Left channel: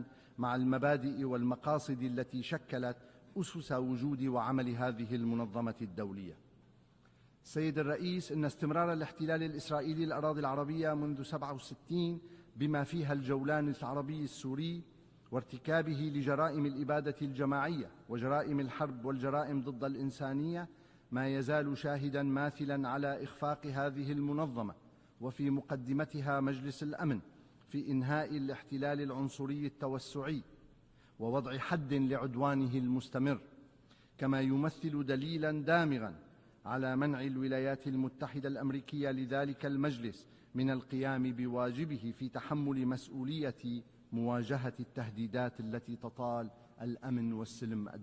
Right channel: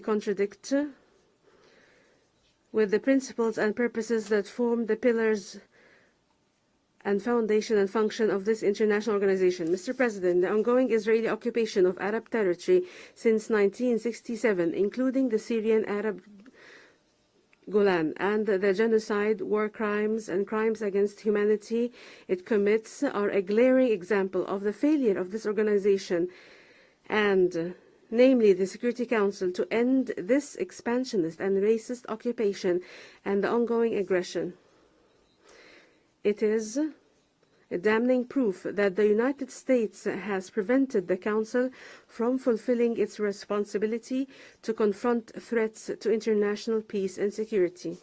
contradict with the principles and purposes that form the pillars and foundation and function of this international organization. Mr. President, the ongoing Israeli occupation of Arab territory since 1967, including the Syrian Arab Golan, and the genocide, war crimes, and crimes against humanity it commits are a glaring example of the failure of this organization and, namely, the Security Council to end this expansionist and racist occupation and the ongoing aggression. It is a damning proof that the United States has prevented the Council from fulfilling its responsibility to confront threats to international peace and security.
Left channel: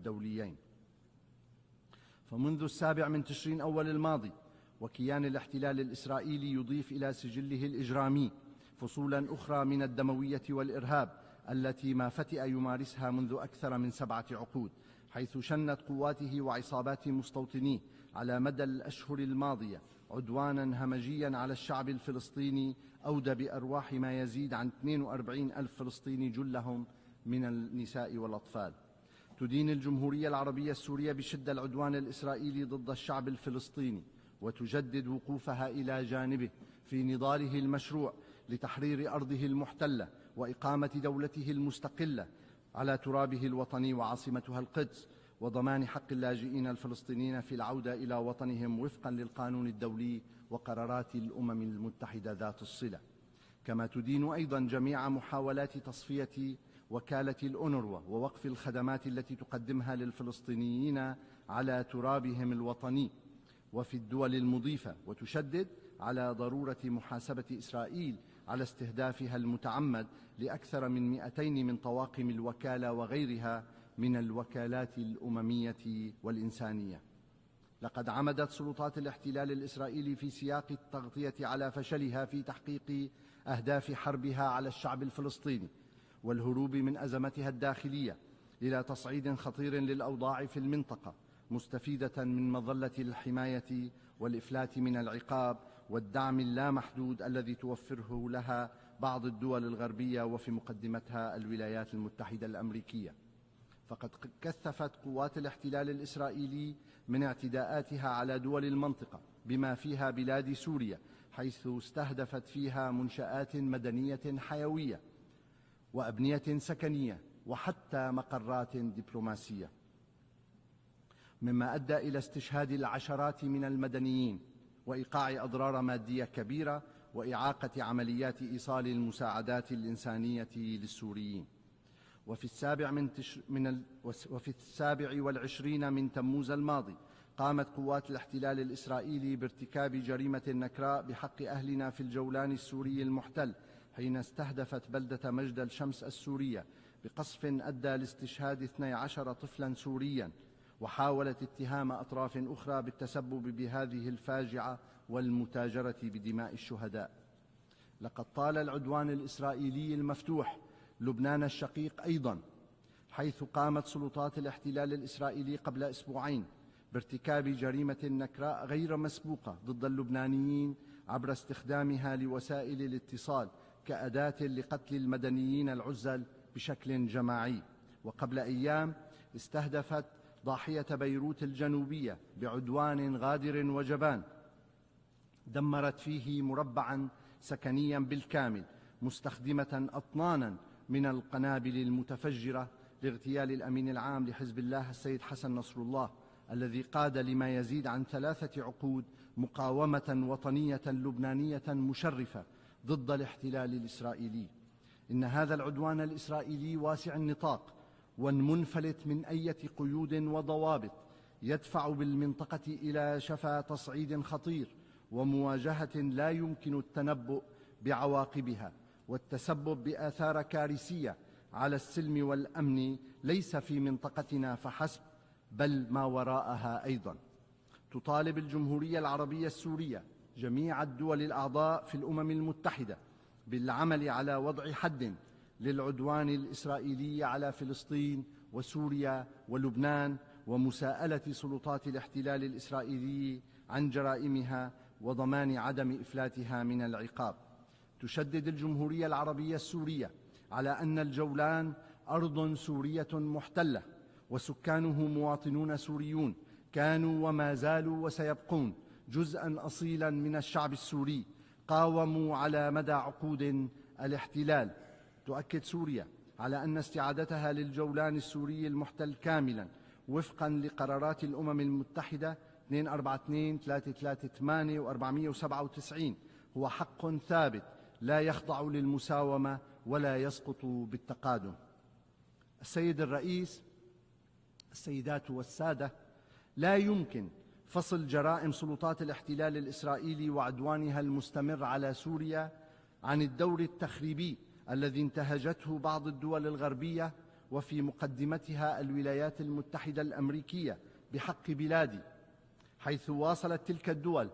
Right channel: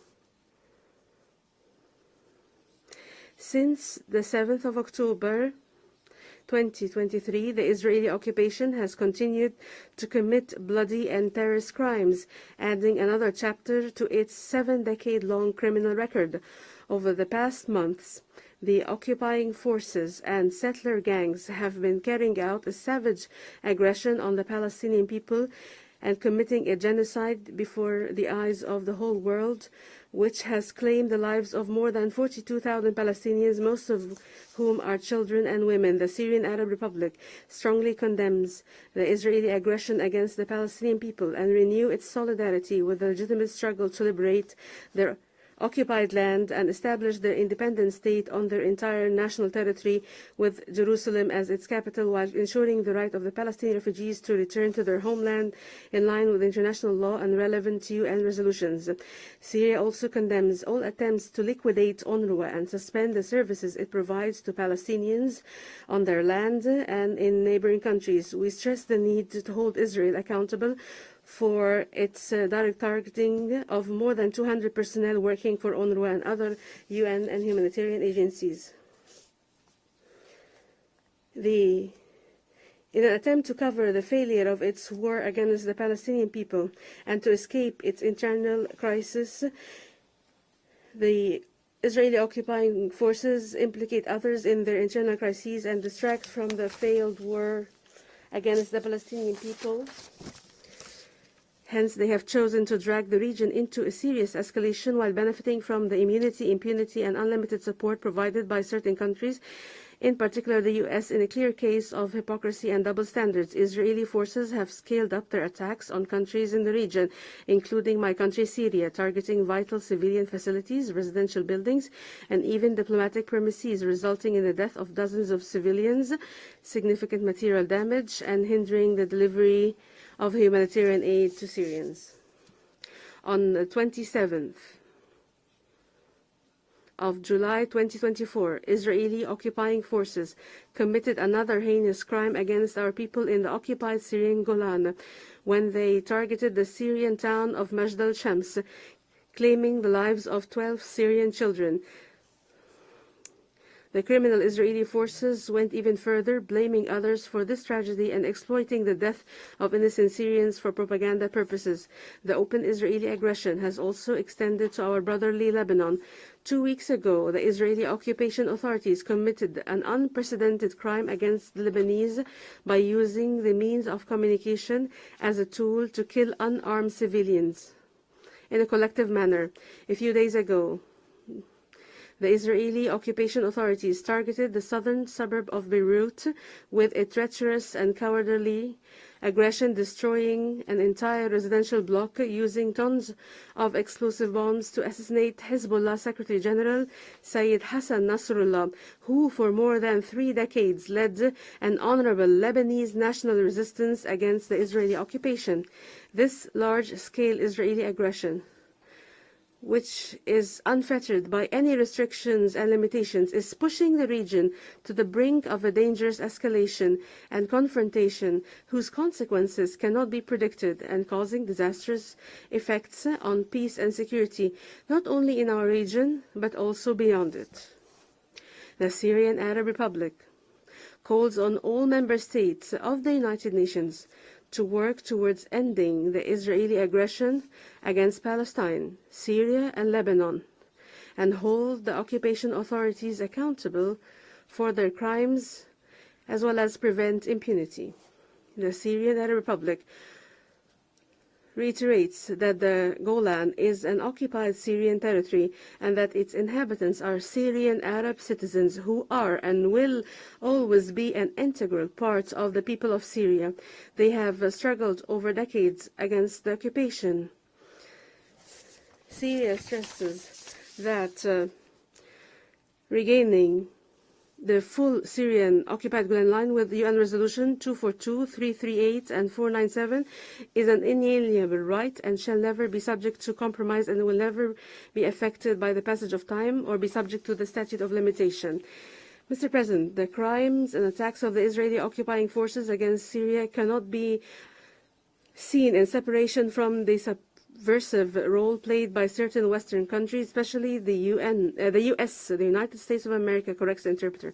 Since the 7th of October 2023, the Israeli occupation has continued to commit bloody and terrorist crimes, adding another chapter to its 7-decade-long criminal record. Over the past months, the occupying forces and settler gangs have been carrying out a savage aggression on the Palestinian people and committing a genocide before the eyes of the whole world, which has claimed the lives of more than 42,000 Palestinians, most of whom are children and women. The Syrian Arab Republic strongly condemns the Israeli aggression against the Palestinian people and renew its solidarity with the legitimate struggle to liberate their occupied land and establish their independent state on their entire national territory, with Jerusalem as its capital, while ensuring the right of the Palestinian refugees to return to their homeland in line with international law and relevant UN resolutions. Syria also condemns all attempts to liquidate UNRWA and suspend the services it provides to Palestinians on their land and in neighboring countries. We stress the need to hold Israel accountable for its direct targeting of more than 200 personnel working for UNRWA and other UN and humanitarian agencies. In an attempt to cover the failure of its war against the Palestinian people and to escape its internal crisis, the Israeli occupying forces implicate others in their internal crises and distract from the failed war against the Palestinian people. Hence, they have chosen to drag the region into a serious escalation while benefiting from the impunity, and unlimited support provided by certain countries, in particular the US, in a clear case of hypocrisy and double standards. Israeli forces have scaled up their attacks on countries in the region, including my country, Syria, targeting vital civilian facilities, residential buildings, and even diplomatic premises, resulting in the death of dozens of civilians, significant material damage, and hindering the delivery of humanitarian aid to Syrians. On the 27th of July 2024, Israeli occupying forces committed another heinous crime against our people in the occupied Syrian Golan when they targeted the Syrian town of Majd al-Shams, claiming the lives of 12 Syrian children. The criminal Israeli forces went even further, blaming others for this tragedy and exploiting the death of innocent Syrians for propaganda purposes. The open Israeli aggression has also extended to our brotherly Lebanon. 2 weeks ago, the Israeli occupation authorities committed an unprecedented crime against the Lebanese by using the means of communication as a tool to kill unarmed civilians. In a collective manner, a few days ago, the Israeli occupation authorities targeted the southern suburb of Beirut with a treacherous and cowardly aggression, destroying an entire residential block using tons of explosive bombs to assassinate Hezbollah Secretary General Sayyid Hassan Nasrallah, who for more than 3 decades led an honorable Lebanese national resistance against the Israeli occupation. This large-scale Israeli aggression, which is unfettered by any restrictions and limitations, is pushing the region to the brink of a dangerous escalation and confrontation whose consequences cannot be predicted and causing disastrous effects on peace and security, not only in our region, but also beyond it. The Syrian Arab Republic calls on all member states of the United Nations to work towards ending the Israeli aggression against Palestine, Syria, and Lebanon, and hold the occupation authorities accountable for their crimes, as well as prevent impunity. The Syrian Arab Republic reiterates that the Golan is an occupied Syrian territory and that its inhabitants are Syrian Arab citizens who are and will always be an integral part of the people of Syria. They have struggled over decades against the occupation. Syria stresses that regaining the full Syrian occupied Golan Line with UN Resolution 242, 338, and 497 is an inalienable right and shall never be subject to compromise and will never be affected by the passage of time or be subject to the statute of limitation. Mr. President, the crimes and attacks of the Israeli occupying forces against Syria cannot be seen in separation from the subversive role played by certain Western countries, especially the US, the United States of America, corrects the interpreter.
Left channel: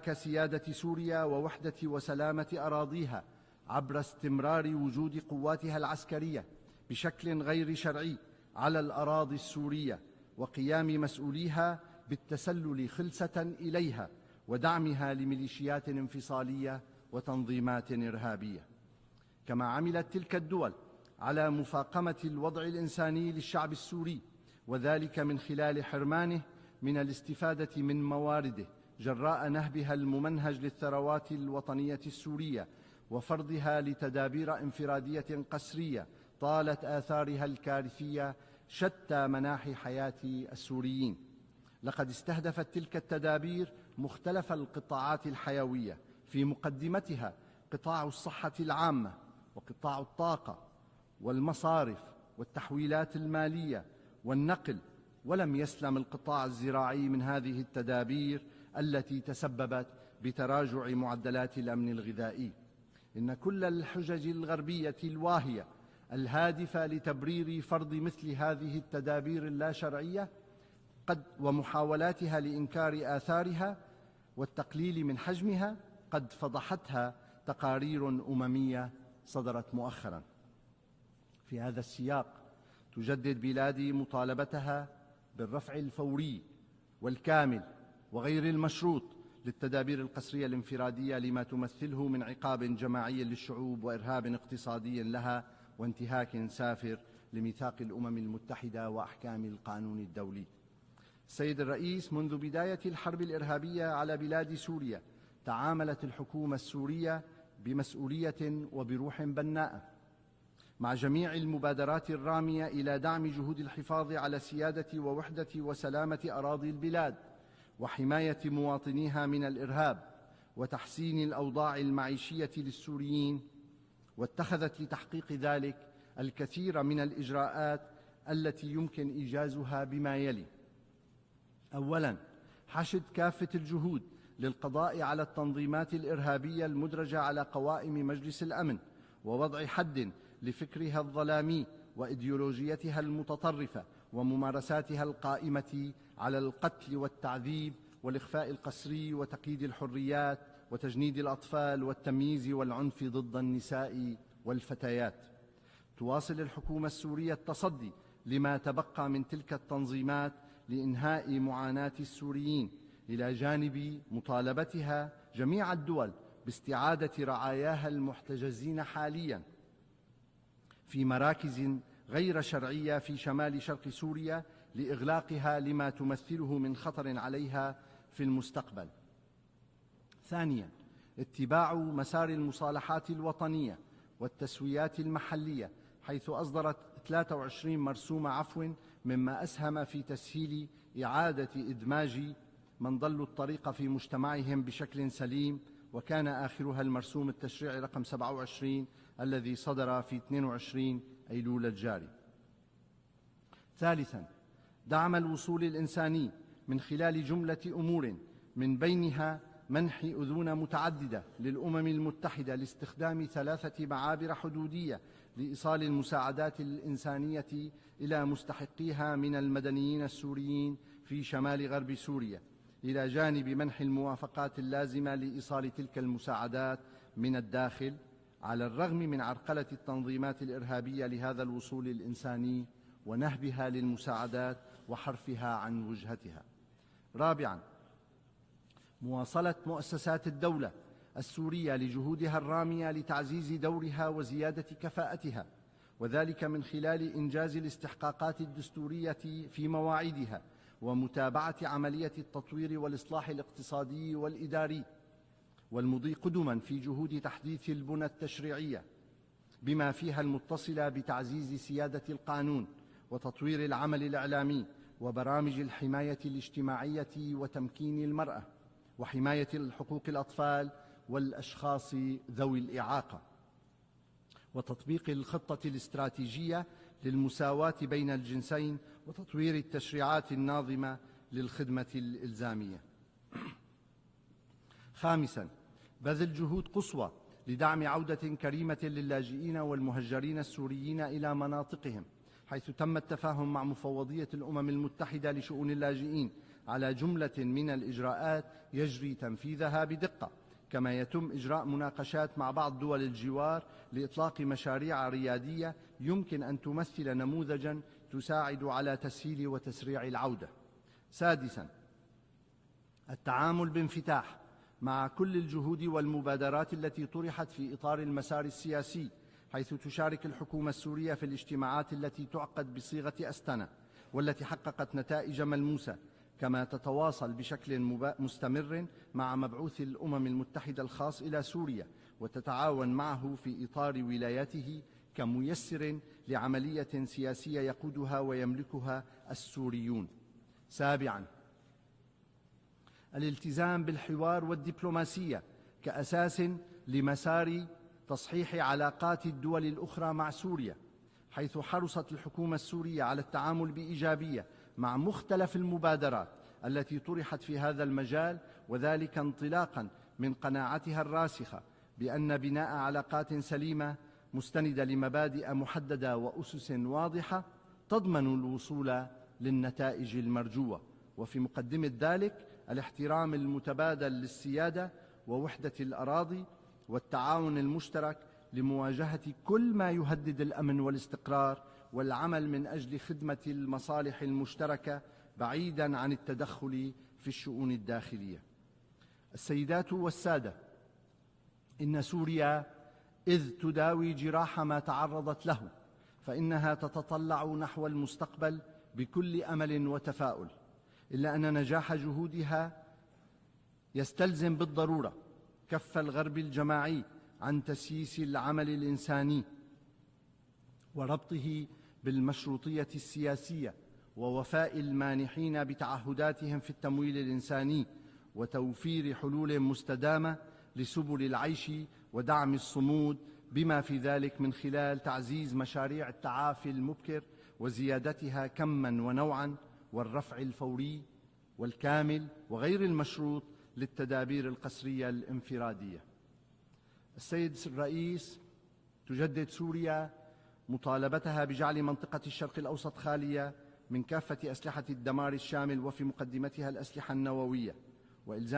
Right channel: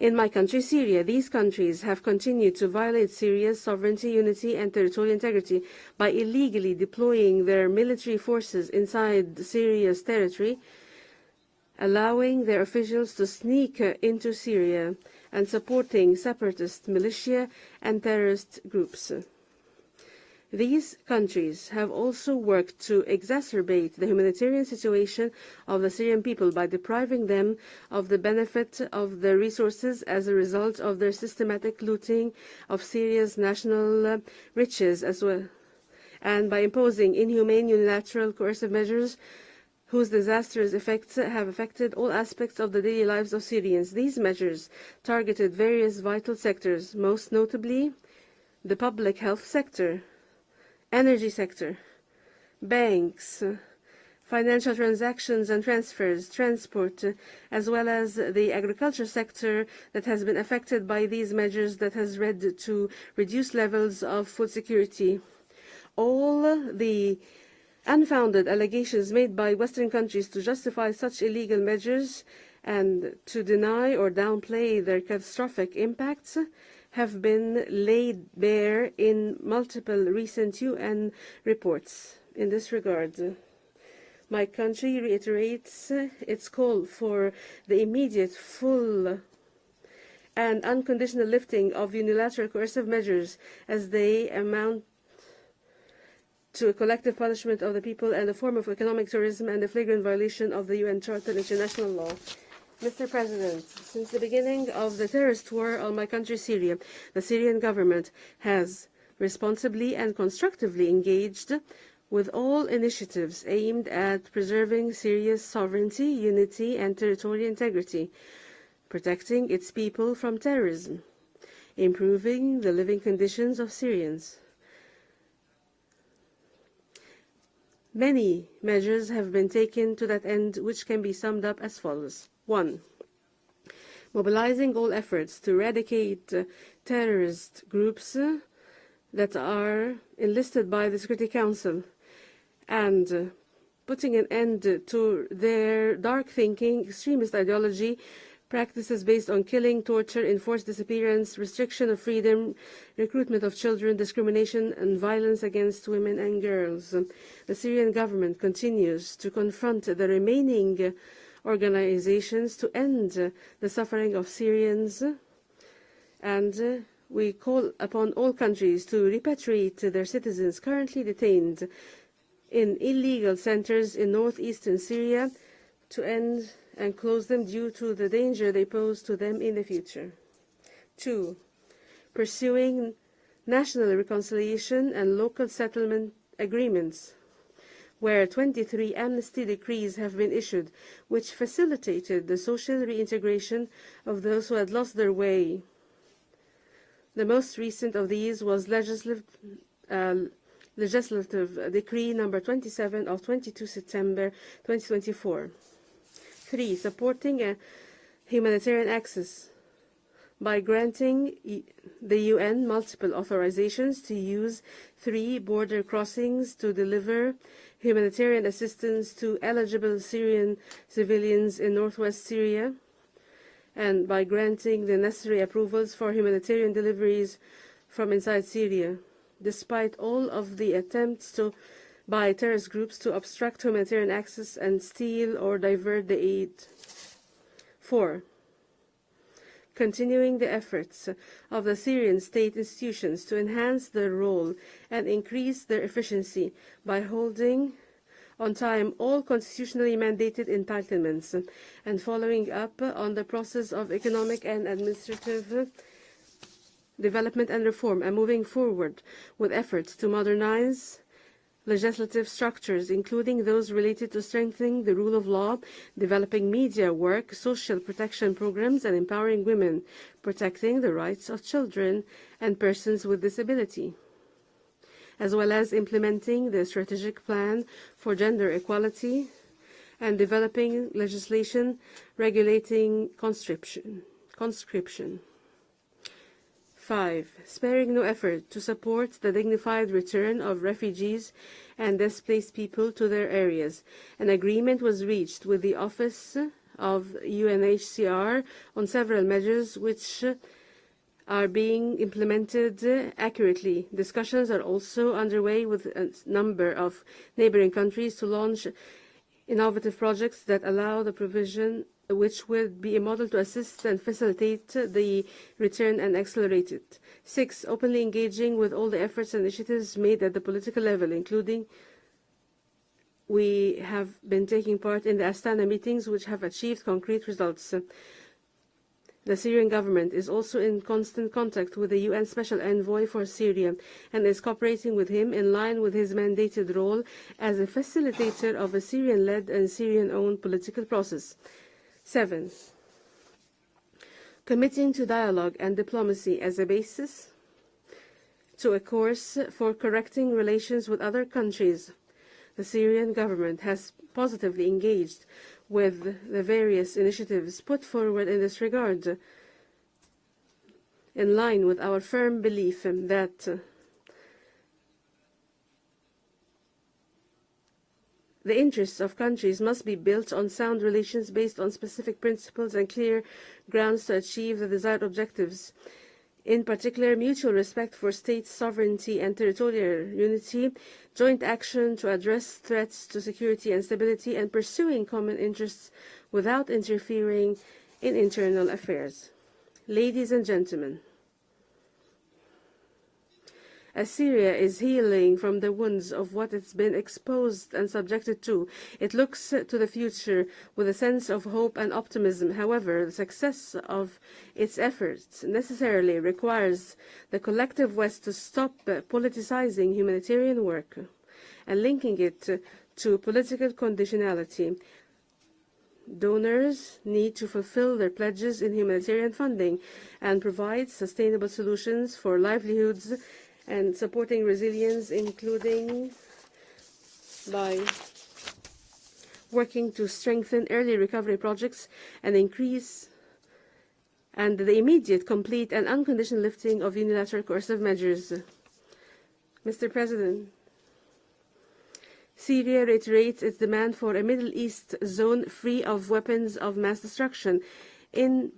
In my country, Syria, these countries have continued to violate Syria's sovereignty, unity, and territorial integrity by illegally deploying their military forces inside Syria's territory, allowing their officials to sneak into Syria, and supporting separatist militia and terrorist groups. These countries have also worked to exacerbate the humanitarian situation of the Syrian people by depriving them of the benefit of the resources as a result of their systematic looting of Syria's national riches as well, and by imposing inhumane, unilateral, coercive measures whose disastrous effects have affected all aspects of the daily lives of Syrians. These measures targeted various vital sectors, most notably the public health sector, energy sector, banks, financial transactions and transfers, transport, as well as the agriculture sector that has been affected by these measures that has led to reduced levels of food security. All the unfounded allegations made by Western countries to justify such illegal measures and to deny or downplay their catastrophic impacts have been laid bare in multiple recent UN reports. In this regard, my country reiterates its call for the immediate, full, and unconditional lifting of unilateral coercive measures as they amount to collective punishment of the people and a form of economic terrorism and a flagrant violation of the UN Charter and international law. Mr. President, since the beginning of the terrorist war on my country, Syria, the Syrian government has responsibly and constructively engaged with all initiatives aimed at preserving Syria's sovereignty, unity, and territorial integrity, protecting its people from terrorism, improving the living conditions of Syrians. Many measures have been taken to that end, which can be summed up as follows. 1. Mobilizing all efforts to eradicate terrorist groups that are enlisted by the Security Council and putting an end to their dark thinking, extremist ideology, practices based on killing, torture, enforced disappearance, restriction of freedom, recruitment of children, discrimination, and violence against women and girls. The Syrian government continues to confront the remaining organizations to end the suffering of Syrians, and we call upon all countries to repatriate their citizens currently detained in illegal centers in northeastern Syria to end and close them due to the danger they pose to them in the future. 2. Pursuing national reconciliation and local settlement agreements, where 23 amnesty decrees have been issued, which facilitated the social reintegration of those who had lost their way. The most recent of these was legislative decree number 27 of 22 September 2024. 3. Supporting humanitarian access by granting the UN multiple authorizations to use 3 border crossings to deliver humanitarian assistance to eligible Syrian civilians in northwest Syria, and by granting the necessary approvals for humanitarian deliveries from inside Syria, despite all of the attempts by terrorist groups to obstruct humanitarian access and steal or divert the aid. 4. continuing the efforts of the Syrian state institutions to enhance their role and increase their efficiency by holding on time all constitutionally mandated entitlements and following up on the process of economic and administrative development and reform, and moving forward with efforts to modernize legislative structures, including those related to strengthening the rule of law, developing media work, social protection programs, and empowering women, protecting the rights of children and persons with disability, as well as implementing the strategic plan for gender equality and developing legislation regulating conscription. 5. Sparing no effort to support the dignified return of refugees and displaced people to their areas. An agreement was reached with the Office of UNHCR on several measures which are being implemented accurately. Discussions are also underway with a number of neighboring countries to launch innovative projects that allow the provision, which would be a model to assist and facilitate the return and accelerate it. 6. Openly engaging with all the efforts and initiatives made at the political level, including we have been taking part in the Astana meetings, which have achieved concrete results. The Syrian government is also in constant contact with the UN Special Envoy for Syria and is cooperating with him in line with his mandated role as a facilitator of a Syrian-led and Syrian-owned political process. 7. Committing to dialogue and diplomacy as a basis to a course for correcting relations with other countries. The Syrian government has positively engaged with the various initiatives put forward in this regard, in line with our firm belief that the interests of countries must be built on sound relations based on specific principles and clear grounds to achieve the desired objectives. In particular, mutual respect for state sovereignty and territorial unity, joint action to address threats to security and stability, and pursuing common interests without interfering in internal affairs. Ladies and gentlemen, as Syria is healing from the wounds of what it's been exposed and subjected to, it looks to the future with a sense of hope and optimism. However, the success of its efforts necessarily requires the collective West to stop politicizing humanitarian work and linking it to political conditionality. Donors need to fulfill their pledges in humanitarian funding and provide sustainable solutions for livelihoods and supporting resilience, including by working to strengthen early recovery projects and increase and the immediate, complete and unconditional lifting of unilateral coercive measures. Mr. President, Syria reiterates its demand for a Middle East zone free of weapons of mass destruction, in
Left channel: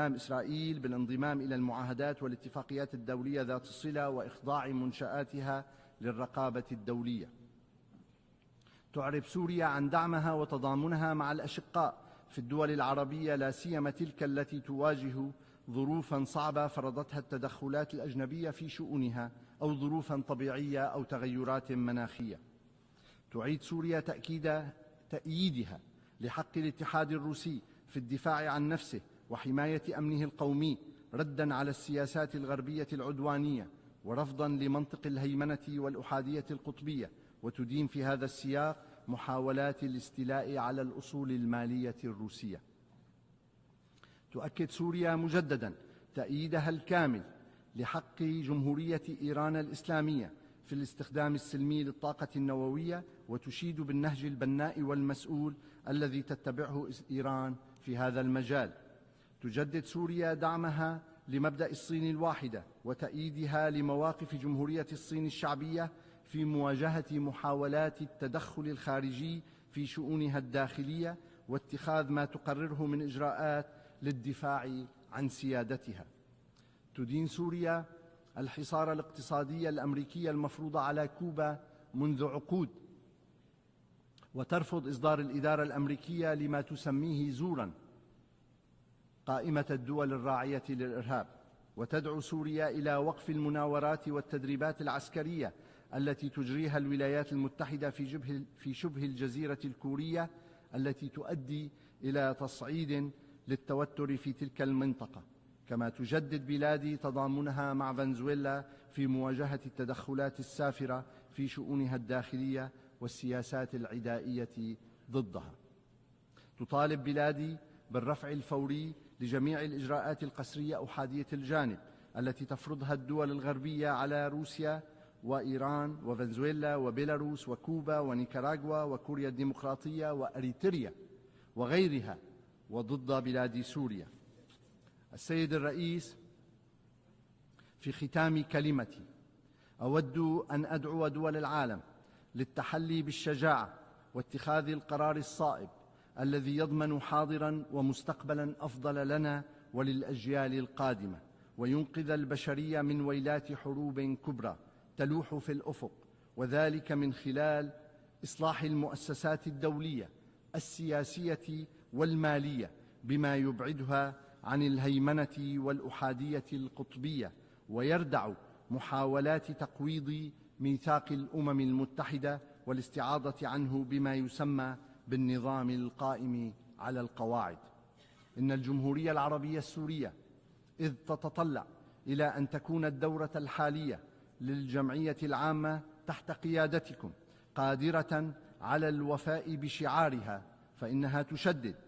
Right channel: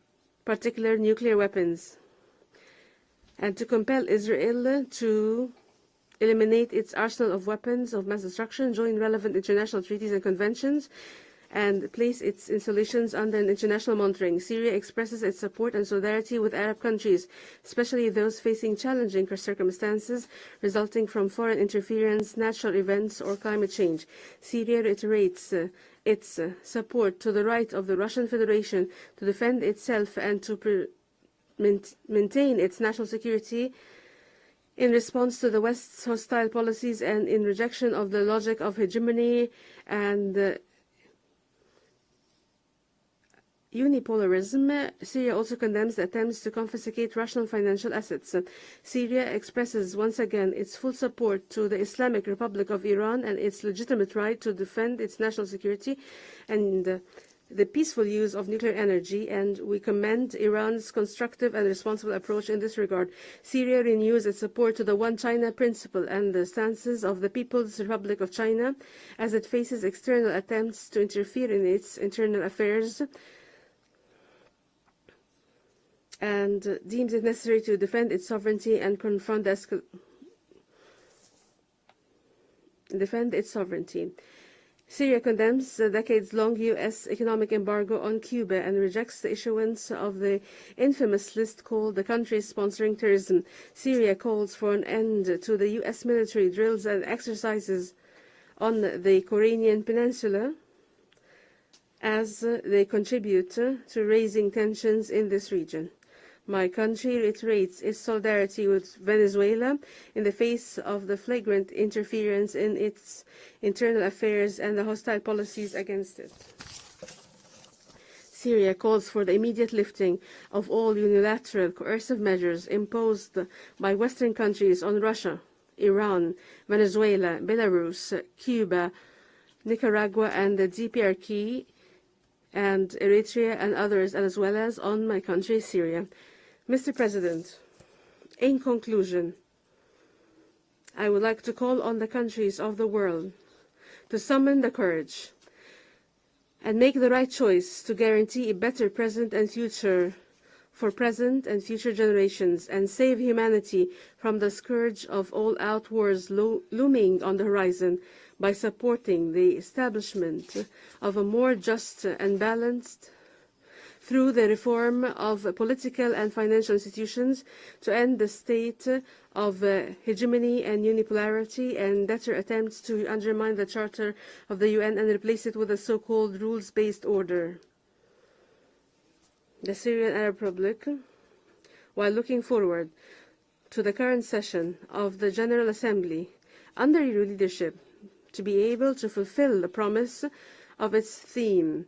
particular nuclear weapons, and to compel Israel to eliminate its arsenal of weapons of mass destruction, join relevant international treaties and conventions, and place its installations under international monitoring. Syria expresses its support and solidarity with Arab countries, especially those facing challenging circumstances resulting from foreign interference, natural events, or climate change. Syria reiterates its support to the right of the Russian Federation to defend itself and to maintain its national security in response to the West's hostile policies and in rejection of the logic of hegemony and unipolarism. Syria also condemns the attempts to confiscate Russian financial assets. Syria expresses once again its full support to the Islamic Republic of Iran and its legitimate right to defend its national security and the peaceful use of nuclear energy, and we commend Iran's constructive and responsible approach in this regard. Syria renews its support to the One China principle and the stances of the People's Republic of China as it faces external attempts to interfere in its internal affairs and deems it necessary to defend its sovereignty and confront the defend its sovereignty. Syria condemns the decades-long U.S. economic embargo on Cuba and rejects the issuance of the infamous list called the countries sponsoring terrorism. Syria calls for an end to the U.S. military drills and exercises on the Korean Peninsula as they contribute to raising tensions in this region. My country reiterates its solidarity with Venezuela in the face of the flagrant interference in its internal affairs and the hostile policies against it. Syria calls for the immediate lifting of all unilateral coercive measures imposed by Western countries on Russia, Iran, Venezuela, Belarus, Cuba, Nicaragua, and the DPRK, and Eritrea and others, as well as on my country, Syria. Mr. President, in conclusion, I would like to call on the countries of the world to summon the courage and make the right choice to guarantee a better present and future for present and future generations and save humanity from the scourge of all-out wars looming on the horizon by supporting the establishment of a more just and balanced through the reform of political and financial institutions to end the state of hegemony and unipolarity and better attempts to undermine the Charter of the UN and replace it with a so-called rules-based order. The Syrian Arab Republic, while looking forward to the current session of the General Assembly under your leadership, to be able to fulfill the promise of its theme.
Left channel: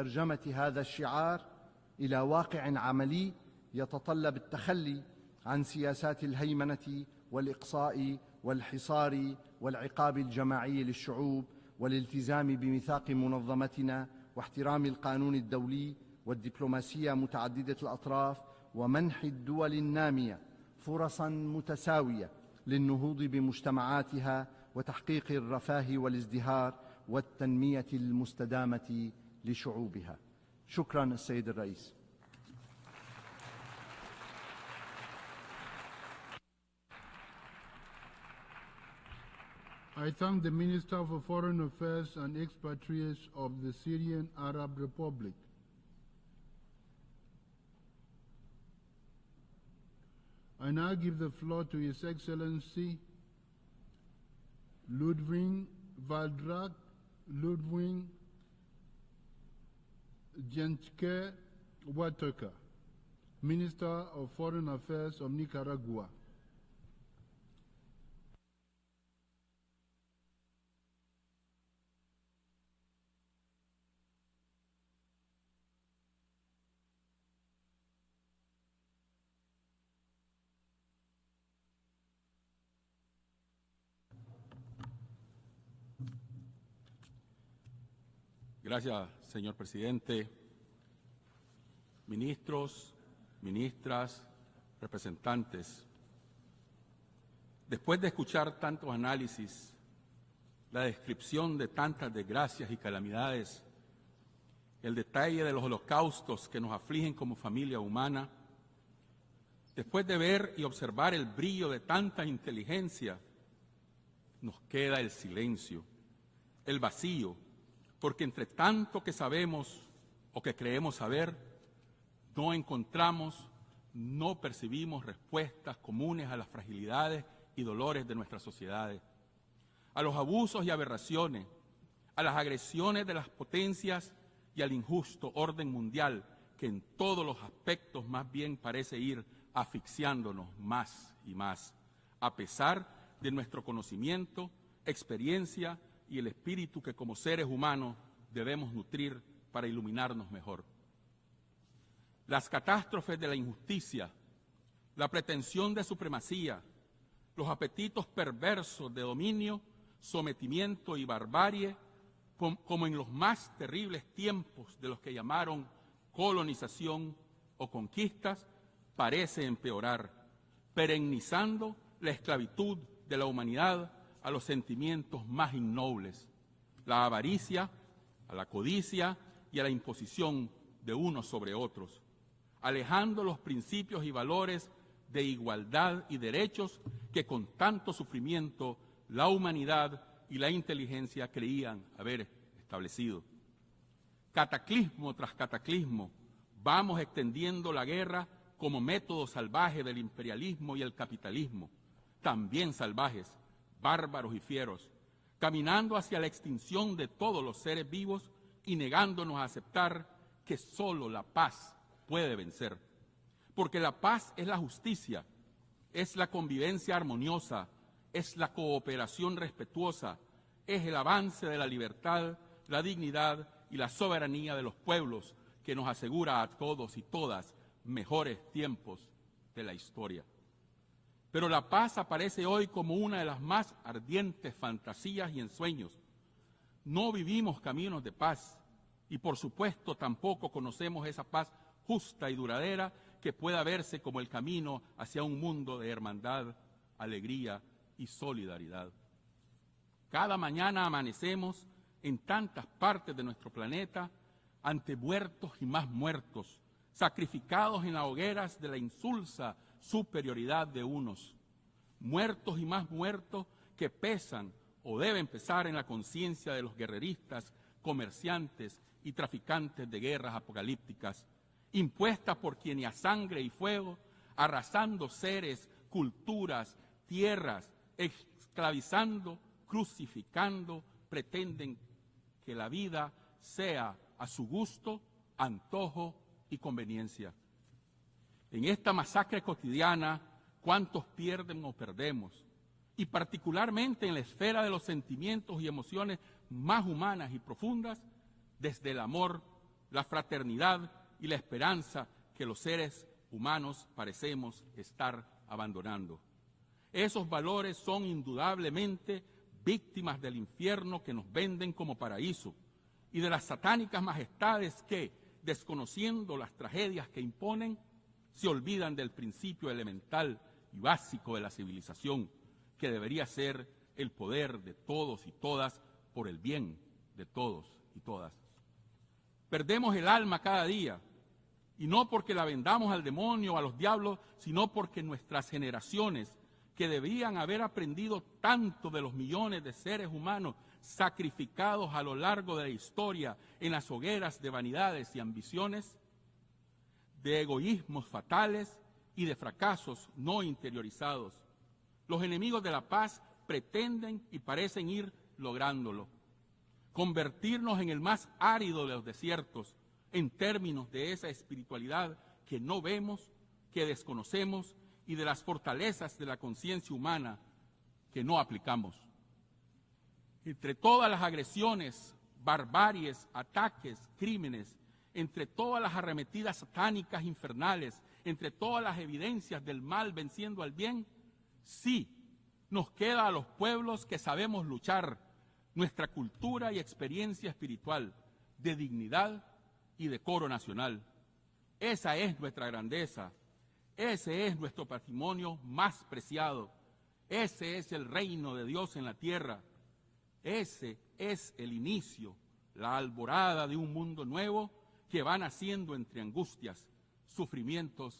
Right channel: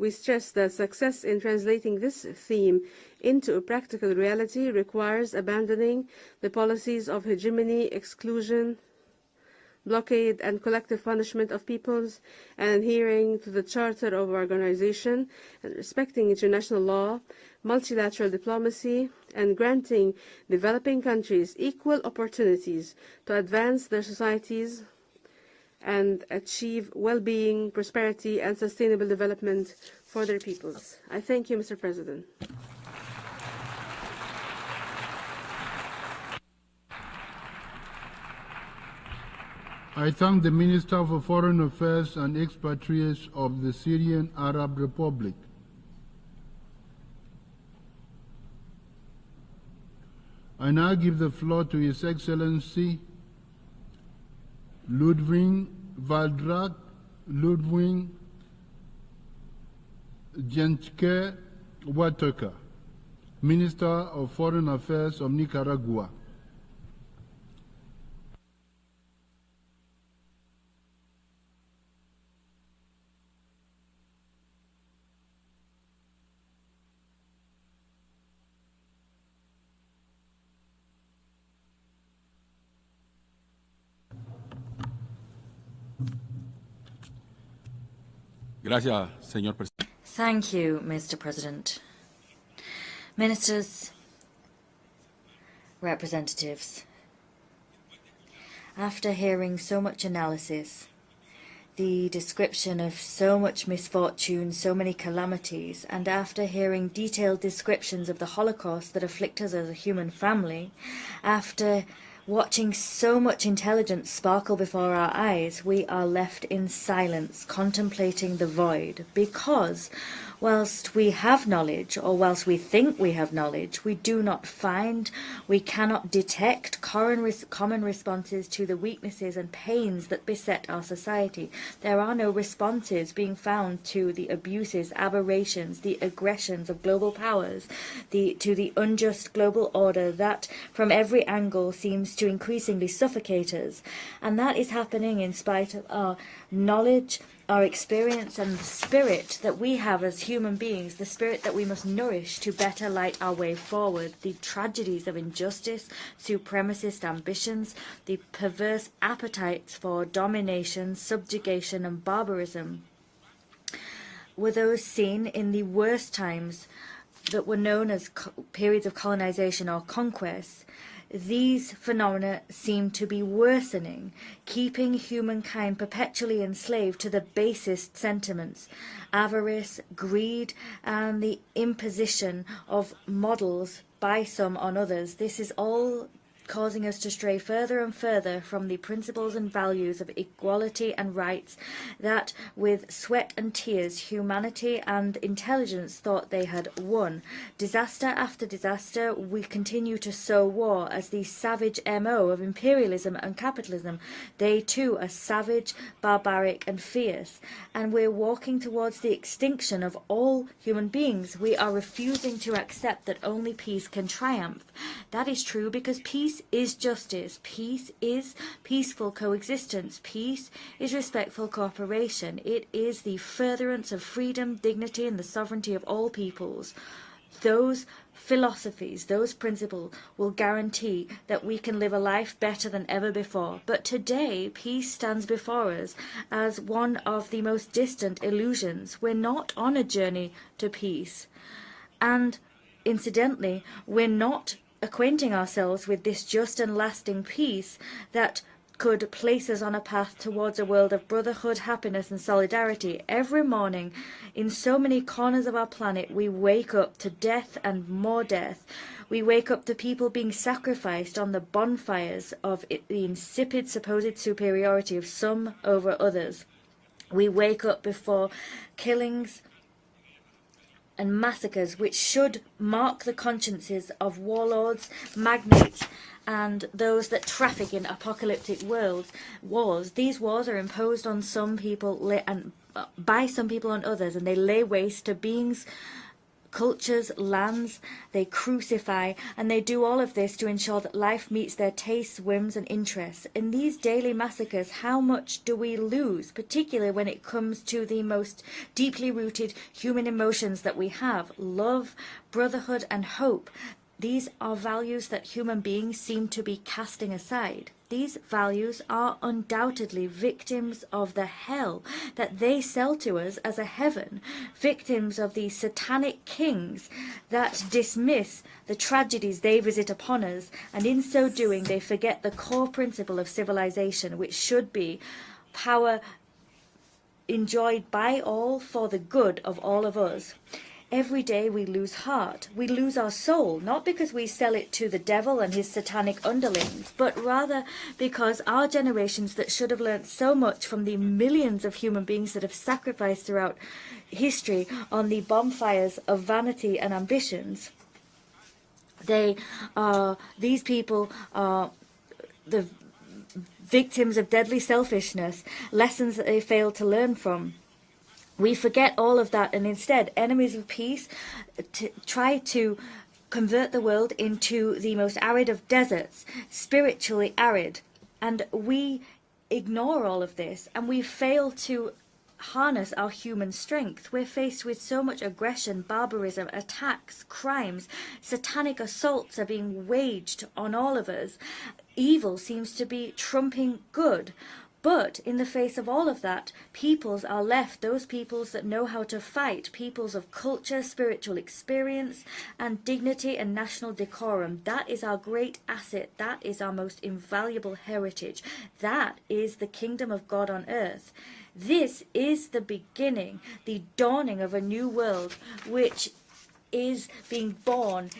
We stress that success in translating this theme into a practical reality requires abandoning the policies of hegemony, exclusion, blockade, and collective punishment of peoples, and adhering to the Charter of Organization, respecting international law, multilateral diplomacy, and granting developing countries equal opportunities to advance their societies and achieve well-being, prosperity, and sustainable development for their peoples. I thank you, Mr. President. I thank the Minister for Foreign Affairs and Expatriates of the Syrian Arab Republic. I now give the floor to His Excellency Ludwig Valdrak Ludwig Jentke Wataka, Minister of Foreign Affairs of Nicaragua. Gracias, señor presidente. Thank you, Mr. President. Ministers, representatives. After hearing so much analysis, the description of so much misfortune, so many calamities, and after hearing detailed descriptions of the Holocaust that afflict us as a human family, after watching so much intelligence sparkle before our eyes, we are left in silence, contemplating the void, because whilst we have knowledge, or whilst we think we have knowledge, we do not find, we cannot detect common responses to the weaknesses and pains that beset our society. There are no responses being found to the abuses, aberrations, the aggressions of global powers, to the unjust global order that from every angle seems to increasingly suffocate us. And that is happening in spite of our knowledge, our experience, and the spirit that we have as human beings, the spirit that we must nourish to better light our way forward. The tragedies of injustice, supremacist ambitions, the perverse appetites for domination, subjugation, and barbarism were those seen in the worst times that were known as periods of colonization or conquest. These phenomena seem to be worsening, keeping humankind perpetually enslaved to the basest sentiments, avarice, greed, and the imposition of models by some on others. This is all causing us to stray stray further and further from the principles and values of equality and rights that, with sweat and tears, humanity and intelligence thought they had won. Disaster after disaster, we continue to sow war as the savage MO of imperialism and capitalism. They too are savage, barbaric and fierce, and we're walking towards the extinction of all human beings. We are refusing to accept that only peace can triumph. That is true because peace is justice, peace is peaceful coexistence, peace is respectful cooperation. It is the furtherance of freedom, dignity and the sovereignty of all peoples. Those philosophies, those principles will guarantee that we can live a life better than ever before. But today, peace stands before us as one of the most distant illusions. We're not on a journey to peace. And incidentally, we're not acquainting ourselves with this just and lasting peace that could place us on a path towards a world of brotherhood, happiness and solidarity. Every morning, in so many corners of our planet, we wake up to death and more death. We wake up to people being sacrificed on the bonfires of the insipid supposed superiority of some over others. We wake up before killings and massacres which should mark the consciences of warlords, magnates, and those that traffic in apocalyptic wars. These wars are imposed on some people and by some people on others, and they lay waste to beings, cultures, lands. They crucify, and they do all of this to ensure that life meets their tastes, whims and interests. In these daily massacres, how much do we lose, particularly when it comes to the most deeply rooted human emotions that we have: love, brotherhood and hope. These are values that human beings seem to be casting aside. These values are undoubtedly victims of the hell that they sell to us as a heaven, victims of these satanic kings that dismiss the tragedies they visit upon us, and in so doing they forget the core principle of civilization, which should be power enjoyed by all for the good of all of us. Every day we lose heart, we lose our soul, not because we sell it to the devil and his satanic underlings, but rather because our generations that should have learned so much from the millions of human beings that have sacrificed throughout history on the bonfires of vanity and ambitions, these people are the victims of deadly selfishness, lessons that they fail to learn from. We forget all of that, and instead, enemies of peace try to convert the world into the most arid of deserts, spiritually arid. And we ignore all of this, and we fail to harness our human strength. We're faced with so much aggression, barbarism, attacks, crimes, satanic assaults are being waged on all of us. Evil seems to be trumping good. But in the face of all of that, peoples are left, those peoples that know how to fight, peoples of culture, spiritual experience, and dignity and national decorum. That is our great asset. That is our most invaluable heritage. That is the kingdom of God on earth. This is the beginning, the dawning of a new world, which is being born,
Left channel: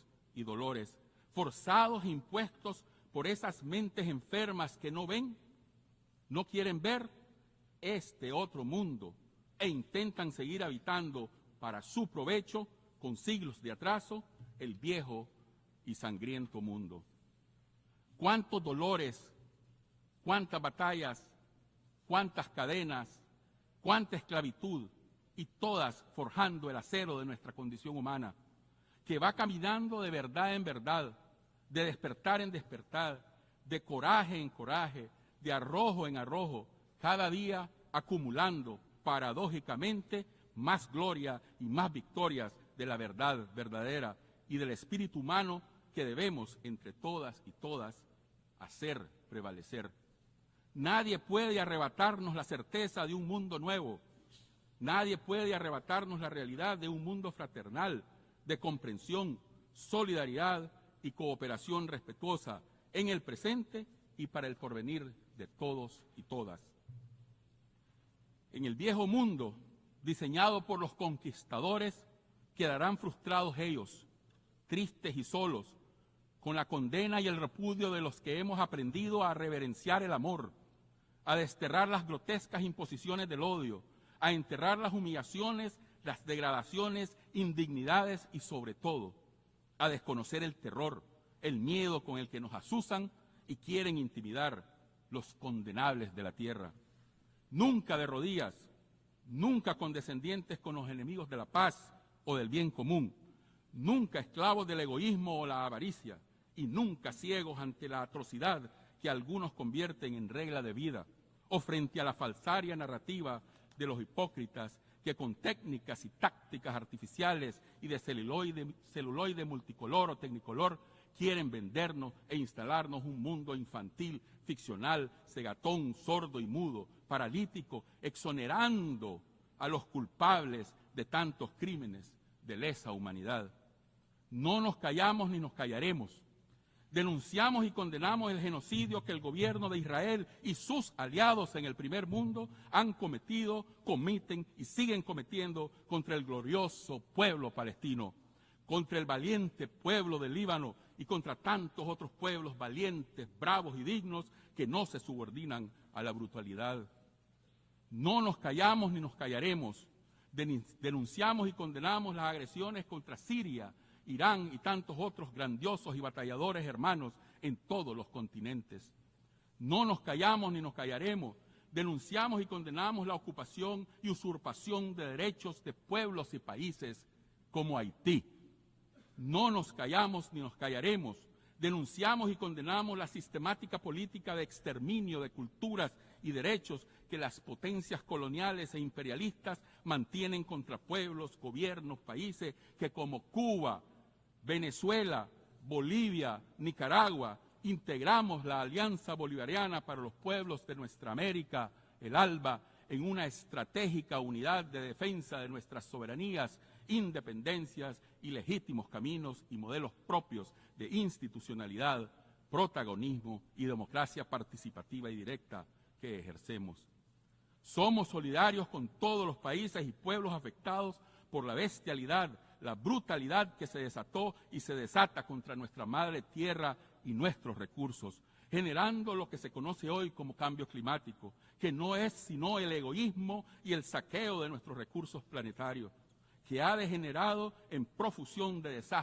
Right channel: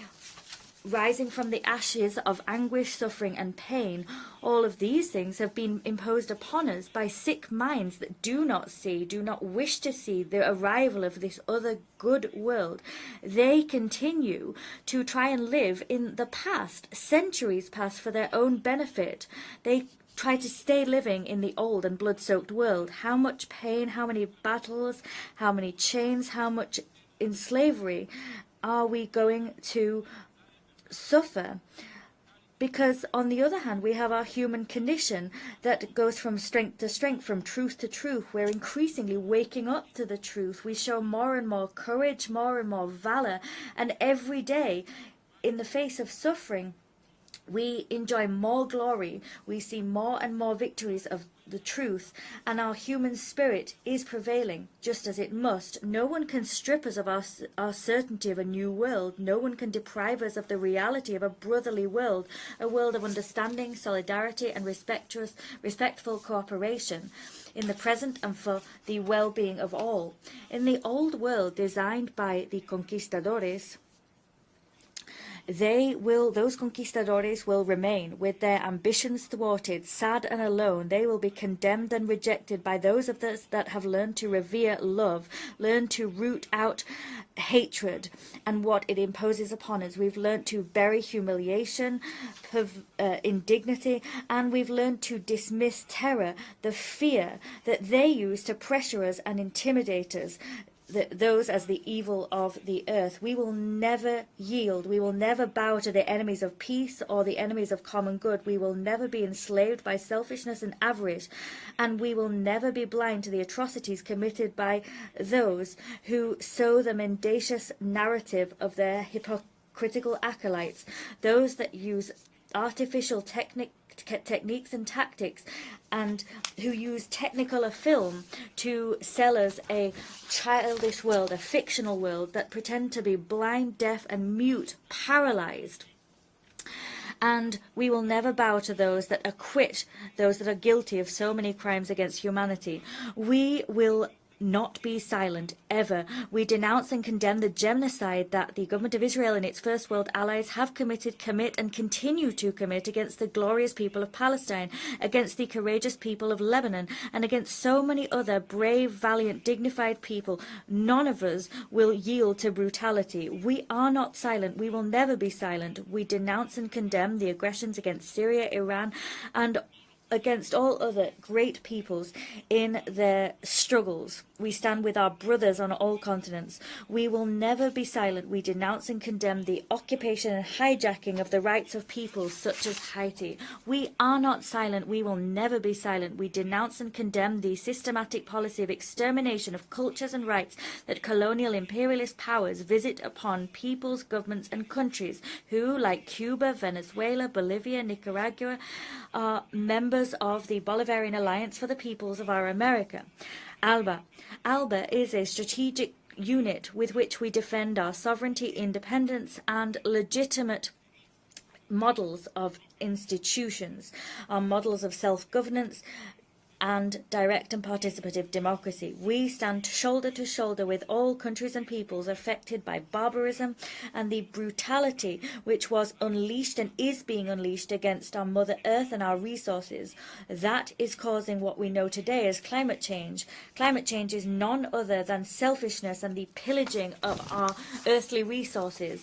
rising from the ashes of anguish, suffering and pain. All of these things have been imposed upon us by sick minds that do not see, do not wish to see the arrival of this other good world. They continue to try and live in the past, centuries past, for their own benefit. They try to stay living in the old and blood-soaked world. How much pain, how many battles, how many chains, how much in slavery are we going to suffer? Because on the other hand, we have our human condition that goes from strength to strength, from truth to truth. We're increasingly waking up to the truth. We show more and more courage, more and more valor, and every day, in the face of suffering, we enjoy more glory. We see more and more victories of the truth, and our human spirit is prevailing, just as it must. No one can strip us of our certainty of a new world. No one can deprive us of the reality of a brotherly world, a world of understanding, solidarity, and respectful cooperation in the present and for the well-being of all. In the old world designed by the conquistadores, those conquistadores will remain with their ambitions thwarted, sad and alone. They will be condemned and rejected by those of us that have learned to revere love, learned to root out hatred and what it imposes upon us. We've learned to bury humiliation, indignity, and we've learned to dismiss terror, the fear that they use to pressure us and intimidate us, those as the evil of the earth. We will never yield. We will never bow to the enemies of peace or the enemies of common good. We will never be enslaved by selfishness and avarice, and we will never be blind to the atrocities committed by those who sow the mendacious narrative of their hypocritical acolytes, those that use artificial techniques and tactics, and who use technicolor film to sell us a childish world, a fictional world that pretend to be blind, deaf, and mute, paralyzed. And we will never bow to those that acquit those that are guilty of so many crimes against humanity. We will not be silent, ever. We denounce and condemn the genocide that the government of Israel and its First World allies have committed, commit, and continue to commit against the glorious people of Palestine, against the courageous people of Lebanon, and against so many other brave, valiant, dignified people. None of us will yield to brutality. We are not silent. We will never be silent. We denounce and condemn the aggressions against Syria, Iran, and against all other great peoples in their struggles. We stand with our brothers on all continents. We will never be silent. We denounce and condemn the occupation and hijacking of the rights of peoples such as Haiti. We are not silent. We will never be silent. We denounce and condemn the systematic policy of extermination of cultures and rights that colonial imperialist powers visit upon peoples, governments, and countries who, like Cuba, Venezuela, Bolivia, Nicaragua, are members of the Bolivarian Alliance for the Peoples of our America. ALBA is a strategic unit with which we defend our sovereignty, independence, and legitimate models of institutions, our models of self-governance and direct and participative democracy. We stand shoulder to shoulder with all countries and peoples affected by barbarism and the brutality which was unleashed and is being unleashed against our Mother Earth and our resources. That is causing what we know today as climate change. Climate change is none other than selfishness and the pillaging of our earthly resources.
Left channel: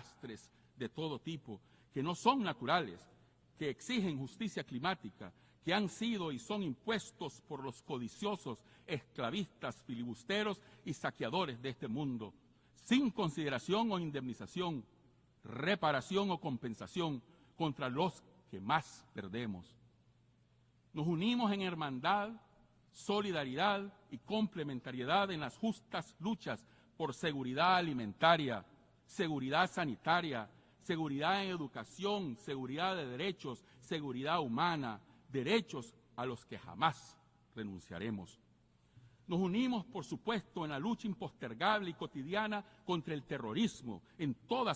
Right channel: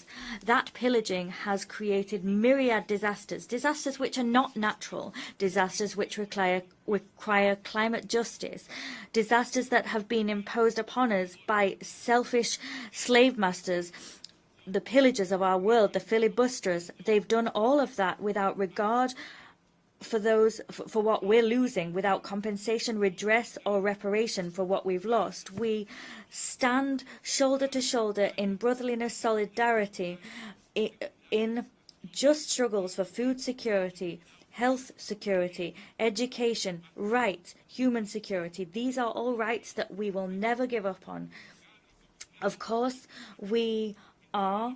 That pillaging has created myriad disasters, disasters which are not natural, disasters which require climate justice, disasters that have been imposed upon us by selfish slave masters, the pillagers of our world, the filibusterers. They've done all of that without regard for what we're losing, without compensation, redress, or reparation for what we've lost. We stand shoulder to shoulder in brotherliness, solidarity, in just struggles for food security, health security, education, rights, human security. These are all rights that we will never give up on. Of course, we are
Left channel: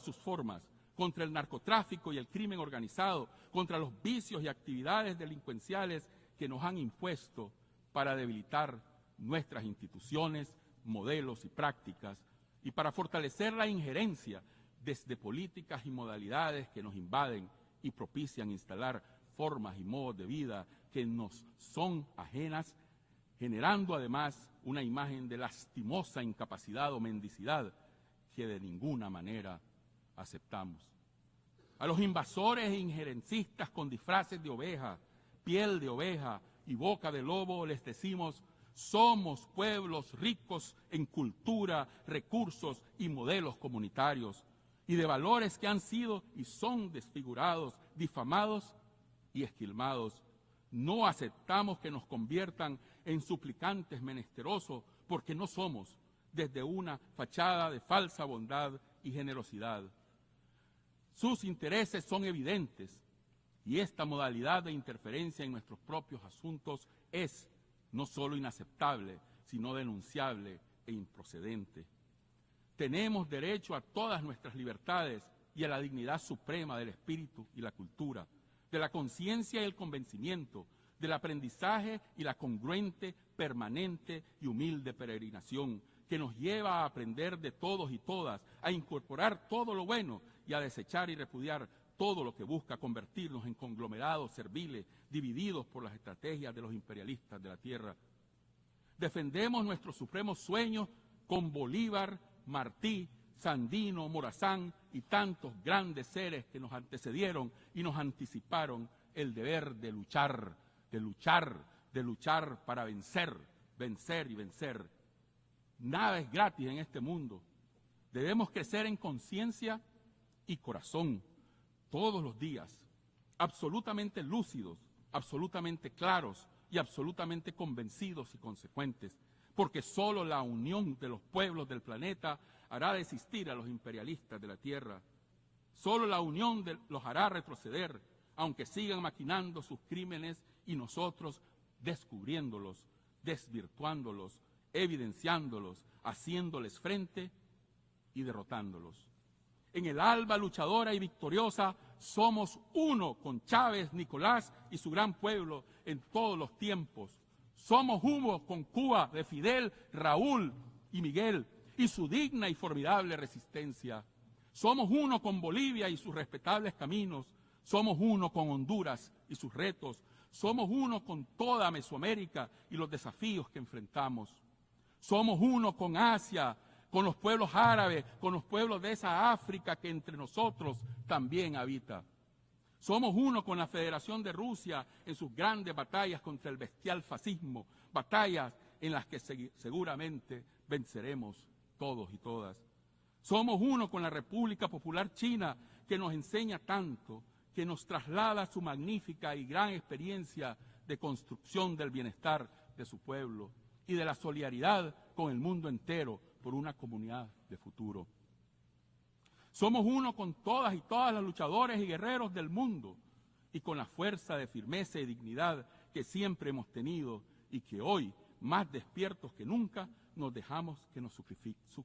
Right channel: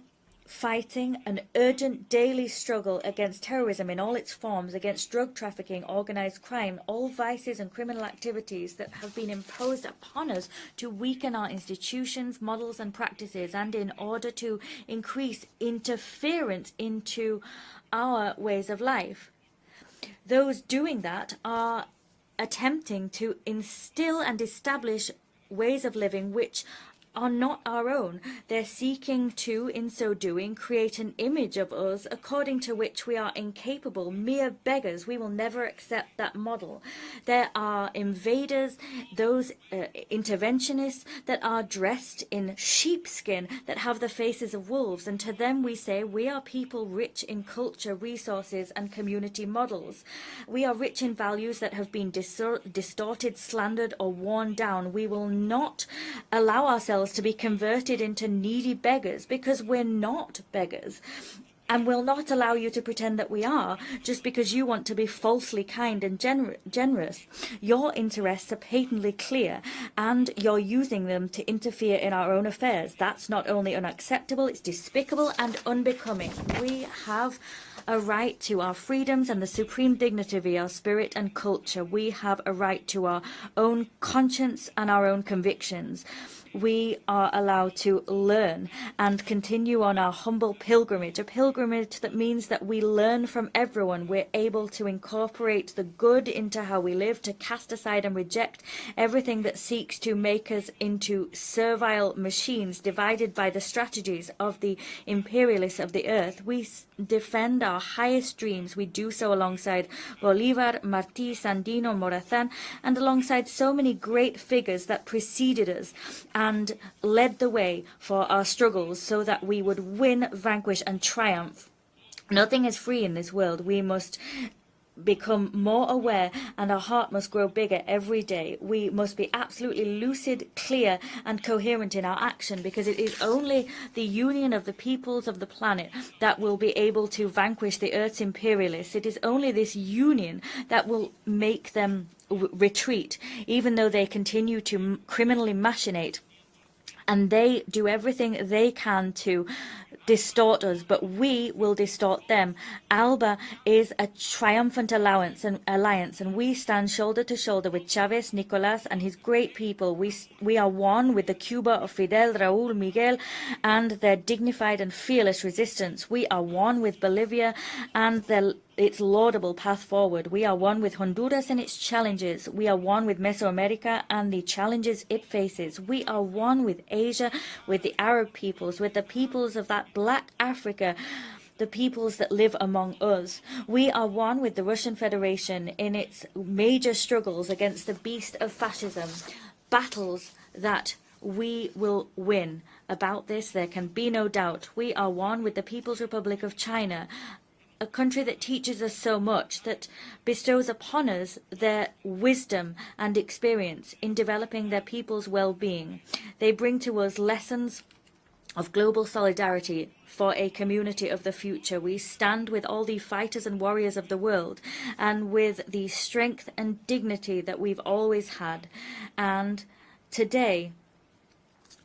fighting an urgent daily struggle against terrorism in all its forms, against drug trafficking, organized crime, all vices and criminal activities that have been imposed upon us to weaken our institutions, models, and practices, and in order to increase interference into our ways of life. Those doing that are attempting to instill and establish ways of living which are not our own. They're seeking to, in so doing, create an image of us according to which we are incapable, mere beggars. We will never accept that model. There are invaders, those interventionists that are dressed in sheepskin, that have the faces of wolves, and to them we say we are people rich in culture, resources, and community models. We are rich in values that have been distorted, slandered, or worn down. We will not allow ourselves to be converted into needy beggars, because we're not beggars. And we'll not allow you to pretend that we are, just because you want to be falsely kind and generous. Your interests are patently clear, and you're using them to interfere in our own affairs. That's not only unacceptable, it's despicable and unbecoming. We have a right to our freedoms and the supreme dignity of our spirit and culture. We have a right to our own conscience and our own convictions. We are allowed to learn and continue on our humble pilgrimage, a pilgrimage that means that we learn from everyone. We're able to incorporate the good into how we live, to cast aside and reject everything that seeks to make us into servile machines divided by the strategies of the imperialists of the earth. We defend our highest dreams. We do so alongside Bolívar, Martí, Sandino, Morazán, and alongside so many great figures that preceded us and led the way for our struggles so that we would win, vanquish, and triumph. Nothing is free in this world. We must become more aware, and our heart must grow bigger every day. We must be absolutely lucid, clear, and coherent in our action, because it is only the union of the peoples of the planet that will be able to vanquish the Earth's imperialists. It is only this union that will make them retreat, even though they continue to criminally machinate, and they do everything they can to distort us, but we will distort them. ALBA is a triumphant alliance, and we stand shoulder to shoulder with Chavez, Nicolás, and his great people. We are one with the Cuba of Fidel, Raúl, Miguel, and their dignified and fearless resistance. We are one with Bolivia and its laudable path forward. We are one with Honduras and its challenges. We are one with Mesoamerica and the challenges it faces. We are one with Asia, with the Arab peoples, with the peoples of that black Africa, the peoples that live among us. We are one with the Russian Federation in its major struggles against the beast of fascism, battles that we will win. About this, there can be no doubt. We are one with the People's Republic of China, a country that teaches us so much, that bestows upon us their wisdom and experience in developing their people's well-being. They bring to us lessons of global solidarity for a community of the future. We stand with all the fighters and warriors of the world, and with the strength and dignity that we've always had. And today,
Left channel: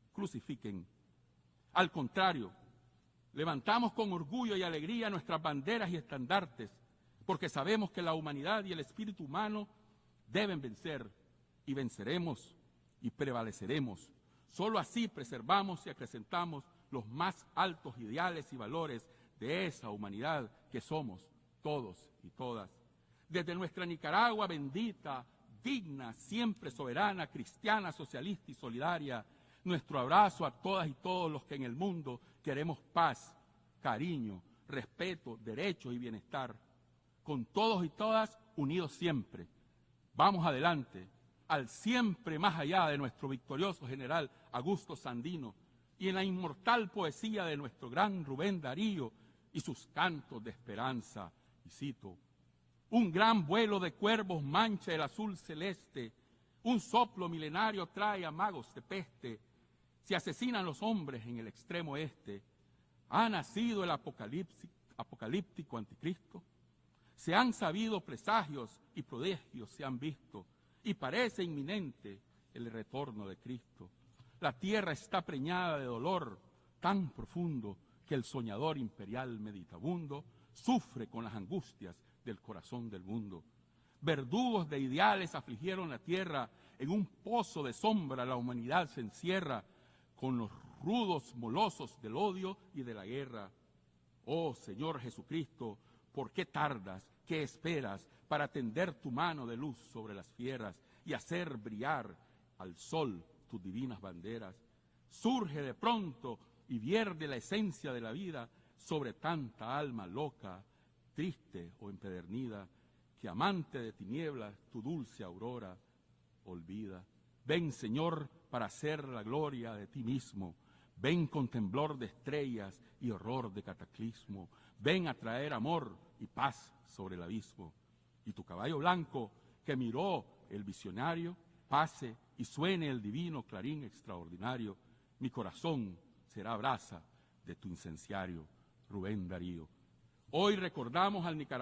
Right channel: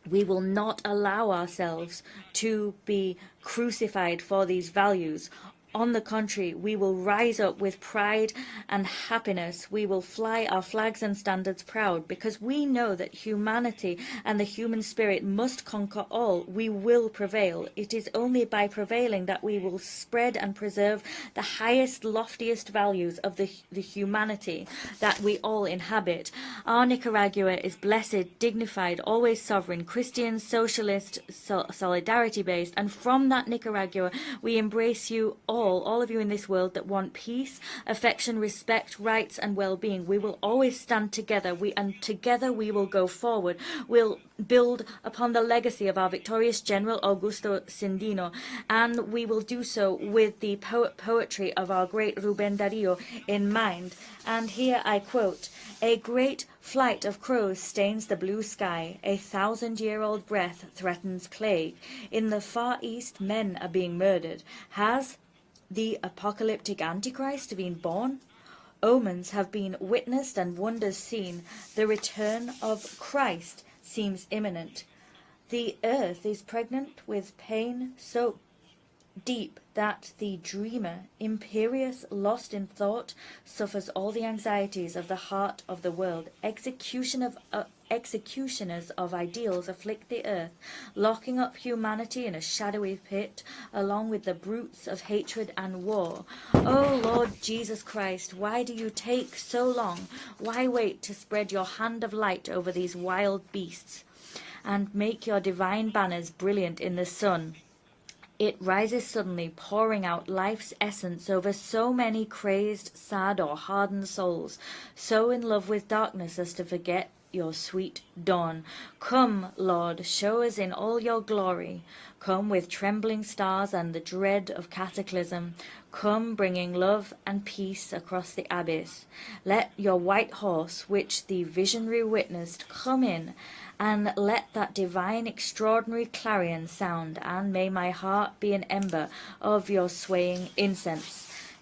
we will not allow ourselves to be crucified for these values. On the contrary, we will rise up with pride and happiness. We will fly our flags and standards proud, because we know that humanity and the human spirit must conquer all. We will prevail. It is only by prevailing that we will spread and preserve the highest, loftiest values of the humanity that we all inhabit. Our Nicaragua is blessed, dignified, always sovereign, Christian, socialist, solidarity-based, and from that Nicaragua we embrace you all of you in this world that want peace, affection, respect, rights, and well-being. We will always stand together, and together we will go forward. We'll build upon the legacy of our victorious General Augusto Sandino, and we will do so with the poetry of our great Rubén Darío in mind. And here I quote, "A great flight of crows stains the blue sky, a 1,000-year-old breath threatens plague. In the Far East, men are being murdered. Has the apocalyptic Antichrist been born? Omens have been witnessed and wonders seen. The return of Christ seems imminent. The earth is pregnant with pain so deep that the dreamer, imperious, lost in thought, suffers all the anxieties of the heart of the world. Executioners of ideals afflict the earth, locking up humanity in a shadowy pit, along with the brutes of hatred and war. Oh Lord Jesus Christ, why do you take so long? Why wait to spread your hand of light over these wild beasts and make your divine banners brilliant in the sun? It rises suddenly, pouring out life's essence over so many crazed, sad, or hardened souls, so in love with darkness as to forget your sweet dawn. Come, Lord, show us in all your glory. Come with trembling stars and the dread of cataclysm. Come bringing love and peace across the abyss. Let your white horse, which the visionary witnessed, come in, and let that divine extraordinary clarion sound, and may my heart be an ember of your swaying incense."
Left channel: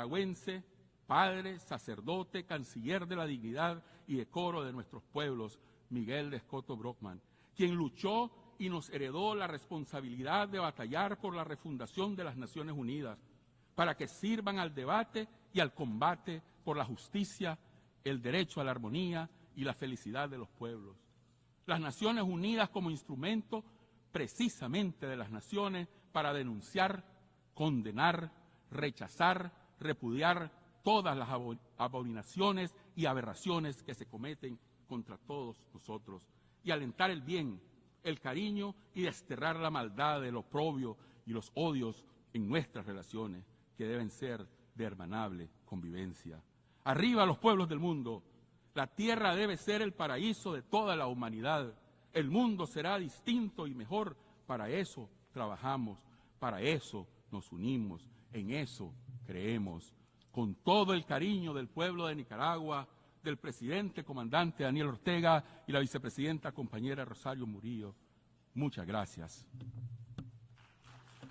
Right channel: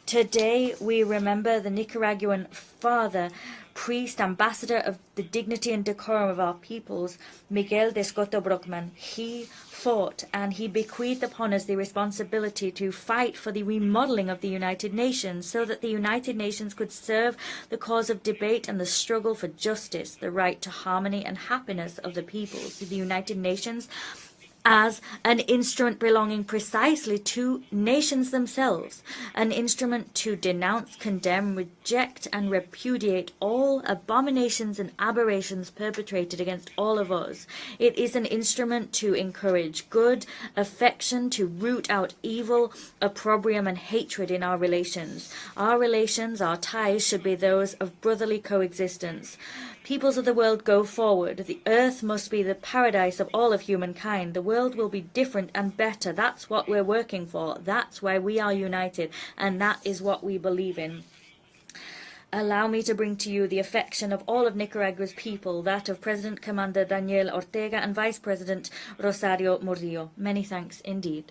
Today we remember the Nicaraguan father, priest, ambassador of the dignity dignity and decorum of our peoples, Miguel de Escoto Brockman, he fought and he bequeathed upon us the responsibility to fight for the remodeling of the United Nations so that the United Nations could serve the cause of debate and the struggle for justice, the right to harmony and happiness of the peoples. The United Nations as an instrument belonging precisely to nations themselves, an instrument to denounce, condemn, reject and repudiate all abominations and aberrations perpetrated against all of us. It is an instrument to encourage good, affection, to root out evil, opprobrium and hatred in our relations. Our relations, our ties should be those of brotherly coexistence. Peoples of the world, go forward. The earth must be the paradise of all of humankind. The world will be different and better. That's what we're working for. That's why we are united, and that is what we believe in. Allow me to bring to you the affection of all of Nicaragua's people, that of President Commander Daniel Ortega and Vice President Rosario Murillo. Many thanks indeed.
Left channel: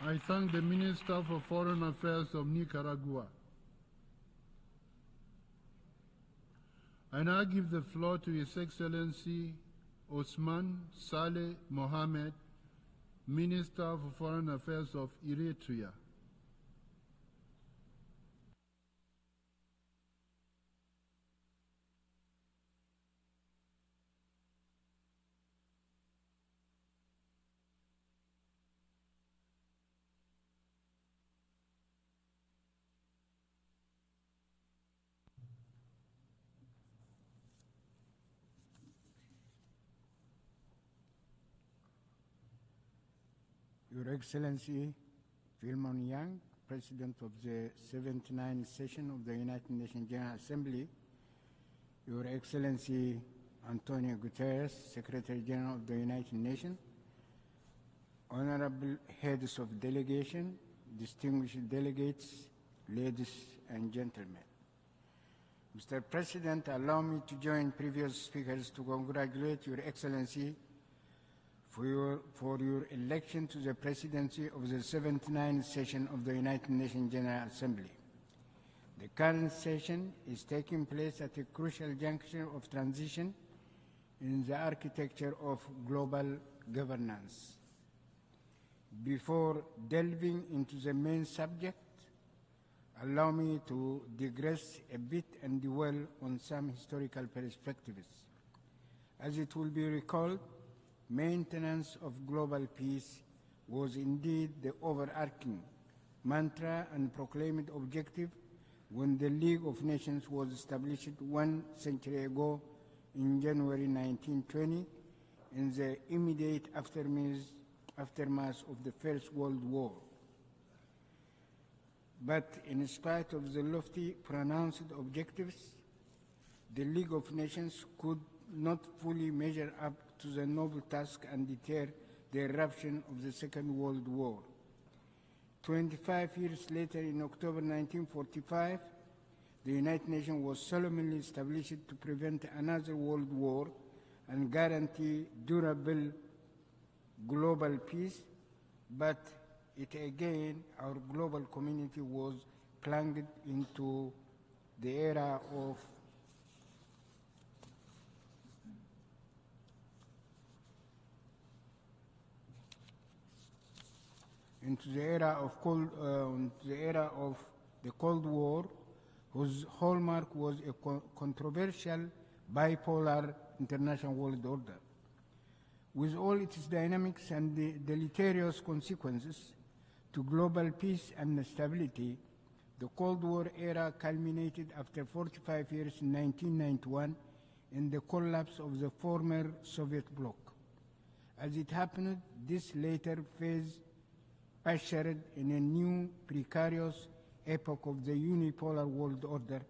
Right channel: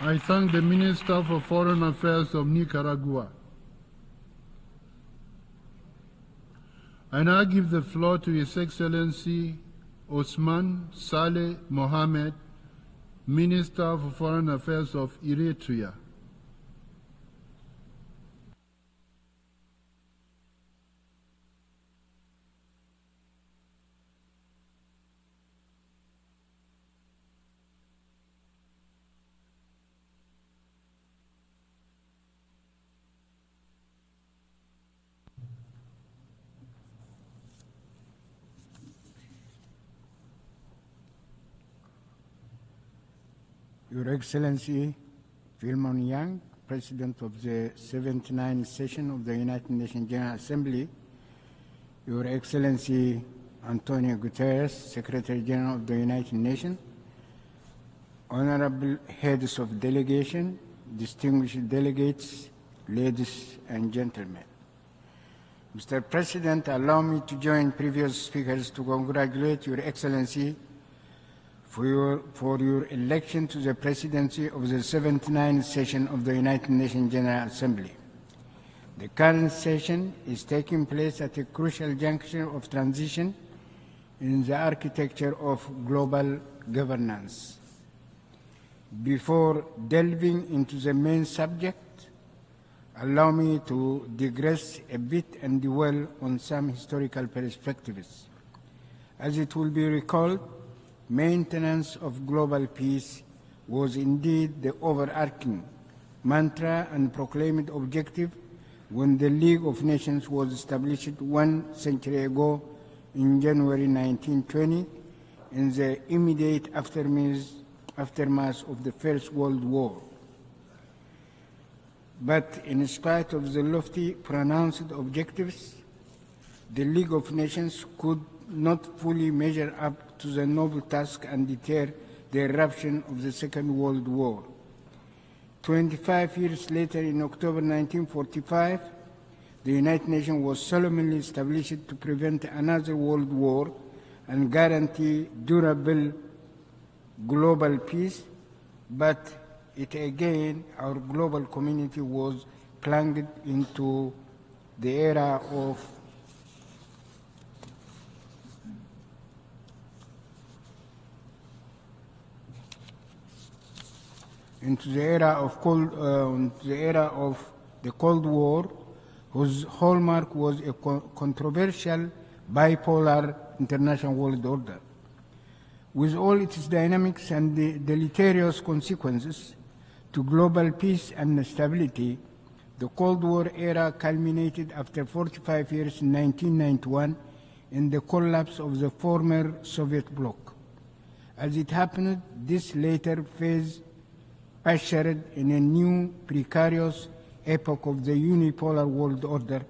I thank the Minister for Foreign Affairs of Nicaragua. I now give the floor to His Excellency Osman Saleh Mohammed, Minister for Foreign Affairs of Eritrea. Your Excellency Philemon Yang, President of the 79th Session of the United Nations General Assembly, Your Excellency Antonio Guterres, Secretary General of the United Nations, Honorable Heads of Delegation, distinguished delegates, ladies and gentlemen. Mr. President, allow me to join previous speakers to congratulate Your Excellency for your election to the presidency of the 79th session of the United Nations General Assembly. The current session is taking place at a crucial juncture of transition in the architecture of global governance. Before delving into the main subject, allow me to digress a bit and dwell on some historical perspectives. As it will be recalled, maintenance of global peace was indeed the overarching mantra and proclaimed objective when the League of Nations was established 1 century ago in January 1920 in the immediate aftermath of the First World War. But in spite of the lofty pronounced objectives, the League of Nations could not fully measure up to the noble task and deter the eruption of the Second World War. 25 years later, in October 1945, the United Nations was solemnly established to prevent another world war and guarantee durable global peace, but our global community was plunged into the era of the Cold War, whose hallmark was a controversial bipolar international world order. With all its dynamics and the deleterious consequences to global peace and stability, the Cold War era culminated after 45 years in 1991 in the collapse of the former Soviet bloc. As it happened, this later phase ushered in a new precarious epoch of the unipolar world order,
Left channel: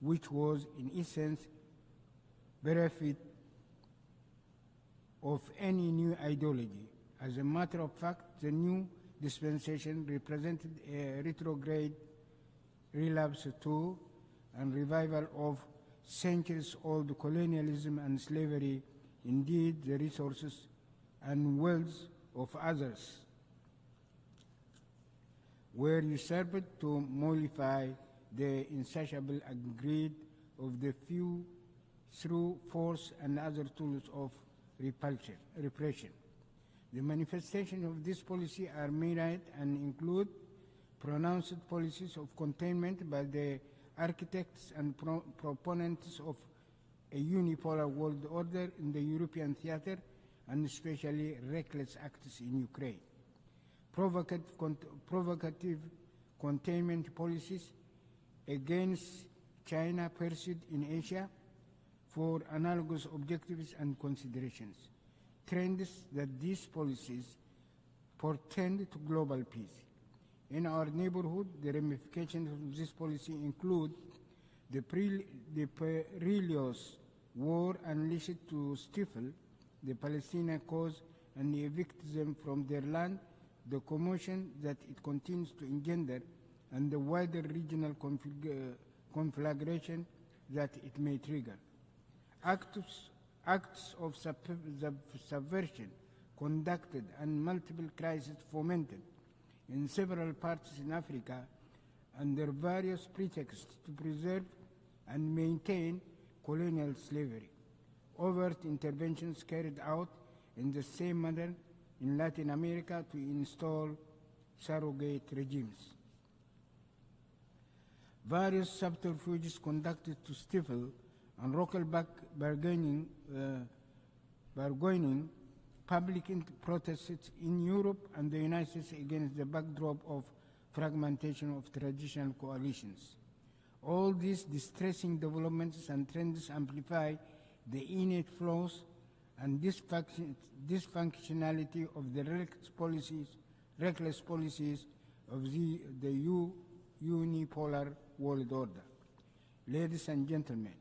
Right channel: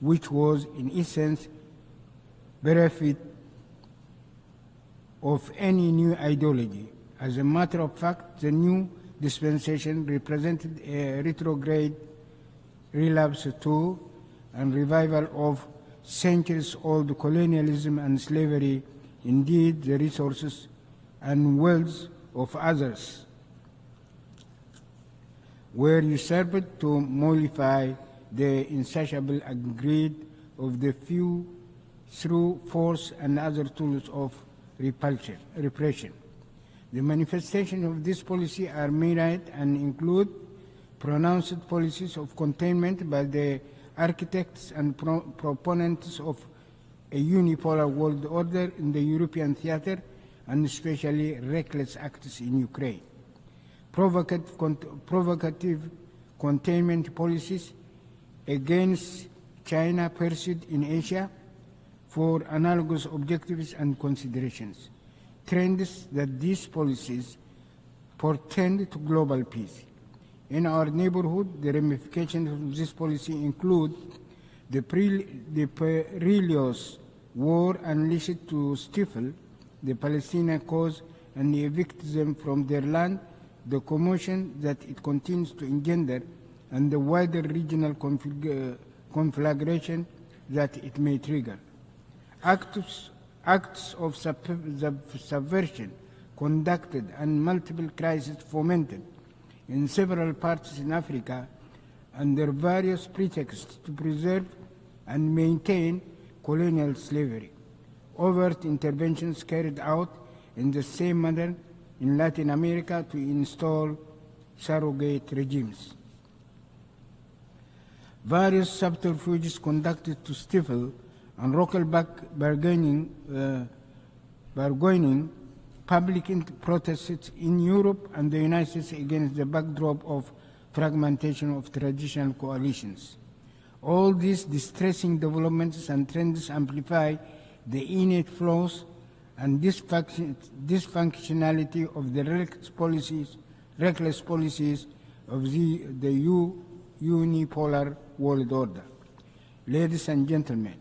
which was in essence bereft of any new ideology. As a matter of fact, the new dispensation represented a retrograde relapse to and revival of centuries-old colonialism and slavery, indeed the resources and wealth of others. were usurped to mollify the insatiable greed of the few through force and other tools of repression. The manifestations of this policy are myriad and include pronounced policies of containment by the architects and proponents of a unipolar world order in the European theater, and especially reckless acts in Ukraine. Provocative containment policies against China pursued in Asia for analogous objectives and considerations. Trends that these policies portend to global peace. In our neighborhood, the ramifications of this policy include the perilous war unleashed to stifle the Palestinian cause and evict them from their land, the commotion that it continues to engender, and the wider regional conflagration that it may trigger. Acts of subversion conducted and multiple crises fomented in several parts in Africa under various pretexts to preserve and maintain colonial slavery. Overt interventions carried out in the same manner in Latin America to install surrogate regimes. Various subterfuges conducted to stifle and roll back bargaining public protests in Europe and the United States against the backdrop of fragmentation of traditional coalitions. All these distressing developments and trends amplify the innate flaws and dysfunctionality of the reckless policies of the unipolar world order. Ladies and gentlemen,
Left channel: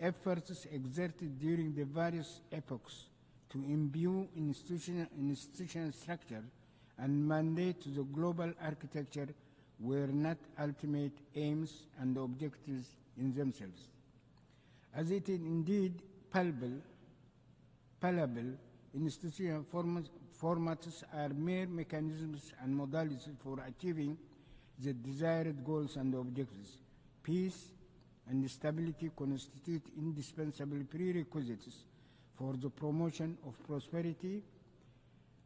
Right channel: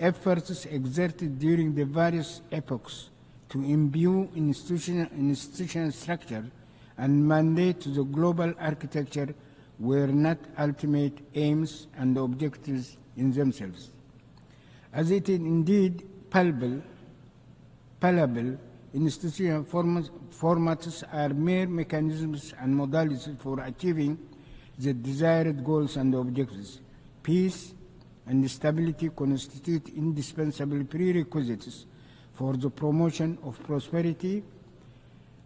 efforts exerted during the various epochs to imbue institutional structure and mandate to the global architecture were not ultimate aims and objectives in themselves. As it is indeed palpable, institutional formats are mere mechanisms and modalities for achieving the desired goals and objectives. Peace and stability constitute indispensable prerequisites for the promotion of prosperity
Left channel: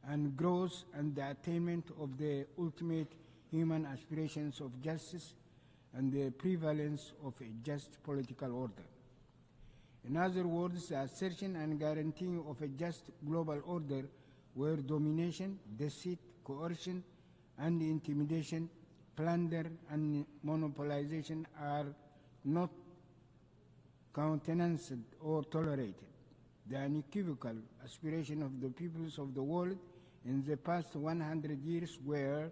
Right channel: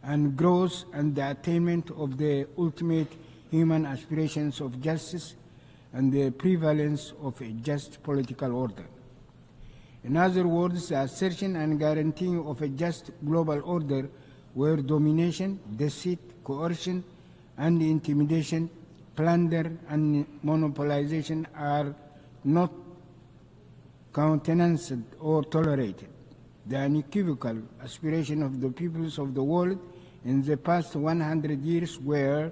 and growth and the attainment of the ultimate human aspirations of justice and the prevalence of a just political order. In other words, the assertion and guaranteeing of a just global order where domination, deceit, coercion, and intimidation, plunder, and monopolization are not countenanced or tolerated. The unequivocal aspiration of the peoples of the world in the past 100 years were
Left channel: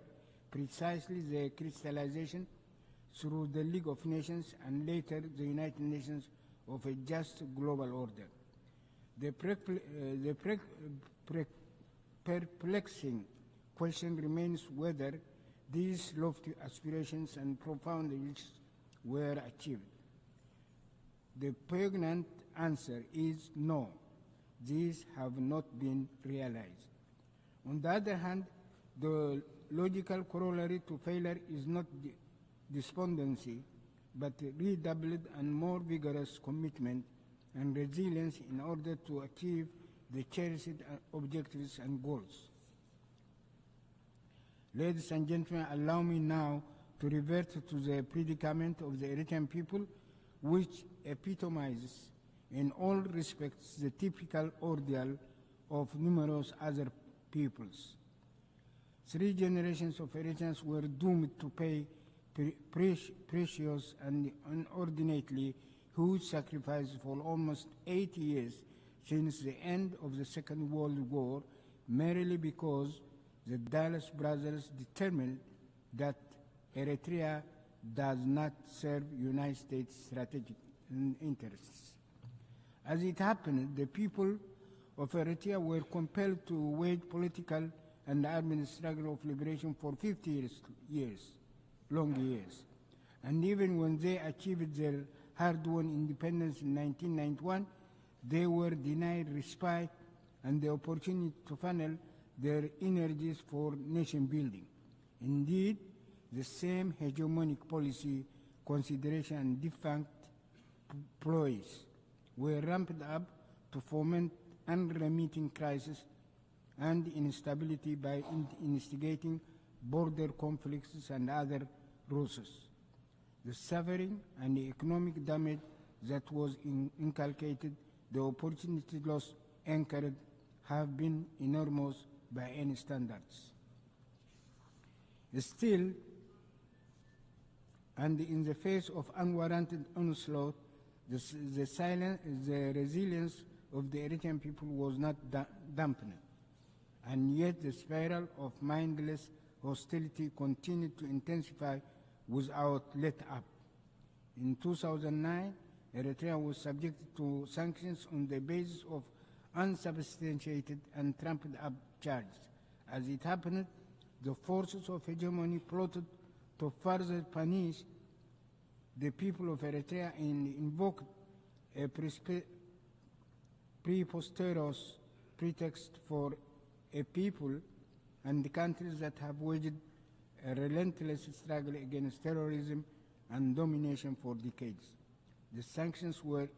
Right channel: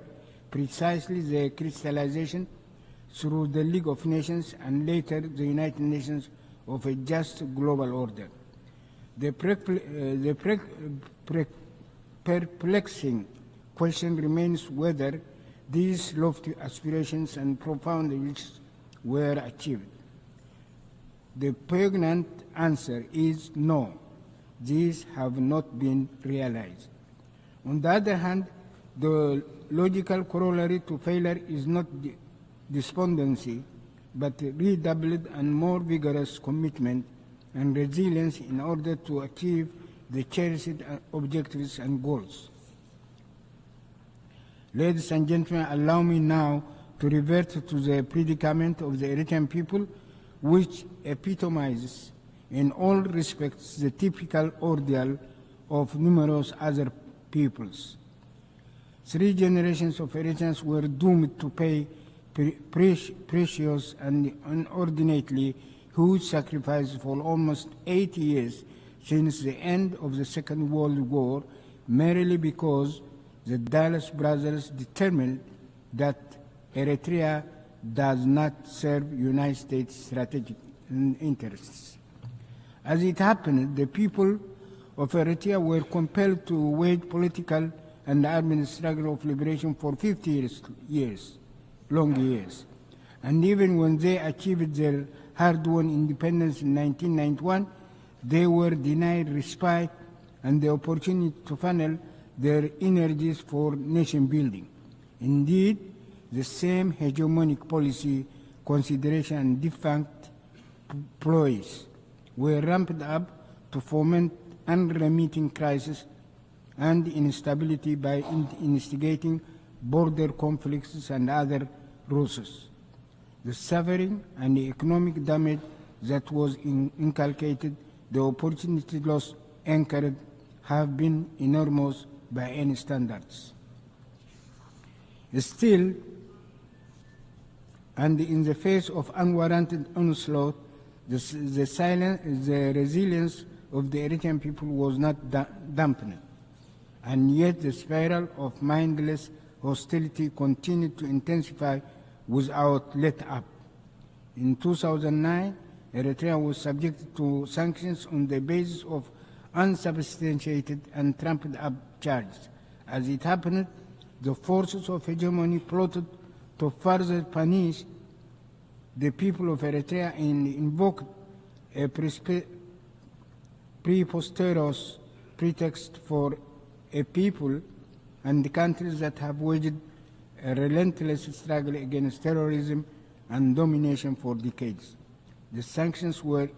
precisely the crystallization through the League of Nations and later the United Nations of a just global order. The perplexing question remains whether these lofty aspirations and profound wishes were achieved. The poignant answer is no, these have not been realized. On the other hand, the logical corollary to failure is not despondency, but redoubled and more vigorous commitment and resilience in order to achieve the cherished objectives and goals. Ladies and gentlemen, allow me now to revert to the predicament of the Eritrean people, which epitomizes in all respects the typical ordeal of numerous other peoples. 3 generations of Eritreans were doomed to pay precious and inordinately huge sacrifices for almost 80 years since the end of the Second World War, merely because the Dallas brothers determined that Eritrea does not serve United States strategic interests. As it happened, the people of Eritrea were compelled to wage political and armed struggle of liberation for 50 long years. And even when they achieved their hard-won independence in 1991, they were denied respite and the opportunity to funnel their energies for nation building. Indeed, the same hegemonic policy consideration and defunct ploys were ramped up to foment unremitting crisis and instability by instigating border conflicts and other ruses. The suffering and the economic damage that was inculcated, the opportunity loss incurred, have been enormous by any standards. Still, and in the face of unwarranted onslaught, the resilience of the Eritrean people was not dampened, and yet the spiral of mindless hostility continued to intensify without let up. In 2009, Eritrea was subjected to sanctions on the basis of unsubstantiated and trumped up charges. As it happened, the forces of hegemony plotted to further punish the people of Eritrea and invoked a preposterous pretext for a people and the countries that have waged a relentless struggle against terrorism and domination for decades. The sanctions were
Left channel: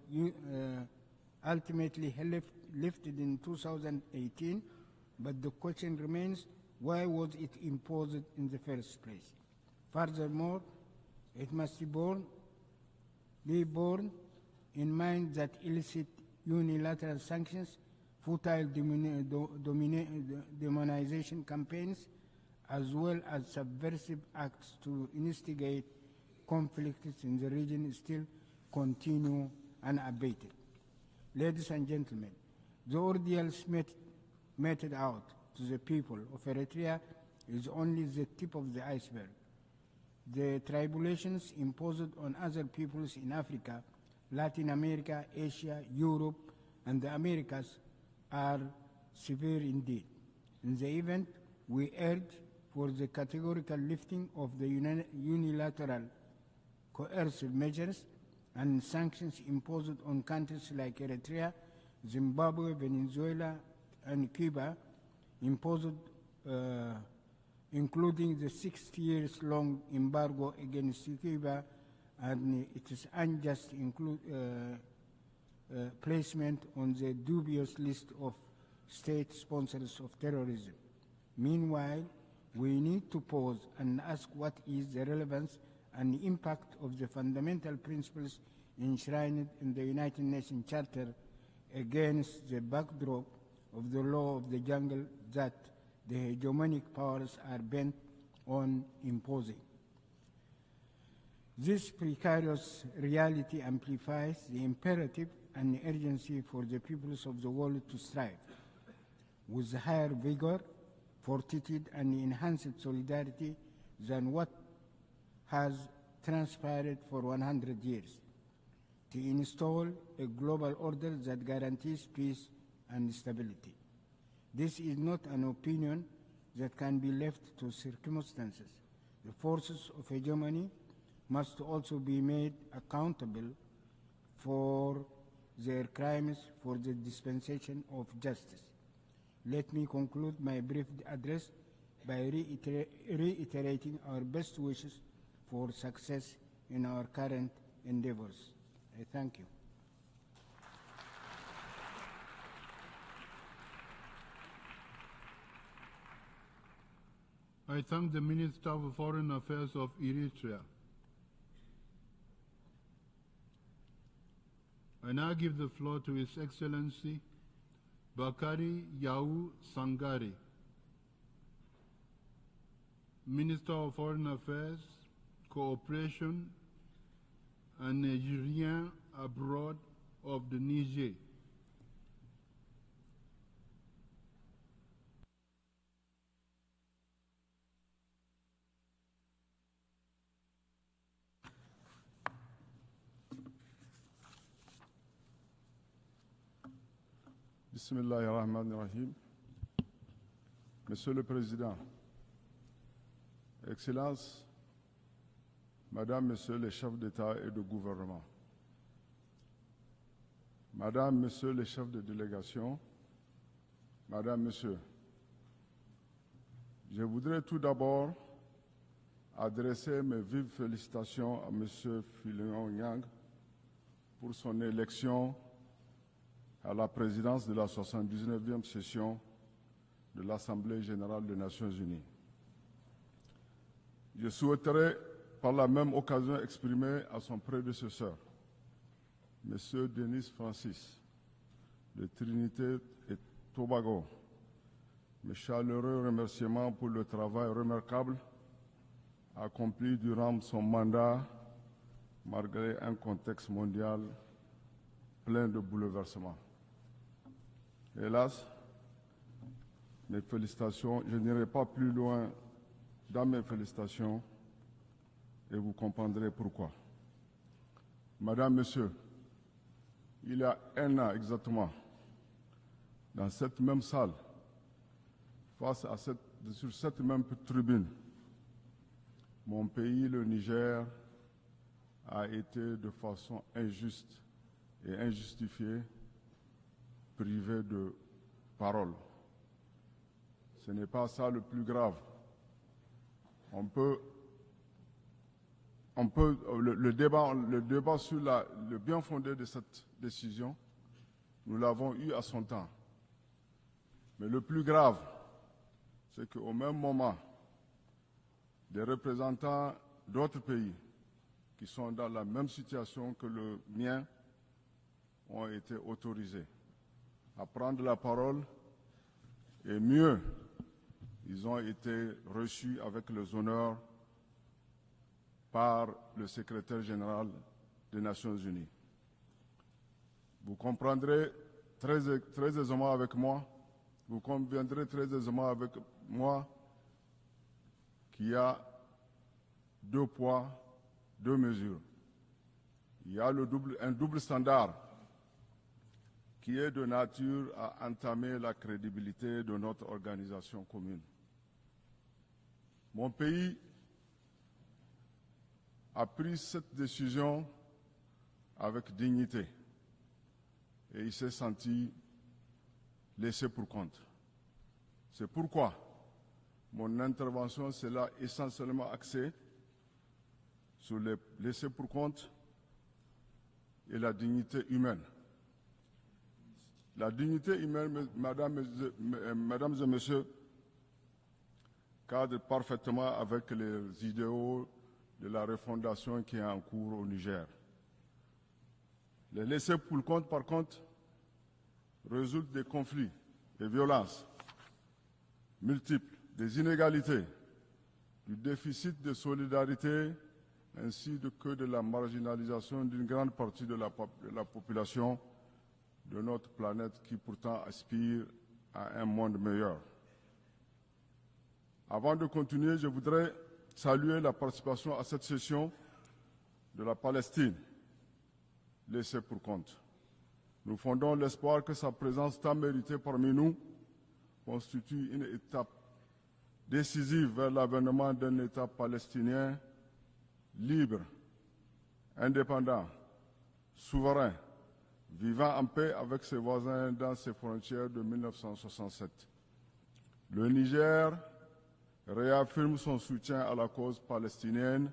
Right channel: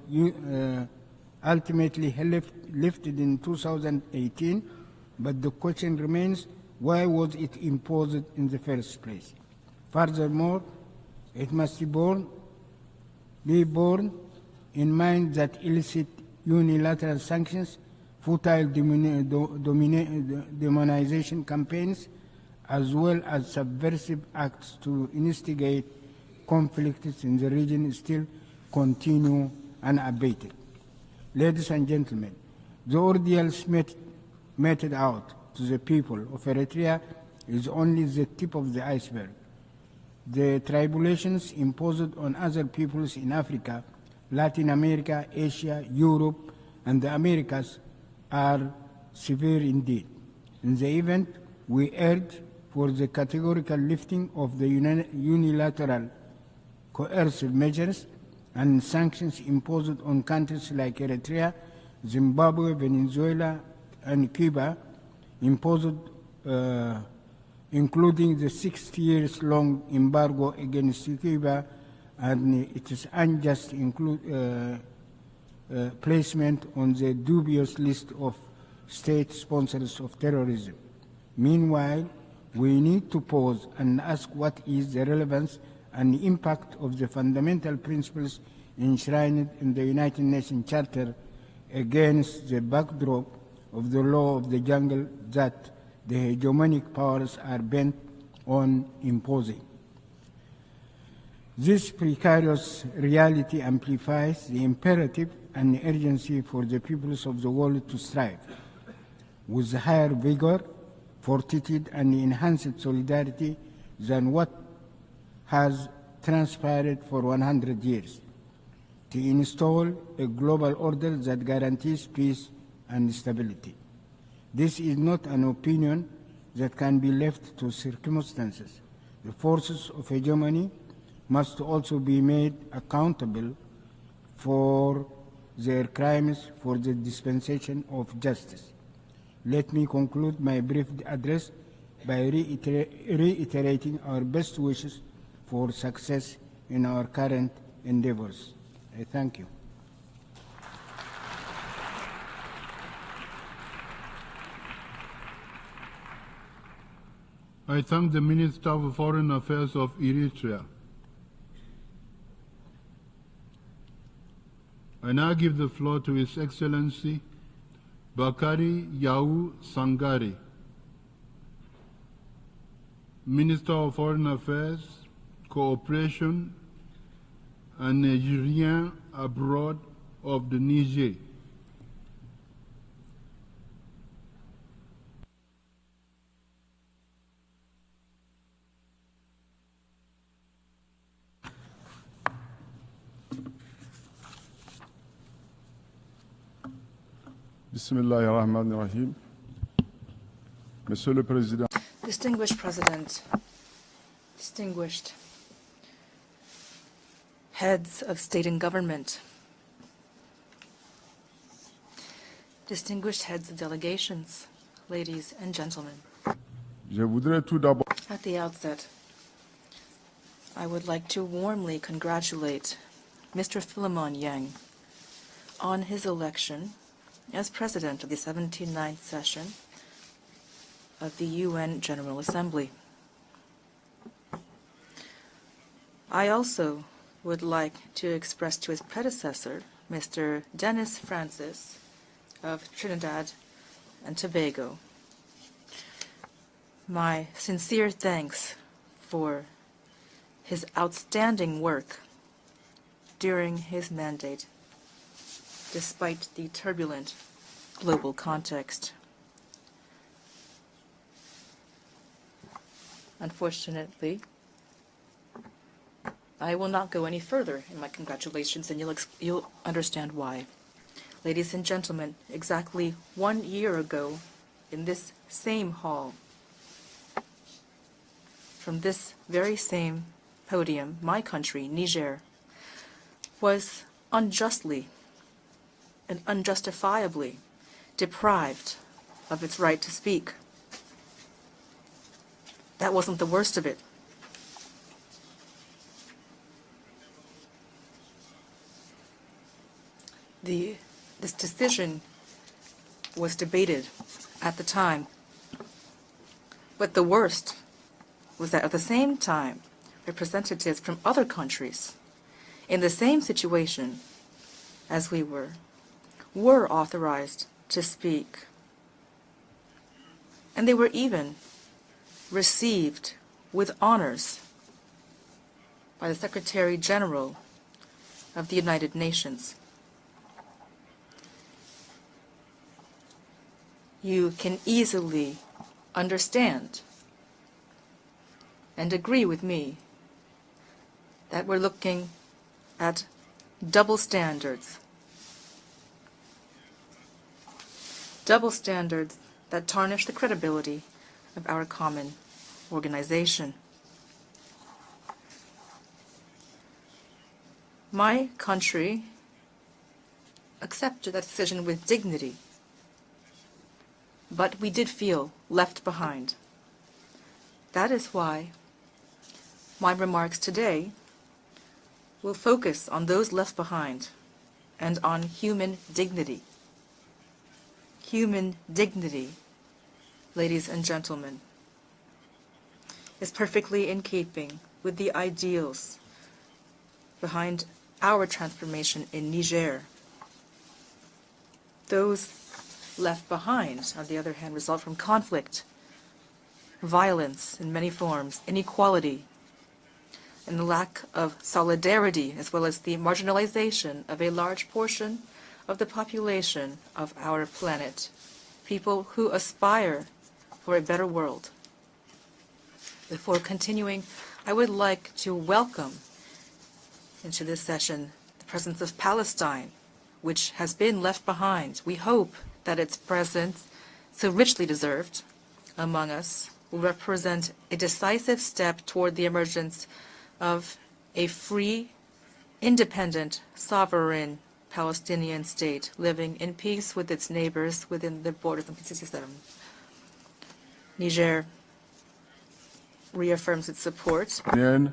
ultimately lifted in 2018, but the question remains, why was it imposed in the first place? Furthermore, it must be borne in mind that illicit unilateral sanctions, futile demonization campaigns, as well as subversive acts to instigate conflicts in the region still continue unabated. Ladies and gentlemen, the ordeals meted out to the people of Eritrea is only the tip of the iceberg. The tribulations imposed on other peoples in Africa, Latin America, Asia, Europe, and the Americas are severe indeed. In the event, we urge for the categorical lifting of the unilateral coercive measures and sanctions imposed on countries like Eritrea, Zimbabwe, Venezuela, and Cuba, imposed including the 60 years long embargo against Cuba and its unjust placement on the dubious list of state sponsors of terrorism. Meanwhile, we need to pause and ask what is the relevance and impact of the fundamental principles enshrined in the United Nations Charter against the backdrop of the law of the jungle that the hegemonic powers are bent on imposing. This precarious reality amplifies the imperative and urgency for the peoples of the world to strive with higher vigor, fortitude, and enhanced solidarity than what has transpired for 100 years, to install a global order that guarantees peace and stability. This is not an opinion that can be left to circumstances. The forces of hegemony must also be made accountable for their crimes for the dispensation of justice. Let me conclude my brief address by reiterating our best wishes for success in our current endeavors. I thank you. I thank the Minister of Foreign Affairs of Eritrea. I now give the floor to His Excellency Bakari Yau Sangari, Minister of Foreign Affairs, Cooperation, and Nigerian abroad of the Niger. Bismillahirrahmanirrahim. Monsieur le Président, Distinguished President, Excellences, distinguished Madame, Monsieur les chefs d'État et de heads gouvernement, of state and government, Madame, Monsieur les chefs de délégation, distinguished heads of delegations, Madame, Monsieur, ladies and gentlemen. je voudrais tout d'abord, At the outset, adresser mes vives I would like to félicitations à warmly Monsieur congratulate Yang Mr. Philemon pour Yang son élection on his election à la présidence as de la President of the 79e 79th session de l'Assemblée of générale the des Nations UN Unies. General Assembly. Je souhaiterais par la même I occasion also exprimer à son would like to prédécesseur, express to his predecessor, Monsieur Mr. Denis Dennis Francis de of Trinité Trinidad Tobago, and Tobago, mes chaleureux remerciements pour le my travail sincere remarquable thanks for accompli durant his son mandat outstanding work malgré un contexte during his mondial mandate, plein de despite bouleversements. the turbulent global Hélas, context. Mes félicitations, je n'irai pas plus loin dans mes Unfortunately, félicitations et vous comprendrez I will pourquoi. not go any further in my congratulations, and Monsieur, you'll understand Il why. y a un an Ladies and exactement, gentlemen, exactly dans 1 cette year même ago, salle, in this same face à hall, sur cette même tribune, from this very mon pays, same le Niger, podium, my country, Niger, a été de façon was injuste unjustly et injustifiée and unjustifiably privé de deprived parole. of its right to speak. Ce n'est pas ça le plus grave. That wasn't the worst of it. Le débat sur le bien fondé de cette décision, This nous l'avons decision eu à son temps. was debated Mais le at plus the grave, time, c'est qu'au même but the moment, worst was that at the les same time, représentants representatives from other countries sont dans la même in the situation same que le situation mien as we ont were été autorisés were à authorized prendre to la speak, parole et mieux, and they were even ils ont été reçus received avec les honneurs with honors par by le the Secretary Secrétaire General des Nations of the Unies. United Nations. Vous comprendrez très aisément avec moi, You vous can comprendrez très easily aisément avec moi understand qu'il y a and agree with me deux poids, deux that we're mesures. looking at Il y a le double double standards. standard qui est de nature à entamer Double la standards crédibilité de that notre tarnish the organisation credibility commune. of our common organization. A pris cette décision My avec country dignité, accepted that decision with dignity, laissé pour compte. but we did feel left behind. Mon intervention That sera is why essentiellement axée my remarks today sur les laissés pour compte will focus on those left et behind la dignité humaine. and on human dignity. La dignité humaine, Human dignity, mesdames et messieurs, ladies and gentlemen, cadre parfaitement is avec perfectly les in keeping idéaux with the de la ideals refondation qui est en cours au Niger. behind our transformation in Les laissés Niger. pour compte, par contre, Those résultent des conflits, left behind, des on violences the other hand, result from conflict, multiples, des inégalités, violence in many forms, du déficit de inequality, solidarité, and the lack ainsi of que de la solidarity, as well as marginalisation the d'une grande partie marginalization de la of a large portion population of the population planète of qui our pourtant planet, aspire people à un who monde aspire for a better world. Avant de continuer, je voudrais Before continuing, saluer la I would participation à like cette to session welcome de la into Palestine. this session the presence of Laissez pour Palestine, compte. which has Nous been fondons left l'espoir behind. que sa We présence hope tant that méritée its parmi nous presence, so richly constitue deserved une étape among us, will décisive represent vers a l'avènement decisive d'un État step toward the palestinien emergence of libre, a free, indépendant, independent, sovereign souverain, Palestinian vivant en state paix avec living ses in voisins peace with dans its ses neighbors frontières de within the borders of 1967. 1967. Le Niger Niger réaffirme son soutien à reaffirms la its cause support palestinienne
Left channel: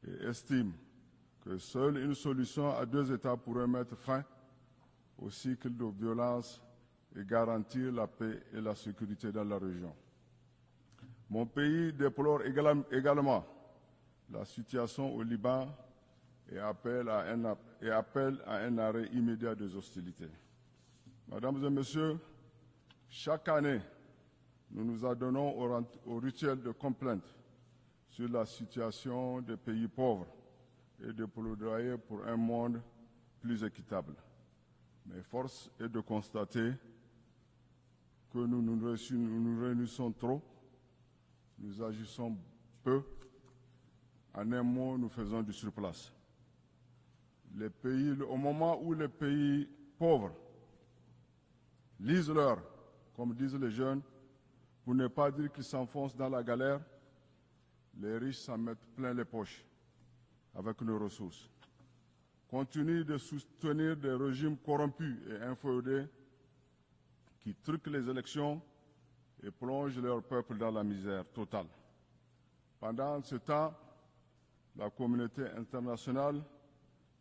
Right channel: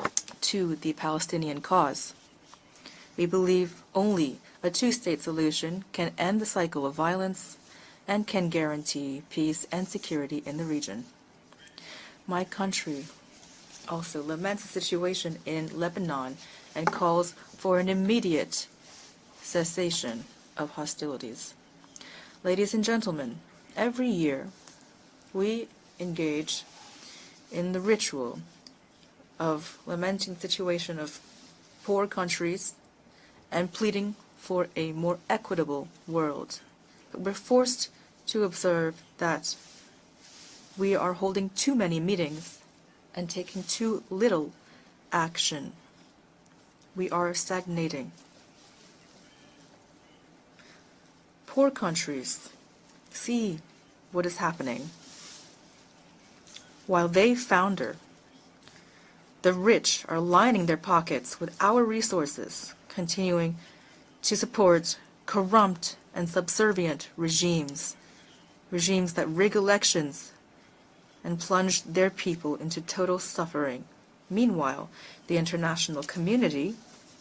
et estime to the Palestinian que seule cause. une solution à deux We États pourrait believe mettre only fin a two-state au cycle solution de can end the violence cycle of et violence garantir la and paix can et la guarantee sécurité dans la peace and région. security in the region. Mon pays déplore My country également also laments the situation au situation Liban in Lebanon et and appelle calls for an à immediate un arrêt immédiat des cessation hostilités. of hostilities. Mesdames et messieurs, Ladies and gentlemen, chaque année, every year nous nous adonnons we au engage rituel de complainte in the sur ritual la situation des of pays lamenting pauvres the situation et of de plaidoyer poor pour un countries monde plus and équitable. pleading for a more Mais force equitable est de world. constater But we're forced que to observe that nous réunissons trop, we are holding too many meetings peu, and taking too little en un mot, nous faisons du action. surplace. We are Les stagnating. pays, au moment où les pays pauvres Poor disent countries leur see disent les jeunes, what is happening. pour ne pas dire qu'ils s'enfoncent dans la galère, While they founder, les riches s'en mettent plein les poches. the rich are lining their pockets with our resources, Continuent de continuing soutenir des to régimes support corrompus et corrupt inféodés, and subservient truquent regimes, les élections, regimes that rig plongent leur elections peuple dans la misère and totale. plunge their people into total suffering. Meanwhile, the international community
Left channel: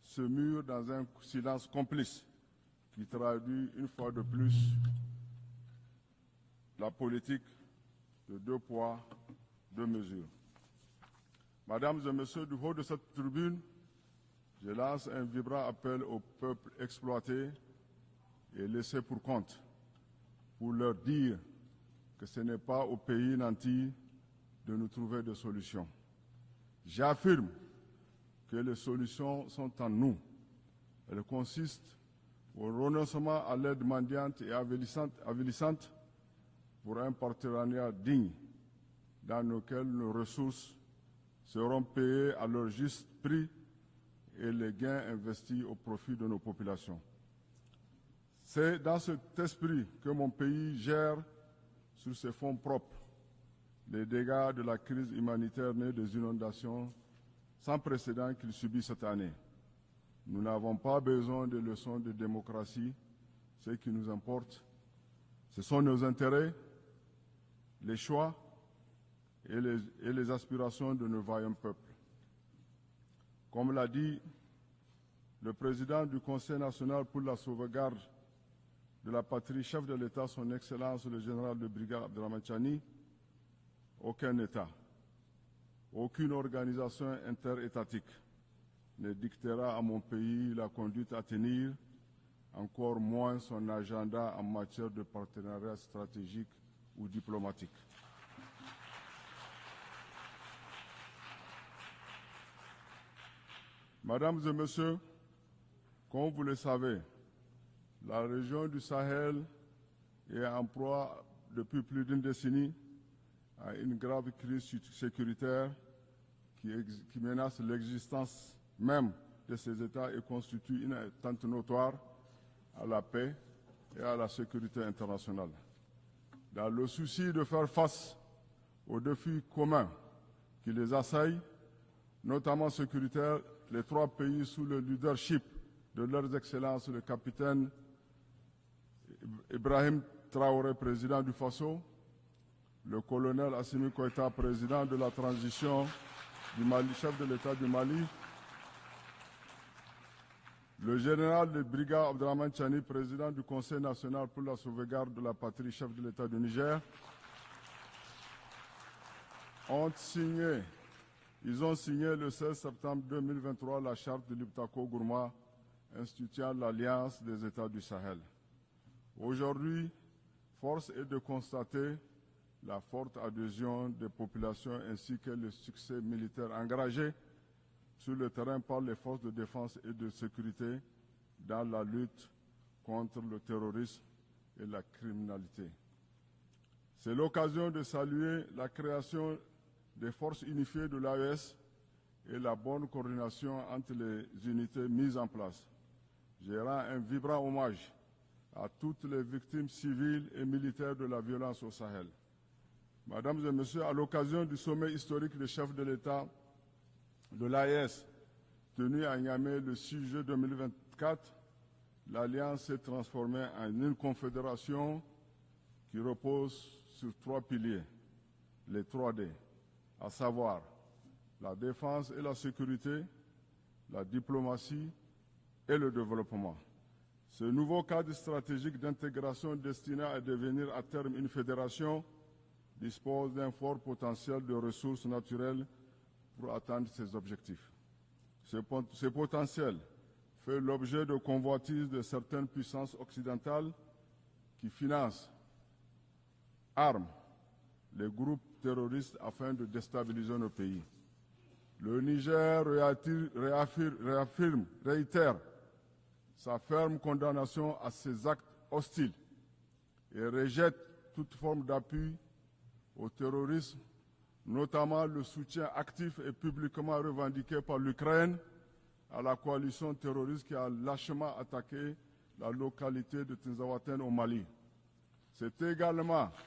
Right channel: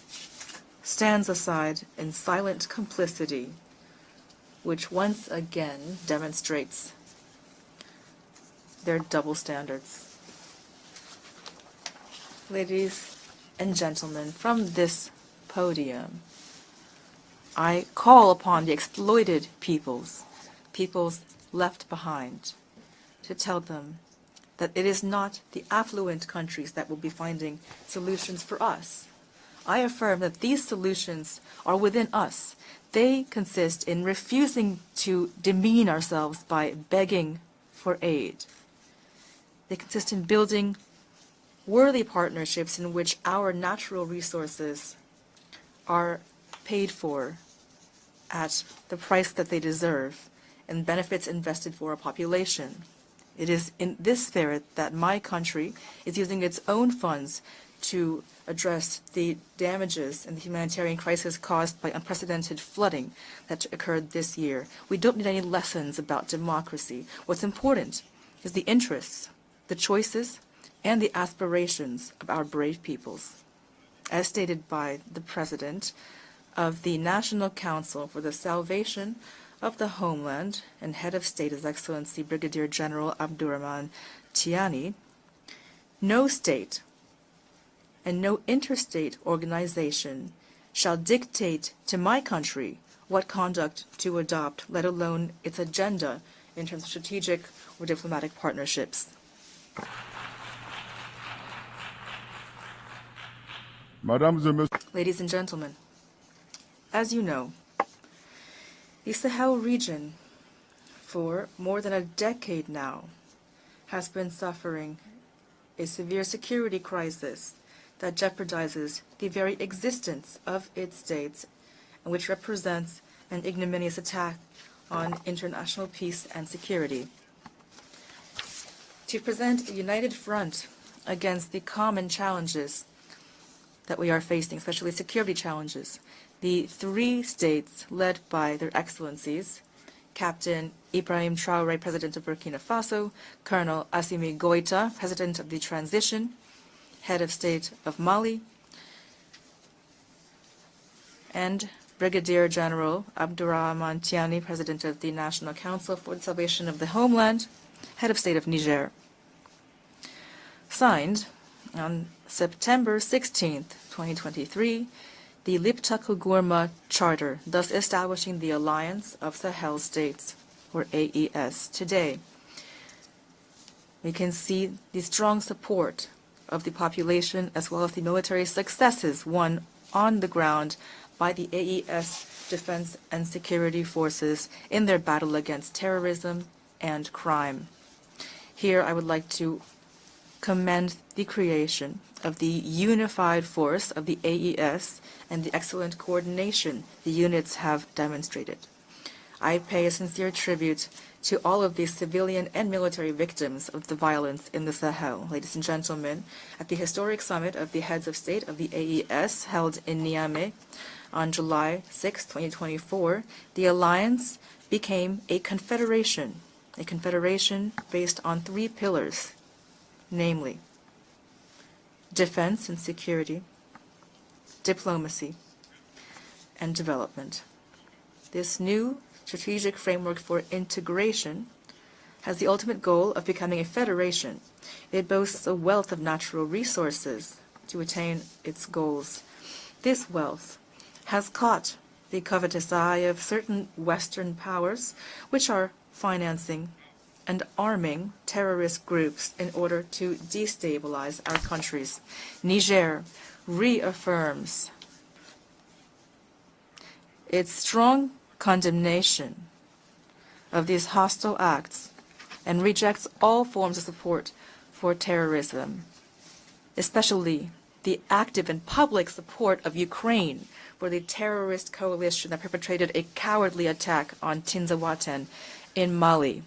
Se mure dans un stands silence aside in complice, silent qui complicity, traduit une fois de plus which once again demonstrates la politique de deux poids, their double deux standards. mesures. Mesdames et messieurs, du haut de Ladies cette tribune, and gentlemen, from je this lance un vibrant appel podium, au peuple exploité I call upon the exploited peoples left ce behind, n'est pas au pays to tell nantis them that it is not the affluent countries that will be finding solutions for que les us. solutions sont I en affirm nous. that these solutions are within us. They consist in refusing to demean ourselves by begging for aid. Dans They lesquels consist nos in building seront worthy payés à partnerships leur in which juste prix our natural et les resources gains investis au profit are de nos paid populations. for at C'est the dans cet price that they esprit deserve que mon pays and gère benefits invested for our sur ses fonds population. propres It is in les this dégâts spirit de la that crise my country humanitaire née des is using its inondations own funds sans to précédent qu'il address subit cette the année. damages and the Nous humanitarian n'avons pas crisis besoin de caused by leçons de unprecedented démocratie. flooding that Ce qui occurred nous this importe, year. We don't need any nos lessons about intérêts, democracy. What's les important choix is the interests, et the les choices, aspirations and de the nos valides peuples. aspirations of our brave peoples. Comme l'a dit As stated by the le President président du Conseil of the national pour la National sauvegarde Council for the de Salvation la patrie, of chef the de l'État, son Homeland and Excellence Head le of State, His général de Excellency brigade Brigadier Abdourahmane General Abdurrahman aucun État, Tiani, aucune no state organisation interétatique and no interstate ne dictera à mon organization pays la shall conduite à dictate tenir, to my country encore what moins son conduct to agenda en adopt, let matière de alone its partenariat agenda stratégique in terms of ou strategic diplomatique. or diplomatic partnerships. Mesdames et messieurs, Ladies and gentlemen, comme vous le savez, as you know, la région du the Sahel Sahel region est en proie for depuis more than a plus d'une decade décennie now à une has grave been crise suffering sécuritaire a severe security qui crisis menace that l'existence jeopardizes même the very de ces États et existence of constitue une its states, atteinte notoire and which represents à la paix an ignominious et à la attack sécurité on internationale. international peace and Dans le security. souci de faire face aux To défis present a communs united front qui les assaillent, against the common notamment challenges sécuritaires, les that trois we are pays facing, sous le especially security leadership challenges. de leurs The excellences three capitaines states led by their excellencies, Ibrahim Captain Traoré, président Ibrahim du Faso, Traoré, President of Burkina Faso, colonel Colonel Assimi Assimi Goïta, Goïta, President of the transition, du Mali, chef Head de of l'État State du Mali, of Mali, le général and de brigade Brigadier Abdourahmane General Tiani, président du Conseil Abdurrahman national Tiani, pour la President of the sauvegarde de la National patrie, Council chef de for the l'État du Salvation of Niger, the Homeland, Head of State of Niger, ont signé, signed ils ont on signé le 16 September septembre 16, 2023 la charte 2023, du Gourma, the Liptako instituant Gourma l'alliance Charter, des États thus du Sahel. establishing the Alliance of Sahel Aujourd'hui, States, or force est de AES. constater Today, la forte adhésion des we can see populations the ainsi que strong le succès support militaire of the engagé population as well as the sur le military terrain par les successes forces de won défense et de on the sécurité ground by the dans la lutte AES defense contre and le security terrorisme forces et in their la battle criminalité. against terrorism and C'est crime. l'occasion de saluer la Here, I would like création to des forces commend unifiées de the l'AES creation of et the la bonne unified coordination force entre of the les unités AES mises en and the place. excellent coordination Je rends un the vibrant units hommage have demonstrated. à toutes les I victimes pay a civiles sincere et tribute militaires de la to violence all au of the Sahel. civilian and military Mesdames et victims messieurs, of à the l'occasion violence du in the sommet Sahel. historique Ladies des and chefs de gentlemen, l'État at the historic summit of the l'AES, heads of state of the tenu à AES Niamey held le 6 in juillet Niamey 2024, on July 6, l'Alliance s'est 2024, transformée the en une alliance confédération became a qui confederation, repose a sur trois confederation piliers. based on three Les trois pillars, D, à namely savoir la défense et la defense and sécurité, security, la diplomatie diplomacy, et le développement. and development. Ce nouveau cadre This stratégique new d'intégration strategic destiné framework à for devenir à terme une integration fédération has the ultimate goal of becoming a dispose d'un fort federation. potentiel de ressources It boasts a naturelles wealth of natural pour atteindre ses resources objectifs. to attain its Ce goals. potentiel This wealth fait l'objet de has caught convoitises de the certaines covetous puissances eye of occidentales certain Western powers, financent, which are financing arment and arming groupes terrorist terroristes groups afin in de order to déstabiliser le pays. destabilize our countries. Le Niger reaffirme, reaffirms réitère sa ferme its condamnation à strong ces actes condemnation hostiles of these hostile acts and rejects all forms of support for terrorism, especially the active and public support of Ukraine for the terrorist coalition that perpetrated a cowardly attack on Tinzaouaten in Mali.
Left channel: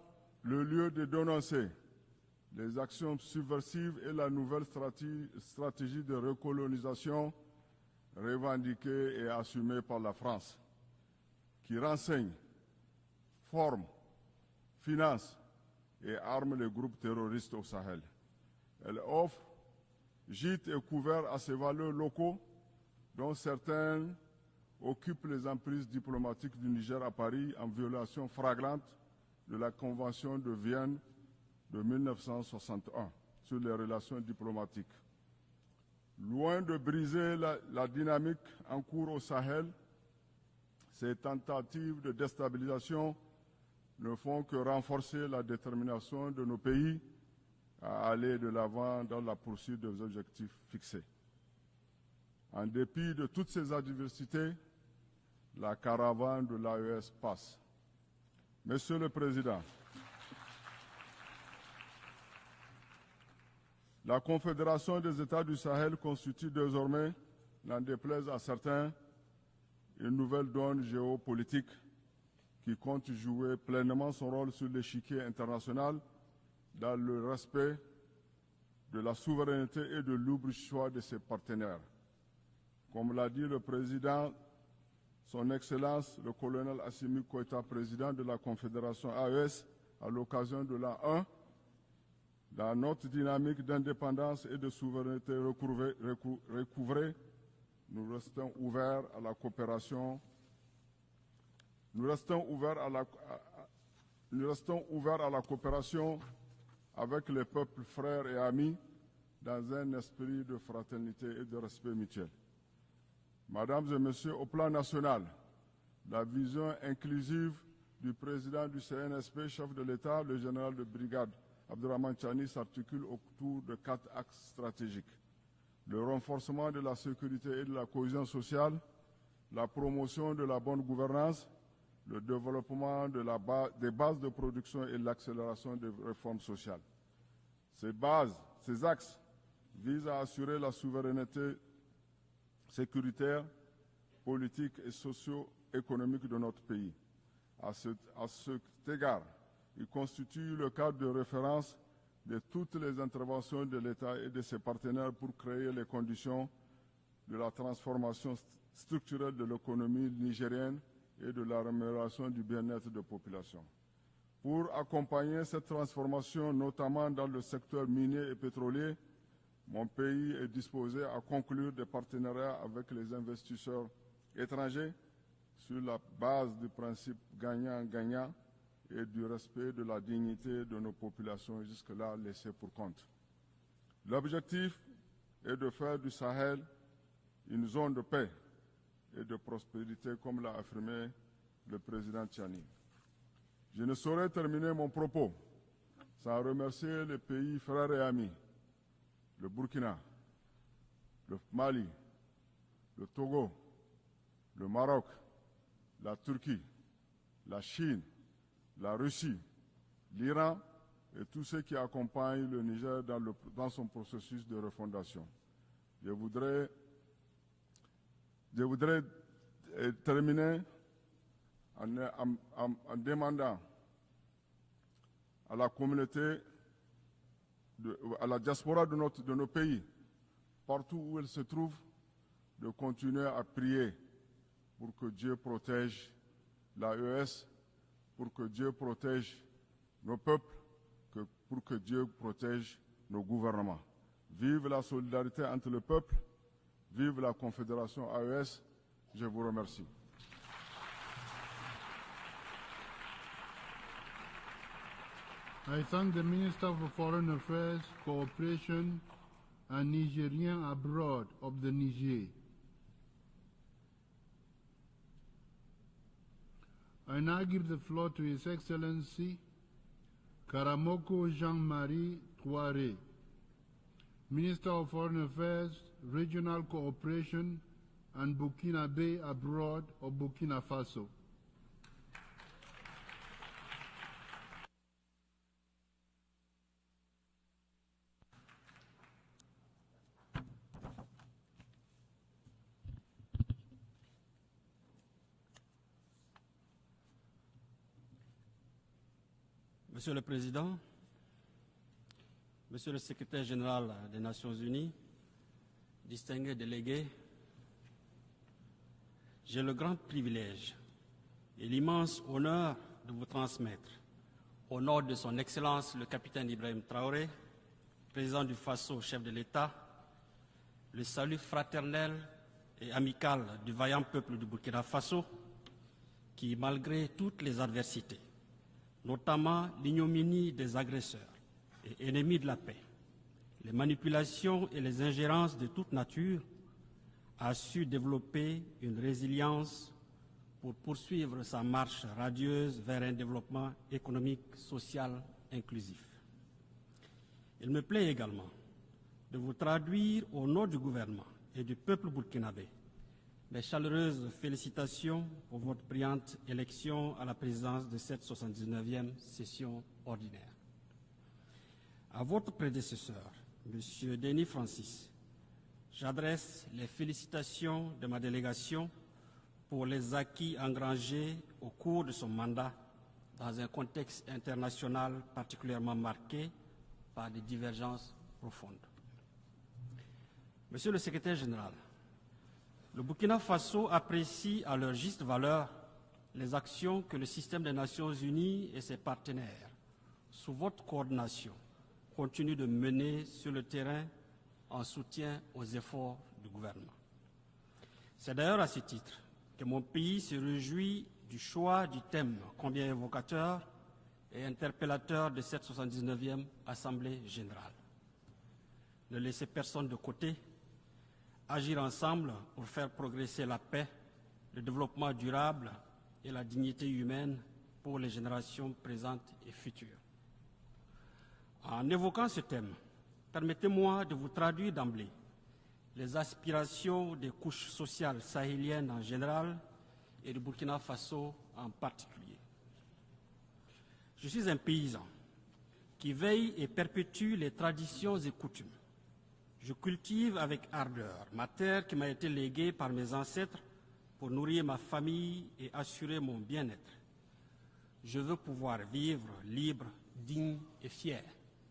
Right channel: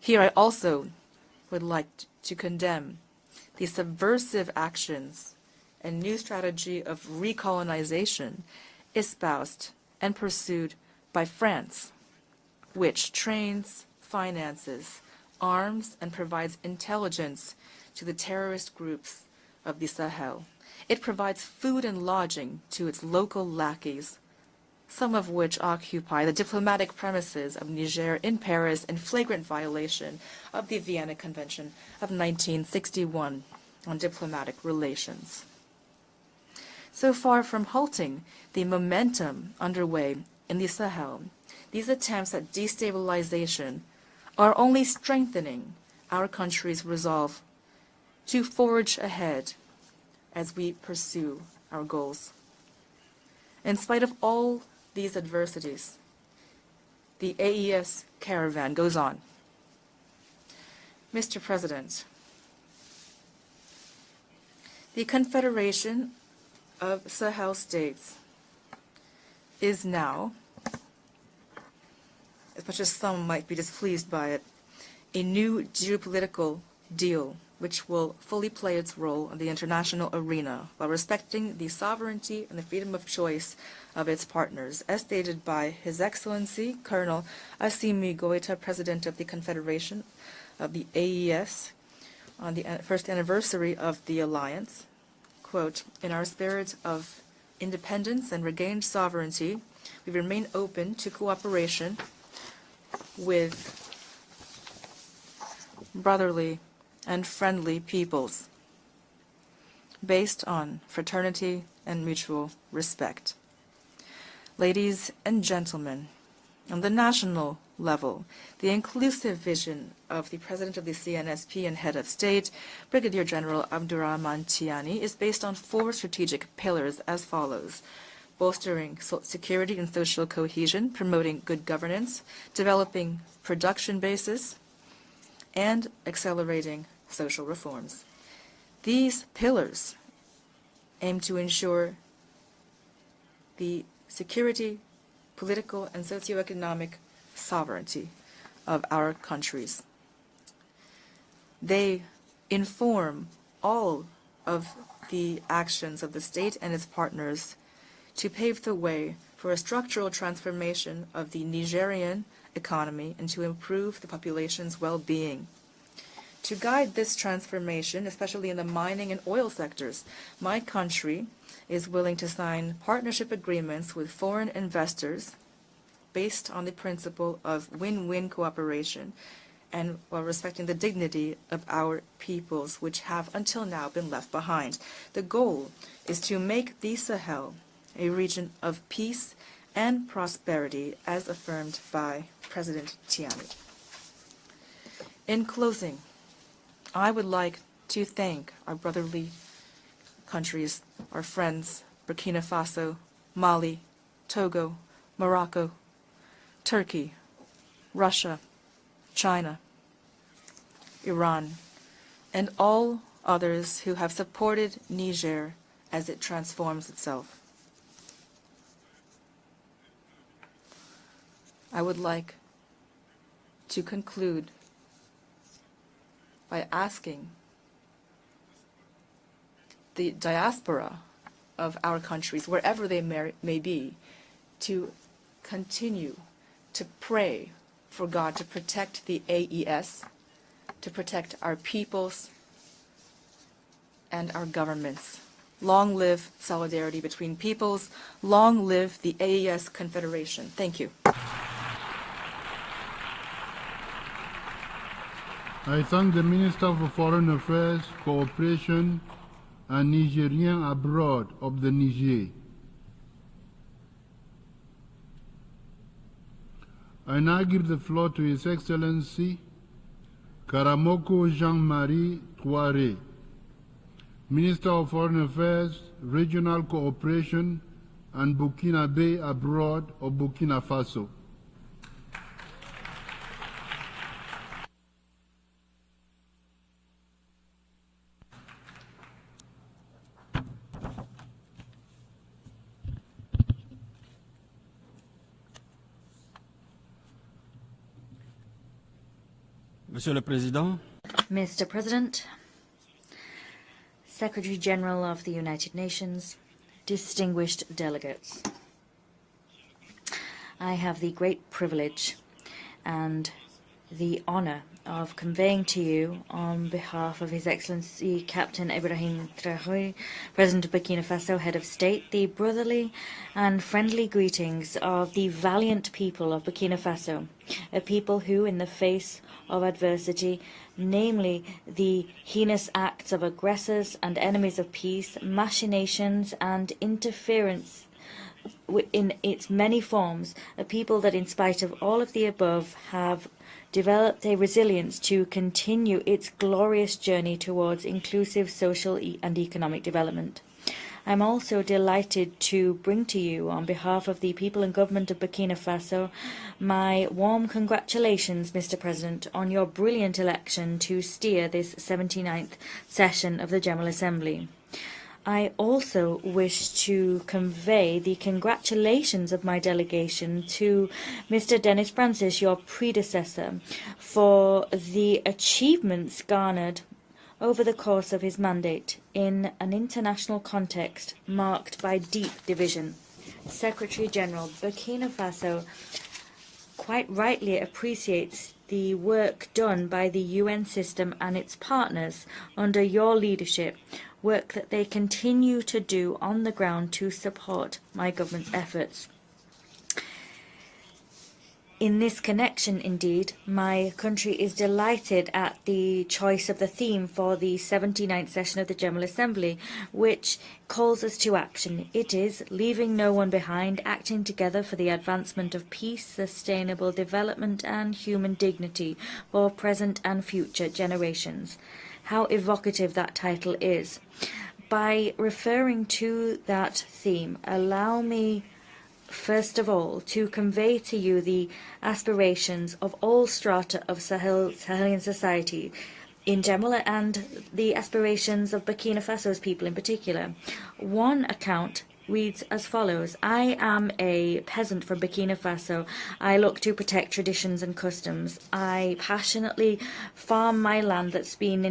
Here I also would like to condemn the subversive actions and new strategy of recolonization espoused and pursued by France, which trains, finances, arms, and provides intelligence to the terrorist groups of the Sahel. It provides food and lodging to its local lackeys, some of which occupy the diplomatic premises of Niger in Paris in flagrant violation of the Vienna Convention of 1961 on diplomatic relations. So far from halting the momentum underway in the Sahel, these attempts at destabilization are only strengthening our country's resolve to forge ahead as we pursue our goals. In spite of all these adversities, the AES caravan goes on. Mr. President, the Confederation of Sahel States is now, as much as some might be displeased by it, a new geopolitical deal which will fully play its role in the international arena while respecting the sovereignty and the freedom of choice of its partners, as stated by His Excellency Colonel Assimi Goïta, President of the Confederation of the AES, on the first anniversary of the alliance. Quote, "In our spirit of independence and regained sovereignty, we remain open to cooperation with brotherly and friendly peoples based on fraternity and mutual respect." Ladies and gentlemen, on the national level, the inclusive vision of the President of the CNSP and Head of State, Brigadier General Abdurrahman Tiani, is based on 4 strategic pillars as follows: bolstering security and social cohesion, promoting good governance, developing production bases, and accelerating social reforms. These pillars aim to ensure the security, political, and socioeconomic sovereignty of our countries. They inform all of the actions of the state and its partners to pave the way for a structural transformation of the Nigerian economy and to improve the population's well-being. To guide this transformation, especially in the mining and oil sectors, my country is willing to sign partnership agreements with foreign investors based on the principle of win-win cooperation and while respecting the dignity of our peoples, which have until now been left behind. The goal is to make the Sahel a region of peace and prosperity, as affirmed by President Tiani. In closing, I would like to thank our brotherly countries, our friends, Burkina Faso, Mali, Togo, Morocco, Turkey, Russia, China, Iran, and all others who have supported Niger as it transforms itself. I would like to conclude by asking the diaspora of our countries, wherever they may be, to continue to pray for God to protect the AES, to protect our peoples and our governments. Long live solidarity between peoples. Long live the AES Confederation. Thank you. I thank the Minister for Foreign Affairs, Cooperation and Nigerians abroad of the Niger. I now give the floor to His Excellency Karamoko Jean-Marie Touare, Minister of Foreign Affairs, Regional Cooperation and Burkinabe abroad or Burkina Faso. Monsieur le Président, Mr. President, Monsieur le Secrétaire Général des Secretary Nations General of the United Nations, Unies, distinguished delegates, j'ai le grand privilège I have the great privilege l'immense honneur de and transmettre the honor au nom of de Son conveying to Excellence you, le Capitaine on Ibrahim behalf Traoré, of His Excellency Président Captain du Faso, Ibrahim chef de l'État, Traoré, President of Burkina le Faso, salut Head of State, fraternel the brotherly et amical and du friendly vaillant peuple du greetings Burkina of Faso, the valiant people of qui, Burkina malgré Faso, toutes les a adversités, people who, in the face of notamment adversity, l'ignominie des agresseurs, namely the ennemis de la heinous paix, acts of aggressors and enemies of manipulations et les peace, ingérences de toute machinations nature, and a interference su développer in une its many résilience forms, a pour people that, in poursuivre spite sa of marche all of the above, radieuse vers un have développement developed a économique, resilience social, to continue its glorious journey towards Il me plaît inclusive également social and de vous economic traduire development. au nom du I'm gouvernement also et du peuple delighted burkinabé to bring to you, on mes behalf of the chaleureuses people and government of félicitations Burkina pour votre Faso, brillante my élection à la warm présidence de cette congratulations, Mr. 79e President, on your session brilliant ordinaire. election to steer this À 79th votre prédécesseur, session of the General M. Assembly. Denis Francis, I also j'adresse wish mes to félicitations convey de the ma délégation congratulations of my pour les delegation acquis to engrangés Mr. au Dennis cours de son Francis, your mandat predecessor, dans un contexte for international the particulièrement achievements marqué garnered par des over the divergences course of his profondes. mandate in an international Monsieur le context Secrétaire marked by deep division. Le Burkina Faso Secretary General, apprécie à leur Burkina juste Faso valeur les actions quite que le rightly système des Nations appreciates Unies et the ses work partenaires done by the sous UN votre system and coordination its partners continuent de under your mener sur le leadership, terrain work that they en soutien continue aux to do efforts on the du gouvernement. ground to support my C'est government's d'ailleurs à ce efforts. titre que mon pays se réjouit du choix In du this thème connection, combien indeed, évocateur my country et is delighted interpellateur de at cette the 79e choice of the theme Assemblée for the générale. 79th session of the General Vous avez cette Assembly, personne de which côté, calls us to agir action. It ensemble is pour faire leaving no one progresser la behind, paix, acting together le for the développement advancement durable of peace, et la dignité sustainable humaine development, and pour les human générations dignity présentes et for futures. present and future generations. En évoquant How ce thème, evocative that title is. permettez-moi de vous traduire By dans referring les to that aspirations theme, des couches allow sociales me sahéliennes en général first of all to et du convey Burkina to you Faso the en aspirations of all strata of Je suis un Sahelian paysan society qui in veille et general perpétue and les the traditions aspirations et of coutumes. Burkina Faso's people in Je particular. cultive avec ardeur One ma account terre qui m'a été reads as léguée par mes follows: I ancêtres am pour a nourrir ma peasant from famille Burkina et Faso. assurer I mon look to bien-être. protect traditions and Je veux customs. pouvoir I vivre passionately libre, farm my et land fier. that's been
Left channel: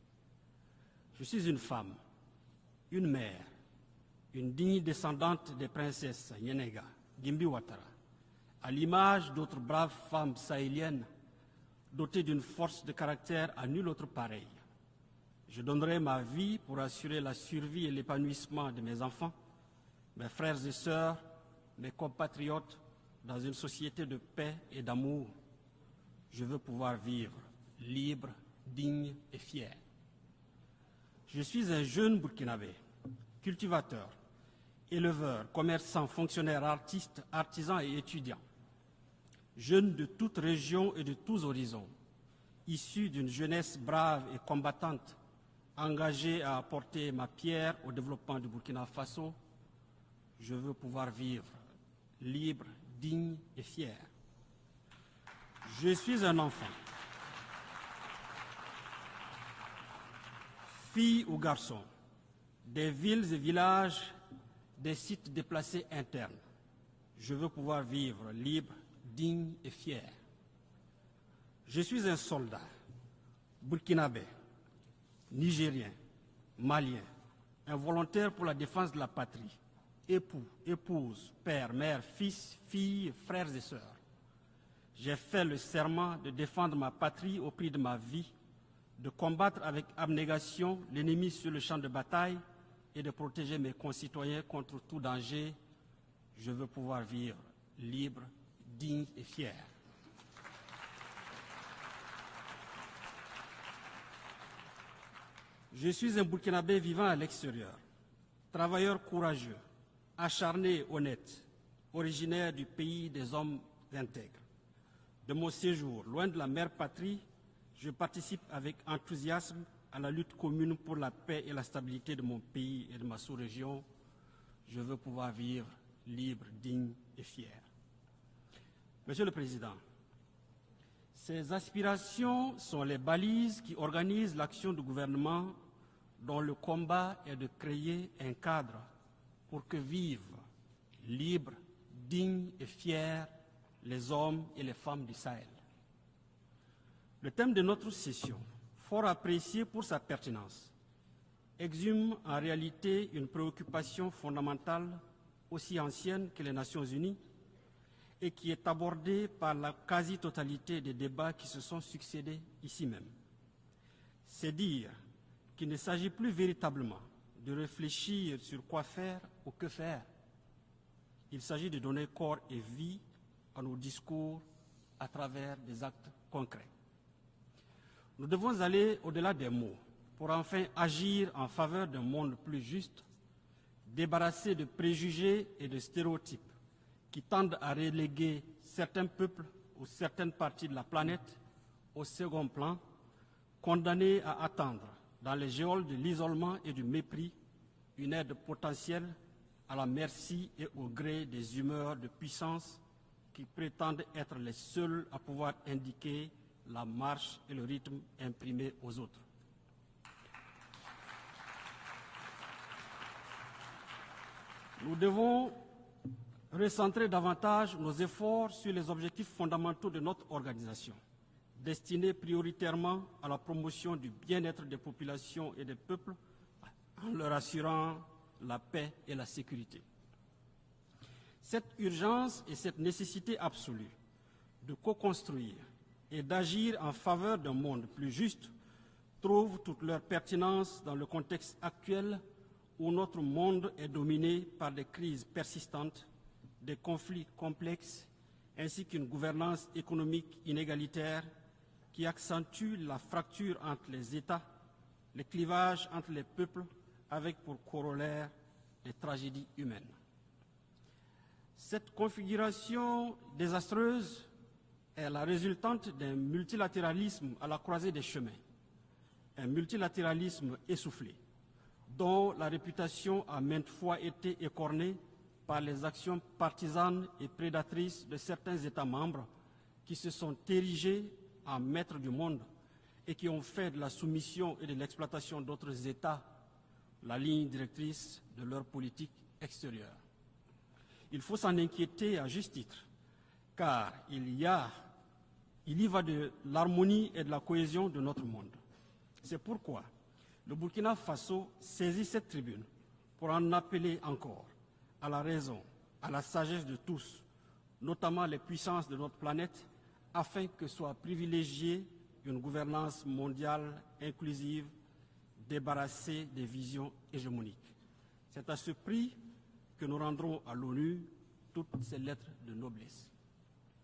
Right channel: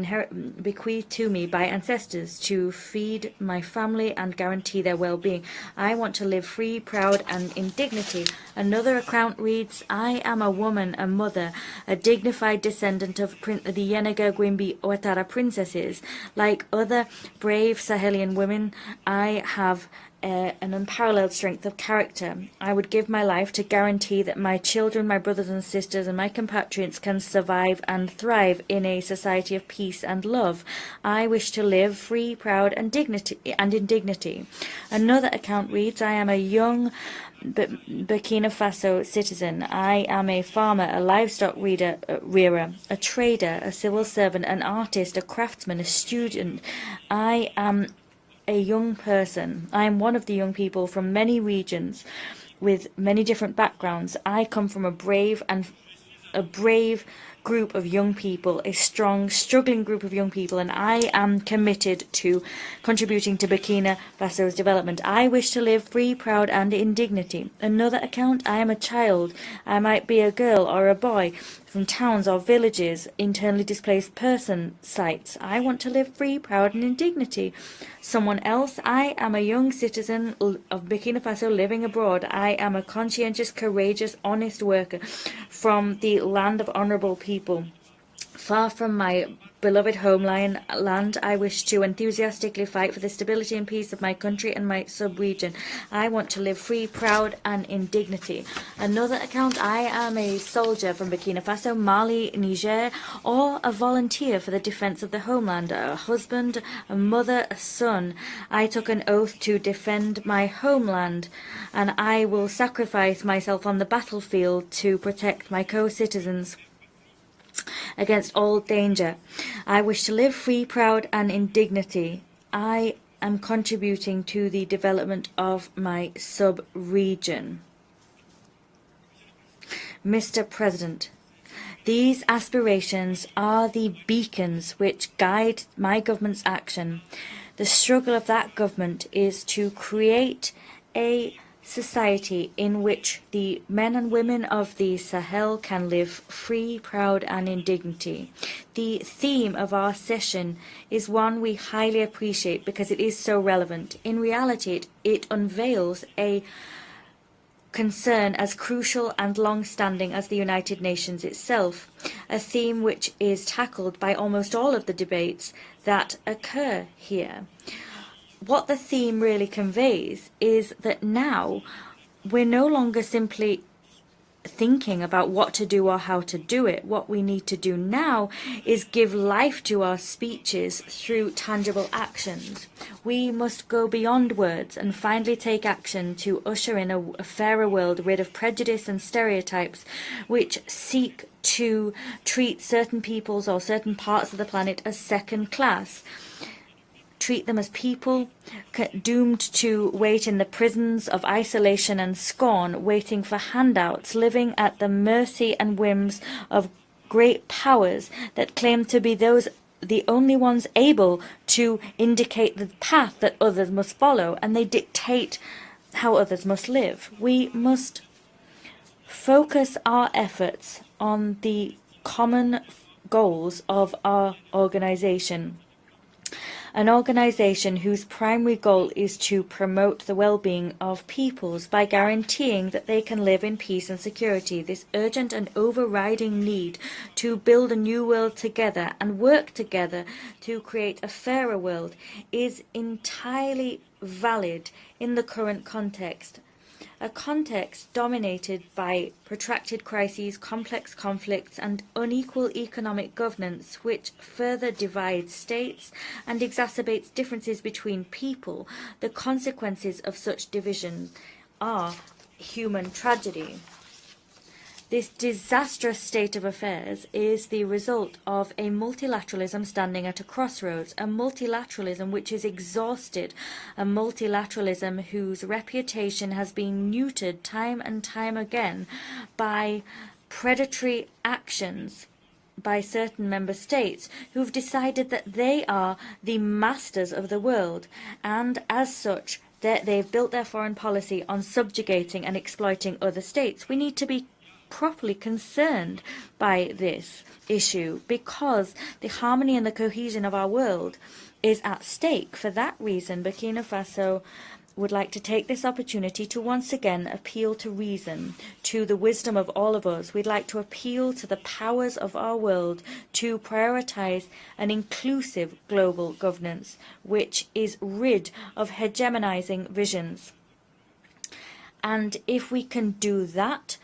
bequeathed Je to suis me une by femme, ancestors to une feed mère, my family and une guarantee digne their well-being. descendante de I want to princesse live free, Yonenga, proud, et and moi, in dignity. à Another l'image account d'autres reads, braves I am femmes a woman, a sahéliennes, mother, a dotées d'une dignified force de descendant of caractère à the nul autre Yenaga pareil. Gwimbi Ouattara Je princesses. donnerai ma vie Like pour other assurer la brave survie et Sahelian women, l'épanouissement de mes I enfants, have mes frères an et sœurs, unparalleled strength of mes character. compatriotes, I would give my dans life une to société guarantee de that paix my et children, my d'amour. brothers and sisters, and my Je veux compatriots pouvoir can vivre survive and libre, thrive in a digne et society of fier. peace and love. I Je wish to suis un live jeune free, proud, Burkinabé, and in cultivateur, dignity. Another éleveur, account reads, commerçant, I am a fonctionnaire, young artiste, artisan et étudiant. Burkina Faso citizen. Jeune I de am a toute farmer, région a et de tous livestock horizons. rearer, a Issu d'une trader, a jeunesse civil brave et servant, an combattante, artist, a craftsman, a engagée à student. apporter ma I pierre am au développement du a Burkina young Faso. person. I am one of the young Je veux people pouvoir from many vivre regions libre, with many digne different et fier. backgrounds. I come from a brave Je suis un a enfant, brave group of young people, a strong, struggling group of young people, and I fille ou am garçon, committed to des contributing villes to et Burkina villages, Faso's des development. sites I wish to déplacés live free, internes. proud, and in Je dignity. veux pouvoir Another vivre account, I am a libre, child. digne et I might fier. be a girl or a boy Je from suis un towns or soldat, villages, internally displaced burkinabé, person sites. I want to nigérien, live free, proud, and in malien, dignity. un volontaire Someone pour la else, défense de la I am a patrie. young citizen Époux, of Burkina épouse, Faso père, living mère, abroad. fils, I am a filles, conscientious, frères et sœurs. courageous, honest worker J'ai fait le from serment the de land of défendre ma honorable patrie au people. prix de ma vie, Far from de my combattre beloved avec homeland abnégation land, l'ennemi I sur le wish champ to de bataille enthusiastically fight for et the de stability protéger and mes peace of my concitoyens country and contre my tout sub-region. danger. I want to Je live veux free, pouvoir proud, vivre and in libre, dignity. digne. Another account, I am a soldier from Burkina Faso, Mali, Niger, or a volunteer for the defense of the homeland, Je a suis un husband, Burkinabé a vivant à mother, a l'extérieur, son. I took an travailleur oath to courageux, defend my acharné et homeland, honnête, and I will originaire du pays sacrifice des hommes myself on the hautain. battlefield to À protect mon my séjour loin de la co-citizens mère patrie, je against participe all avec danger. enthousiasme I à wish la to lutte live free, commune pour proud, la and paix in et la stabilité dignity. de mon pays. I am contributing to the development of my sub-region. Mr. President, these aspirations are the beacons which guide my government's action. The struggle of that government is to create a society in which the men and women of the Sahel can live free, proud, and in dignity. The theme of our session is one we highly appreciate because it is so relevant. In reality, it unveils a concern as crucial and long-standing as the United Nations itself, a theme which is tackled by almost all of the debates that occur here. What the theme really conveys is that now we're no longer simply thinking about what to do or how to do it. What we need to do now is give life to our speeches through tangible actions. We must go beyond words and finally take action to usher in a fairer world rid of prejudice and stereotypes which seek to treat certain peoples or certain parts of the planet as second class, treat them as people doomed to wait in the prisons of isolation and scorn, waiting for handouts, living at the mercy and whims of great powers that claim to be the only ones able to indicate the path that others must follow, and they dictate how others must live. We must focus our efforts on the common goals of our organization, an organization whose primary goal is to promote the well-being of peoples by guaranteeing that they can live in peace and security. This urgent and overriding need to build a new world together and work together to create a fairer world is entirely valid in the current context. A context dominated by protracted crises, complex conflicts, and unequal economic governance, which further divides states and exacerbates differences between people. The consequences of such division are human tragedy. This disastrous state of affairs is the result of a multilateralism standing at a crossroads, a multilateralism which is exhausted, a multilateralism whose reputation has been neutered time and time again by predatory actions by certain member states who've decided that they are the masters of the world, and as such they've built their foreign policy on subjugating and exploiting other states. We need to be properly concerned by this issue because the harmony and the cohesion of our world is at stake. For that reason, Burkina Faso would like to take this opportunity to once again appeal to reason, to the wisdom of all of us. We'd like to appeal to the powers of our world to prioritize an inclusive global governance, which is rid of hegemonizing visions. And if we can do that,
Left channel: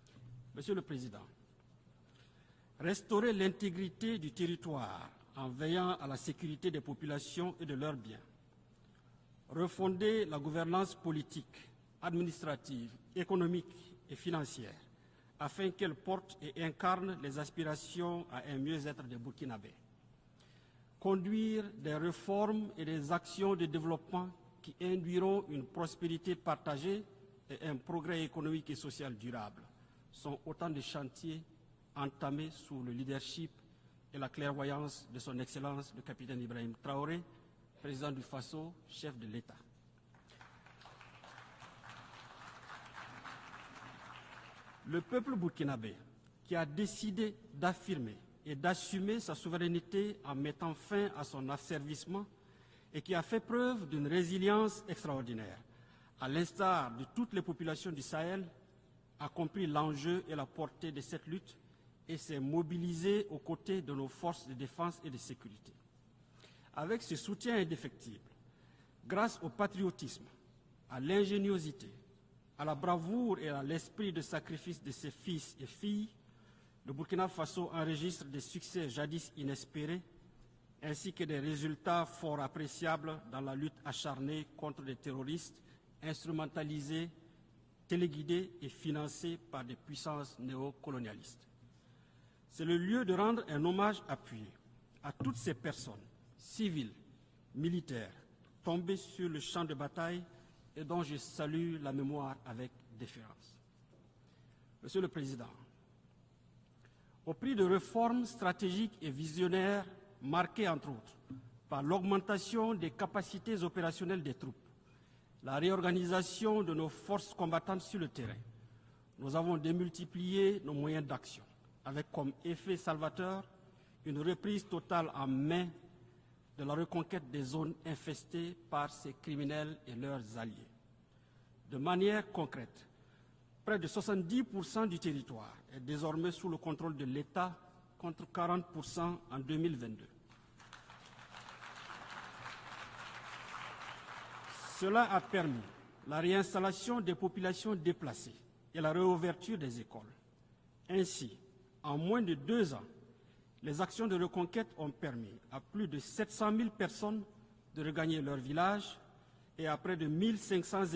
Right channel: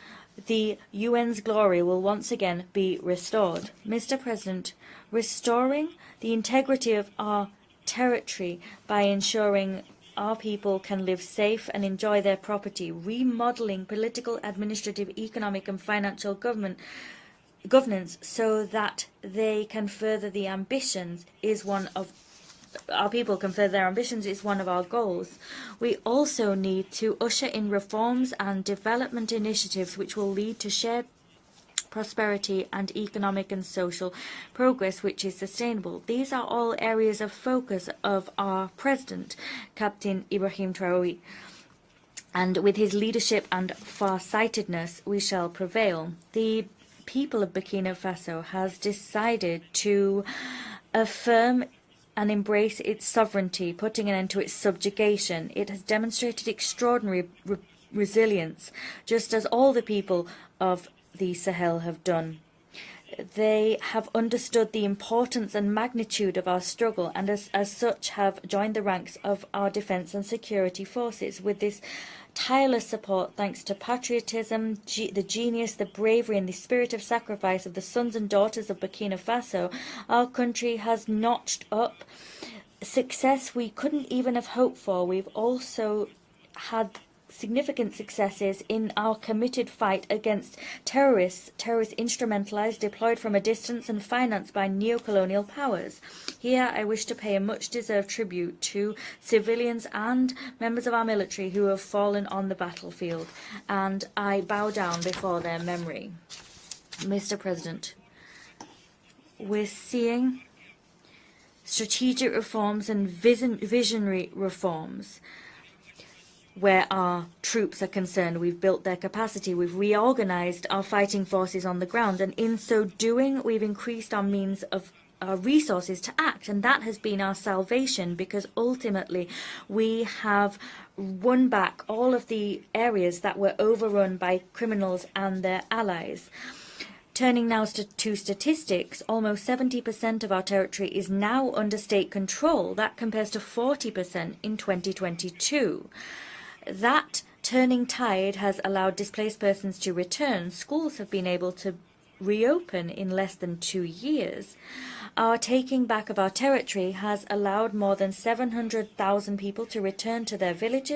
the UN's glory will once again be restored. Mr. President, restoring the integrity of our territory by ensuring our people can live safe and enjoy their property, remodeling political, administrative, economic and financial governance so that they can further the ambitions is one of our people can further their ambitions is one of our goals. We also need to usher in reforms and development initiatives which will lead to shared prosperity and economic and social progress which is sustainable. These are all areas of focus of our President, Captain Ibrahim Traoré. And with his leadership and far-sightedness, we shall prevail. The people of Burkina Faso has decided to affirm and embrace its sovereignty, putting an end to its subjugation. It has demonstrated extraordinary resilience, just as all the people of the Sahel have done. They have understood the importance and magnitude of our struggle, and as such have joined the ranks of our defense and security forces. With this tireless support, thanks to patriotism, the genius, the bravery and the spirit of sacrifice of the sons and daughters of Burkina Faso, our country has notched up success we couldn't even have hoped for. We've also had significant successes in our committed fight against terrorists instrumentalized, deployed from a distance and financed by neo-colonial powers. Here I wish to pay a much-deserved tribute to civilians and members of our military who have fallen on the battlefield, and I bow down before their memory. Mr. President, we're seeing strategic reforms and visionary reforms where our troops are concerned. We've built their capacity, we've reorganized our fighting forces on the ground, and in so doing we've increased our means of our resources to act, and that has been our salvation, because ultimately we have won back all of the areas that were overrun by criminals and their allies. Turning now to statistics, almost 70% of our territory is now under state control. That compares to 40% in 2022. That turning tide has allowed displaced persons to return. Schools have been able to reopen in less than 2 years. Our taking back of our territory has allowed more than 700,000 people to return to their villages.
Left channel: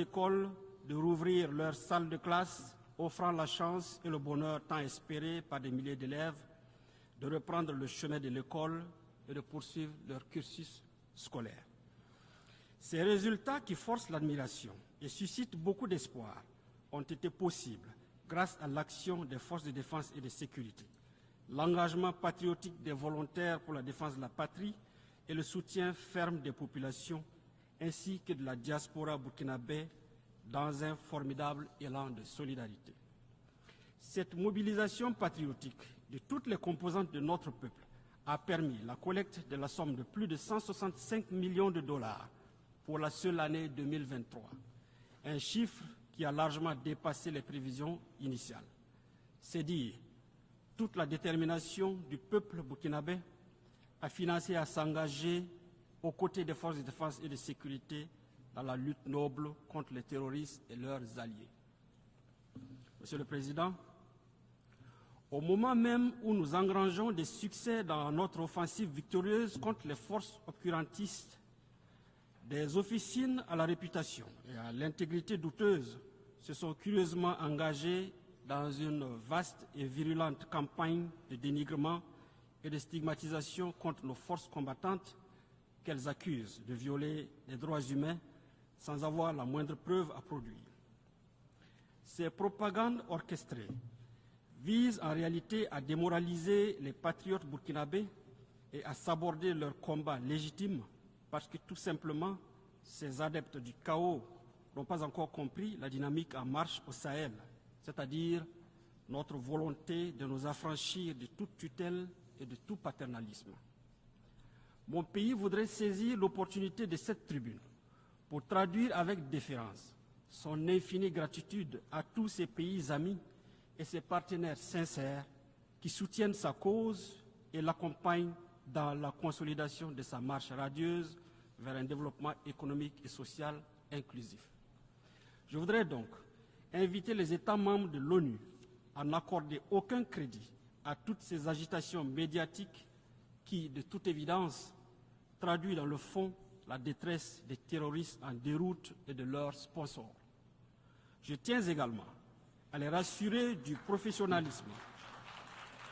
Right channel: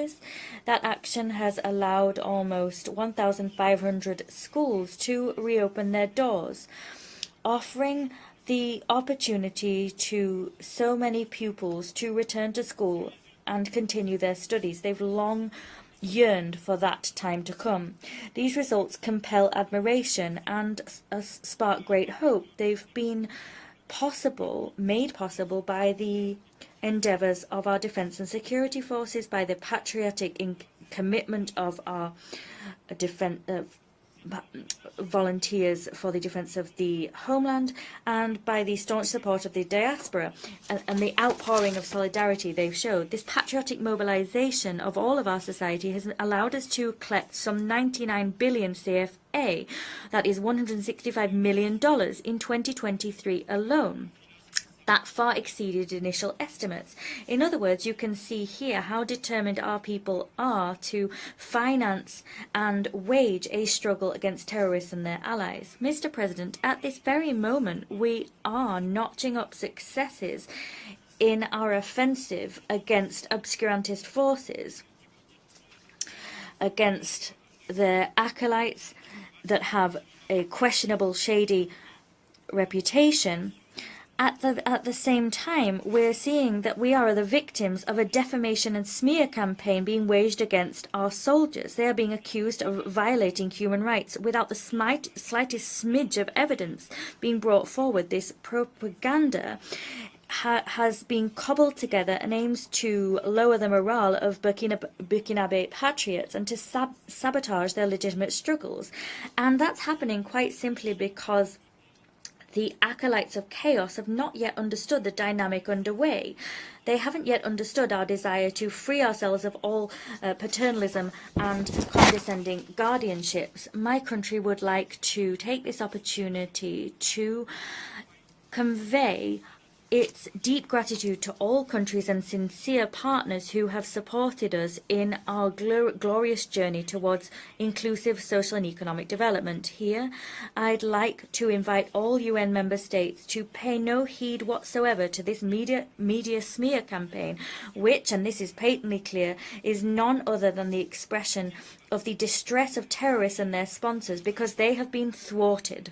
That action has allowed almost 1,500 schools to reopen their doors, offering the opportunity to so many pupils to return to school and continue their studies. They've long yearned for that time to come. These results compel admiration and spark great hope. They've been made possible by the endeavors of our defense and security forces, by the patriotic commitment of our volunteers for the defense of the homeland, and by the staunch support of the diaspora and the outpouring of solidarity they've showed. This patriotic mobilization of all of our society has allowed us to collect some 99 billion CFA, that is $165 million in 2023 alone. That far exceeded initial estimates. In other words, you can see here how determined our people are to finance and wage a struggle against terrorists and their allies. Mr. President, at this very moment, we are notching up successes in our offensive against obscurantist forces, against the acolytes that have a questionable, shady reputation. At the same time, we're seeing that we are the victims of a defamation and smear campaign being waged against our soldiers. They are being accused of violating human rights without the slightest smidge of evidence being brought forward. This propaganda has been cobbled together and aims to lower the morale of Burkinabe patriots and to sabotage their legitimate struggles. And that's happening quite simply because the acolytes of chaos have not yet understood the dynamic underway. They haven't yet understood our desire to free ourselves of all paternalism and condescending guardianships. My country would like to take this opportunity to convey its deep gratitude to all countries and sincere partners who have supported us in our glorious journey towards inclusive social and economic development. Here, I'd like to invite all UN member states to pay no heed whatsoever to this media smear campaign, which, and this is patently clear, is none other than the expression of the distress of terrorists and their sponsors, because they have been thwarted.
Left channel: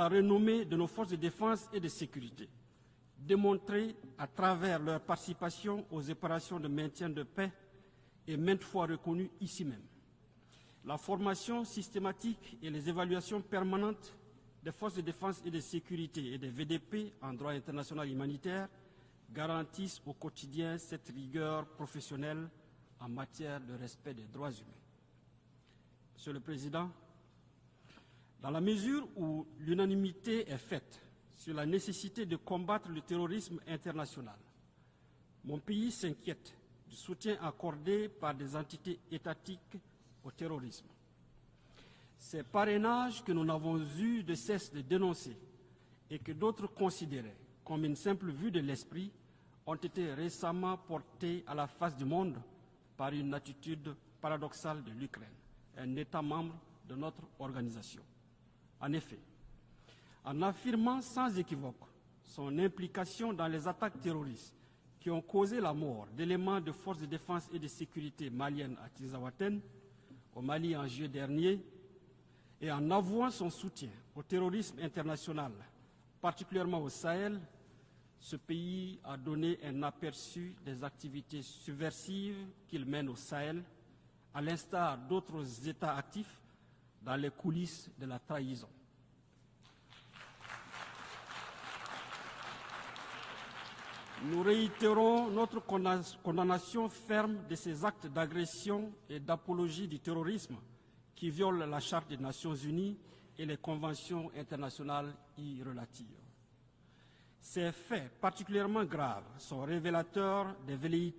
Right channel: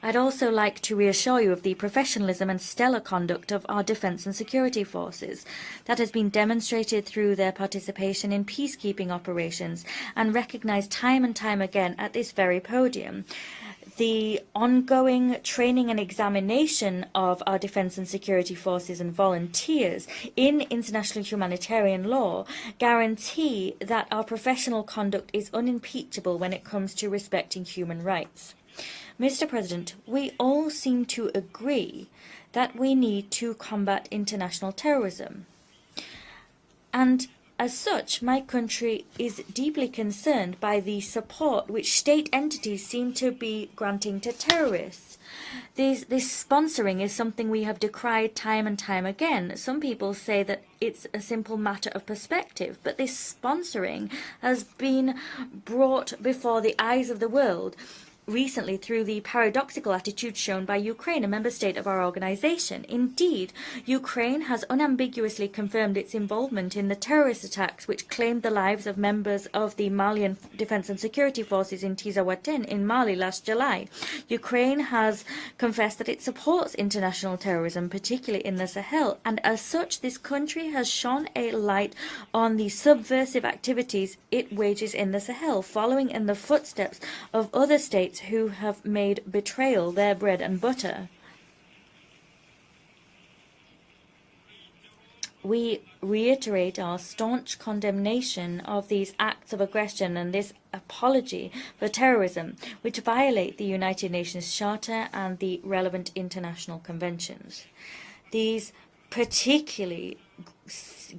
I'd also like to reassure you of the professionalism and stellar conduct of our defense and security forces. That has been demonstrated through their participation in peacekeeping operations and recognized time and time again at this very podium. The ongoing training and examination of our defense and security forces and volunteers in international humanitarian law guarantee that our professional conduct is unimpeachable when it comes to respecting human rights. Mr. President, we all seem to agree that we need to combat international terrorism. And as such, my country is deeply concerned by the support which state entities seem to be granting to terrorists. This sponsoring is something we have decried time and time again. Some people say that it's a simple matter of perspective, but this sponsoring has been brought before the eyes of the world recently through the paradoxical attitude shown by Ukraine, a member state of our organization. Indeed, Ukraine has unambiguously confirmed its involvement in the terrorist attacks which claimed the lives of members of the Malian Defense and Security Forces in Tizawaten in Mali last July. Ukraine has confessed that it supports international terrorism, particularly in the Sahel, and as such, this country has shone a light on the subversive activities it wages in the Sahel, following in the footsteps of other states who have made betrayal their bread and butter. We reiterate our staunch condemnation of these acts of aggression and this apology for terrorism, which violate the United Nations Charter and the relevant international conventions. These particularly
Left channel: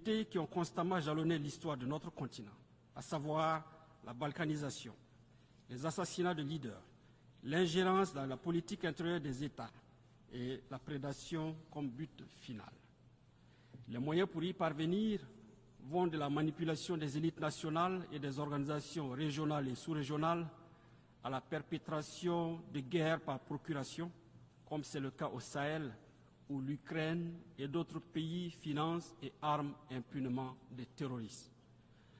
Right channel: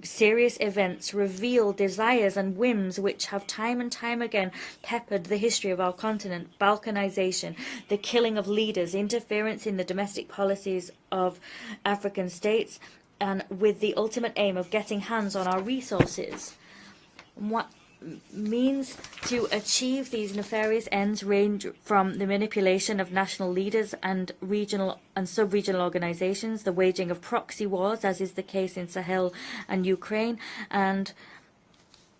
serious events reveal desires and whims which have time and time again peppered the history of our continent: balkanization, the killing of leaders, interference in the domestic policies of African states, and with the ultimate aim of getting hands on our resources. What means to achieve these nefarious ends range from the manipulation of national leaders and regional and sub-regional organizations, the waging of proxy wars, as is the case in Sahel and Ukraine, and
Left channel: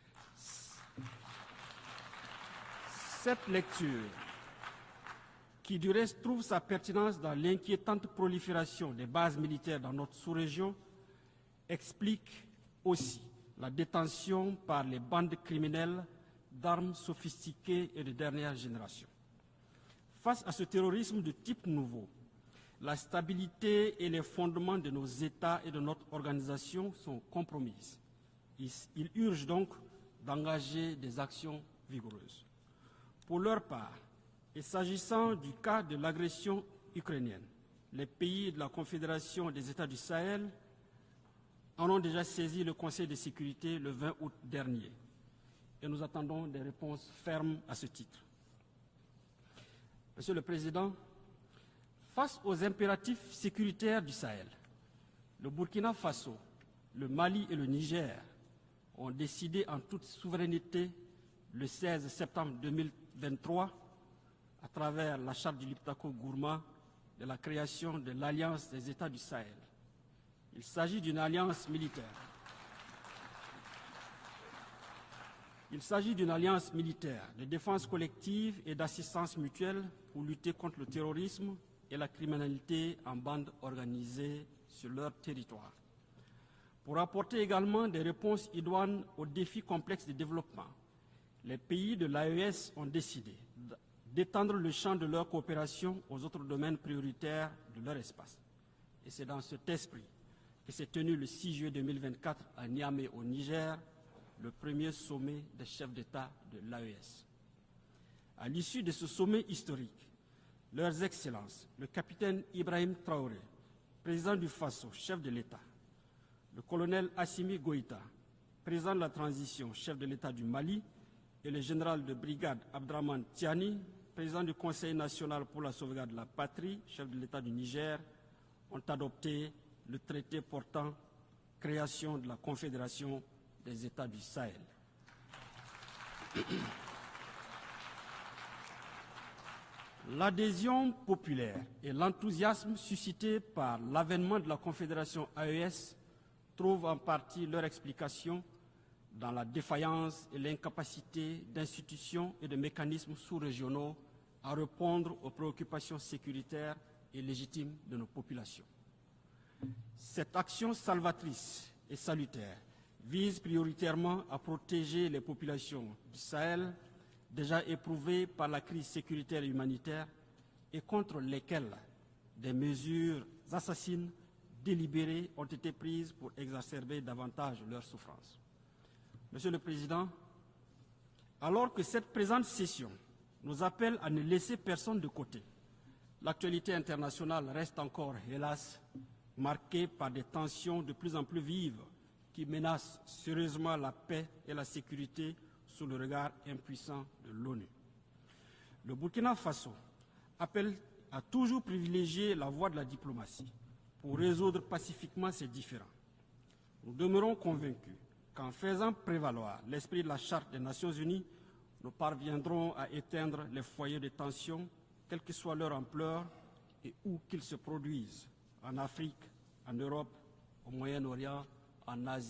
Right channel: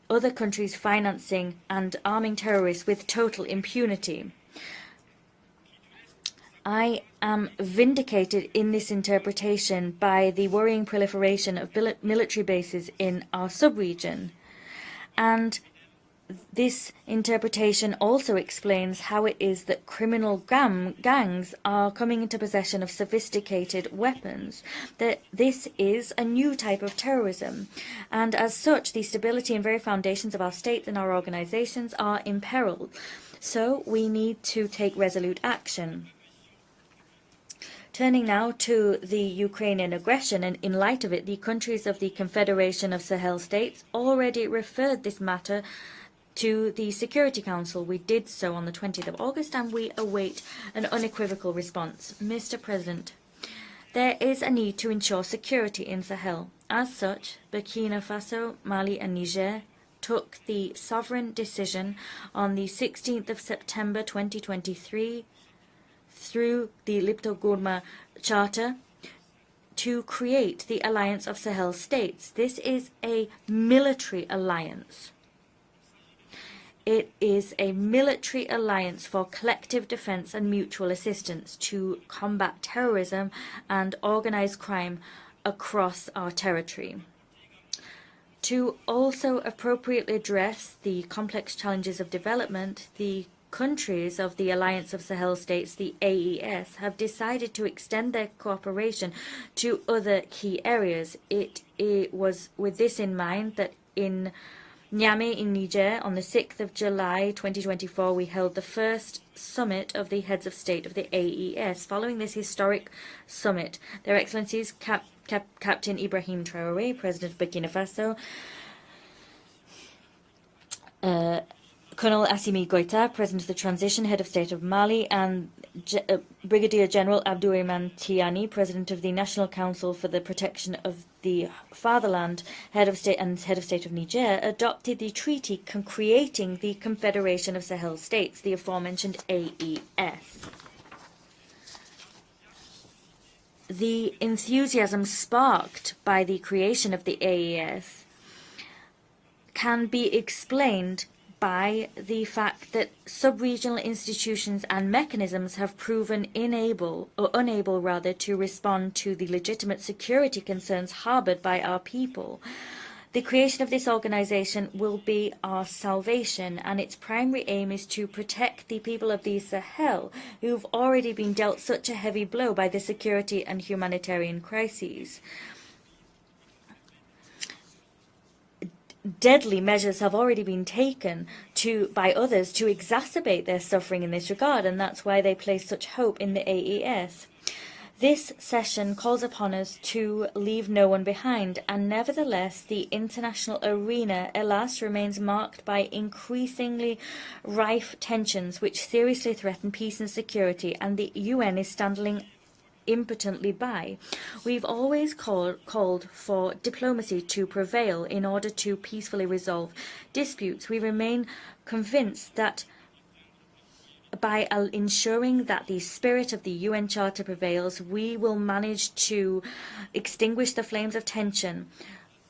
other countries financing and arming terrorists with total impunity. I am vindicated in this interpretation by the worrying proliferation of military bases in our sub-region, and this interpretation also explains how it is that criminal gangs are coming into possession of sophisticated weapons. This is a new type of terrorism, and as such, the stability and very foundations of our states and our organizations are imperiled. So we need to take resolute action. Turning now to the Ukrainian aggression, and in light of it, the countries of the Confederation of Sahel States already referred this matter to the Security Council. We did so on the 20th of August, and we await an unequivocal response. Mr. President, there is a need to ensure security in Sahel. As such, Burkina Faso, Mali and Niger took the sovereign decision on the 16th of September 2023 through the Lipto-Gourma Charter to create the Alliance of Sahel States. This is a military alliance. It is a military alliance for collective defense and mutual assistance to combat terrorism and organized crime across our territory. To also appropriately address the complex challenges of development, the countries of the Alliance of Sahel States, the AES, have decided to extend their cooperation to other key areas. It was with this in mind that in Niamey in Niger, on the 6th of July 2024, we held the first summit of the heads of state of the AES. Following this historic summit, Their Excellencies Captain Ibrahim Traoré, President of Burkina Faso, Colonel Assimi Goïta, President of the Transition, Head of State of Mali, and Brigadier General Abdourahmane Tiani, President of the National Council for the Protection of the Fatherland, Head of State and Head of State of Niger, adopted the treaty creating the Confederation of Sahel States, the aforementioned AES. The enthusiasm sparked by the creation of the AES can be explained by the fact that sub-regional institutions and mechanisms have proven unable to respond to the legitimate security concerns harbored by our people. The creation of this organization will be our salvation, and its primary aim is to protect the people of the Sahel, who've already been dealt such a heavy blow by the security and humanitarian crises. Deadly measures have already been taken by others to exacerbate their suffering in this regard, and that's why they place such hope in the AES. This session calls upon us to leave no one behind, and nevertheless, the international arena, alas, remains marked by increasingly rife tensions which seriously threaten peace and security, and the UN is standing impotently by. We've always called for diplomacy to prevail in order to peacefully resolve disputes. We remain convinced that by ensuring that the spirit of the UN Charter prevails, we will manage to extinguish the flames of tension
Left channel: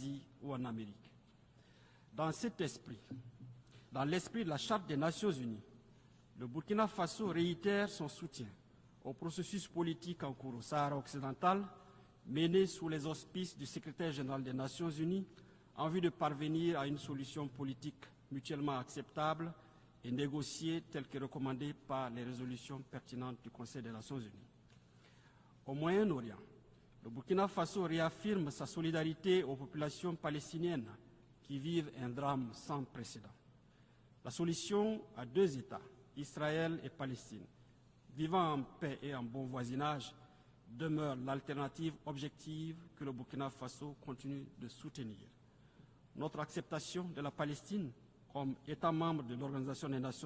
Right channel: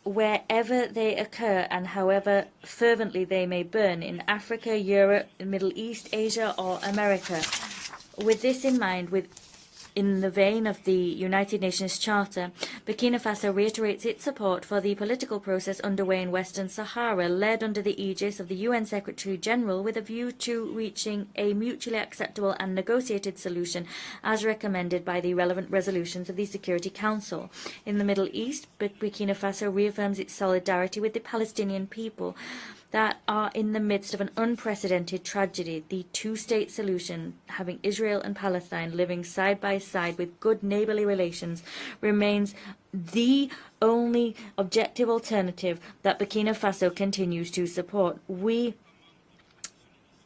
wherever they occur and however fervently they may burn in Africa, Europe, the Middle East, Asia or America. With this in mind, in the vein of the United Nations Charter, Burkina Faso reiterates its support for the political process underway in Western Sahara, led under the aegis of the UN Secretary-General with a view to reaching a mutually acceptable and negotiated solution as recommended by the relevant resolutions of the Security Council. In the Middle East, Burkina Faso reaffirms its solidarity with the Palestinian people that are in the midst of an unprecedented tragedy. The two-state solution, having Israel and Palestine living side by side with good neighbourly relations, remains the only objective alternative that Burkina Faso continues to support. We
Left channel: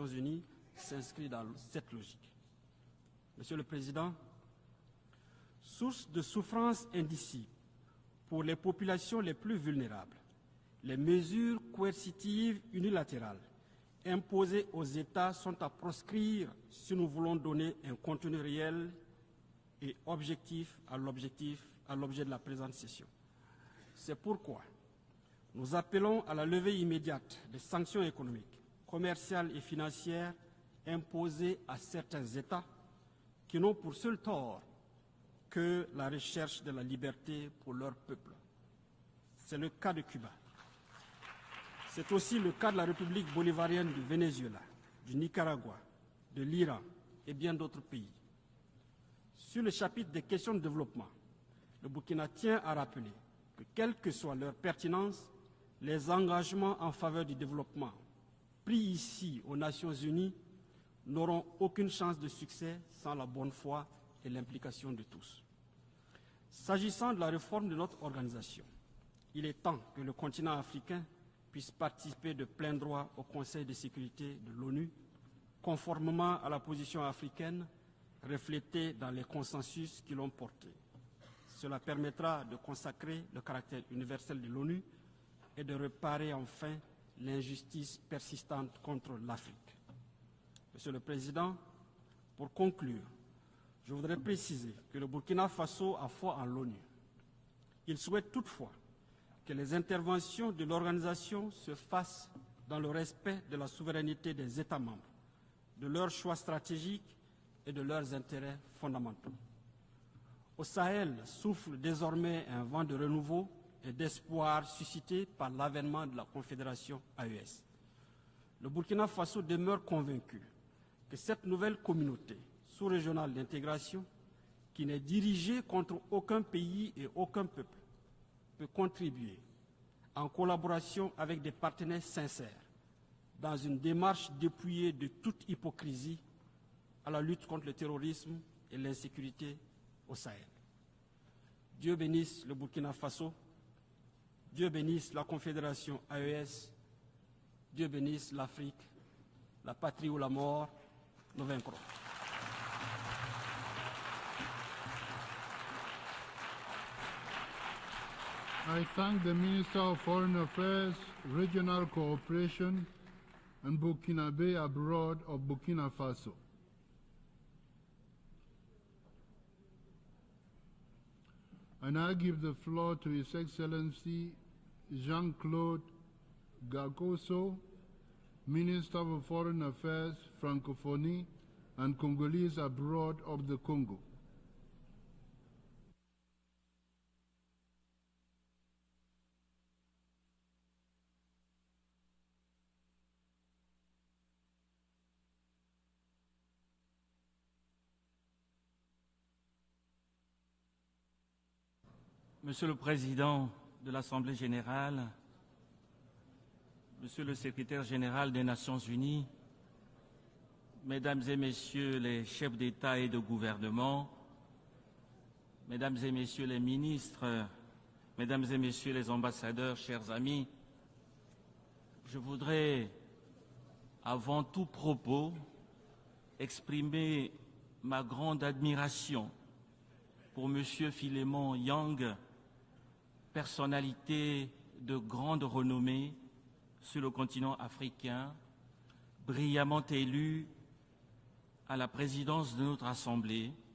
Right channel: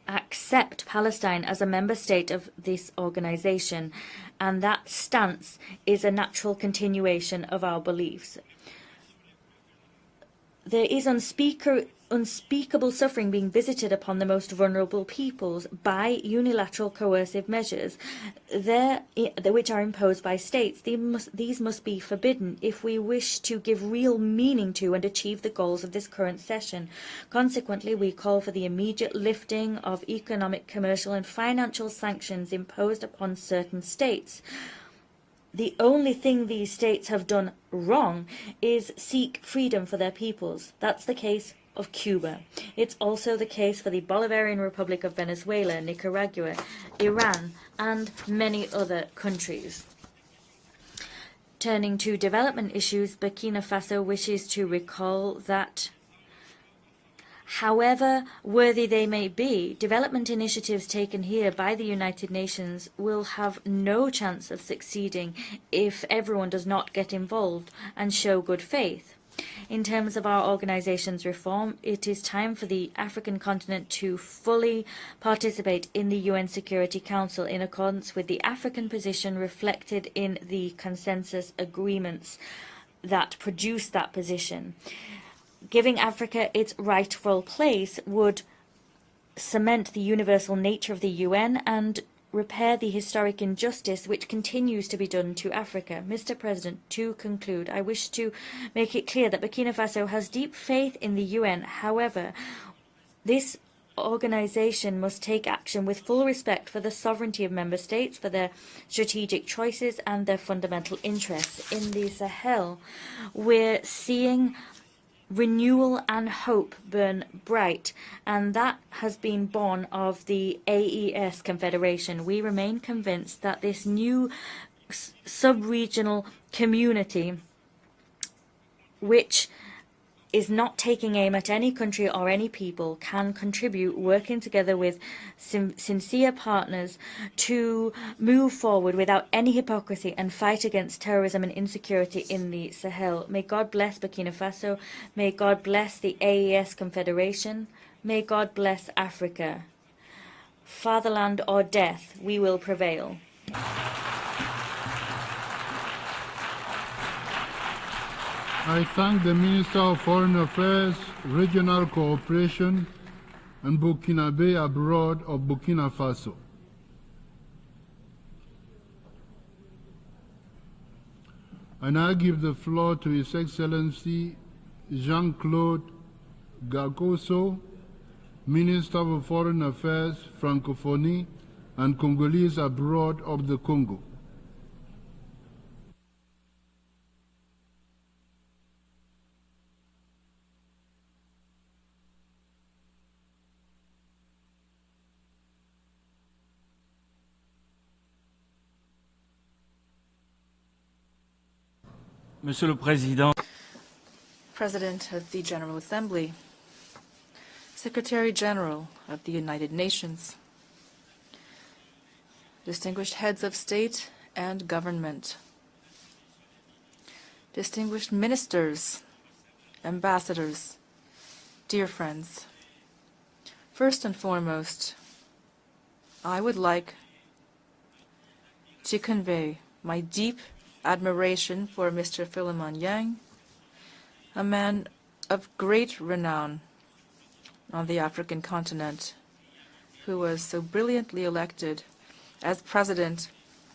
accept Palestine as a member state of this organization, and that stance is a natural continuation of our beliefs. There is unspeakable suffering being visited upon the most vulnerable peoples by unilateral coercive measures which are imposed by states. These must be forbidden if we wish to give real meaning to and achieve the goals of this current session. Consequently, we call for the immediate lifting of economic, commercial and financial sanctions imposed upon certain states. The only thing these states have done wrong is seek freedom for their peoples. That's the case of Cuba. It's also the case for the Bolivarian Republic of Venezuela, Nicaragua, Iran, and many other countries. Turning to development issues, Burkina Faso wishes to recall that, however worthy they may be, development initiatives taken here by the United Nations will have no chance of succeeding if everyone does not get involved and show good faith. In terms of our organization's reform, it is time for the African continent to fully participate in the UN Security Council in accordance with the African position reflected in the consensus agreements that produce that position. Giving Africa its rightful place would cement the universal nature of the UN and repair the historic injustice which continues to be done to Africa. Mr. President, to conclude, I wish to make it clear that Burkina Faso has deep faith in the UN. However, this organization must take action with full respect for the sovereignty of member states, for their strategic choices and their fundamental interests. In the Sahel, we're seeing renewal and hope burn bright, and that has been born of the AES Confederation. We remain convinced that this new sub-regional community, which is not taking aim at any country or any people, can contribute, working together with sincere partners to move forward without any hypocrisy and fight against terrorism and insecurity in the Sahel. May God bless Burkina Faso. May God bless the AES Confederation. May God bless Africa. Fatherland or death, we will prevail. I thank the Minister of Foreign Affairs, Regional Cooperation and Burkinabe Abroad of Burkina Faso. I now give the floor to His Excellency Jean-Claude Gakoso, Minister of Foreign Affairs, Francophonie and Congolese Abroad of the Congo. Monsieur le Président de l'Assemblée générale, President of the General Assembly, Secretary General of the United Nations, Mesdames et Messieurs les chefs d'État et distinguished de heads of gouvernement, state and government, Mesdames et Messieurs les ministres, distinguished Mesdames et ministers, Messieurs les ambassadeurs, chers ambassadors, dear amis, je friends, voudrais first and avant foremost, tout propos I would like exprimer ma grande to admiration convey my deep pour Monsieur admiration Philemon for Yang, Mr. Philemon Yang, personnalité a man de grande of great renommée renown, on the African continent, who was so brilliantly elected as president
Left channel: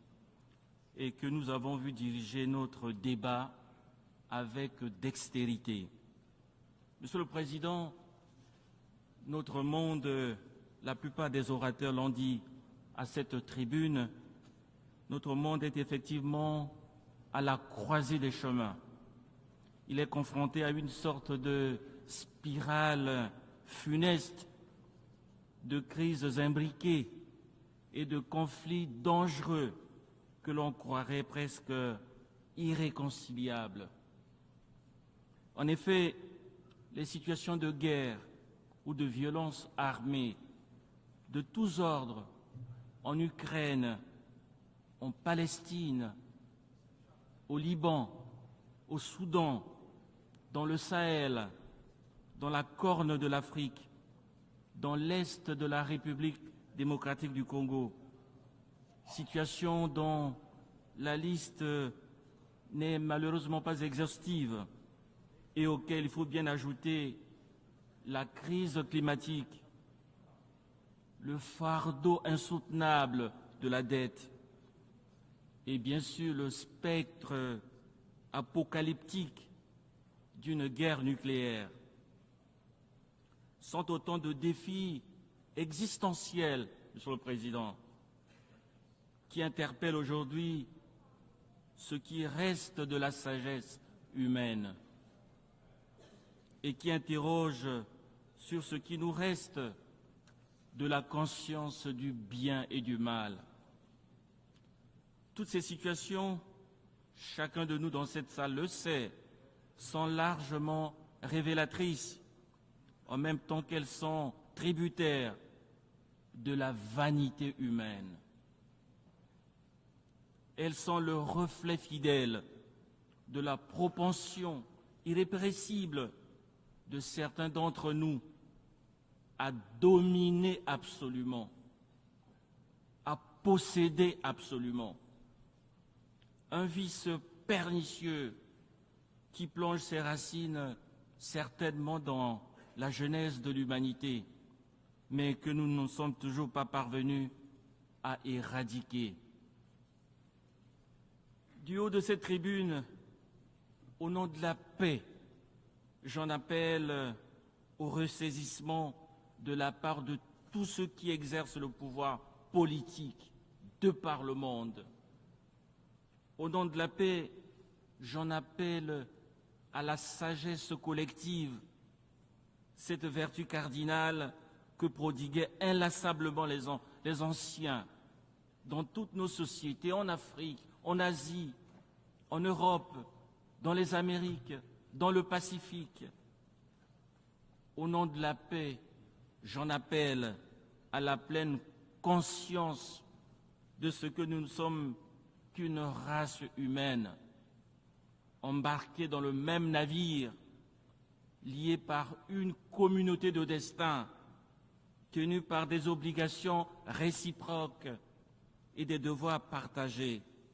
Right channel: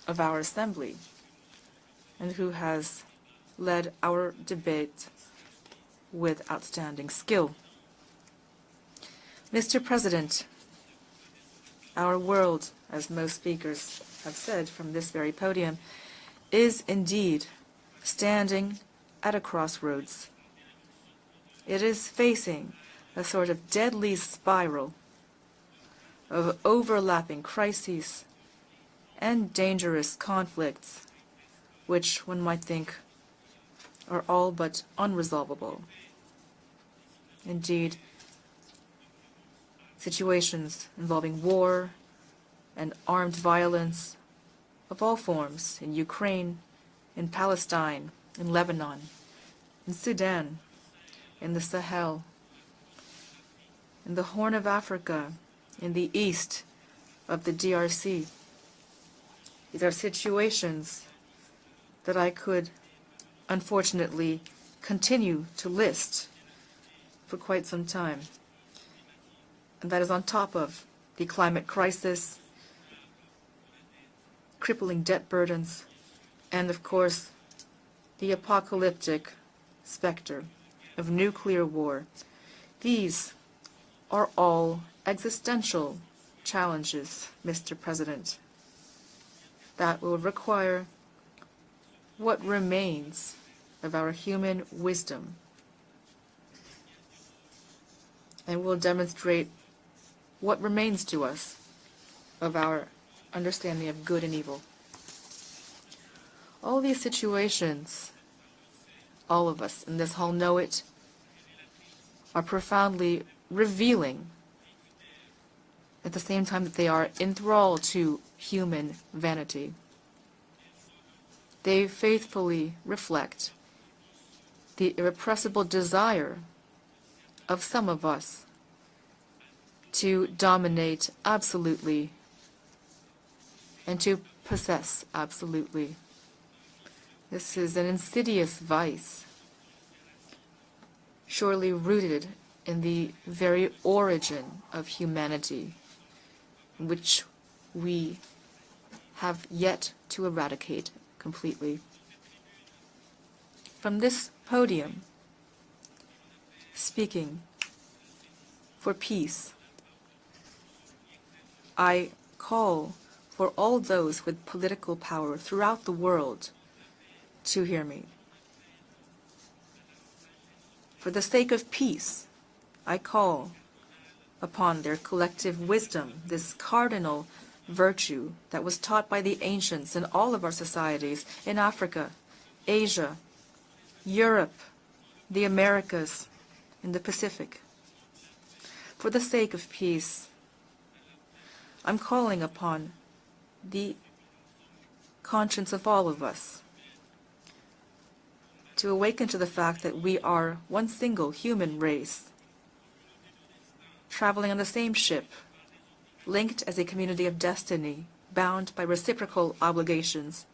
of our assembly, and who has led our debate with outstanding skill. Mr. President, our world, as most speakers have said from this very podium, is indeed standing at a crossroads. It is facing a sort of deadly spiral of overlapping crises and dangerous conflicts, which one might think are all but unresolvable. Indeed, situations involving war and armed violence of all forms in Ukraine, in Palestine, in Lebanon, in Sudan, in the Sahel, in the Horn of Africa, in the east of the DRC. These are situations that I could unfortunately continue to list for quite some time. And that is on top of the climate crisis, crippling debt burdens, and of course, the apocalyptic specter of nuclear war. These are all existential challenges, Mr. President, that will require what remains of our human wisdom and will demonstrate what remains to us of our understanding of good and evil. All these situations, all of us in this hall know it, are profoundly revealing at the same time that they are enthralled to human vanity. They faithfully reflect the irrepressible desire of some of us to dominate absolutely and to possess absolutely. This is an insidious vice, surely rooted in the very origin of humanity, which we have yet to eradicate completely. From this podium, speaking for peace, I call for all those with political power throughout the world to hear me. For the sake of peace, I call upon their collective wisdom, this cardinal virtue that was taught by the ancients in all of our societies, in Africa, Asia, Europe, the Americas, in the Pacific. For the sake of peace, I'm calling upon the conscience of all of us to awaken to the fact that we are one single human race, traveling on the same ship, linked as a community of destiny, bound by reciprocal obligations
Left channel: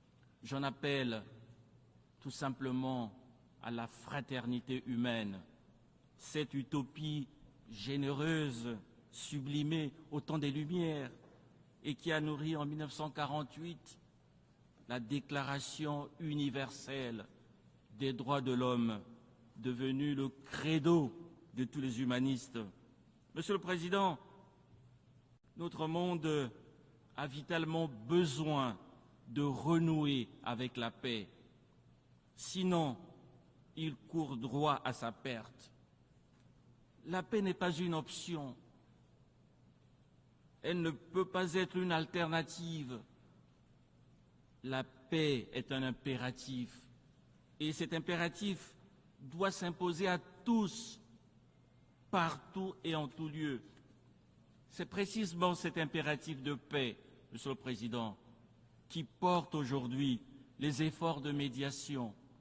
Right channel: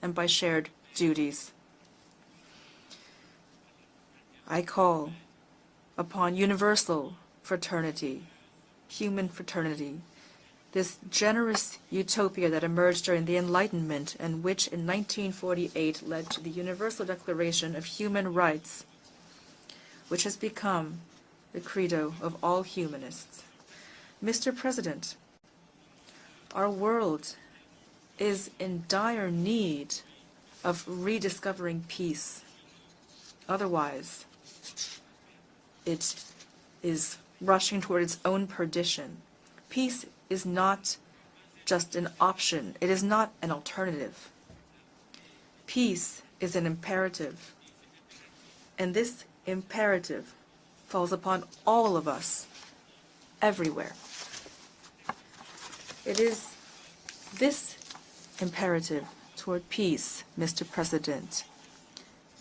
and by shared duties. I call upon universal fraternity, human fraternity, this generous utopia that emerged during the Enlightenment and which in 1948 led to the Universal Declaration of Human Rights, which has become the credo of all humanists. Mr. President, our world is in dire need of rediscovering peace. Otherwise, it is rushing toward its own perdition. Peace is not just an option. It is not an alternative. Peace is an imperative. And this imperative falls upon all of us, everywhere. It is this imperative toward peace, Mr. President,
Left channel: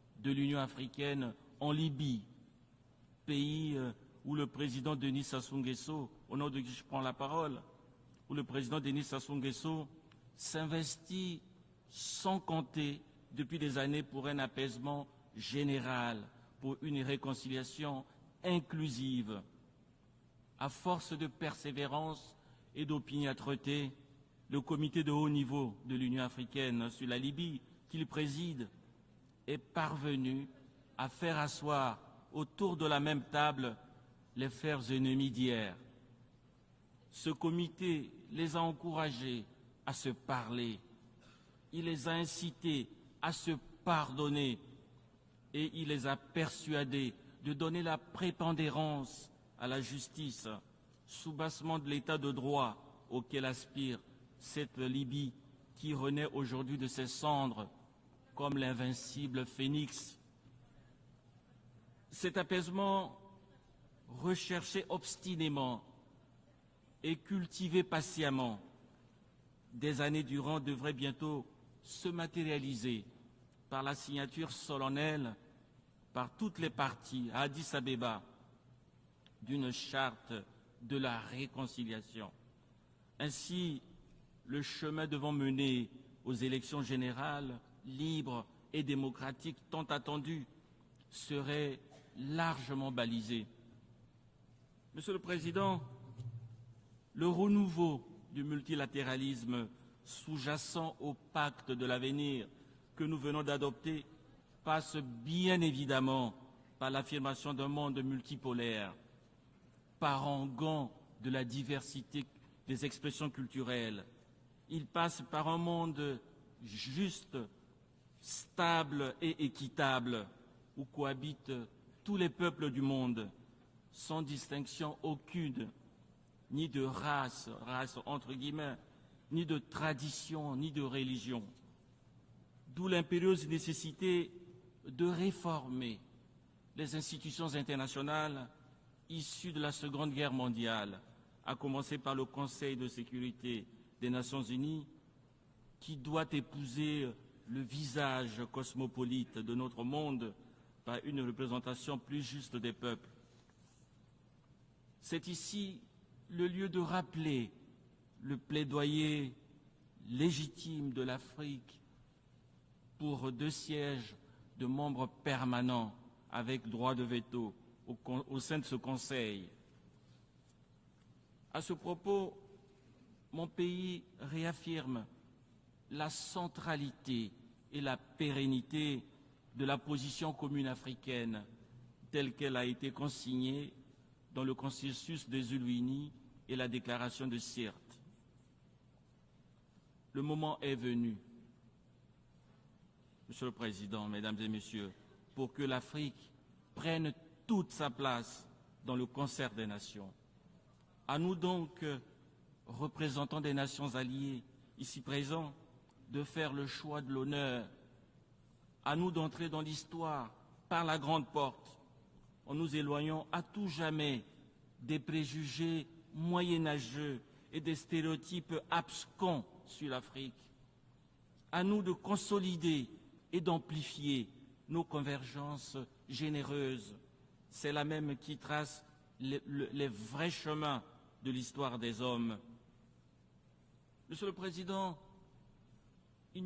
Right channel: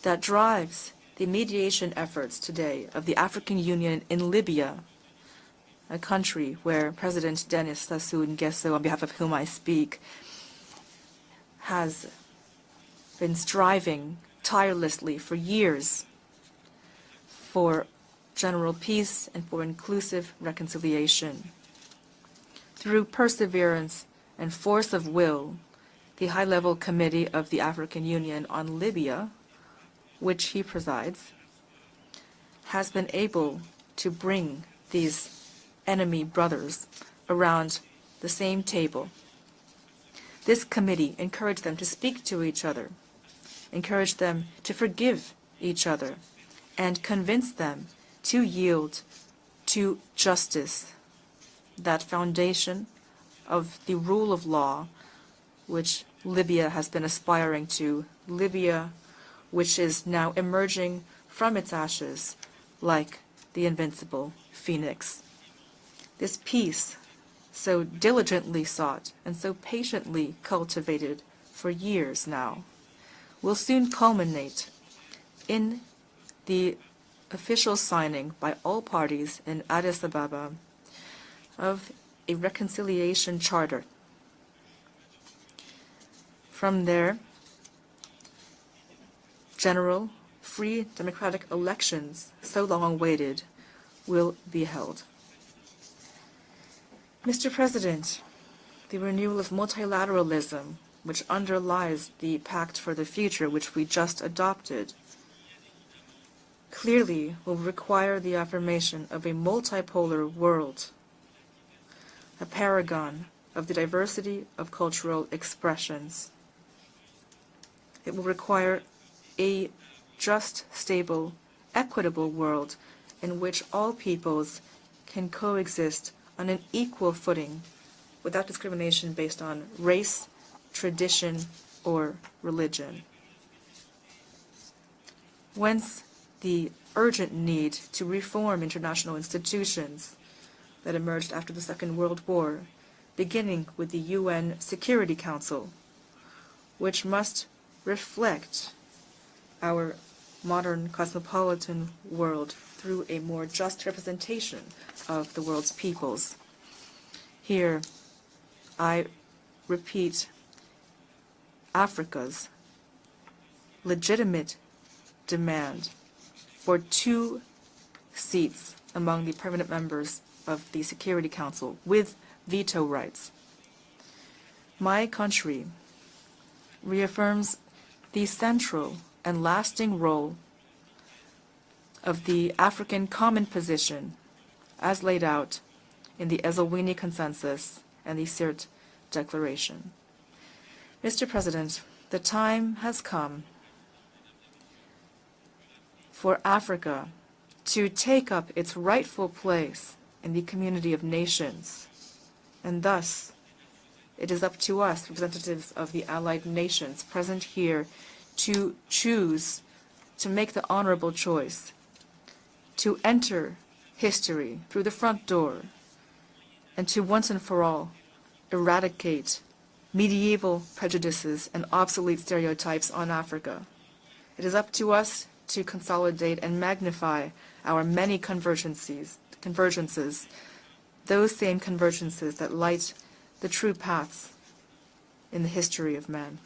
that drives the mediation efforts today of the African Union in Libya, a country where President Denis Sassou Nguesso, on behalf of whom I speak, has been striving tirelessly for years for general peace and for inclusive reconciliation. Through perseverance and force of will, the High-Level Committee of the African Union on Libya, which he presides, has been able to bring these enemy brothers around the same table. This committee encouraged them to speak to each other, encouraged them to forgive each other, and convinced them to yield to justice, that foundation of the rule of law which Libya has been aspiring to, Libya which is now emerging from its ashes like the invincible phoenix. This peace, so diligently sought and so patiently cultivated for years now, will soon culminate in the official signing by all parties in Addis Ababa of a reconciliation charter. From there, general, free, democratic elections, so long awaited, will be held. Mr. President, the renewal of multilateralism, which underlies the Pact for the Future, which we just adopted, clearly will require the affirmation of a multipolar world, a paragon of the diversity of cultural expressions. It will require a just, stable, equitable world in which all peoples can coexist on an equal footing without discrimination based on race, tradition, or religion. Whence the urgent need to reform international institutions that emerged after the Second World War, beginning with the UN Security Council, which must reflect our modern cosmopolitan world through a more just representation of the world's peoples. Here, I repeat Africa's legitimate demand for 2 seats among the permanent members of the Security Council with veto rights. My country reaffirms the central and lasting role of the African Common Position as laid out in the Eswatini Consensus and the Sirte Declaration. Mr. President, the time has come for Africa to take up its rightful place in the community of nations. And thus, it is up to us, representatives of the allied nations present here, to choose to make the honorable choice, to enter history through the front door, and to once and for all eradicate medieval prejudices and obsolete stereotypes on Africa. It is up to us to consolidate and magnify our many convergences, those same convergences that light the true paths in the history of man.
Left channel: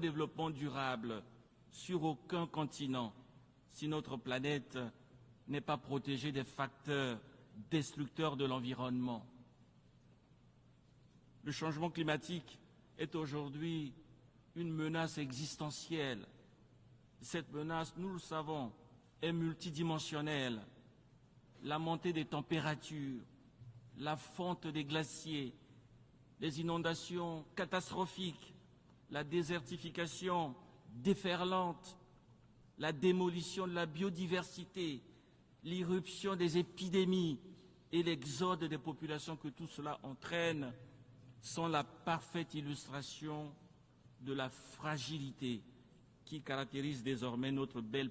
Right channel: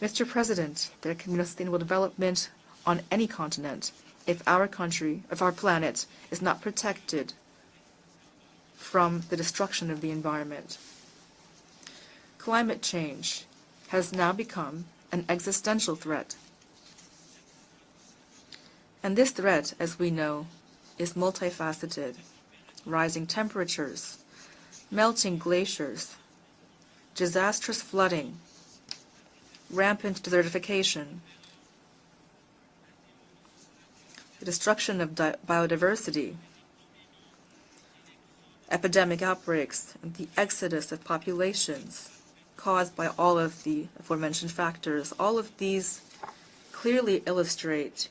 Mr. President, there can be no sustainable development on any continent if our country, if our planet is not protected from the destruction of the environment. Climate change has now become an existential threat. And this threat, as we know, is multifaceted. Rising temperatures, melting glaciers, disastrous flooding, rampant desertification, the destruction of biodiversity, epidemic outbreaks, and the exodus of populations caused by all of the aforementioned factors. All of these clearly illustrate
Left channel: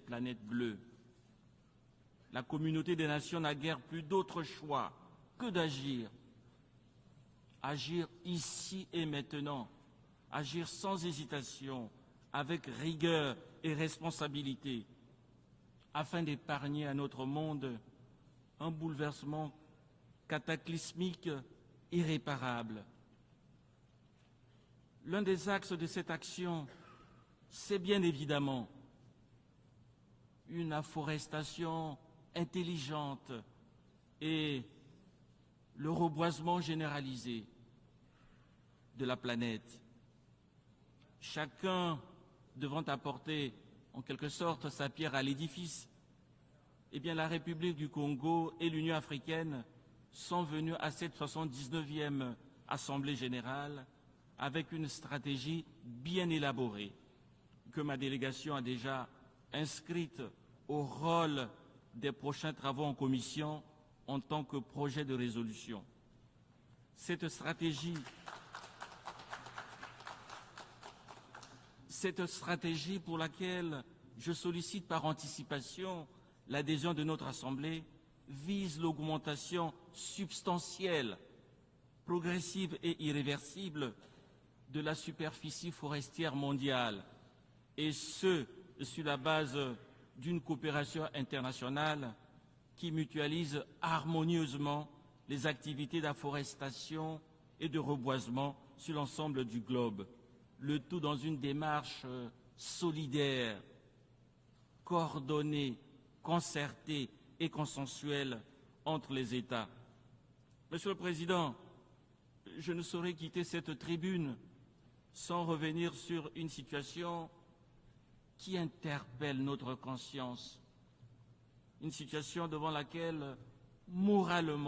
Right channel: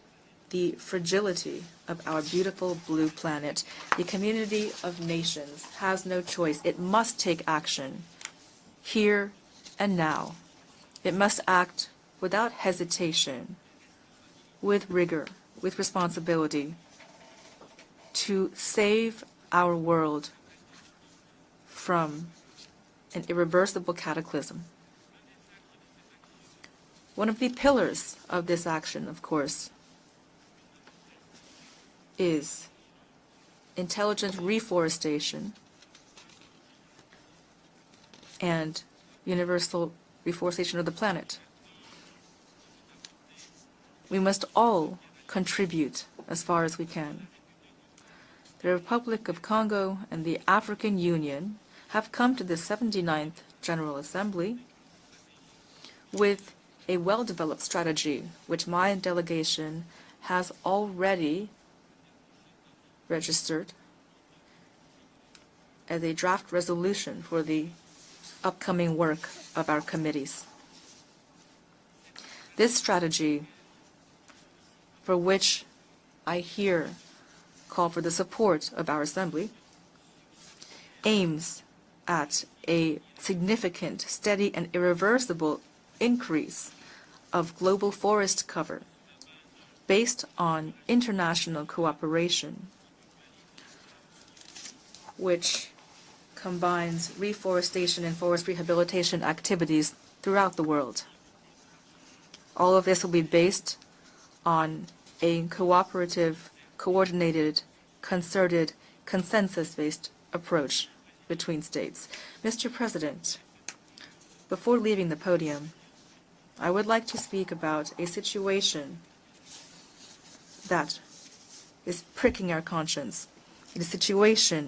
the fragility of our beautiful blue planet. The community of nations has no choice. It must take action here and now. It must act without hesitation, with rigor, with responsibility, to save our world from an irreversible cataclysm. One of the pillars of this action, of course, is intelligent reforestation and universal reforestation of the planet. We must all contribute as far as we can. The Republic of Congo and the African Union have come to the 79th General Assembly with a well-developed strategy, which my delegation has already registered as a draft resolution for the upcoming work of our committees. This strategy, for which I here call for the support of our Assembly, aims at a significant, steady, and irreversible increase of global forest cover based on international cooperation, which combines reforestation and forest rehabilitation activities throughout the world. All of this will be based on a cooperative, coordinated, concerted, consensus-based approach between states. Mr. President, before leaving the podium, I would like to speak about a situation that is pricking our conscience, a situation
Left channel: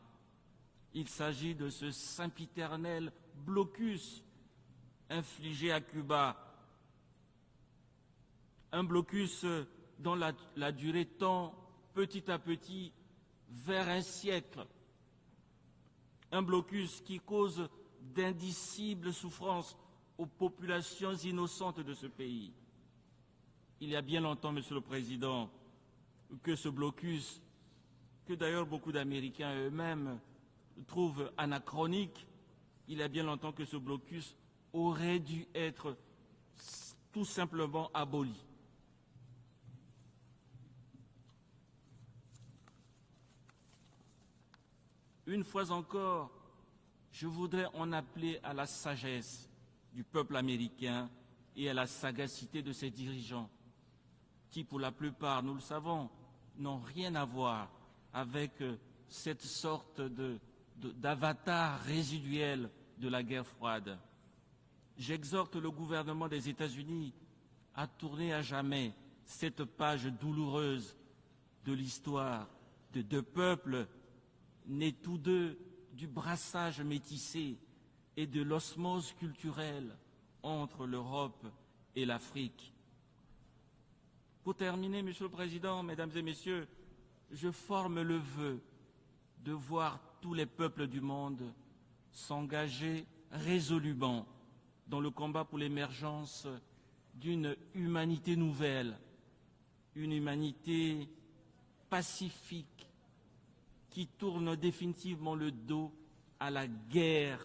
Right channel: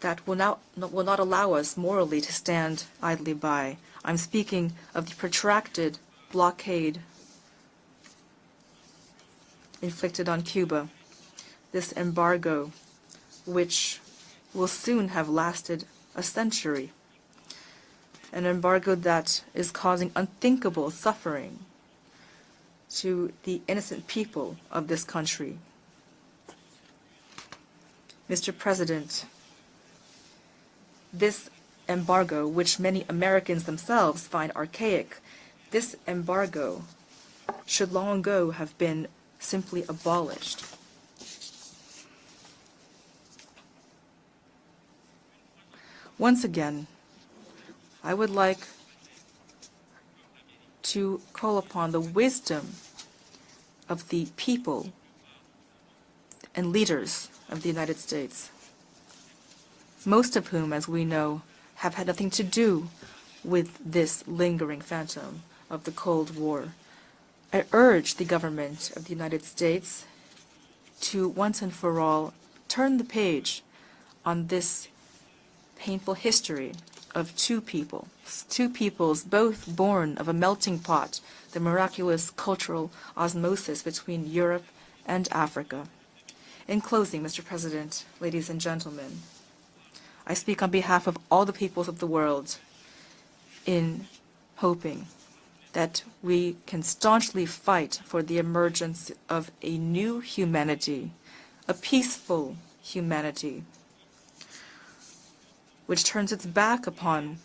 that will not allow us morally to stand idly by. I'm speaking of the protracted blockade inflicted on Cuba, this embargo, which will soon have lasted a century, an embargo that is causing unthinkable suffering to the innocent people of this country. Mr. President, this embargo, which many Americans themselves find archaic, this embargo should long ago have been simply abolished. Once again, I would like to call upon the wisdom of the people and leaders of the United States, most of whom, as we know, have had nothing to do with this lingering phantom of the Cold War. I urge the government of the United States to once and for all turn the page on this painful history of two peoples both born of a melting pot, the miraculous cultural osmosis between Europe and Africa. In closing, Mr. President, ladies and gentlemen, I speak on behalf of all the peoples of the world in hoping that we can staunchly fight for the emergence of a new humanity, a peaceful humanity, which turns its back upon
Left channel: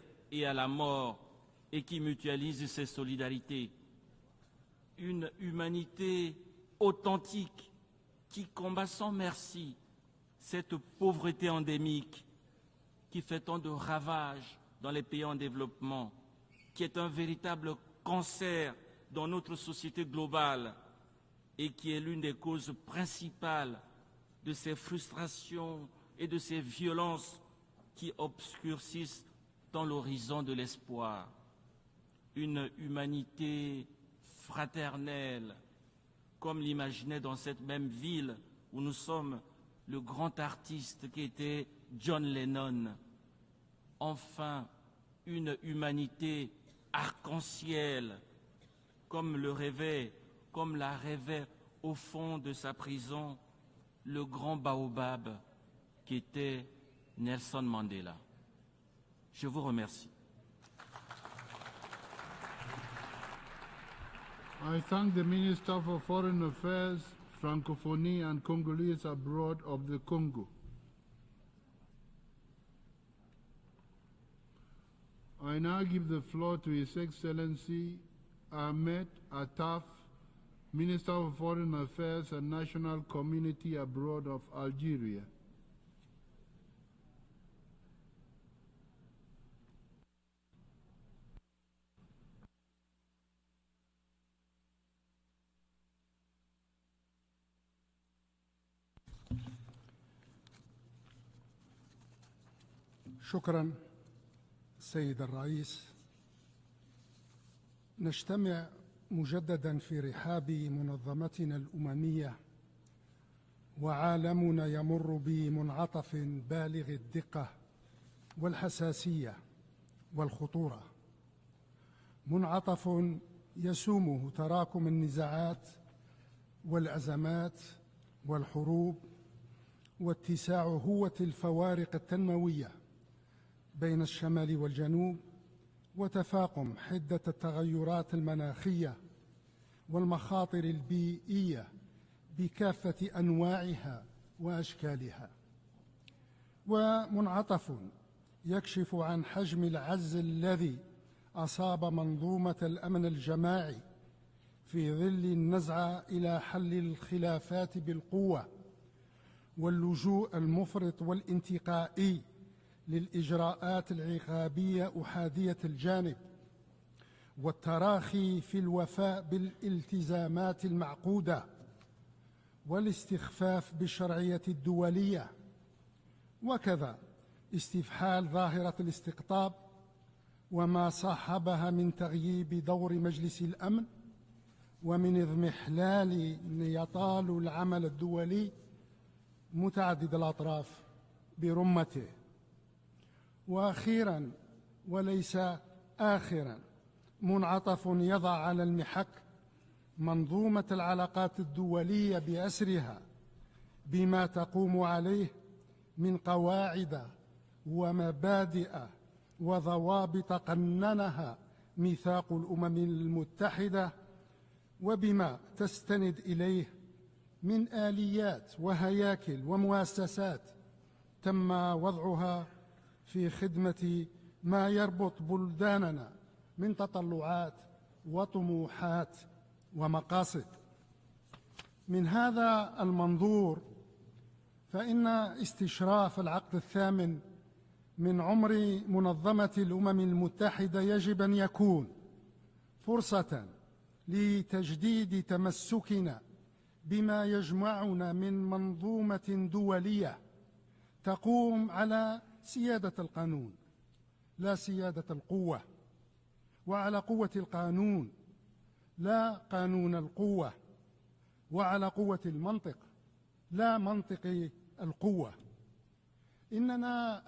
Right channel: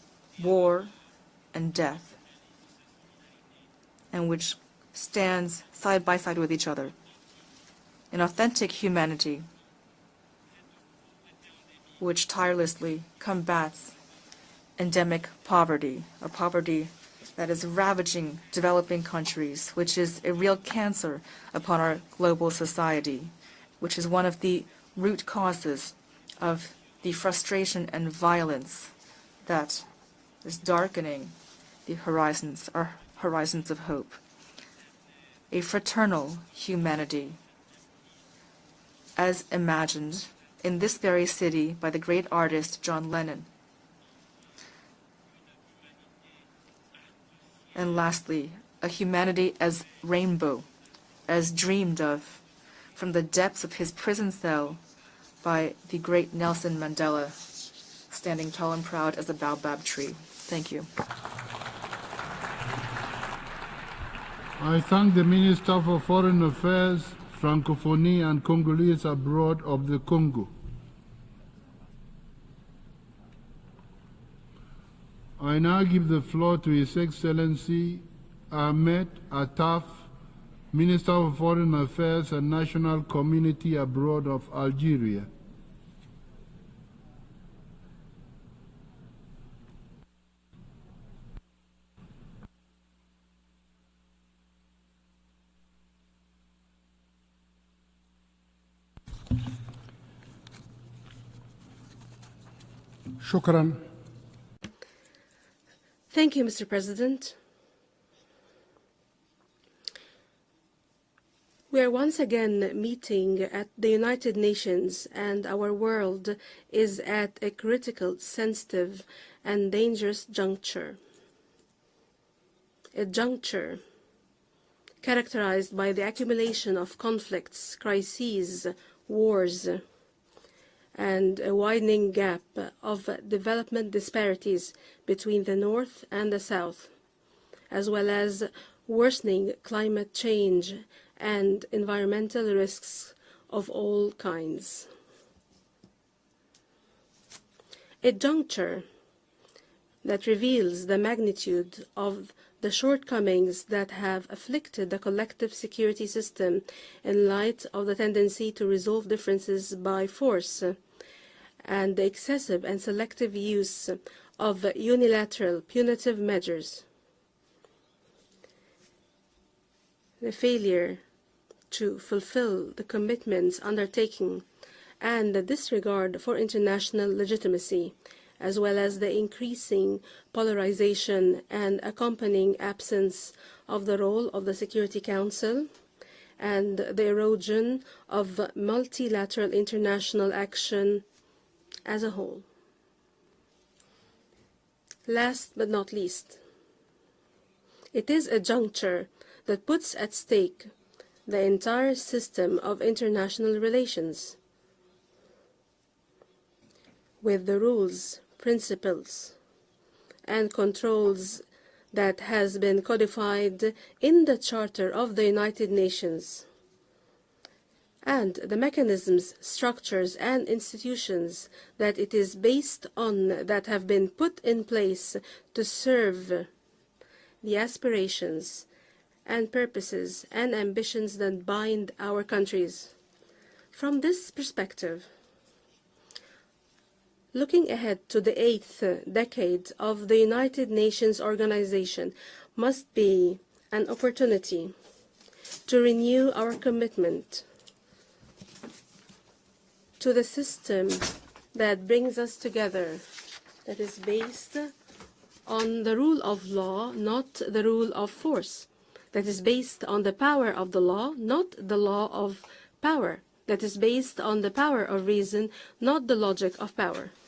war and death, and which stands side by side with each other. An authentic humanity which tirelessly combats endemic poverty, a poverty that is ravaging developing countries, which is a real cancer upon our global society, which is one of the root causes of the frustration and violence that is darkening the horizons, our horizons of hope. A fraternal humanity, as imagined in this very city by the great artist John Lennon. And lastly, a humanity as rainbow, as dreamed of from the depths of his prison cell by the great Nelson Mandela, standing tall and proud as a baobab tree. Thank you. I thank the Minister for Foreign Affairs, Francophonie and Congolese abroad of the Congo. I now give the floor to His Excellency Ahmed Attaf, Minister of Foreign Affairs and National Community abroad of Algeria. شكرا سيد الرئيس. Thank you, Mr. President. نجتمع مجددا في رحاب منظمتنا We are once الأممية again meeting at the United Nations, and our world is at a critical, sensitive, and dangerous juncture. A juncture characterized by the accumulation of conflicts, crises, wars, and a widening gap of development disparities between the North and the South, as well as worsening climate change and environmental risks of all kinds. A juncture that reveals the magnitude of the shortcomings that have afflicted the collective security system in light of the tendency to resolve differences by force and the excessive and selective use of unilateral punitive measures. The failure to fulfill the commitments undertaken and the disregard for international legitimacy, as well as the increasing polarization and accompanying absence of the role of the Security Council and the erosion of multilateral international action as a whole. Last but not least, it is a juncture that puts at stake the entire system of international relations with the rules, principles, and controls that has been codified in the Charter of the United Nations, and the mechanisms, structures, and institutions that it is based on that have been put in place to serve the aspirations and purposes and ambitions that bind our countries. From this perspective, looking ahead to the 8th decade of the United Nations organization must be an opportunity to renew our commitment to the system that brings us together, that is based on the rule of law, not the rule of force, that is based on the power of the law, not the law of power, that is based on the power of reason, not the logic of power.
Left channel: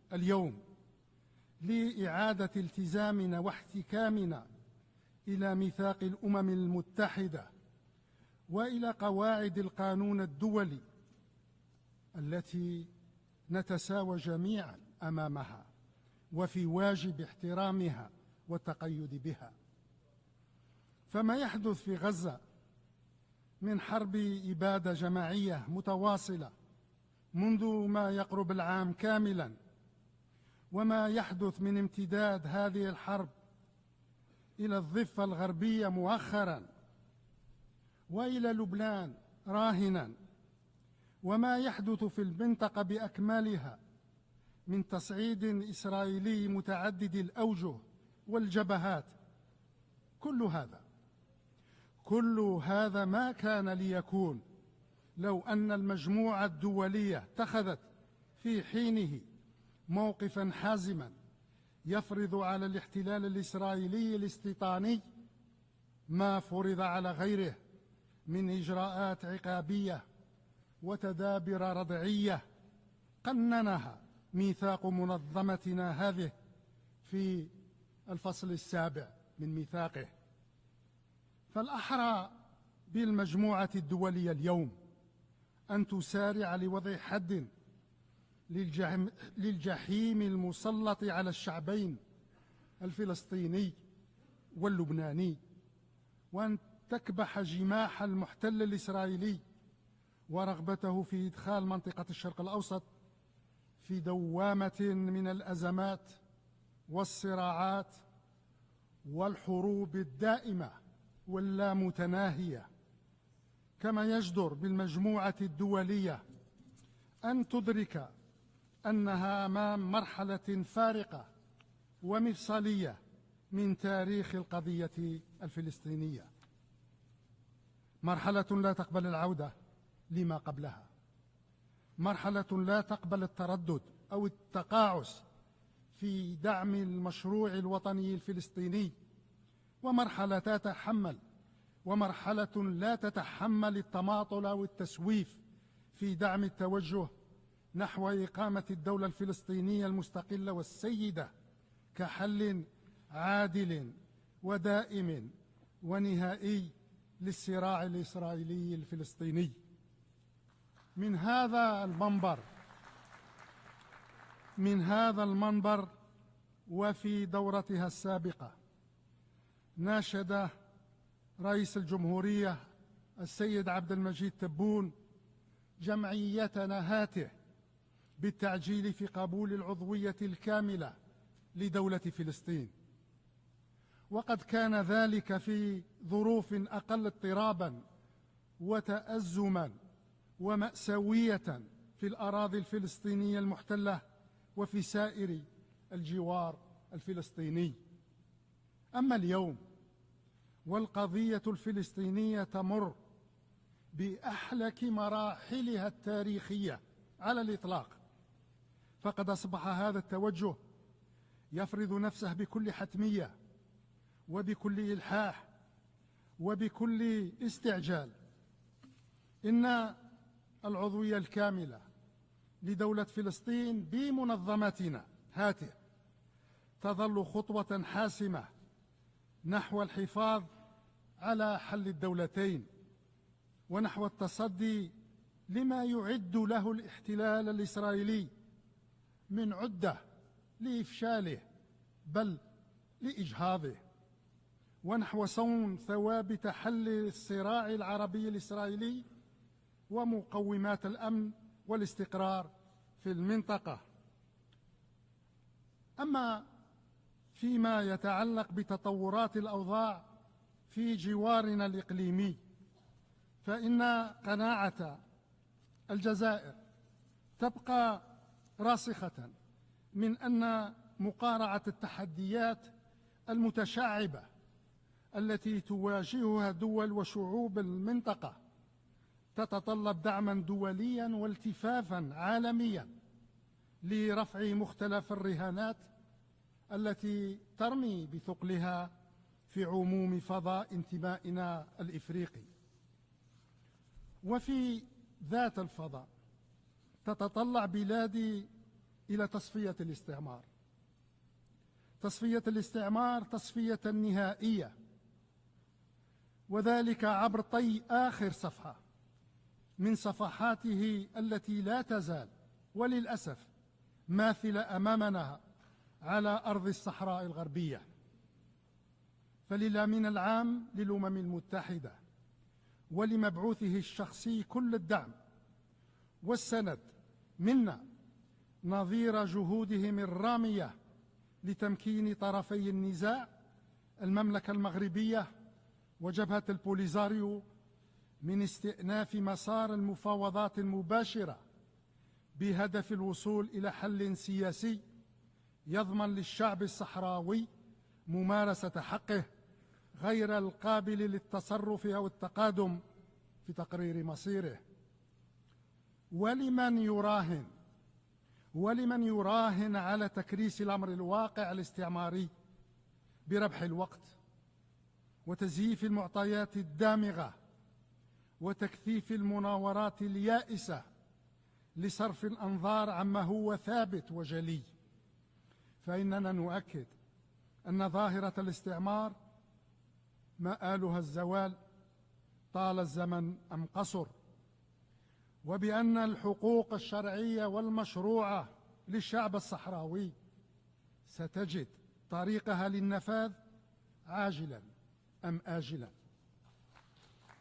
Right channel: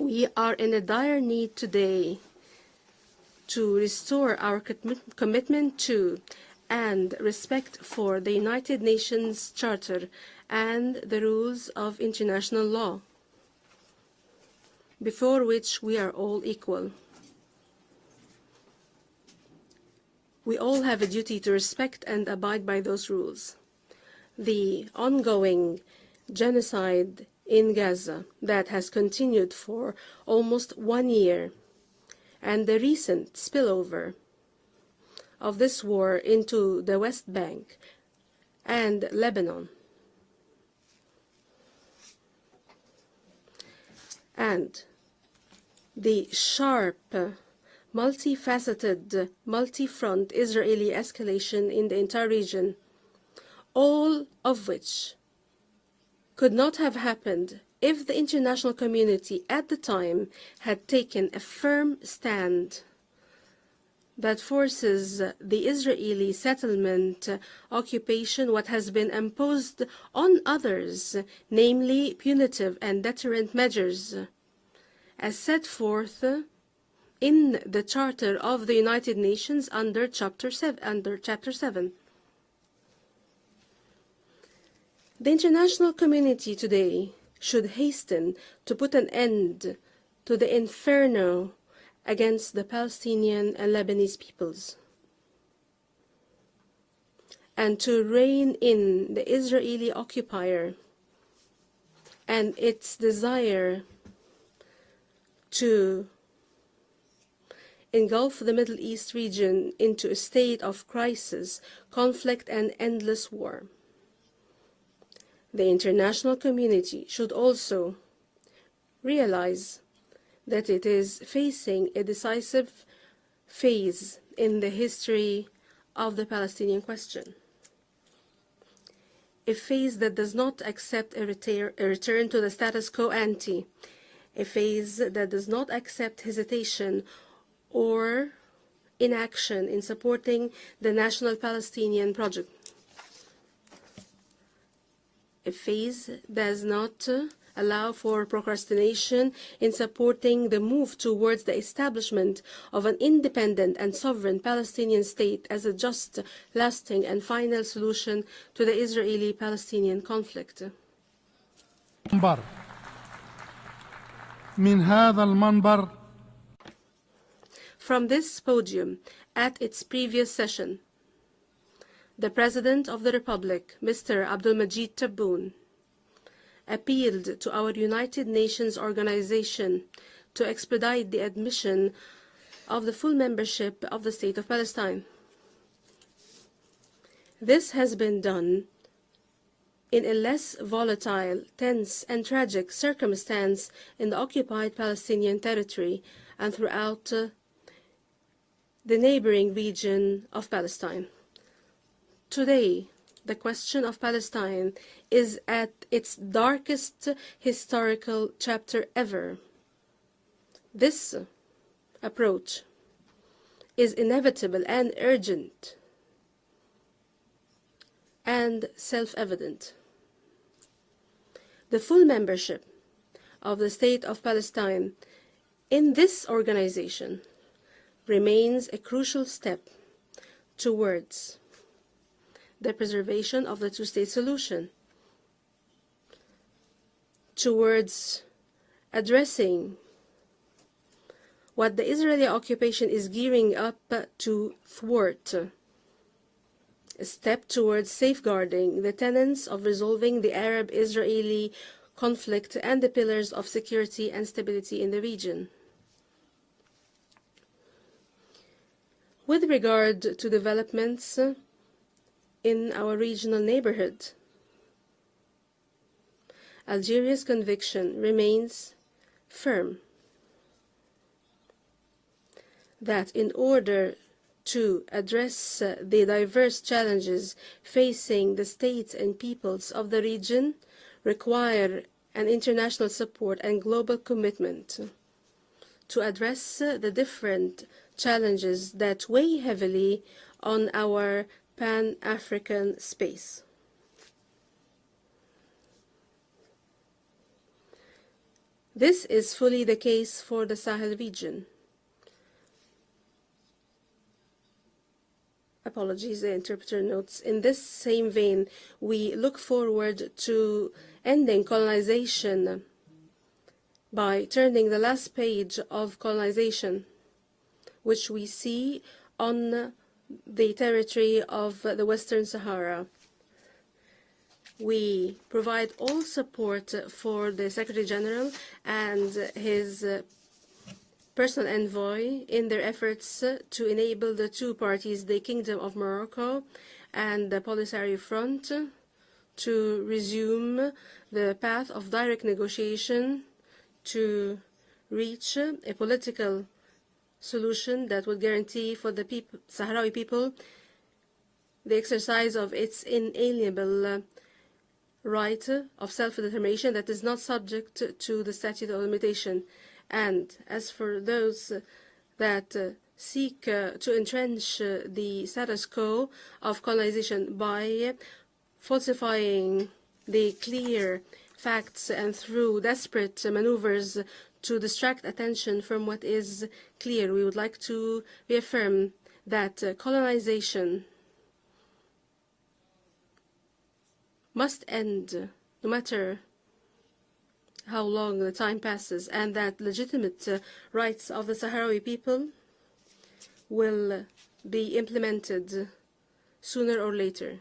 We are in a dire need today to restore our commitment to and respect for the United Nations Charter and the rules of international law, before which we are all equal. We all have a duty to respect and abide by those rules. The ongoing genocide in Gaza that has continued for almost 1 year, and the recent spillover of this war into the West Bank and Lebanon, and the sharp, multifaceted, multi-front Israeli escalation in the entire region, all of which could not have happened if the international community at the time had taken a firm stand that forces the Israeli settlement occupation, what has been imposed on others, namely punitive and deterrent measures, as set forth in the Charter of the United Nations under Chapter 7. The international community today should hasten to put an end to the inferno against the Palestinian and Lebanese peoples, and to rein in the Israeli occupier and its desire to engulf the Middle East region into a state of crisis, conflict, and endless war. The international community should also realize that it is facing a decisive phase in the history of the Palestinian question, a phase that does not accept a return to the status quo ante, a phase that does not accept hesitation or inaction in supporting the national Palestinian project, a phase that does not allow for procrastination in supporting the move towards the establishment of an independent and sovereign Palestinian state as a just, lasting and final solution to the Israeli-Palestinian conflict. From this podium, at its previous session, the President of the Republic, Mr. Abdulmajid Tebboune, appealed to our United Nations organization to expedite the admission of the full membership of the State of Palestine. This has been done in a less volatile, tense and tragic circumstance in the occupied Palestinian territory and throughout the neighboring region of Palestine. Today, the question of Palestine is at its darkest historical chapter ever. This approach is inevitable and urgent and self-evident. The full membership of the State of Palestine in this organization remains a crucial step towards the preservation of the two-state solution, towards addressing what the Israeli occupation is gearing up to thwart, a step towards safeguarding the tenets of resolving the Arab-Israeli conflict and the pillars of security and stability in the region. With regard to developments in our regional neighborhood, Algeria's conviction remains firm that in order to address the diverse challenges facing the states and peoples of the region require an international support and global commitment to address the different challenges that weigh heavily on our Pan-African space. This is fully the case for the Sahel region. Apologies, the interpreter notes. In this same vein, we look forward to ending colonization by turning the last page of colonization, which we see on the territory of the Western Sahara. We provide all support for the Secretary General and his personal envoy in their efforts to enable the two parties, the Kingdom of Morocco and the Polisario Front, to resume the path of direct negotiation to reach a political solution that will guarantee for the Sahrawi people the exercise of its inalienable right of self-determination that is not subject to the statute of limitation. And as for those that seek to entrench the status quo of colonization by falsifying the clear facts and through desperate maneuvers to distract attention from what is clear, we would like to reaffirm that colonization must end, no matter how long the time passes, and that legitimate rights of the Sahrawi people will be implemented sooner or later.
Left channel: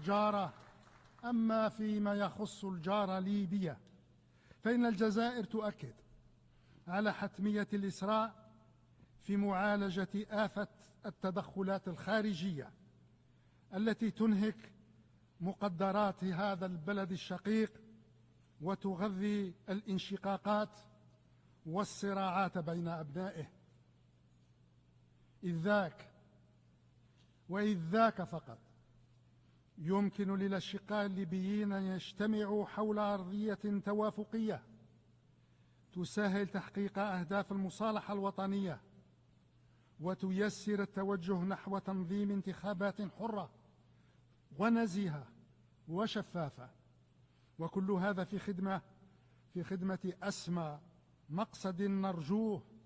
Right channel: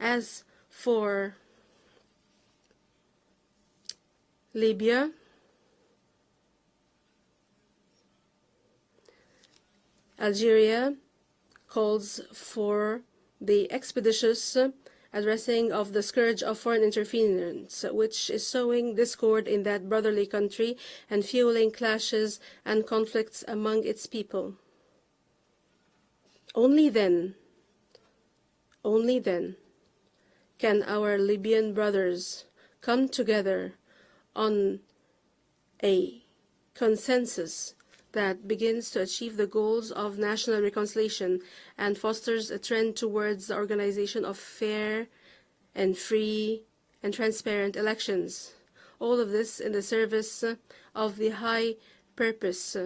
As for Libya, Algeria calls for the expeditious addressing of the scourge of foreign interference, which is sowing discord in that brotherly country and fueling clashes and conflicts among its people. Only then can our Libyan brothers come together on a consensus that begins to achieve the goals of national reconciliation and fosters a trend towards the organization of fair and free and transparent elections. All of this in the service of the high purpose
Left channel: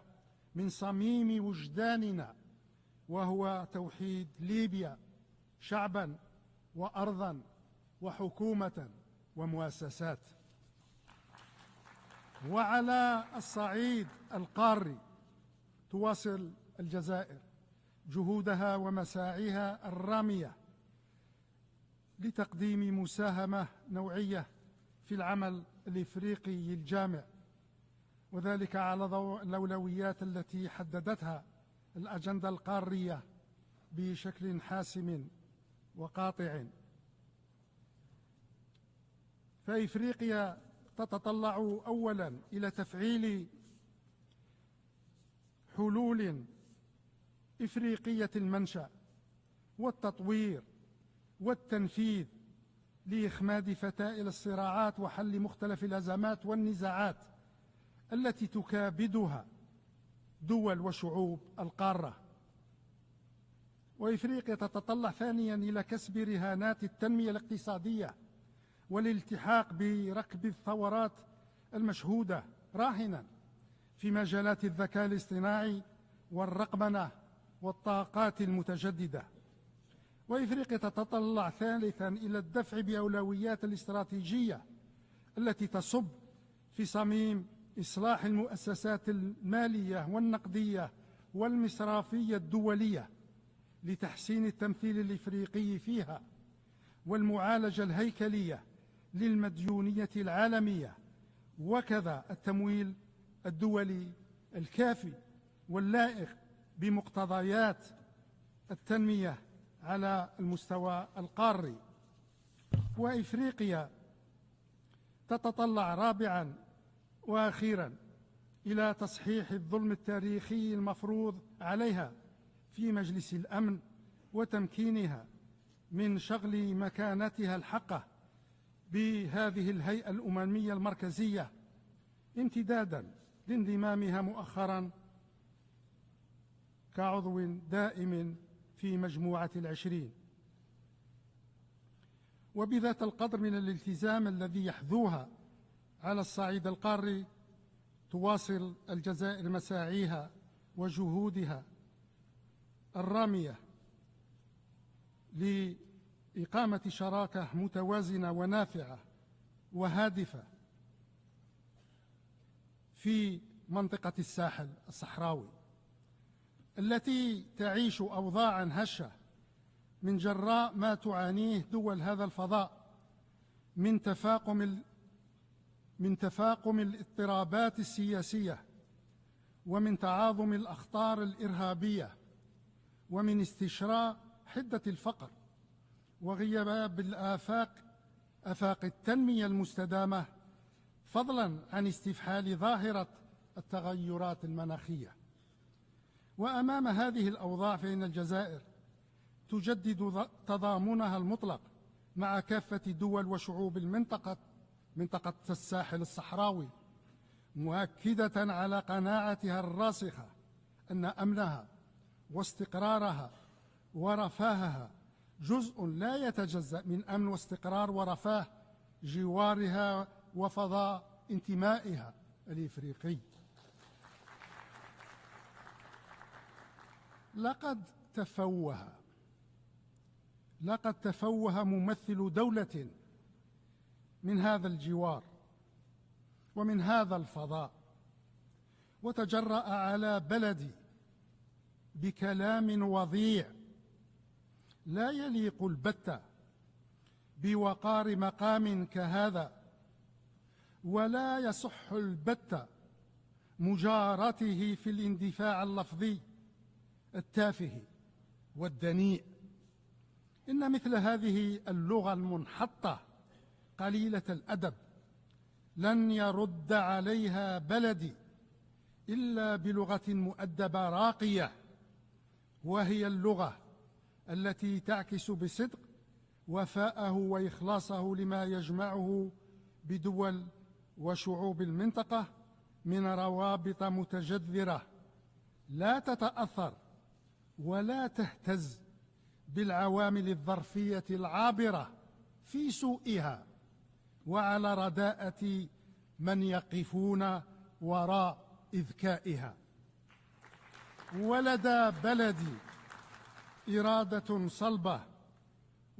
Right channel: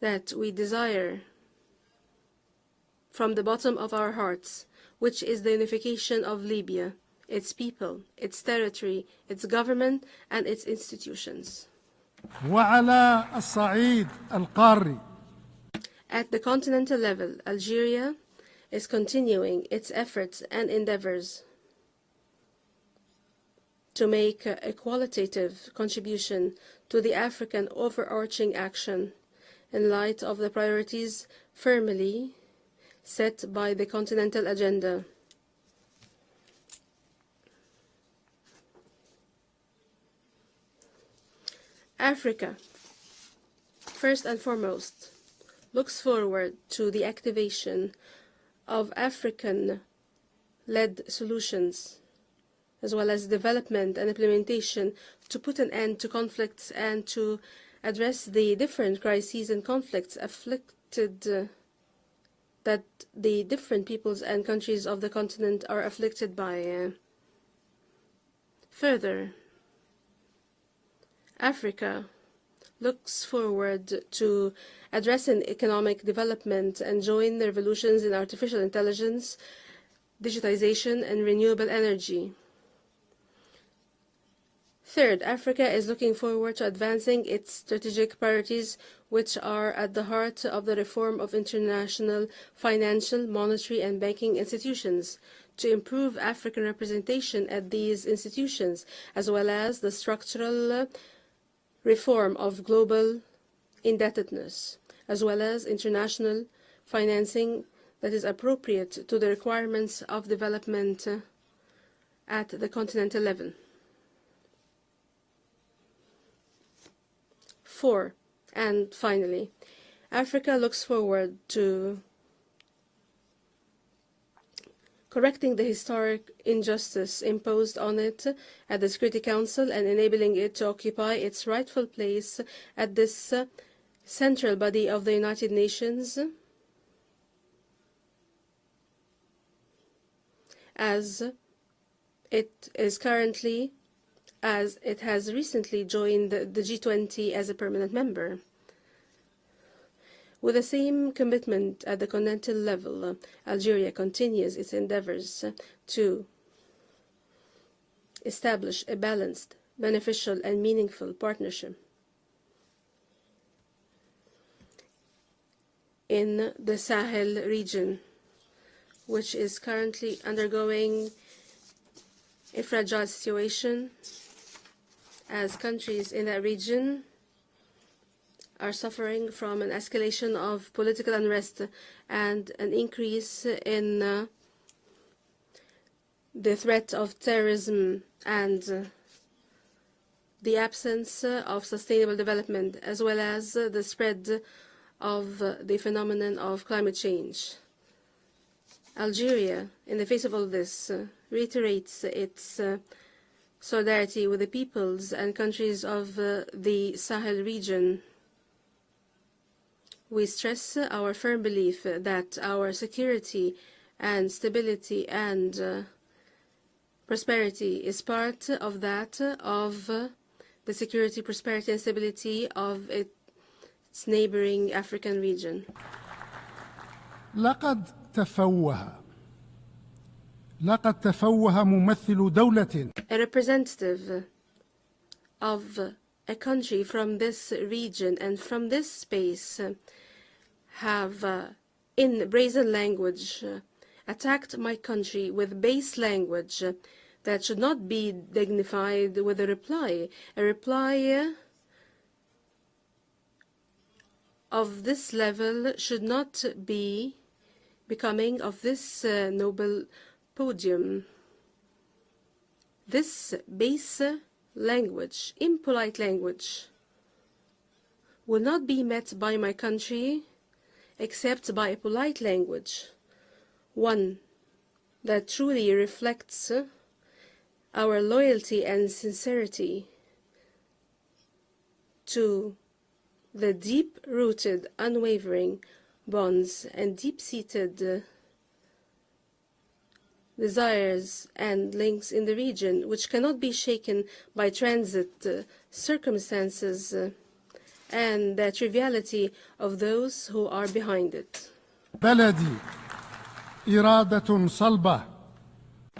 that we desire from the bottom of our hearts, which is the unification of Libya, its people, its territory, its government, and its institutions. At the continental level, Algeria is continuing its efforts and endeavors to make a qualitative contribution to the African overarching action in light of the priorities firmly set by the continental agenda. Africa, first and foremost, looks forward to the activation of African-led solutions, as well as development and implementation to put an end to conflicts and to address the different crises and conflicts afflicted that the different peoples and countries of the continent are afflicted by. Further, Africa looks forward to addressing economic development and join the revolutions in artificial intelligence, digitization, and renewable energy. Third, Africa is looking forward to advancing its strategic priorities, which are at the heart of the reform of international financial, monetary, and banking institutions, to improve African representation at these institutions, as well as the structural reform of global indebtedness, as well as international financing that is appropriate to the requirements of development at the continental level. 4. And finally, Africa looks forward to correcting the historic injustice imposed on it at the Security Council and enabling it to occupy its rightful place at this central body of the United Nations as it is currently, as it has recently joined the G20 as a permanent member. With the same commitment at the continental level, Algeria continues its endeavors to establish a balanced, beneficial, and meaningful partnership in the Sahel region, which is currently undergoing a fragile situation as countries in that region are suffering from an escalation of political unrest and an increase in the threat of terrorism and the absence of sustainable development, as well as the spread of the phenomenon of climate change. Algeria, in the face of all this, reiterates its solidarity with the peoples and countries of the Sahel region. We stress our firm belief that our security and stability and prosperity is part of that of the security, prosperity, and stability of its neighboring African region. لقد تفوه ممثل دولة A representative of a country from this region and from this space have in brazen language attacked my country with base language that should not be dignified with a reply of this level should not be becoming of this noble podium. This base language, impolite language, will not be met by my country except by a polite language, one التي تعكس that truly بصدق reflects وفاءه وإخلاصه our لما loyalty and يجمعه sincerity بدول وشعوب المنطقة to من the روابط deep-rooted, متجذرة unwavering لا bonds تتأثر and deep-seated ولا تهتز بالعوامل الظرفية desires and العابرة links in the region, which cannot be shaken by وعلى transit رداءة من circumstances يقفون and the وراء triviality إذكائها. of those who are behind it. ولدى بلدي إرادة صلبة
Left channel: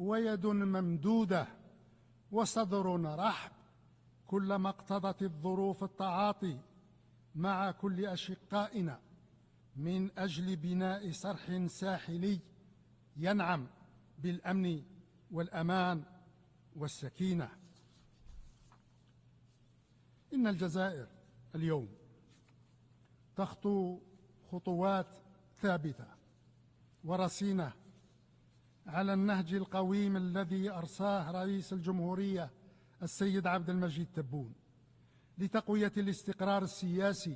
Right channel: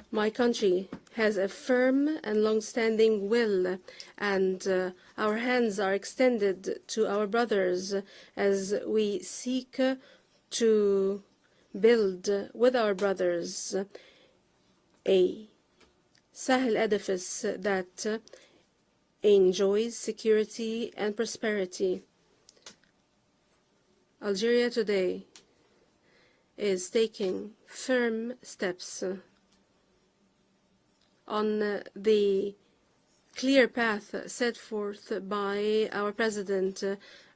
My country has a firm and long-standing will, and our hands are extended to our brothers as we seek to build with our brothers a Sahel edifice that enjoys security and prosperity. Algeria today is taking firm steps on the clear path set forth by our President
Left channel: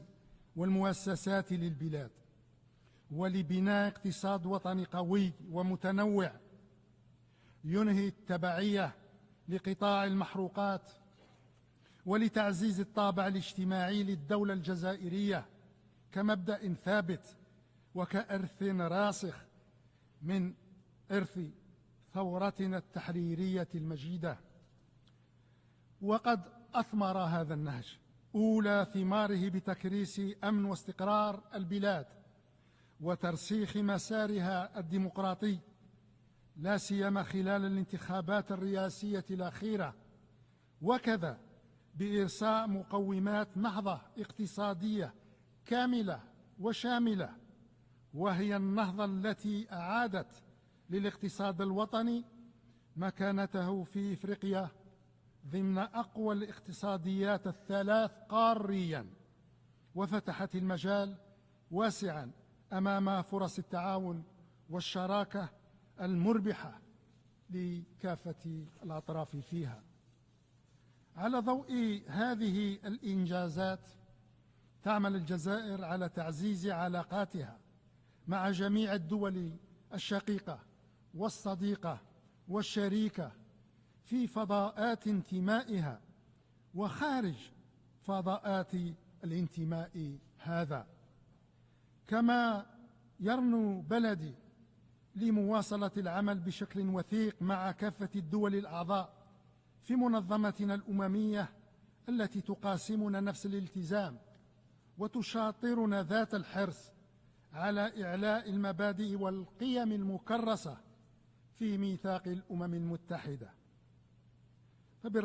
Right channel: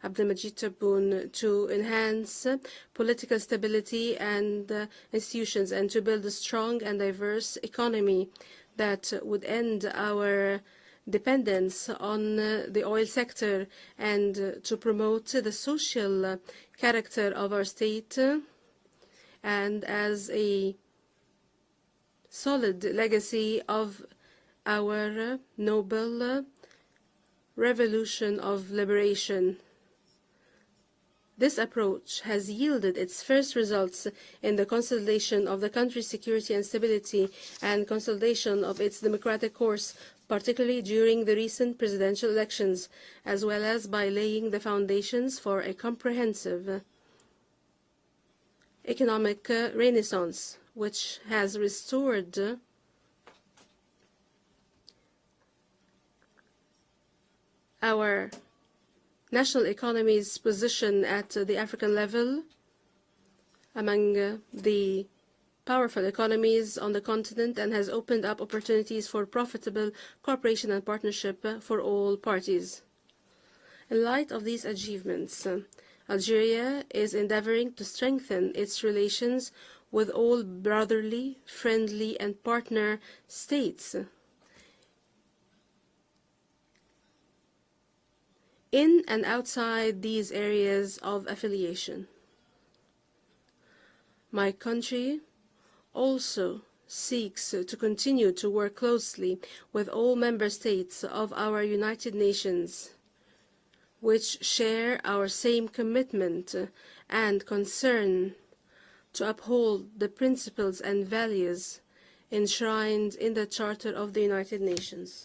Abdelmajid Tebboune to enhance political stability and institutions and to build a strong and diverse economy that would end our dependence on the oil sector and to promote the social character of our state and as a solid legacy of our noble revolution of liberation. This approach has yielded its first results in the consolidation of the country's security and stability and consolidation of its democratic course, particularly during the recent presidential elections, as well as by laying the foundations for a comprehensive economic renaissance, which has restored مكانته في إفريقيا ضمن أقوى الاقتصاديات our قاريا national economy's position at the African level أمام فرص among التعاون the والشراكة powerful economies on the continent and has opened up opportunities for profitable cooperation and partnership for all parties. In light of these achievements, Algeria is endeavoring to strengthen its relations with all brotherly, friendly, and partner states in and outside these areas of affiliation. My country also seeks to continue to work closely with all member states of our United Nations, which share our same commitment and concern to uphold the principles and values enshrined in the Charter of the United Nations.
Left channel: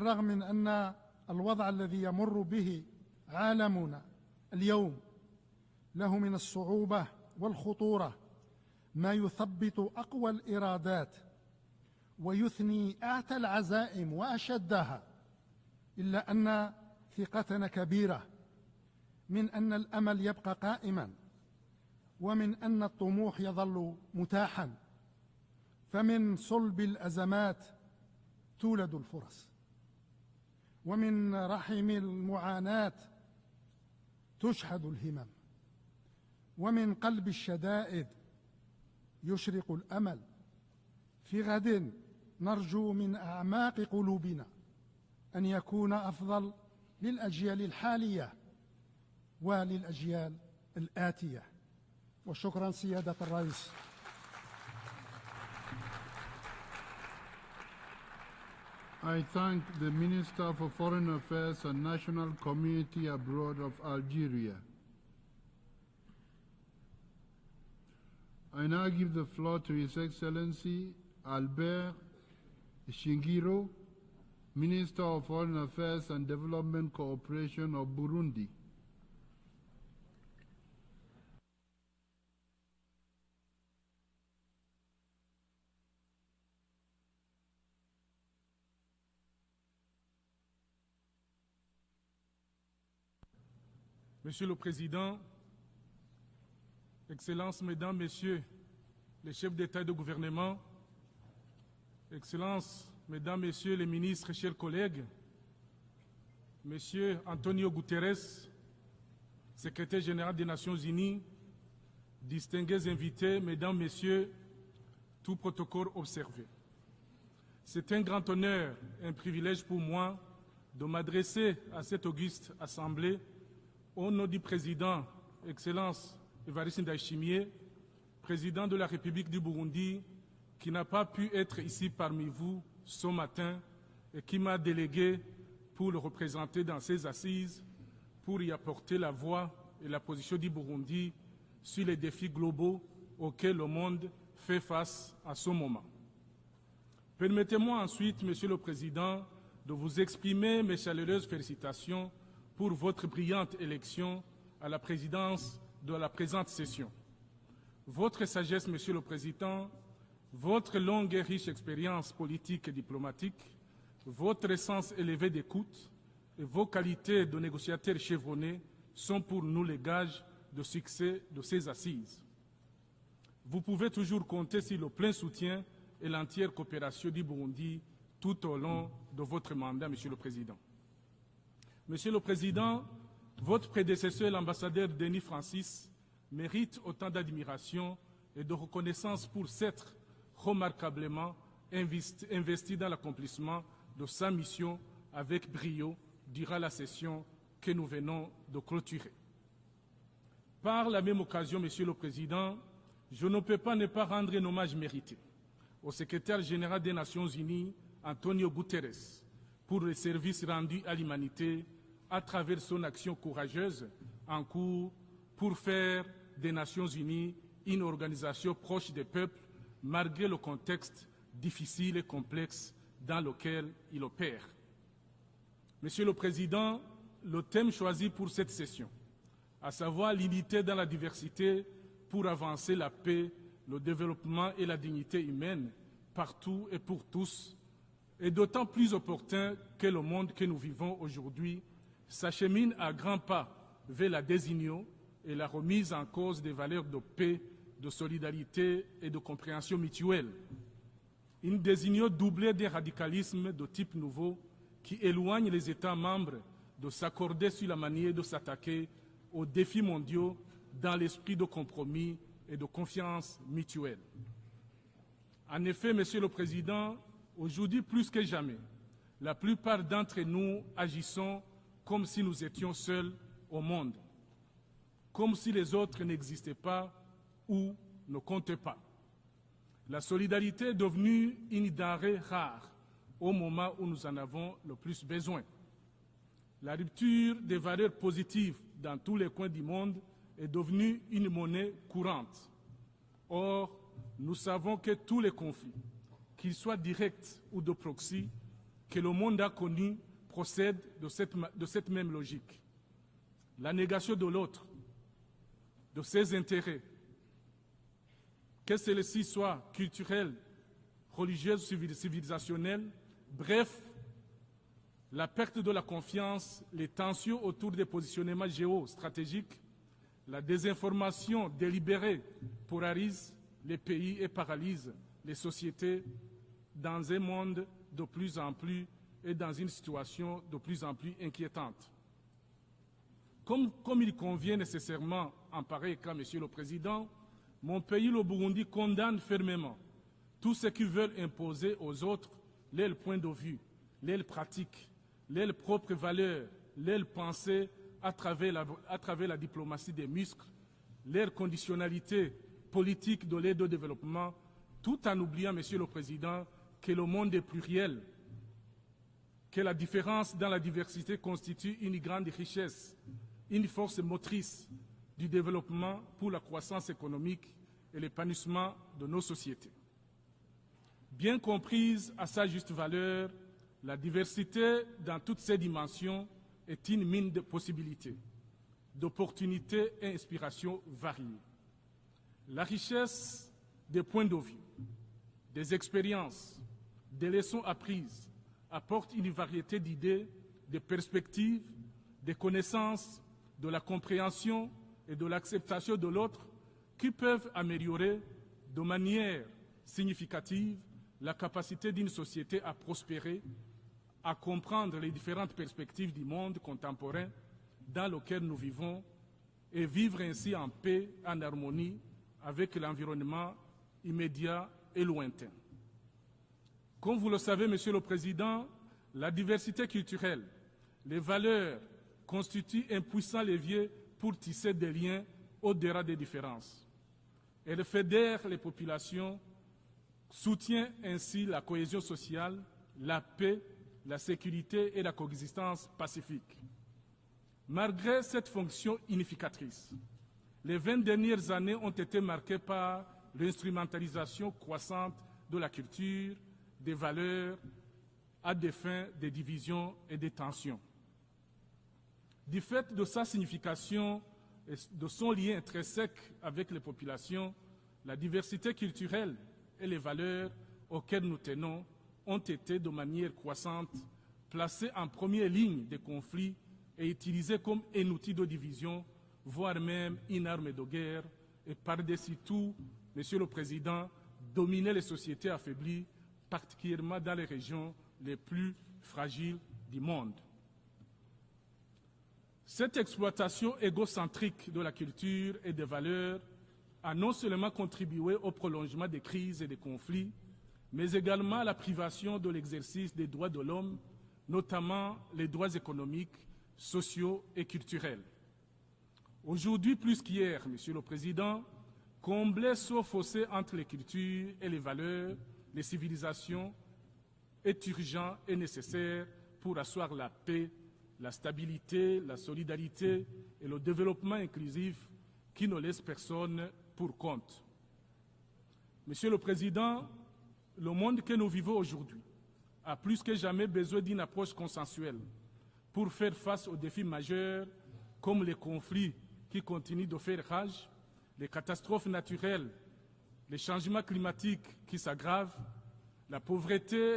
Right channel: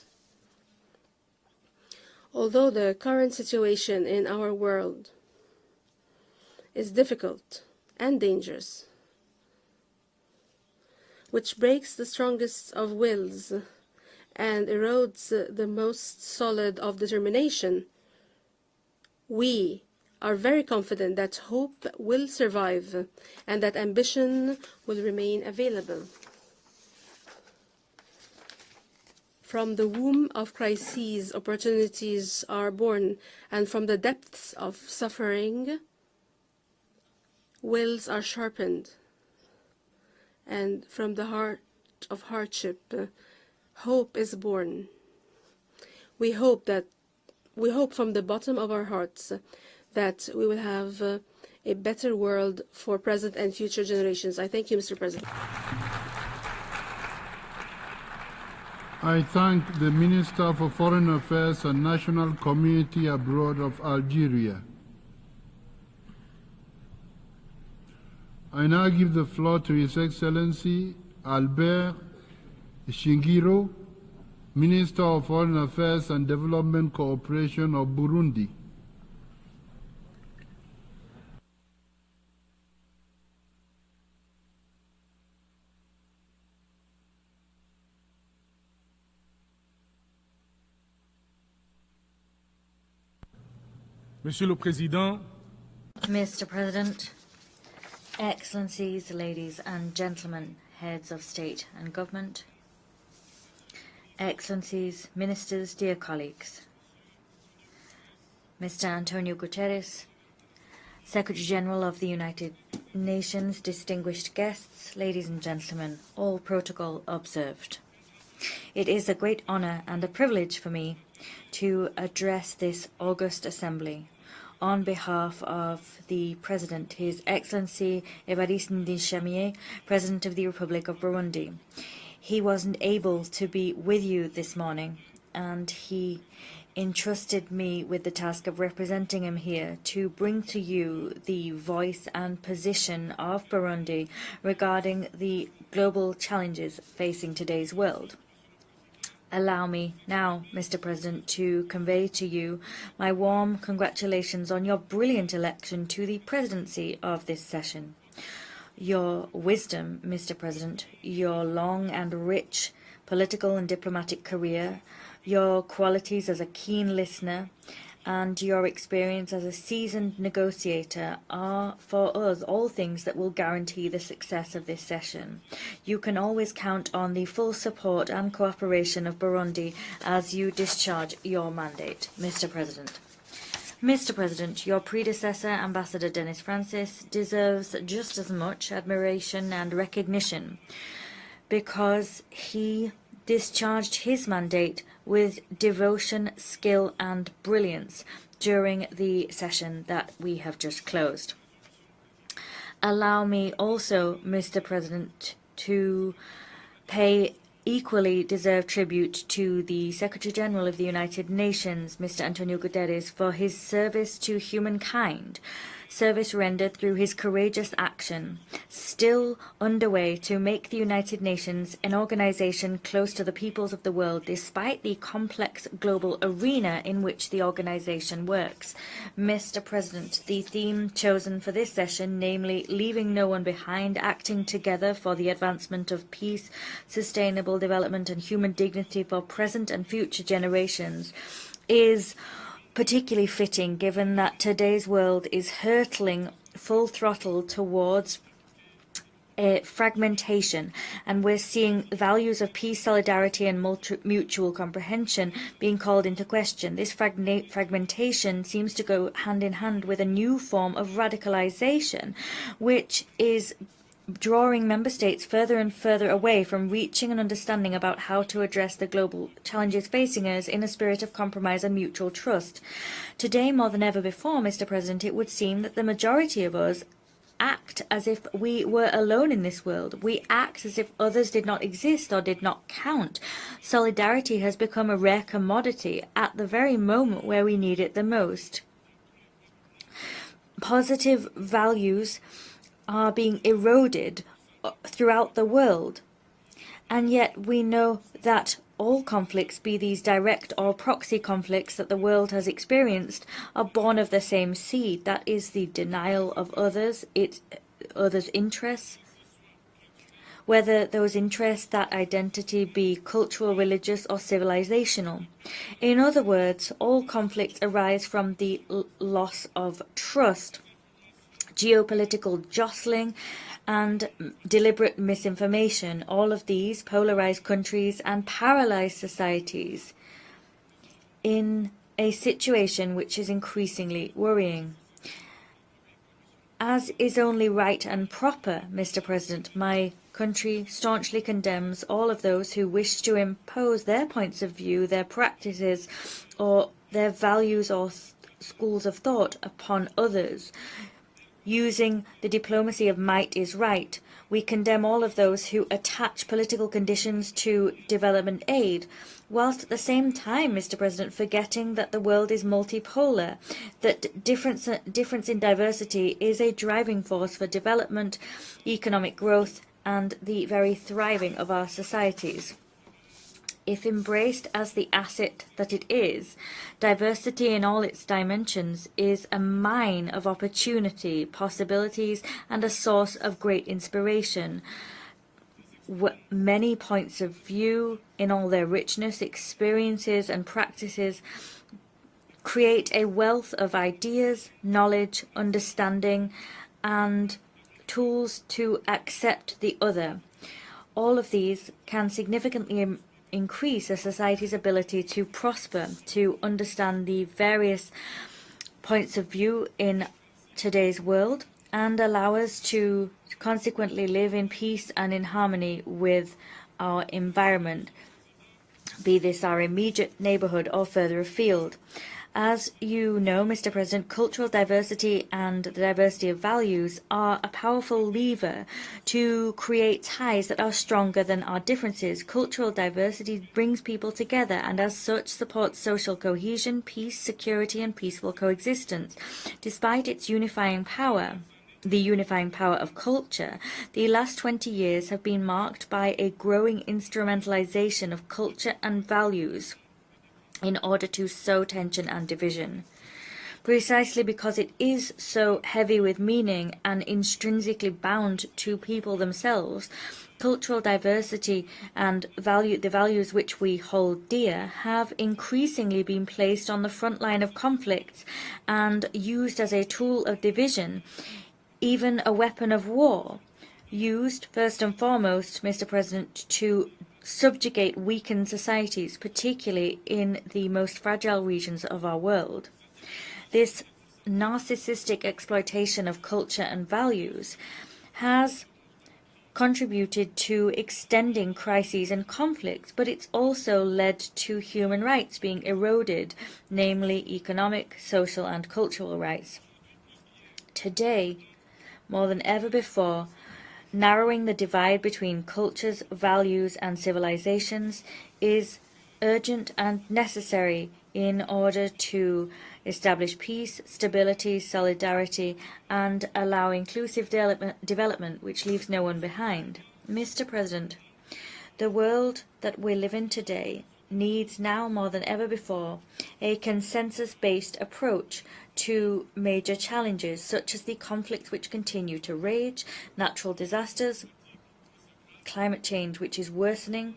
Although the current situation in our world is difficult and dangerous, which breaks the strongest of wills and erodes the most solid of determination, we are very confident that hope will survive and that ambition will remain available. From the womb of crises, opportunities are born, and from the depths of suffering, wills are sharpened, and from the heart of hardship, hope is born. We hope from the bottom of our hearts that we will have a better world for present and future generations. I thank you, Mr. President. I thank the Minister for Foreign Affairs and National Community Abroad of Algeria. I now give the floor to His Excellency Albert Shingiro, Minister of Foreign Affairs and Development Cooperation of Burundi. Monsieur le Président, Mr. President, Excellencies, ladies and gentlemen, heads of state and government, Excellencies, ministers, dear colleagues, Mr. Antonio Guterres, Secretary General of the United Nations, distinguished guests, ladies and gentlemen, all protocol observed. It is a great honor and a privilege for me to address this august assembly on behalf of the President, His Excellency Evariste Ndayishimiye, President of the Republic of Burundi. He wasn't able to be with you this morning, and he entrusted me with the task of representing him here to bring to you the voice and position of Burundi regarding the global challenges facing today's world. Allow me now, Mr. President, to convey to you my warm congratulations on your brilliant election to the presidency of this session. Your wisdom, Mr. President, your long and rich political and diplomatic career, your qualities as a keen listener, and your experience as a seasoned negotiator are, for us, all things that will guarantee the success of this session. You can always count on the full support and cooperation of Burundi as you discharge your mandate, Mr. President. Mr. President, your predecessor, Ambassador Denis Francis, deserves just as much admiration and recognition because he discharged his mandate with devotion, skill, and brilliance during the session that we have just closed. Allow me also, Mr. President, to pay equally deserved tribute to the Secretary General of the United Nations, Mr. Antonio Guterres, for his service to humankind, service rendered through his courageous action, still underway to make the United Nations an organization close to the peoples of the world, despite the complex global arena in which the organization works. Mr. President, the theme chosen for this session, namely leaving no one behind, acting together for the advancement of peace, sustainable development, and human dignity for present and future generations, is particularly fitting given that today's world is hurtling full throttle towards fragmentation, and we're seeing values of peace, solidarity, and mutual comprehension being called into question. This fragmentation seems to go hand in hand with a new form of radicalization, which is drawing member states further and further away from reaching an understanding about how to address the global challenges facing us in a spirit of compromise and mutual trust. Today, more than ever before, Mr. President, it would seem that the majority of us act as if we were alone in this world. We act as if others did not exist or did not count. Solidarity has become a rare commodity at the very moment where we need it the most. Positive values are being eroded throughout the world. And yet we know that all conflicts, be these direct or proxy conflicts that the world has experienced, are born of the same seed. That is the denial of others, others' interests, whether those interests, that identity, be cultural, religious, or civilizational. In other words, all conflicts arise from the loss of trust, geopolitical jostling, and deliberate misinformation. All of these polarize countries and paralyze societies in a situation which is increasingly worrying. As is only right and proper, Mr. President, my country staunchly condemns all of those who wish to impose their points of view, their practices, or their values or schools of thought upon others. Using the diplomacy of might is right, we condemn all of those who attach political conditions to development aid, whilst at the same time, Mr. President, forgetting that the world is multipolar, that difference in diversity is a driving force for development, economic growth, and the very thriving of our societies. If embraced as the asset that it is, diversity in all its dimensions is a mine of opportunity, possibilities, and a source of great inspiration. Many points of view, in all their richness, experiences, and practices, create a wealth of ideas, knowledge, understanding, and tools to accept the other. All of these can significantly increase a society's ability to prosper, to understand the various points of view in today's world, and allow us to consequently live in peace and in harmony with our environment, be this our immediate neighbourhood or further afield. As you know, Mr. President, cultural diversity and the diversity of values are a powerful lever to create ties that are stronger than our differences. Cultural diversity brings people together and as such supports social cohesion, peace, security and peaceful coexistence. Despite its unifying power, the unifying power of culture, the last 20 years have been marked by a growing instrumentalization of culture and values in order to sow tension and division. Precisely because it is so heavy with meaning and intrinsically bound to people themselves, cultural diversity and the values which we hold dear have increasingly been placed on the front line of conflict and used as a tool of division, even a weapon of war, used first and foremost, Mr. President, to subjugate weakened societies, particularly in the most fragile regions of our world. This narcissistic exploitation of culture and values has contributed to extending crises and conflicts, but it's also led to human rights being eroded, namely economic, social and cultural rights. Today, more than ever before, narrowing the divide between cultures, values and civilizations is urgent and necessary in order to establish peace, stability, solidarity and allow inclusive development which leaves no one behind. Mr. President, the world that we live in today needs now more than ever before a consensus-based approach to major challenges such as the conflicts which continue to rage, natural disasters, climate change which is worsening,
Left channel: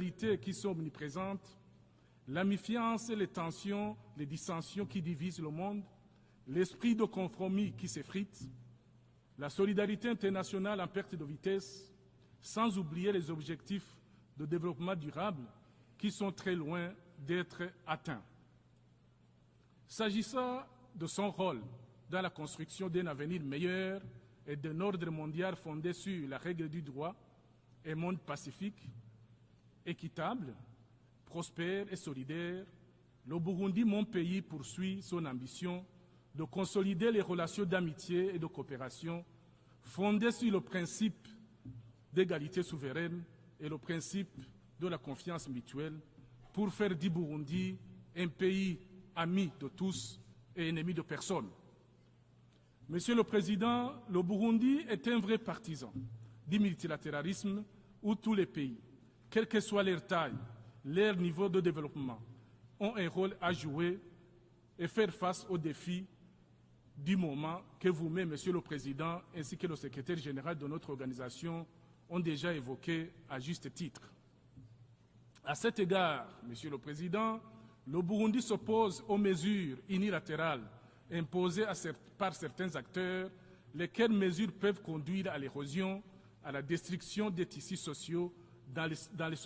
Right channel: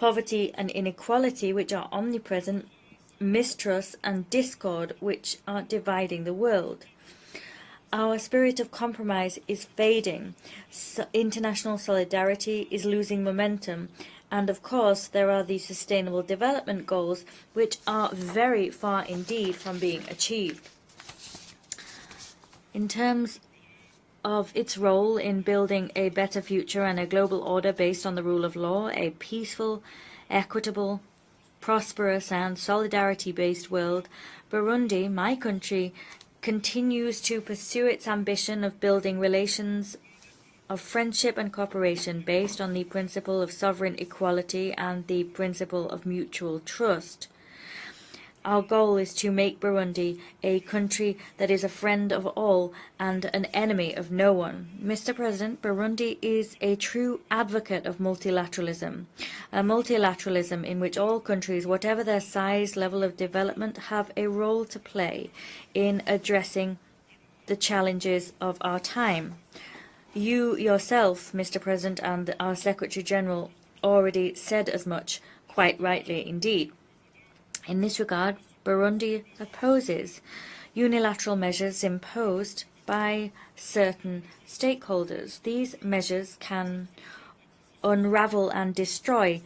poverty and inequality which are omnipresent, mistrust and discord which are dividing the world. Our spirit of compromise is fading, international solidarity is losing momentum, and of course there are the Sustainable Development Goals which are very far indeed from being achieved. In terms of its role in building a better future and a global order based on the rule of law, a peaceful, equitable, prosperous and solidarity-based world, Burundi, my country, continues to pursue its ambition of building relations of friendship and cooperation based on the principle of sovereign equality and the principle of mutual trust. Our goal is to make Burundi a country that is a friend of all and an enemy of no one. Mr. President, Burundi is a true advocate of multilateralism, a multilateralism in which all countries, whatever their size, level of development, have a role to play in addressing the challenges of our time. You yourself, Mr. President, and our Secretary General already said as much, quite rightly indeed. In this regard, Burundi opposes unilateral measures imposed by certain stakeholders. These measures can unravel and destroy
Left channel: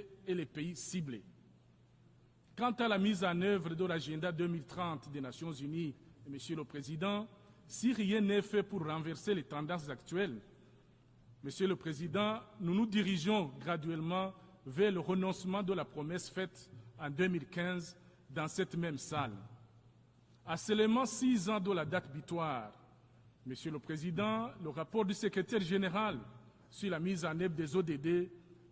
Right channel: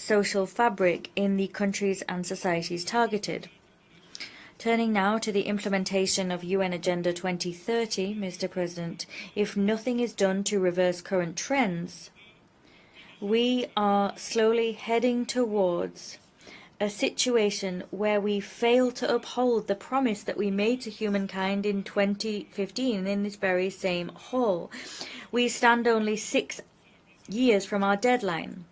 social fabric in the countries and societies targeted. Turning now to the implementation of UN Agenda 2030, Mr. President, if nothing is done to reverse current trends, we are slowly heading towards a situation where we fail to uphold the promise that we made to humankind in 2015 in this very same hall. We stand only 6 years from our deadline.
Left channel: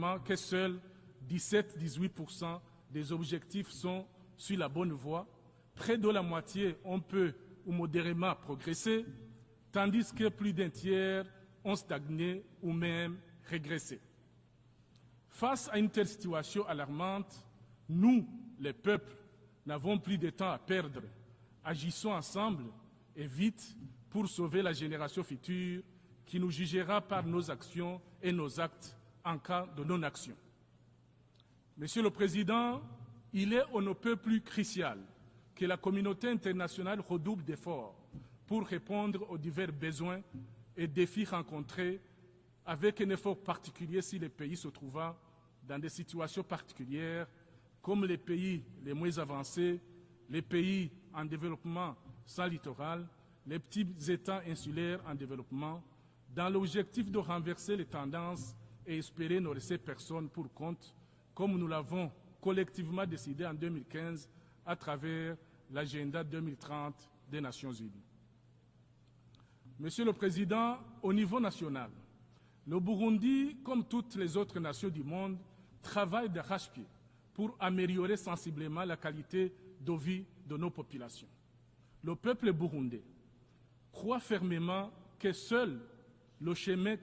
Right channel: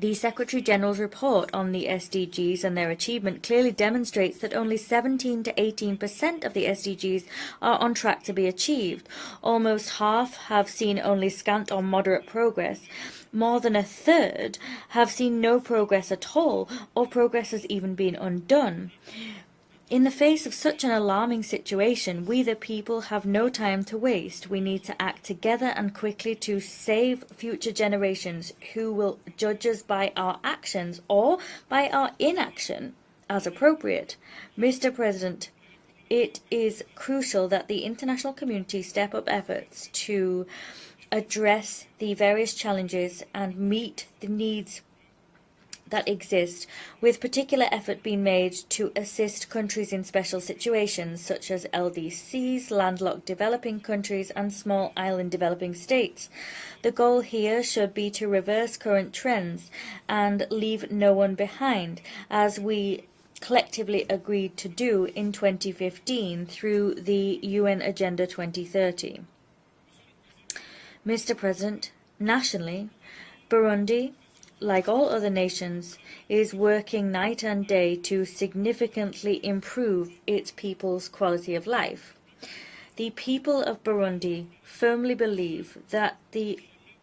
The Secretary General's report on the SDGs and their achievement clearly demonstrates that only 17 to 18% of the SDGs are on track to be achieved. Almost half have seen only scant or moderate progress. More than a third have seen no progress at all, or progress has even been undone. In the face of such an alarming situation, we the people have no time to waste. We need to act together and quickly to save future generations who will judge us by our actions or by our inaction. as appropriate. Mr. President, it is crucial that the international community step up efforts to address the various challenges and meet the needs that exist, with particular effort being made to assist countries in special situations such as LDCs, landlocked developing countries and small island developing states. The goal here should be to reverse current trends and leave no one behind, as we collectively agreed to do in 2015 through the UN Agenda 2030. Mr. President, nationally, Burundi, like all other nations, is working night and day to significantly improve its people's quality of life. The people of Burundi firmly believe that the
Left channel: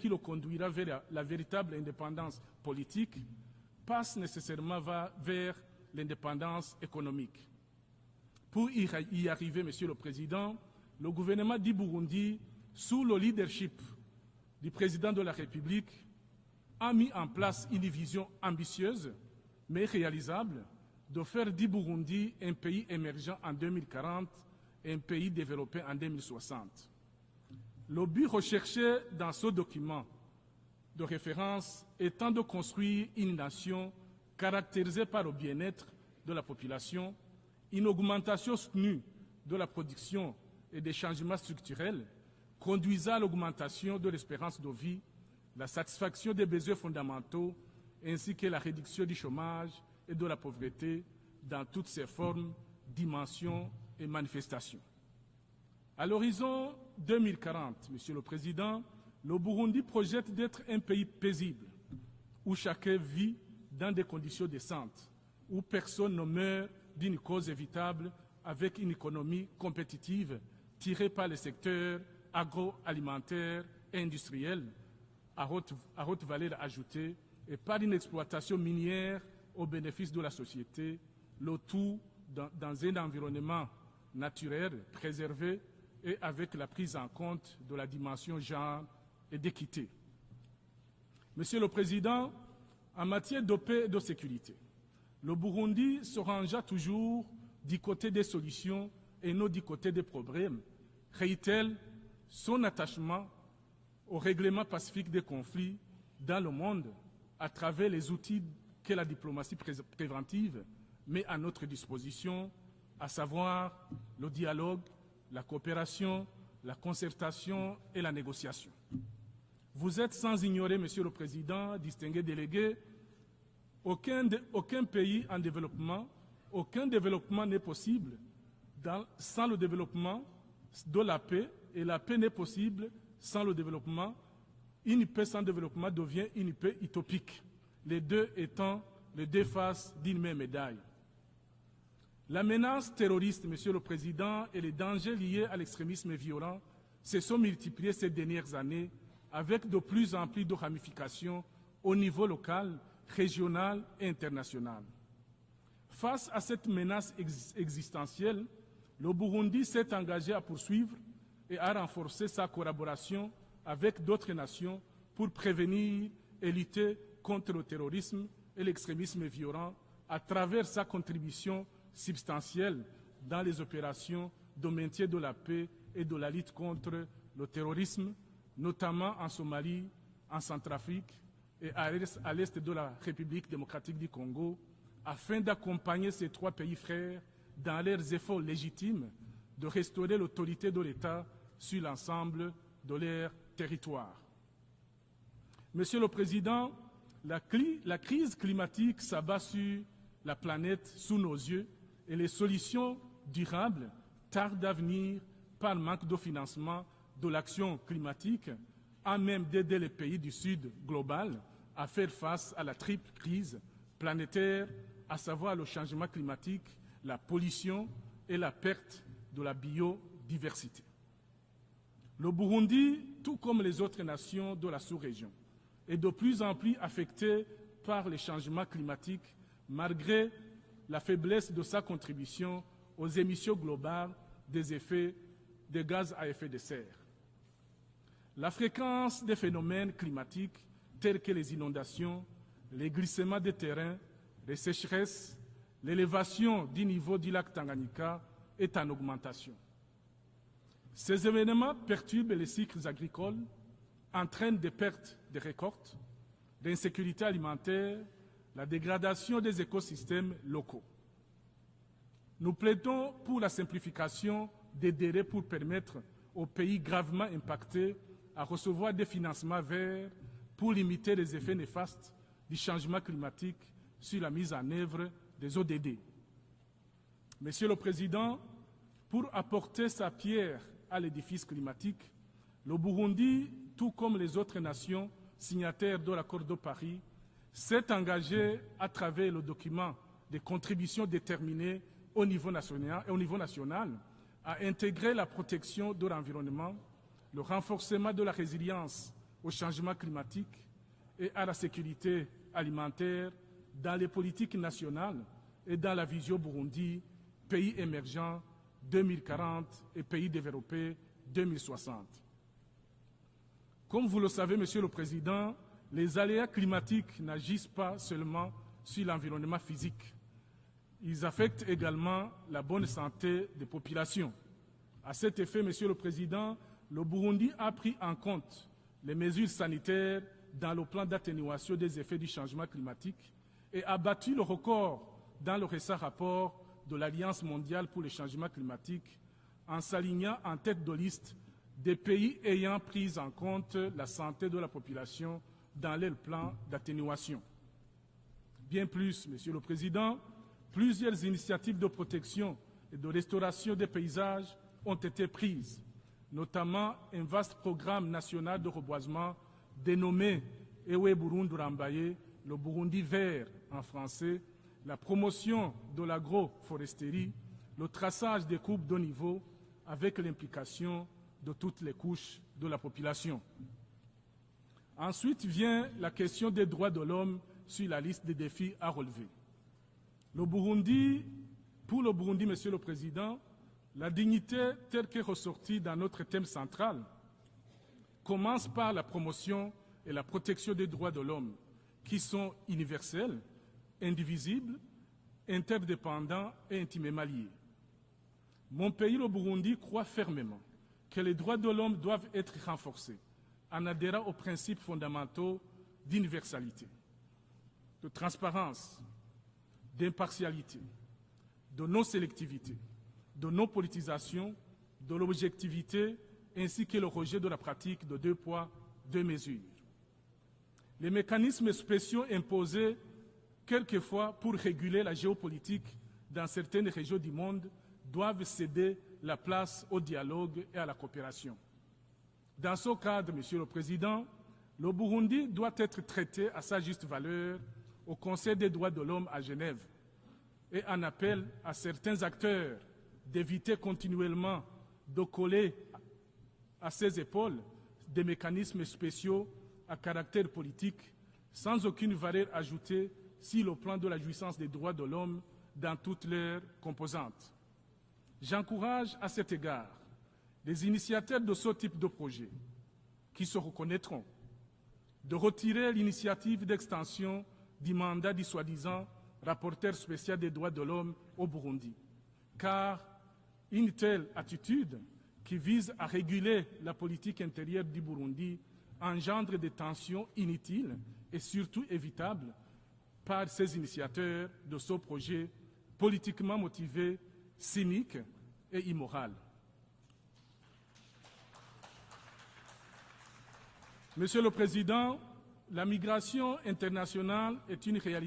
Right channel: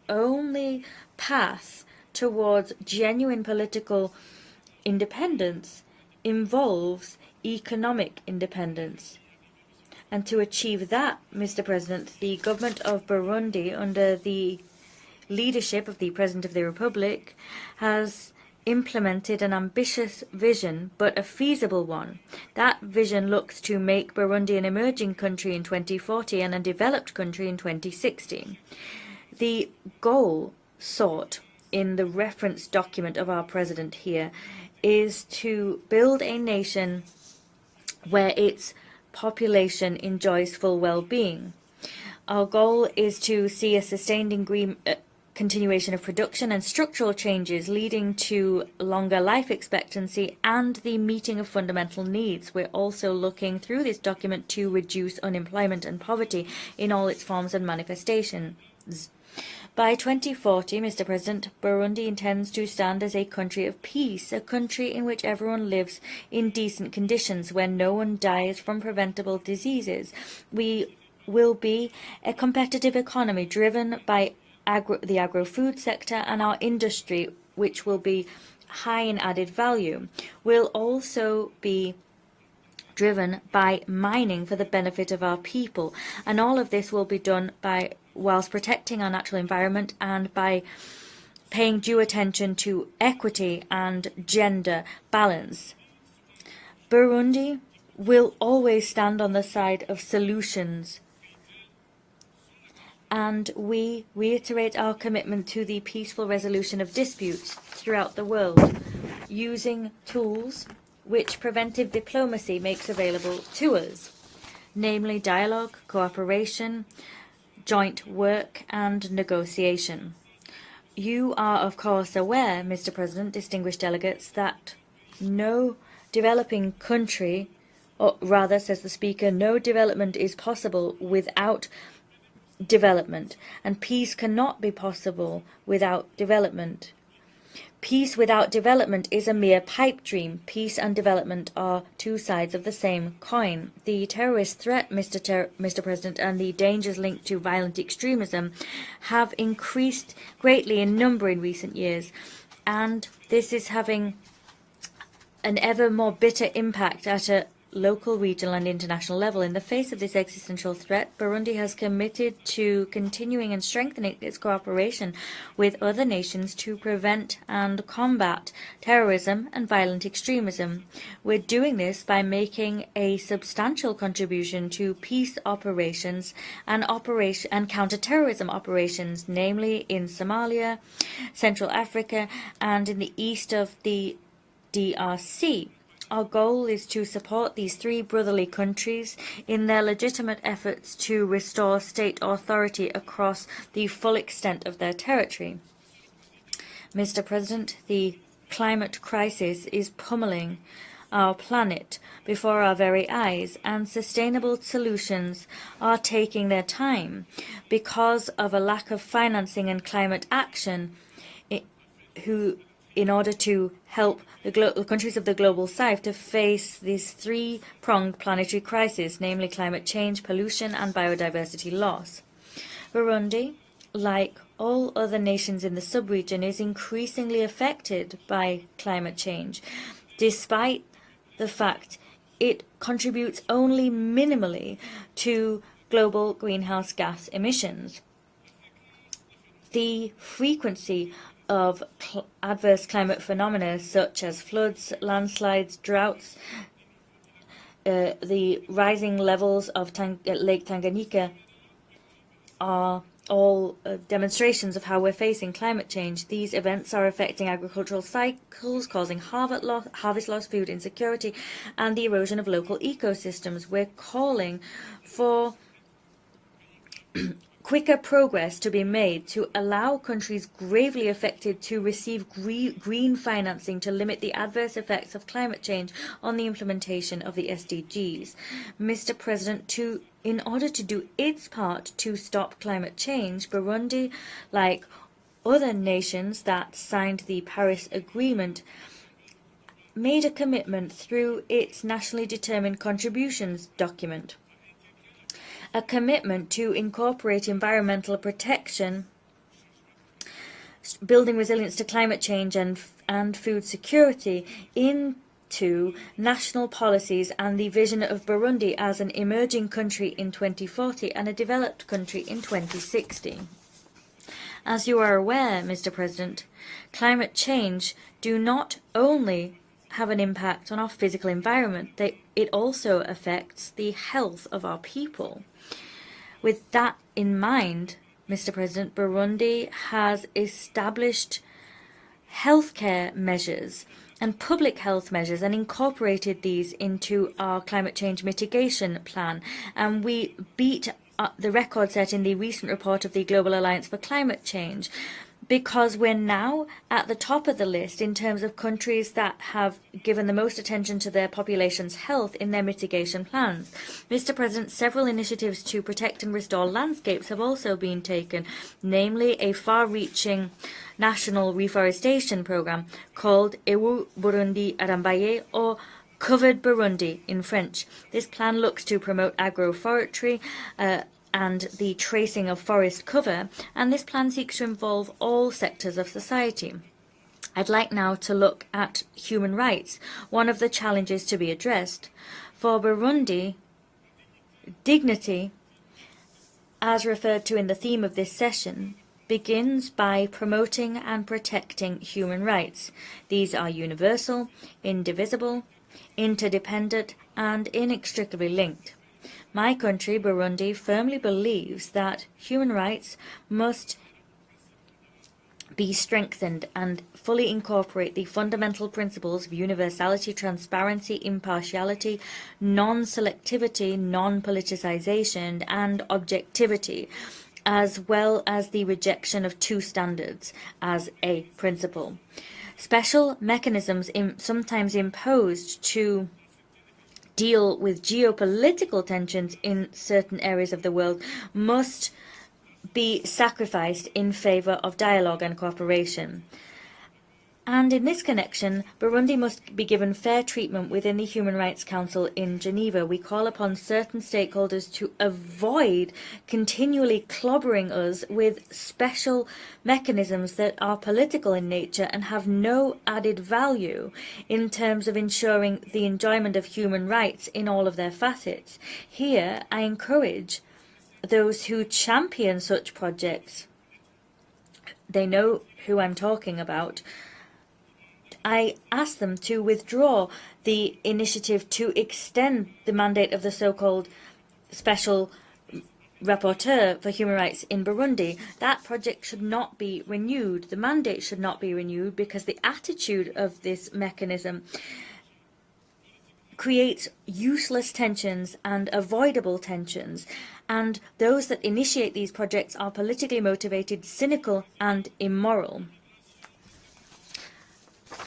only path towards genuine political independence involves economic independence. And to achieve that, Mr. President, the government of Burundi, under the leadership of the President of the Republic, has implemented an ambitious vision, but a feasible one. That vision looks to make Burundi an emerging country in 2040 and a developed country in 2060. The goal sought in the reference document of our President here is to build a nation where its population enjoys full well-being. Our goal is to see a sustained continuation of production and structural changes leading to longer life expectancy and the meeting of fundamental needs. We're also looking through this document to reduce unemployment and poverty in all its forms and manifestations. By 2040, Mr. President, Burundi intends to stand as a country of peace, a country in which everyone lives in decent conditions, where no one dies from preventable diseases. We will be a competitive economy driven by the agro-food sector and our industry, which will be high in added value. We'll also be driven by mining for the benefit of our people, and all of this will be done whilst protecting our natural environment and by paying due attention to equity and gender balance. Burundi will always stand on the side of solutions, and we reiterate our commitment to the peaceful resolution of disputes throughout the world, using tools which preventive diplomacy makes available to us, namely dialogue, cooperation, joint work and negotiation. You are, of course, aware, Mr. President, distinguished delegates, that no developing country, or rather, says the Speaker, no development is possible without development, and peace cannot be possible without development. Peace without development is a mere pipe dream. Peace and development are two sides of the same coin. The terrorist threat, Mr. President, and the dangers linked to violent extremism have increased greatly in number in recent years, and this is having an ever more bitter impact at a local, regional and international level. In the face of this existential threat, Burundi has committed to continuing and strengthening its cooperation with other nations to prevent and combat terrorism and violent extremism. We're doing this by making a substantial contribution to peace operations and counter-terrorism operations, namely in Somalia, Central Africa and in the east of the DRC. Our goal is to support these three brotherly countries in their legitimate efforts to restore state authority across the full extent of their territory. Mr. President, the climate crisis is pummeling our planet before our very eyes, and sustainable solutions are taking their time because of a lack of financing and climate action in order to help the countries of the global south to face this three-pronged planetary crisis, namely climate change, pollution and biodiversity loss. Burundi, like all other nations in the sub-region, is increasingly affected by climate change, despite the fact it contributes only minimally to global greenhouse gas emissions. The frequency of adverse climate phenomena such as floods, landslides, droughts, the rising levels of Lake Tanganyika are all demonstrations of how we're facing climate change. These events are affecting agricultural cycles, causing harvest loss, food insecurity, and the erosion of local ecosystems. We're calling for quicker progress to be made to allow countries gravely affected to receive green financing to limit the adverse effects of climate change on the implementation of the SDGs. Mr. President, in order to do its part to stop climate change, Burundi, like other nations that signed the Paris Agreement, made a commitment through its nationally determined contributions document, a commitment to incorporate environmental protection, building resilience to climate change and food security into national policies and the vision of Burundi as an emerging country in 2040 and a developed country in 2060. As you are aware, Mr. President, climate change do not only have an impact on our physical environment, it also affects the health of our people. With that in mind, Mr. President, Burundi has established healthcare measures and public health measures and incorporated these into our climate change mitigation plan. And we beat the record set in the recent report of the Global Alliance for Climate Change, because we're now at the top of the list in terms of countries that have given the most attention to their population's health in their mitigation plans. Mr. President, several initiatives to protect and restore landscapes have also been taken, namely a far-reaching national reforestation program called Ewu Burundi Arambaye, or Covered Burundi in French. This plan looks to promote agroforestry and the tracing of forest cover, and this plan seeks to involve all sectors of society. I'd like now to look at human rights, one of the challenges to be addressed. For Burundi, dignity, as referred to in the theme of this session, begins by promoting and protecting human rights. These are universal, indivisible, interdependent, and inextricably linked. My country, Burundi, firmly believes that human rights must be strengthened and fully incorporate the fundamental principles of universality, transparency, impartiality, non-selectivity, non-politicization, and objectivity, as well as the rejection of two standards as a principle. Special mechanisms sometimes imposed to deal with geopolitical tensions in certain areas of the world must be sacrificed in favor of dialogue and cooperation. And in this connection, Burundi must be given fair treatment within the Human Rights Council in Geneva. We call upon certain stakeholders to avoid continually clobbering us with special mechanisms that are political in nature and have no added value in terms of ensuring the enjoyment of human rights in all of their facets. Here, I encourage those who champion such projects. They know who I'm talking about. I ask them to withdraw the initiative to extend the mandate of the so-called Special Rapporteur for Human Rights in Burundi. That project should not be renewed. The mandate should not be renewed because the attitude of this mechanism creates useless tensions and avoidable tensions, and those that initiate these projects are politically motivated, cynical, and immoral.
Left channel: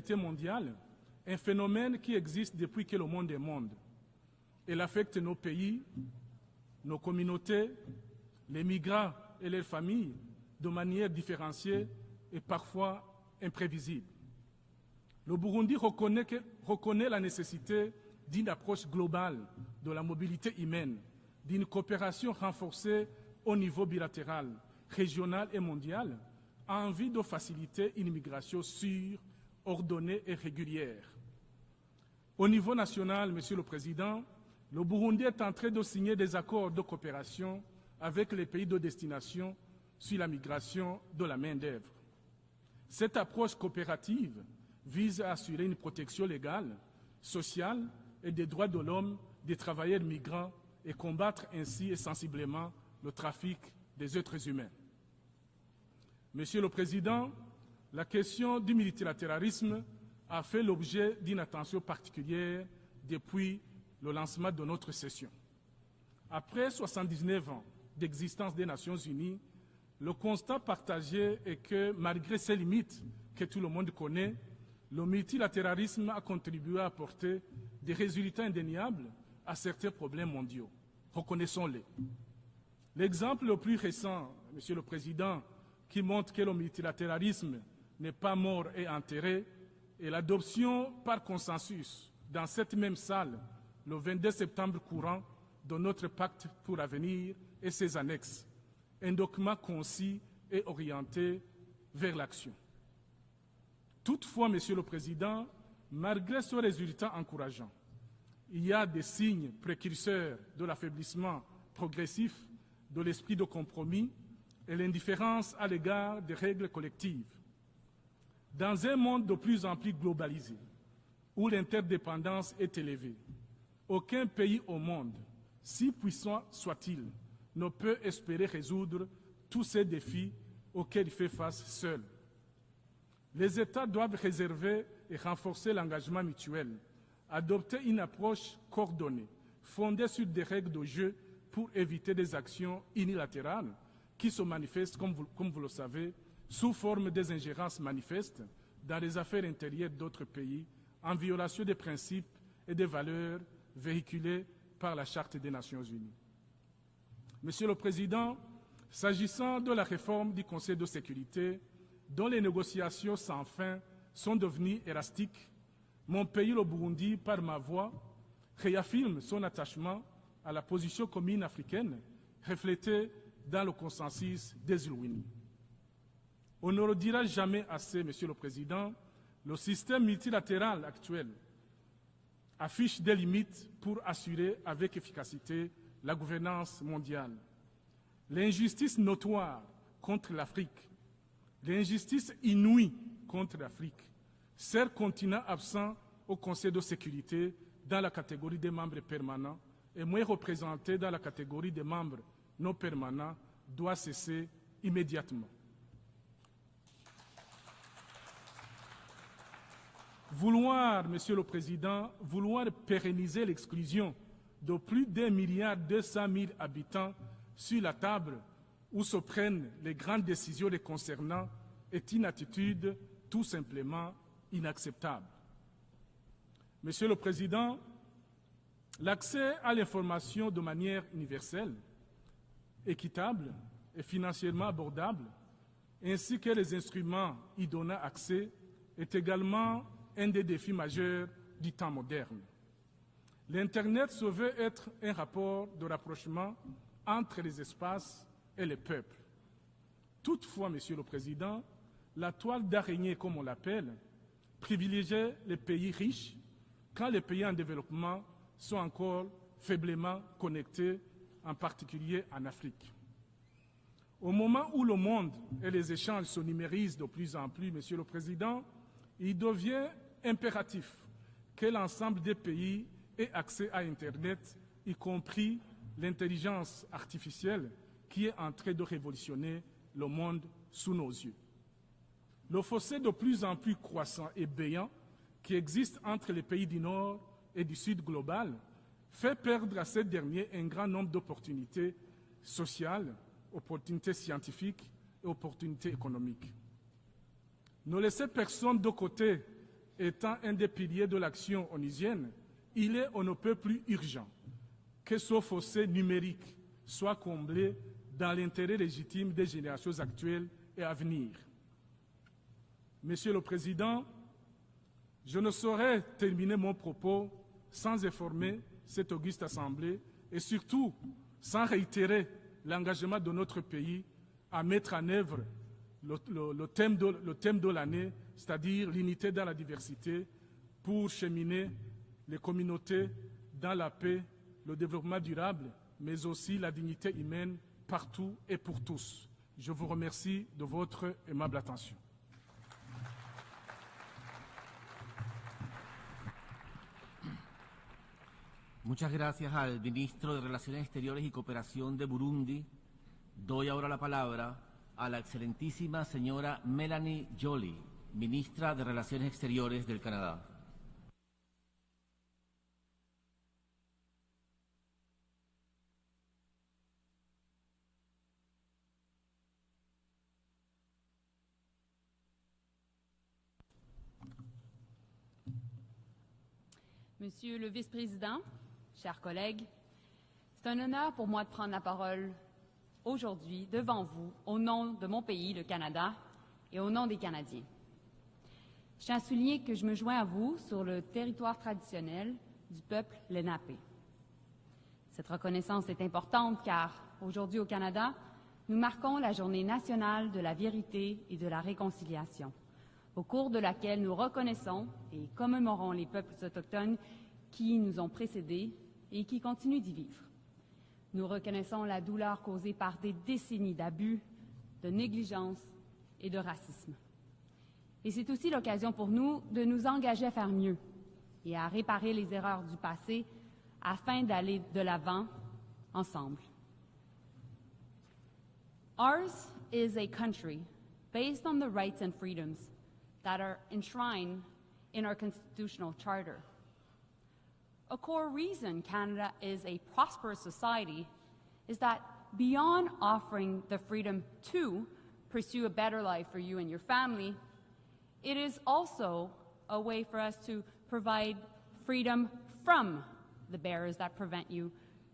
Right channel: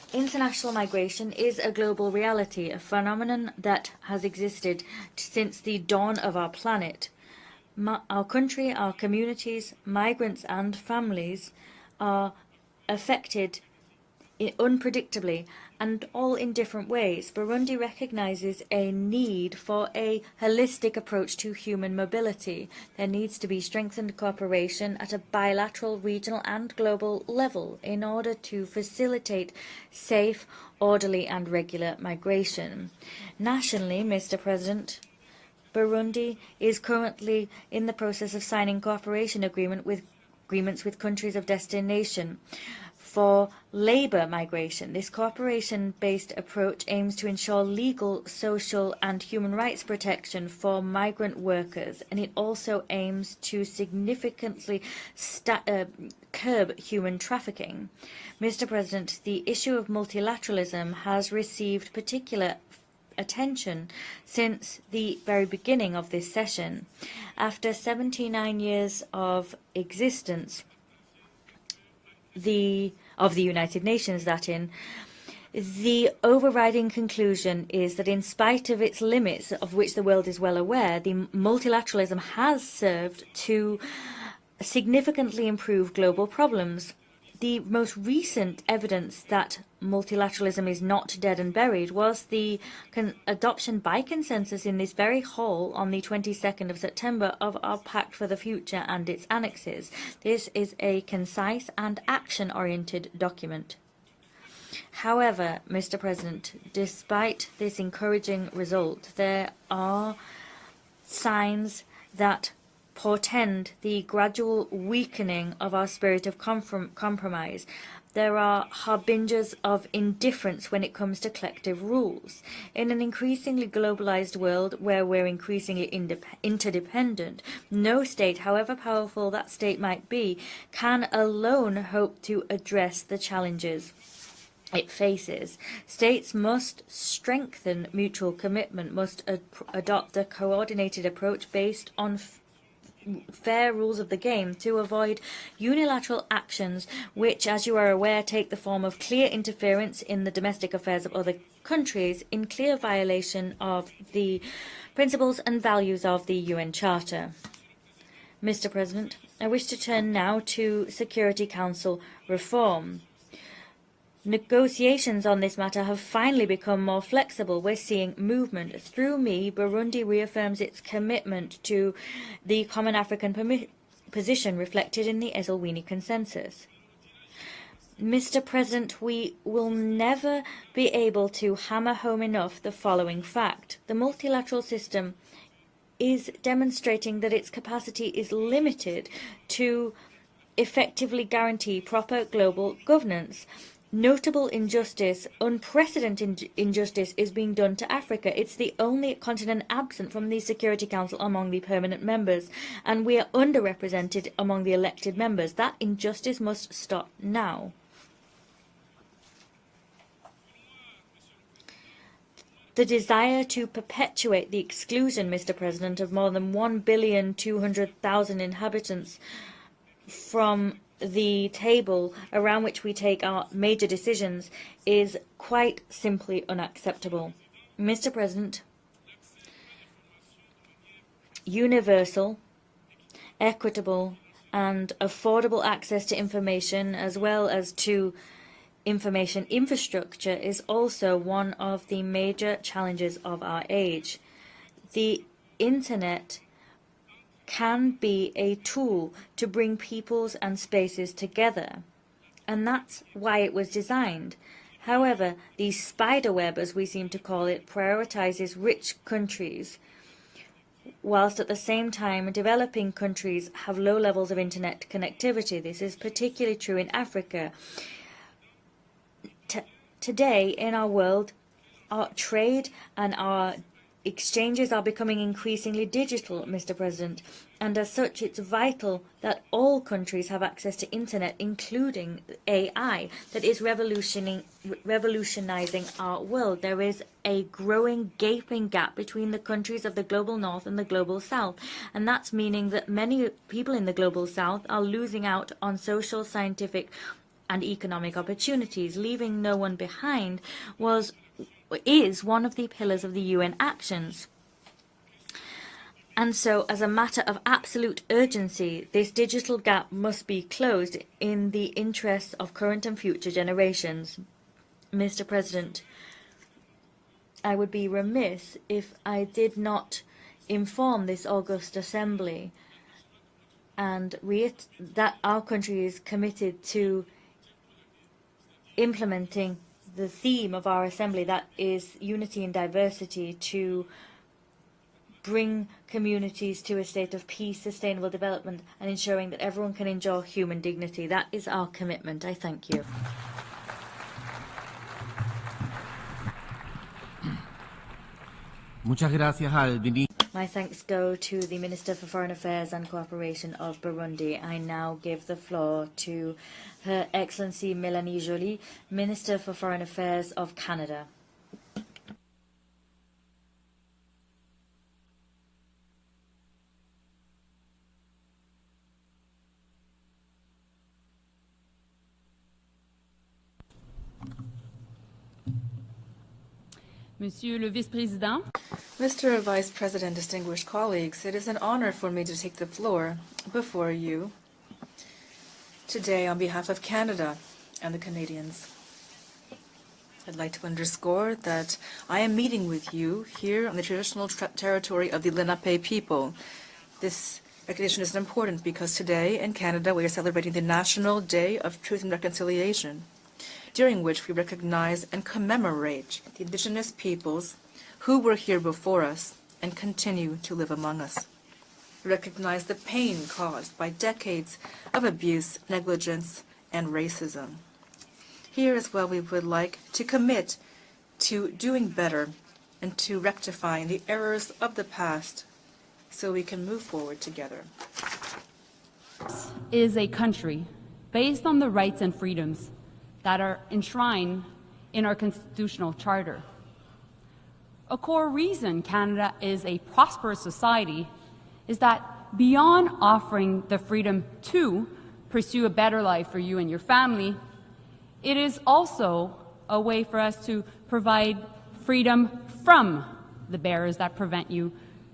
International migration is a global reality, a phenomenon that has existed since the dawn of our planet. Our country, our communities, migrants and families are affected unpredictably and all in different ways. Burundi recognizes a need for a holistic approach to human mobility. There needs to be strengthened cooperation at a bilateral, regional and global level in order to facilitate safe, orderly and regular migration. Nationally, Mr. President, Burundi is currently in the process of signing cooperation agreements with countries of destination for labour migration. This cooperation-based approach aims to ensure legal, social and human rights protection for migrant workers, and it also aims to significantly curb human trafficking. Mr. President, the issue of multilateralism has received particular attention since the very beginning of this session. After 79 years of existence of the United Nations, the overriding conclusion is that in spite of its limits, of which the world is well aware, the multilateralism has served to significantly improve global problems. The most recent evidence that multilateralism is not dead and buried was the adoption by consensus in this very hall on the 22nd of September of our Pact for the Future and its annexes. This is a concise and action-oriented document. However, Mr. President, despite this encouraging result, there are signs that portend the gradual weakening of our spirit of compromise. There are harbingers of indifference when it comes to collective rules. In an increasingly globalized world where we're increasingly interdependent, no state, however powerful that state might be, can alone hope to address the challenges it faces. States must strengthen mutual commitment, must adopt a coordinated approach based on fair rules of the game to avoid unilateral actions which, as you are aware, take the form of clear interference in the domestic affairs of other countries in clear violation of the principles and values of the UN Charter. Mr. President, I wish to turn now to Security Council reform. Negotiations on this matter have finally become more flexible. We're seeing movement. Through me, Burundi reaffirms its commitment to the Common African position reflected in the Esselwini Consensus. Mr. President, we will never be able to hammer home enough the following fact. The multilateral system is demonstrating that its capacity is limited to effectively guarantee proper global governance. Notable injustice, unprecedented injustice is being done to Africa. It's the only continent absent from the Security Council among the permanent members, and we are underrepresented among the elected members. That injustice must stop now. The desire to perpetuate the exclusion, Mr. President, of more than 1,200,000,000 inhabitants from the table around which we take our major decisions is quite simply unacceptable. Mr. President, universal, equitable and affordable access to information as well as to information infrastructure is also one of the major challenges of our age. The Internet can be a tool to bring peoples and spaces together, and that's why it was designed. However, the spiderweb, as we seem to call it, prioritizes rich countries, whilst at the same time developing countries have low levels of internet connectivity. This is particularly true in Africa. Today, in our world, our trade and our exchanges are becoming increasingly digital, Mr. President, and as such it's vital that all countries have access to internet, including AI, that is revolutionizing our world. There is a growing, gaping gap between the countries of the global north and the global south, and that's meaning that many people in the global south are losing out on social, scientific, and economic opportunities. Leaving no one behind is one of the pillars of the UN actions. And so, as a matter of absolute urgency, this digital gap must be closed in the interests of current and future generations. Mr. President, I would be remiss if I did not inform this August Assembly and reiterate that our country is committed to implementing the theme of our Assembly, that is unity and diversity, to bring communities to a state of peace, sustainable development, and ensuring that everyone can enjoy human dignity. That is our commitment. I thank you. My thanks go to the Minister for Foreign Affairs and Cooperation of Burundi. I now give the floor to Her Excellency Mélanie Joly, Minister for Foreign Affairs of Canada. Monsieur le Vice-Président, Mr. Vice President, distinguished colleagues, it is an honor for me to take the floor before you today on behalf of Canada and the Canadians. I'd like to underscore that I am meeting with you here on the traditional territory of the Lenape people. This recognition is important because today in Canada we are celebrating the National Day of Truth and Reconciliation, during which we recognize and commemorate the Indigenous peoples who were here before us and continue to live among us. We recognize the pain caused by decades of abuse, negligence, and racism. Here as well, we would like to commit to doing better and to rectifying the errors of the past so we can move forward together. Ours is a country based on the rights and freedoms that are enshrined in our constitutional charter. A core reason Canada is a prosperous society is that beyond offering the freedom to pursue a better life for you and your family, it is also a way for us to provide freedom from the barriers that prevent you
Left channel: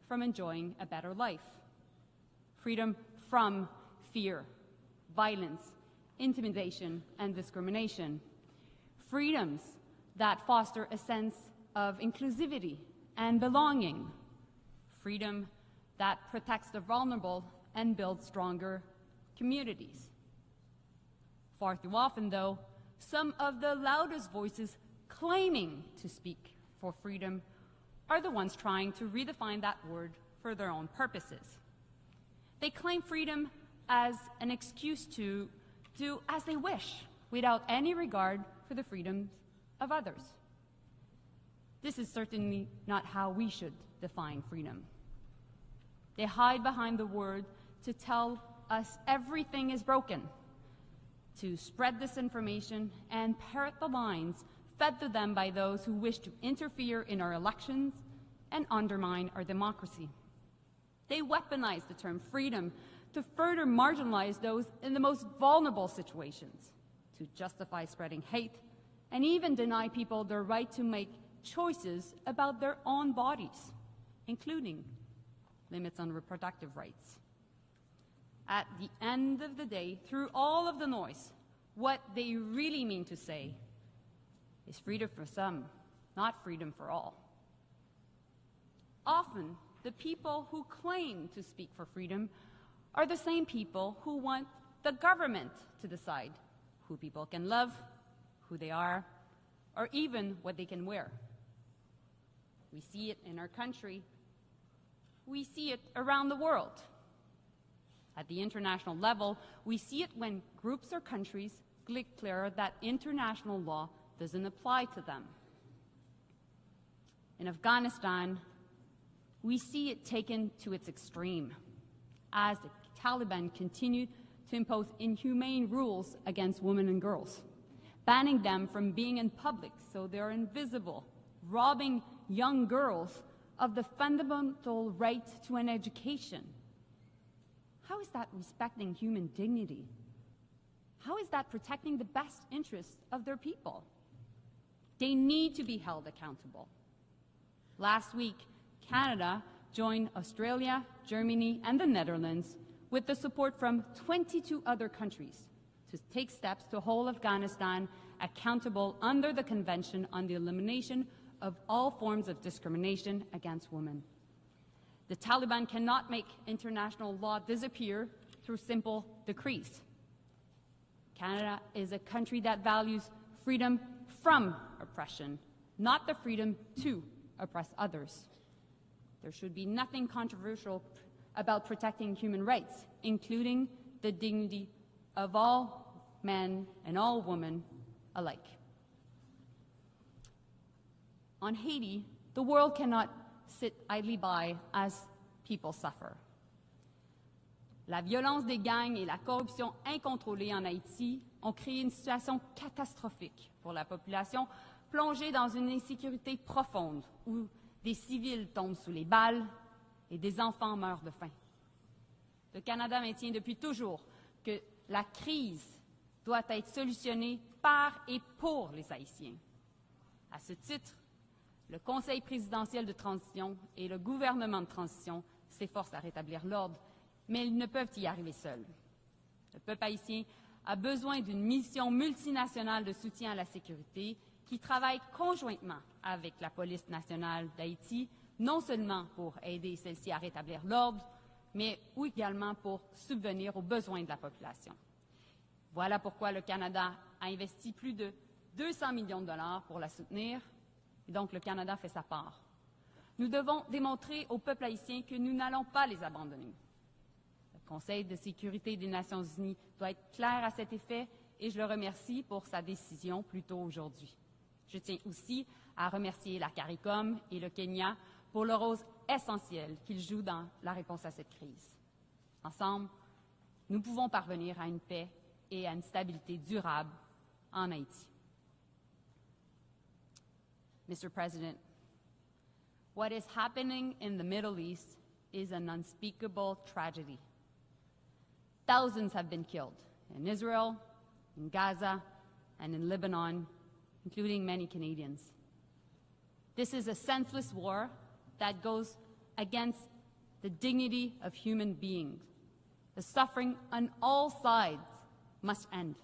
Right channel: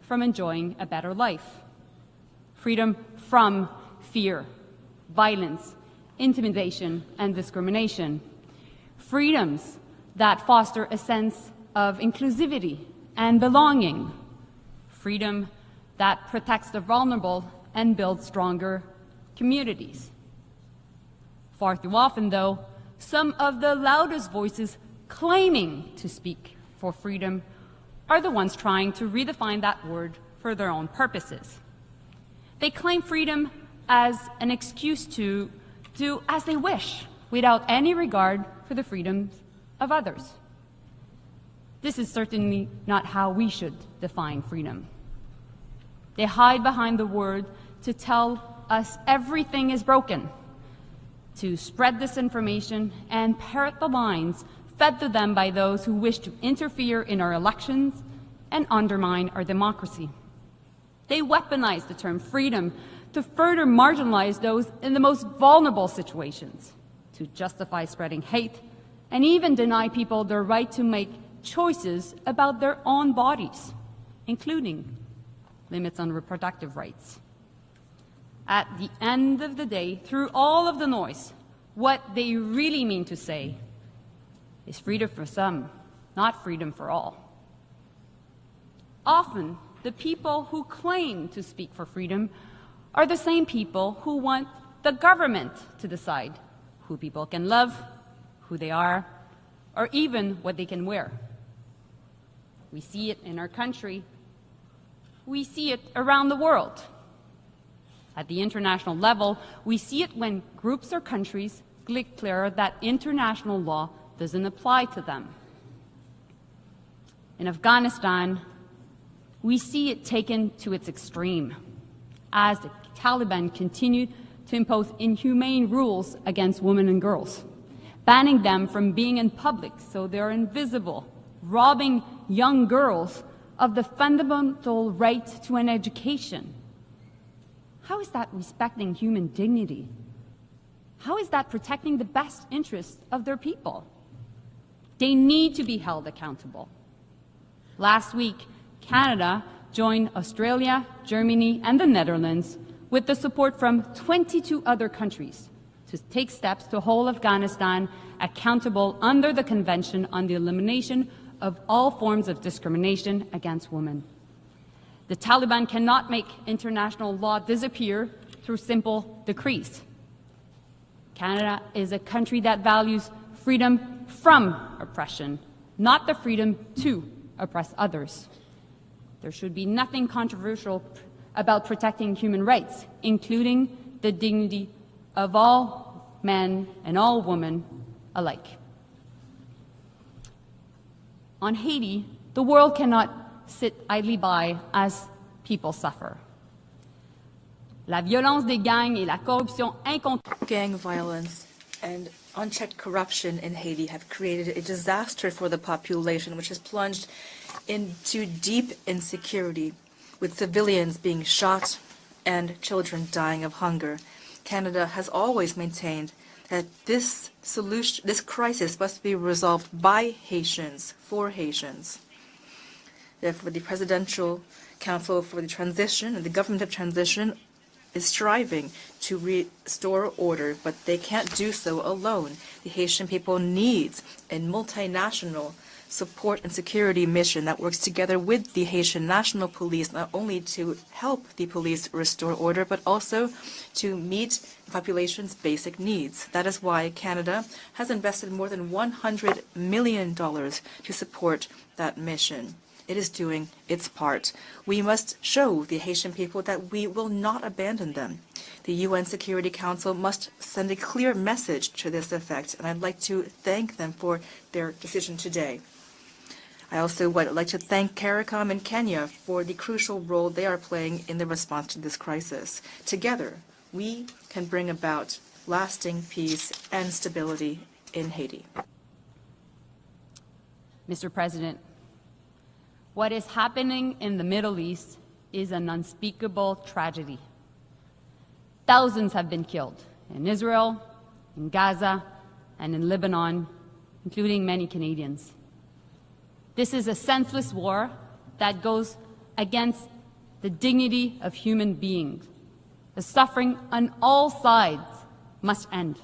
from enjoying a better life. Freedom from fear, violence, intimidation, and discrimination. Freedoms that foster a sense of inclusivity and belonging. Freedom that protects the vulnerable and builds stronger communities. Far too often, though, some of the loudest voices claiming to speak for freedom are the ones trying to redefine that word for their own purposes. They claim freedom as an excuse to do as they wish without any regard for the freedoms of others. This is certainly not how we should define freedom. They hide behind the word to tell us everything is broken, to spread disinformation and parrot the lines fed to them by those who wish to interfere in our elections and undermine our democracy. They weaponize the term freedom to further marginalize those in the most vulnerable situations, to justify spreading hate, and even deny people their right to make choices about their own bodies, including limits on reproductive rights. At the end of the day, through all of the noise, what they really mean to say is freedom for some, not freedom for all. Often, the people who claim to speak for freedom are the same people who want the government to decide who people can love, who they are, or even what they can wear. We see it in our country. We see it around the world. At the international level, we see it when groups or countries declare that international law doesn't apply to them. In Afghanistan, we see it taken to its extreme as the Taliban continue to impose inhumane rules against women and girls, banning them from being in public so they're invisible, robbing young girls of the fundamental right to an education. How is that respecting human dignity? How is that protecting the best interests of their people? They need to be held accountable. Last week, Canada joined Australia, Germany, and the Netherlands with the support from 22 other countries to take steps to hold Afghanistan accountable under the Convention on the Elimination of All Forms of Discrimination Against Women. The Taliban cannot make international law disappear through simple decrees. Canada is a country that values freedom from oppression, not the freedom to oppress others. There should be nothing controversial about protecting human rights, including the dignity of all men and all women alike. On Haiti, the world cannot sit idly by as people suffer. La violence des gangs et la corruption incontrôlée. Gang violence and unchecked corruption in Haiti have created a disaster for the population, which has plunged into deep insecurity, with civilians being shot and children dying of hunger. Canada has always maintained that this crisis must be resolved by Haitians, for Haitians. Therefore, the Presidential Council for the Transition and the Government of Transition is striving to restore order, but they can't do so alone. The Haitian people needs a multinational support and security mission that works together with the Haitian National Police, not only to help the police restore order, but also to meet the population's basic needs. That is why Canada has invested more than $100 million to support that mission. It is doing its part. We must show the Haitian people that we will not abandon them. The UN Security Council must send a clear message to this effect, and I'd like to thank them for their decision today. I also would like to thank CARICOM and Kenya for the crucial role they are playing in the response to this crisis. Together, we can bring about lasting peace and stability in Haiti. Mr. President, what is happening in the Middle East is an unspeakable tragedy. Thousands have been killed in Israel, in Gaza, and in Lebanon, including many Canadians. This is a senseless war that goes against the dignity of human beings. The suffering on all sides must end.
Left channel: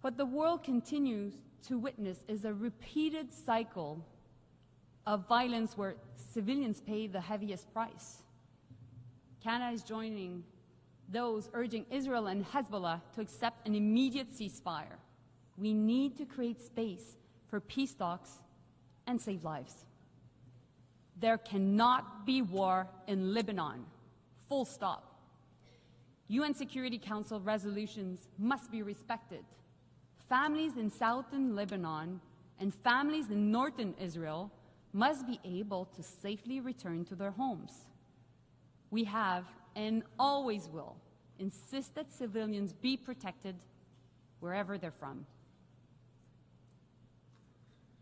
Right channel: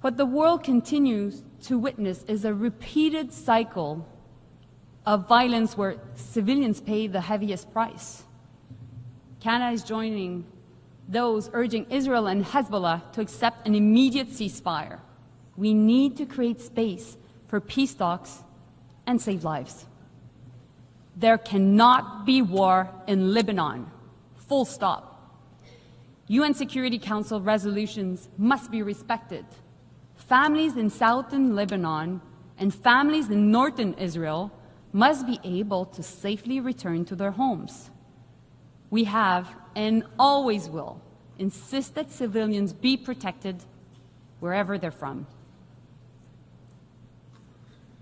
What the world continues to witness is a repeated cycle of violence where civilians pay the heaviest price. Canada is joining those urging Israel and Hezbollah to accept an immediate ceasefire. We need to create space for peace talks and save lives. There cannot be war in Lebanon. Full stop. UN Security Council resolutions must be respected. Families in southern Lebanon and families in northern Israel must be able to safely return to their homes. We have, and always will, insist that civilians be protected wherever they're from.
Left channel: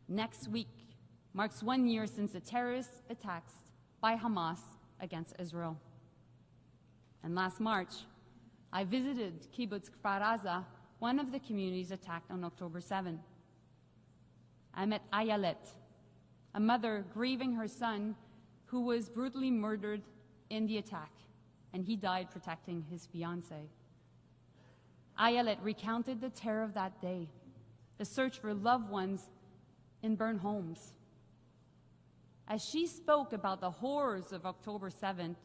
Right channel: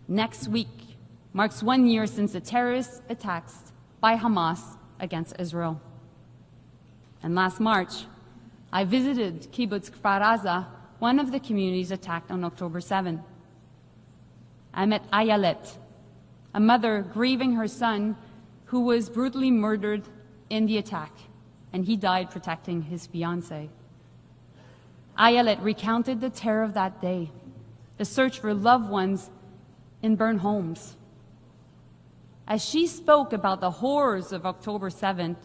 Next week marks 1 year since the terrorist attacks by Hamas against Israel. And last March, I visited Kibbutz Kfar Aza, one of the communities attacked on October 7. I met Ayelet, a mother grieving her son who was brutally murdered in the attack, and he died protecting his fiancée. Ayelet recounted the terror of that day, the search for loved ones in burned homes. As she spoke about the horrors of October 7th,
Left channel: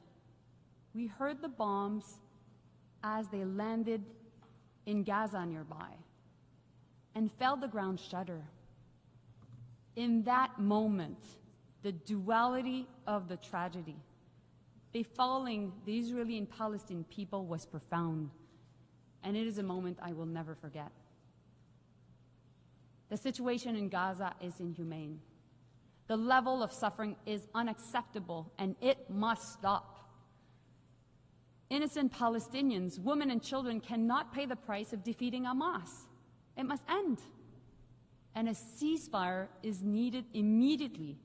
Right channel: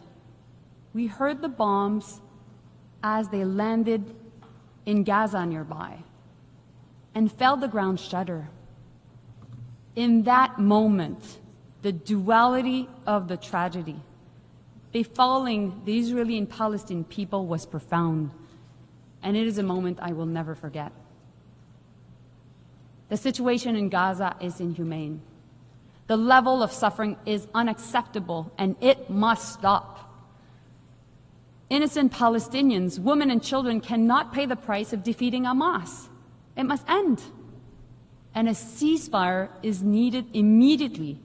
we heard the bombs as they landed in Gaza nearby and felt the ground shudder. In that moment, the duality of the tragedy befalling the Israeli and Palestinian people was profound, and it is a moment I will never forget. The situation in Gaza is inhumane. The level of suffering is unacceptable, and it must stop. Innocent Palestinians, women and children cannot pay the price of defeating Hamas. It must end. And a ceasefire is needed immediately.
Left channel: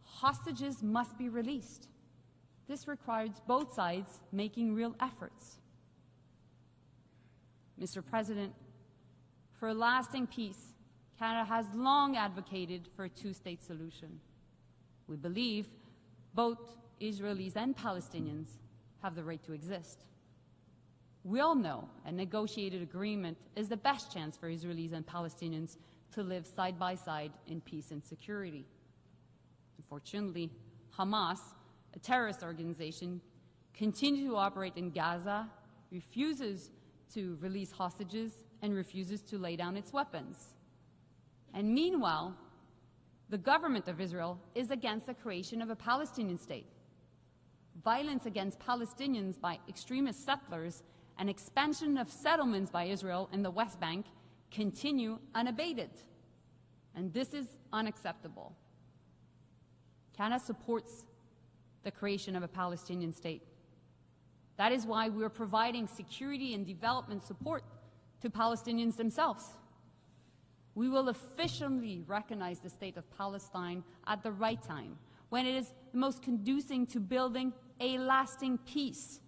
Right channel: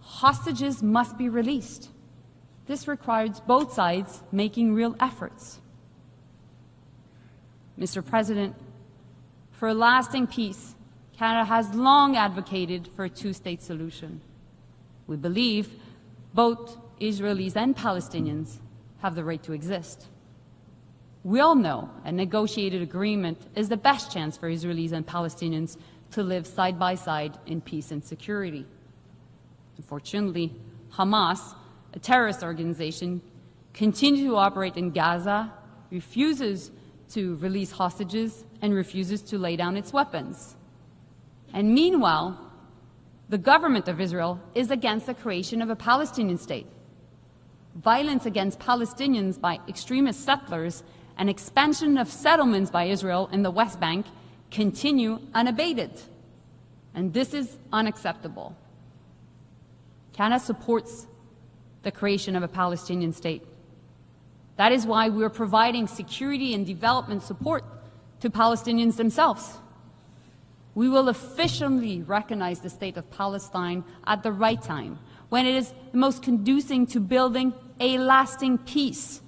Hostages must be released. This requires both sides making real efforts. Mr. President, for lasting peace, Canada has long advocated for a two-state solution. We believe Both Israelis and Palestinians have the right to exist. We all know a negotiated agreement is the best chance for Israelis and Palestinians to live side by side in peace and security. Unfortunately, Hamas, a terrorist organization, continues to operate in Gaza, refuses to release hostages, and refuses to lay down its weapons. And meanwhile, the government of Israel is against the creation of a Palestinian state. Violence against Palestinians by extremist settlers and expansion of settlements by Israel in the West Bank continue unabated. And this is unacceptable. Canada supports the creation of a Palestinian state. That is why we are providing security and development support to Palestinians themselves. We will officially recognize the state of Palestine at the right time, when it is the most conducive to building a lasting peace,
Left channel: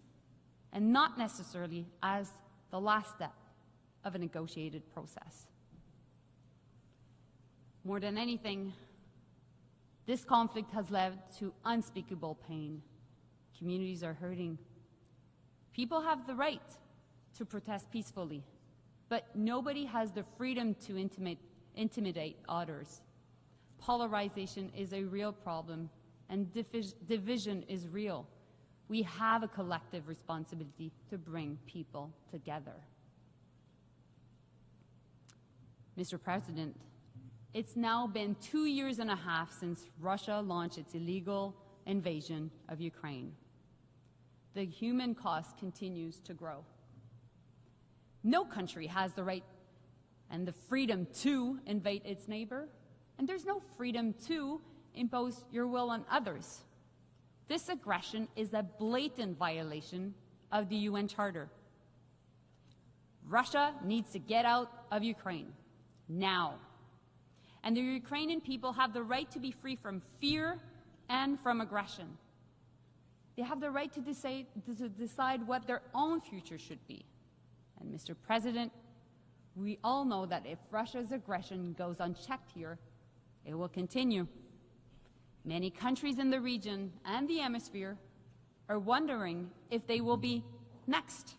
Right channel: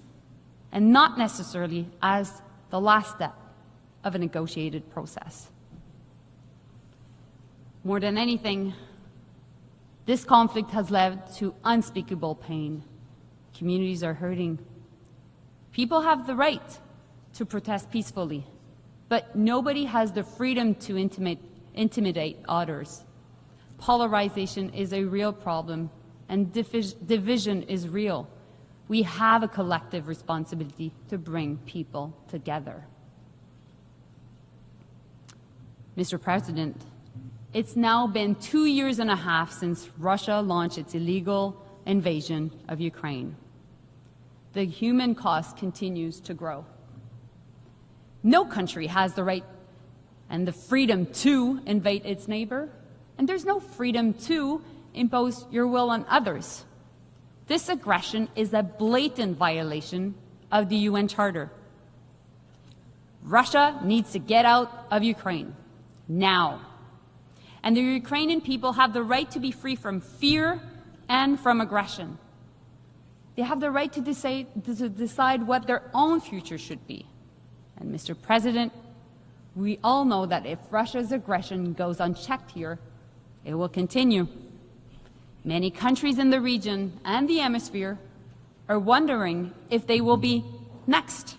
and not necessarily as the last step of a negotiated process. More than anything, this conflict has led to unspeakable pain. Communities are hurting. People have the right to protest peacefully, but nobody has the freedom to intimidate others. Polarization is a real problem, and division is real. We have a collective responsibility to bring people together. Mr. President, it's now been 2.5 years since Russia launched its illegal invasion of Ukraine. The human cost continues to grow. No country has the right and the freedom to invade its neighbor, and there's no freedom to impose your will on others. This aggression is a blatant violation of the UN Charter. Russia needs to get out of Ukraine now. And the Ukrainian people have the right to be free from fear and from aggression. They have the right to decide what their own future should be. And Mr. President, we all know that if Russia's aggression goes unchecked here, it will continue. Many countries in the region and the hemisphere are wondering if they will be next.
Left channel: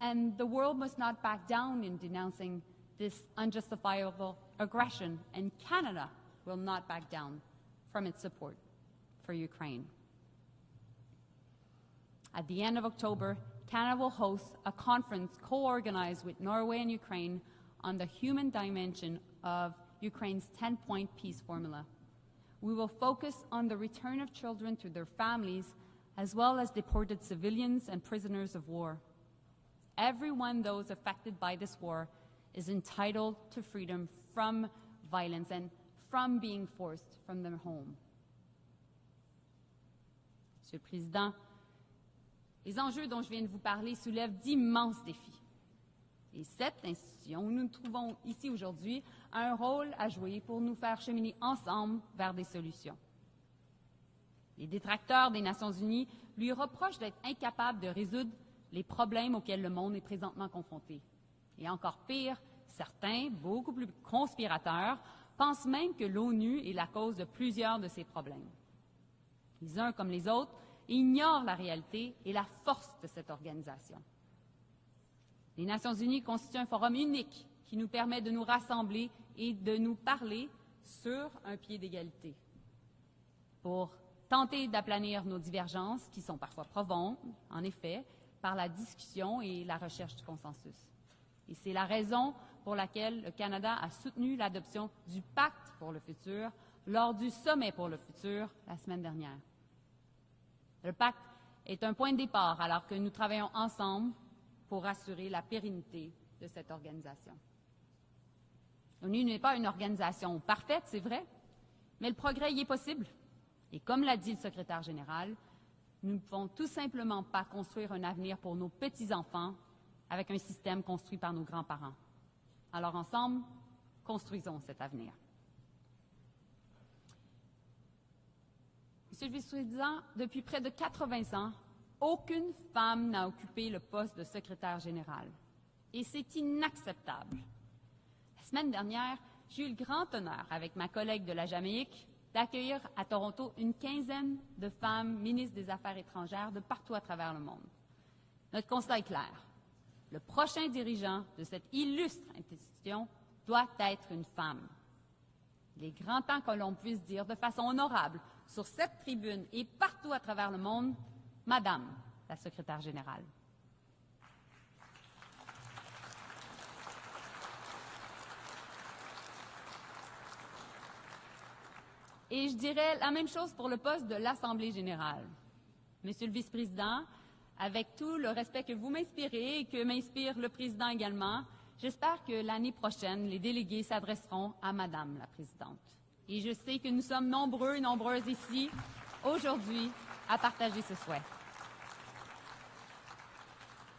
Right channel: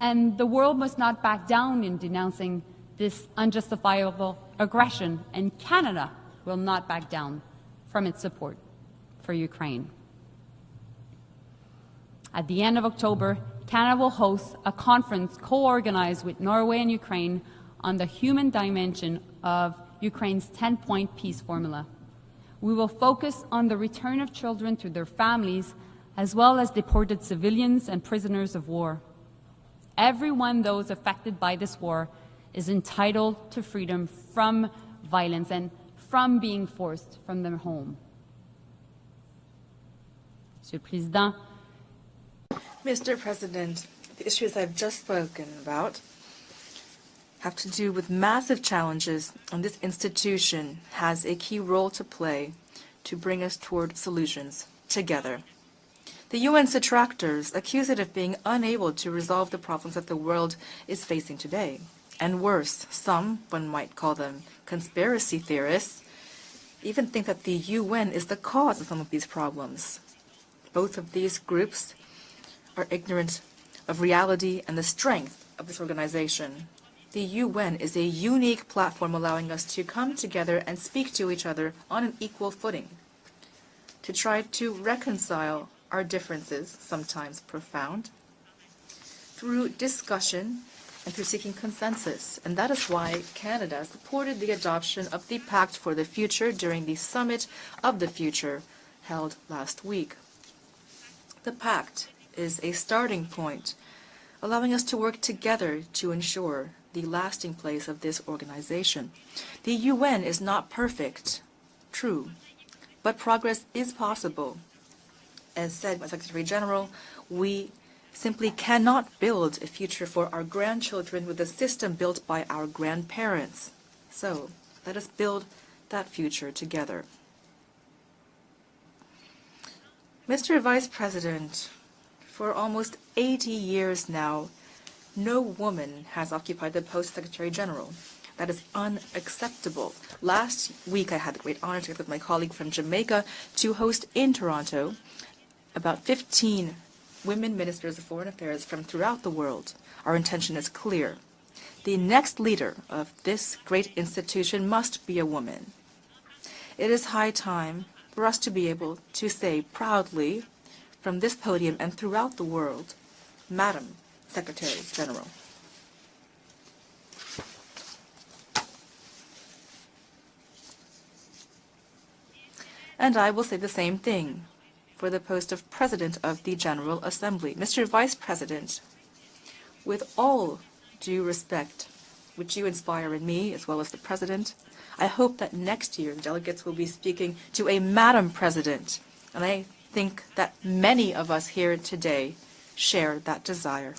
And the world must not back down in denouncing this unjustifiable aggression, and Canada will not back down from its support for Ukraine. At the end of October, Canada will host a conference co-organized with Norway and Ukraine on the human dimension of Ukraine's 10-point peace formula. We will focus on the return of children to their families, as well as deported civilians and prisoners of war. Everyone, those affected by this war, is entitled to freedom from violence and from being forced from their home. Mr. President, the issues I've just spoken about have to do with massive challenges, and this institution has a key role to play to bring us toward solutions together. The UN's detractors accuse it of being unable to resolve the problems that the world is facing today. And worse, some, one might call them conspiracy theorists, even think that the UN is the cause of some of these problems. Both of these groups are ignorant of reality and the strength of this organization. The UN is a unique platform allowing us to come together and speak to each other on an equal footing, to try to reconcile our differences, sometimes profound, through discussion and through seeking consensus. And that is why Canada supported the adoption of the Pact for the Future during the Summit of the Future held last week. The Pact is a starting point, allowing us to work together to ensure the lasting place of this organization. The UN is not perfect, true, but progress is possible. As said by Secretary General, we simply cannot build a future for our grandchildren with a system built by our grandparents. So let us build that future together. Mr. Vice President, for almost 80 years now, no woman has occupied the post of Secretary General. That is unacceptable. Last week, I had the great honor together with my colleague from Jamaica to host in Toronto about 15 women ministers of foreign affairs from throughout the world. Our intention is clear. The next leader of this great institution must be a woman. It is high time for us to be able to say proudly from this podium and throughout the world, Madam Secretary General. And I will say the same thing for the post of President of the General Assembly. Mr. Vice President, with all due respect, would you inspire in me as well as the President? I hope that next year delegates will be speaking to a Madam President. And I think that many of us here today share that desire.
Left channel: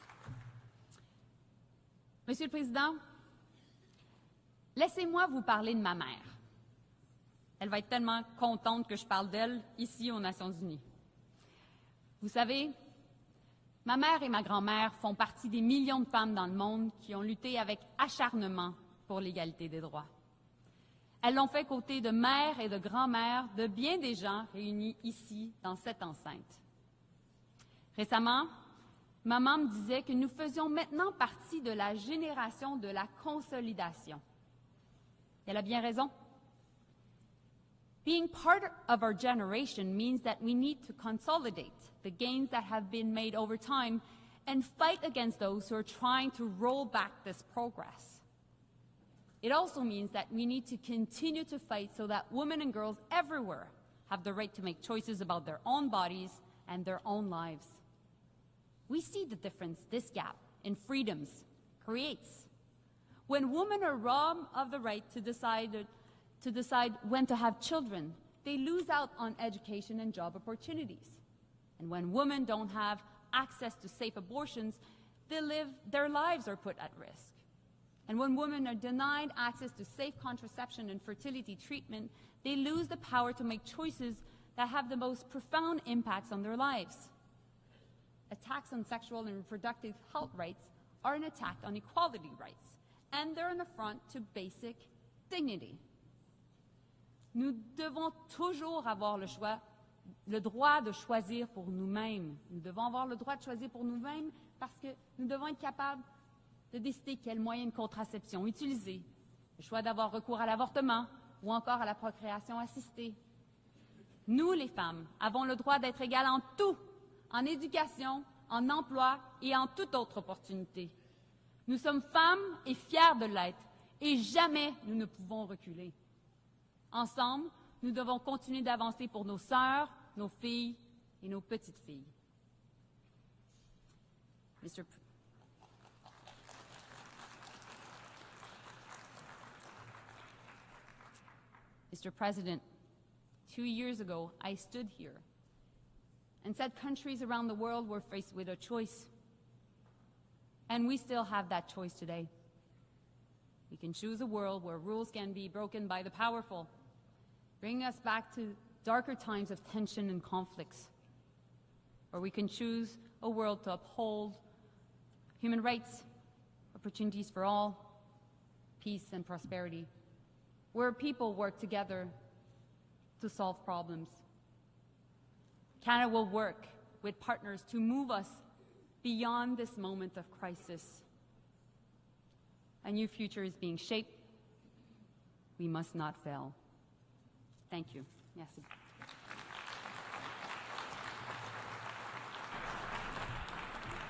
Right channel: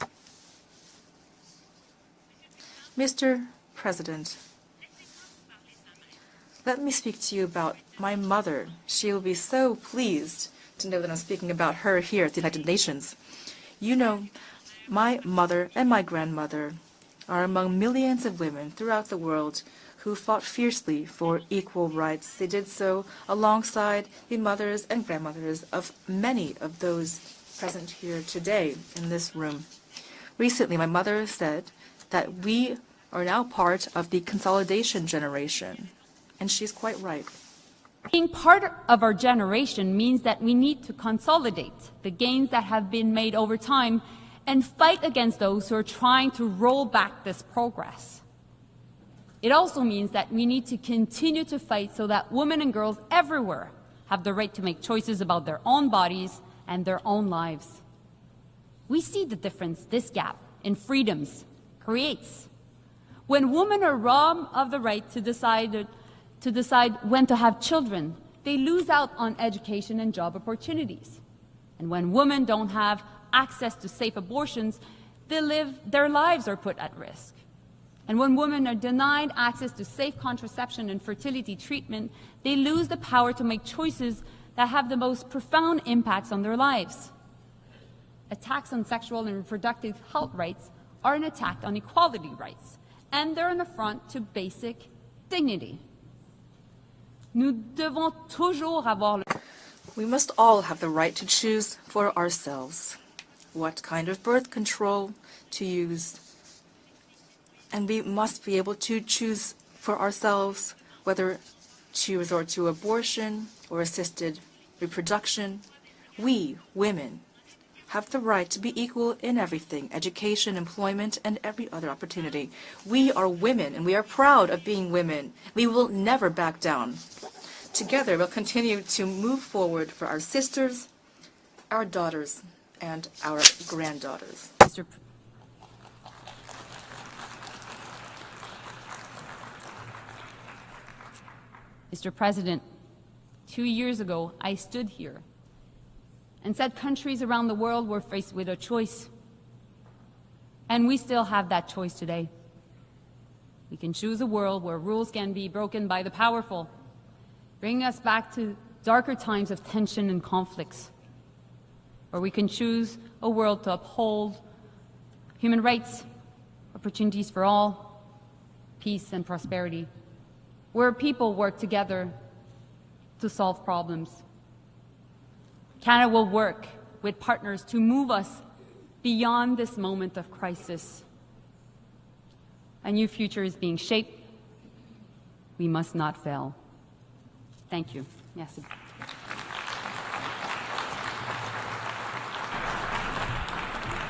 Mr. President, let me speak to you about my mother. She will be so pleased to know that I'm speaking about her here at the United Nations. You know, my mother and my grandmother are among millions of women throughout the world who fought fiercely for equal rights. They did so alongside the mothers and grandmothers of many of those present here today in this room. Recently, my mother said that we are now part of the consolidation generation. And she's quite right. Being part of our generation means that we need to consolidate the gains that have been made over time and fight against those who are trying to roll back this progress. It also means that we need to continue to fight so that women and girls everywhere have the right to make choices about their own bodies and their own lives. We see the difference this gap in freedoms creates. When women are robbed of the right to decide when to have children, they lose out on education and job opportunities. And when women don't have access to safe abortions, their lives are put at risk. And when women are denied access to safe contraception and fertility treatment, they lose the power to make choices that have the most profound impacts on their lives. Attacks on sexual and reproductive health rights are an attack on equality rights, and they're an affront to basic dignity. We must all have the right to choose for ourselves what kind of birth control to use. And we must be able to choose for ourselves whether to resort to abortion or assisted reproduction. We, women, have the right to be equal in everything, education, employment, and every other opportunity. We are women, and we are proud of being women. We will never back down. Together, we'll continue to move forward for our sisters, our daughters, and our granddaughters. Mr. President, 2 years ago, I stood here and said countries around the world were faced with a choice. And we still have that choice today. We can choose a world where rules can be broken by the powerful, bringing us back to darker times of tension and conflicts. Or we can choose a world to uphold human rights, opportunities for all, peace and prosperity, where people work together to solve problems. Canada will work with partners to move us beyond this moment of crisis. A new future is being shaped. We must not fail. Thank you. Merci.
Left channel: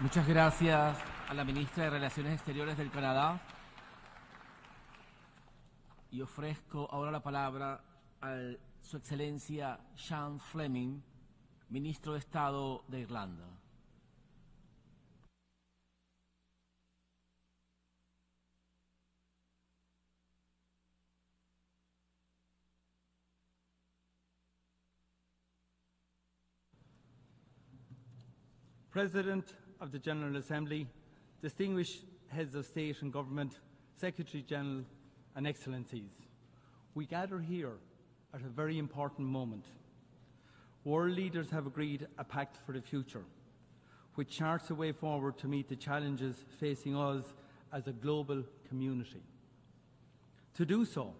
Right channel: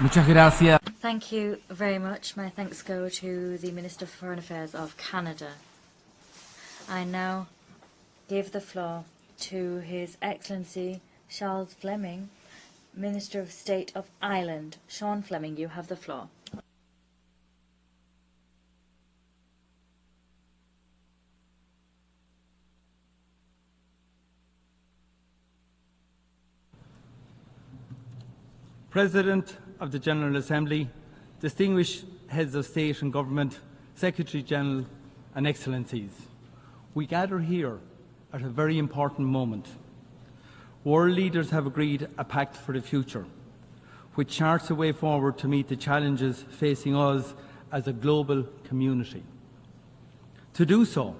Muchas gracias. Thank you very much. My thanks go to the Minister for Foreign Affairs of Canada. I now give the floor to His Excellency Charles Fleming, Minister of State of Ireland. Sean Fleming, you have the floor. President of the General Assembly, distinguished heads of state and government, Secretary General and Excellencies, we gather here at a very important moment. World leaders have agreed a pact for the future, which charts a way forward to meet the challenges facing us as a global community. To do so,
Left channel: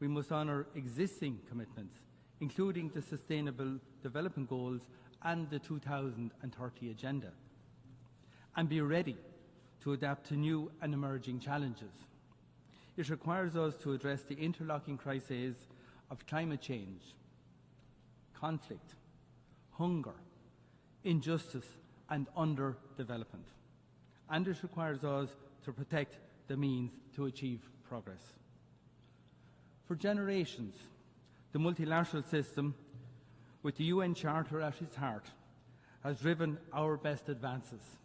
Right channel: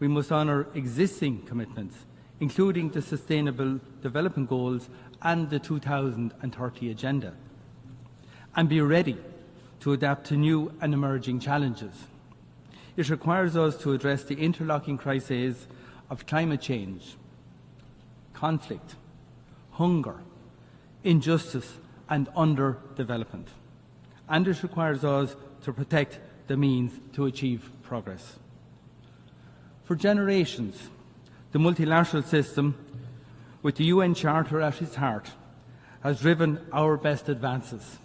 we must honour existing commitments, including the Sustainable Development Goals and the 2030 Agenda, and be ready to adapt to new and emerging challenges. It requires us to address the interlocking crises of climate change, conflict, hunger, injustice and underdevelopment. And it requires us to protect the means to achieve progress. For generations, the multilateral system, with the UN Charter at its heart, has driven our best advances.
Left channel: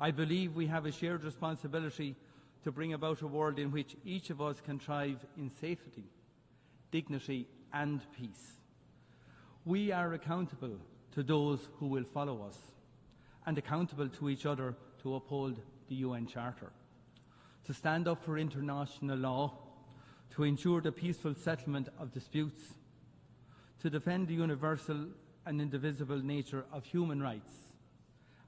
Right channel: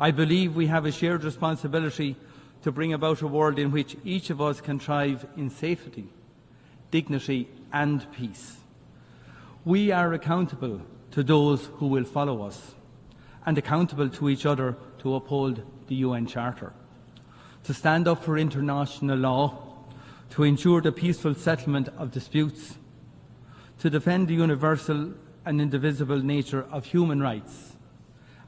I believe we have a shared responsibility to bring about a world in which each of us can thrive in safety, dignity and peace. We are accountable to those who will follow us and accountable to each other to uphold the UN Charter, to stand up for international law, to ensure the peaceful settlement of disputes, to defend the universal and indivisible nature of human rights,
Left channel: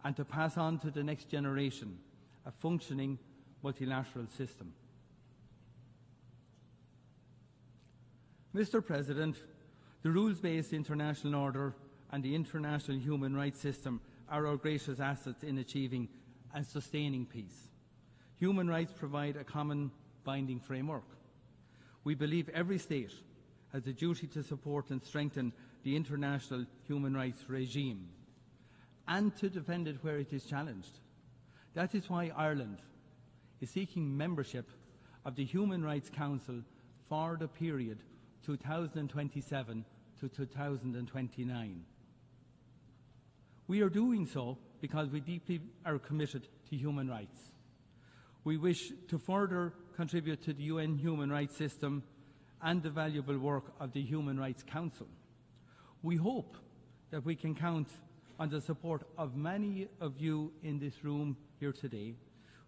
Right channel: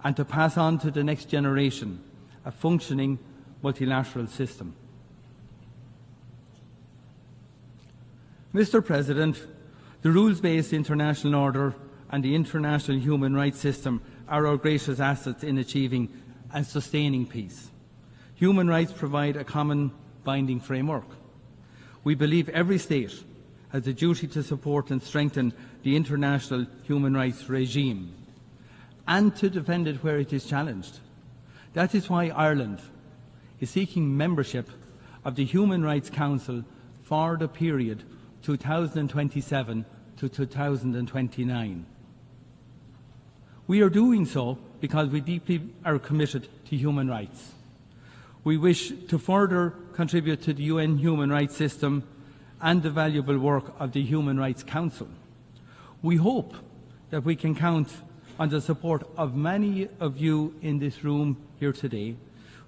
and to pass on to the next generation a functioning multilateral system. Mr. President, the rules-based international order and the international human rights system are our greatest assets in achieving and sustaining peace. Human rights provide a common binding framework. We believe every state has a duty to support and strengthen the international human rights regime and to defend it where it is challenged. That is why Ireland is seeking membership of the Human Rights Council for the period 2027 to 2029. We are doing so because we deeply are committed to human rights. We wish to further contribute to the UN human rights system and the valuable work of the Human Rights Council. We hope that we can count on the support of many of you in this room here today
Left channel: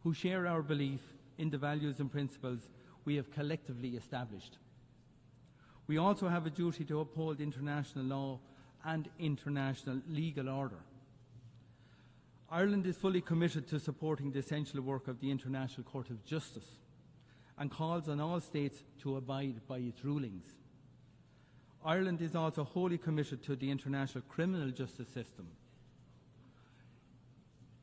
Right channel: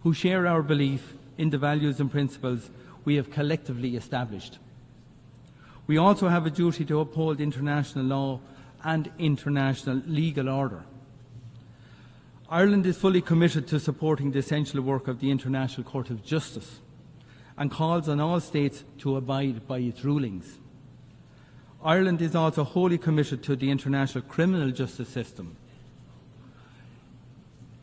who share our belief in the values and principles we have collectively established. We also have a duty to uphold international law and international legal order. Ireland is fully committed to supporting the essential work of the International Court of Justice and calls on all states to abide by its rulings. Ireland is also wholly committed to the international criminal justice system.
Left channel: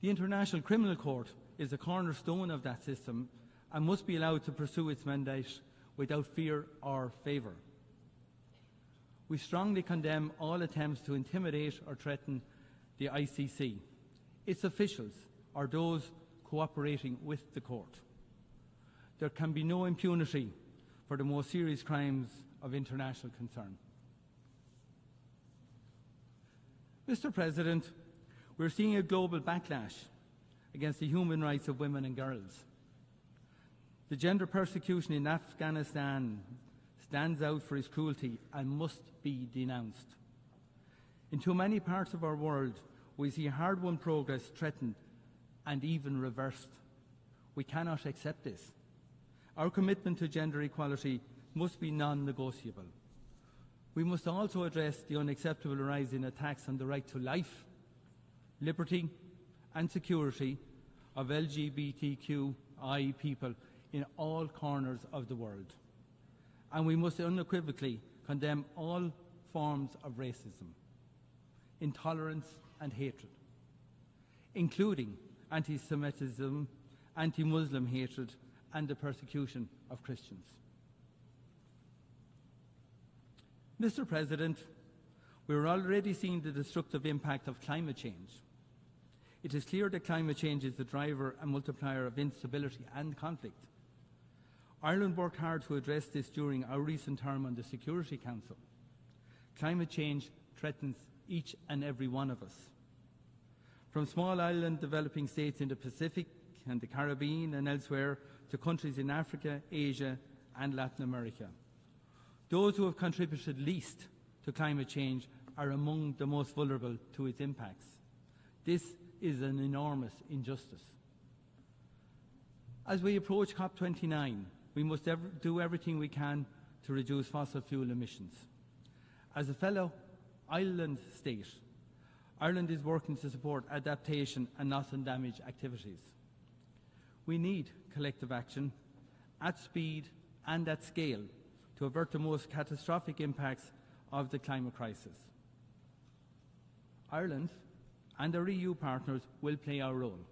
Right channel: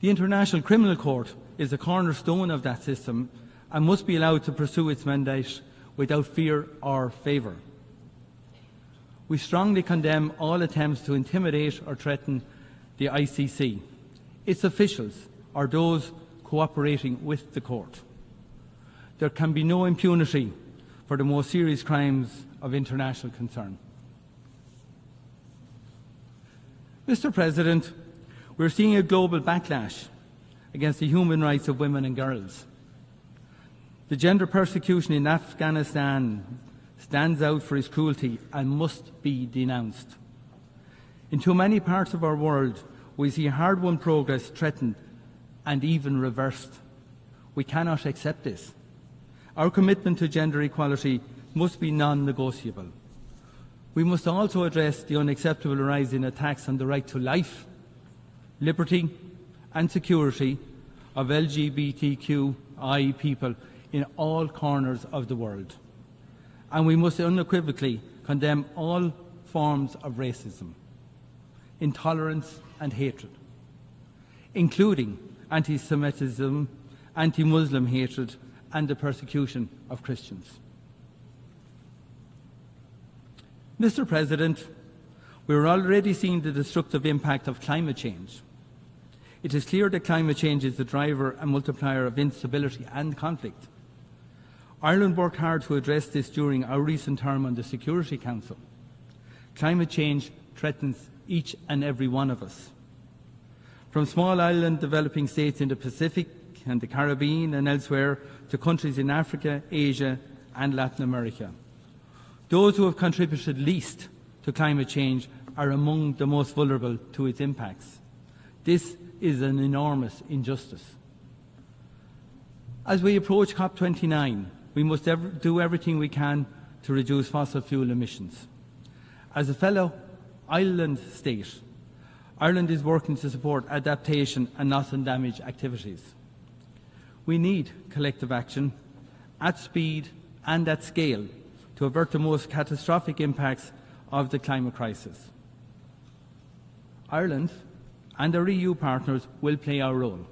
The International Criminal Court is the cornerstone of that system and must be allowed to pursue its mandate without fear or favour. We strongly condemn all attempts to intimidate or threaten the ICC, its officials or those cooperating with the court. There can be no impunity for the most serious crimes of international concern. Mr. President, we're seeing a global backlash against the human rights of women and girls. The gender persecution in Afghanistan stands out for its cruelty and must be denounced. In too many parts of our world, we see hard-won progress threatened and even reversed. We cannot accept this. Our commitment to gender equality must be non-negotiable. We must also address the unacceptable rise in attacks on the right to life, liberty and security of LGBTQI people in all corners of the world. And we must unequivocally condemn all forms of racism, intolerance and hatred, including anti-Semitism, anti-Muslim hatred and the persecution of Christians. Mr. President, we are already seeing the destructive impact of climate change. It is clear that climate change is the driver and multiplier of instability and conflict. Ireland worked hard to address this during our recent term on the Security Council. Climate change threatens each and every one of us. From small island developing states in the Pacific and the Caribbean and elsewhere to countries in Africa, Asia and Latin America. Those who have contributed least to climate change are among the most vulnerable to its impacts. This is an enormous injustice. As we approach COP29, we must do everything we can to reduce fossil fuel emissions. As a fellow island state, Ireland is working to support adaptation and loss and damage activities. We need collective action at speed and at scale to avert the most catastrophic impacts of the climate crisis. Ireland and our EU partners will play our role.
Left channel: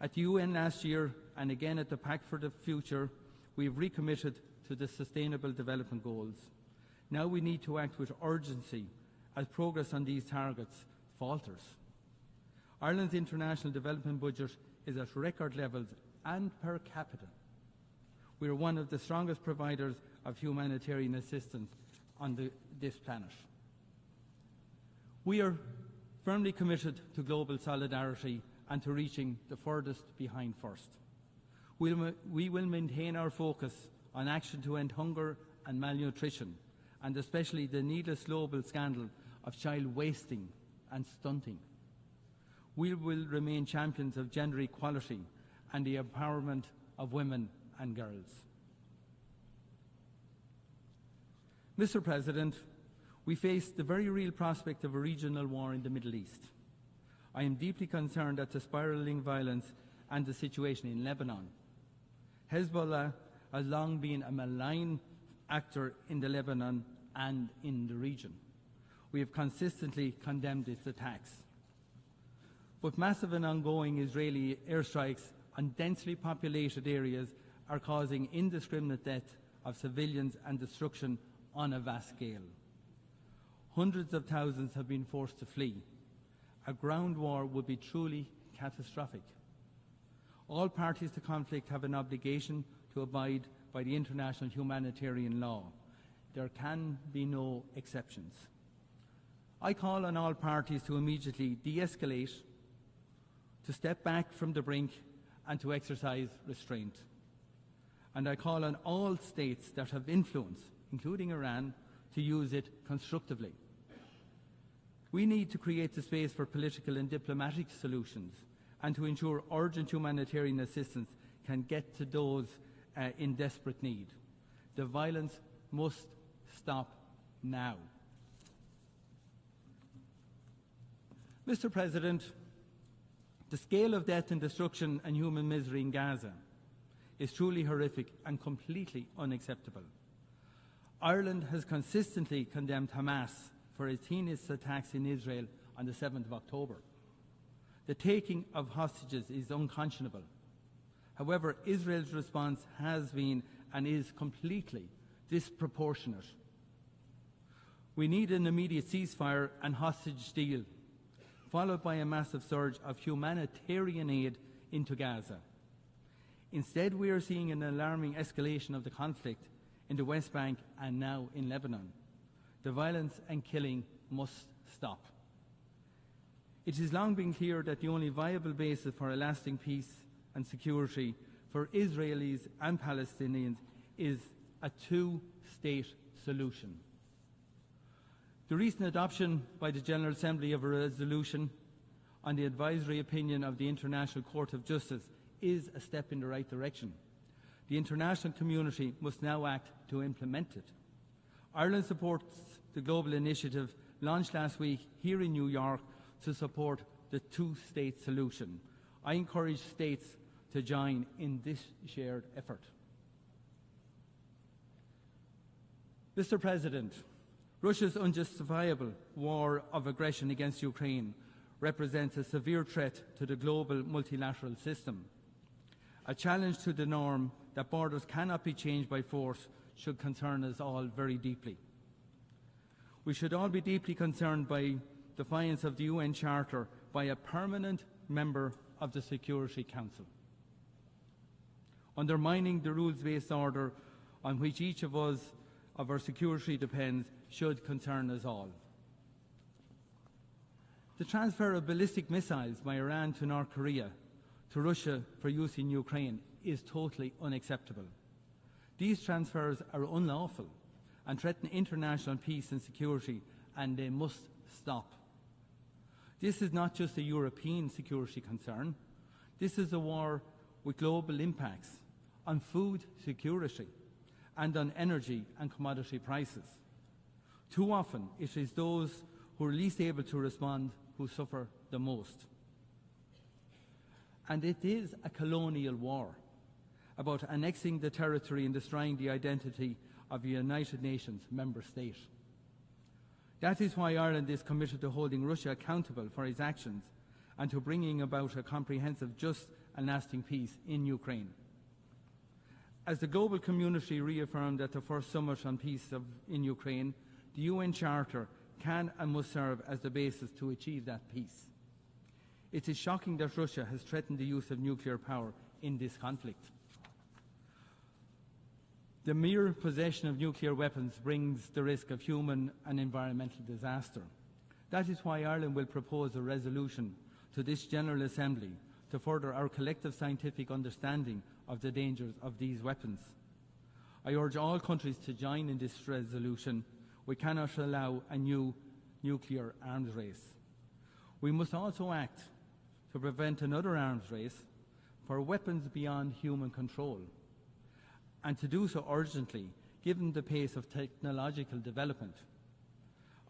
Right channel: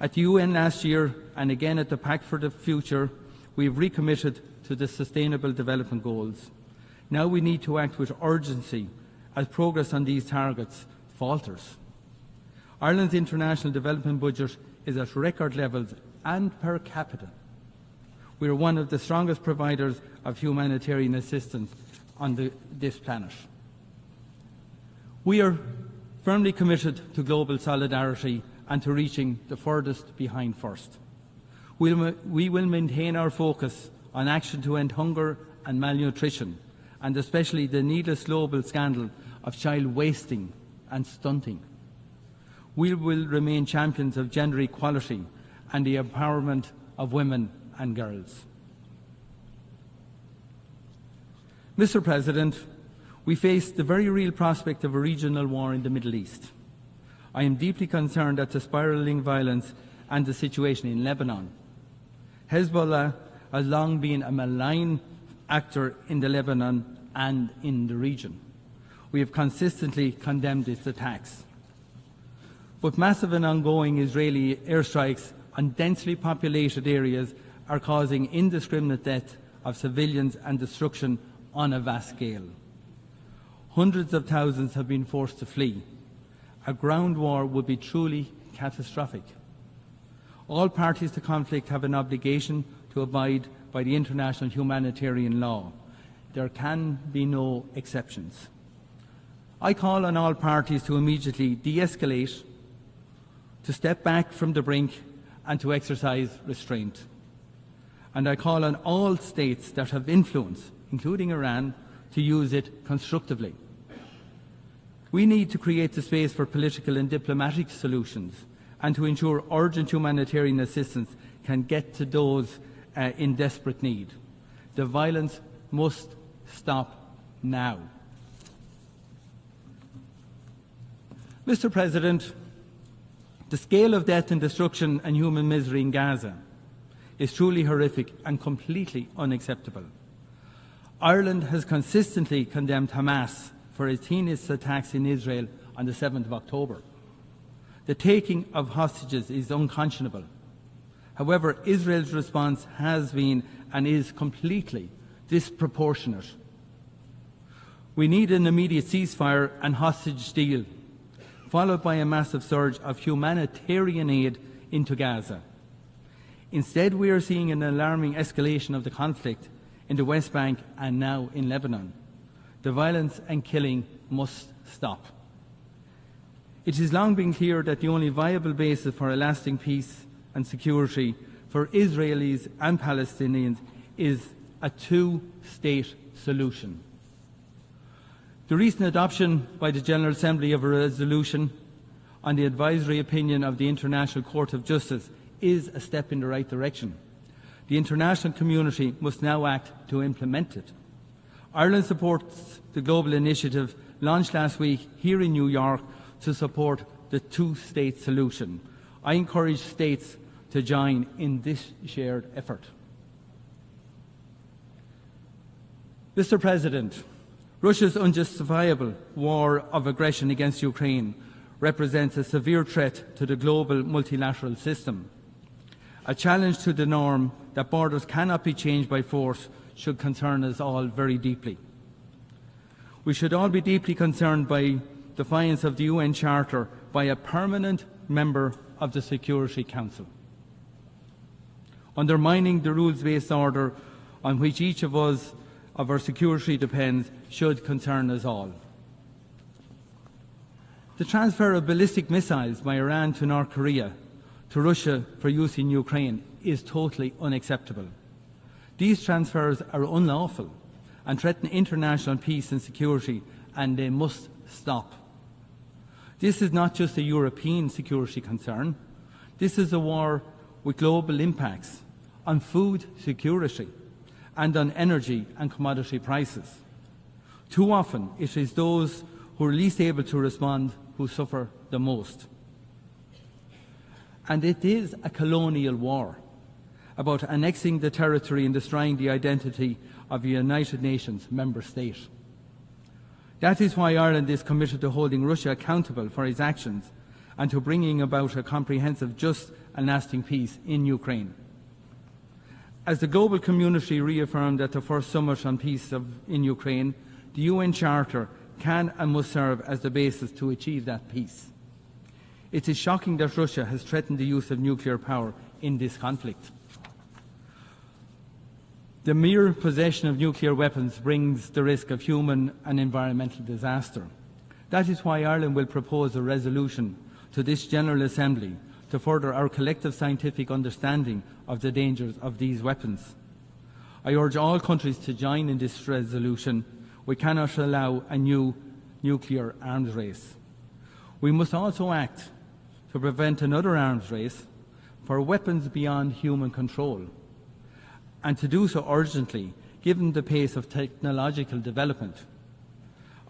At the UN last year and again at the Pact for the Future, we have recommitted to the Sustainable Development Goals. Now we need to act with urgency as progress on these targets falters. Ireland's international development budget is at record levels and per capita. We are one of the strongest providers of humanitarian assistance on this planet. We are firmly committed to global solidarity and to reaching the furthest behind first. We will maintain our focus on action to end hunger and malnutrition, and especially the needless global scandal of child wasting and stunting. We will remain champions of gender equality and the empowerment of women and girls. Mr. President, we face the very real prospect of a regional war in the Middle East. I am deeply concerned at the spiralling violence and the situation in Lebanon. Hezbollah has long been a malign actor in Lebanon and in the region. We have consistently condemned its attacks. But massive and ongoing Israeli airstrikes on densely populated areas are causing indiscriminate death of civilians and destruction on a vast scale. Hundreds of thousands have been forced to flee. A ground war would be truly catastrophic. All parties to conflict have an obligation to abide by the international humanitarian law. There can be no exceptions. I call on all parties to immediately de-escalate, to step back from the brink and to exercise restraint. And I call on all states that have influence, including Iran, to use it constructively. We need to create the space for political and diplomatic solutions and to ensure urgent humanitarian assistance can get to those in desperate need. The violence must stop now. Mr. President, the scale of death and destruction and human misery in Gaza is truly horrific and completely unacceptable. Ireland has consistently condemned Hamas for its heinous attacks in Israel on the 7th of October. The taking of hostages is unconscionable. However, Israel's response has been and is completely disproportionate. We need an immediate ceasefire and hostage deal, followed by a massive surge of humanitarian aid into Gaza. Instead, we are seeing an alarming escalation of the conflict in the West Bank and now in Lebanon. The violence and killing must stop. It has long been clear that the only viable basis for a lasting peace and security for Israelis and Palestinians is a two-state solution. The recent adoption by the General Assembly of a resolution on the advisory opinion of the International Court of Justice is a step in the right direction. The international community must now act to implement it. Ireland supports the global initiative launched last week here in New York to support the two-state solution. I encourage states to join in this shared effort. Mr. President, Russia's unjustifiable war of aggression against Ukraine represents a severe threat to the global multilateral system. A challenge to the norm that borders cannot be changed by force should concern us all very deeply. We should all be deeply concerned by defiance of the UN Charter by a permanent member of the Security Council. Undermining the rules-based order on which each of our security depends should concern us all. The transfer of ballistic missiles by Iran to North Korea to Russia for use in Ukraine is totally unacceptable. These transfers are unlawful and threaten international peace and security, and they must stop. This is not just a European security concern. This is a war with global impacts on food security and on energy and commodity prices. Too often, it is those who are least able to respond who suffer the most. And it is a colonial war, about annexing the territory and destroying the identity of a United Nations member state. That is why Ireland is committed to holding Russia accountable for its actions and to bringing about a comprehensive, just and lasting peace in Ukraine. As the global community reaffirmed at the first summit on peace in Ukraine, the UN Charter can and must serve as the basis to achieve that peace. It is shocking that Russia has threatened the use of nuclear power in this conflict. The mere possession of nuclear weapons brings the risk of human and environmental disaster. That is why Ireland will propose a resolution to this General Assembly to further our collective scientific understanding of the dangers of these weapons. I urge all countries to join in this resolution. We cannot allow a new nuclear arms race. We must also act to prevent another arms race for weapons beyond human control, and to do so urgently, given the pace of technological development.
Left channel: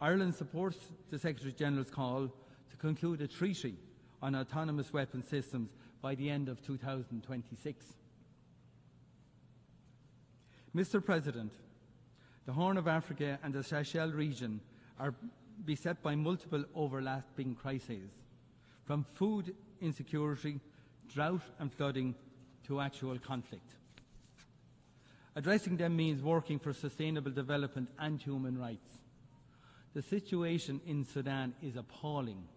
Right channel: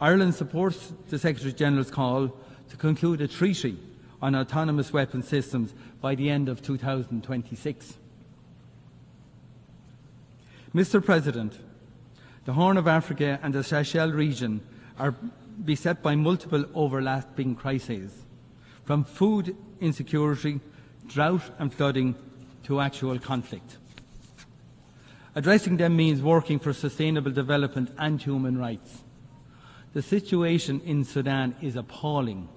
Ireland supports the Secretary-General's call to conclude a treaty on autonomous weapon systems by the end of 2026. Mr. President, the Horn of Africa and the Sahel region are beset by multiple overlapping crises, from food insecurity, drought and flooding to actual conflict. Addressing them means working for sustainable development and human rights. The situation in Sudan is appalling.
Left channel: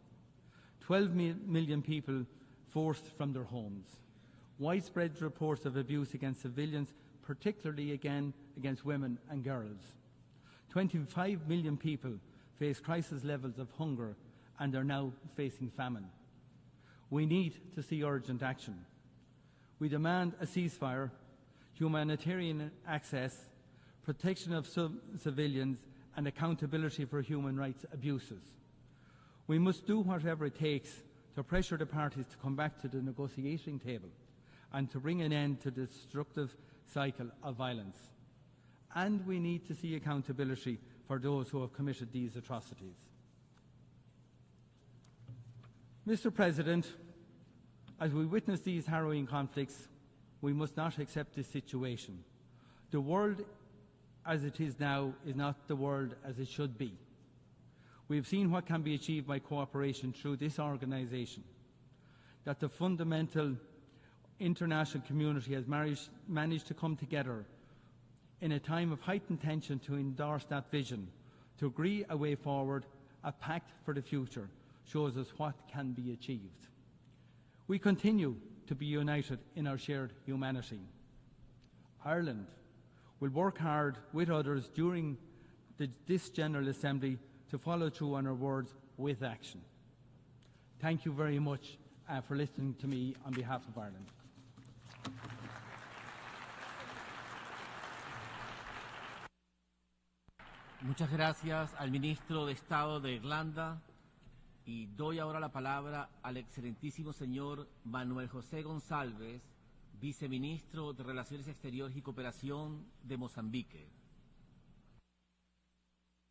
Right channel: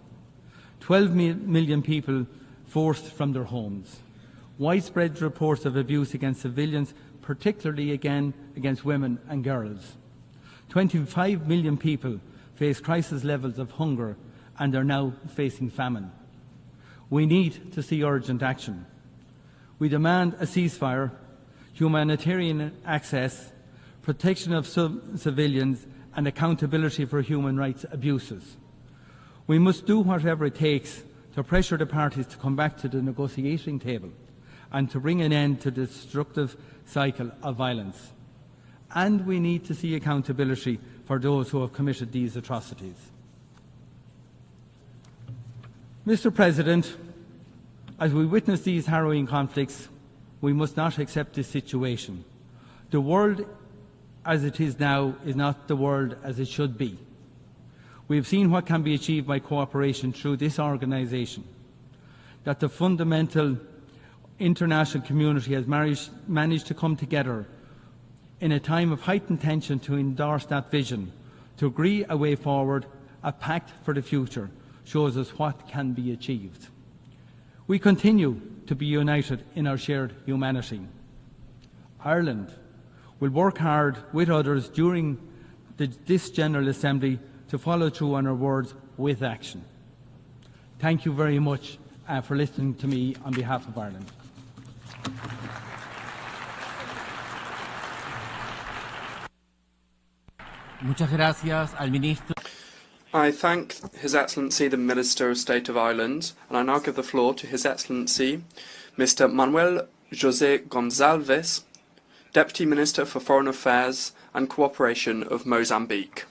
12 million people forced from their homes. Widespread reports of abuse against civilians, particularly against women and girls. 25 million people face crisis levels of hunger and are now facing famine. We need to see urgent action. We demand a ceasefire, humanitarian access, protection of civilians, and accountability for human rights abuses. We must do whatever it takes to pressure the parties to come back to the negotiating table and to bring an end to the destructive cycle of violence. And we need to see accountability for those who have committed these atrocities. Mr. President, as we witness these harrowing conflicts, we must not accept this situation. The world as it is now is not the world as it should be. We have seen what can be achieved by cooperation through this organisation, that the fundamental international community has managed to come together in a time of heightened tension to endorse that vision, to agree a way forward, a pact for the future, shows us what can be achieved. We continue to be united in our shared humanity. Ireland will work hard with others during this General Assembly to follow through on our words with action. Thank you very much for listening to me on behalf of Ireland. I thank His Excellency the Minister of State of Ireland, and I now give the floor to His Excellency Mr. Manuel José Gonçalves, Deputy Minister for Foreign Affairs and Cooperation of Mozambique.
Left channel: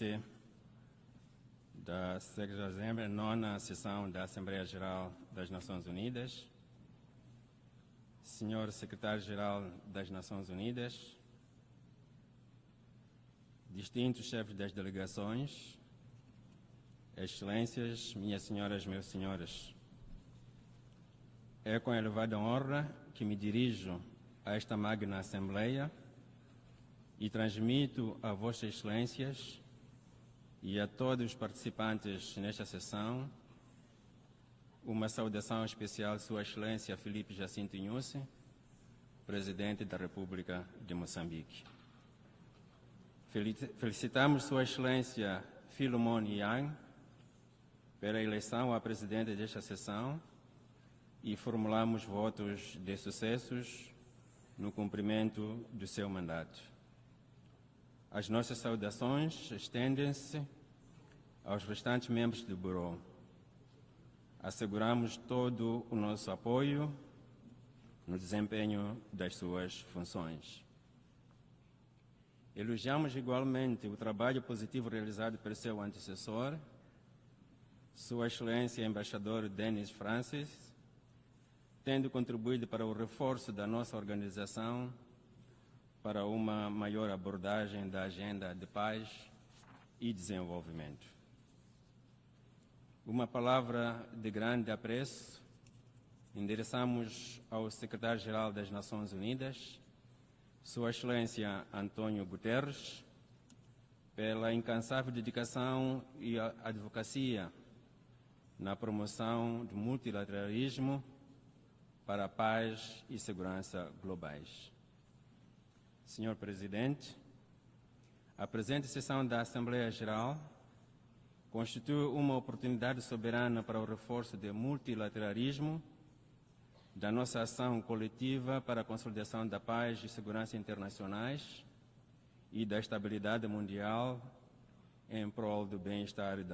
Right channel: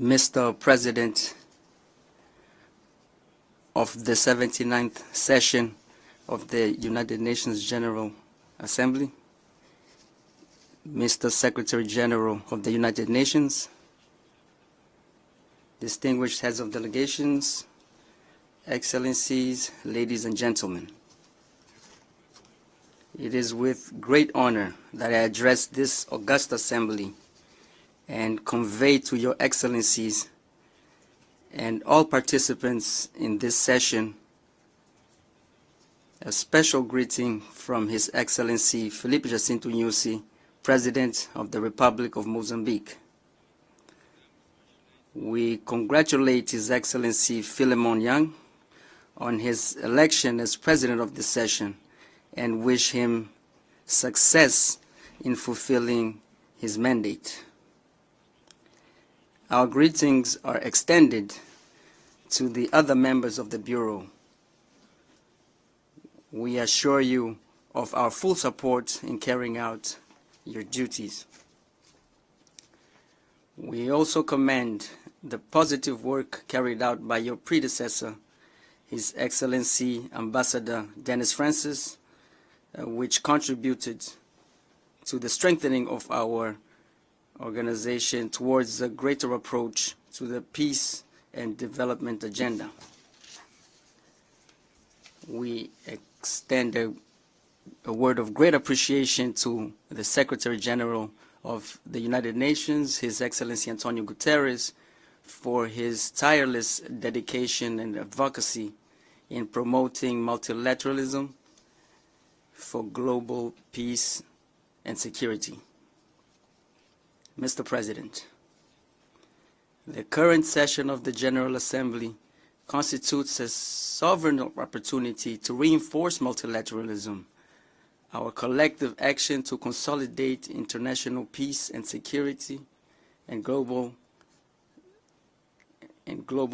Mr. President of the 79th session of the United Nations General Assembly, Mr. Secretary General of the United Nations, distinguished heads of delegations, Excellencies, ladies and gentlemen. It is with great honor that I address this august assembly and convey to your excellencies and all participants in this session a special greeting from His Excellency Felipe Jacinto Nyusi, President of the Republic of Mozambique. We congratulate His Excellency Philemon Yang on his election as President of the session and wish him success in fulfilling his mandate. Our greetings are extended to the other members of the Bureau, We assure you of our full support in carrying out your duties. We also commend the positive work carried out by your predecessor, His Excellency Ambassador Dennis Francis, which contributed to the strengthening of our organization towards a greater approach to the peace and development agenda. We extend a word of great appreciation to the Secretary General of the United Nations, His Excellency Antonio Guterres, for his tireless dedication and advocacy in promoting multilateralism for global peace and security. Mr. President, the current session of the General Assembly constitutes a sovereign opportunity to reinforce multilateralism, our collective action to consolidate international peace and security and global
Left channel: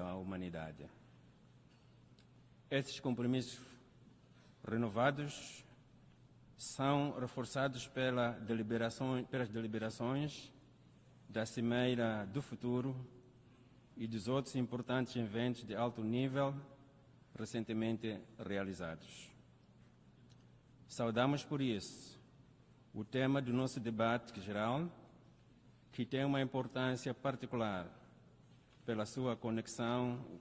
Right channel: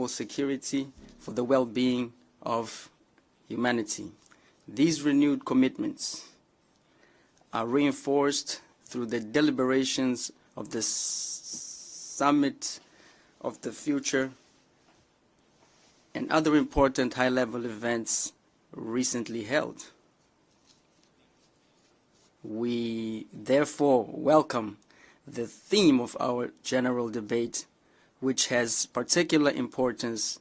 security for the well-being of humanity. These renewed commitments are reinforced through the deliberations of the Summit of the Future and other important high-level events recently held. We therefore welcome the theme of our general debate, which has particular importance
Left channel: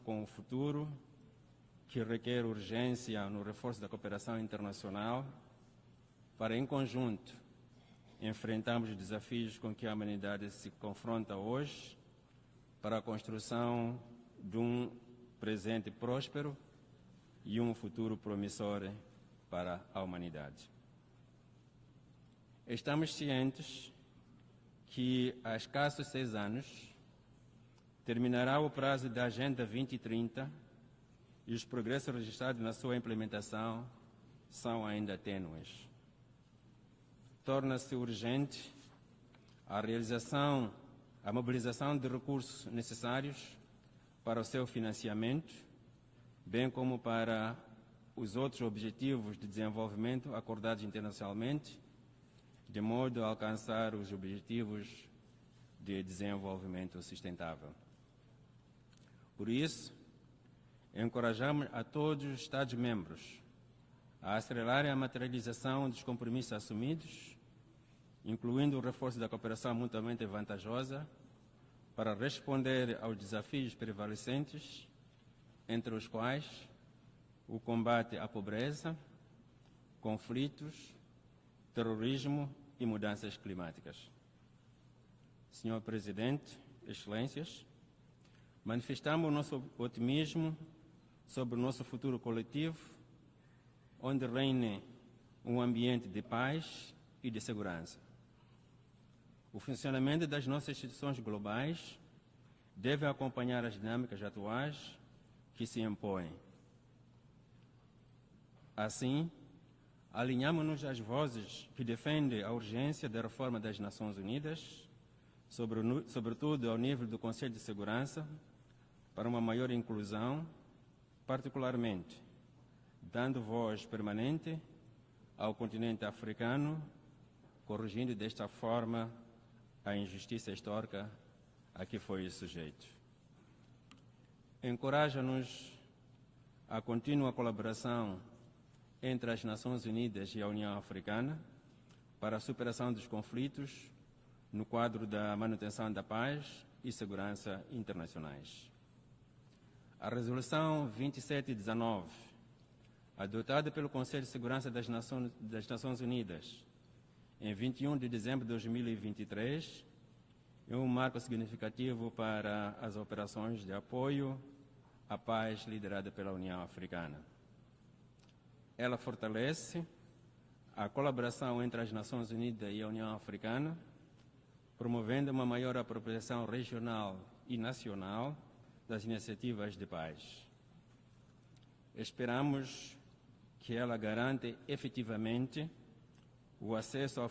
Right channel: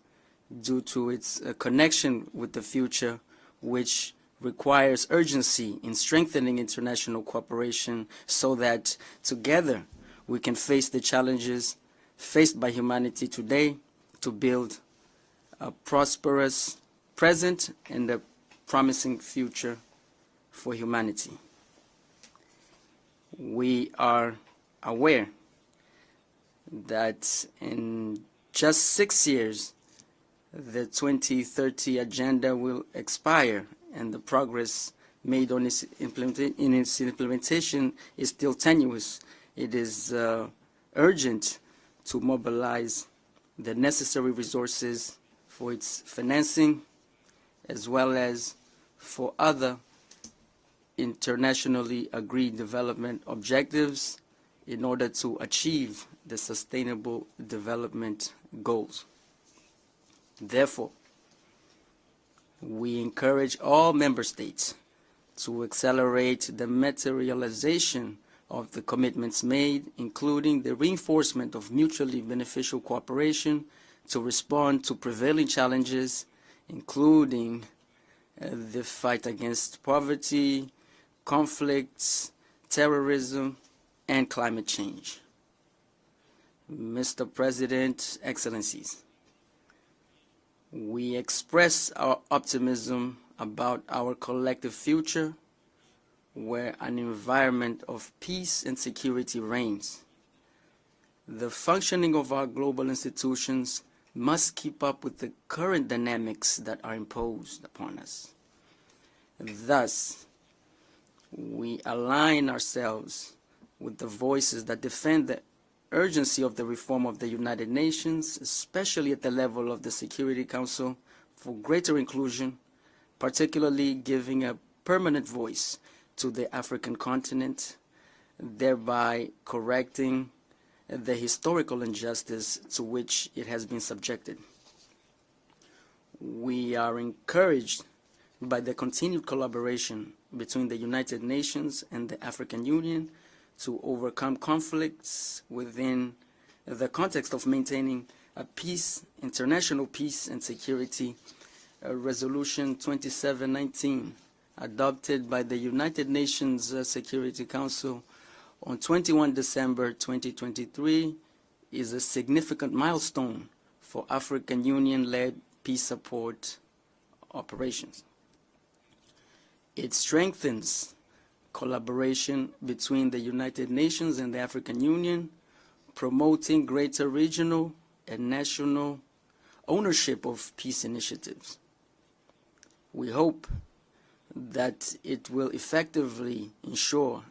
due to its connection with the future, which requires urgency in strengthening international cooperation so that together we can face the challenges faced by humanity today to build a prosperous present and a promising future for humanity. We are aware that in just 6 years, the 2030 agenda will expire, and the progress made on its implementation is still tenuous. It is urgent to mobilize the necessary resources for its financing, as well as for other internationally agreed development objectives in order to achieve the sustainable development goals. Therefore, we encourage all member states to accelerate the materialization of the commitments made, including the reinforcement of mutually beneficial cooperation to respond to prevailing challenges, including the fight against poverty, conflicts, terrorism, and climate change. Mr. President, Excellencies, we express our optimism about our collective future, where an environment of peace and security reigns. The functioning of our global institutions must keep up with the current dynamics that are imposed upon us. Thus, we align ourselves with the voices that defend the urgency of the reform of the United Nations, especially at the level of the Security Council, for greater inclusion, particularly giving a permanent voice to the African continent, thereby correcting the historical injustice to which it has been subjected. We are encouraged by the continued collaboration between the United Nations and the African Union to overcome conflicts within the context of maintaining a peace, international peace and security. Resolution 2719, adopted by the United Nations Security Council on 21 December 2023, is a significant milestone for African Union-led peace support operations. It strengthens collaboration between the United Nations and the African Union, promoting greater regional and national ownership of peace initiatives. We hope that it will effectively ensure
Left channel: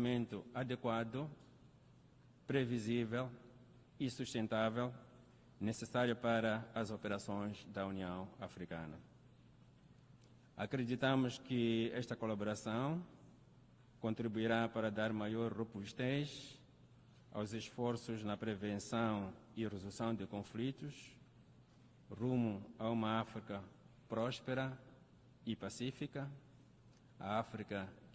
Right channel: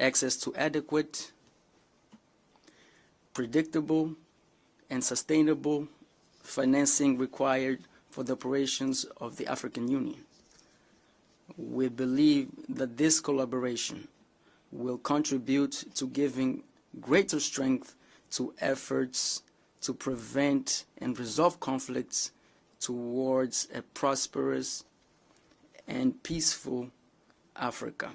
access to adequate predictable, and sustainable financing required for the operations of the African Union. We believe that this collaboration will contribute to giving greater strength to efforts to prevent and resolve conflicts towards a prosperous and peaceful Africa,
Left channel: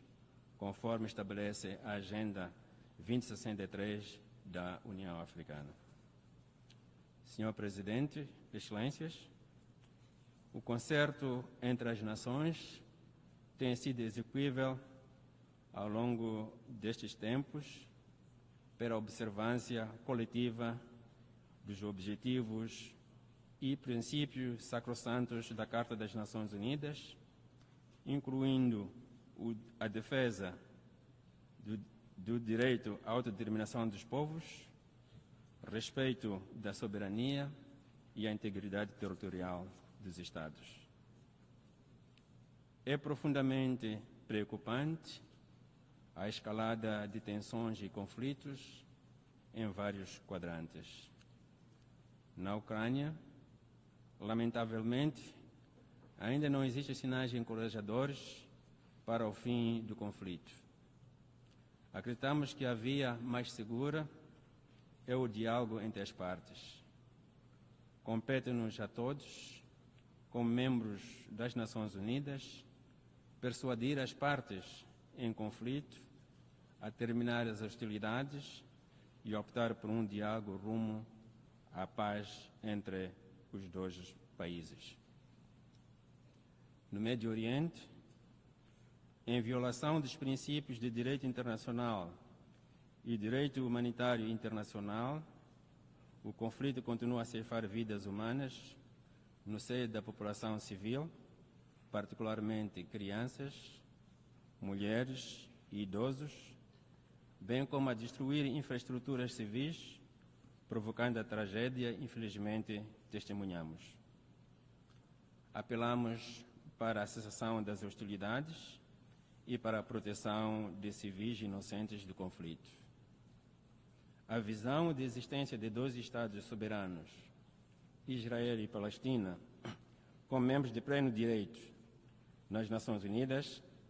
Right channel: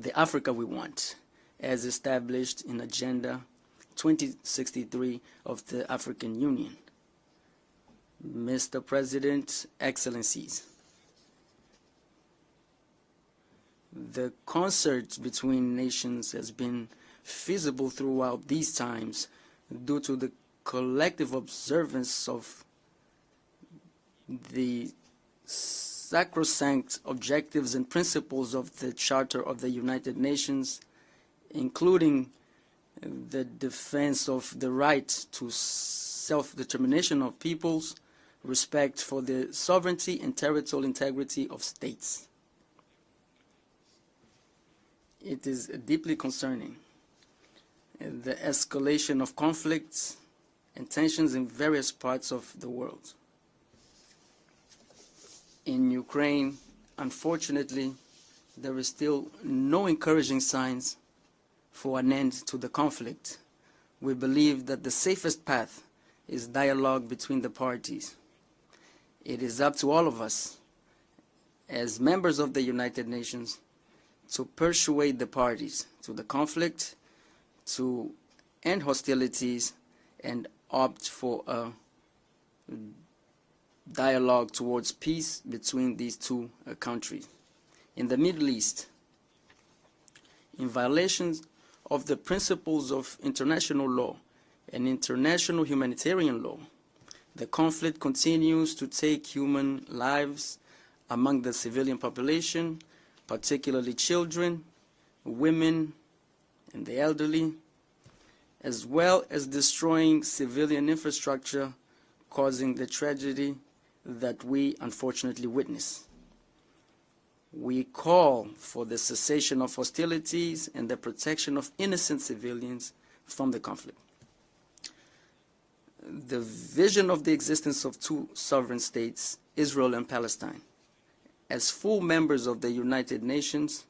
the Africa we want, as established in Agenda 2063 of the African Union. Mr. President, Excellencies, the concert between nations has been feasible throughout these times due to the collective observance of the sacrosanct objectives and principles of the Charter of the United Nations, including the defense of the right to self-determination of peoples, respect for the sovereignty and territorial integrity of states. It is deeply concerning the escalation of conflicts and tensions in various parts of the world. In Ukraine, unfortunately, there is still no encouraging signs for an end to the conflict. We believe that the safest path is dialogue between the parties. It is up to all of us, as members of the United Nations, to persuade the parties to the conflict, to end hostilities, and opt for a dialogue towards peace between these two countries. In the Middle East, in violation of the principles of international law and international humanitarian law, the conflict continues to take human lives among the civilian population, particularly children, women, and the elderly, as well as destroying civilian infrastructure, causing the tragedy that we unfortunately witness. We call for the cessation of hostilities and the protection of innocent civilians from the conflict. The vision of the existence of two sovereign states, Israel and Palestine, as full members of the United Nations,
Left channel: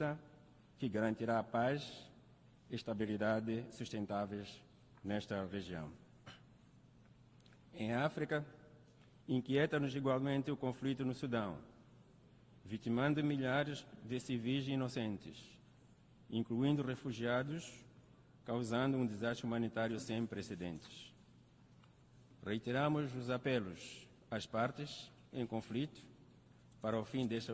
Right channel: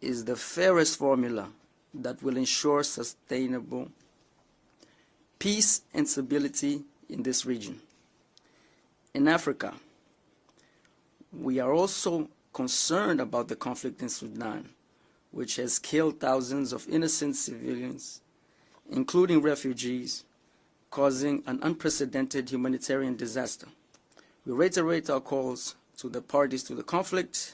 is the fairest formula that will ensure sustainable peace and stability in this region. In Africa, we are also concerned about the conflict in Sudan, which has killed thousands of innocent civilians, including refugees, causing an unprecedented humanitarian disaster. We reiterate our calls to the parties to the conflict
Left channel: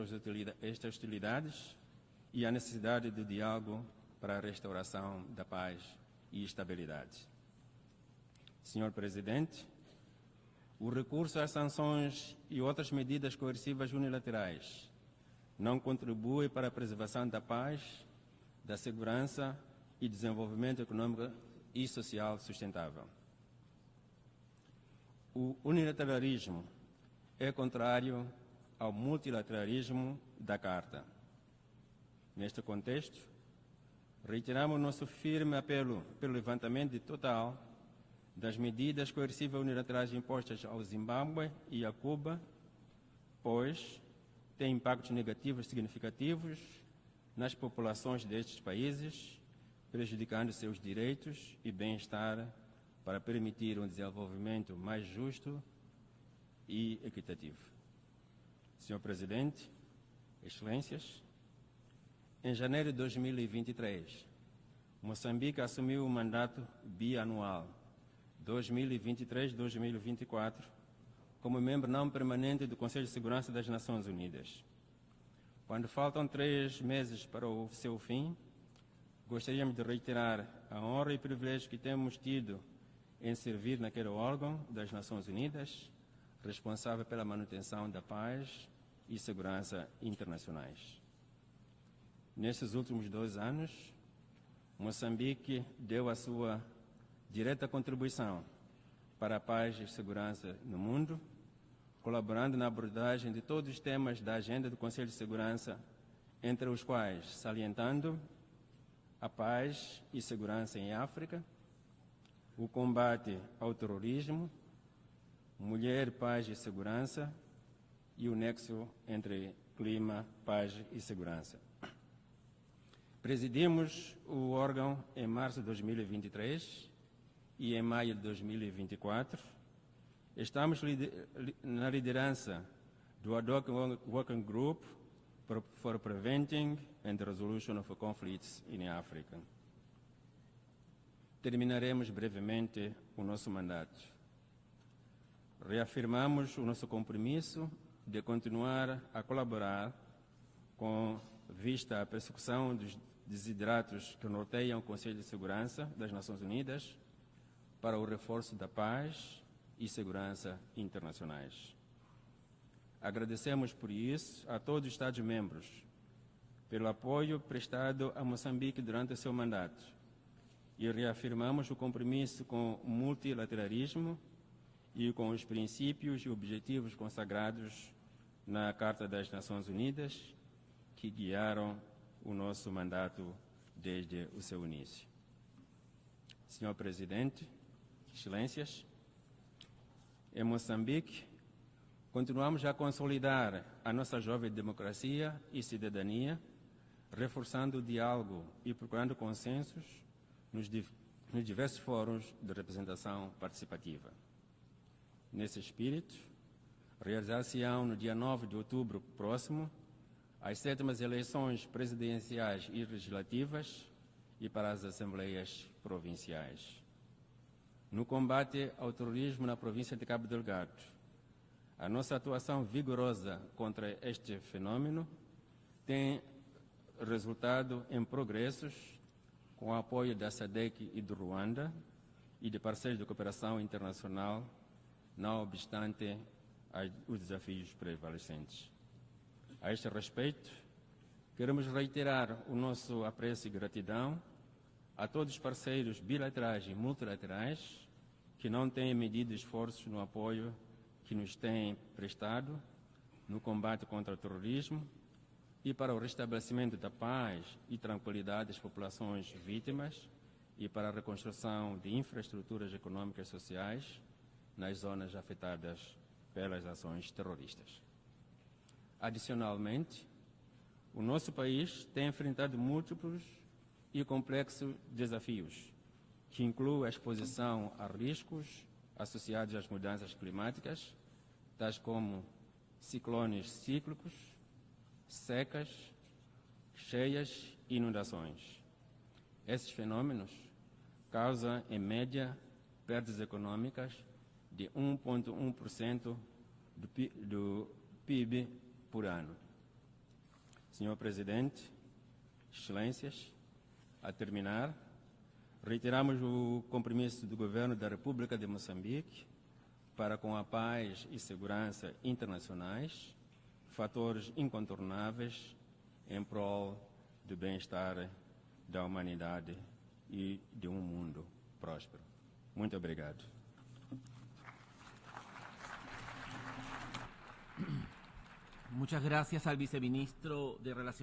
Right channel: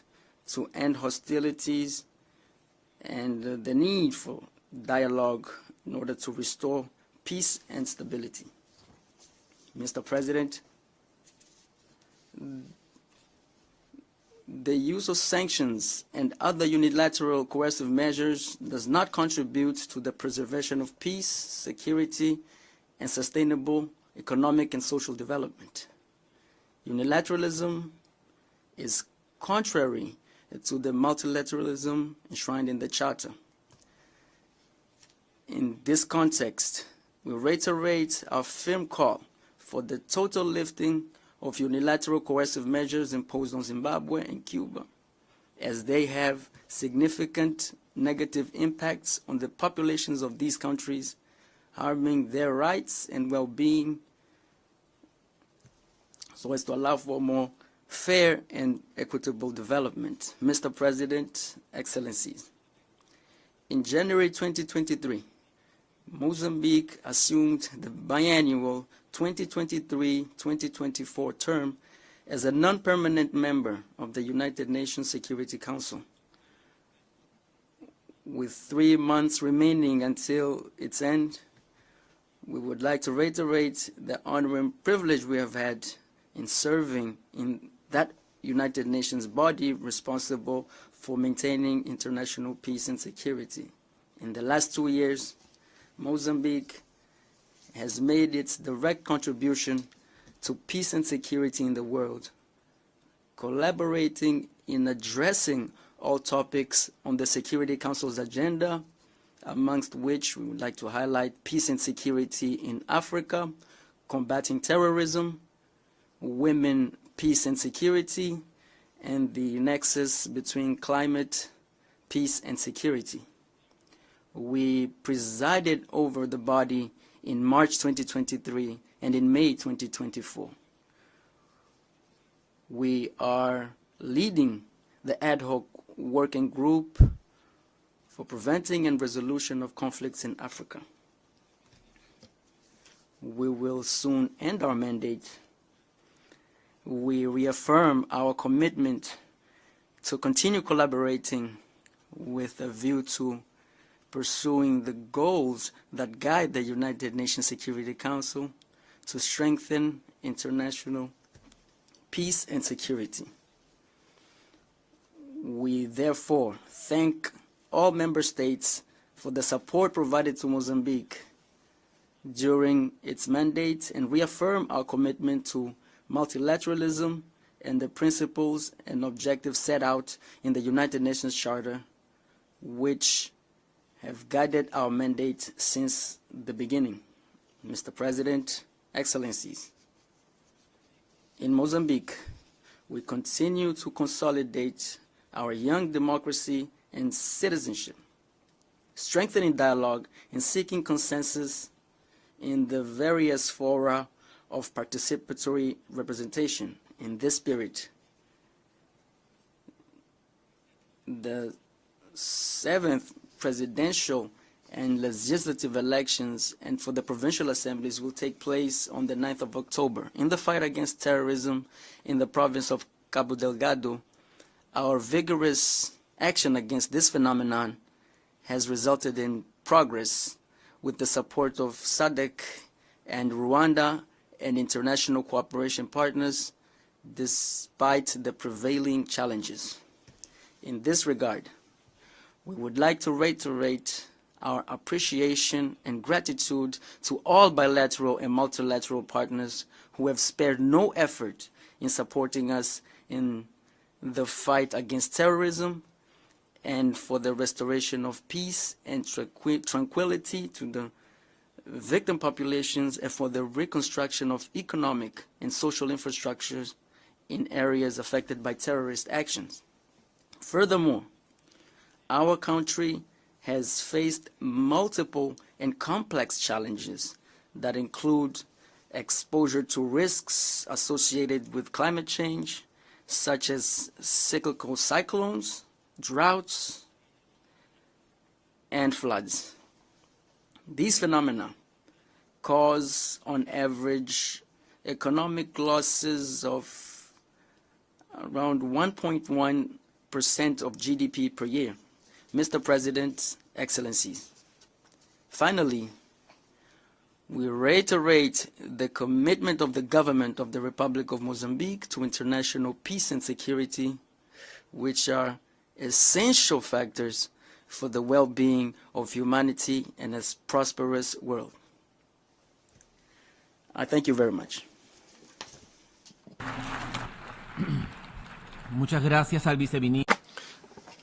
to end hostilities and the need for dialogue in order to restore peace and stability. Mr. President, the use of sanctions and other unilateral coercive measures does not contribute to the preservation of peace, security, and sustainable economic and social development. Unilateralism is contrary to the multilateralism enshrined in the Charter. In this context, we reiterate our firm call for the total lifting of unilateral coercive measures imposed on Zimbabwe and Cuba, as they have significant negative impacts on the populations of these countries, harming their rights and well-being, so as to allow for more fair and equitable development. Mr. President, Excellencies, in January 2023, Mozambique assumed the biannual 2023-2024 term as a non-permanent member of the United Nations Security Council. With 3 months remaining until its end, we would like to reiterate the honor and privilege we have had in serving in that United Nations body responsible for maintaining international peace and security. In the last 2 years, Mozambique has made its direct contribution to peace and security in the world, collaborating in addressing all topics on the Security Council's agenda, amongst which we would like to highlight peace and security in Africa, combating terrorism, women, peace and security, and the nexus between climate, peace and security. We presided over the body in March 2023 and in May 2024. We are leading the ad hoc working group for preventing and resolution of conflicts in Africa. We will soon end our mandate. We reaffirm our commitment to continue collaborating with a view to pursuing the goals that guide the United Nations Security Council to strengthen international peace and security. We therefore thank all member states for the support provided to Mozambique during its mandate and reaffirm our commitment to multilateralism and the principles and objectives set out in the United Nations Charter, which have guided our mandate since the beginning. Mr. President, Excellencies, in Mozambique, we continue to consolidate our young democracy and citizenship, strengthening dialogue and seeking consensus in the various fora of participatory representation. In this spirit, the 7th presidential and legislative elections and for the provincial assemblies will take place on the 9th of October. In the fight against terrorism in the province of Cabo Delgado, our vigorous action against this phenomenon has resulted in progress with the support of SADC and Rwanda and international cooperation partners, despite the prevailing challenges. In this regard, we would like to reiterate our appreciation and gratitude to all bilateral and multilateral partners who have spared no effort in supporting us in the fight against terrorism and for the restoration of peace and tranquility to the victim populations and for the reconstruction of economic and social infrastructures in areas affected by terrorist actions. Furthermore, our country has faced multiple and complex challenges that include exposure to risks associated with climate change, such as cyclical cyclones, droughts, and floods. These phenomena cause, on average, economic losses of around 1.1% of GDP per year. Mr. President, Excellencies, finally, we reiterate the commitment of the government of the Republic of Mozambique to international peace and security, which are essential factors for the well-being of humanity and a prosperous world. I thank you very much.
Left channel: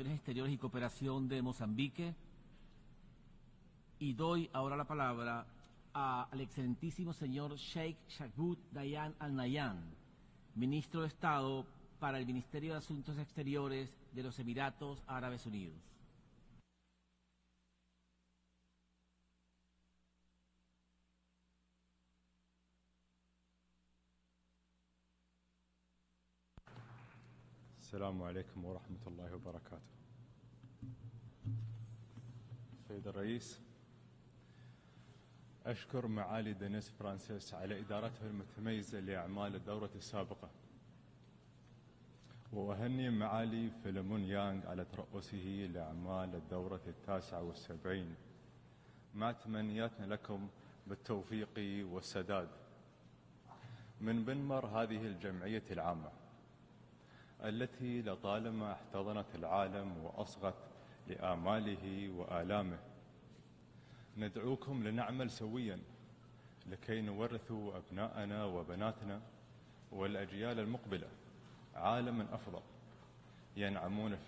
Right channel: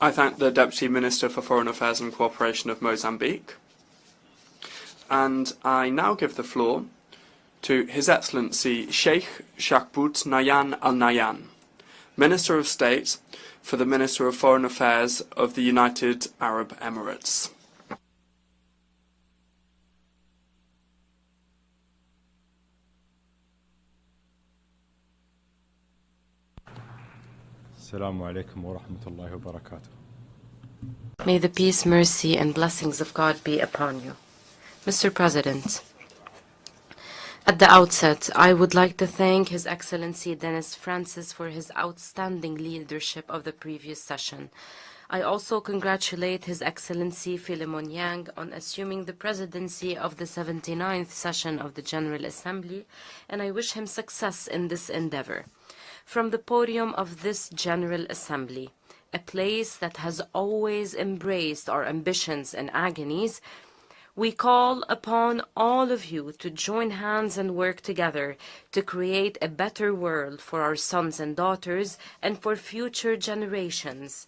I thank the Deputy Minister for Foreign Affairs and Cooperation of Mozambique. And I now give the floor to His Excellency Sheikh Shakbout Nayan Al Nayan, Minister of State for the Minister of Foreign Affairs of the United Arab Emirates. May the peace, mercy, and blessings of God be upon you. Mr. President, at the outset, I would like to thank His Excellency Dennis Francis for his outstanding leadership of the previous session. I also congratulate His Excellency Philemon Yang on assuming the presidency of the 79th session of the General Assembly, and I wish him success in this endeavor. From the podium of this General Assembly, a place that has always embraced our ambitions and agonies, we call upon all of you to join hands and work together to create a better world for our sons and daughters and for future generations.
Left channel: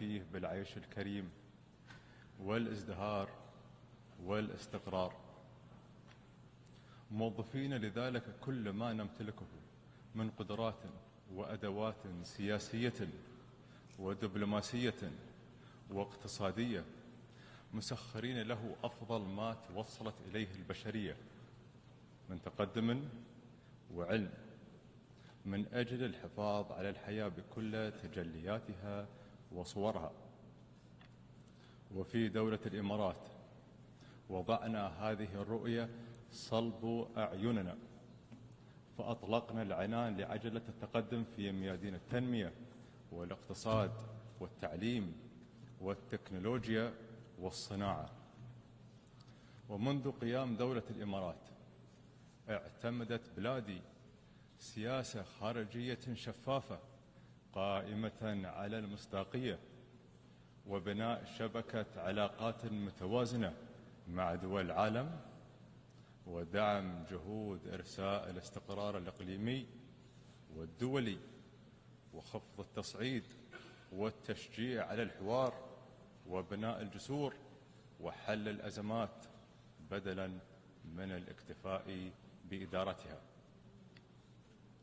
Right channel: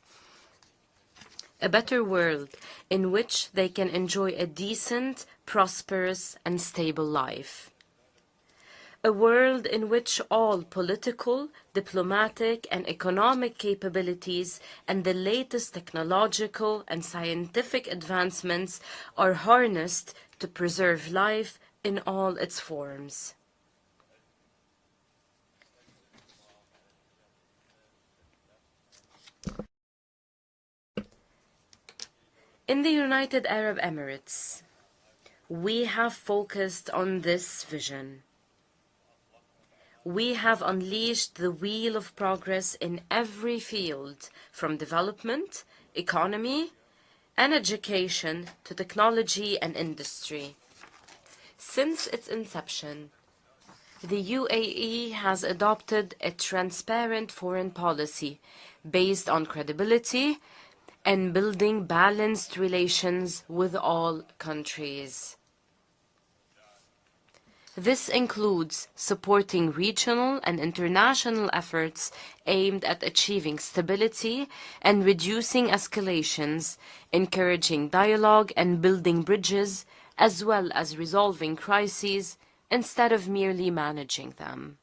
a better world in which they can enjoy a decent, prosperous and stable life. A world in which all political, diplomatic and economic capabilities and the latest technological and scientific advancements are harnessed to preserve life in all its forms. من أجل الحفاظ على الحياة بكل تجلياتها وصورها. In the United Arab Emirates, we have focused on this vision. We have unleashed the wheel of progress in every field, from development, economy, and education to technology and industry. Since its inception, the UAE has adopted a transparent foreign policy based on credibility and building balanced relations with all countries. This includes supporting regional and international efforts aimed at achieving stability and reducing escalations, encouraging dialogue and building bridges, as well as resolving crises instead of merely managing them.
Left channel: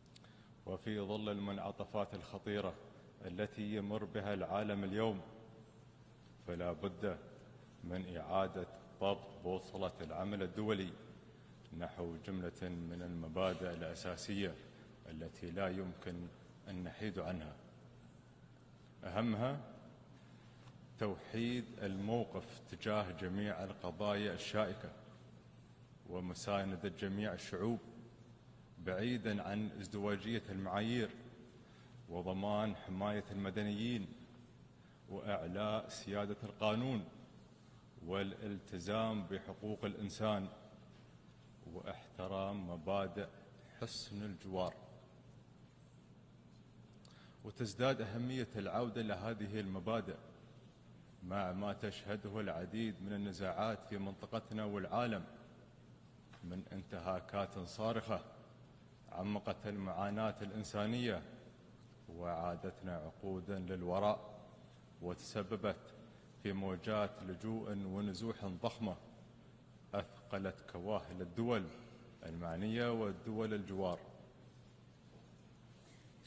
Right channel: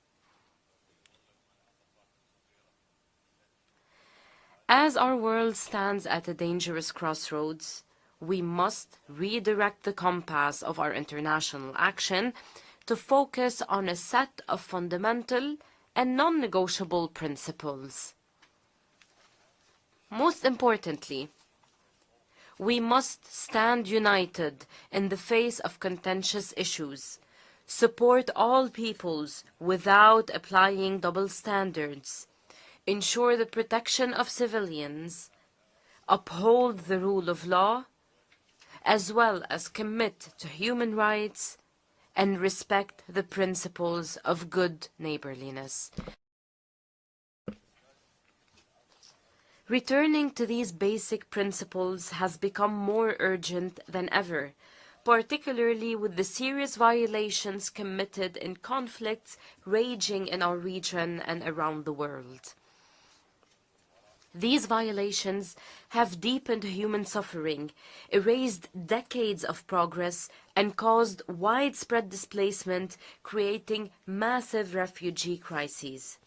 As our world stands at a dangerous crossroads, we must redirect the compass of our international action to focus on a set of fundamental and non-negotiable principles. Most importantly, we must stand united in the face of contentious issues, support all peoples without applying double standards, ensure the protection of civilians, uphold the rule of law, as well as commit to human rights and respect the principles of good neighborliness. Returning to these basic principles has become more urgent than ever, particularly with the serious violations committed in conflicts raging in our region and around the world. These violations have deepened human suffering, erased decades of progress, and caused widespread displacement, creating massive refugee crises.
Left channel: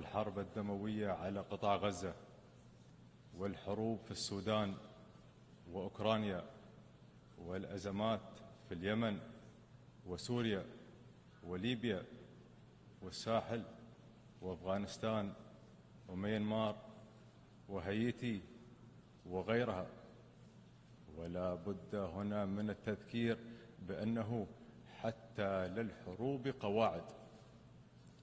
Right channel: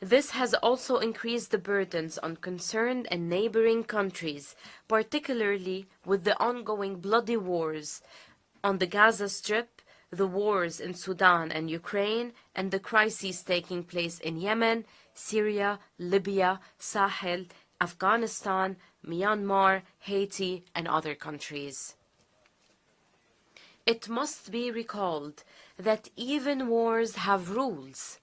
This has also increased the burdens on concerned and neighboring countries, particularly with the ongoing bloody wars on the Gaza Strip, the wars in Sudan and Ukraine, and the crises taking place in Yemen, Syria, Libya, Sahel, Afghanistan, Myanmar, Haiti, and other countries. It must be recalled that even wars have rules.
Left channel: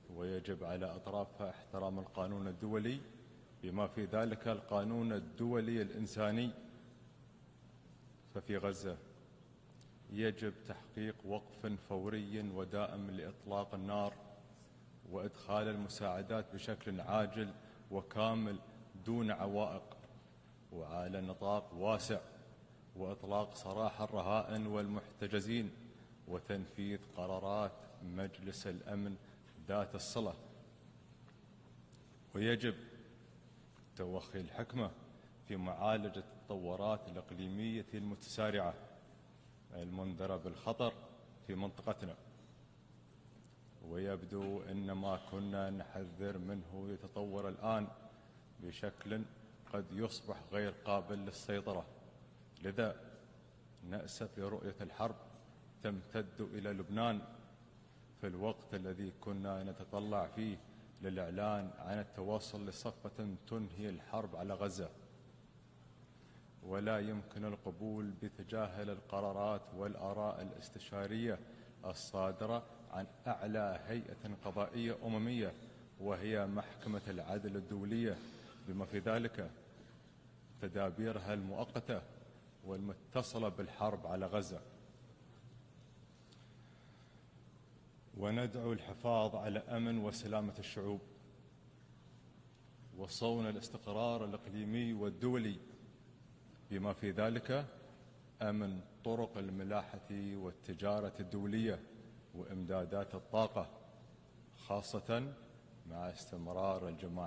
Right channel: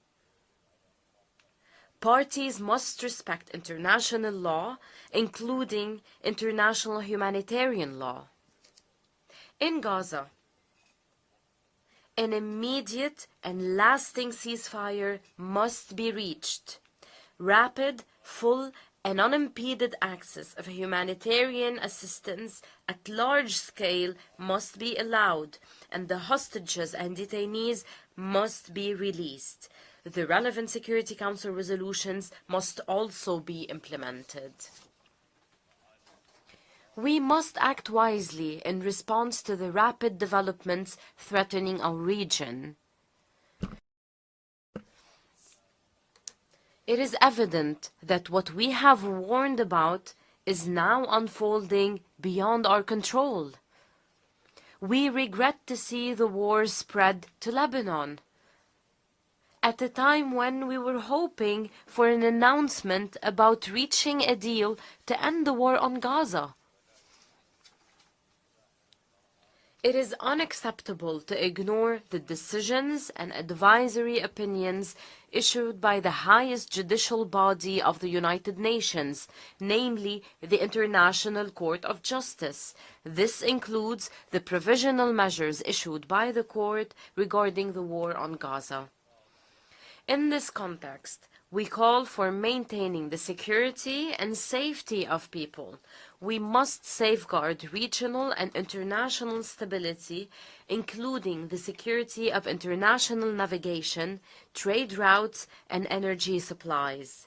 Parties must respect international law, including international humanitarian law. In Gaza, an immediate and lasting ceasefire must be reached. Rapid, full, and unimpeded access of humanitarian assistance at large scale must be allowed, and the hostages and detainees must be released. The relevant Security Council resolutions must also be implemented. We must act wisely in response to the rapid developments threatening our region. It is evident that what we have warned about is now unfolding beyond our control. We regret to see the war spread to Lebanon at a time when we were hoping for an announcement about reaching a deal to end the war on Gaza. It is unacceptable to ignore the decisions and advisory opinions issued by the highest judicial body of the United Nations, namely the International Court of Justice. This includes the provisional measures issued by the court regarding the war on Gaza. In this context, we call for maintaining the security and safety of people. We must safeguard regional and international stability, including the security of international navigation, trade routes, and energy supplies.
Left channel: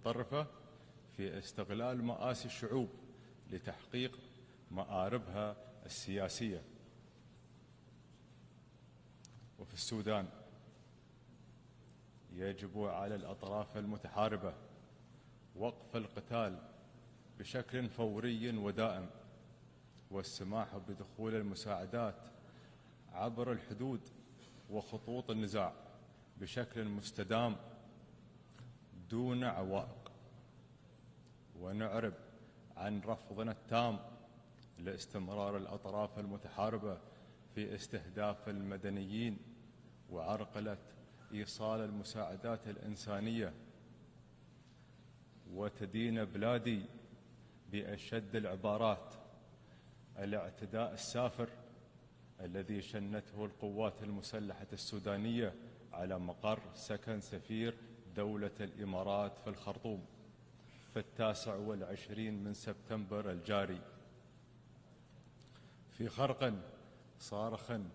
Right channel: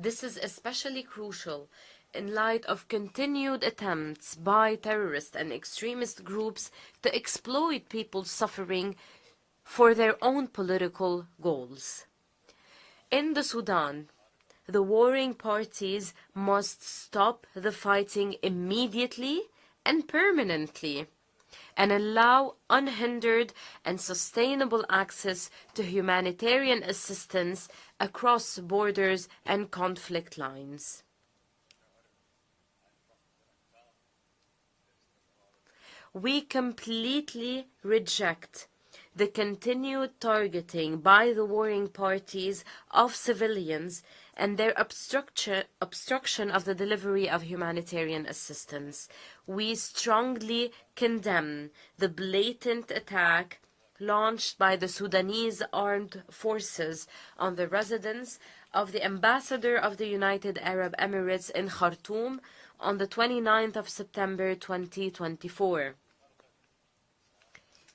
This is especially crucial in light of continued attempts by terrorist and extremist groups to exploit people's suffering for their own political goals. In the Sudan, the warring parties must stop the fighting immediately and permanently and allow unhindered and sustainable access to humanitarian assistance across borders and conflict lines. We completely reject the continued targeting by the warring parties of civilians and their obstruction of the delivery of humanitarian assistance. We strongly condemn the blatant attack launched by the Sudanese armed forces on the residence of the ambassador of the United Arab Emirates in Khartoum on the 29th of September 2024.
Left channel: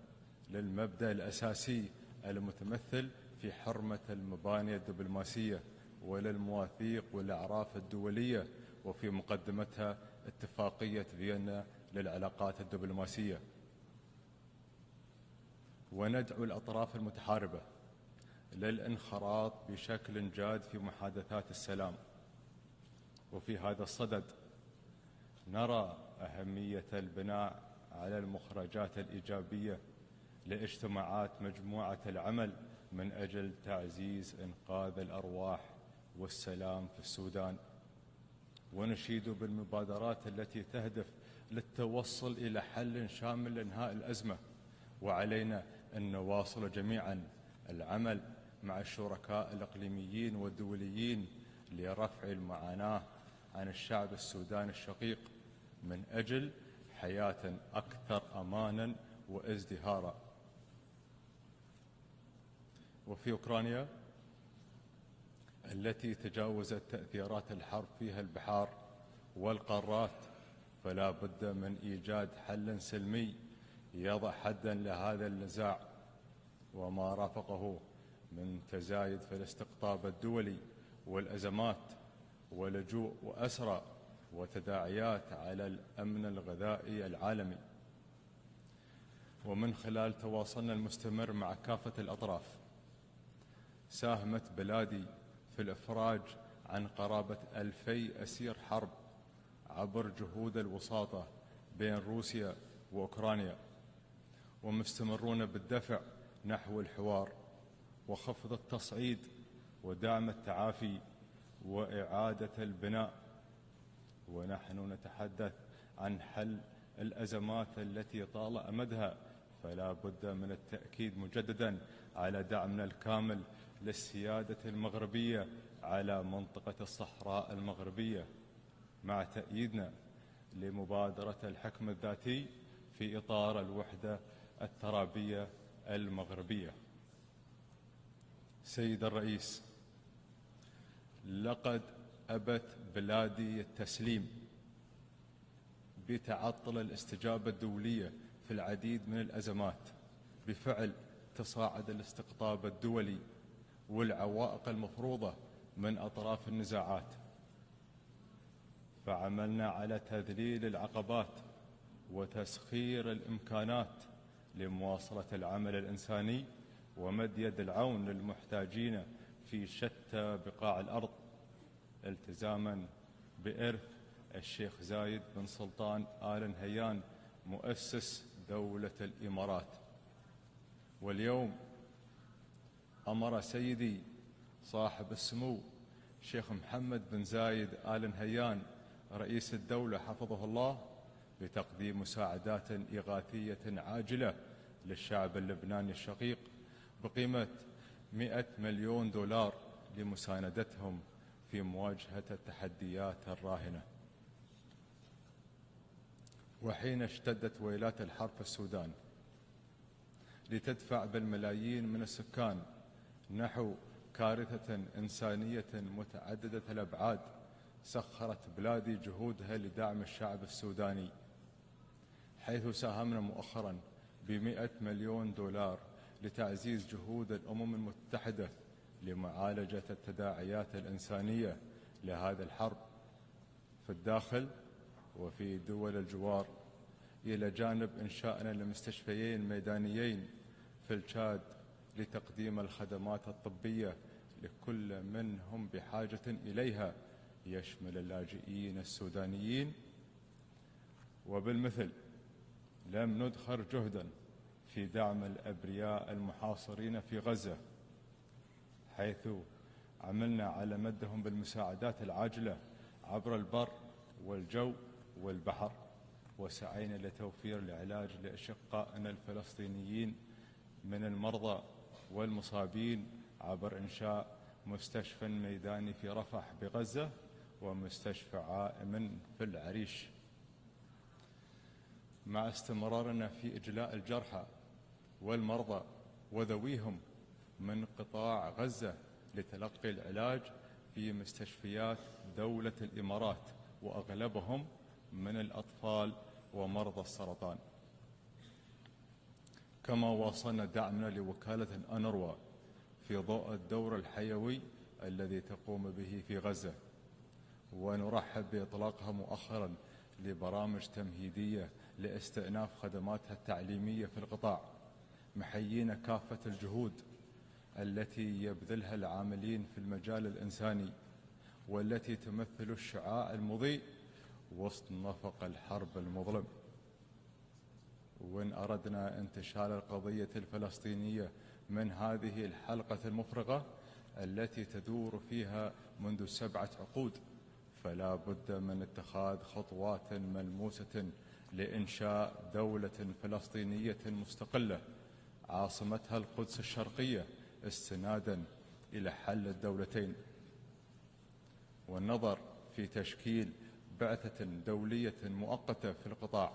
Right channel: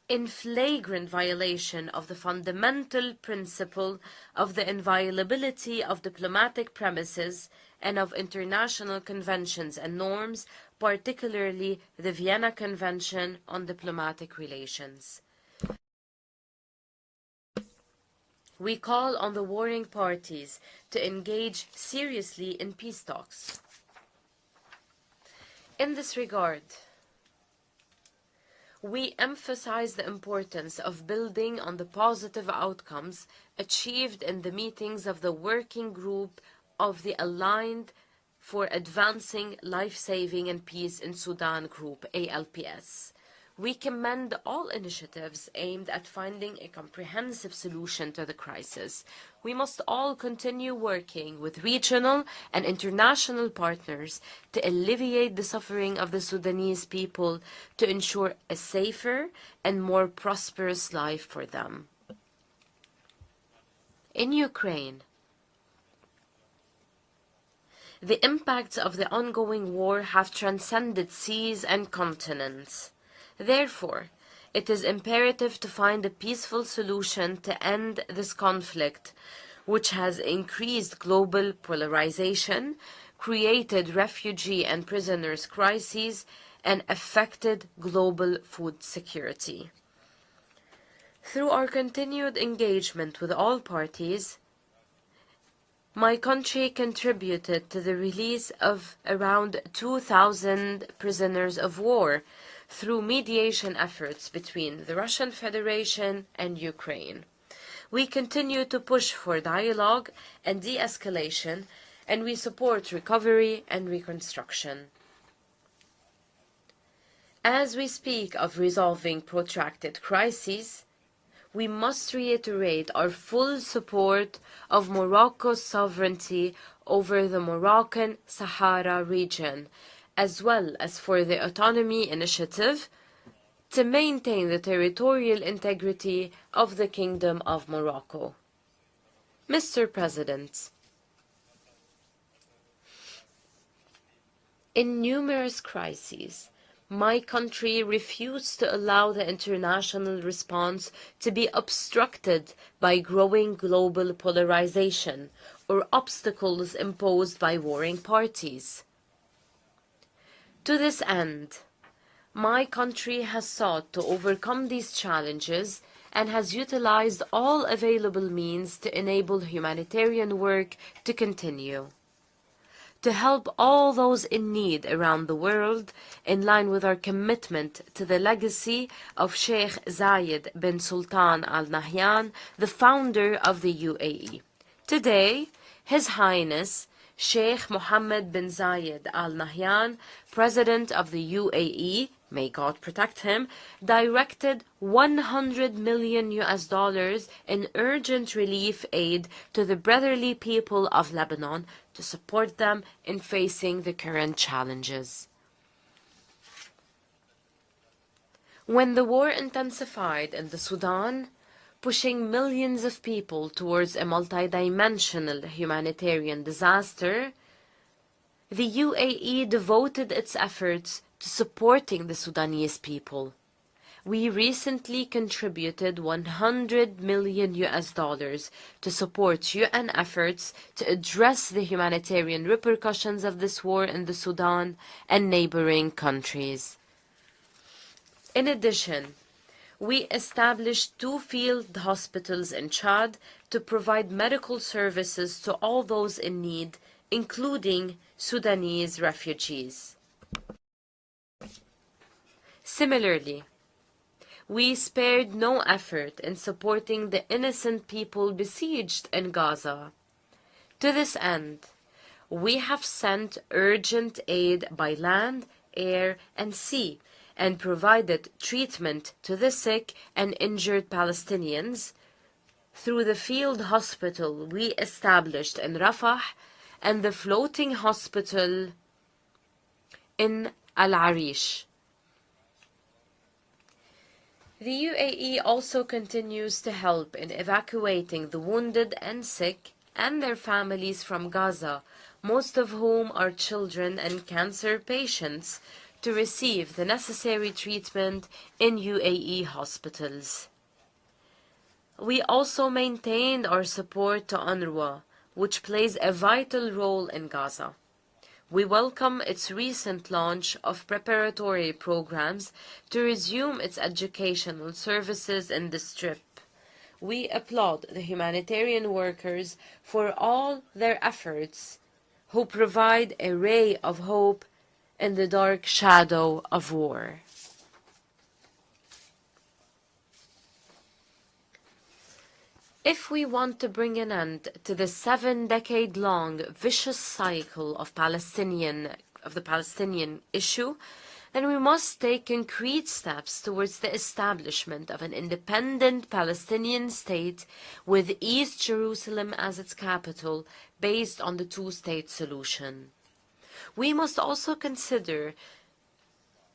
In flagrant violation of the fundamental principle of the inviolability of diplomatic premises and of international conventions and norms, particularly the Vienna Convention on Diplomatic Relations. We call on the warring parties to engage seriously in peace talks. In this regard, we emphasize the importance of building on the positive outcomes achieved in the meetings of the Working Group of the Aligned for Advancing Life-Saving and Peace in Sudan Group, ALPS. We commend all initiatives aimed at finding a comprehensive solution to the crisis. We must all continue working with regional and international partners to alleviate the suffering of the Sudanese people to ensure a safer and more prosperous life for them. In Ukraine, the impacts of the ongoing war have transcended seas and continents. Therefore, it is imperative to find a peaceful solution to end this conflict, which has increased global polarization, created refugee and prisoners crises, and affected global food security. Through our continued engagement with all parties, my country contributed to the release of around 2,000 prisoners of war through mediation efforts between the Russian Federation and Ukraine. We continue to push for dialogue and de-escalation, and we support recovery and reconstruction. As we speak of resolving protracted crises, we must reiterate our full support of Morocco's sovereignty over the Moroccan Sahara region, as well as for the Autonomy Initiative to maintain the territorial integrity of the Kingdom of Morocco. Mr. President, in numerous crises, my country refused to allow the international response to be obstructed by growing global polarization or obstacles imposed by warring parties. To this end, my country has sought to overcome these challenges and has utilized all available means to enable humanitarian work to continue. To help all those in need around the world, in line with our commitment to the legacy of Sheikh Zayed bin Sultan Al Nahyan, the founder of the UAE. Today, His Highness Sheikh Mohammed bin Zayed Al Nahyan, President of the UAE, may God protect him, directed $100 million in urgent relief aid to the brotherly people of Lebanon to support them in facing the current challenges. When the war intensified in the Sudan, pushing millions of people towards a multidimensional humanitarian disaster, The UAE devoted its efforts to supporting the Sudanese people. We recently contributed $100 million to support UN efforts to address the humanitarian repercussions of this war in the Sudan and neighboring countries. In addition, we established 2 field hospitals in Chad to provide medical services to all those in need, including Sudanese refugees. Similarly, we spared no effort in supporting the innocent people besieged in Gaza. To this end, we have sent urgent aid by land, air, and sea, and provided treatment to the sick and injured Palestinians through the field hospital we established in Rafah and the floating hospital in Al-Arish. The UAE also continues to help in evacuating the wounded and sick and their families from Gaza, most of whom are children and cancer patients, to receive the necessary treatment in UAE hospitals. We also maintained our support to UNRWA, which plays a vital role in Gaza. We welcome its recent launch of preparatory programs to resume its educational services in the Strip. We applaud the humanitarian workers for all their efforts, who provide a ray of hope in the dark shadow of war. If we want to bring an end to the 7-decade-long vicious cycle of the Palestinian issue, then we must take concrete steps towards the establishment of an independent Palestinian state with East Jerusalem as its capital, based on the 2-state solution. We must also consider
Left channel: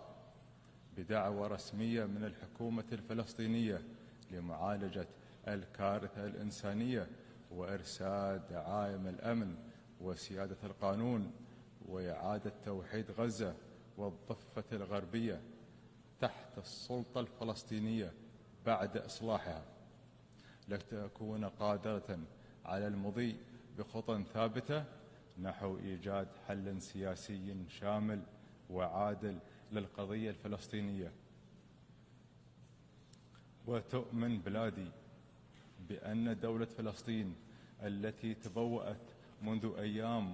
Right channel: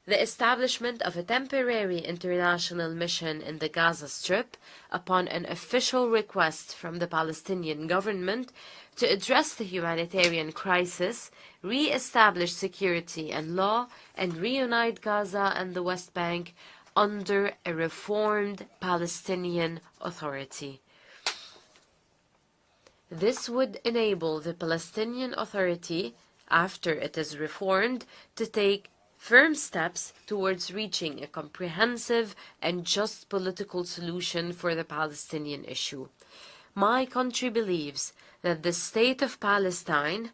the establishment of a temporary international mission in the Gaza Strip upon an official request from the Palestinian government to address the humanitarian crisis, re-establish security and law, and reunite Gaza and the West Bank under a reformed Palestinian Authority. This would enable the Palestinian Authority, after it is reformed, to take firm steps towards reaching a comprehensive and just political solution for the Palestinian issue. My country believes that the State of Palestine,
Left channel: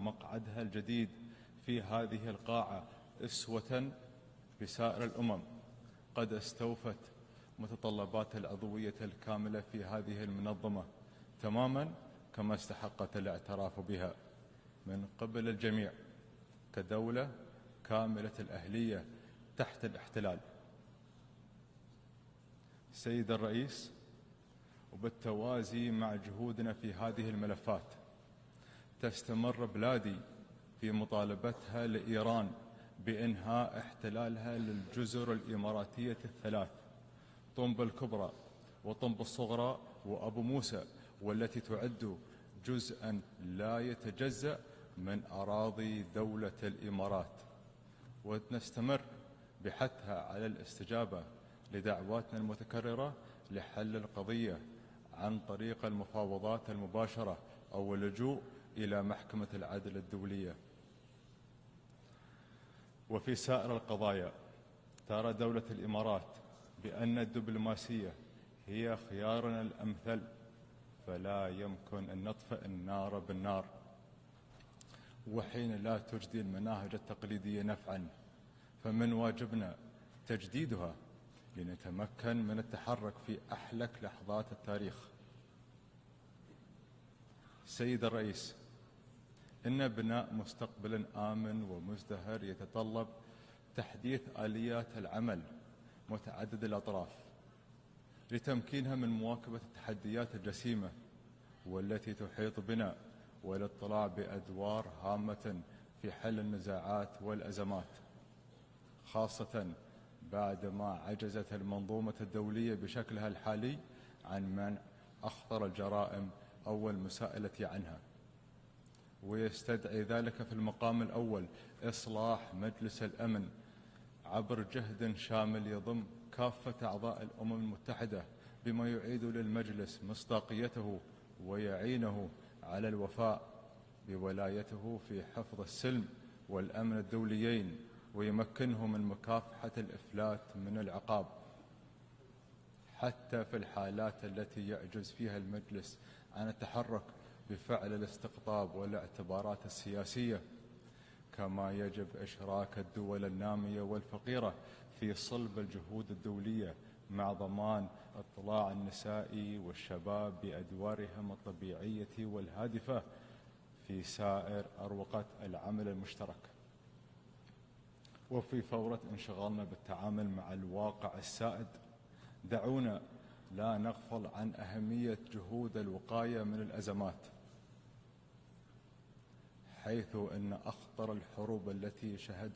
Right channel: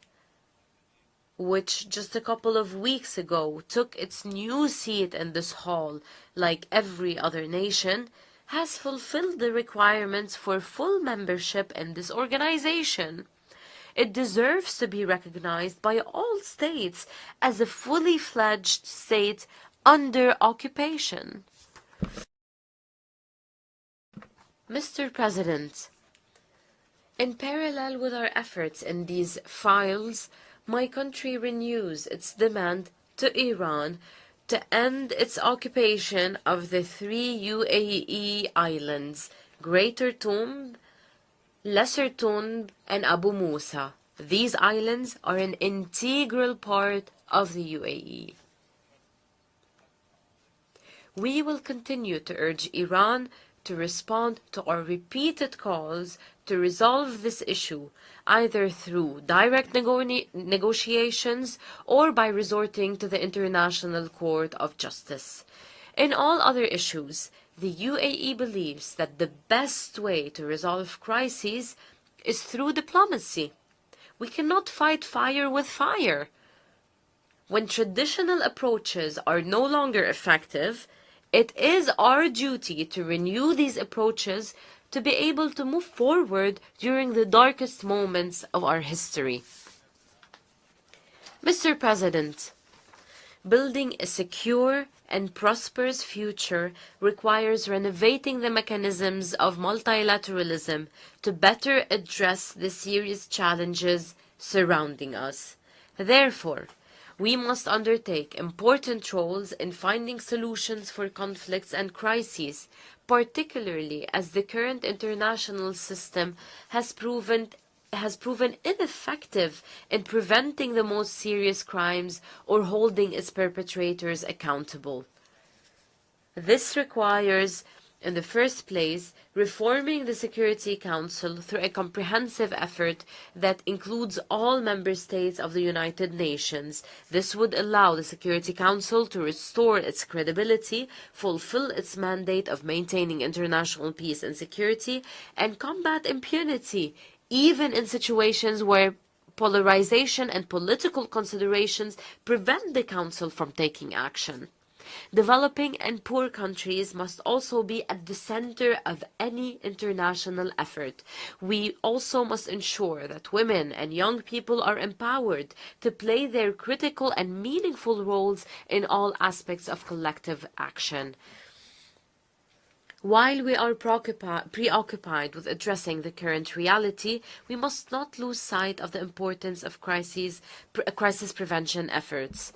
which just a couple of weeks ago took its new seat in this hall, like every other nation, has fulfilled the requirements for full membership in this organization. It deserves to be recognized by all states as a fully fledged state under occupation. Mr. President, in parallel with our efforts in these files, my country renews its demand to Iran to end its occupation of the 3 UAE islands, Greater Toom, Lesser Toom, and Abu Musa. These islands are an integral part of the UAE. We will continue to urge Iran to respond to our repeated calls to resolve this issue, either through direct negotiations or by resorting to the International Court of Justice. In all other issues, the UAE believes that the best way to resolve crises is through diplomacy. We cannot fight fire with fire. When traditional approaches are no longer effective, it is our duty to renew these approaches to be able to move forward during the darkest moments of our history. Mr. President, building a secure and prosperous future requires renovating the mechanisms of multilateralism to better address the serious challenges surrounding us. Therefore, we must undertake important roles in finding solutions for conflicts and crises, particularly as the current international system has proven ineffective in preventing the most serious crimes or holding its perpetrators accountable. This requires, in the first place, reforming the Security Council through a comprehensive effort that includes all member states of the United Nations. This would allow the Security Council to restore its credibility, fulfill its mandate of maintaining international peace and security, and combat impunity, even in situations where polarization and political considerations prevent the Council from taking action. Developing and poor countries must also be at the center of any international effort. We also must ensure that women and young people are empowered to play their critical and meaningful roles in all aspects of collective action. While we are preoccupied with addressing the current reality, we must not lose sight of the importance of crisis prevention efforts.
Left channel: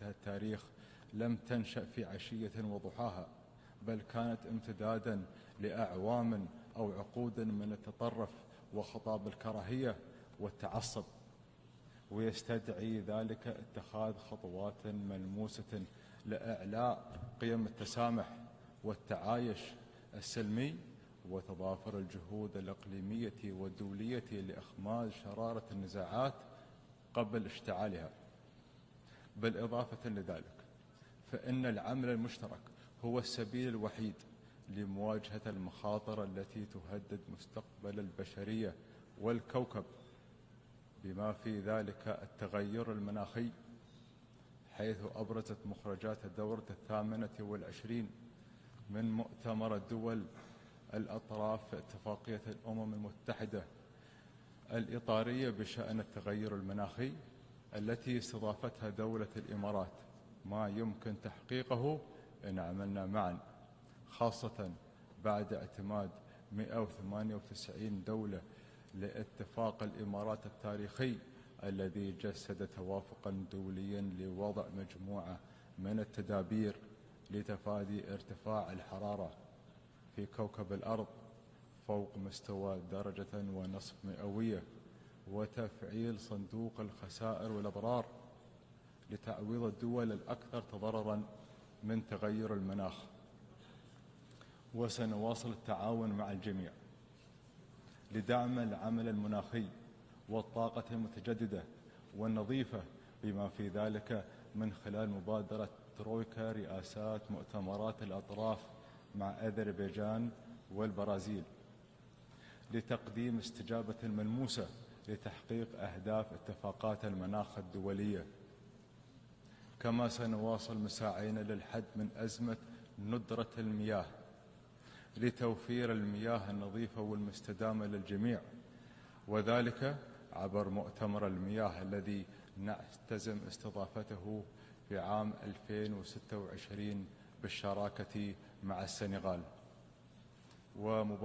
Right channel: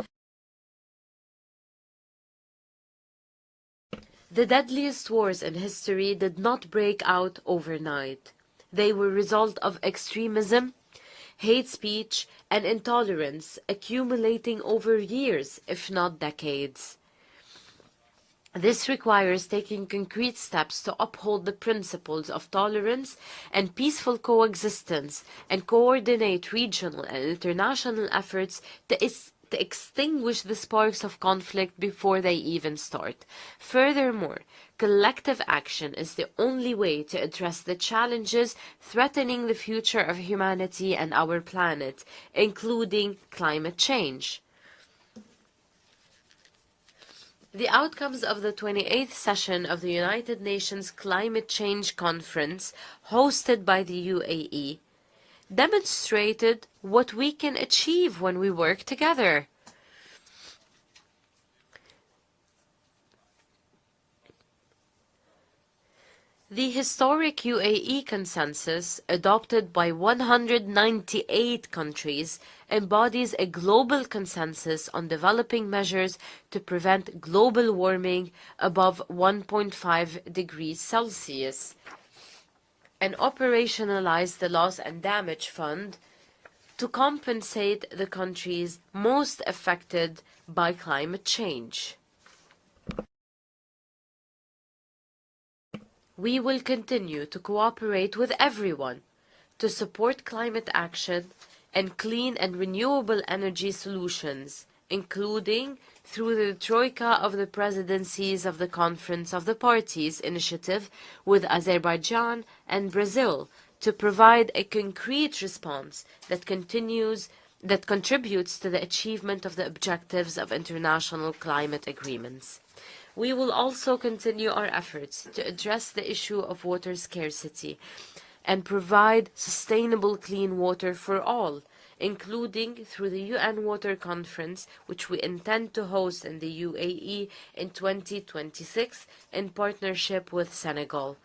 The deadliest wars in history did not break out overnight. They were a result of extremism, hate speech, and intolerance accumulating over years, if not decades. This requires taking concrete steps to uphold the principles of tolerance and peaceful coexistence and coordinate regional and international efforts to extinguish the sparks of conflict before they even start. Furthermore, collective action is the only way to address the challenges threatening the future of humanity and our planet, including climate change. The outcomes of the 28th session of the United Nations Climate Change Conference, hosted by the UAE, demonstrated what we can achieve when we work together. The historic UAE consensus, adopted by 198 countries, embodies a global consensus on developing measures to prevent global warming above 1.5 degrees Celsius, and operationalize the Loss and Damage Fund to compensate the countries most affected by climate change. We will continue to cooperate with everyone to support climate action and clean and renewable energy solutions, including through the Troika of the Presidencies of the Conference of the Parties initiative with Azerbaijan and Brazil, to provide a concrete response that contributes to the achievement of the objectives of international climate agreements. We will also continue our efforts to address the issue of water scarcity and provide sustainable clean water for all, including through the UN Water Conference, which we intend to host in the UAE in 2026 in partnership with Senegal.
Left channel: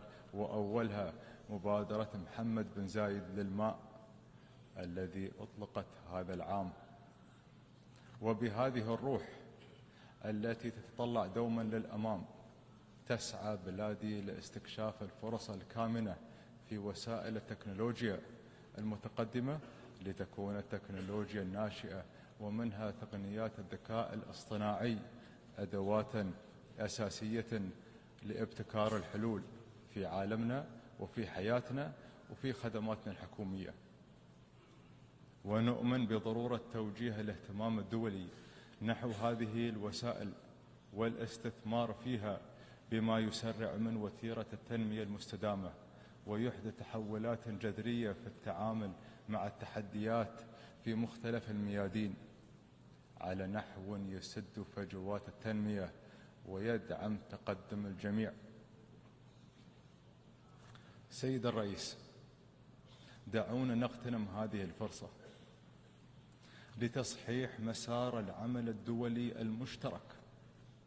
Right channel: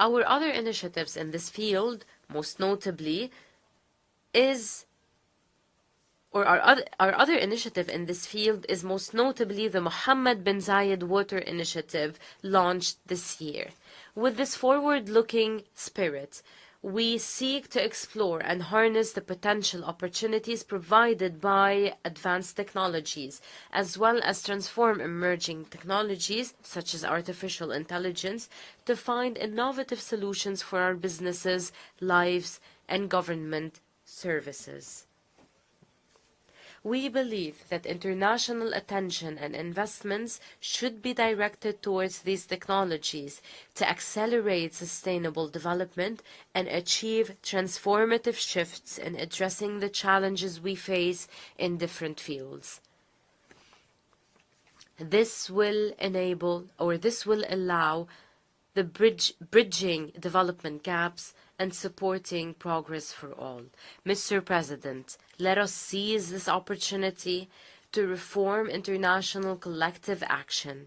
Our other initiatives in this field, most notably, our other initiative in this field is most notably the Mohammed bin Zayed Water Initiative, launched this year. With this forward-looking spirit, we seek to explore and harness the potential opportunities provided by advanced technologies, as well as transform emerging technologies, such as artificial intelligence, to find innovative solutions for our businesses, lives, and government services. We believe that international attention and investments should be directed towards these technologies to accelerate sustainable development and achieve transformative shifts in addressing the challenges we face in different fields. This will allow the bridging development gaps and supporting progress for all. Mr. President, let us seize this opportunity to reform international collective action,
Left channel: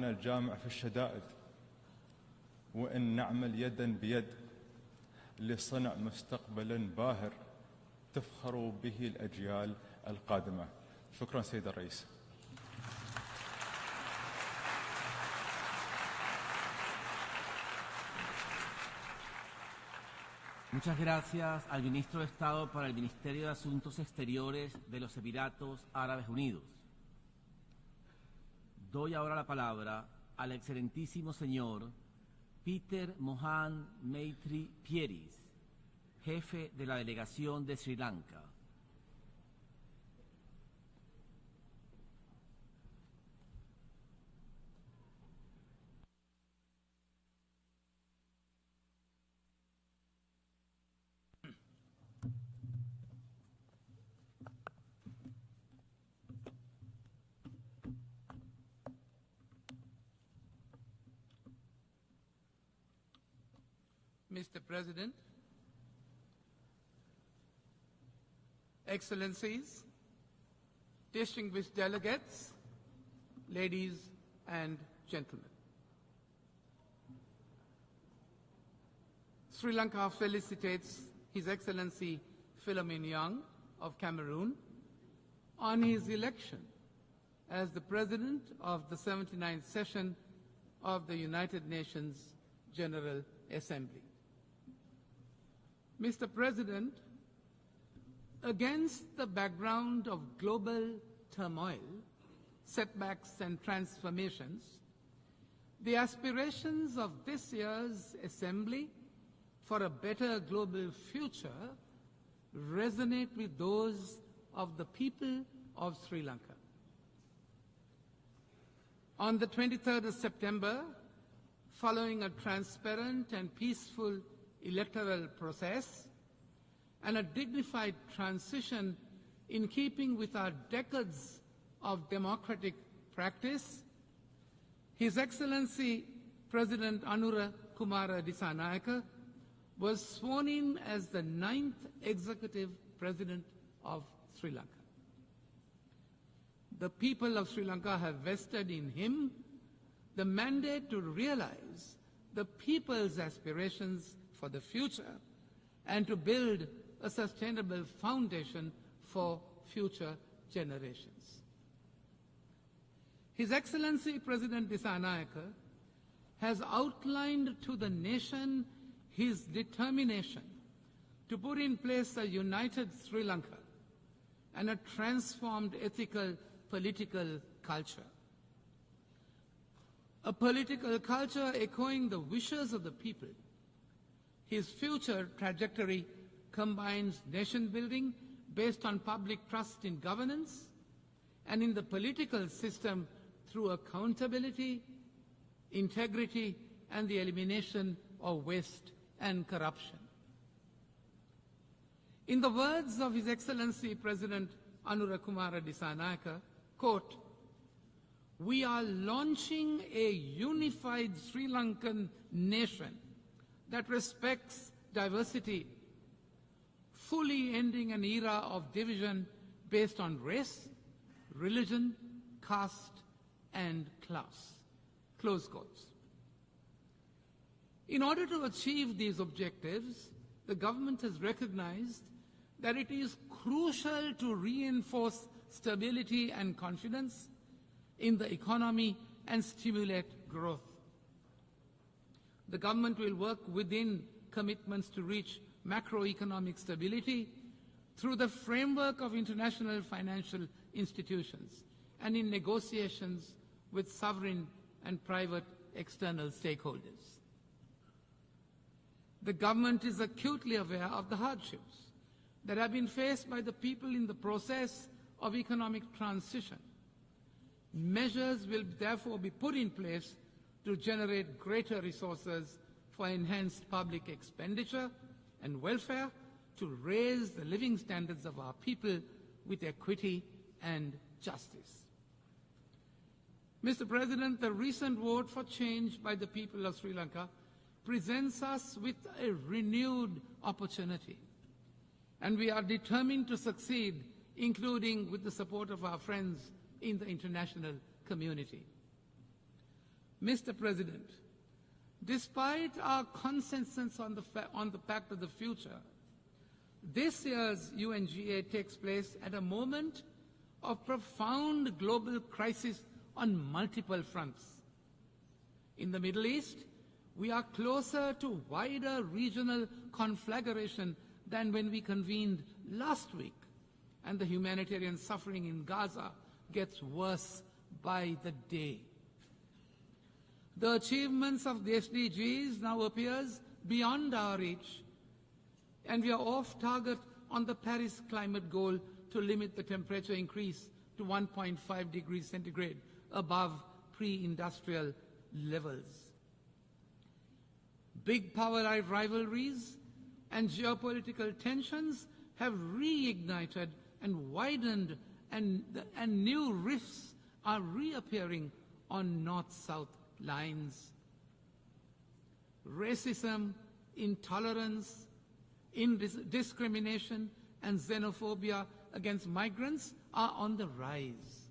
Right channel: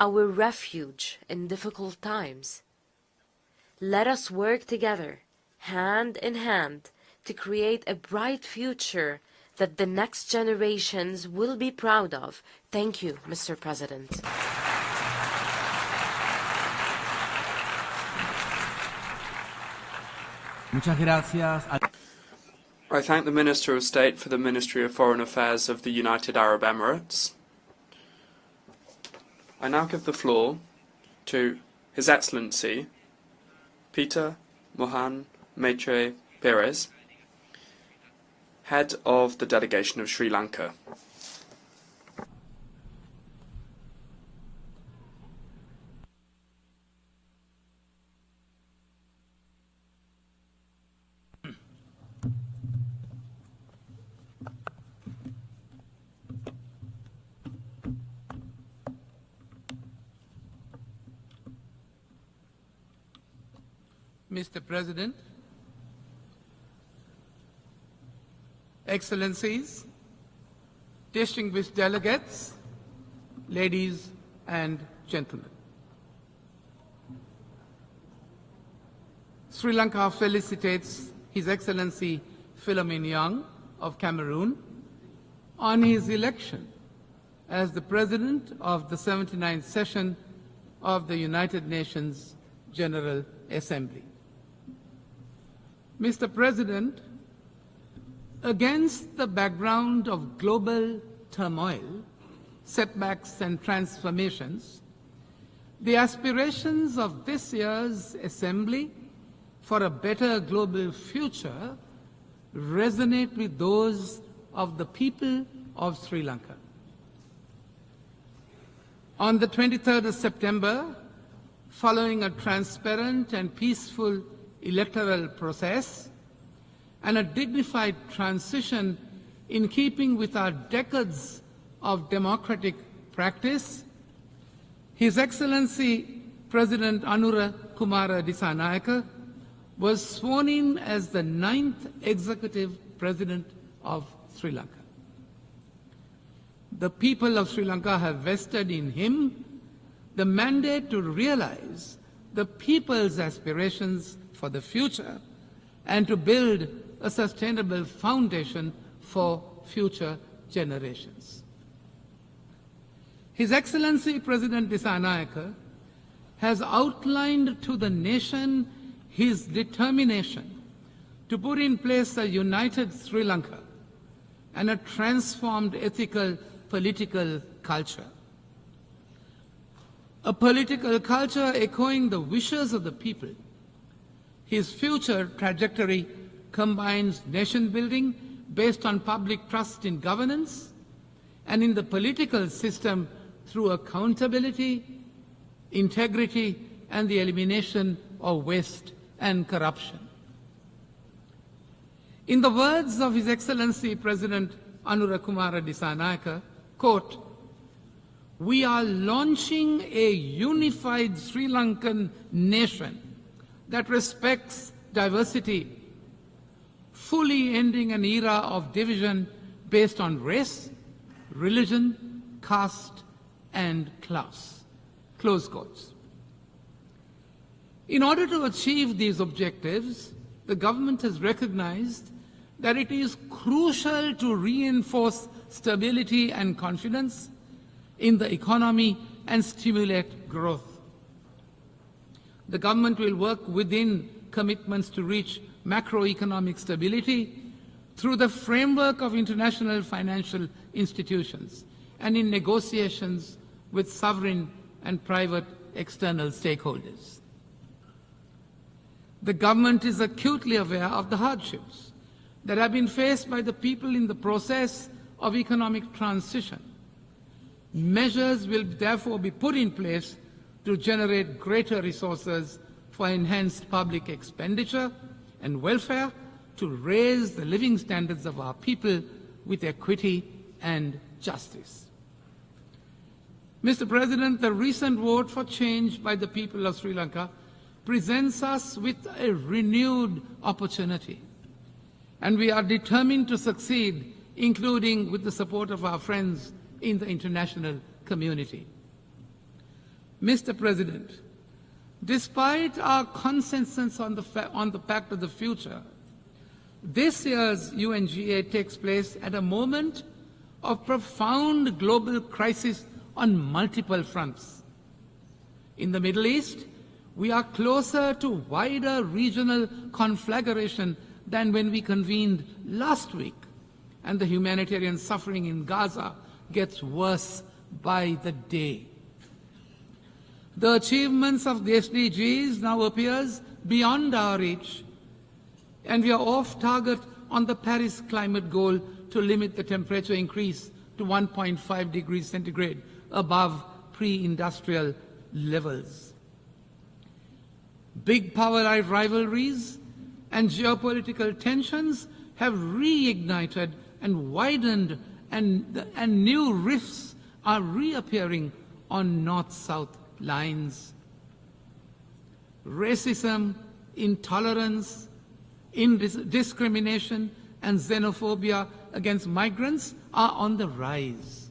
our refuge in difficult times. Let us work together hand in hand, to create a bright future that the next generations will be proud of. Thank you, Mr. President. I thank the Minister of State for the Ministry of Foreign Affairs of the United Arab Emirates. I now give the floor to His Excellency Peter Mohan Maitre Perez, Head of the Delegation of Sri Lanka. Mr. President, Excellencies, distinguished delegates, ladies and gentlemen. Sri Lanka felicitates His Excellency Philemon Young of Cameroon on his election as the President of the 79th session of the United Nations General Assembly. Mr. President, against the background of global turmoil, setbacks and transformations, the aspirations of this year's Assembly for a better global future resonate with those of the people of Sri Lanka. On the 23rd of September, following a transparent and peaceful electoral process and a dignified transition in keeping with our decades of democratic practice, His Excellency President Anura Kumara Dissanayake was sworn in as the 9th Executive President of Sri Lanka. The people of Sri Lanka have vested in him the mandate to realize the people's aspirations for the future and to build a sustainable foundation for future generations. His Excellency President Dissanayake has outlined to the nation his determination to put in place a united Sri Lanka and a transformed ethical political culture. A political culture echoing the wishes of the people. His future trajectory combines nation building based on public trust in governance and in the political system through accountability, integrity, and the elimination of waste and corruption. In the words of His Excellency President Anura Kumara Dissanayake, quote, "We are launching a unified Sri Lankan nation that respects diversity, fully ending an era of division based on race, religion, caste, and class." Close quotes. In order to achieve these objectives, the government has recognized that it is crucial to reinforce stability and confidence in the economy and stimulate growth. The government will work within commitments to reach macroeconomic stability through the framework of international financial institutions and in negotiations with sovereign and private external stakeholders. The government is acutely aware of the hardships that have been faced by the people in the process of economic transition. Measures will therefore be put in place to generate greater resources for enhanced public expenditure and welfare to raise the living standards of our people with equity and justice. Mr. President, the recent vote for change by the people of Sri Lanka presents us with a renewed opportunity, and we are determined to succeed, including with the support of our friends in the international community. Mr. President, Despite our consensus on the Pact of the Future, this year's UNGA takes place at a moment of profound global crisis on multiple fronts. In the Middle East, we are closer to wider regional conflagration than when we convened last week, and the humanitarian suffering in Gaza gets worse by the day. The achievements of the SDGs now appears beyond our reach, and we are off target on the Paris climate goal to limit the temperature increase to 1.5 degrees centigrade above pre-industrial levels. Big power rivalries and geopolitical tensions have reignited and widened, and new rifts are reappearing on north-south lines. Racism, intolerance, discrimination, and xenophobia against migrants are on the rise.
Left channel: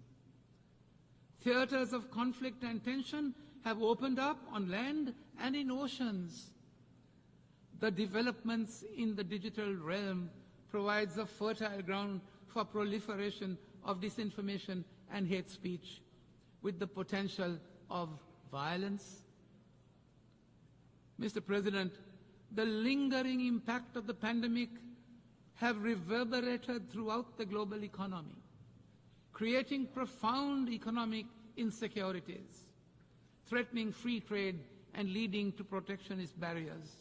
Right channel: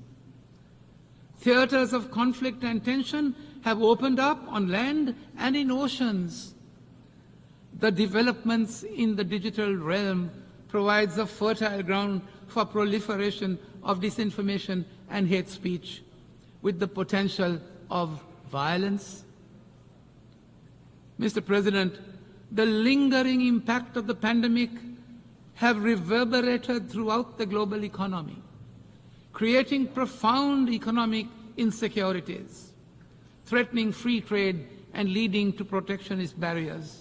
Theaters of conflict and tension have opened up on land and in oceans. The developments in the digital realm provides a fertile ground for proliferation of disinformation and hate speech, with the potential of violence. Mr. President, the lingering impact of the pandemic have reverberated throughout the global economy, creating profound economic insecurities, threatening free trade and leading to protectionist barriers.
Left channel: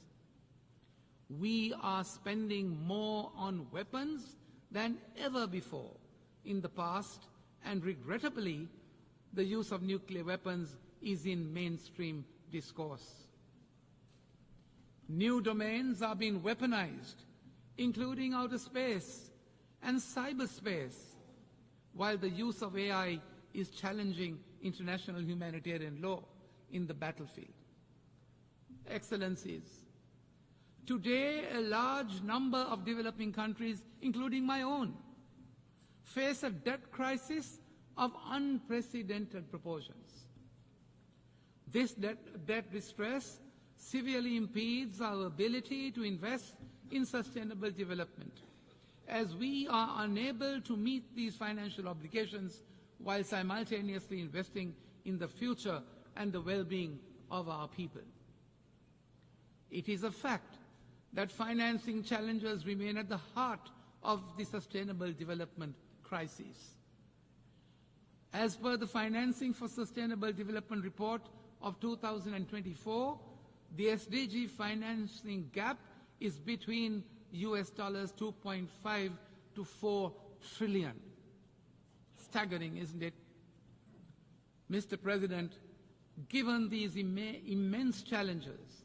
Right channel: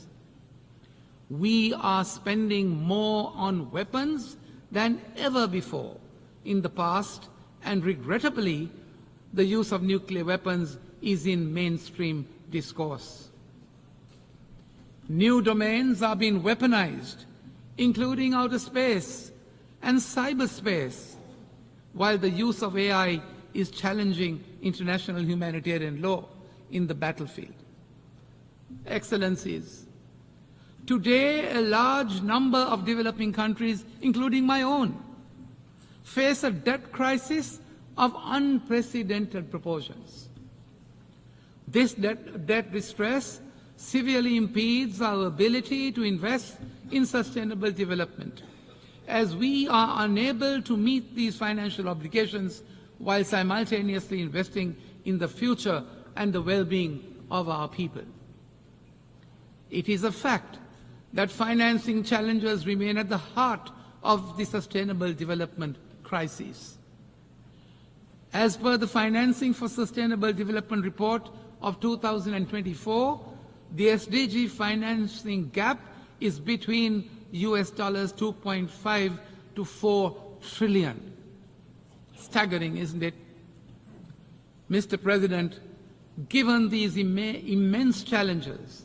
We are spending more on weapons than ever before in the past, and regrettably, the use of nuclear weapons is in mainstream discourse. New domains are being weaponized, including outer space and cyberspace, while the use of AI is challenging international humanitarian law in the battlefield. Excellencies, today a large number of developing countries, including my own, face a debt crisis of unprecedented proportions. This debt distress severely impedes our ability to invest in sustainable development, as we are unable to meet these financial obligations while simultaneously investing in the future and the well-being of our people. It is a fact that financing challenges remain at the heart of the sustainable development crisis. As per the Financing for Sustainable Development report of 2024, the SDG financing gap is between US $2.5 to 4 trillion. Staggering, isn't it? Mr. President, given these immense challenges,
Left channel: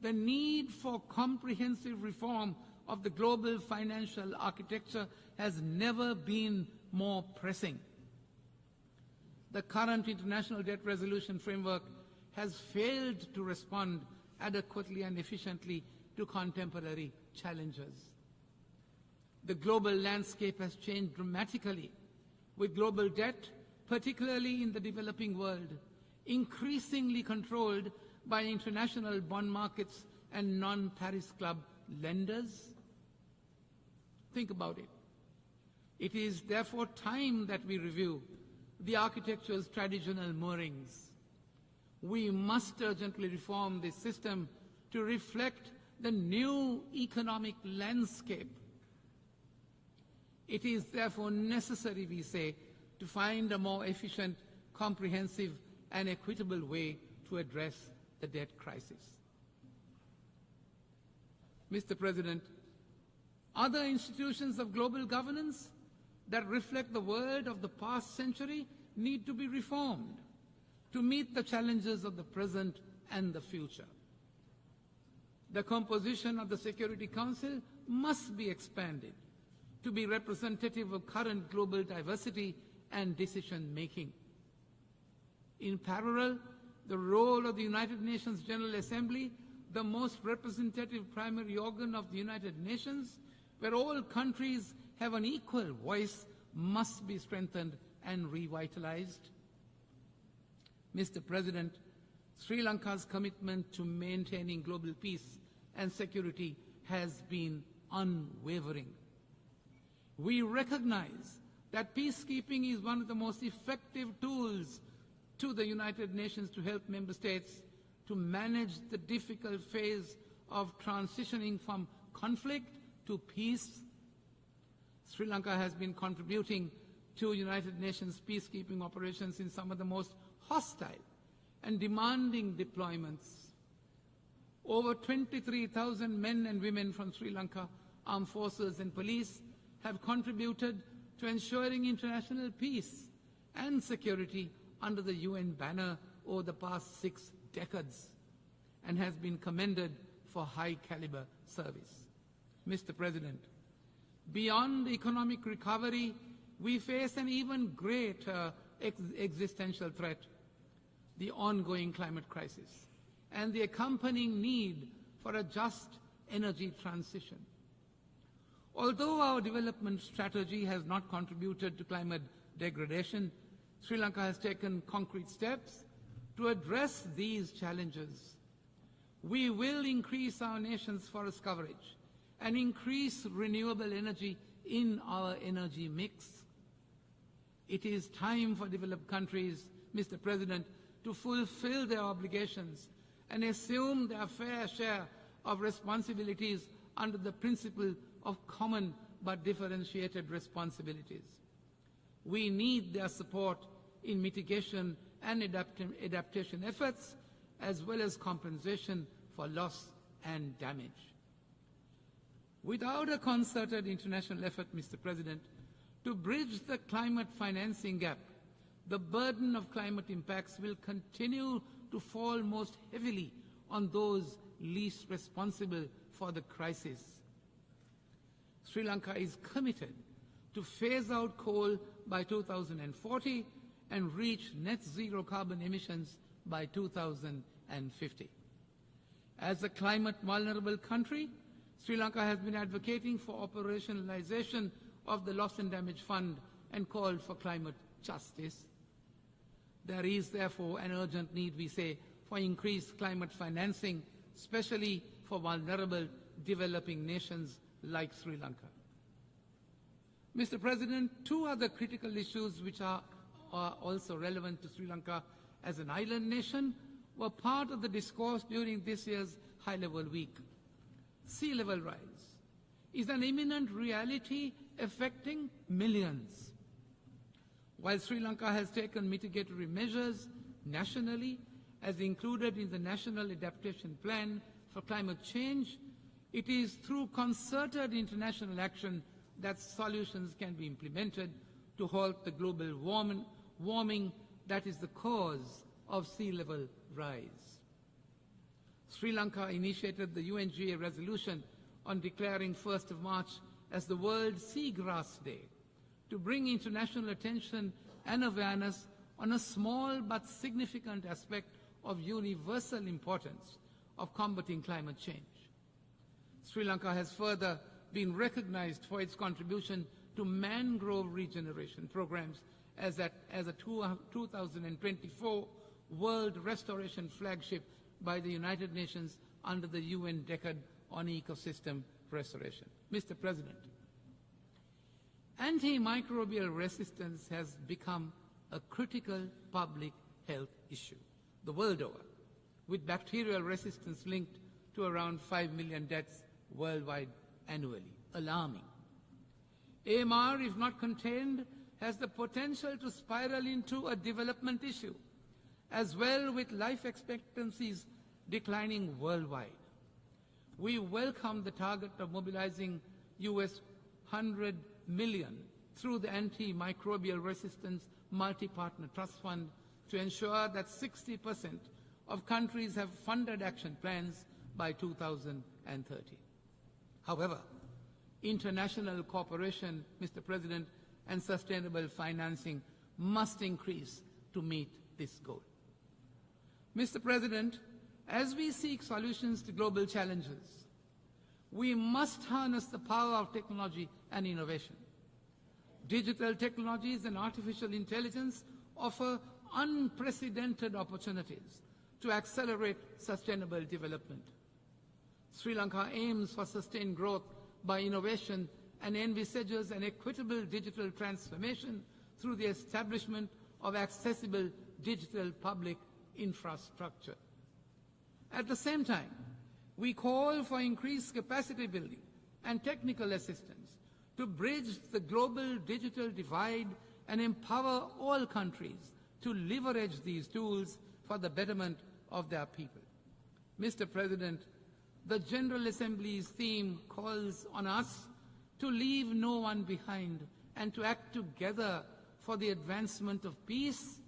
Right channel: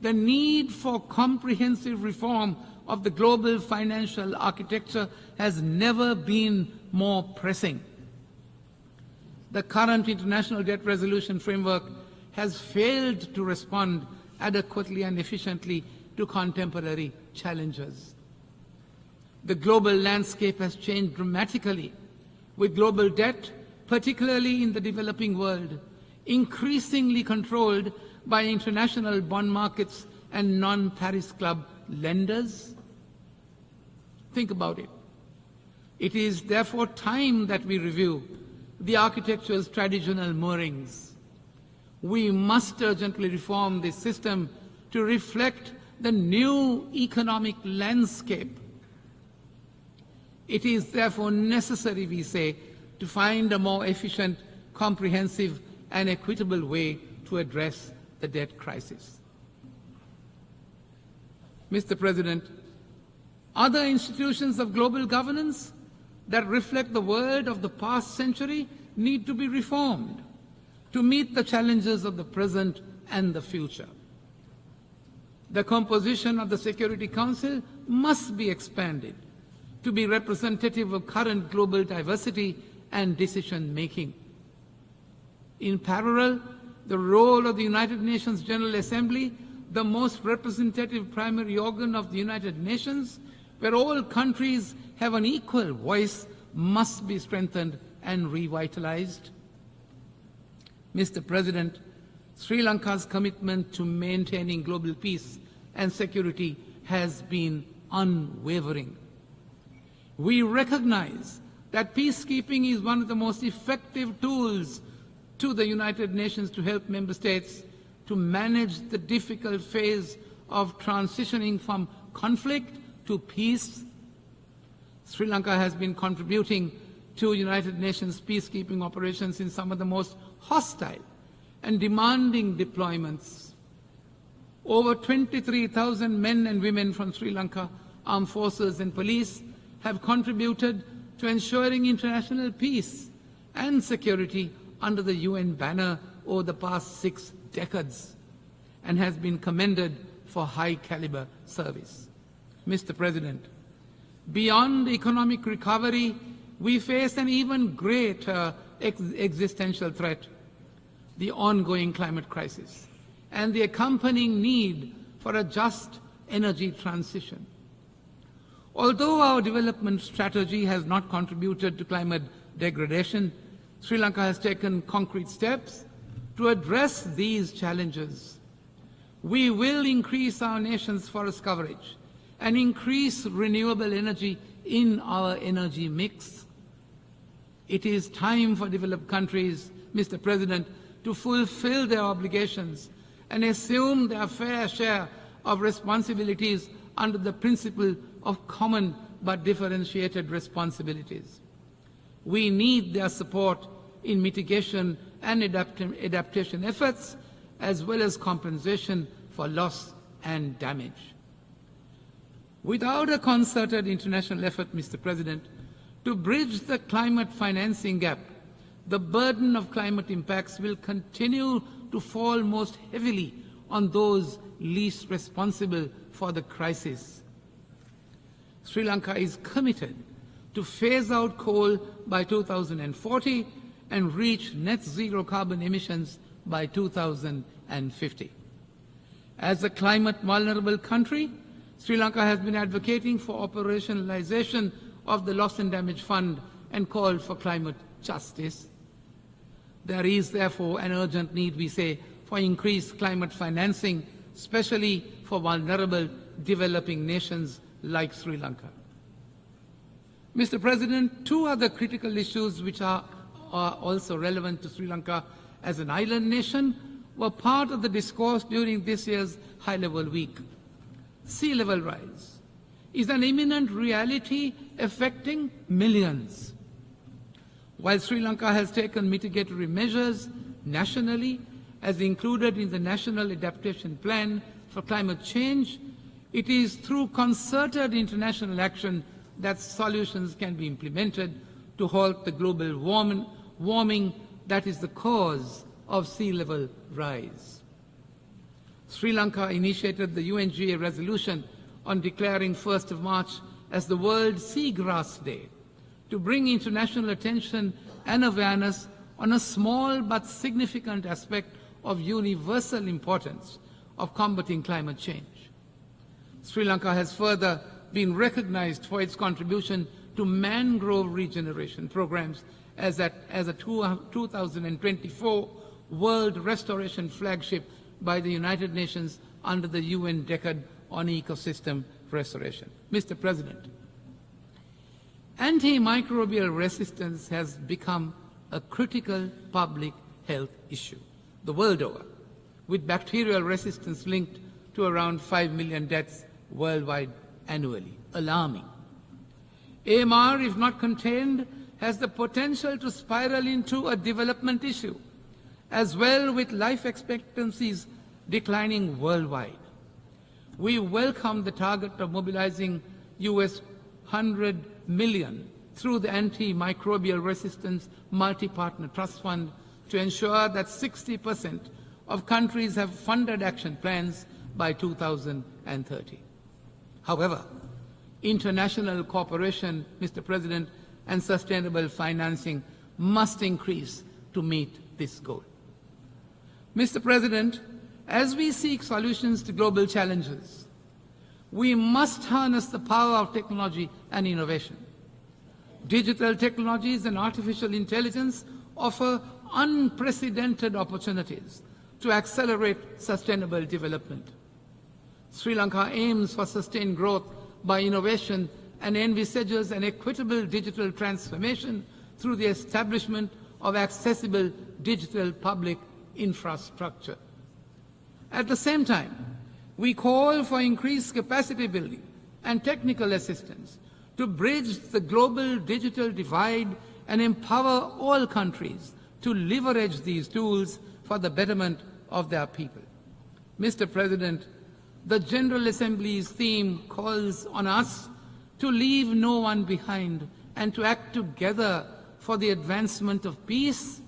the need for comprehensive reform of the global financial architecture has never been more pressing. The current international debt resolution framework has failed to respond adequately and efficiently to contemporary challenges. The global landscape has changed dramatically, with global debt, particularly in the developing world, increasingly controlled by international bond markets and non-Paris Club lenders. Think about it. It is therefore time that we review the architecture's traditional moorings. We must urgently reform this system to reflect the new economic landscape. It is therefore necessary, we say, to find a more efficient, comprehensive, and equitable way to address the debt crisis. Mr. President, other institutions of global governance that reflect the world of the past century need to be reformed to meet the challenges of the present and the future. The composition of the Security Council must be expanded to be representative of current global diversity and decision-making. In parallel, the role of the United Nations General Assembly, the most representative primary organ of the United Nations, where all countries have an equal voice, must be strengthened and revitalized. Mr. President, Sri Lanka's commitment to maintaining global peace and security has been unwavering. We recognize that peacekeeping is one of the most effective tools to the United Nations to help member states to manage the difficult phase of transitioning from conflict to peace. Sri Lanka has been contributing to United Nations peacekeeping operations in some of the most hostile and demanding deployments. Over 23,000 men and women from Sri Lanka armed forces and police have contributed to ensuring international peace and security under the UN banner over the past 6 decades and has been commended for high-caliber service. Mr. President, beyond economic recovery, we face an even greater existential threat, the ongoing climate crisis, and the accompanying need for a just energy transition. Although our development strategy has not contributed to climate degradation, Sri Lanka has taken concrete steps to address these challenges. We will increase our nation's forest coverage and increase renewable energy in our energy mix. It is time for developed countries, Mr. President, to fulfill their obligations and assume their fair share of responsibilities under the principle of common but differentiated responsibilities. We need their support in mitigation and adaptation efforts, as well as compensation for loss and damage. Without a concerted international effort, Mr. President, to bridge the climate financing gap, the burden of climate impacts will continue to fall most heavily on those least responsible for the crisis. Sri Lanka is committed to phase out coal by 2040 and reach net zero carbon emissions by 2050. As a climate vulnerable country, Sri Lanka has been advocating for operationalization of the Loss and Damage Fund and called for climate justice. There is therefore an urgent need, we say, for increased climate financing, especially for vulnerable developing nations like Sri Lanka. Mr. President, 2 other critical issues which are also relevant to Sri Lanka as an island nation were part of the discourse during this year's high-level week. Sea level rise is an imminent reality affecting millions. While Sri Lanka has taken mitigatory measures nationally, as included in the National Adaptation Plan for Climate Change, it is through concerted international action that solutions can be implemented to halt the global warming that is the cause of sea level rise. Sri Lanka initiated the UNGA resolution on declaring 1st of March as the World Seagrass Day to bring international attention and awareness on a small but significant aspect of universal importance of combating climate change. Sri Lanka has further been recognized for its contribution to mangrove regeneration programs as a 2024 World Restoration Flagship by the United Nations under the UN Decade on Ecosystem Restoration. Mr. President, antimicrobial resistance has become a critical public health issue the world over, with bacterial resistance linked to around 5 million deaths worldwide annually. Alarming. AMR, if not contained, has the potential to spiral into a development issue, as well with life expectancies declining worldwide. We welcome the target of mobilizing US $100 million through the Antimicrobial Resistance Multi-Partner Trust Fund to ensure that 60% of countries have funded action plans by 2030. However, international cooperation, Mr. President, and sustainable financing must increase to meet this goal. Mr. President, as we seek solutions to global challenges, we must harness the power of technology and innovation. Digital technologies and artificial intelligence offer unprecedented opportunities to accelerate sustainable development. Sri Lanka aims for sustained growth by innovation and envisages an equitable digital transformation through the establishment of accessible digital public infrastructure. At the same time, we call for increased capacity building and technical assistance to bridge the global digital divide and empower all countries to leverage these tools for the betterment of their people. Mr. President, the General Assembly's theme calls on us to leave no one behind and to act together for the advancement of peace,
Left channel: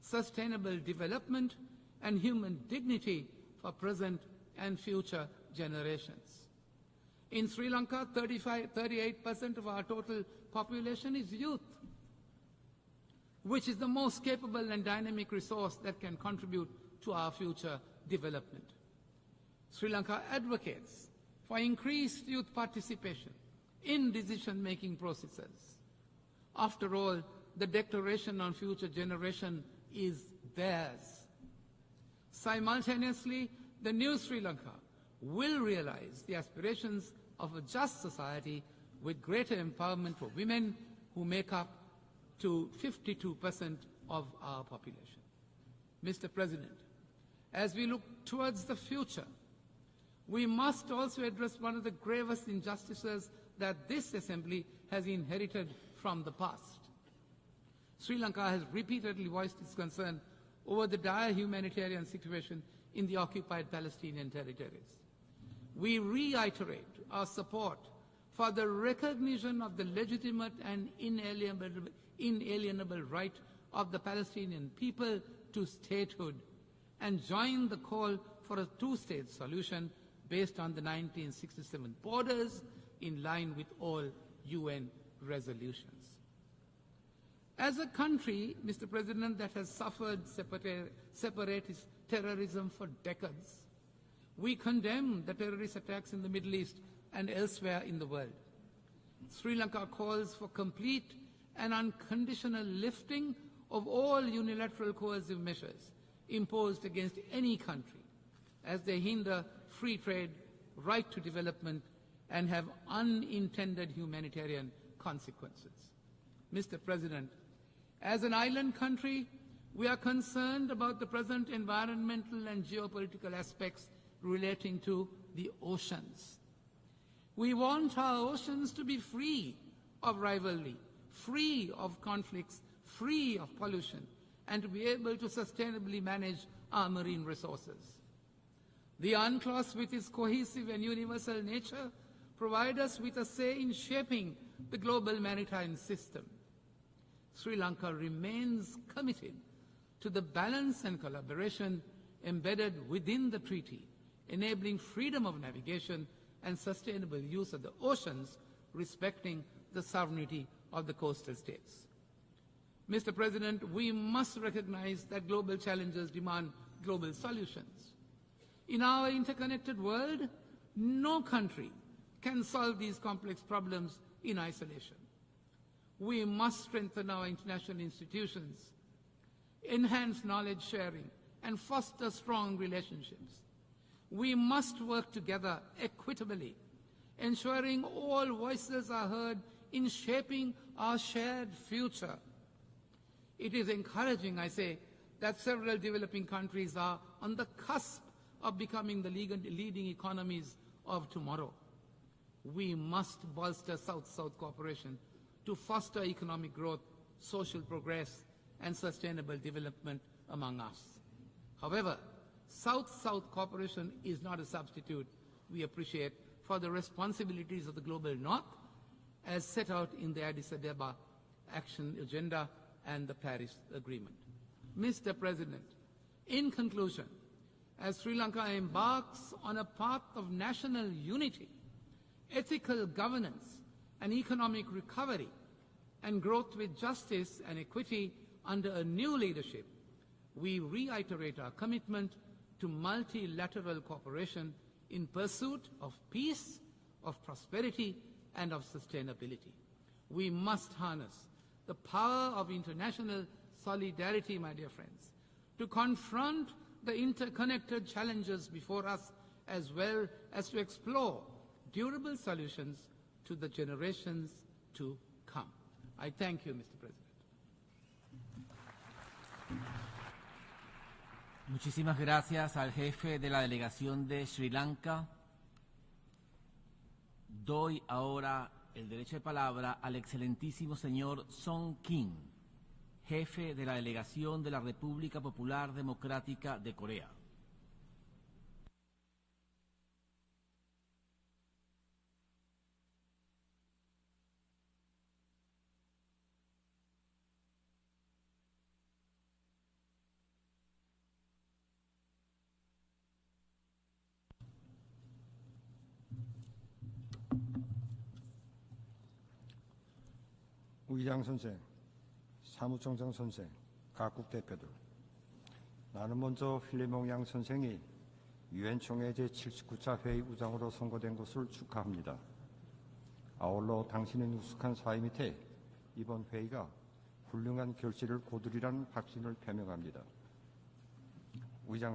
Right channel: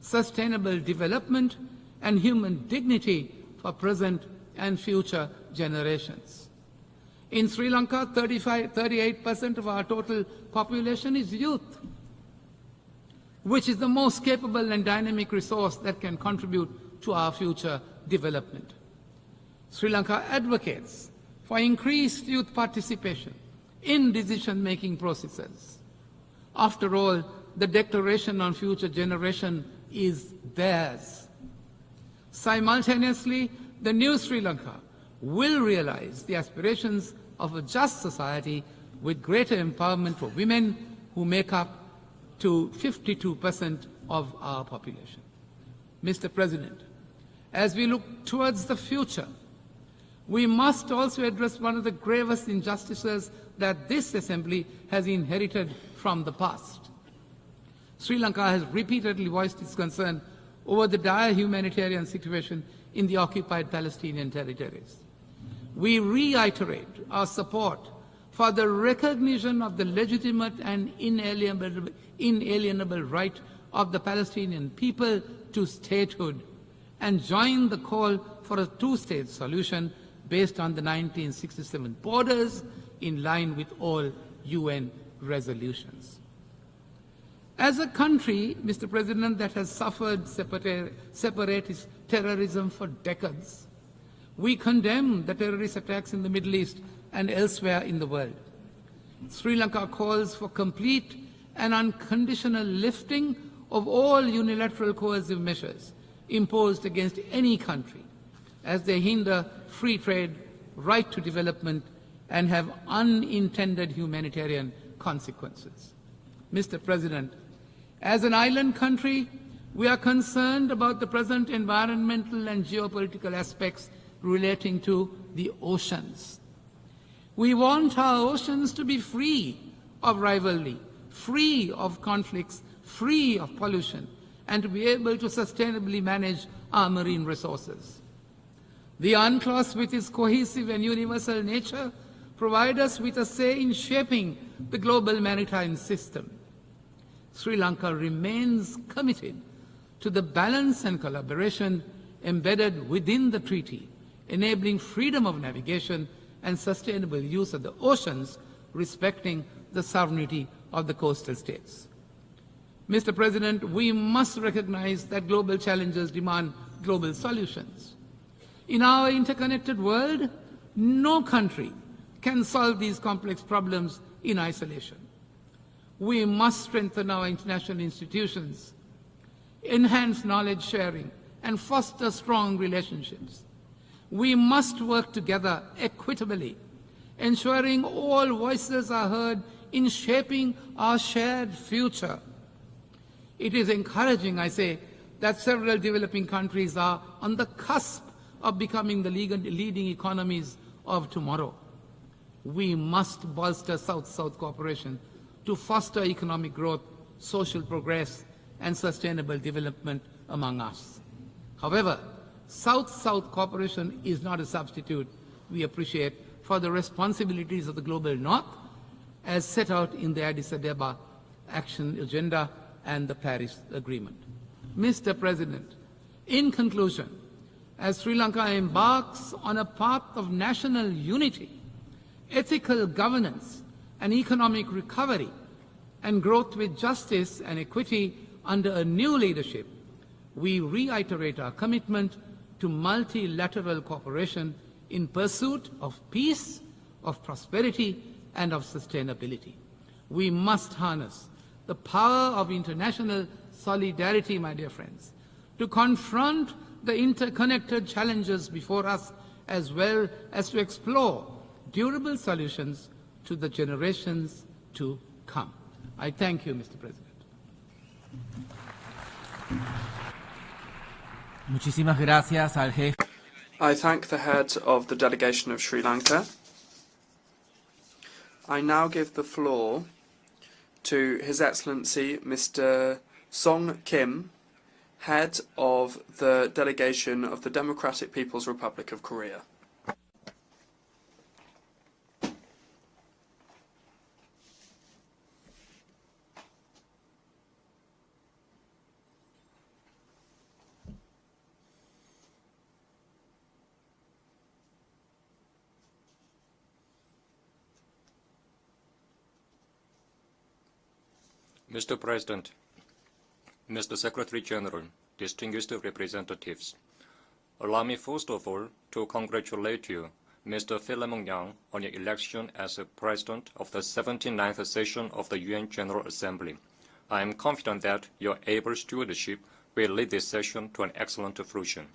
sustainable development, and human dignity for present and future generations. In Sri Lanka, 38% of our total population is youth, which is the most capable and dynamic resource that can contribute to our future development. Sri Lanka advocates for increased youth participation in decision-making processes. After all, the Declaration on Future Generation is theirs. Simultaneously, the new Sri Lanka will realize the aspirations of a just society with greater empowerment for women, who make up to 52% of our population. Mr. President, as we look towards the future, we must also address one of the gravest injustices that this Assembly has inherited from the past. Sri Lanka has repeatedly voiced its concern over the dire humanitarian situation in the occupied Palestinian territories. We reiterate our support for the recognition of the legitimate and inalienable right of the Palestinian people to statehood and join the call for a two-state solution based on the 1967 borders in line with all UN resolutions. As a country, Mr. President, that has suffered separatist terrorism for decades, we condemn the terrorist attacks in the Middle East and elsewhere in the world. Sri Lanka calls for complete and unconditional lifting of all unilateral coercive measures imposed against any country, as they hinder free trade, right to development, and have unintended humanitarian consequences. Mr. President, as an island country, we are concerned about the present environmental and geopolitical aspects relating to the oceans. We want our oceans to be free of rivalry, free of conflicts, free of pollution, and to be able to sustainably manage our marine resources. The UNCLOS, with its cohesive and universal nature, provide us with a say in shaping the global maritime system. Sri Lanka remains committed to the balance and collaboration embedded within the treaty, enabling freedom of navigation and sustainable use of the oceans, respecting the sovereignty of the coastal states. Mr. President, we must recognize that global challenges demand global solutions. In our interconnected world, no country can solve these complex problems in isolation. We must strengthen our international institutions, enhance knowledge sharing, and foster strong relationships. We must work together equitably, ensuring all voices are heard in shaping our shared future. It is encouraging, I say, that several developing countries are on the cusp of becoming the leading economies of tomorrow. We must bolster South-South cooperation to foster economic growth, social progress, and sustainable development among us. However, South-South cooperation is not a substitute, we appreciate, for the responsibilities of the Global North as set out in the Addis Ababa Action Agenda and the Paris Agreement. Mr. President, in conclusion, as Sri Lanka embarks on a path of national unity, ethical governance, and economic recovery, and growth with justice and equity under a new leadership, we reiterate our commitment to multilateral cooperation in pursuit of peace, of prosperity, and of sustainability. We must harness the power of international solidarity, my dear friends, to confront the interconnected challenges before us, as well as to explore durable solutions to the generations to come. I thank you, Mr. President. I thank the head of the delegation of Sri Lanka. I now give the floor to His Excellency Mr. Song Kim, head of the delegation of the Democratic People's Republic of Korea. Mr. President, Mr. Secretary General, distinguished representatives, allow me first of all to congratulate you, Mr. Philemon Yang, on your election as President of the 79th session of the UN General Assembly. I am confident that your able stewardship will lead this session to an excellent fruition.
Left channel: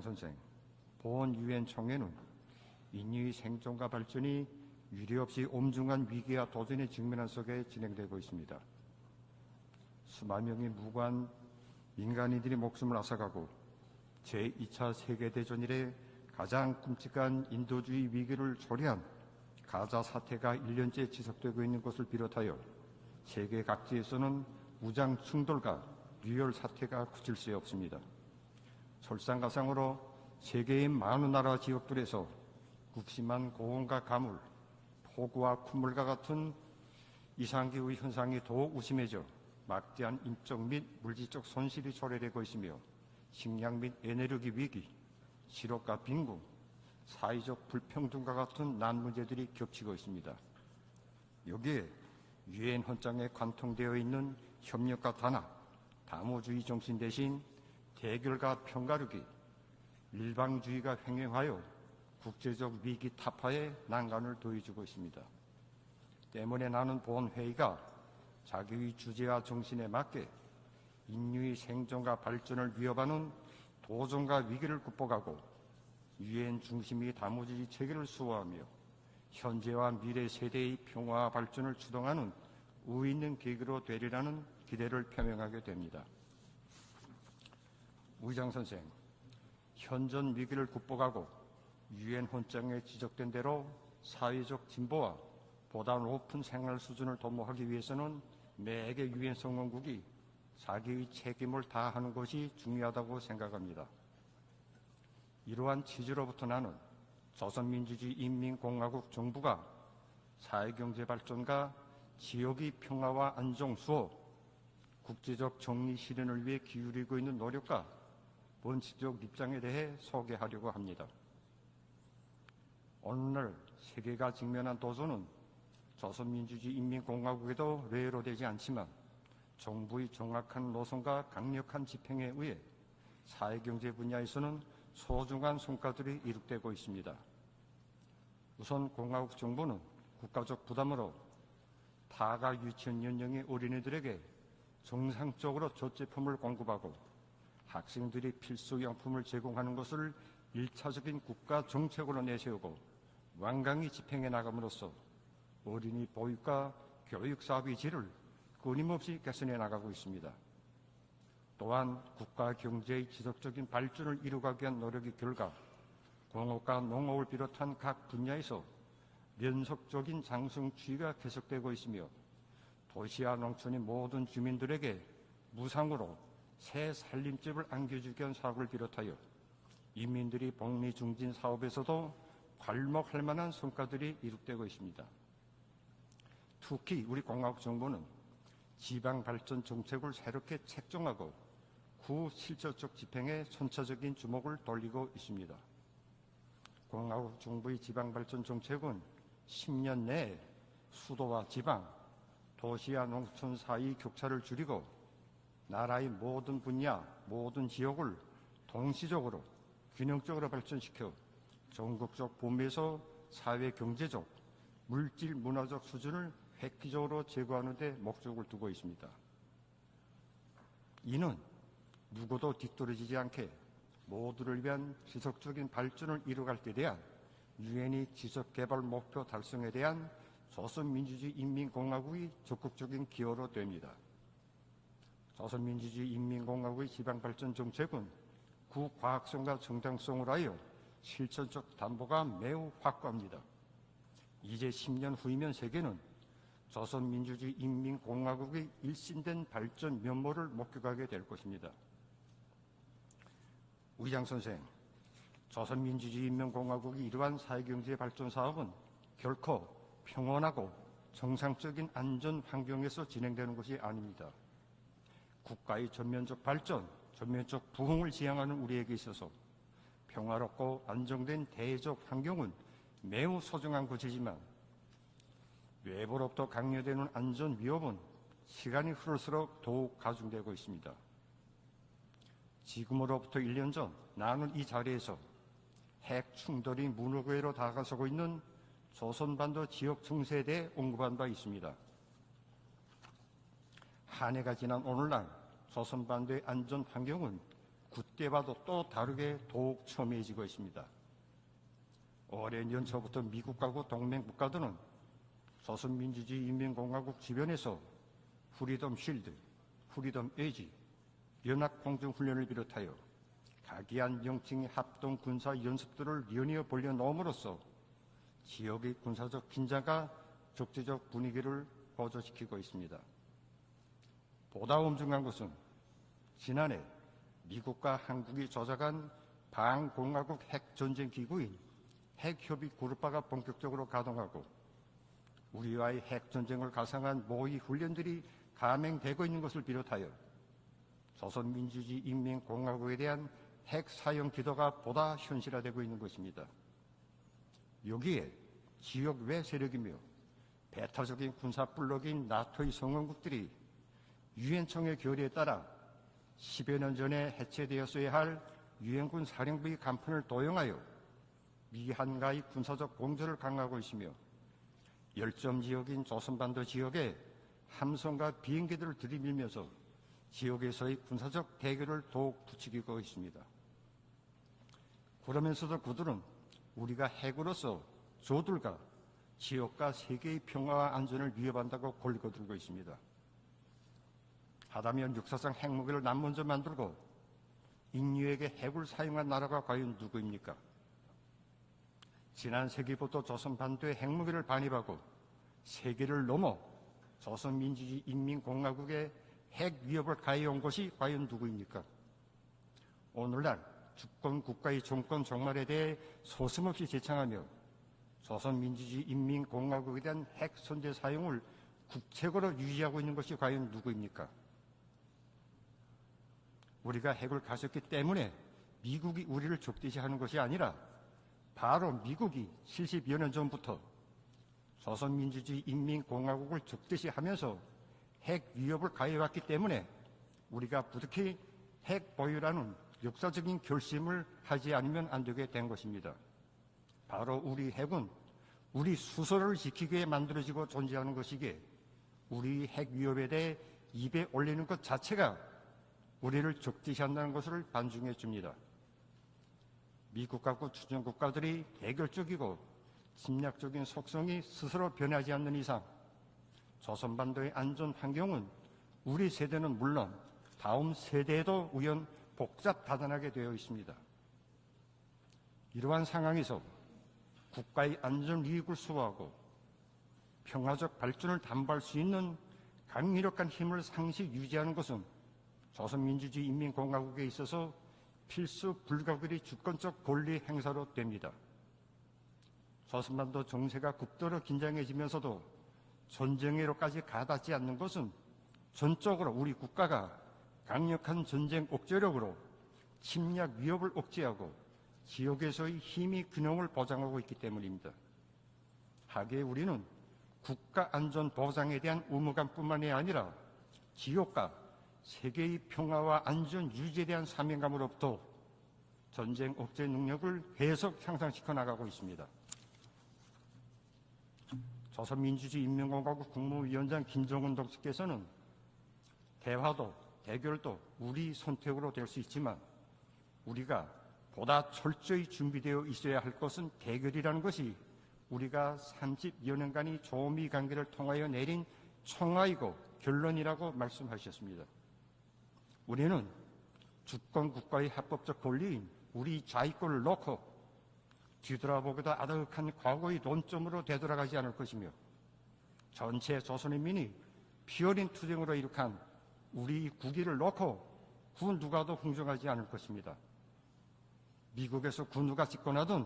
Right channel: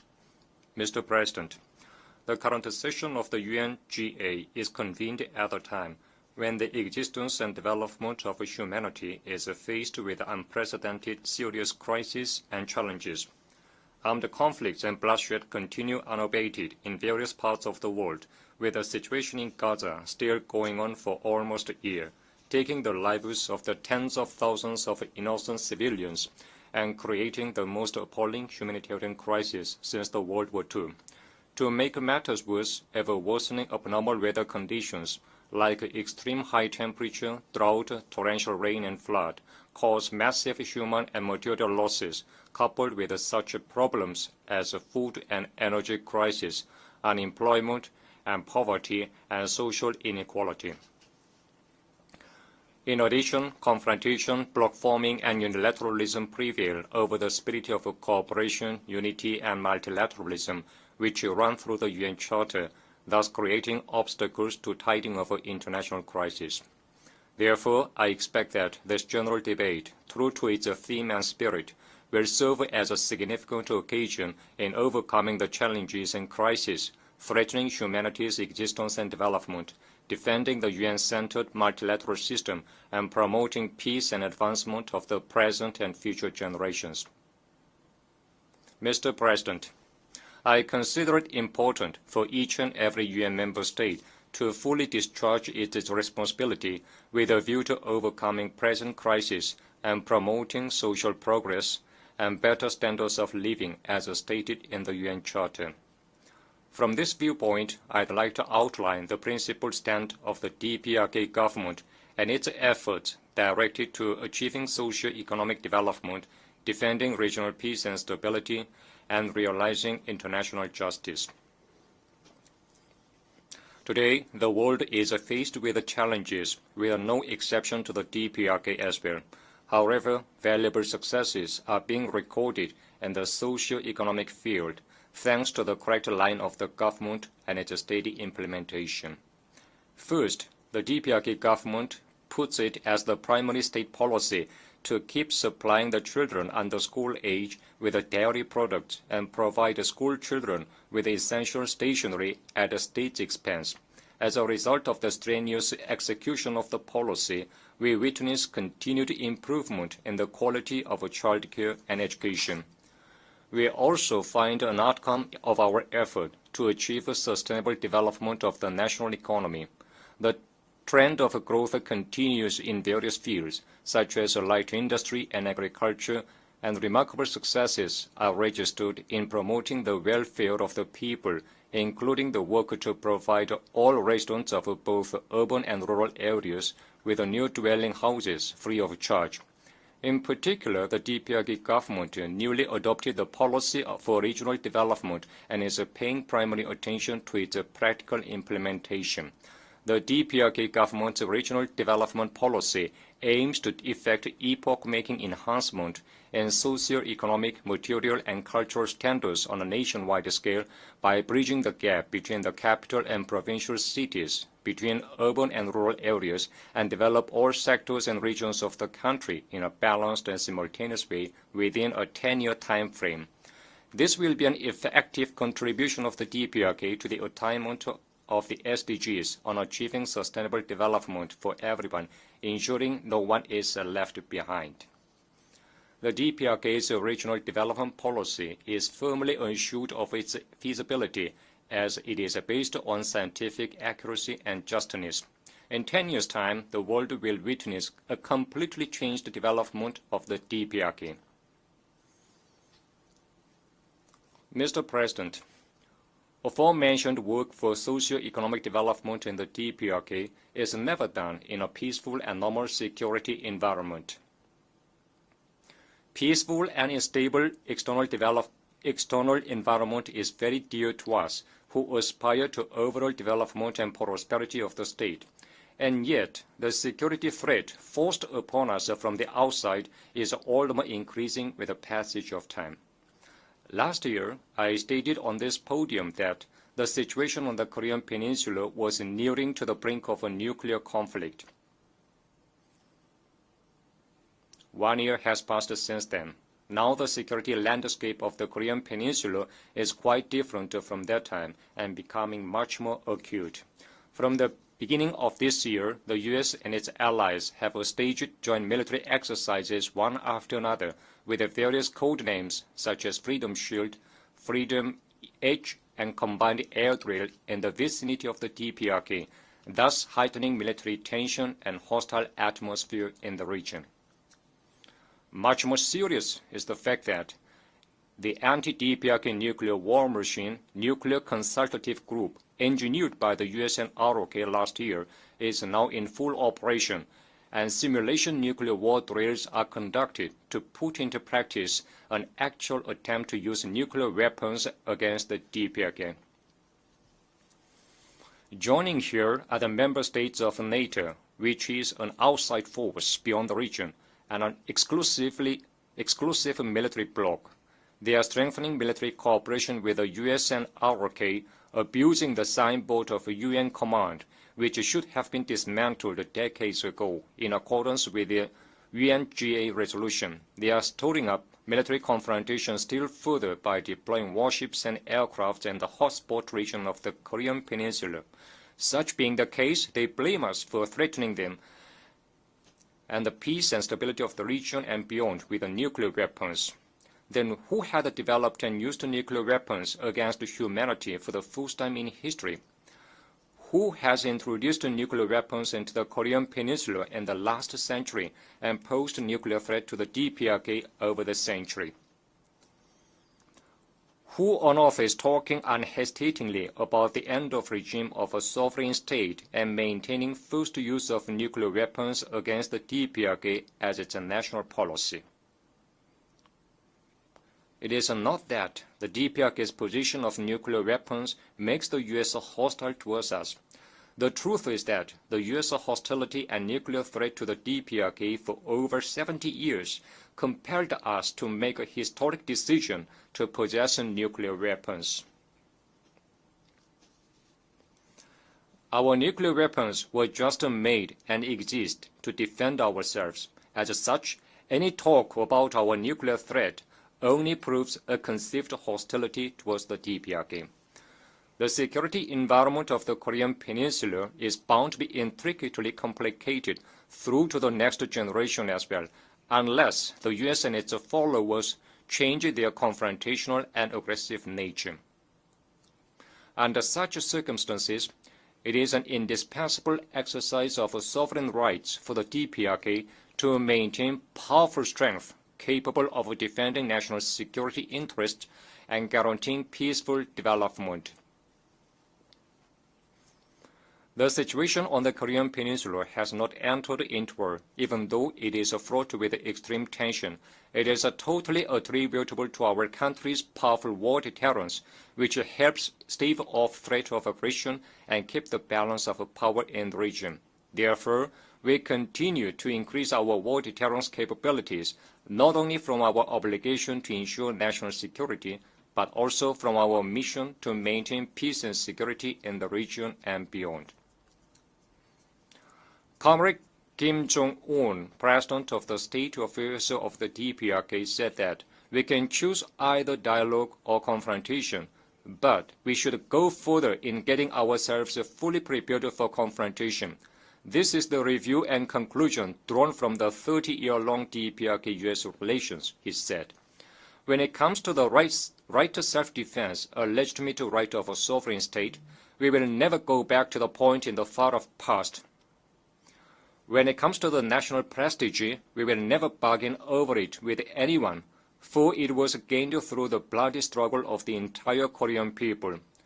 Mr. President, the current session of the UNGA is convened at a time when the existence and development of humanity is faced with unprecedented serious crises and challenges. Armed conflicts and bloodshed continue unabated in various parts of the world, with the situation in Gaza still going on for almost a year, taking the lives of the tens of thousands of innocent civilians and creating the most appalling humanitarian crisis since the World War II. To make matters worse, ever-worsening abnormal weather conditions, like extreme high temperature, drought, torrential rain and flood, cause massive human and material losses, coupled with such problems as food and energy crisis, unemployment and poverty and social inequality. In addition, confrontation, bloc forming, and unilateralism prevail over the spirit of cooperation, unity, and multilateralism, which run through the UN Charter, thus creating obstacles to tiding of international crisis. Therefore, I expect that this general debate, true to its theme and spirit, will serve as a significant occasion in overcoming the challenges and crises threatening humanity's existence and development, defending the UN-centered multilateral system, and promoting peace and advancement of the present and future generations. Mr. President, I consider it important for each and every UN member state to fully discharge its responsibility with a view to overcoming present crisis and promoting social progress and better standards of living as stated in the UN Charter. From this viewpoint, I'd like to outline the principal stand of the DPRK government and its efforts directed to achieving socio-economic development, defending regional peace and stability, and realizing international justice. Today, the world is faced with challenges, with no exception to the DPRK as well. However, valuable successes are being recorded in the socio-economic field, thanks to the correct line of the government and its steady implementation. First, the DPRK government puts it as the primary state policy to keep supplying the children under school age with dairy products and provide school children with essential stationery at the state's expense. As a result of the strenuous execution of the policy, we witness continued improvement in the quality of child care and education. We also find an outcome of our effort to achieve a sustainable development of the national economy. The trend of growth continues in various fields, such as light industry and agriculture, and remarkable successes are registered in promoting the welfare of the people, including the work to provide all residents of both urban and rural areas with new dwelling houses free of charge. In particular, the DPRK government newly adopted the policy for regional development and is paying primary attention to its practical implementation. The DPRK government's regional development policy aims to effect epoch-making enhancement in maintain socio-economic, material, and cultural standards on a nationwide scale by bridging the gap between the capital and provincial cities, between urban and rural areas, and develop all sectors and regions of the country in a balanced and simultaneous way within a 10-year time frame. This will be an effective contribution of the DPRK to the attainment of the SDGs on achieving sustainable development for everyone, ensuring no one is left behind. The DPRK's regional development policy is firmly assured of its feasibility, as it is based on scientific accuracy and justness. In 10 years' time, the world will witness a completely changed development of the DPRK. Mr. President, aforementioned work for socio-economic development in the DPRK is never done in a peaceful and normal security environment. Peaceful and stable external environment is very dear to us, who aspire to overall development and prosperity of the state. And yet, the security threat forced upon us from the outside is all the more increasing with the passage of time. Last year, I stated on this podium that the situation on the Korean Peninsula was nearing to the brink of a nuclear conflict. 1 year has passed since then. Now the security landscape of the Korean Peninsula is quite different from that time and becoming much more acute. From the beginning of this year, the U.S. and its allies have staged joint military exercises one after another with various code names such as Freedom Shield, Freedom Edge, and Combined Air Drill in the vicinity of the DPRK, thus heightening military tension and hostile atmosphere in the region. Much more serious is the fact that the anti-DPRK nuclear war machine, Nuclear Consultative Group, engineered by the US and ROK last year, is now in full operation, and simulation nuclear war drills are conducted to put into practice an actual attempt to use nuclear weapons against the DPRK. Joining here are the member states of NATO, which is an outside force beyond the region, and an exclusive military bloc. They are strengthening military cooperation with the US and ROK, abusing the signboard of a UN command, which should have been dismantled decades ago in accordance with the UNGA resolution. They are stirring up military confrontation still further by deploying warships and aircraft in the hotspot region of the Korean Peninsula. Such being the case, they blame us for threatening them and the peace and stability of the region and beyond with the nuclear weapons. Then who had developed and used nuclear weapons against humanity for the first time in history? Who has introduced nuclear weapons into the Korean Peninsula in the last century and posed a nuclear threat to the DPRK over the century? Who on earth is talking unhesitatingly about the end of regime of a sovereign state and maintaining first use of nuclear weapons against the DPRK as its national policy? It is not that the DPRK's position of nuclear weapons makes the U.S. hostile towards us. The truth is that the U.S. hostility and nuclear threat to the DPRK for over 70 years compelled us to make a historic decision to possess nuclear weapons. Our nuclear weapons were just made and exist to defend ourselves. As such, any talk about our nuclear threat only proves a conceived hostility towards the DPRK. The security environment of the Korean Peninsula is bound to be intricately complicated through to the next generation as well, unless the U.S. and its followers change their confrontational and aggressive nature. Under such circumstances, it is an indispensable exercise of sovereign rights for the DPRK to maintain powerful strength capable of defending national security interests and guaranteeing peaceful development. The situation on the Korean Peninsula has not entered into war, even though it is fraught with extreme tension. It is totally attributable to our country's powerful war deterrence, which helps stave off threat of aggression and keep the balance of power in the region. Therefore, we continue to increase our war deterrence capabilities, not only from our obligation to ensure national security, but also from our mission to maintain peace and security in the region and beyond. Comrade Kim Jong-un, President of the State Affairs of the DPRK, said that we can choose either dialogue or confrontation, but we should go further in getting ourselves fully prepared for confrontation. This is the review and conclusion drawn from the 30-year-long DPRK-US relations, he said. When it comes to the right to self-defense, a legitimate right of a sovereign state, we will never go back to the point in the far-off past. When it comes to the national prestige, we will never bargain over it with anyone, for it was gained through the bloody struggle of the entire Korean people.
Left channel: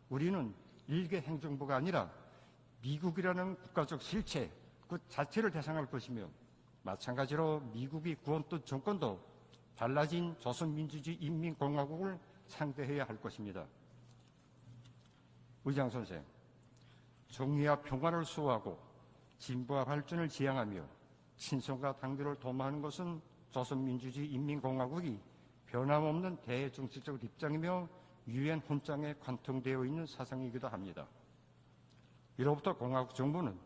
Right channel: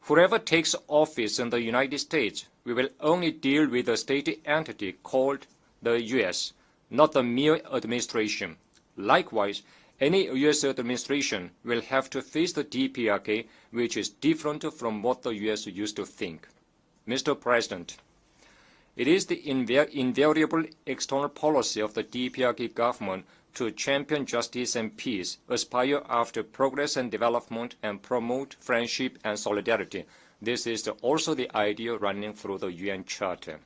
Whoever takes office in the United States, we will only deal with a state entity called the U.S., not the mere administration. Likewise, any U.S. administration will have to face the DPRK, which is different from what the U.S. used to think. Mr. President, it is the invariable external policy of the DPRK government to champion justice and peace, aspire after progress and development, and promote friendship and solidarity. This is also the idea running through the UN Charter.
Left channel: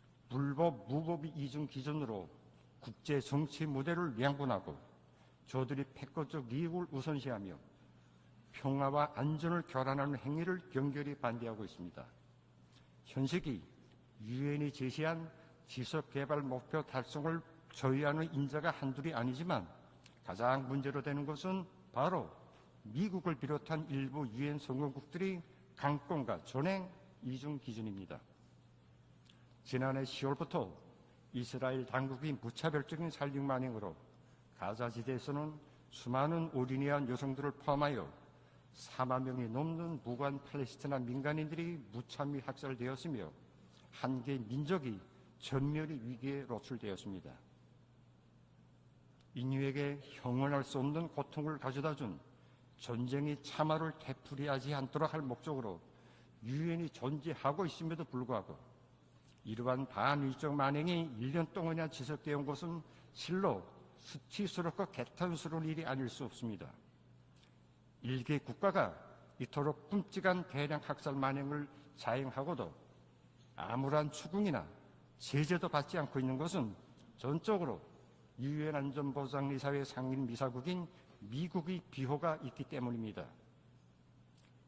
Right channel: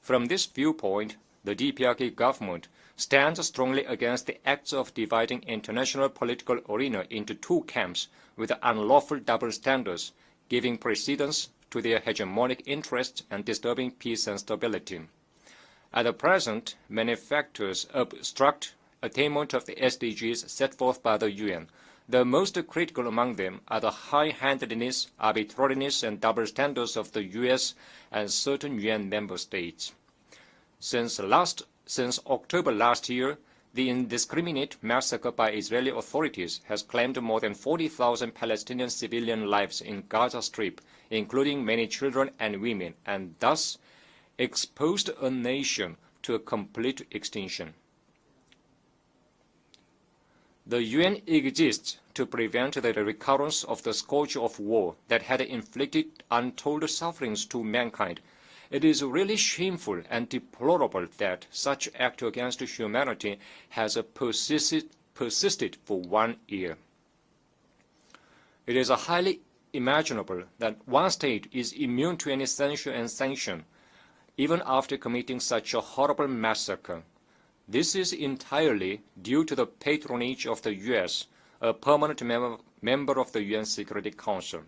From this viewpoint, the DPRK government stands strongly against the acts of dividing international political arena into two camps with unlawful double standards, giving precedence to their hegemonic interests and disturbing peace and stability. At present, many factors obstruct attainment of the SDGs set forth by the UN. The most critical among them are the high-handedness, arbitrariness, and double standards of the US and certain UN member states. Since October last year, the indiscriminate massacre by Israeli authorities has claimed more than 40,000 Palestinian civilian lives in Gaza Strip, including many children and women, and thus exposed a nation to a complete extinction. The UN exists to prevent the recurrence of the scourge of war that had inflicted untold sufferings to mankind. It is really shameful and deplorable that such act against humanity has persisted for 1 year. It is highly imaginable that one state is immune to any censure and sanction, even after committing such a horrible massacre. This is entirely due to the patronage of the U.S., a permanent member of the UN Security Council.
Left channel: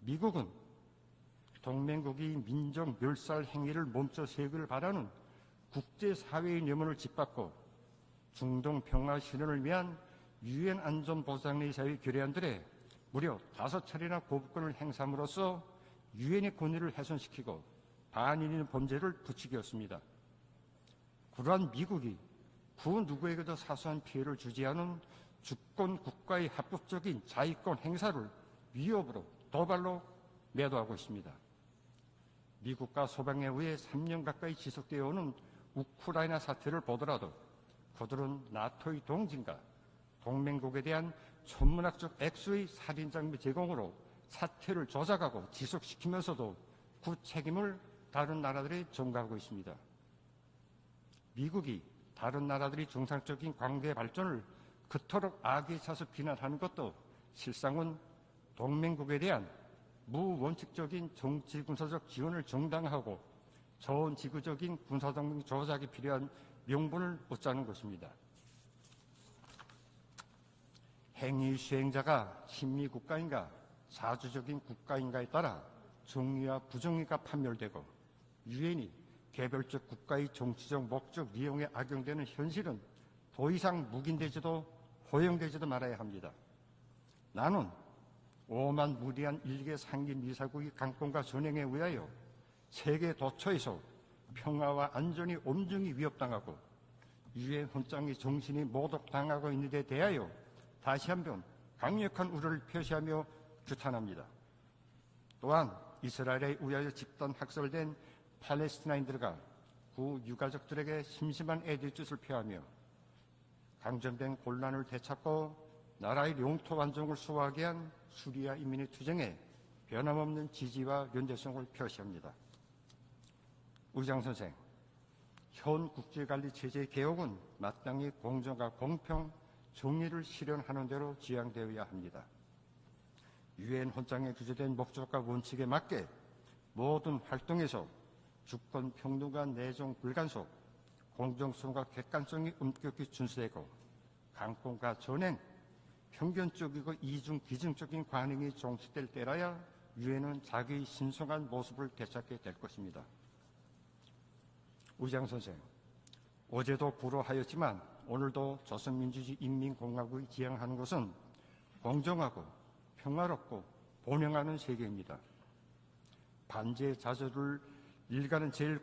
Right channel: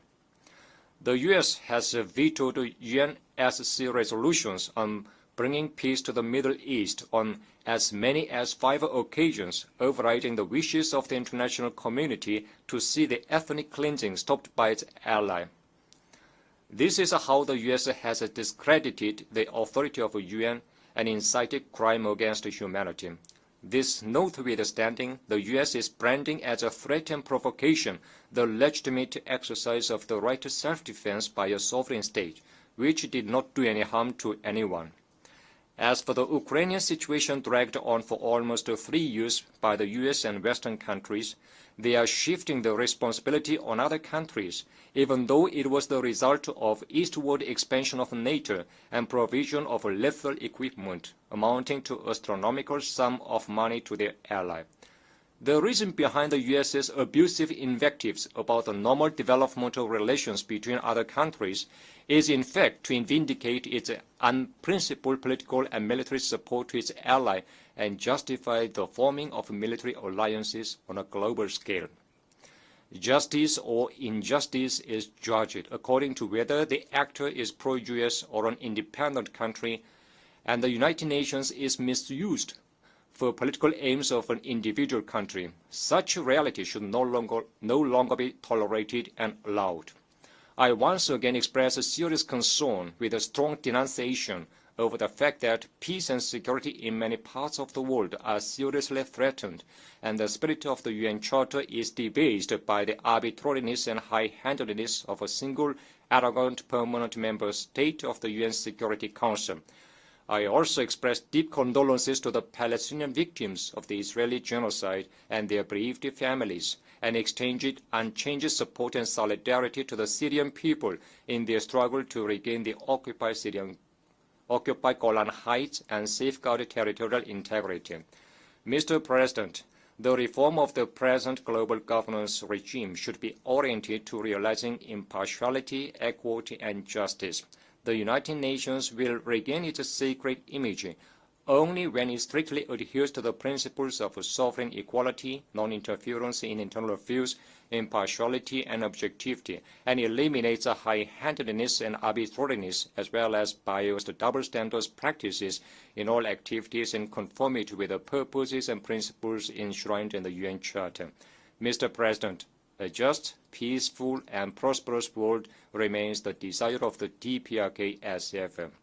The U.S. has vetoed UNSC resolutions on bringing peace to the Middle East on as many as 5 occasions, overriding the wishes of the international community to see the ethnic cleansing stopped by its ally. This is how the U.S. has discredited the authority of the UN and incited crime against humanity. This notwithstanding, the U.S. is branding as a threat and provocation the legitimate exercise of the right to self-defense by a sovereign state, which did not do any harm to anyone. As for the Ukrainian situation dragged on for almost 3 years by the U.S. and Western countries, they are shifting the responsibility on other countries, even though it was the result of eastward expansion of NATO and provision of lethal equipment amounting to astronomical sum of money to their ally. The reason behind the U.S.'s abusive invectives about the normal developmental relations between other countries is in fact to vindicate its unprincipled political and military support to its ally and justify the forming of military alliances on a global scale. Justice or injustice is judged according to whether the actor is pro-US or an independent country, and the United Nations is misused. for political aims of an individual country. Such reality should no longer be tolerated and allowed. I once again express a serious concern with a strong denunciation over the fact that peace and security in many parts of the world are seriously threatened, and the spirit of the UN Charter is debased by the arbitrariness and high-handedness of a single arrogant permanent member state of the UN Security Council. I also express deep condolences to the Palestinian victims of the Israeli genocide and their bereaved families, and extend unchanged support and solidarity to the Syrian people in their struggle to regain the occupied Golan Heights and safeguard territorial integrity. Mr. President, the reform of the present global governance regime should be oriented to realizing impartiality, equity, and justice. The United Nations will regain its sacred image only when it strictly adheres to the principles of sovereign equality, non-interference in internal affairs, impartiality, and objectivity, and eliminates high-handedness and arbitrariness, as well as biased double standards practices in all activities in conformity with the purposes and principles enshrined in the UN Charter. Mr. President, a just, peaceful, and prosperous world remains the desire of the DPRK as ever.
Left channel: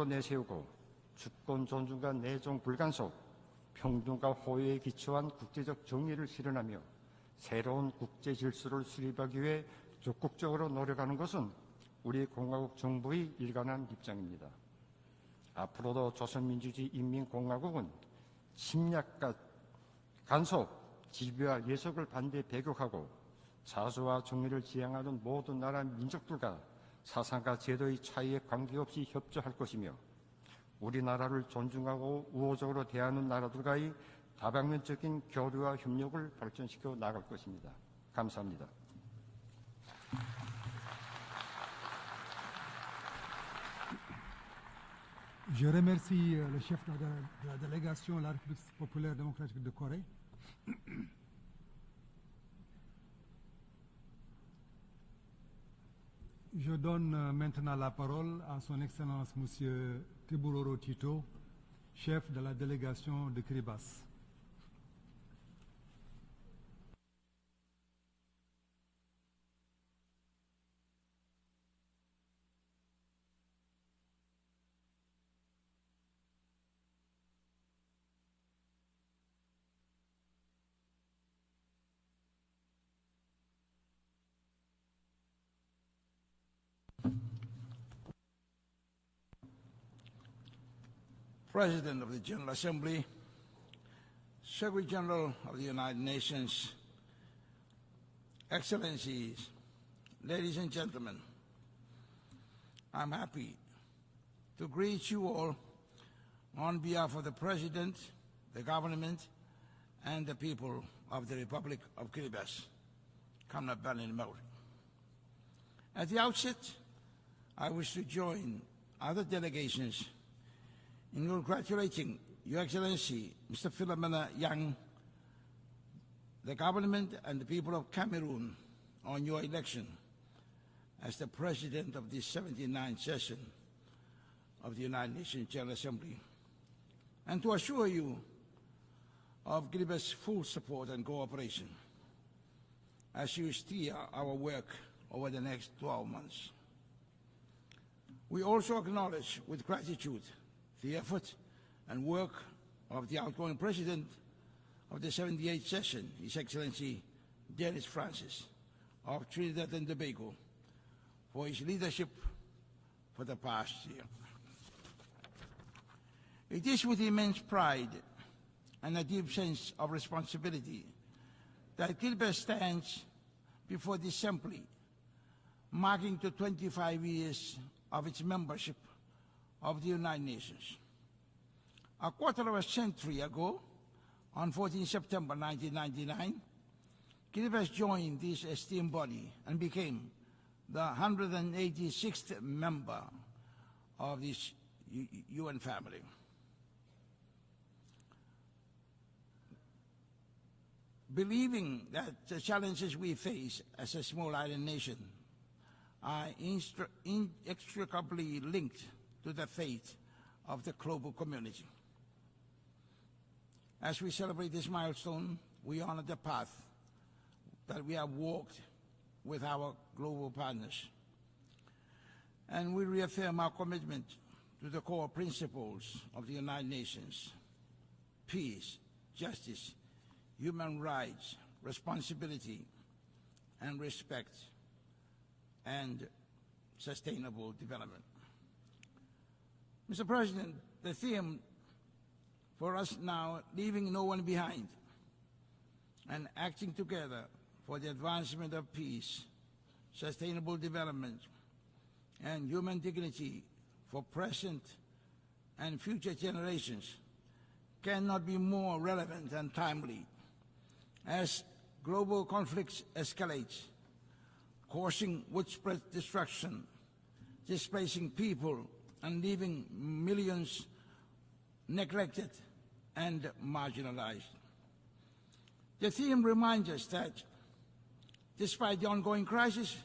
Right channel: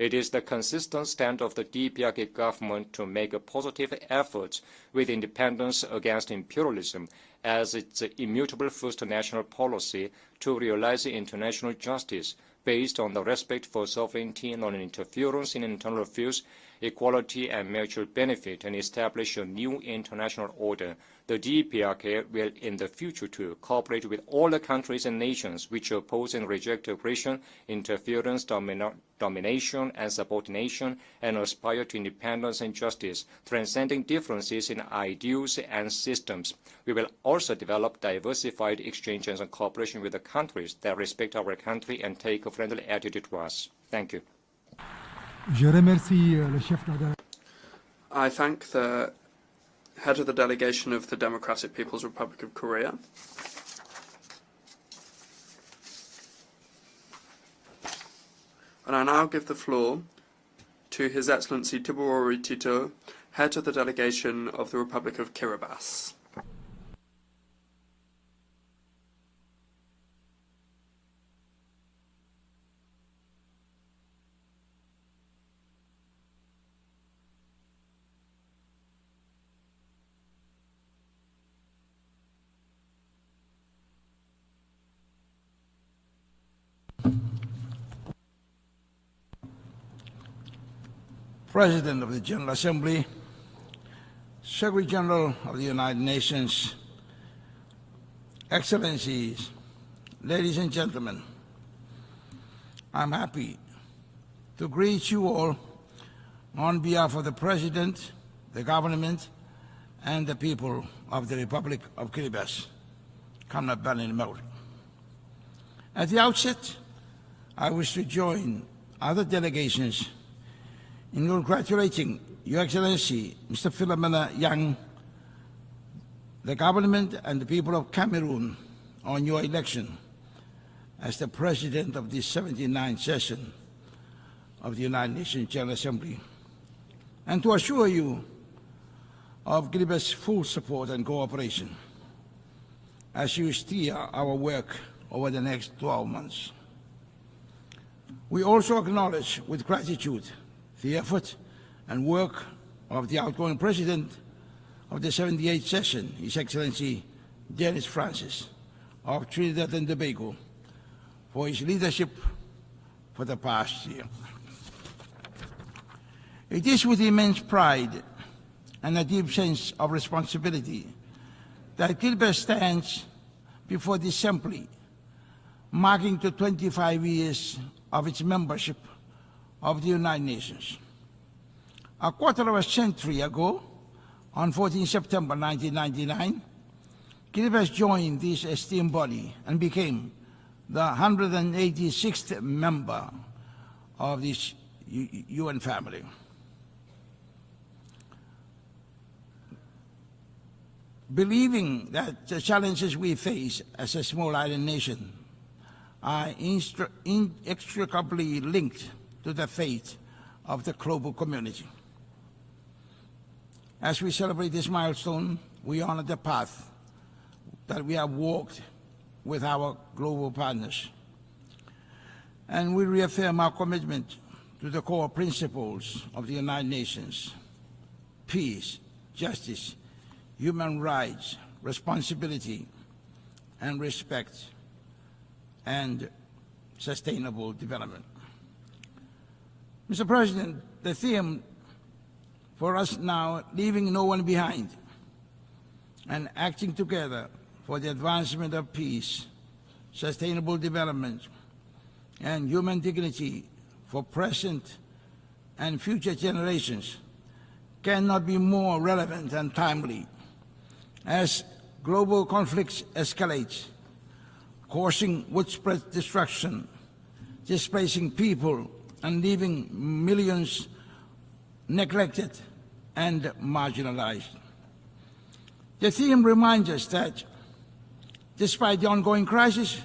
It is the consistent stand of the DPRK government to make a positive effort with independence against imperialism as its immutable first national policy to realize international justice based on the respect for sovereignty, non-interference in internal affairs, equality and mutual benefit, and establish a new international order. The DPRK will in the future to cooperate with all the countries and nations which oppose and reject aggression, interference, domination and subordination, and aspire to independence and justice, transcending differences in ideals and systems. We will also develop diversified exchanges and cooperation with the countries that respect our country and take a friendly attitude to us. Thank you. I thank the head of the delegation of the Democratic People's Republic of Korea. And I now give the floor to His Excellency Tiborori Tito, head of the delegation of the Republic of Kiribati. President of the General Assembly, Secretary General of the United Nations, Excellencies, ladies and gentlemen, I'm happy to greet you all on behalf of the President, the government, and the people of the Republic of Kiribati. At the outset, I wish to join other delegations in congratulating Your Excellency, Mr. Philomena Yang, the government and the people of Cameroon on your election as the President of the 79th session of the United Nations General Assembly, and to assure you of Kiribati's full support and cooperation as you steer our work over the next 12 months. We also acknowledge with gratitude the effort and work of the outgoing President of the 78th session, His Excellency Dennis Francis of Trinidad and Tobago, for his leadership for the past year. It is with immense pride and a deep sense of responsibility that Kiribati stands before this assembly, marking the 25 years of its membership of the United Nations. A quarter of a century ago, on 14 September 1999, Kiribati joined this esteemed body and became the 186th member of this UN family. Believing that the challenges we face as a small island nation are inextricably linked to the fate of the global community. As we celebrate this milestone, we honor the path that we have walked with our global partners. And we reaffirm our commitment to the core principles of the United Nations: peace, justice, human rights, responsibility, and respect, and sustainable development. Mr. President, the theme for us now, leaving no one behind and acting together for the advancement of peace, sustainable development, and human dignity for present and future generations, cannot be more relevant and timely as global conflicts escalate, causing widespread destruction, displacing people, and leaving millions neglected and marginalized. The theme reminds us that despite the ongoing crisis,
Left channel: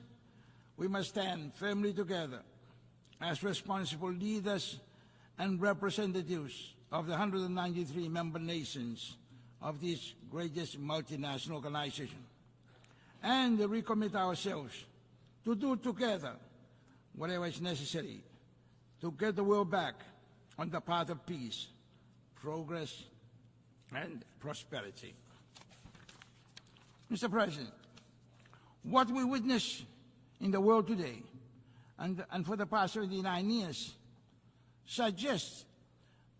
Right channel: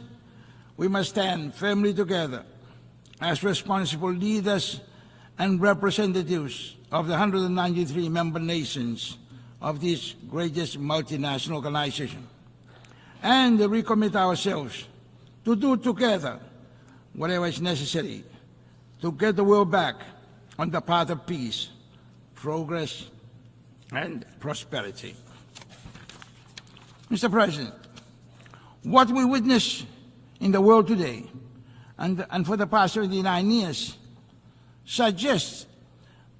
we must stand firmly together as responsible leaders and representatives of the 193 member nations of this greatest multinational organization, and recommit ourselves to do together whatever is necessary to get the world back on the path of peace, progress, and prosperity. Mr. President, what we witness in the world today and for the past 79 years suggests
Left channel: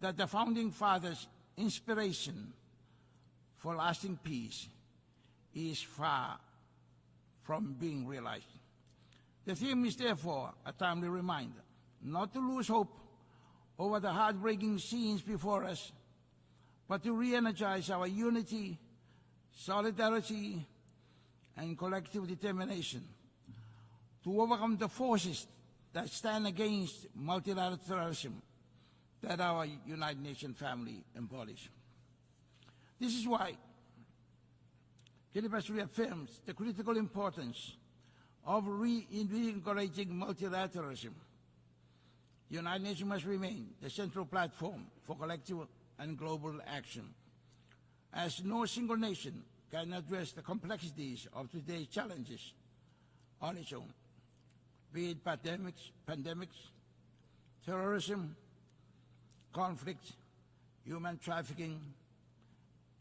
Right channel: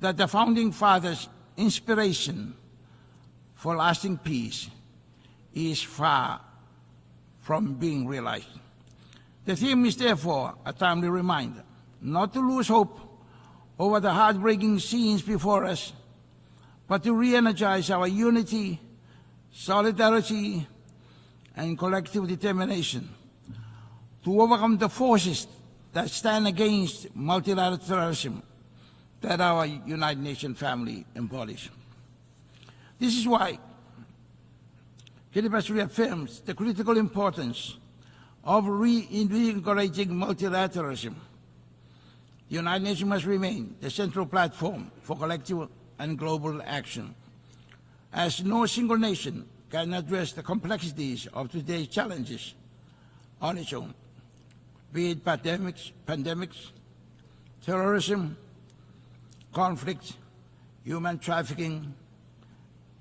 that the Founding Fathers' inspiration for lasting peace is far from being realized. The theme is therefore a timely reminder not to lose hope over the heartbreaking scenes before us, but to re-energize our unity, solidarity, and collective determination to overcome the forces that stand against multilateralism that our United Nations family embodies. This is why Philippines reaffirms the critical importance of reinvigorating multilateralism. The United Nations must remain the central platform for collective and global action, as no single nation can address the complexities of today's challenges on its own, be it pandemics, terrorism, conflict, human trafficking,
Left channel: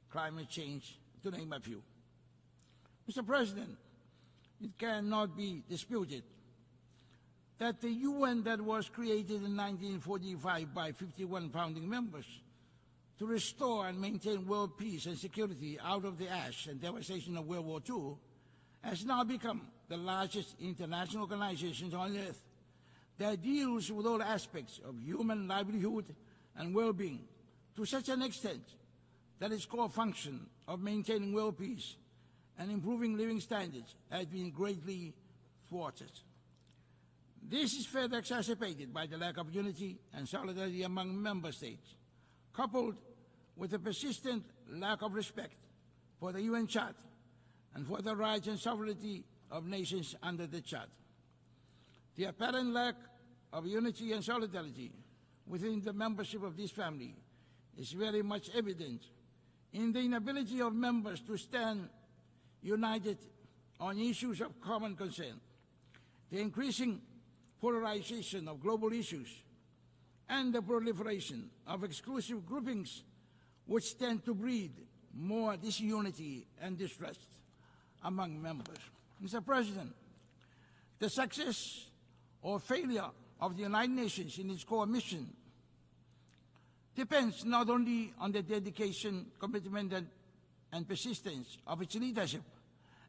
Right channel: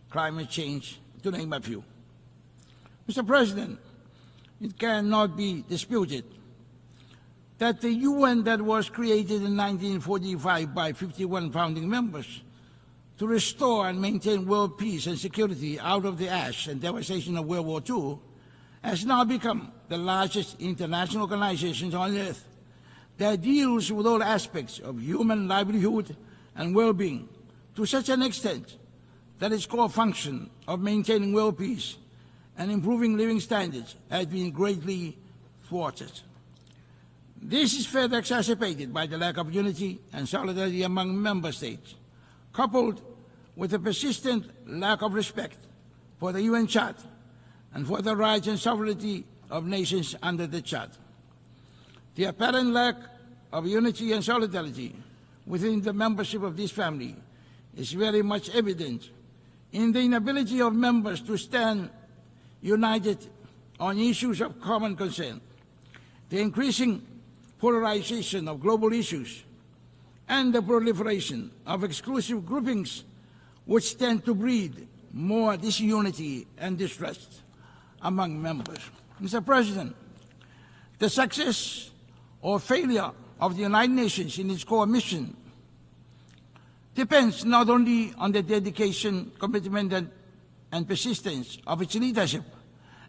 climate change, to name a few. Mr. President, it cannot be disputed that the UN that was created in 1945 by 51 founding members to restore and maintain world peace and security out of the ash and devastation of World War II has now become the largest international organization on earth that deals with all aspects of human livelihood and well-being to such an extent that its core function of maintaining world peace and improving living standards has been greatly thwarted. This is further exacerbated by the lack of unity and solidarity among member states, coupled with a persistent lack of respect for the UN Charter and for the rights and sovereignty of nations under the Charter. The apparent lack of unity and solidarity within the membership of this family is very much evident in the inability of members to stand united on issues of common concern, the increasing polarization of global issues, and the proliferation of exclusive groupings which tend to breed more disunity and distrust among members. Mr. President, the success or failure of the United Nations in its core mission depends not only on the dedication, commitment, and persistence of its leadership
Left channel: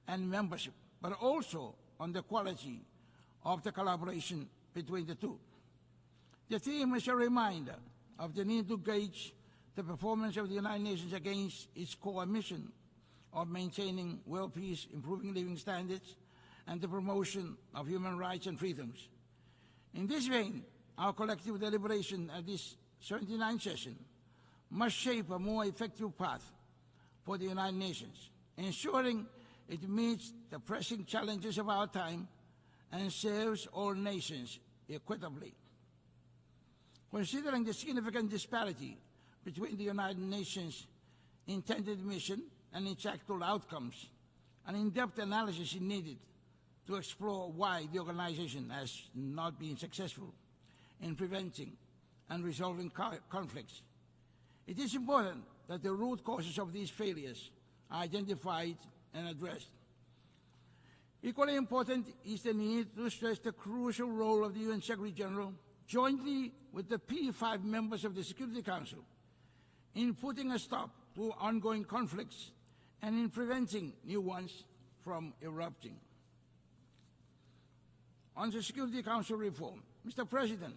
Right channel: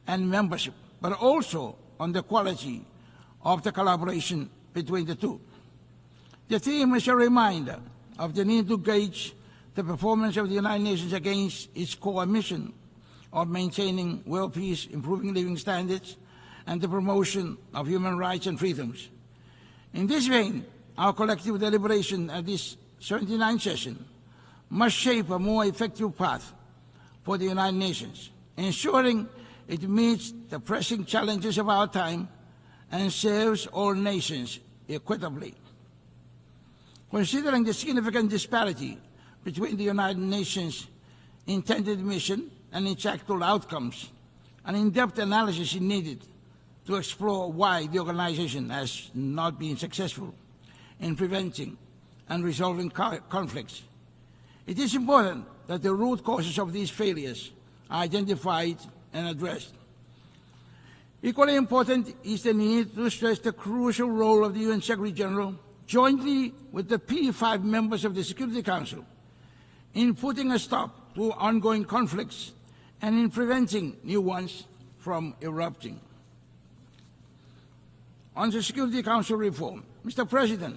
and membership, but also on the quality of the collaboration between the two. The theme is a reminder of the need to gauge the performance of the United Nations against its core mission of maintaining world peace, improving living standards, and the promotion of human rights and freedoms. In this vein, our collective deliberation at this 79th session must shape a more effective path for the United Nations, ensuring it meets the pressing challenges of our time and serves all nations equitably. Considering the significant disparity between the United Nations intended mission and its actual outcomes. An in-depth analysis is needed to explore why the organization has not been successful in preventing and resolving conflicts. It is important that the root causes of these failures are identified and addressed. Equally important is the need to stress the crucial role of the UN Secretary General, jointly with the P5 members of the Security Council, in putting a stop to ongoing conflicts and in preventing new ones from erupting. On the Security Council reform, Mr. President,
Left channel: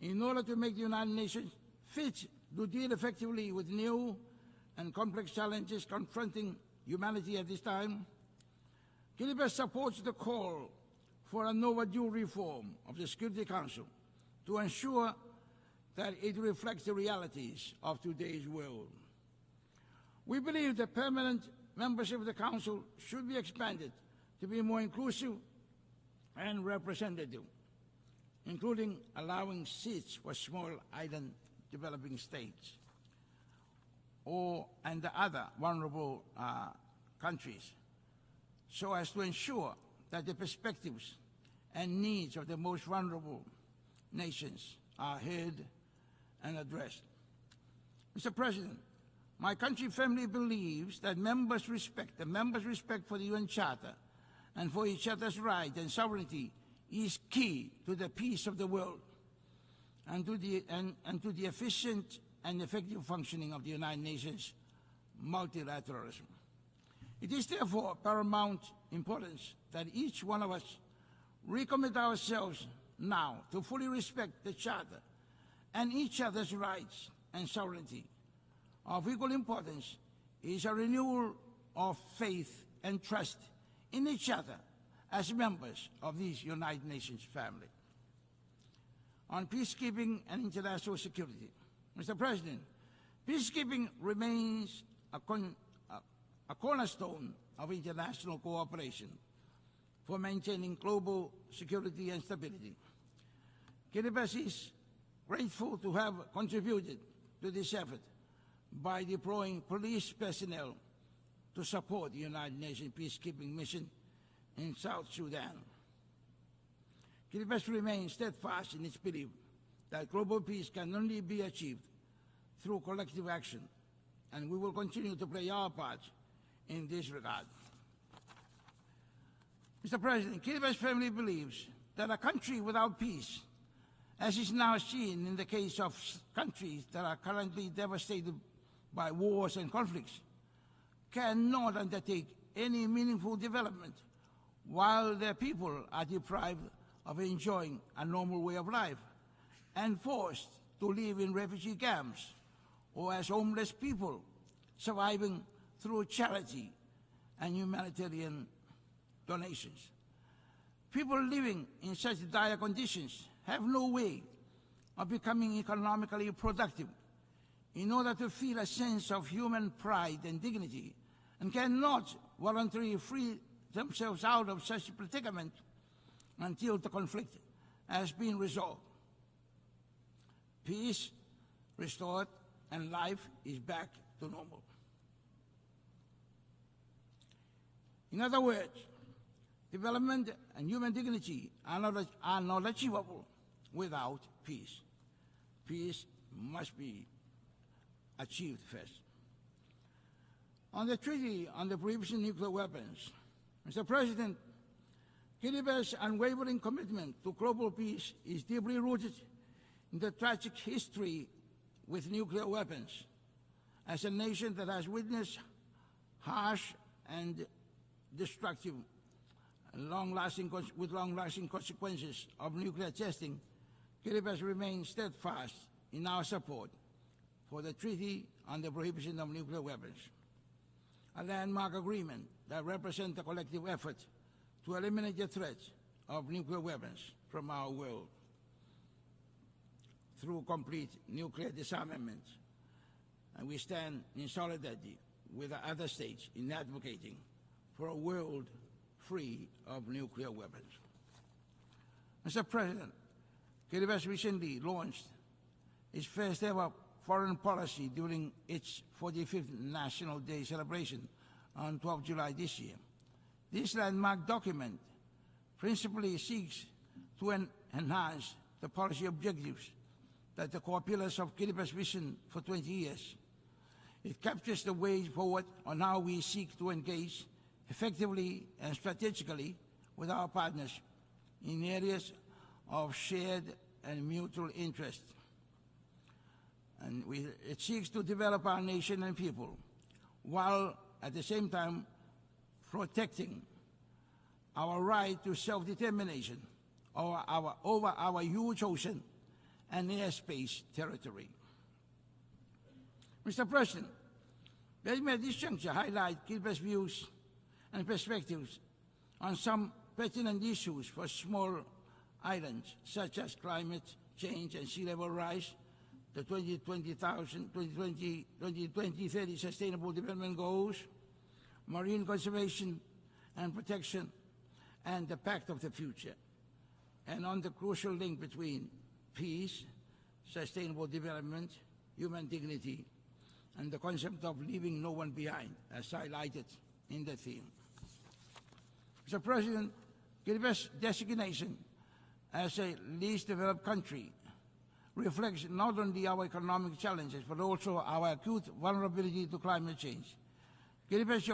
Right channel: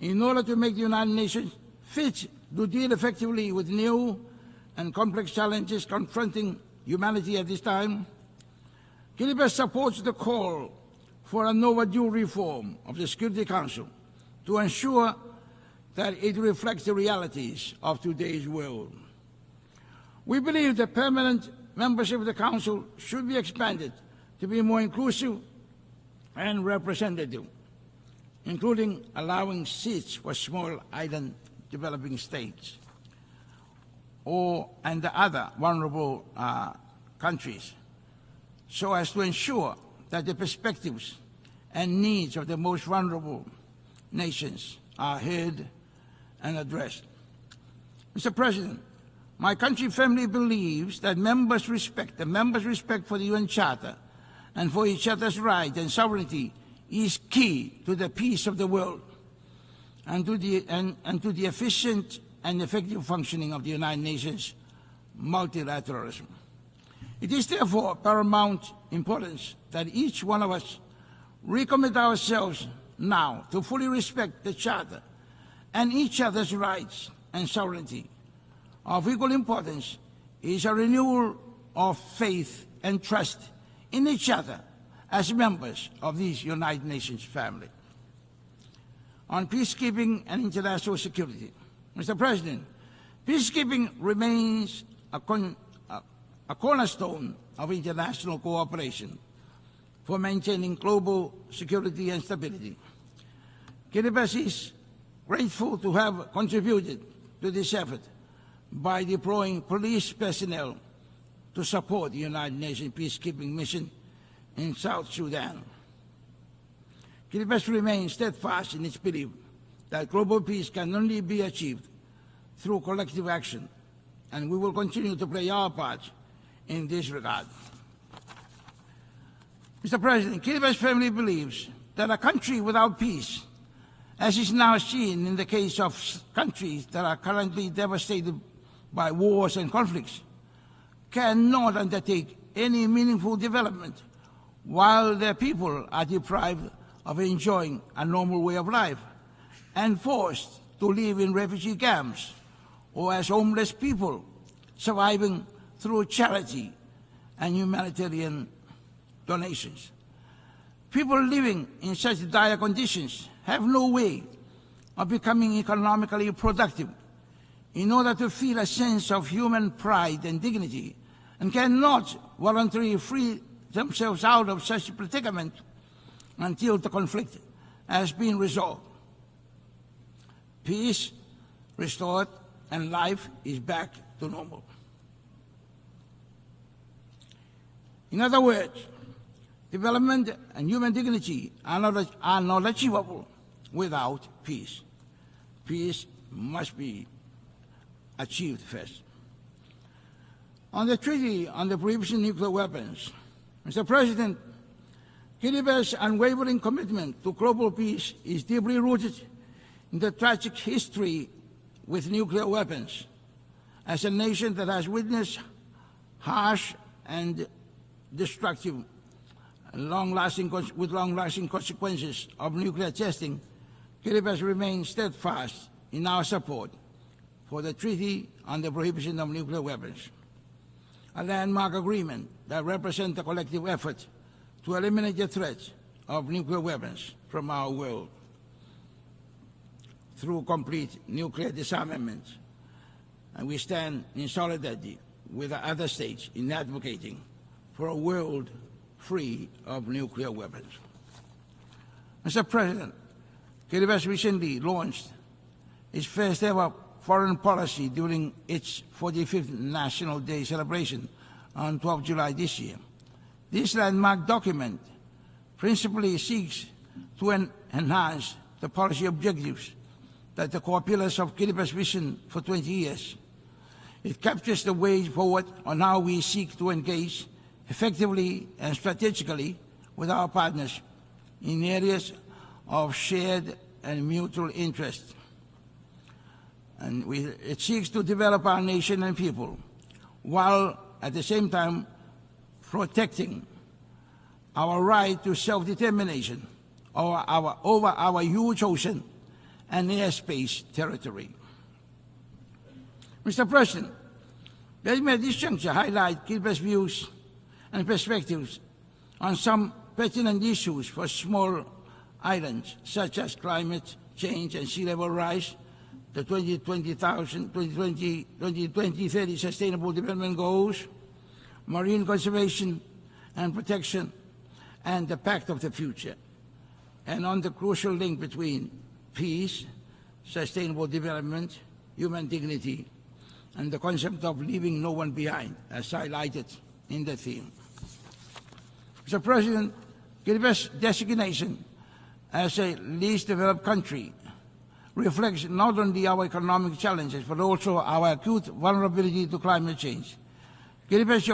in order to make the United Nations fit to deal effectively with new and complex challenges confronting humanity at this time, Kiribati supports the call for an overdue reform of the Security Council to ensure that it reflects the realities of today's world. We believe that permanent membership of the Council should be expanded to be more inclusive and representative, including allowing seats for small island developing states and the other vulnerable countries, so as to ensure that the perspectives and needs of the most vulnerable nations are heard and addressed. Mr. President, my country firmly believes that members' respect for the UN Charter and for each other's rights and sovereignty is key to the peace of the world and to the efficient and effective functioning of the United Nations multilateralism. It is therefore paramount importance that each one of us recommit ourselves now to fully respect the Charter and each other's rights and sovereignty. Of equal importance is a renewal of faith and trust in each other as members of this United Nations family. On peacekeeping and international security, Mr. President, peacekeeping remains a cornerstone of international cooperation for maintaining global security and stability. Kiribati is grateful to have contributed to this effort by deploying police personnel to support the United Nations peacekeeping mission in South Sudan. Kiribati remains steadfast in its belief that global peace can only be achieved through collective action, and we will continue to play our part in this regard. Mr. President, Kiribati firmly believes that a country without peace, as is now seen in the case of countries that are currently devastated by wars and conflicts, cannot undertake any meaningful development while their people are deprived of enjoying a normal way of life and forced to live in refugee camps or as homeless people surviving through charity and humanitarian donations. People living in such dire conditions have no way of becoming economically productive in order to feel a sense of human pride and dignity, and cannot voluntarily free themselves out of such a predicament until the conflict has been resolved, peace restored, and life is back to normal. In other words, development and human dignity are not achievable without peace. Peace must be achieved first. On the Treaty on the Prohibition of Nuclear Weapons, Mr. President, Kiribati's unwavering commitment to global peace is deeply rooted in the tragic history with nuclear weapons. As a nation that has witnessed harsh and destructive and long-lasting consequences of nuclear testing, Kiribati remains steadfast in our support for the Treaty on the Prohibition of Nuclear Weapons, a landmark agreement that represents a collective effort to eliminate the threat of nuclear weapons from our world through complete nuclear disarmament. And we stand in solidarity with the other states in advocating for a world free of nuclear weapons. Mr. President, Kiribati recently launched its first ever foreign policy during its 45th National Day celebration on 12 July this year. This landmark document principally seeks to enhance the policy objectives that the core pillars of Kiribati's vision for 20 years. It captures the way forward on how we seek to engage effectively and strategically with our partners in areas of shared and mutual interest. And it seeks to develop our nation and people, while at the same time protecting our right to self-determination over our huge ocean and airspace territory. Mr. President, let me at this juncture highlight Kiribati's views and perspectives on some pertinent issues for small islands, such as climate change and sea level rise, the 2030 Sustainable Development Goals, marine conservation and protection, and the Pact of the Future, and on the crucial link between peace, sustainable development, human dignity, and the concept of leaving no one behind, as highlighted in the theme. Mr. President, Kiribati's designation as a least developed country reflects not only our economic challenges, but also our acute vulnerability to climate change. Kiribati's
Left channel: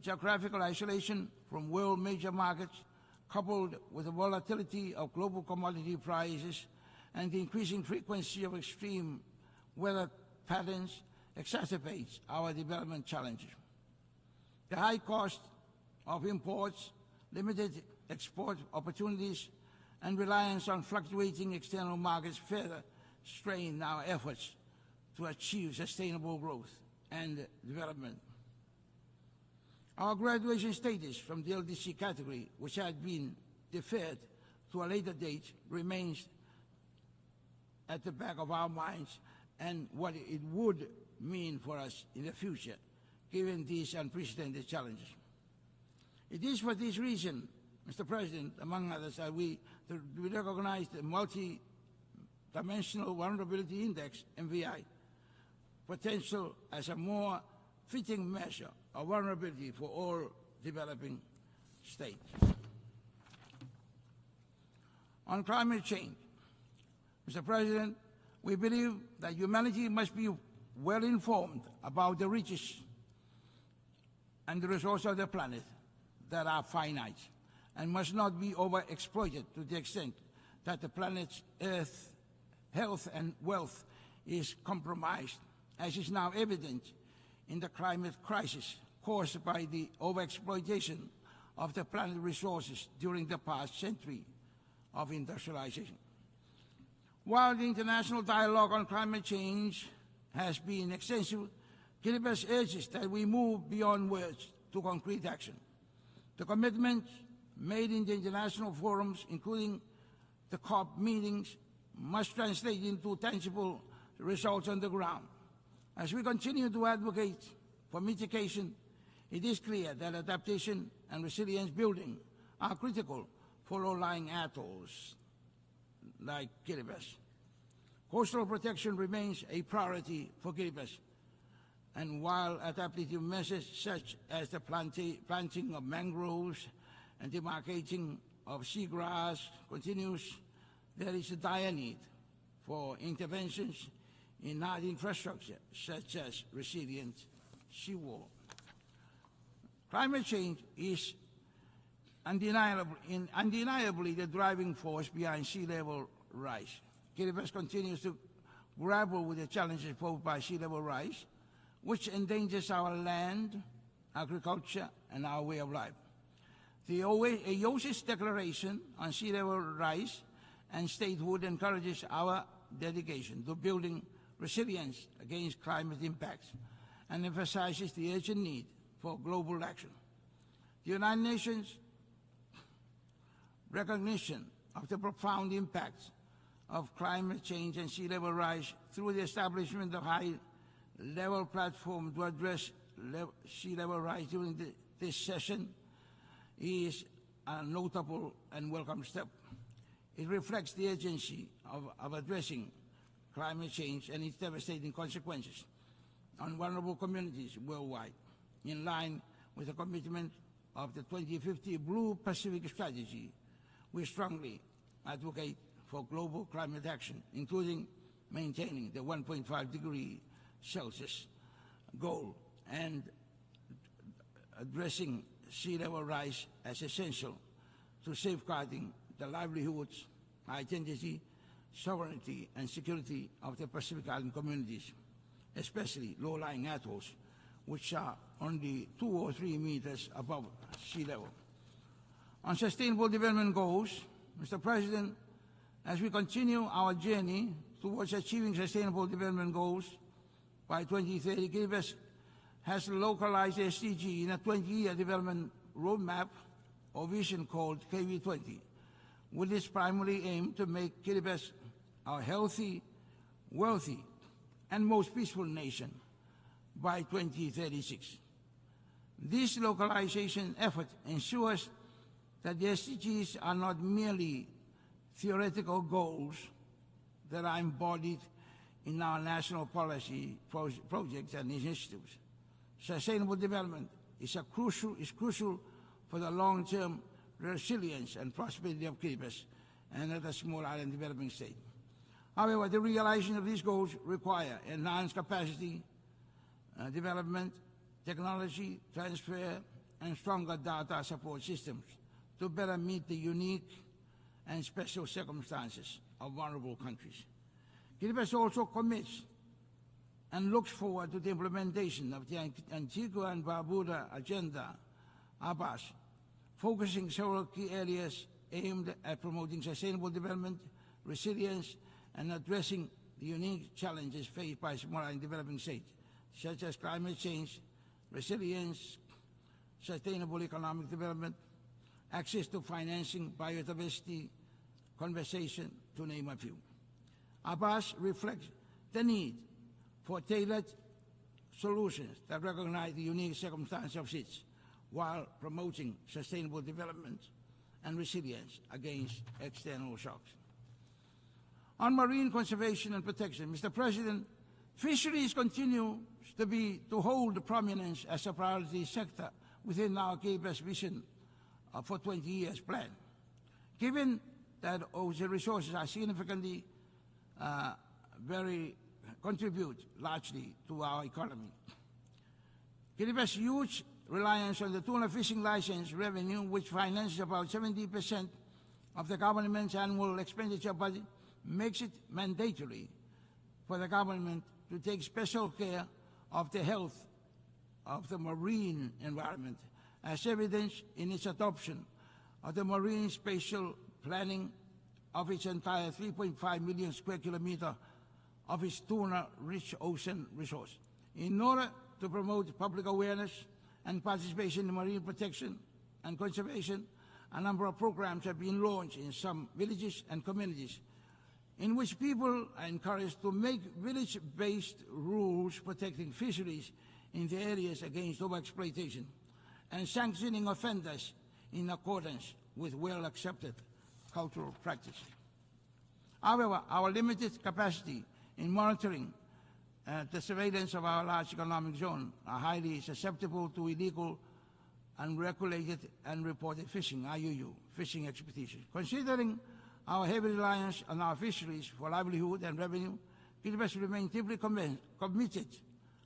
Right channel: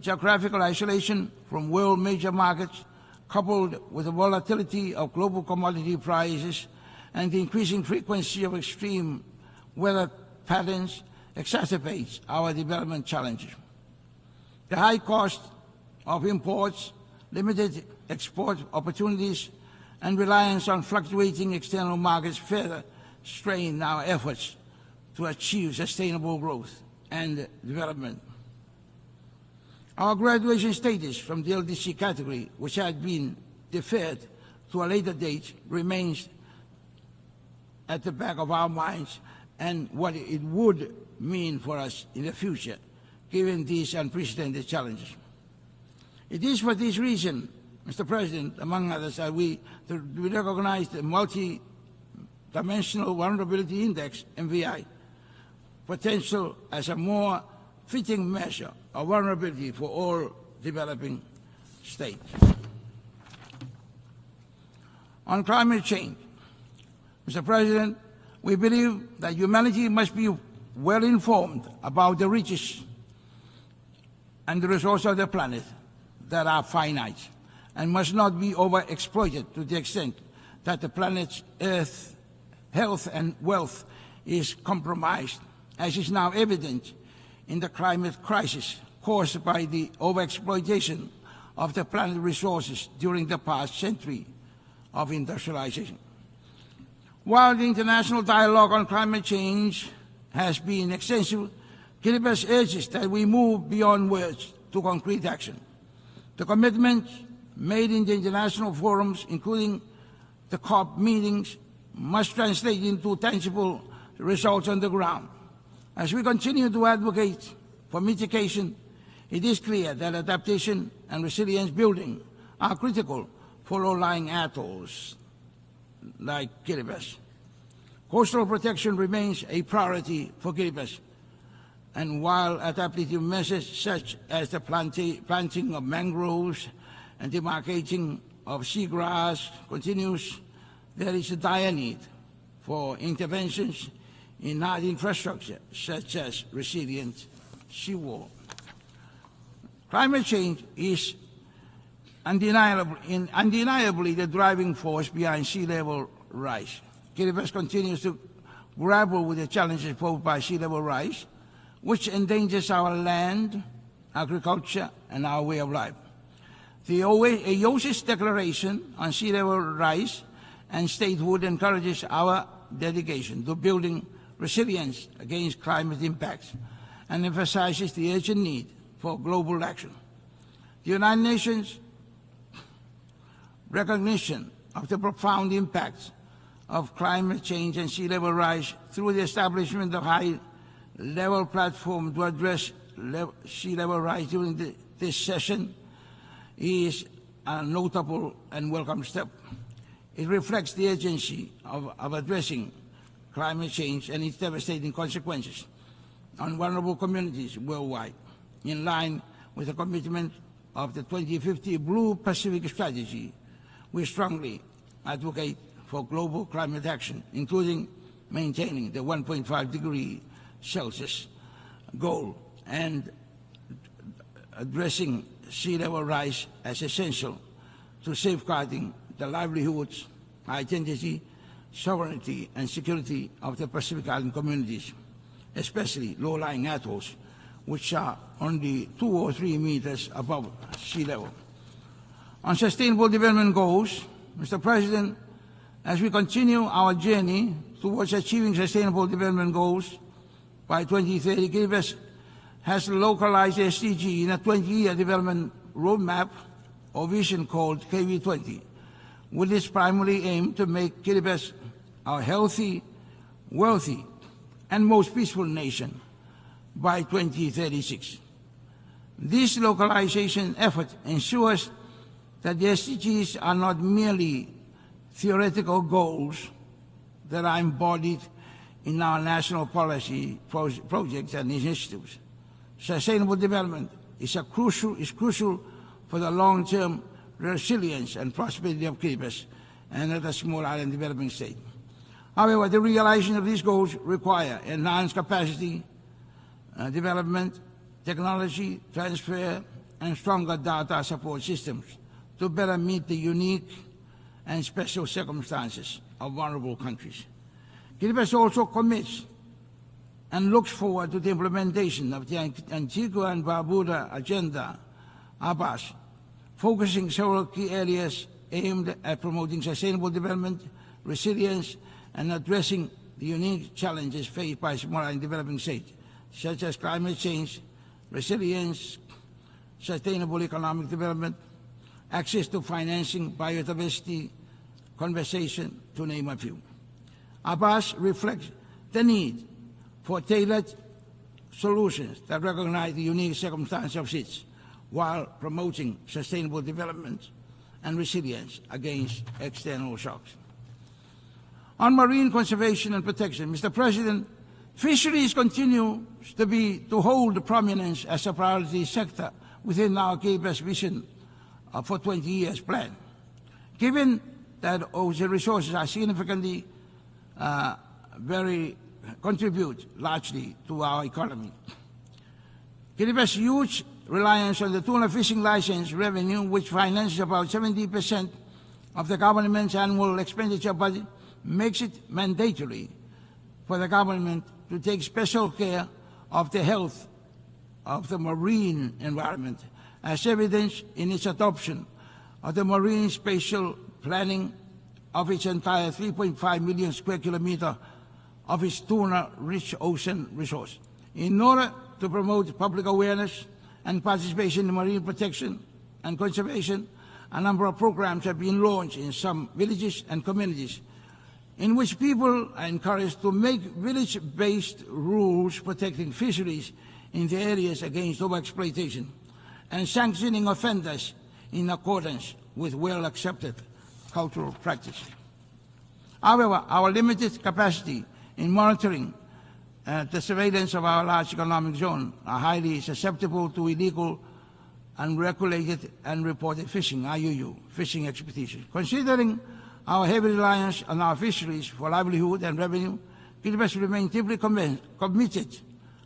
geographical isolation from world major markets, coupled with the volatility of global commodity prices and the increasing frequency of extreme weather patterns, exacerbates our development challenges. The high cost of imports, limited export opportunities, and reliance on fluctuating external markets further strain our efforts to achieve sustainable growth and development. Our graduation status from the LDC category, which had been deferred to a later date, remains at the back of our minds and what it would mean for us in the future, given these unprecedented challenges. It is for this reason, Mr. President, among others, that we recognize the Multi-Dimensional Vulnerability Index, MVI, potential as a more fitting measure of vulnerability for all developing states. On climate change, Mr. President, we believe that humanity must be well informed about the riches and the resources of the planet that are finite and must not be overexploited to the extent that the planet's Earth's health and wealth is compromised, as is now evident in the climate crisis caused by the overexploitation of the planet's resources during the past century of industrialization. While the international dialogue on climate change has been extensive, Kiribati urges that we move beyond words to concrete action. The commitments made in the international forums, including the COP meetings, must translate into tangible results on the ground. As we continue to advocate for mitigation, it is clear that adaptation and resilience building are critical for low-lying atolls like Kiribati. Coastal protection remains a priority for Kiribati, and while adaptive measures such as the planting of mangroves and demarcating of seagrass continues, there is a dire need for interventions in hard infrastructure such as resilient seawall. Climate change is undeniably the driving force behind sea level rise. Kiribati continues to grapple with the challenges posed by sea level rise, which endangers our land, agriculture, and our way of life. The IOC's declaration on sea level rise and statehood encourages our dedication to building resilience against climate impacts and emphasizes the urgent need for global action. The United Nations recognition of the profound impacts of climate change and sea level rise through the establishment of high-level platform to address sea level rise during this session is a notable and welcome step. It reflects the urgency of addressing climate change and its devastating consequences on vulnerable communities worldwide. In line with the commitment of the 2050 Blue Pacific Strategy, we strongly advocate for global climate action, including maintaining the 1.5 degree Celsius goal and addressing sea level rise as essential to safeguarding the livelihoods, identity, sovereignty, and security of the Pacific Island communities, especially low-lying atolls, which are only 2 or 3 meters above sea level. On sustainable development goals, Mr. President, as we continue our journey towards achieving sustainable development goals by 2030, Kiribati has localized SDG in a 20-year development roadmap or vision called KV20, with its primary aim to make Kiribati a healthy, wealthy, and most peaceful nation by 2036. This localization effort ensures that the SDGs are not merely theoretical goals that are embodied in our national policy projects and initiatives. Sustainable development is crucial for the long-term resilience and prosperity of Kiribati and other small island developing states. However, the realization of these goals require enhanced capacity development, technology transfer, and stronger data support systems to better meet the unique and special circumstances of vulnerable countries. Kiribati also commits and looks forward to the implementation of the Antigua and Barbuda Agenda, ABAS, focusing several key areas aimed at promoting sustainable development, resilience, and addressing the unique challenges faced by small and developing states, such as climate change, resilience, sustainable economic development, access to financing, biodiversity, conservation, to name a few. ABAS reflects the need for tailored solutions that recognize the unique circumstances of states while promoting sustainable development and resilience against external shocks. On marine conservation and protection, Mr. President, fisheries continue to hold prominence as a priority sector within our Kiribati vision for 20 years plan. Given that ocean resources are significantly contribute largely to our economy. Kiribati's huge reliance on the tuna fishing license revenue, which finances about 70% of the government's annual expenditure budget, makes it mandatory for the government to take special care of the health of the marine environment, as evidenced in its adoption of the marine spatial planning of its entire 3.5 million square kilometer of its tuna-rich ocean resource. In order to promote public awareness and participation in marine protection and conservation, a number of programs have been launched in some villages and communities in which people are encouraged to make village-based rules protecting fisheries in the areas against overexploitation and sanctioning offenders in accordance with well-accepted cultural practices. However, our limited capacity in monitoring the surveillance of our large economic zone are highly susceptible to illegal, unregulated, and unreported fishing, IUU, fishing expeditions. Considering our heavy reliance on our fisheries for livelihood and revenue, Kiribati remains deeply committed,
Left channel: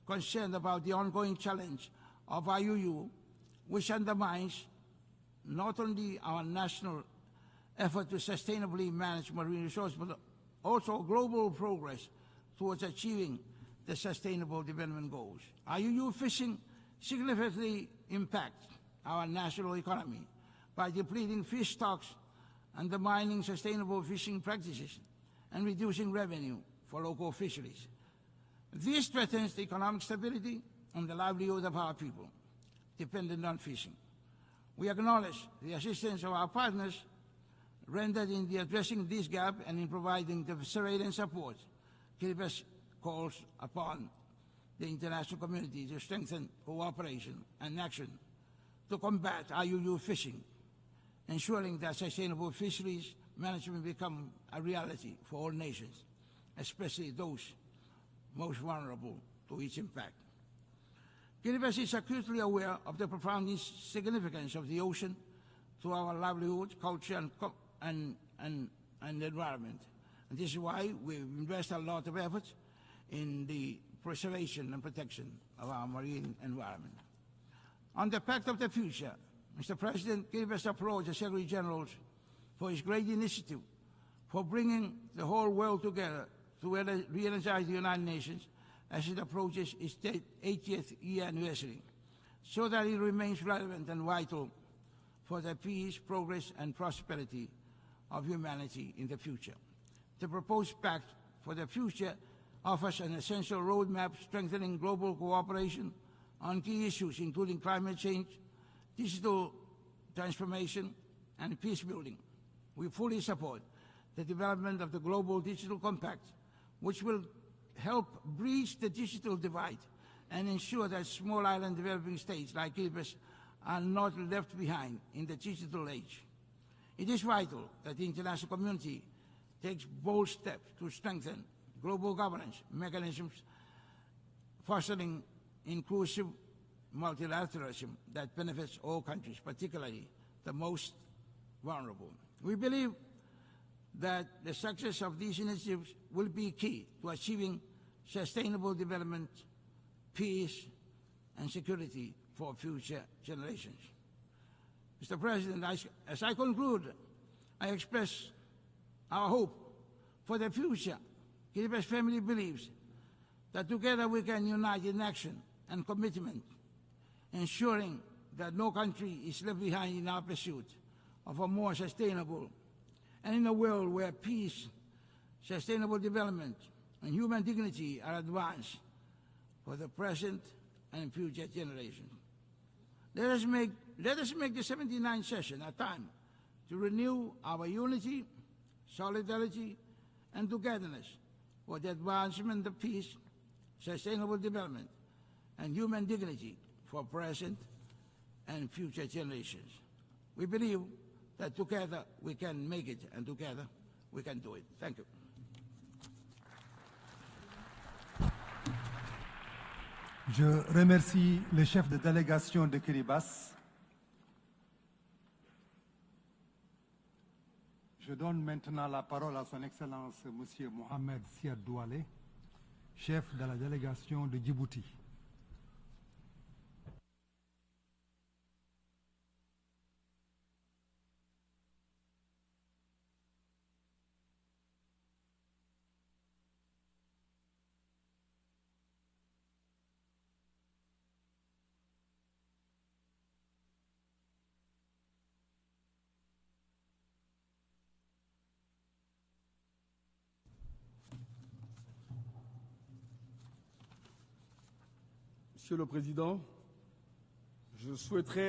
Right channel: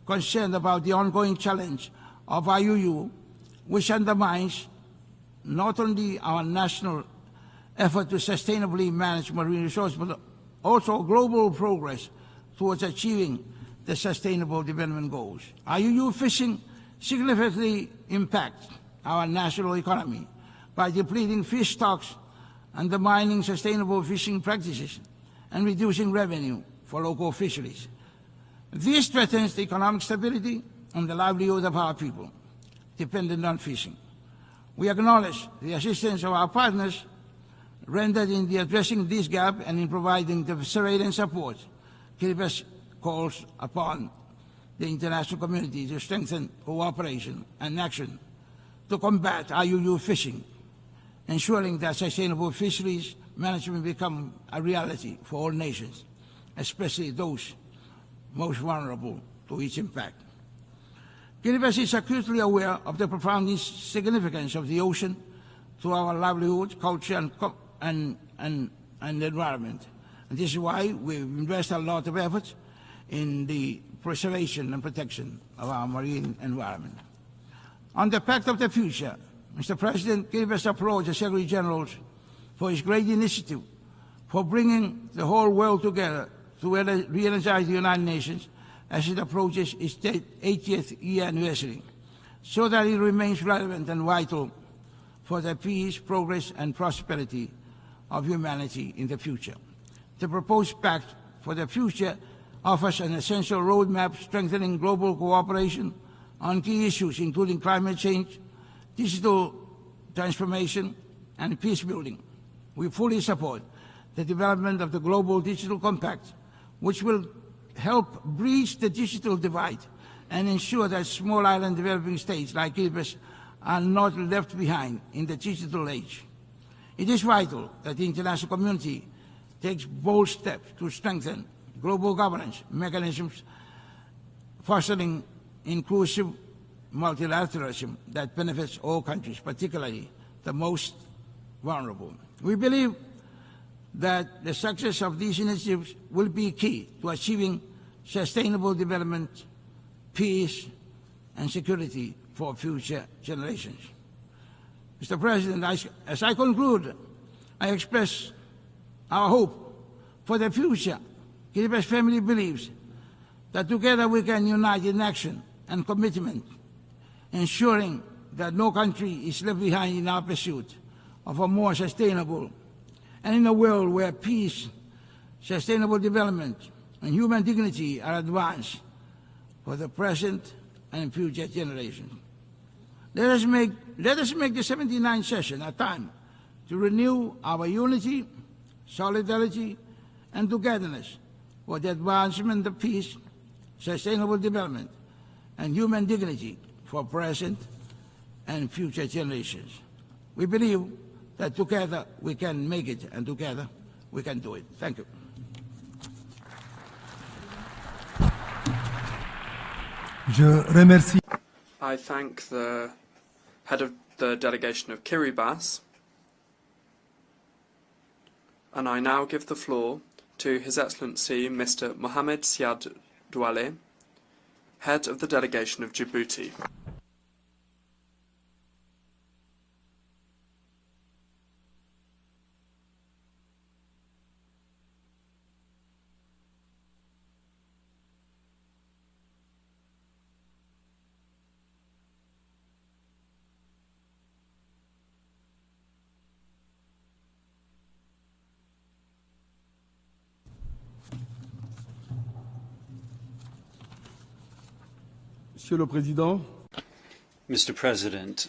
concerned about the ongoing challenge of IUU, which undermines not only our national effort to sustainably manage marine resources, but also global progress towards achieving the Sustainable Development Goals. IUU fishing significantly impacts our national economy by depleting fish stocks, undermining sustainable fishing practices, and reducing revenue for local fisheries. This threatens the economic stability and the livelihood of our people dependent on fishing. We acknowledge the assistance of our partners rendered in addressing this gap and in providing the surveillance support. Kiribati calls upon the international community to strengthen cooperation and action to combat IUU fishing, ensuring that sustainable fisheries management become a reality for all nations. especially those most vulnerable to its impact. Kiribati is acutely aware of the profound significance of the ocean to our livelihood, culture, and environment. And this is why we invest a lot of effort in the preservation and protection of our marine environment. On the Pact of the Future, Mr. President, Kiribati applaud the Secretary General for his great initiative for bringing the whole world together to re-energize the United Nations as it approaches its 80th year anniversary, so that it remains relevant and vital for the peace, progress, and prosperity of humanity in the future. The proposed Pact for the Future offers an essential roadmap strengthening global cooperation on key issues including climate change, digital transformation, and peace building. We fully support the development of the Global Digital Compact, which will help bridge the digital divide and ensure that small island developing states like Kiribati are not left behind in the digital age. It is vital that the international community takes bold steps to strengthen global governance mechanisms, fostering inclusive multilateralism that benefits all countries, particularly the most vulnerable. We believe that the success of these initiatives will be key to achieving sustainable development, peace, and security for future generations. Mr. President, as I conclude, I express our hope for the future. Kiribati family believes that together we can unite in action and commitment, ensuring that no country is left behind in our pursuit of a more sustainable and in a world where peace, sustainable development, and human dignity are advanced for the present and future generations. Let us make the 79th session a time to renew our unity, solidarity, and togetherness for the advancement of peace, sustainable development, and human dignity for present and future generations. We believe that together we can make it, and together we can do it. Thank you. I thank the head of the delegation of Kiribati, and I now give the floor to His Excellency Mr. Mohamed Siad Douale, head of the delegation of Djibouti. Monsieur le Président, Mr. President,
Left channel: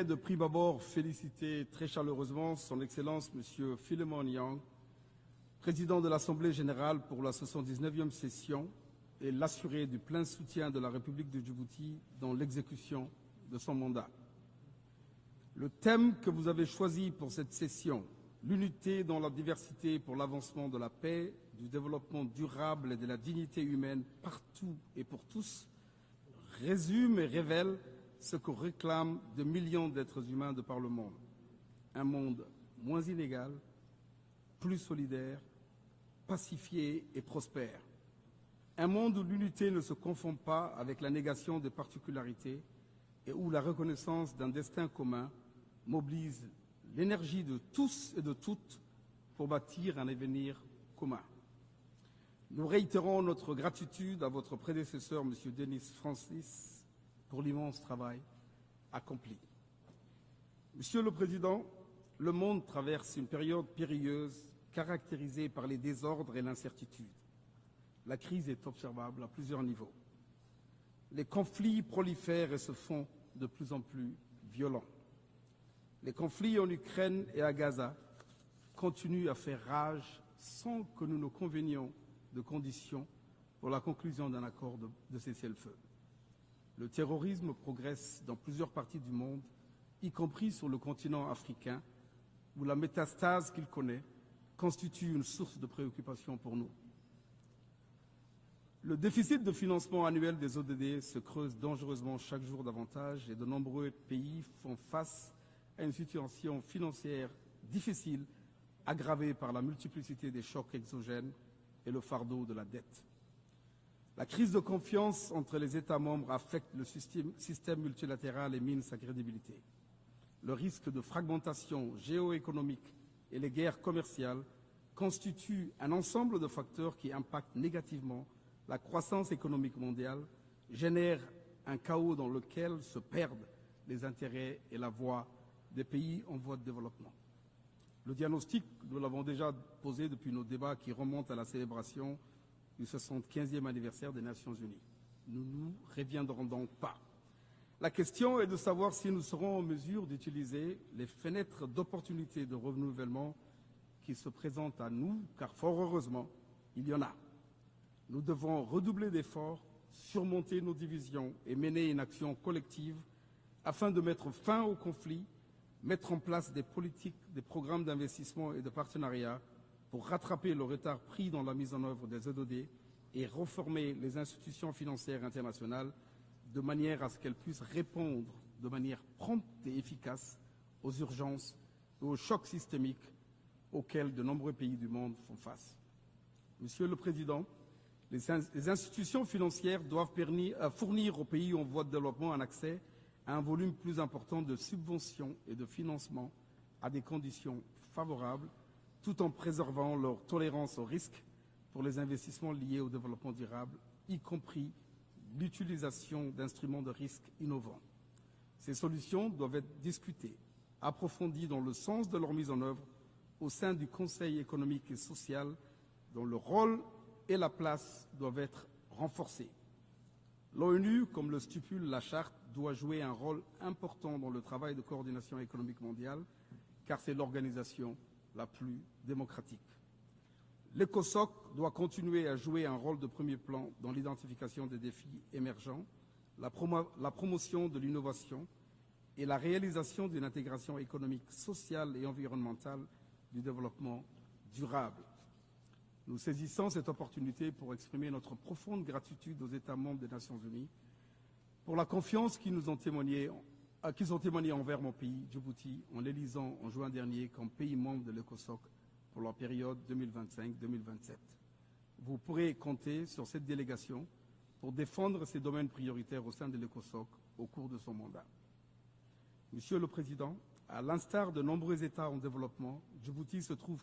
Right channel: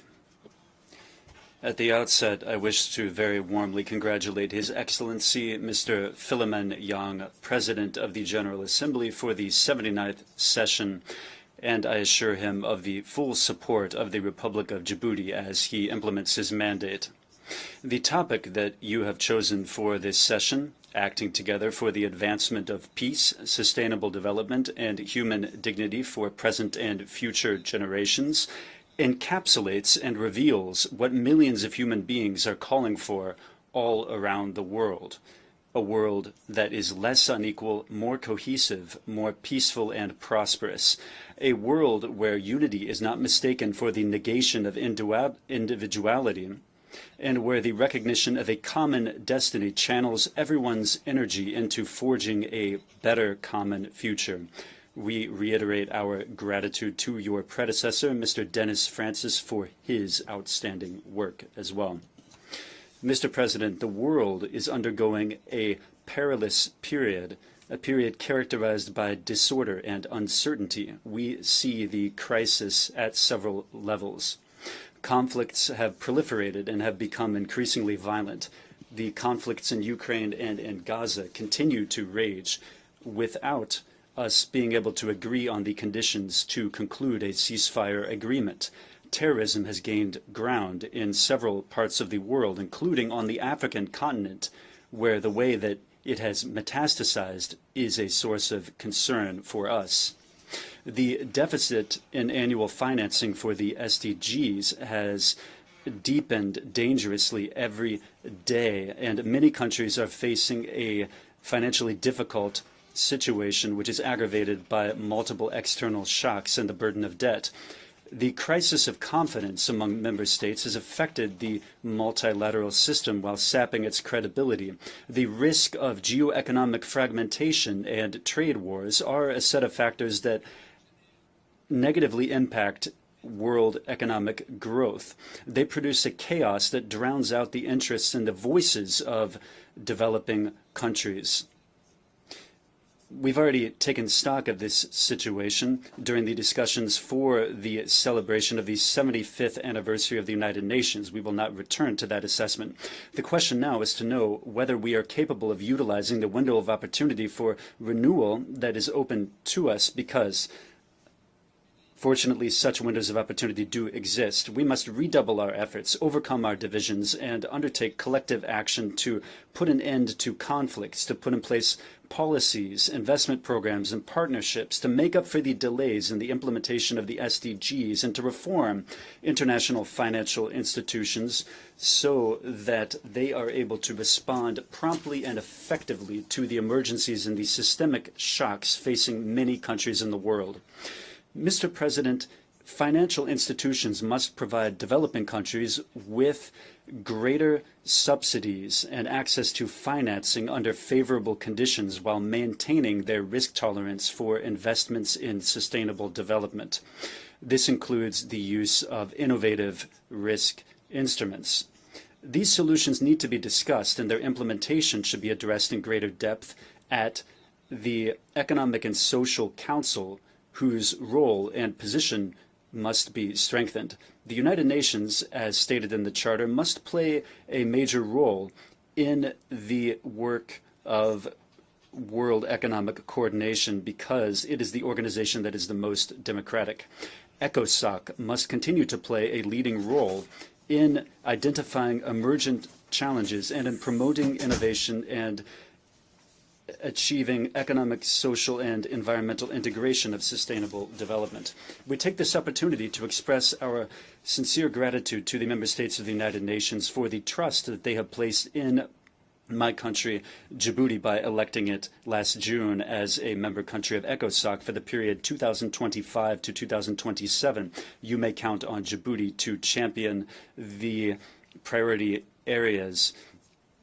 at the outset, I wish to very warmly congratulate His Excellency Mr. Philemon Yang, President of the General Assembly, for the 79th session, and I assure him of the full support of the Republic of Djibouti as he implements his mandate. The topic that you have chosen for this session, acting together for the advancement of peace, sustainable development, and human dignity for present and future generations, encapsulates and reveals what millions of human beings are calling for all around the world. A world that is less unequal, more cohesive, more peaceful and prosperous. A world where unity is not mistaken for the negation of individuality, and where the recognition of a common destiny channels everyone's energy into forging a better common future. We reiterate our gratitude to your predecessor, Mr. Dennis Francis, for his outstanding work as well. Mr. President, the world is undergoing a perilous period, a period characterized by disorder and uncertainty. We see the crisis at several levels. conflicts have proliferated and have become increasingly violent. The conflicts in Ukraine and in Gaza continue to rage without us being able to agree on the conditions to conclude a ceasefire agreement. Terrorism has gained ground in several parts of the world, including on the African continent, where the way that it has metastasized is a source of concern for us. The deficit in annual financing for the SDGs has deepened dangerously every day, and many countries are facing a financially difficult situation, which is aggravated by multiple external shocks and the burden of debt. The crisis of confidence among member states has affected the multilateral system while sapping its credibility. The risk of geoeconomic fragmentation and trade wars are a set of factors that negatively impact world economic growth. They produce a chaos that drowns out the interests and the voices of developing countries. We've already taken stock of this situation during the discussions for the celebration of the 75th anniversary of the United Nations. We will not return to that assessment. The question now is to know whether we are capable of utilizing the window of opportunity for renewal that is open to us, because fortunately such windows of opportunity do exist. We must redouble our efforts, overcome our divisions, and undertake collective action to put an end to conflicts, to put in place policies, investment programs, and partnerships to make up for the delays in the implementation of the SDGs, and to reform international financial institutions so that they are able to respond promptly and effectively to the emergencies and the systemic shocks facing many countries in the world. Mr. President, financial institutions must provide developing countries with greater subsidies and access to financing under favorable conditions while maintaining their risk tolerance for investments in sustainable development. This includes the use of innovative risk instruments. These solutions need to be discussed, and their implementation should be addressed in greater depth at the Economic and Social Council, whose role and position must be strengthened. The United Nations, as stated in the Charter, must play a major role in the work of world economic coordination, because it is the organization that is the most democratic. ECOSOC must continue to play a leading role in identifying emergent challenges and in promoting innovation and achieving economic, social, and environmental integration of sustainable development. We take this opportunity to express our sincere gratitude to the member states of the United Nations for the trust that they have placed in my country, Djibouti, by electing it last June as a member country of ECOSOC for the period 2025 to 2027. You may count on Djibouti to champion the priority areas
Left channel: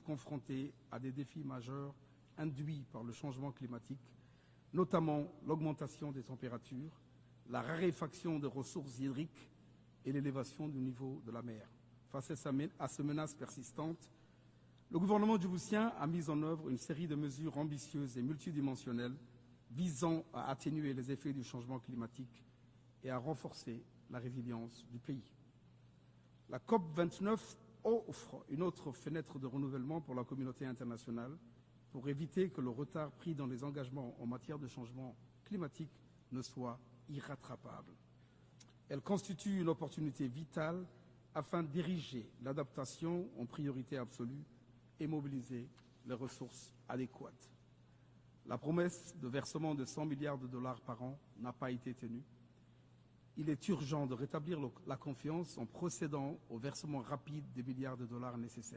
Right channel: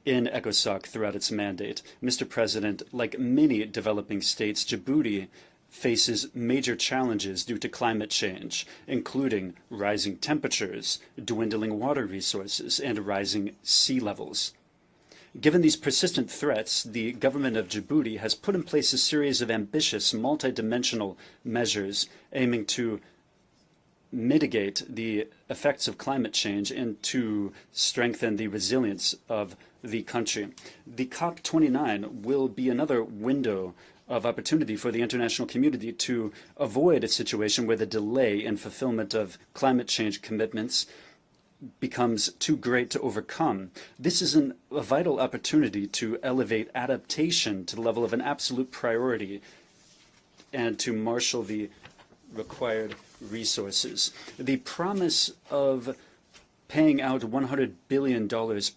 in ECOSOC throughout its mandate. Mr. President, like many developing states, Djibouti faces major challenges due to climate change, including rising temperatures, dwindling water resources, and rising sea levels. Given these persistent threats, the government of Djibouti has put in place a series of ambitious, multidimensional measures aiming to mitigate the effects of climate change and to strengthen the resilience of the country. The COP29 will be another window of opportunity for the international community to avoid a situation where the delay in fulfillment of climate change commitments becomes too great to overcome. This is a vital opportunity to elevate adaptation to the level of an absolute priority and to marshal the required resources. The promise of paying out $100 billion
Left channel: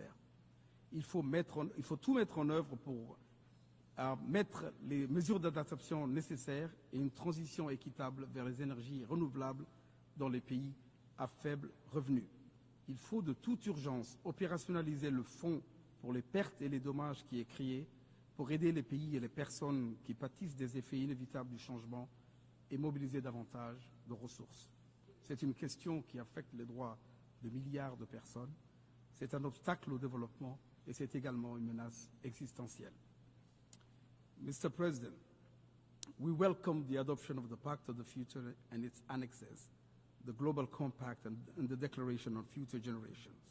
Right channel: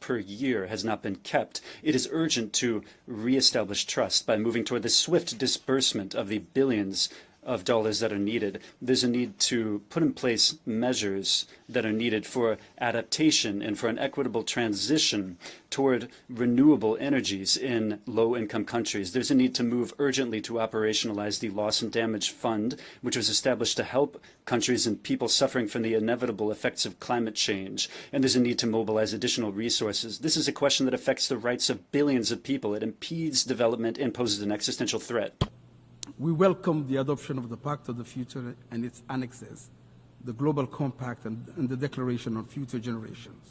per year has not been kept. It is urgent to reestablish trust by moving toward the swift disbursement of the billions of dollars that are needed. There's a need to put in place measures that are needed for adaptation and for an equitable transition toward renewable energies in low-income countries. There's a need to move urgently to operationalize the Loss and Damage Fund, which was established to help countries and people suffering from the inevitable effects of climate change. And there's a need to mobilize additional resources. This is a question that affects the rights of billions of people. It impedes development and poses an existential threat. We welcome the adoption of the Pact of the Future and its annexes. the Global Compact and the Declaration on Future Generations.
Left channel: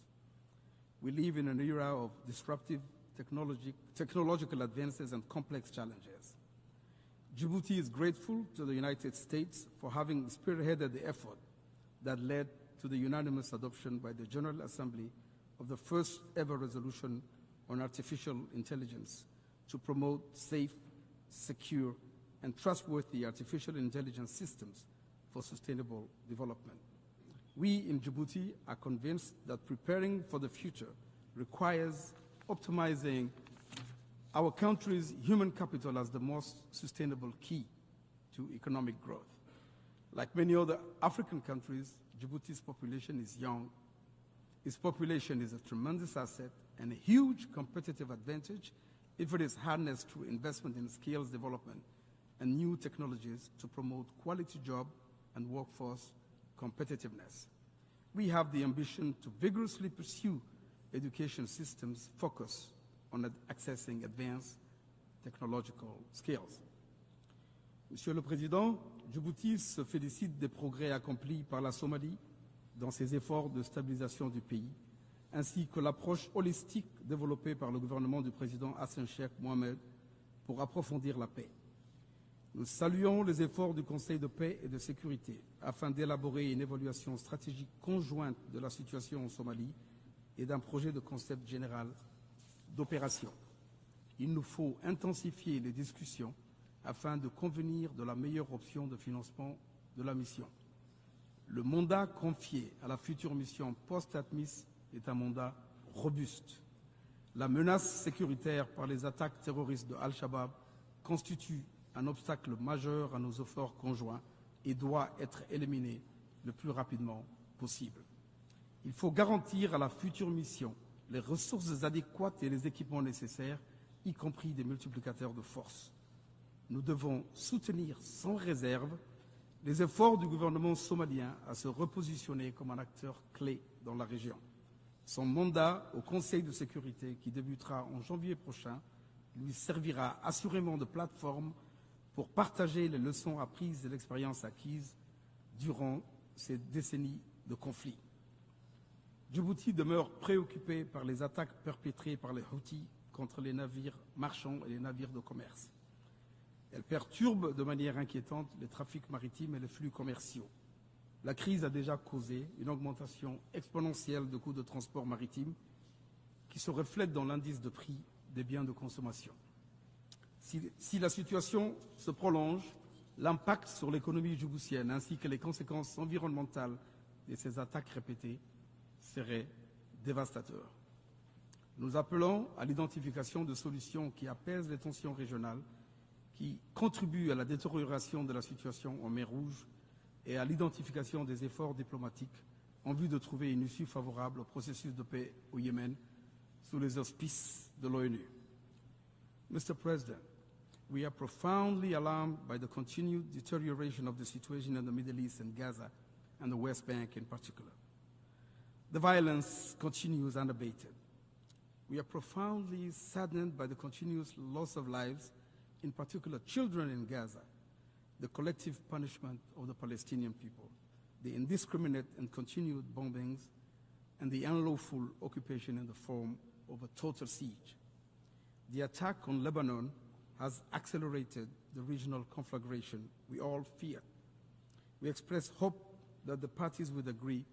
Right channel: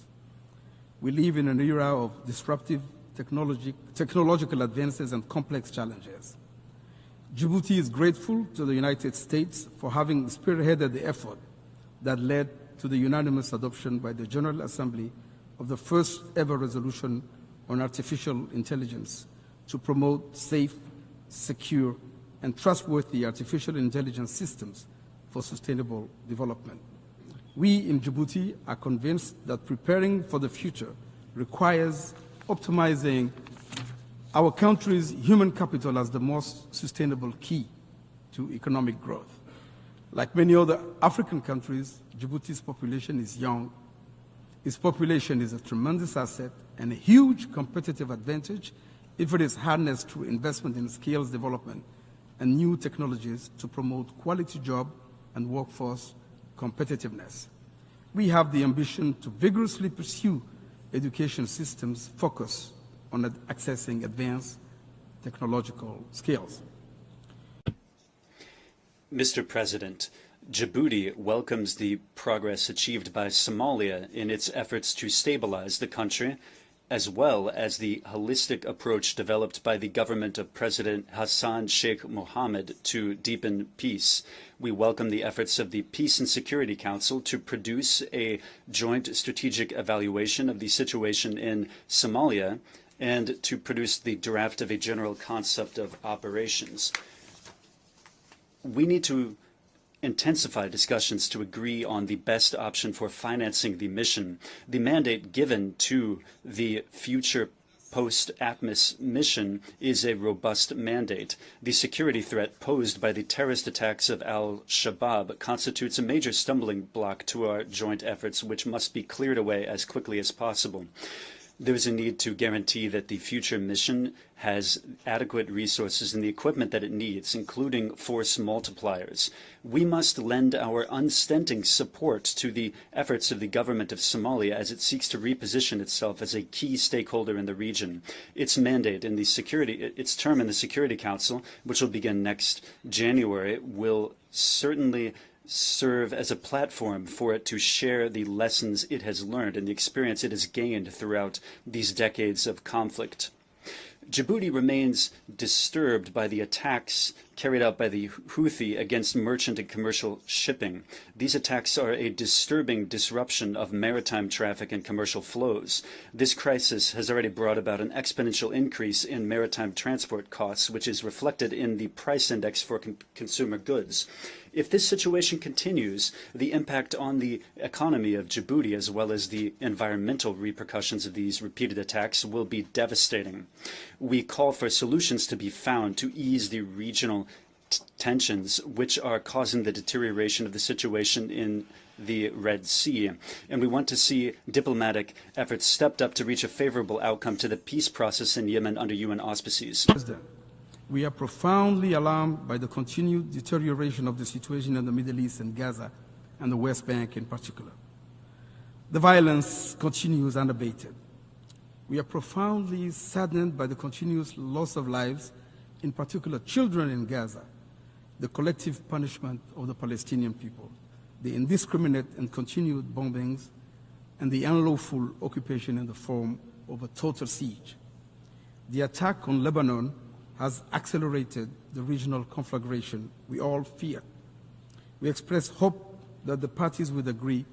We live in an era of disruptive technological advances and complex challenges. Djibouti is grateful to the United States for having spearheaded the effort that led to the unanimous adoption by the General Assembly of the first ever resolution on artificial intelligence to promote safe, secure, and trustworthy artificial intelligence systems for sustainable development. We in Djibouti are convinced that preparing for the future requires optimizing our country's human capital as the most sustainable key to economic growth. Like many other African countries, Djibouti's population is young. Its population is a tremendous asset and a huge competitive advantage if it is harnessed through investment in skills development and new technologies to promote quality job and workforce competitiveness. We have the ambition to vigorously pursue education systems focused on accessing advanced technological skills. Monsieur le Président, Mr. President, Djibouti welcomes the progress achieved by Somalia in its efforts to stabilize the country, as well as the holistic approach developed by the government of President Hassan Sheikh Mohammed to deepen peace. We welcome the efforts of the Peace and Security Council to produce a joint strategic evaluation of the situation in Somalia and to produce the draft of a general concept of operations. We need to intensify discussions to agree on the best option for financing the mission. The mandate given to the future post-ATMIS mission is a robust mandate. The security threat posed by the terrorist attacks of al-Shabaab constitutes a major stumbling block to our joint efforts, which must be cleared away as quickly as possible. There is a need to guarantee that the future mission has adequate resources and the equipment that it needs, including force multipliers. We must lend our unstinting support to the efforts of the government of Somalia as it seeks to reposition itself as a key stakeholder in the region. Its mandate in the its term in the Security Council, which will begin next January, will certainly serve as a platform for it to share the lessons it has learned and the experience it has gained throughout these decades of conflict. Djibouti remains disturbed by the attacks carried out by the Houthi against merchant and commercial shipping. These attacks are a disturbing disruption of maritime traffic and commercial flows. This crisis has already brought about an exponential increase in maritime transport costs, which is reflected in the price index for consumer goods. If this situation continues, the impact on the economy of Djibouti, as well as the environmental repercussions of these repeated attacks, will be devastating. We call for solutions to be found to ease the regional tensions which are causing the deterioration of the situation in the Red Sea, and we want to see diplomatic efforts stepped up to reach a favorable outcome to the peace process in Yemen under UN auspices. We are profoundly alarmed by the continued deterioration of the situation in the Middle East and Gaza and the West Bank in particular. The violence continues unabated. We are profoundly saddened by the continuous loss of lives, in particular children in Gaza, the collective punishment of the Palestinian people, the indiscriminate and continued bombings, and the unlawful occupation in the form of a total siege. The attack on Lebanon has accelerated the regional conflagration we all fear. We express hope that the parties would agree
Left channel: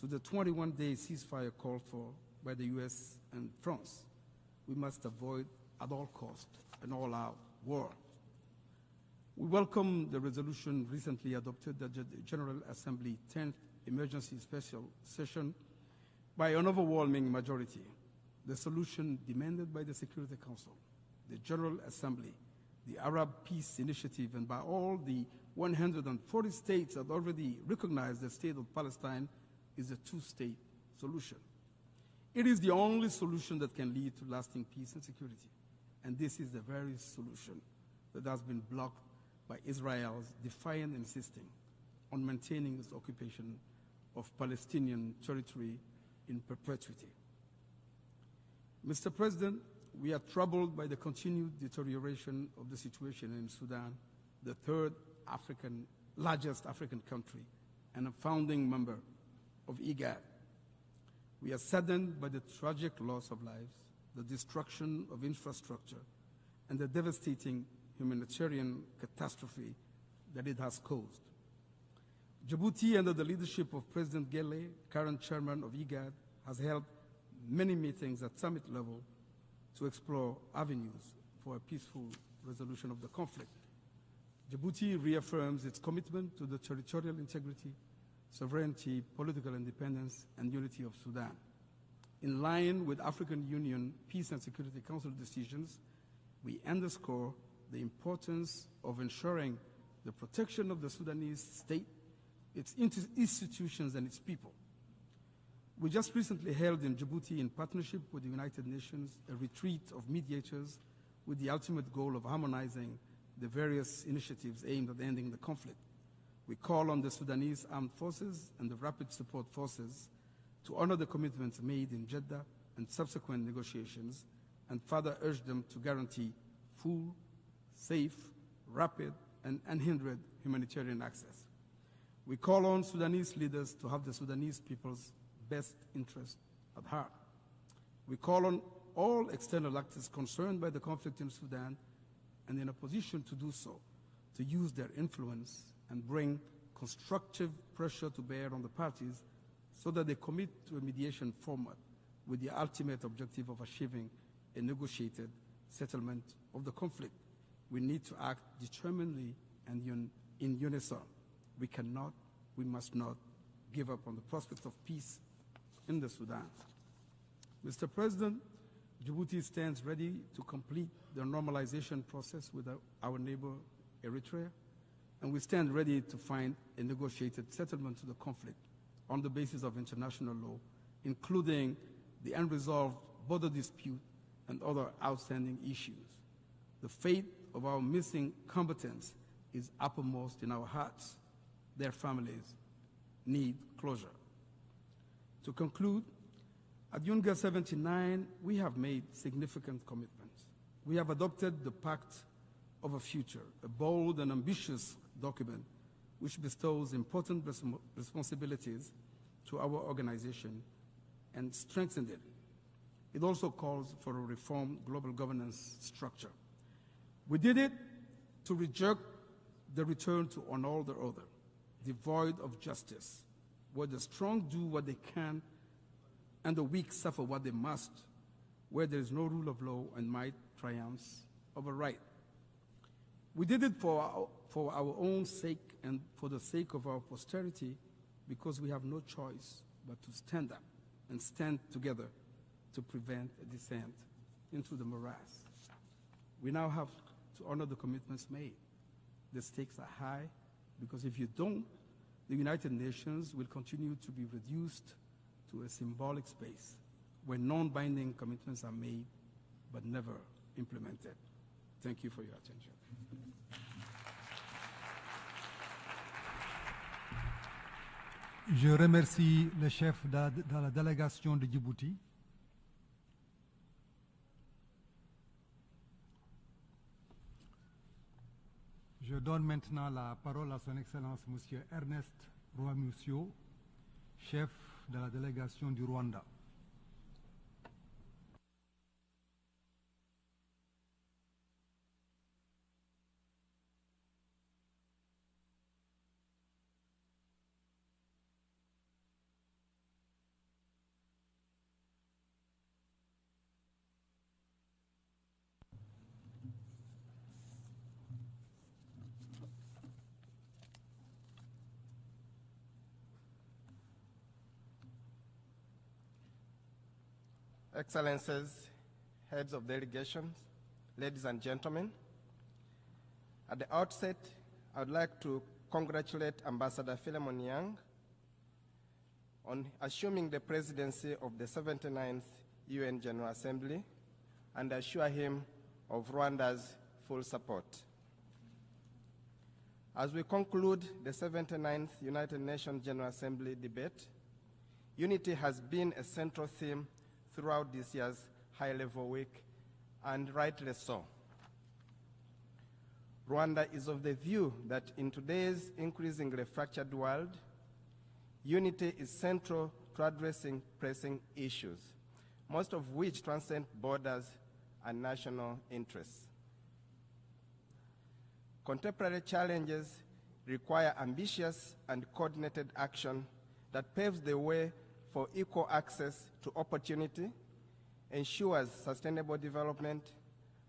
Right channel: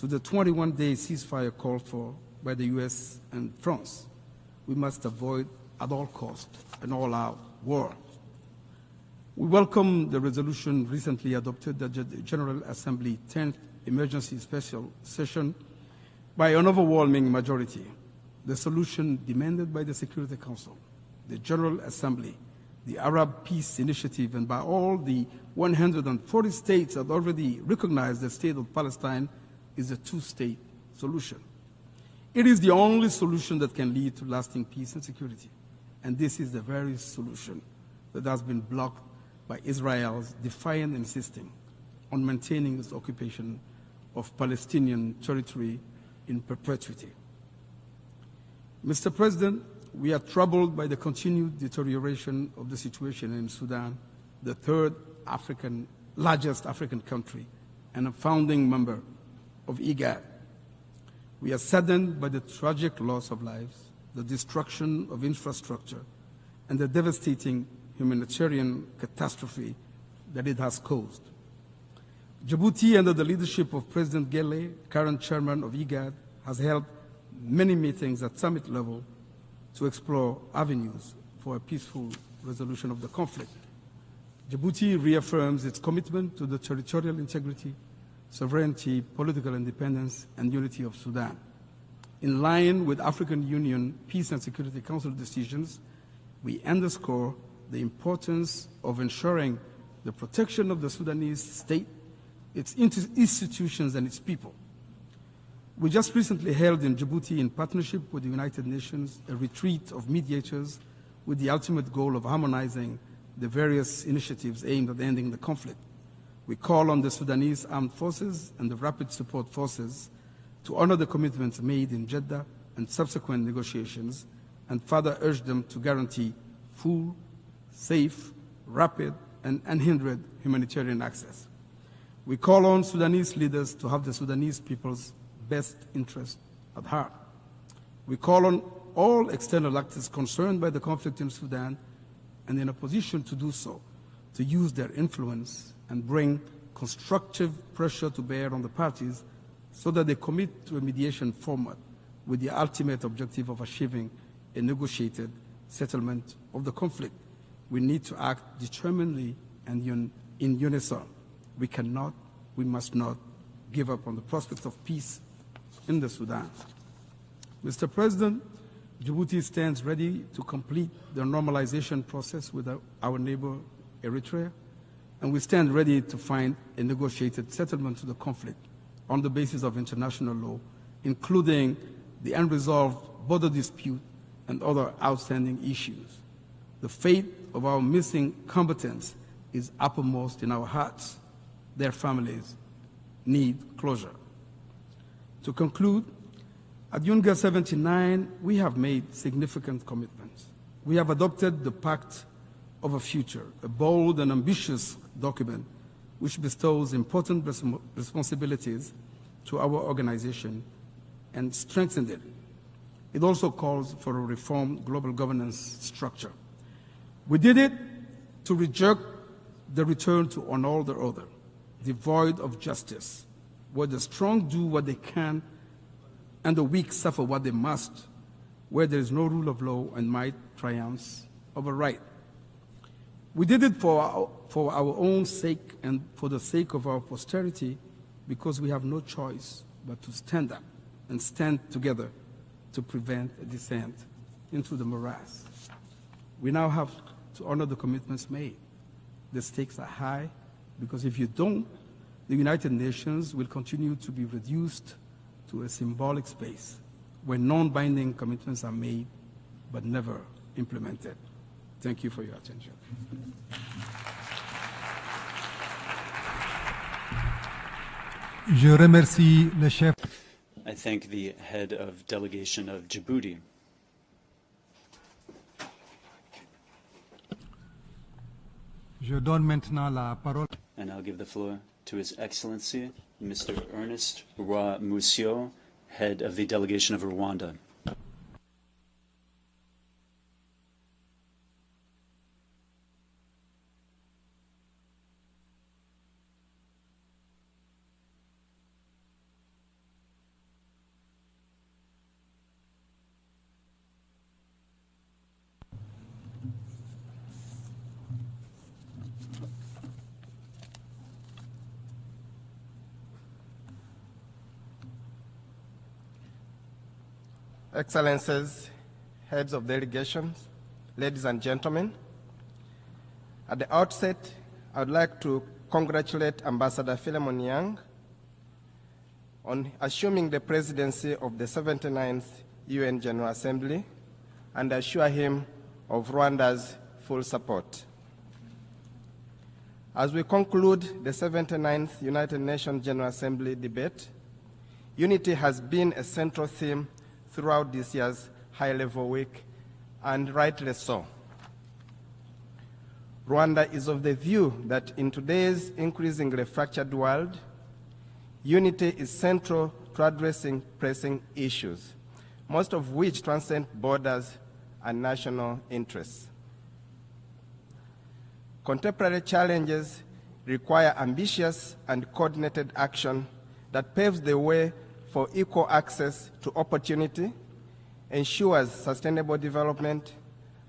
to the 21-day ceasefire called for by the US and France. We must avoid at all costs an all-out war. We welcome the resolution recently adopted at the General Assembly 10th Emergency Special Session by an overwhelming majority. The solution demanded by the Security Council, the General Assembly, the Arab Peace Initiative, and by all the 140 states that already recognize the state of Palestine is a two-state solution. It is the only solution that can lead to lasting peace and security. And this is the very solution that has been blocked by Israel's defiant insisting on maintaining its occupation of Palestinian territory in perpetuity. Mr. President, we are troubled by the continued deterioration of the situation in Sudan, the third largest African country and a founding member of IGAD. We are saddened by the tragic loss of lives, the destruction of infrastructure, and the devastating humanitarian catastrophe that it has caused. Djibouti, under the leadership of President Gele, current chairman of IGAD, has held many meetings at summit level to explore avenues for a peaceful resolution of the conflict. Djibouti reaffirms its commitment to the territorial integrity, sovereignty, political independence, and unity of Sudan. In line with African Union Peace and Security Council decisions, we underscore the importance of ensuring the protection of the Sudanese state, its institutions, and its people. We just recently held in Djibouti, in partnership with the United Nations, a retreat of mediators with the ultimate goal of harmonizing the various initiatives aimed at ending the conflict. We call on the Sudanese Armed Forces and the Rapid Support Forces to honor the commitments made in Jeddah and subsequent negotiations, and further urge them to guarantee full, safe, rapid, and unhindered humanitarian access. We call on Sudanese leaders to have the Sudanese people's best interest at heart. We call on all external actors concerned by the conflict in Sudan and in a position to do so, to use their influence and bring constructive pressure to bear on the parties so that they commit to a mediation format with the ultimate objective of achieving a negotiated settlement of the conflict. We need to act determinedly and in unison. We must not give up on the prospect of peace in the Sudan. Mr. President, Djibouti stands ready to complete the normalization process with our neighbor Eritrea, and we stand ready to find a negotiated settlement to the conflict on the basis of international law, including the unresolved border dispute and other outstanding issues. The fate of our missing combatants is uppermost in our hearts. Their families need closure. To conclude, at UNGA 79, we have made significant commitments. We have adopted the Pact of a Future, a bold and ambitious document which bestows important responsibilities to our organization and strengthens it. It also calls for a reformed global governance structure. We did it to reject the return to an order devoid of justice, where the strong do what they can and the weak suffer what they must, where there is no rule of law and might triumphs over right. We did it for our own sake and for the sake of our posterity, because we have no choice but to stand up and stand together to prevent a descent into the morass. We now have to honor the commitments made. The stakes are high, because if you don't, the United Nations will continue to be reduced to a symbolic space where non-binding commitments are made but never implemented. Thank you for your attention. I thank the head of delegation of Djibouti. And I'll give the floor to His Excellency, Mr. Ernest Roy Musio, head of the delegation of Rwanda. Excellencies, heads of delegations, ladies and gentlemen, at the outset, I would like to congratulate Ambassador Philemon Yang on assuming the presidency of the 79th UN General Assembly and assure him of Rwanda's full support. As we conclude the 79th United Nations General Assembly debate, unity has been a central theme throughout this year's high-level week, and rightly so. Rwanda is of the view that in today's increasingly fractured world, unity is central to addressing pressing issues, most of which transcend borders and national interests. Contemporary challenges require ambitious and coordinated action that paves the way for equal access to opportunity, ensures sustainable development,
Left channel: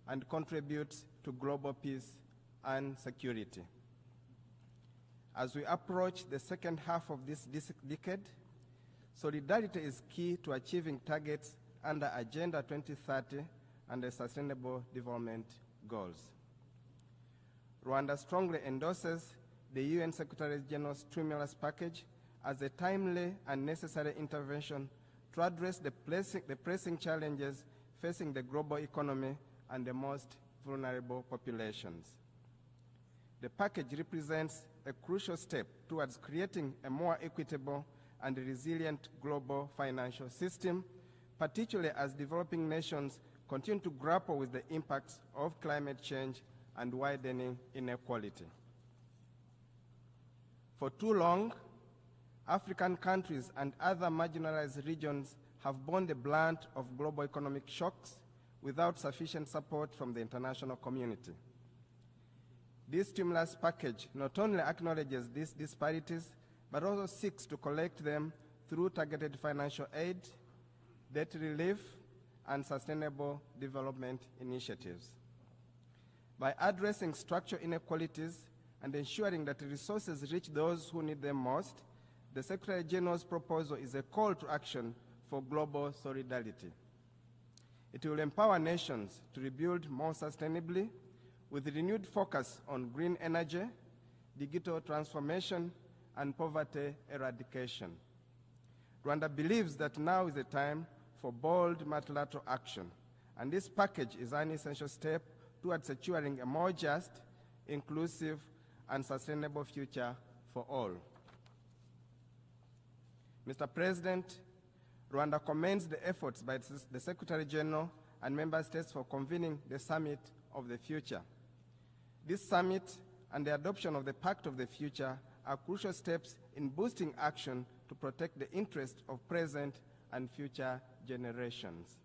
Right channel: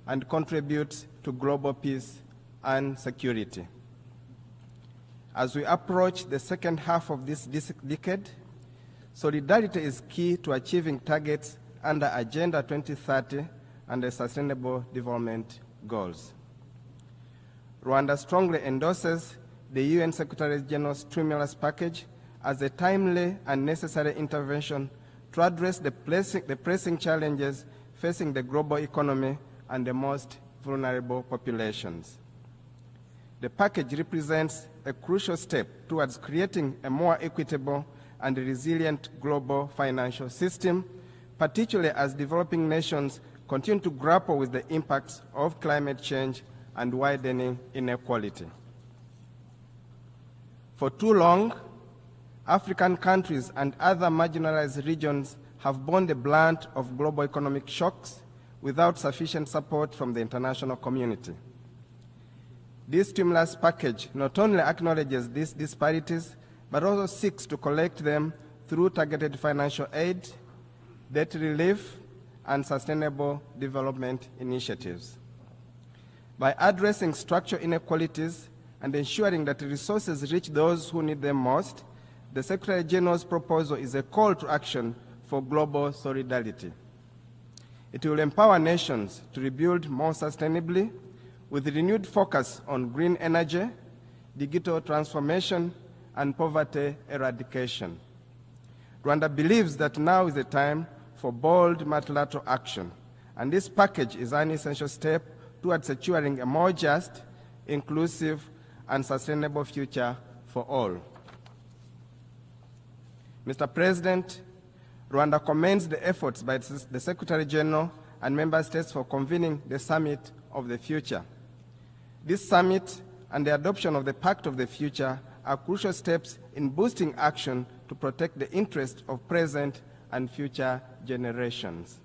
and contributes to global peace and security. As we approach the second half of this decade, solidarity is key to achieving targets under Agenda 2030 and the Sustainable Development Goals. Rwanda strongly endorses the UN Secretary General's stimulus package as a timely and necessary intervention to address the pressing challenges facing the global economy and the most vulnerable populations. The package represents a crucial step towards creating a more equitable and resilient global financial system, particularly as developing nations continue to grapple with the impacts of climate change and widening inequality. For too long, African countries and other marginalized regions have borne the brunt of global economic shocks without sufficient support from the international community. This stimulus package not only acknowledges these disparities, but also seeks to collect them through targeted financial aid, debt relief, and sustainable development initiatives. By addressing structural inequalities and ensuring that resources reach those who need them most, the Secretary General's proposal is a call to action for global solidarity. It will empower nations to rebuild more sustainably with renewed focus on green energy, digital transformation, and poverty eradication. Rwanda believes that now is the time for bold multilateral action, and this package is an essential step towards securing a more just, inclusive, and sustainable future for all. Mr. President, Rwanda commends the efforts by the Secretary General and Member States for convening the Summit of the Future. This summit and the adoption of the Pact of the Future are crucial steps in boosting action to protect the interests of present and future generations.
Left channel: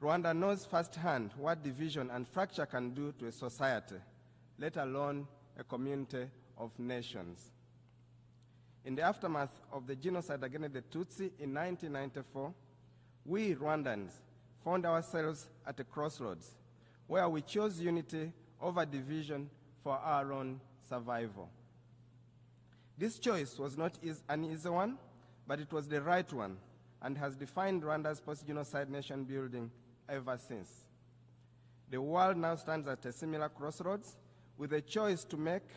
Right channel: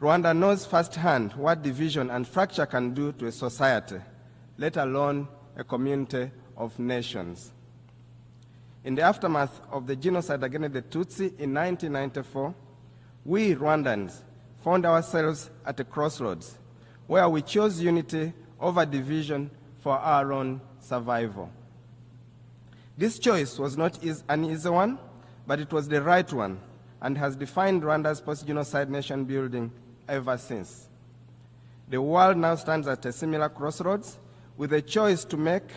Rwanda knows firsthand what division and fracture can do to a society, let alone a community of nations. In the aftermath of the genocide against the Tutsi in 1994, we Rwandans found ourselves at a crossroads where we chose unity over division for our own survival. This choice was not an easy one, but it was the right one and has defined Rwanda's post-genocide nation building ever since. The world now stands at a similar crossroads with a choice to make,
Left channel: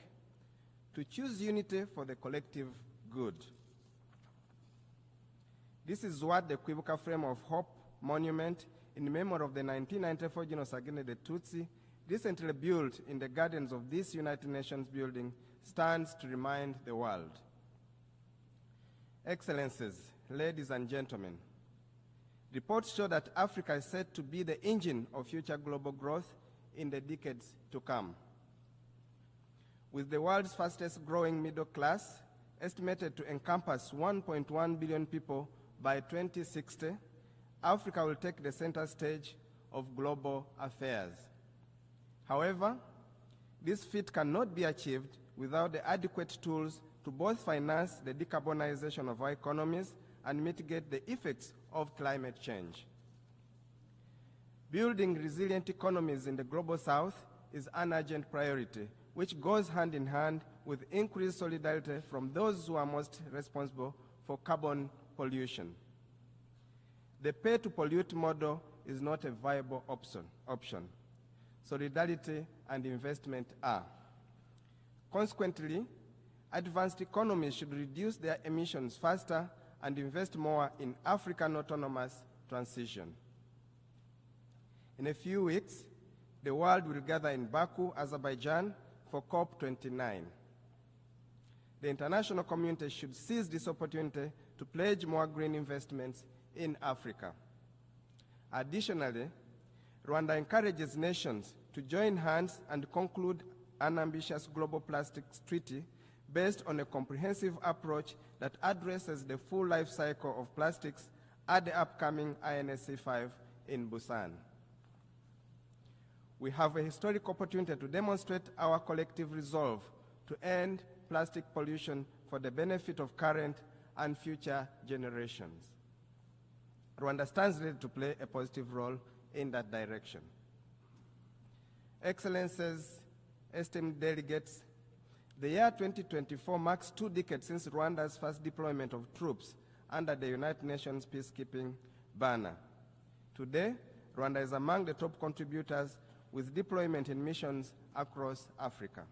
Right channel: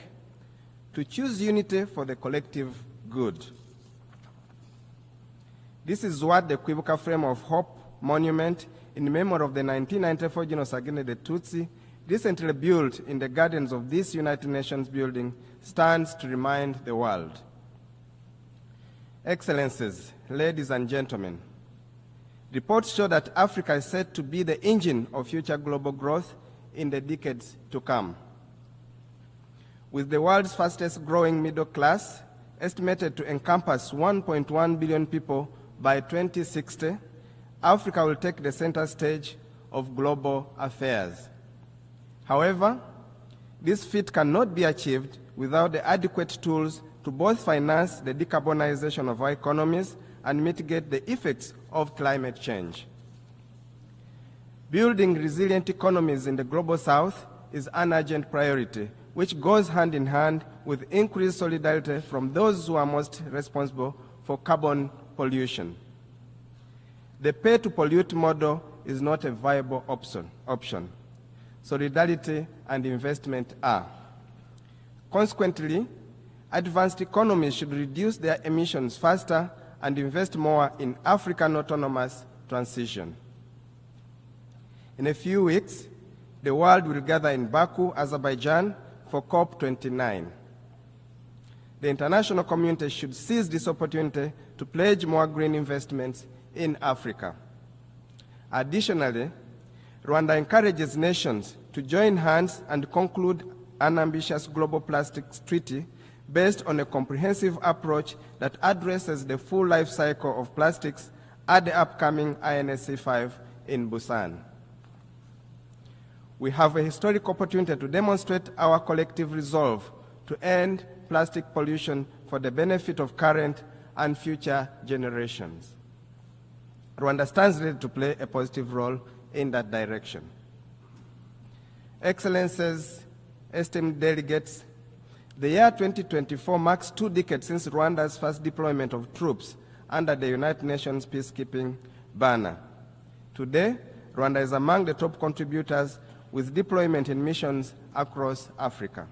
to choose unity for the collective good. This is what the Kwibuka Frame of Hope monument in memory of the 1994 genocide against the Tutsi, recently built in the gardens of this United Nations building, stands to remind the world. Excellencies, ladies and gentlemen, reports show that Africa is set to be the engine of future global growth in the decades to come. With the world's fastest growing middle class, estimated to encompass 1.1 billion people by 2060, Africa will take the center stage of global affairs. However, this feat cannot be achieved without the adequate tools to both finance the decarbonization of our economies and mitigate the effects of climate change. Building resilient economies in the global south is an urgent priority, which goes hand in hand with increased solidarity from those who are most responsible for carbon pollution. The pay-to-pollute model is not a viable option. Solidarity and investment are. Consequently, advanced economies should reduce their emissions faster and invest more in African autonomous transition. In a few weeks, the world will gather in Baku, Azerbaijan, for COP29. The international community should seize this opportunity to pledge more green investments in Africa. Additionally, Rwanda encourages nations to join hands and conclude an ambitious global plastics treaty based on a comprehensive approach that addresses the full life cycle of plastics at the upcoming INSC5 in Busan. We have a historic opportunity to demonstrate our collective resolve to end plastic pollution for the benefit of current and future generations. Rwanda stands ready to play a positive role in that direction. Excellencies, esteemed delegates, the year 2024 marks 2 decades since Rwanda's first deployment of troops under the United Nations peacekeeping banner. Today, Rwanda is among the top contributors with deployment in missions across Africa.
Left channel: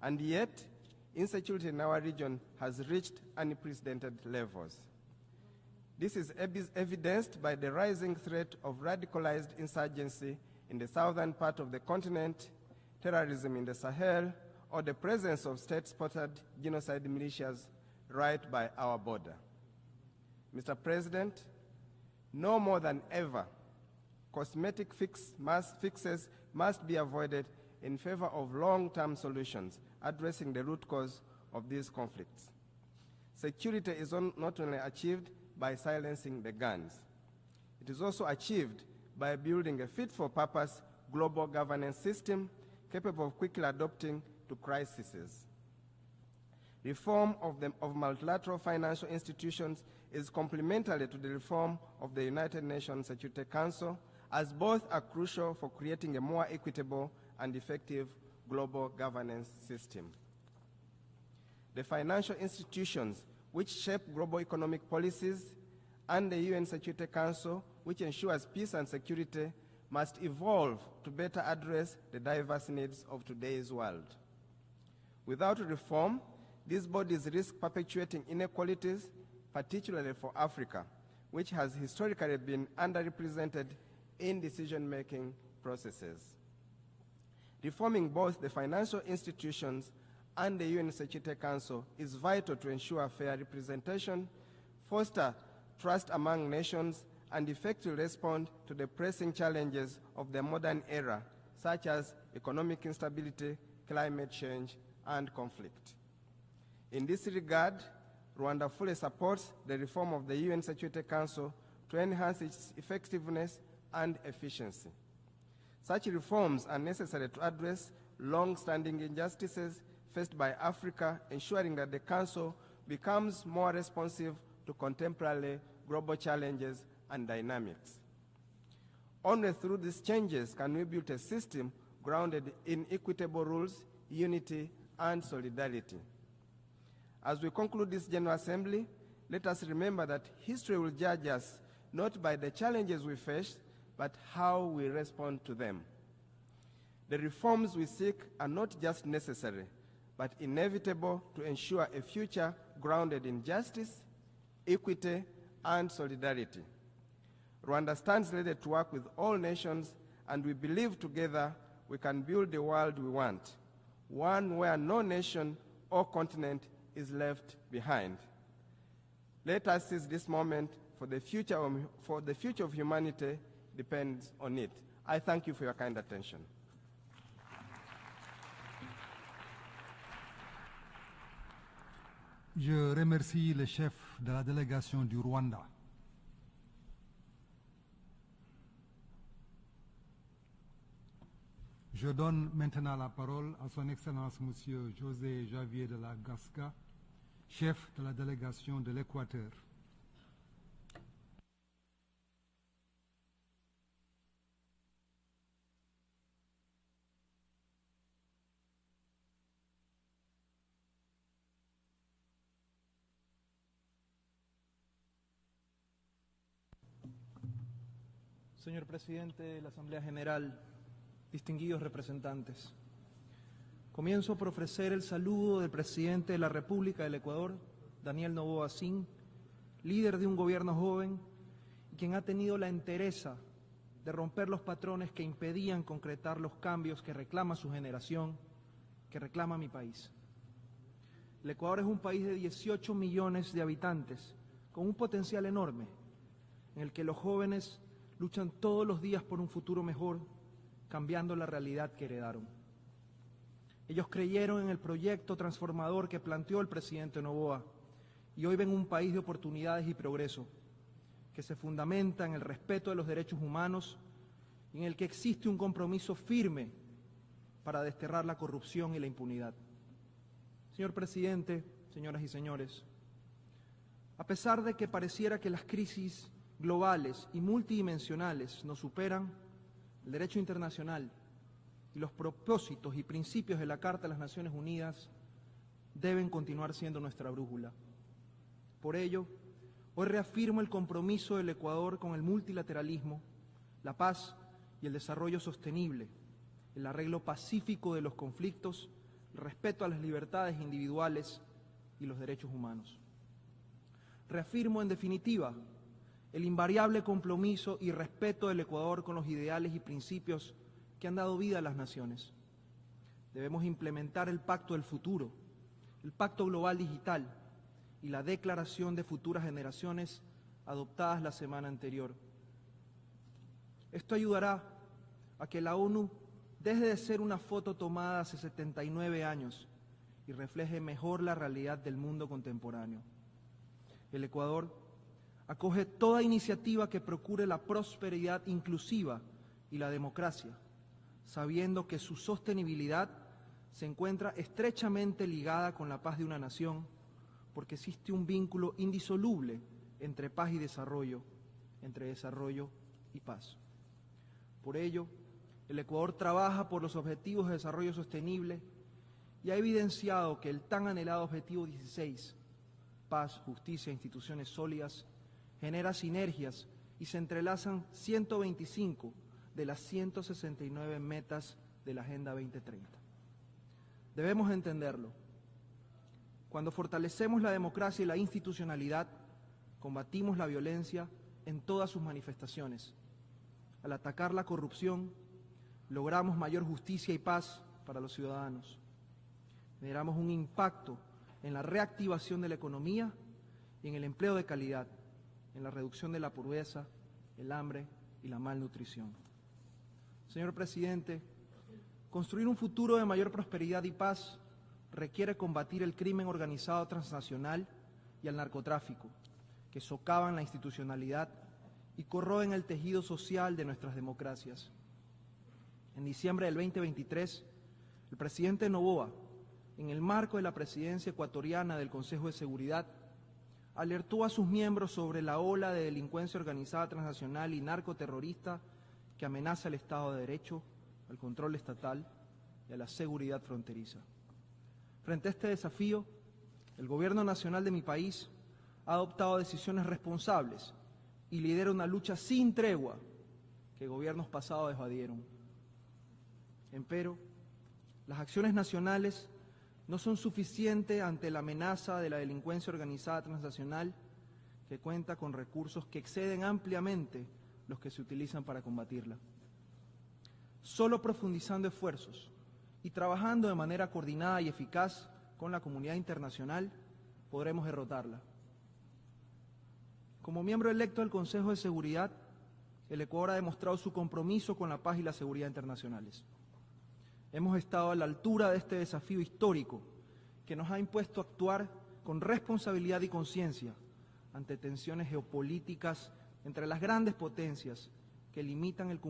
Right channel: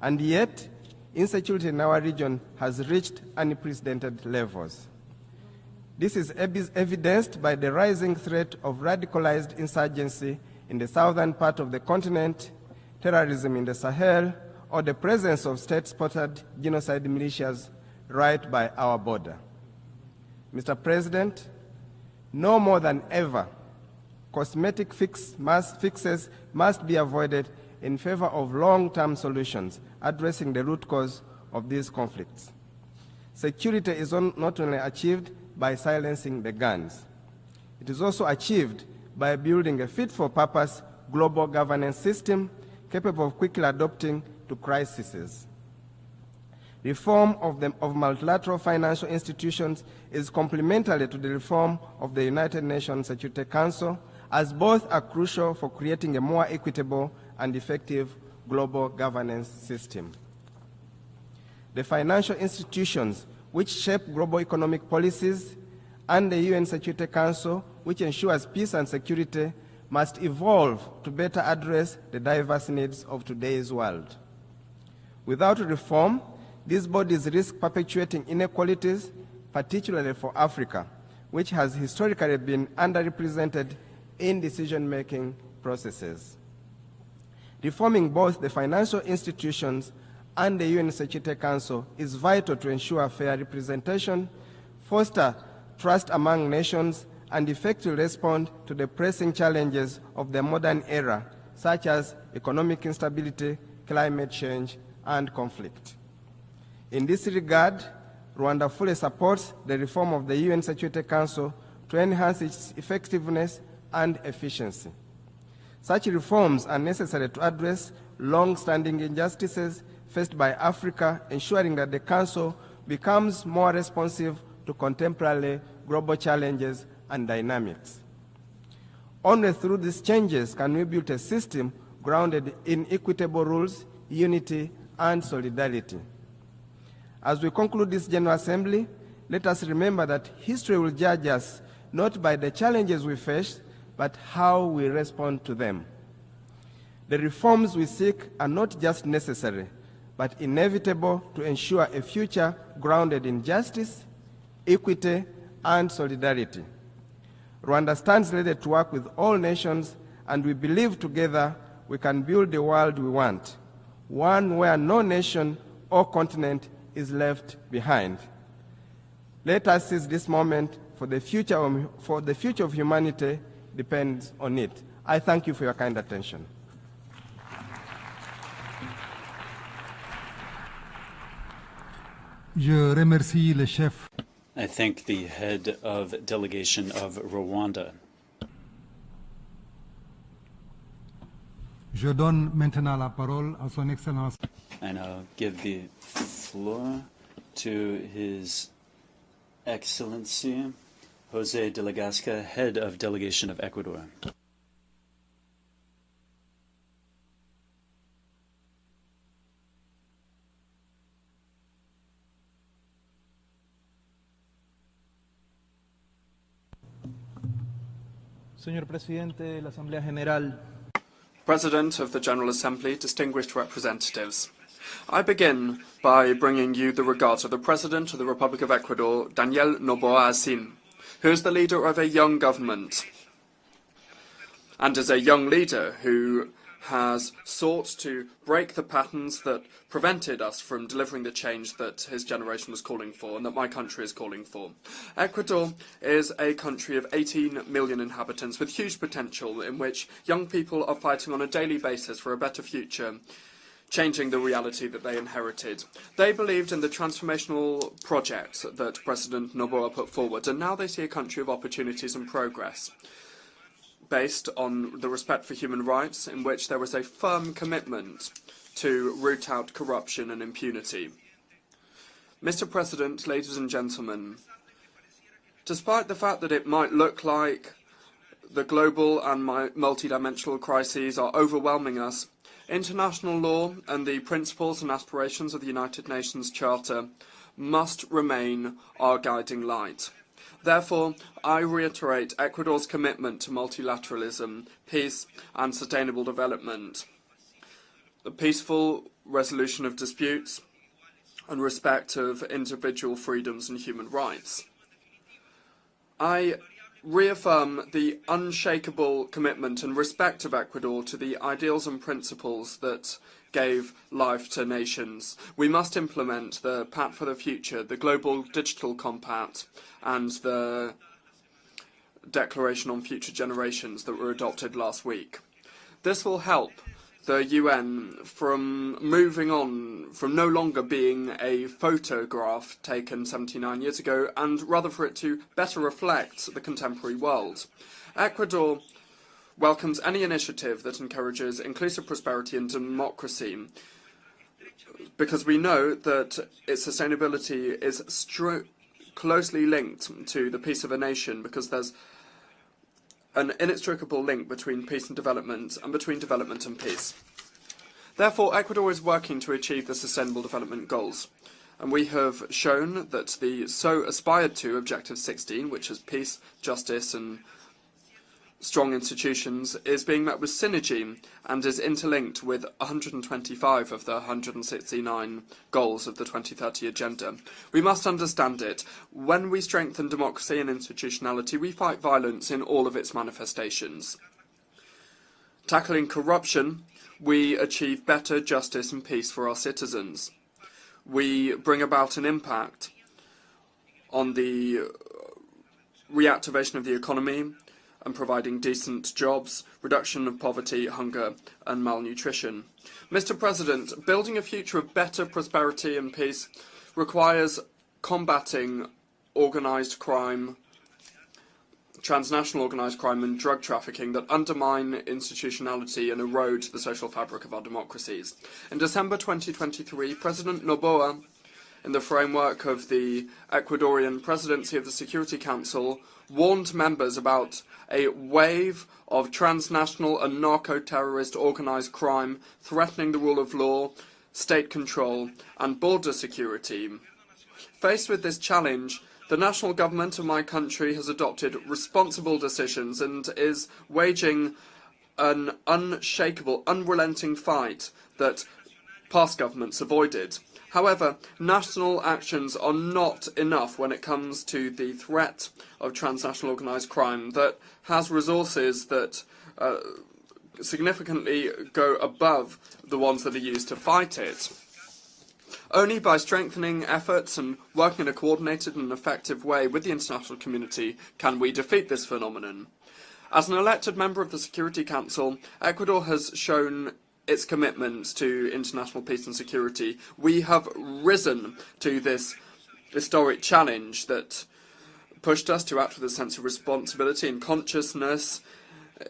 And yet, insecurity in our region has reached unprecedented levels. This is evidenced by the rising threat of radicalized insurgency in the southern part of the continent, terrorism in the Sahel, or the presence of state-sponsored genocide militias right by our border. Mr. President, no more than ever, cosmetic fixes must be avoided in favor of long-term solutions addressing the root cause of these conflicts. Security is not only achieved by silencing the guns, it is also achieved by building a fit-for-purpose global governance system capable of quickly adapting to crises. Reform of multilateral financial institutions is complementary to the reform of the United Nations Security Council, as both are crucial for creating a more equitable and effective global governance system. The financial institutions which shape global economic policies and the UN Security Council, which ensures peace and security, must evolve to better address the diverse needs of today's world. Without reform, these bodies risk perpetuating inequalities, particularly for Africa, which has historically been underrepresented in decision-making processes. Reforming both the financial institutions and the UN Security Council is vital to ensure fair representation, foster trust among nations, and effectively respond to the pressing challenges of the modern era, such as economic instability, climate change, and conflict. In this regard, Rwanda fully supports the reform of the UN Security Council to enhance its effectiveness and efficiency. Such reforms are necessary to address long-standing injustices faced by Africa, ensuring that the Council becomes more responsive to contemporary global challenges and dynamics. Only through these changes can we build a system grounded in equitable rules, unity, and solidarity. As we conclude this General Assembly, let us remember that history will judge us not by the challenges we face, but how we respond to them. The reforms we seek are not just necessary, but inevitable to ensure a future grounded in justice, equity, and solidarity. Rwanda stands ready to work with all nations, and we believe together we can build the world we want, one where no nation or continent is left behind. Let us seize this moment, for the future of humanity depends on it. I thank you for your kind attention. I thank the head of delegation of Rwanda. And I'll give the floor to His Excellency Jose de la Gasca, head of delegation of Ecuador. Señor Presidente de la Asamblea General, President of the General Assembly, distinguished representatives, I begin by bringing you the regards of the President of the Republic of Ecuador, Daniel Noboa Asim, who is the leader of a young government and is a young leader who has sought to break the patterns that prevented us from delivering the change that his generation was calling for and that my country is calling for. Ecuador is a country of 18 million inhabitants with huge potential in which young people are fighting on a daily basis for a better future, changing the reality that they inherited. They believed in the transformational project that President Noboa put forward, and now they see a country of opportunities and progress, based on the respect for human rights, in which there is a firm commitment to root out corruption and impunity. Mr. President, ladies and gentlemen, despite the fact that it might look like the global and multidimensional crises are overwhelming us, international law and the principles and aspirations of the United Nations Charter must remain our guiding light. Therefore, I reiterate Ecuador's commitment to multilateralism, peace and sustainable development, the peaceful resolution of disputes and respect of individual freedoms and human rights. I reaffirm the unshakable commitment and respect of Ecuador to the ideals and principles that gave life to nations. We must implement the Pact for the Future, the Global Digital Compact, and the Declaration on Future Generations that were adopted last week. This will help the UN from moving on, from no longer being a photograph taken 79 years ago, and rather for it to better reflect the contemporary world. Ecuador welcomes any initiative that encourages inclusive prosperity and democracy, because we know that its sustainability is closely linked to the peace of a nation, because there's an inextricable link between peace and development, and between development and peace. Therefore, Ecuador is working to achieve the Sustainable Development Goals, and we have shown that the so aspired to Objective 16, which is peace, justice and strong institutions, is being met with synergy and is interlinked with 125 of the 169 goals of the 2030 Agenda. We must understand it. When we strengthen democracy and institutionality, we fight violence in all of its manifestations. Tackling corruption, we achieve better justice and peace for our citizens. We bring about an impact on the reactivation of the economy and providing decent jobs, reduction of poverty, hunger and malnutrition. Mr. President, building a future of better prosperity and peace requires combating organised crime, transnational organised crime and drug trafficking that undermine institutionality and erode the social fabric of our democracies. In December 2023, President Noboa, in the framework of the Ecuadorian presidency of the Security Council, warned members about a wave of transnational and narco-terrorist organised crime threatening the rule of law, state control and border security. Faced with this challenge, the national government of my country has adopted responsible decisions and is waging an unshakable, unrelenting fight that past governments avoided. However, national actions are not enough when it comes to the threat of transnational organised crime that has resources that significantly go above the ones that are used to fight it. Only by strengthening efforts and working in a coordinated and effective way with the international community can we defeat this phenomenon. As an elected member of the Security Council, Ecuador has shown its commitment to international peace and security. We have risen to this historic challenge that pushed us to act with a sense of responsibility and consciousness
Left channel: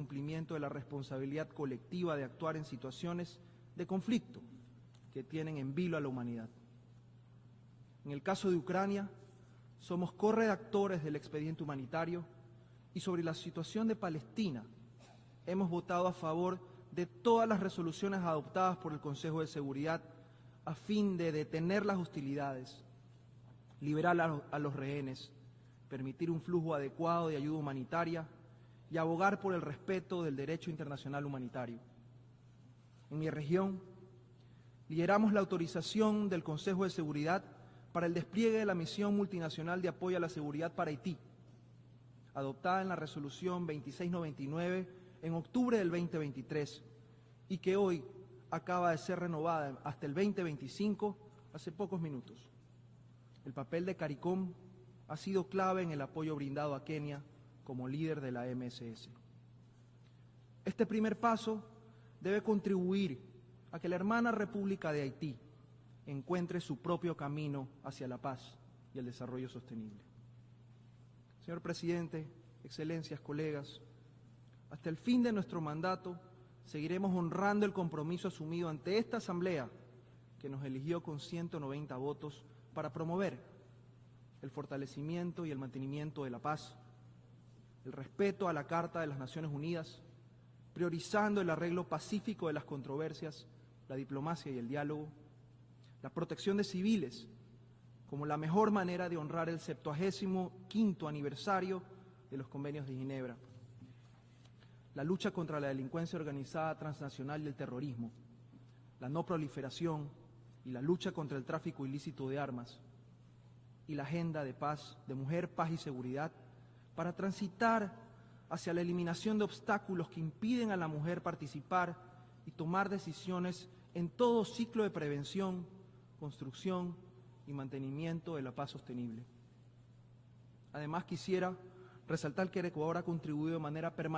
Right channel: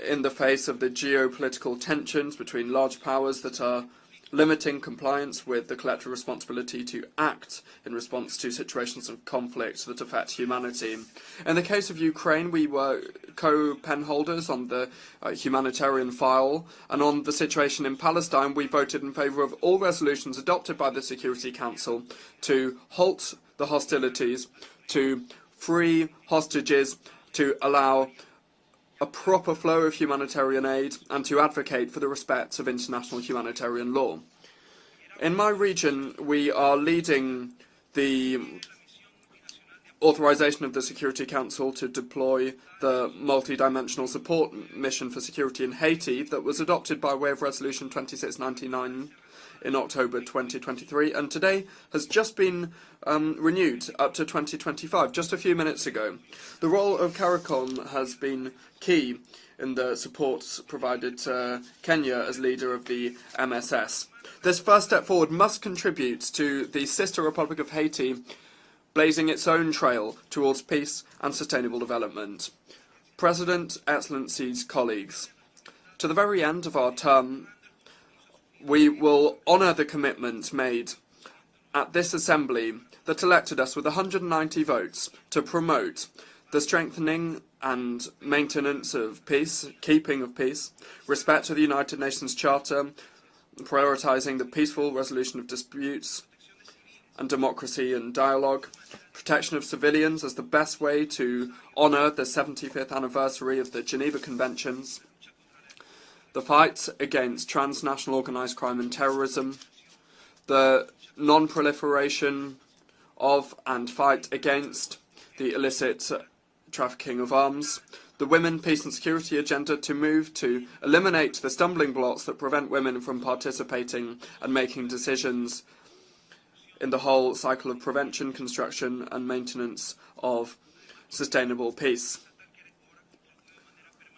in the face of the geopolitical tensions between large powers that are limiting compliance with the collective responsibility to act in response to situations of conflict that affect humanity. In the case of Ukraine, we were co-pen holders on the humanitarian file, and on the situation in Palestine, we voted in favour of all resolutions adopted by the Security Council to halt the hostilities, to free hostages, to allow a proper flow of humanitarian aid, and to advocate for the respect of international humanitarian law. In my region, we are leading the authorization of the Security Council to deploy the multi-dimensional support mission for security in Haiti that was adopted by way of Resolution 2699 in October 2023, and today has just been renewed up to 2025, just a few minutes ago. The role of CARICOM has been key in the support provided to Kenya as leader of the MSS. This first step forward must contribute to the sister Republic of Haiti blazing its own trail towards peace and sustainable development. President, Excellencies, colleagues, to the very end of our term, we will honour the commitment made at this Assembly that elected us with 190 votes to promote the strengthening and maintenance of peace, keeping of peace, respect for the United Nations Charter, prioritising the peaceful resolution of disputes and democracy and dialogue, protection of civilians as the best way to honour the 75th anniversary of the Geneva Conventions, the fight against transnational organised crime and terrorism, the non-proliferation of and fight against the illicit trafficking of arms, the women, peace and security agenda to move to eliminate the stumbling blocks that prevent women from participating and making decisions in the whole cycle of prevention, construction and maintenance of sustainable peace.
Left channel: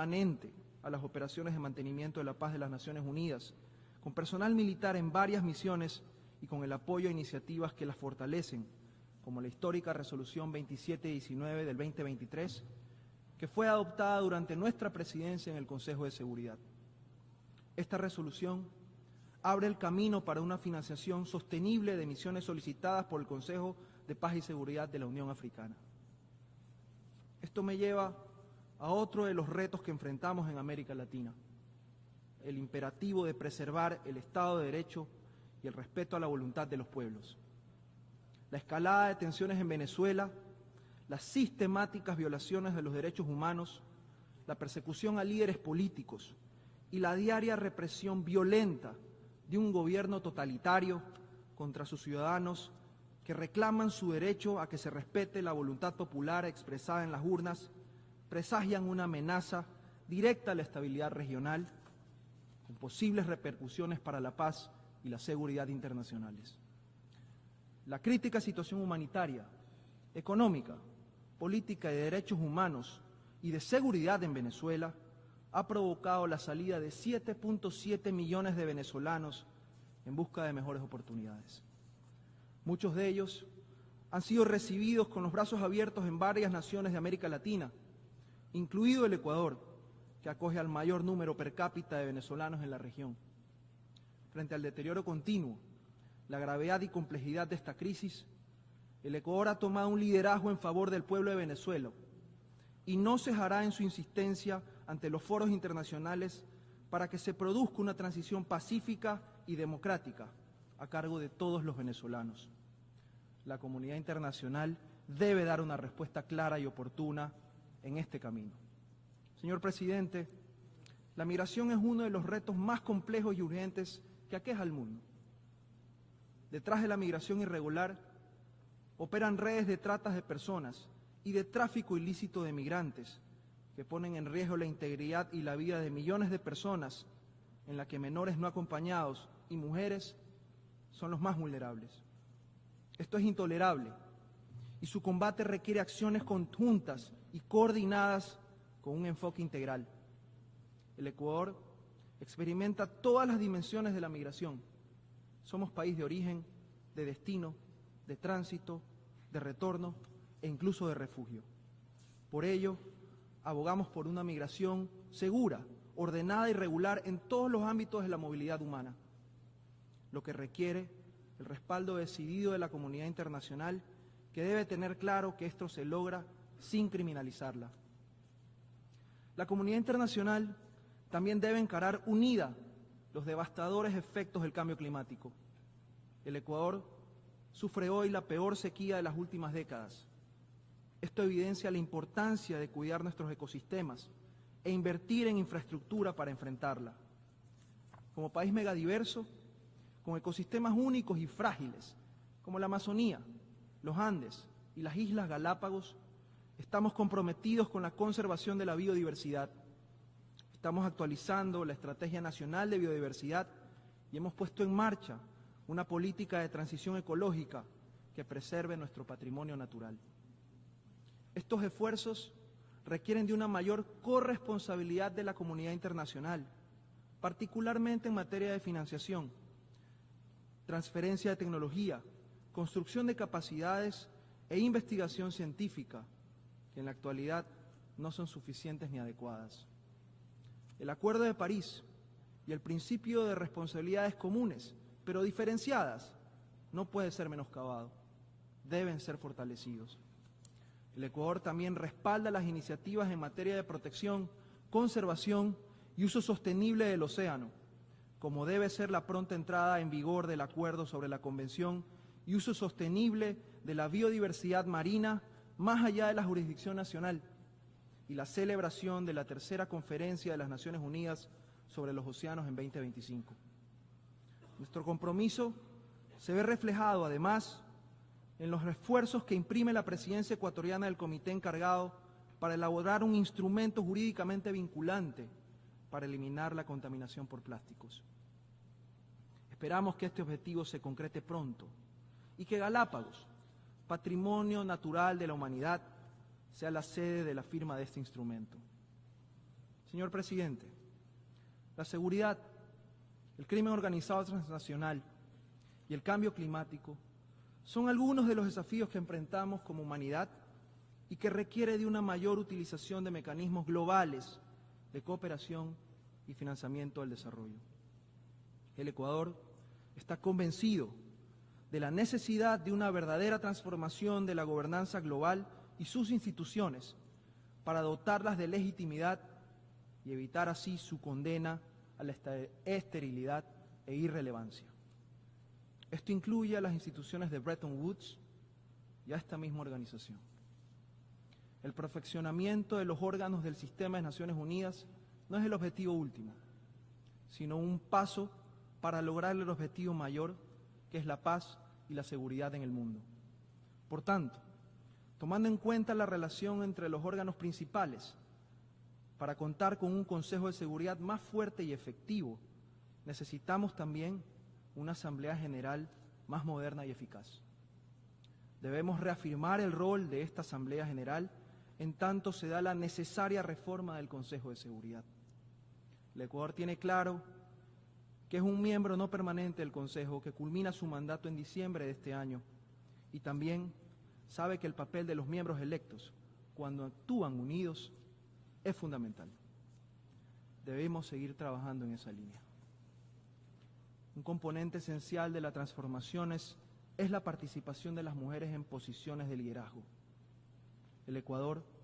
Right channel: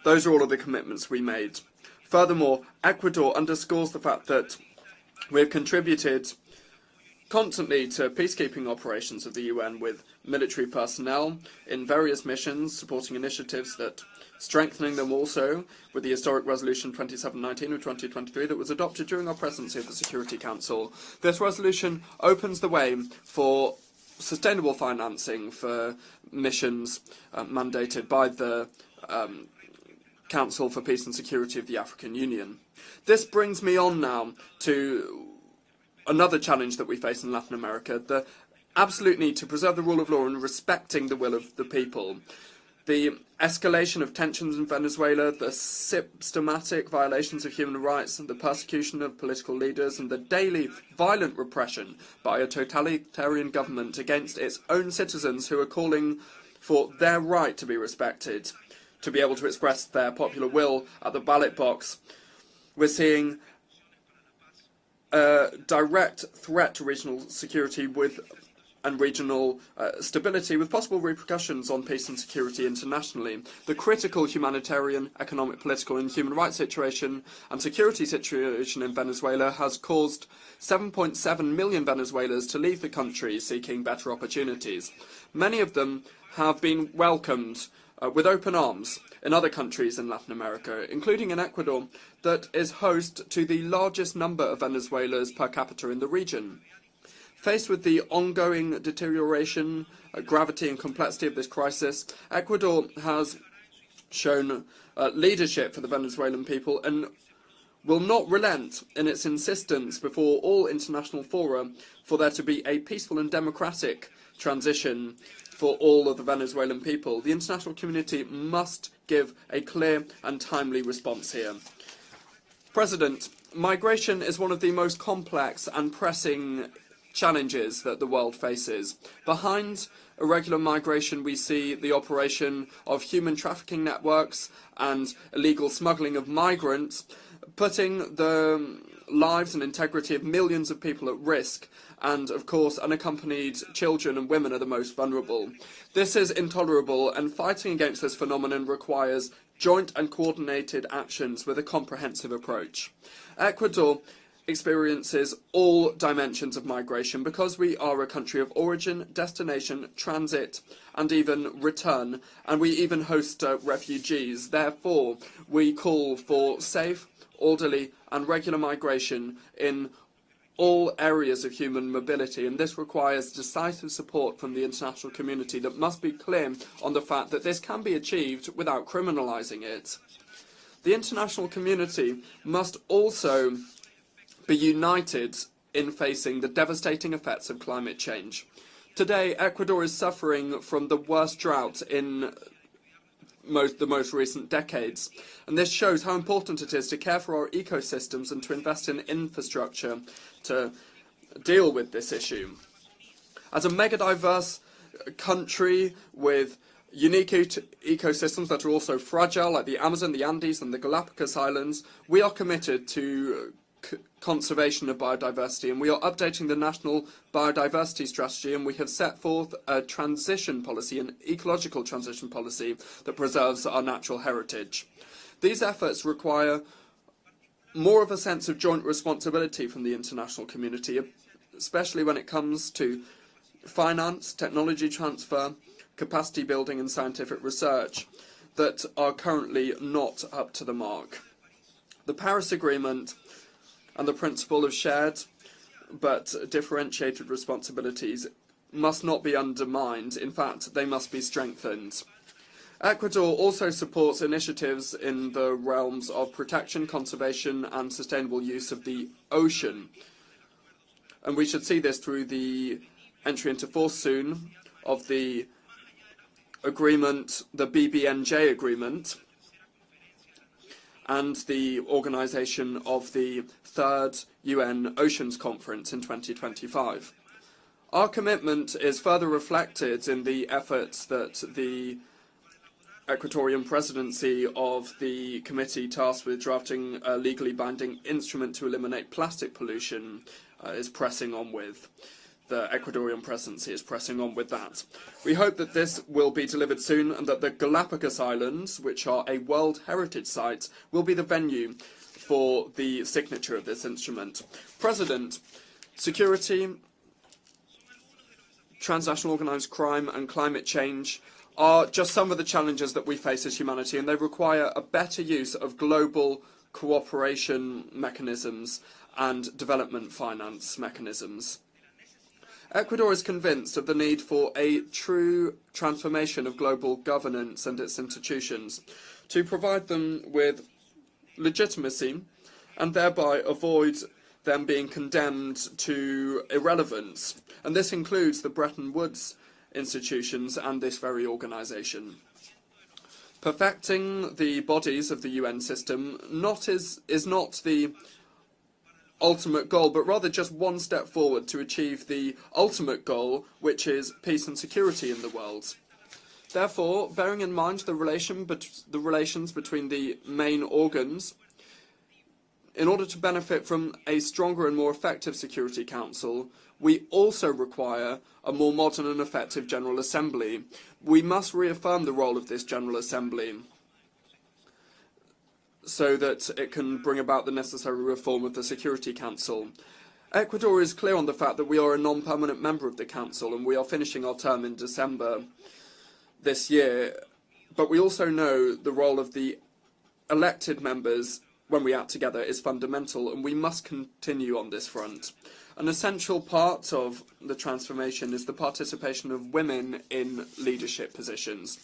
Those are all of the commitments we made. Furthermore, Ecuador underscores the fact that we have contributed constantly to peacekeeping operations of the UN with military personnel in various missions, supporting initiatives that strengthening them also with the historic resolution 2719 of 2023 that was adopted during our presidency of the Security Council. This resolution opens the way for sustainable financing for missions mandated by the Council for Peace and Security of the African Union. This brings me on now to another challenge that we face in Latin America, the absolute need to preserve the rule of law and respecting the will of the people. The escalation of tensions in Venezuela, the systematic violations of human rights, the persecution of political leaders, and the daily violent repression by a totalitarian government against its own citizens who are calling for their right to be respected, to be able to express their popular will at the ballot box. We're seeing a direct threat to regional security and regional stability with possible repercussions on peace and security internationally. The critical humanitarian, economic, political and human rights situation and security situation in Venezuela has caused 7.7 million Venezuelans to leave the country seeking better opportunities. Many of them have been welcomed with open arms in other countries in Latin America, including in Ecuador, that is host to the largest number of Venezuelans per capita in the region. Faced with the ongoing deterioration, gravity and complexity of this crisis, Ecuador has shown leadership for the Venezuelan people and will not relent in its insistence before all international fora for there to be a peaceful and democratic transition for all of the Venezuelan people. The international community must give a clear and timely response here. President, migration is one of the most complex and pressing challenges that the world faces. Behind irregular migration, we see the operation of human trafficking networks and illegal smuggling of migrants, putting the lives and integrity of millions of people at risk. And, of course, unaccompanied children and women are the most vulnerable. This is intolerable, and fighting against this phenomenon requires joint and coordinated actions with a comprehensive approach. Ecuador experiences all dimensions of migration because we are a country of origin, destination, transit, and even return, and we even host refugees. Therefore, we call for safe, orderly, and regular migration in all areas of human mobility, and this requires decisive support from the international community that must be clear on the fact that this can be achieved without criminalizing it. The international community must also be united in facing the devastating effects of climate change. Today, Ecuador is suffering from the worst drought in the most recent decades, and this shows how important it is to care for our ecosystems and to invest in infrastructure to deal with this issue. As a mega-diverse country with unique ecosystems that are also fragile, like the Amazon, the Andes, and the Galapagos Islands, we are committed to conservation of biodiversity, and we are updating the national biodiversity strategy, and we have set forth a transition policy, an ecological transition policy that preserves our natural heritage. These efforts require more of a sense of joint responsibility from the international community, especially when it comes to finance, technology transfer, capacity building and scientific research that are currently not up to the mark. The Paris Agreement and the principle of shared but differentiated responsibilities must not be undermined. In fact, they must be strengthened. Ecuador also supports initiatives in the realms of protection, conservation and sustainable use of the ocean. And we should see this through the entry into force soon of the agreement, the BBNJ agreement, and the organisation of the 3rd UN Oceans Conference in 2025. Our commitment is further reflected in the efforts that the Ecuadorian presidency of the committee tasked with drafting a legally binding instrument to eliminate plastic pollution is pressing on with. The Ecuadorian presidency is pressing on with that. We hope that this will be delivered soon and that the Galapagos Islands, which are a World Heritage Site, will be the venue for the signature of this instrument. President, security, transnational organised crime and climate change are just some of the challenges that we face as humanity, and they require a better use of global cooperation mechanisms and development finance mechanisms. Ecuador is convinced of the need for a true transformation of global governance and its institutions to provide them with legitimacy and thereby avoid them being condemned to irrelevance. And this includes the Bretton Woods institutions and this very organisation. Perfecting the bodies of the UN system is not the ultimate goal, but rather just one step forward to achieve the ultimate goal, which is peace and security in the world. Therefore, bearing in mind the relations between the main organs, in order to benefit from a stronger and more effective Security Council, we also require a more modern and effective General Assembly. We must reaffirm the role of this General Assembly so that it can bring about the necessary reform of the Security Council. Ecuador is clear on the fact that we are a non-permanent member of the Council and we are finishing our term in December this year, but we also know the role of the elected members when we act together is fundamental, and we must continue on this front. An essential part of the transformation is the participation of women in leadership positions.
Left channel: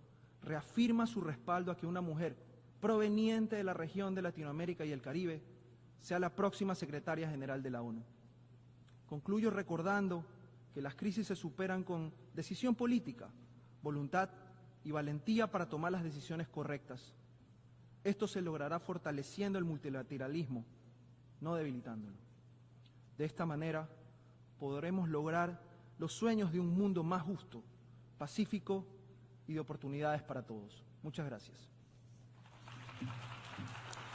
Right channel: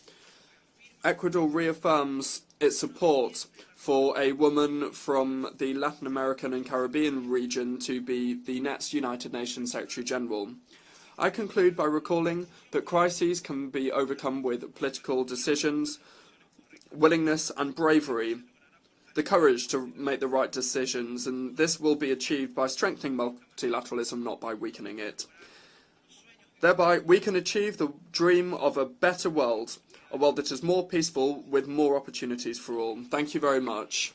Ecuador reaffirms its support for a woman from the Latin American and Caribbean region to be the next United Nations Secretary General. I conclude by recalling that crises can be overcome with political decisions, willingness and bravery, the courage to make the right decisions, and this will be achieved by strengthening multilateralism, not by weakening it. Thereby, we can achieve the dream of a better world, a world that is more peaceful with more opportunities for all. Thank you very much.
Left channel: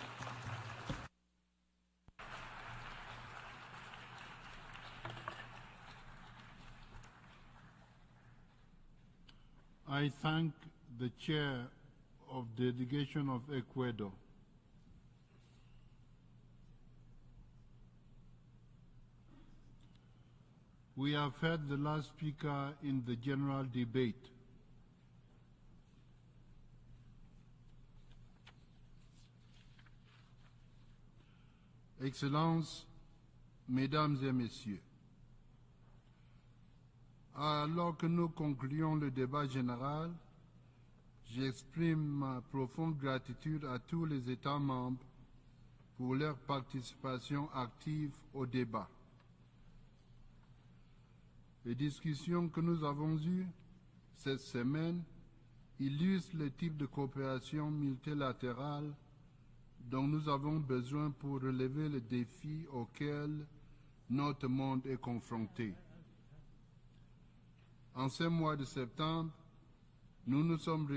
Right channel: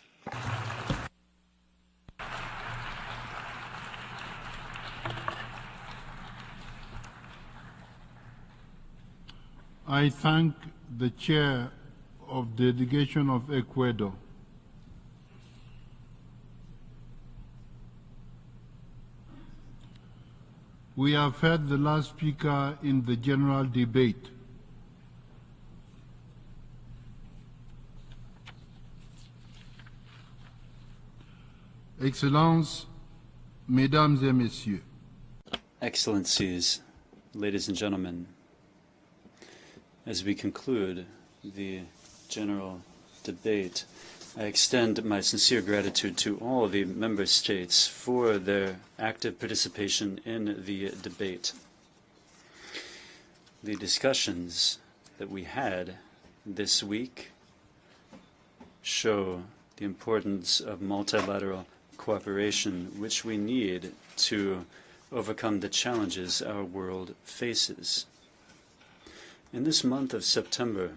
I thank the Chair of the Delegation of Ecuador. We have heard the last speaker in the general debate. Excellences, Mesdames et Messieurs. Excellencies, ladies and gentlemen, as we conclude the general debate, I extend my sincere gratitude to all of the member states for their active participation in the debate. The discussions that we had this week show the importance of multilateral cooperation, which we need to overcome the challenges our world faces. In this month of September,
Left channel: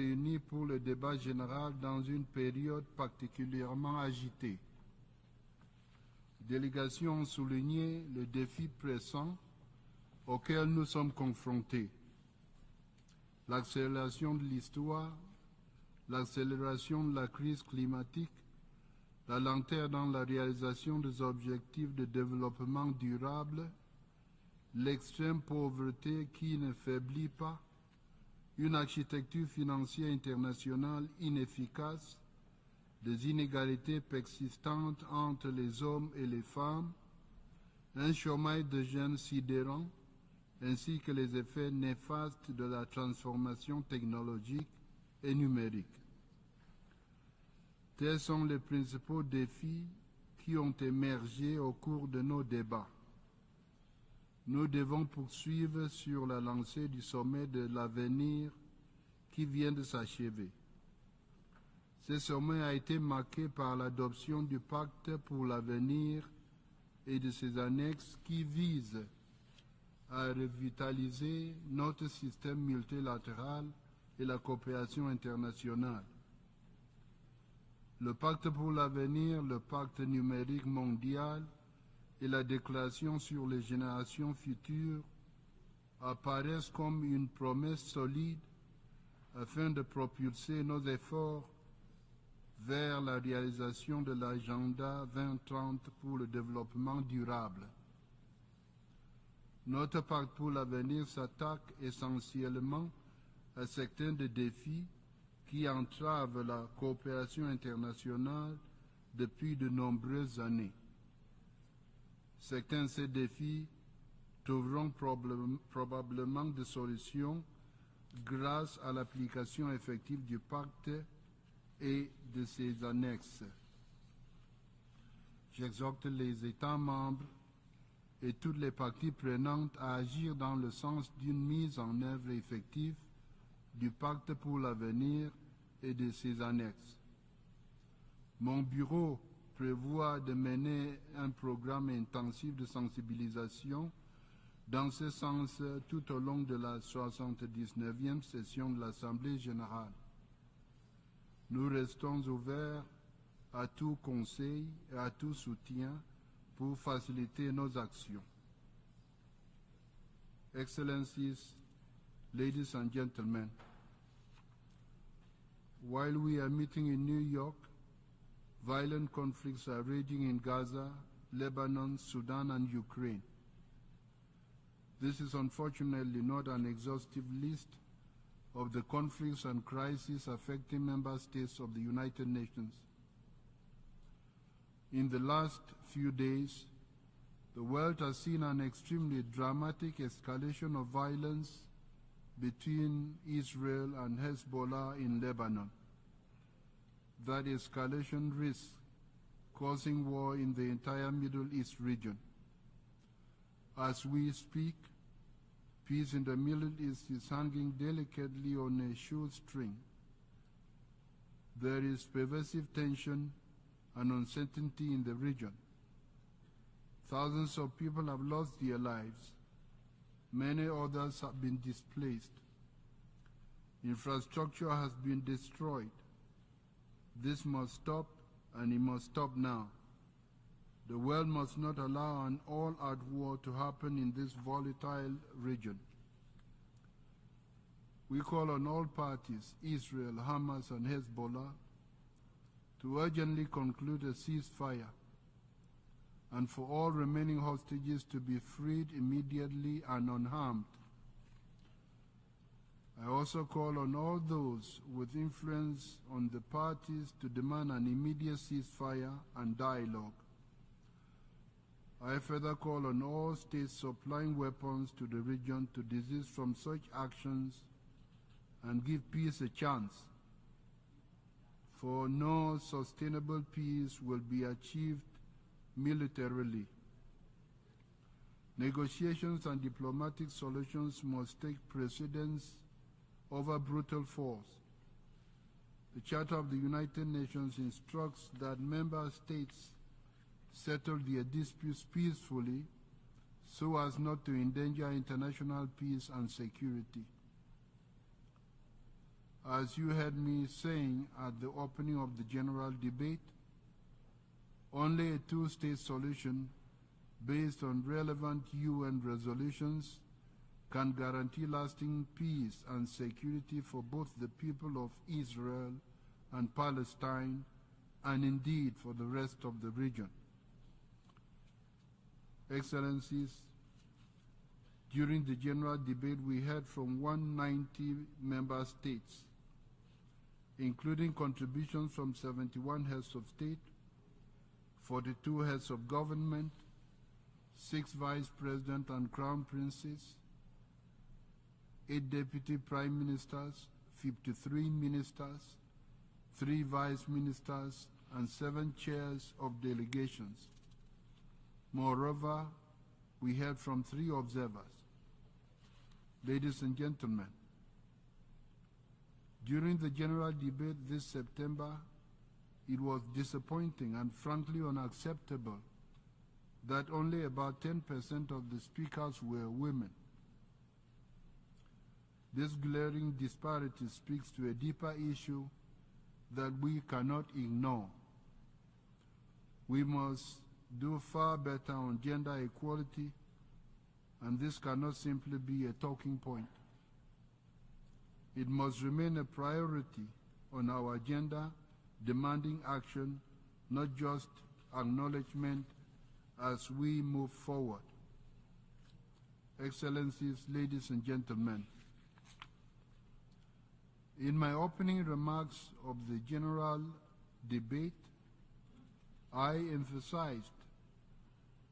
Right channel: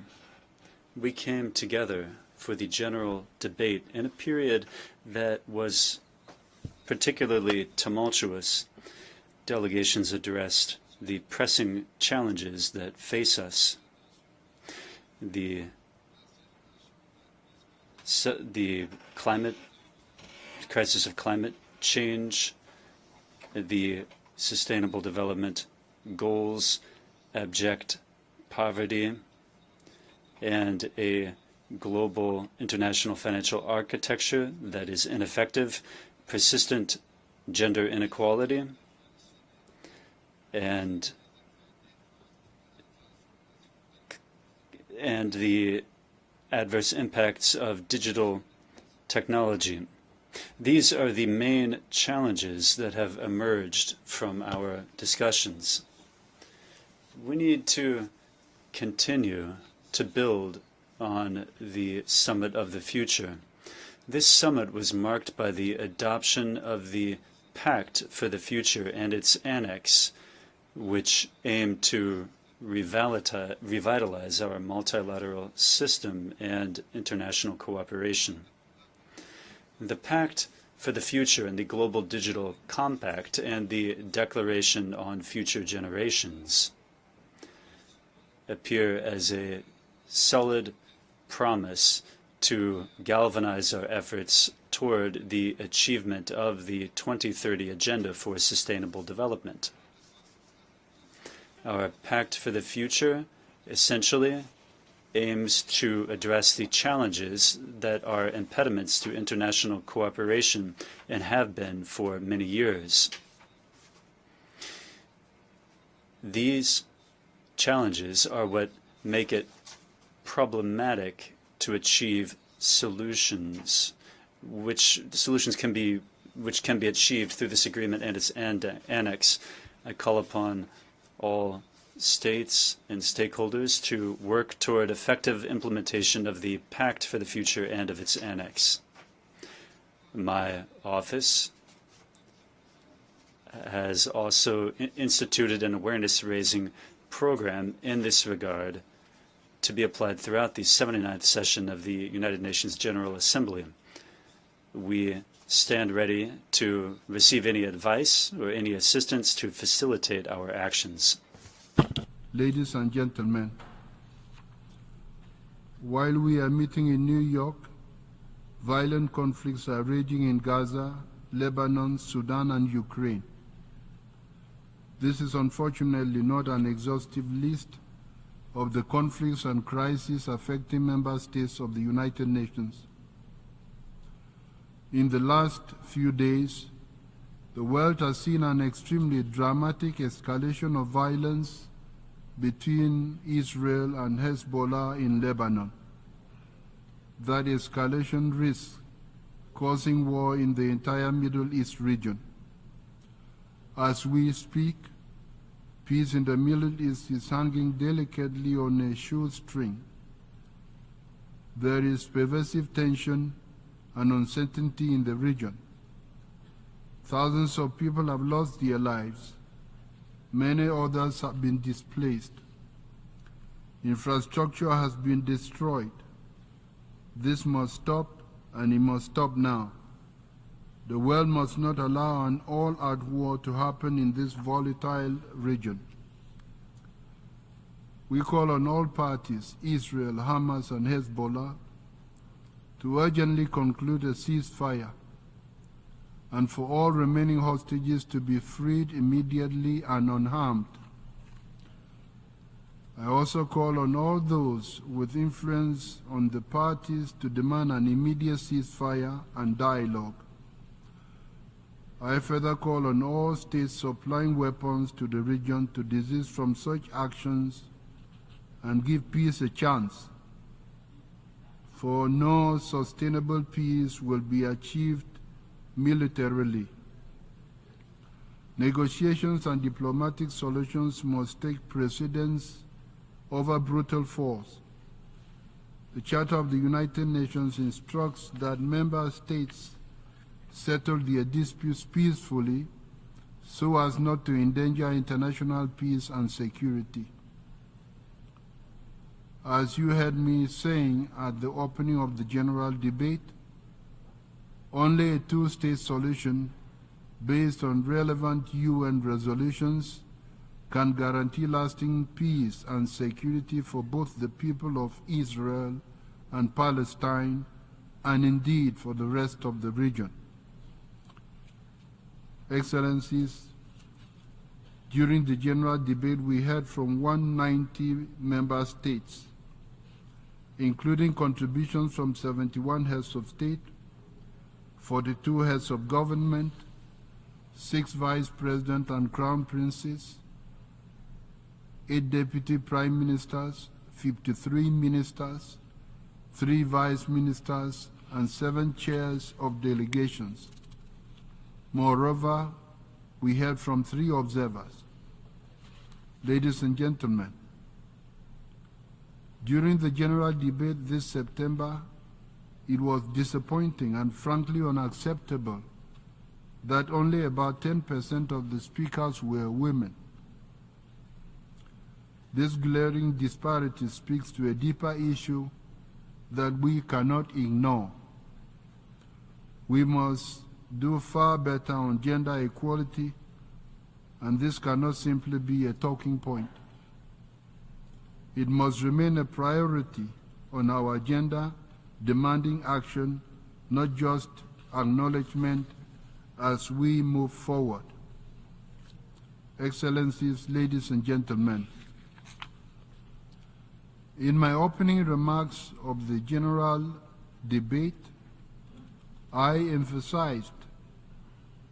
we came together for the general debate in a period that was particularly tumultuous, delegations addressed the pressing challenges that face us, the crisis of climate change, the Sustainable Development Goals, abject poverty, and a global international financial architecture that is ineffective, persistent gender inequality, and the adverse impacts of digital technology. These are the main challenges that have emerged from our discussions. We need to continue to build on the Summit of the Future. This summit was marked by the adoption of the Pact for the Future and its annex, which aimed to revitalize our multilateral system and international cooperation. The Pact for the Future and the Global Digital Compact and the Declaration on Future Generations appear as a solid promise to galvanize our efforts toward the achievement of the 2030 Agenda for Sustainable Development. Our Pact for the Future essentially aims to address the challenges that are impediments to international cooperation and have been for many years. These challenges are what make it problematic to achieve solutions, which can be achieved through this agreement and its annex. I call upon all states and stakeholders to work toward effective implementation of the Pact for the Future and of its annex. My office has also instituted an awareness-raising program in this regard to be applied throughout the 79th session of the United Nations General Assembly. We stand ready to receive any advice or any assistance to facilitate our actions. Ladies and gentlemen, while we are meeting in New York, violent conflicts are raging in Gaza, Lebanon, Sudan, and Ukraine. This is unfortunately not an exhaustive list of the conflicts and crises affecting member states of the United Nations. In the last few days, the world has seen an extremely dramatic escalation of violence between Israel and Hezbollah in Lebanon. That escalation risks causing war in the entire Middle East region. As we speak, peace in the Middle East is hanging delicately on a shoestring. There is pervasive tension and uncertainty in the region. Thousands of people have lost their lives. Many others have been displaced. Infrastructure has been destroyed. This must stop, and it must stop now. The world must not allow an all-out war to happen in this volatile region. We call on all parties, Israel, Hamas, and Hezbollah, to urgently conclude a ceasefire and for all remaining hostages to be freed immediately and unharmed. I also call on all those with influence on the parties to demand an immediate ceasefire and dialogue. I further call on all states supplying weapons to the region to desist from such actions and give peace a chance. For no sustainable peace will be achieved militarily. Negotiations and diplomatic solutions must take precedence over brutal force. The Charter of the United Nations instructs that member states settle their disputes peacefully so as not to endanger international peace and security. As you heard me saying at the opening of the general debate, Only a two-state solution based on relevant UN resolutions can guarantee lasting peace and security for both the people of Israel and Palestine, and indeed for the rest of the region. Excellencies, during the general debate we heard from 190 member states, including contributions from 71 heads of state, 42 heads of government, 6 vice presidents and crown princes, 8 deputy prime ministers, 53 ministers, 3 vice ministers, and 7 chairs of delegations. Moreover, we heard from 3 observers. Ladies and gentlemen, during the general debate this September, it was disappointing and frankly unacceptable that only about 10% of the speakers were women. This glaring disparity speaks to a deeper issue that we cannot ignore. We must do far better on gender equality, and this cannot simply be a talking point. It must remain a priority on our agenda, demanding action, not just acknowledgement as we move forward. Excellencies, ladies and gentlemen, in my opening remarks of the general debate, I emphasized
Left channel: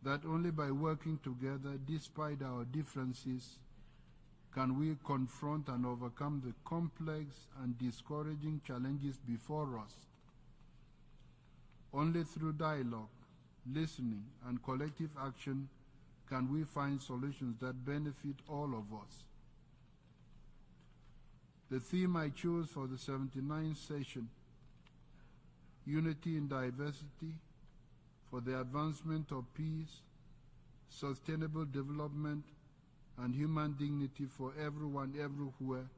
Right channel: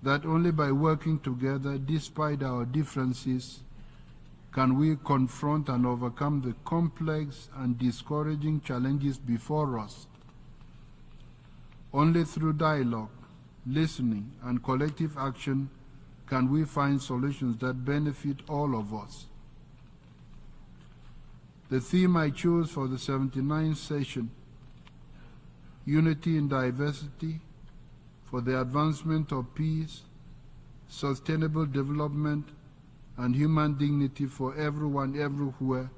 that only by working together, despite our differences, can we confront and overcome the complex and discouraging challenges before us. Only through dialogue, listening, and collective action can we find solutions that benefit all of us. The theme I chose for the 79th session, Unity in Diversity, for the advancement of peace, sustainable development, and human dignity for everyone everywhere,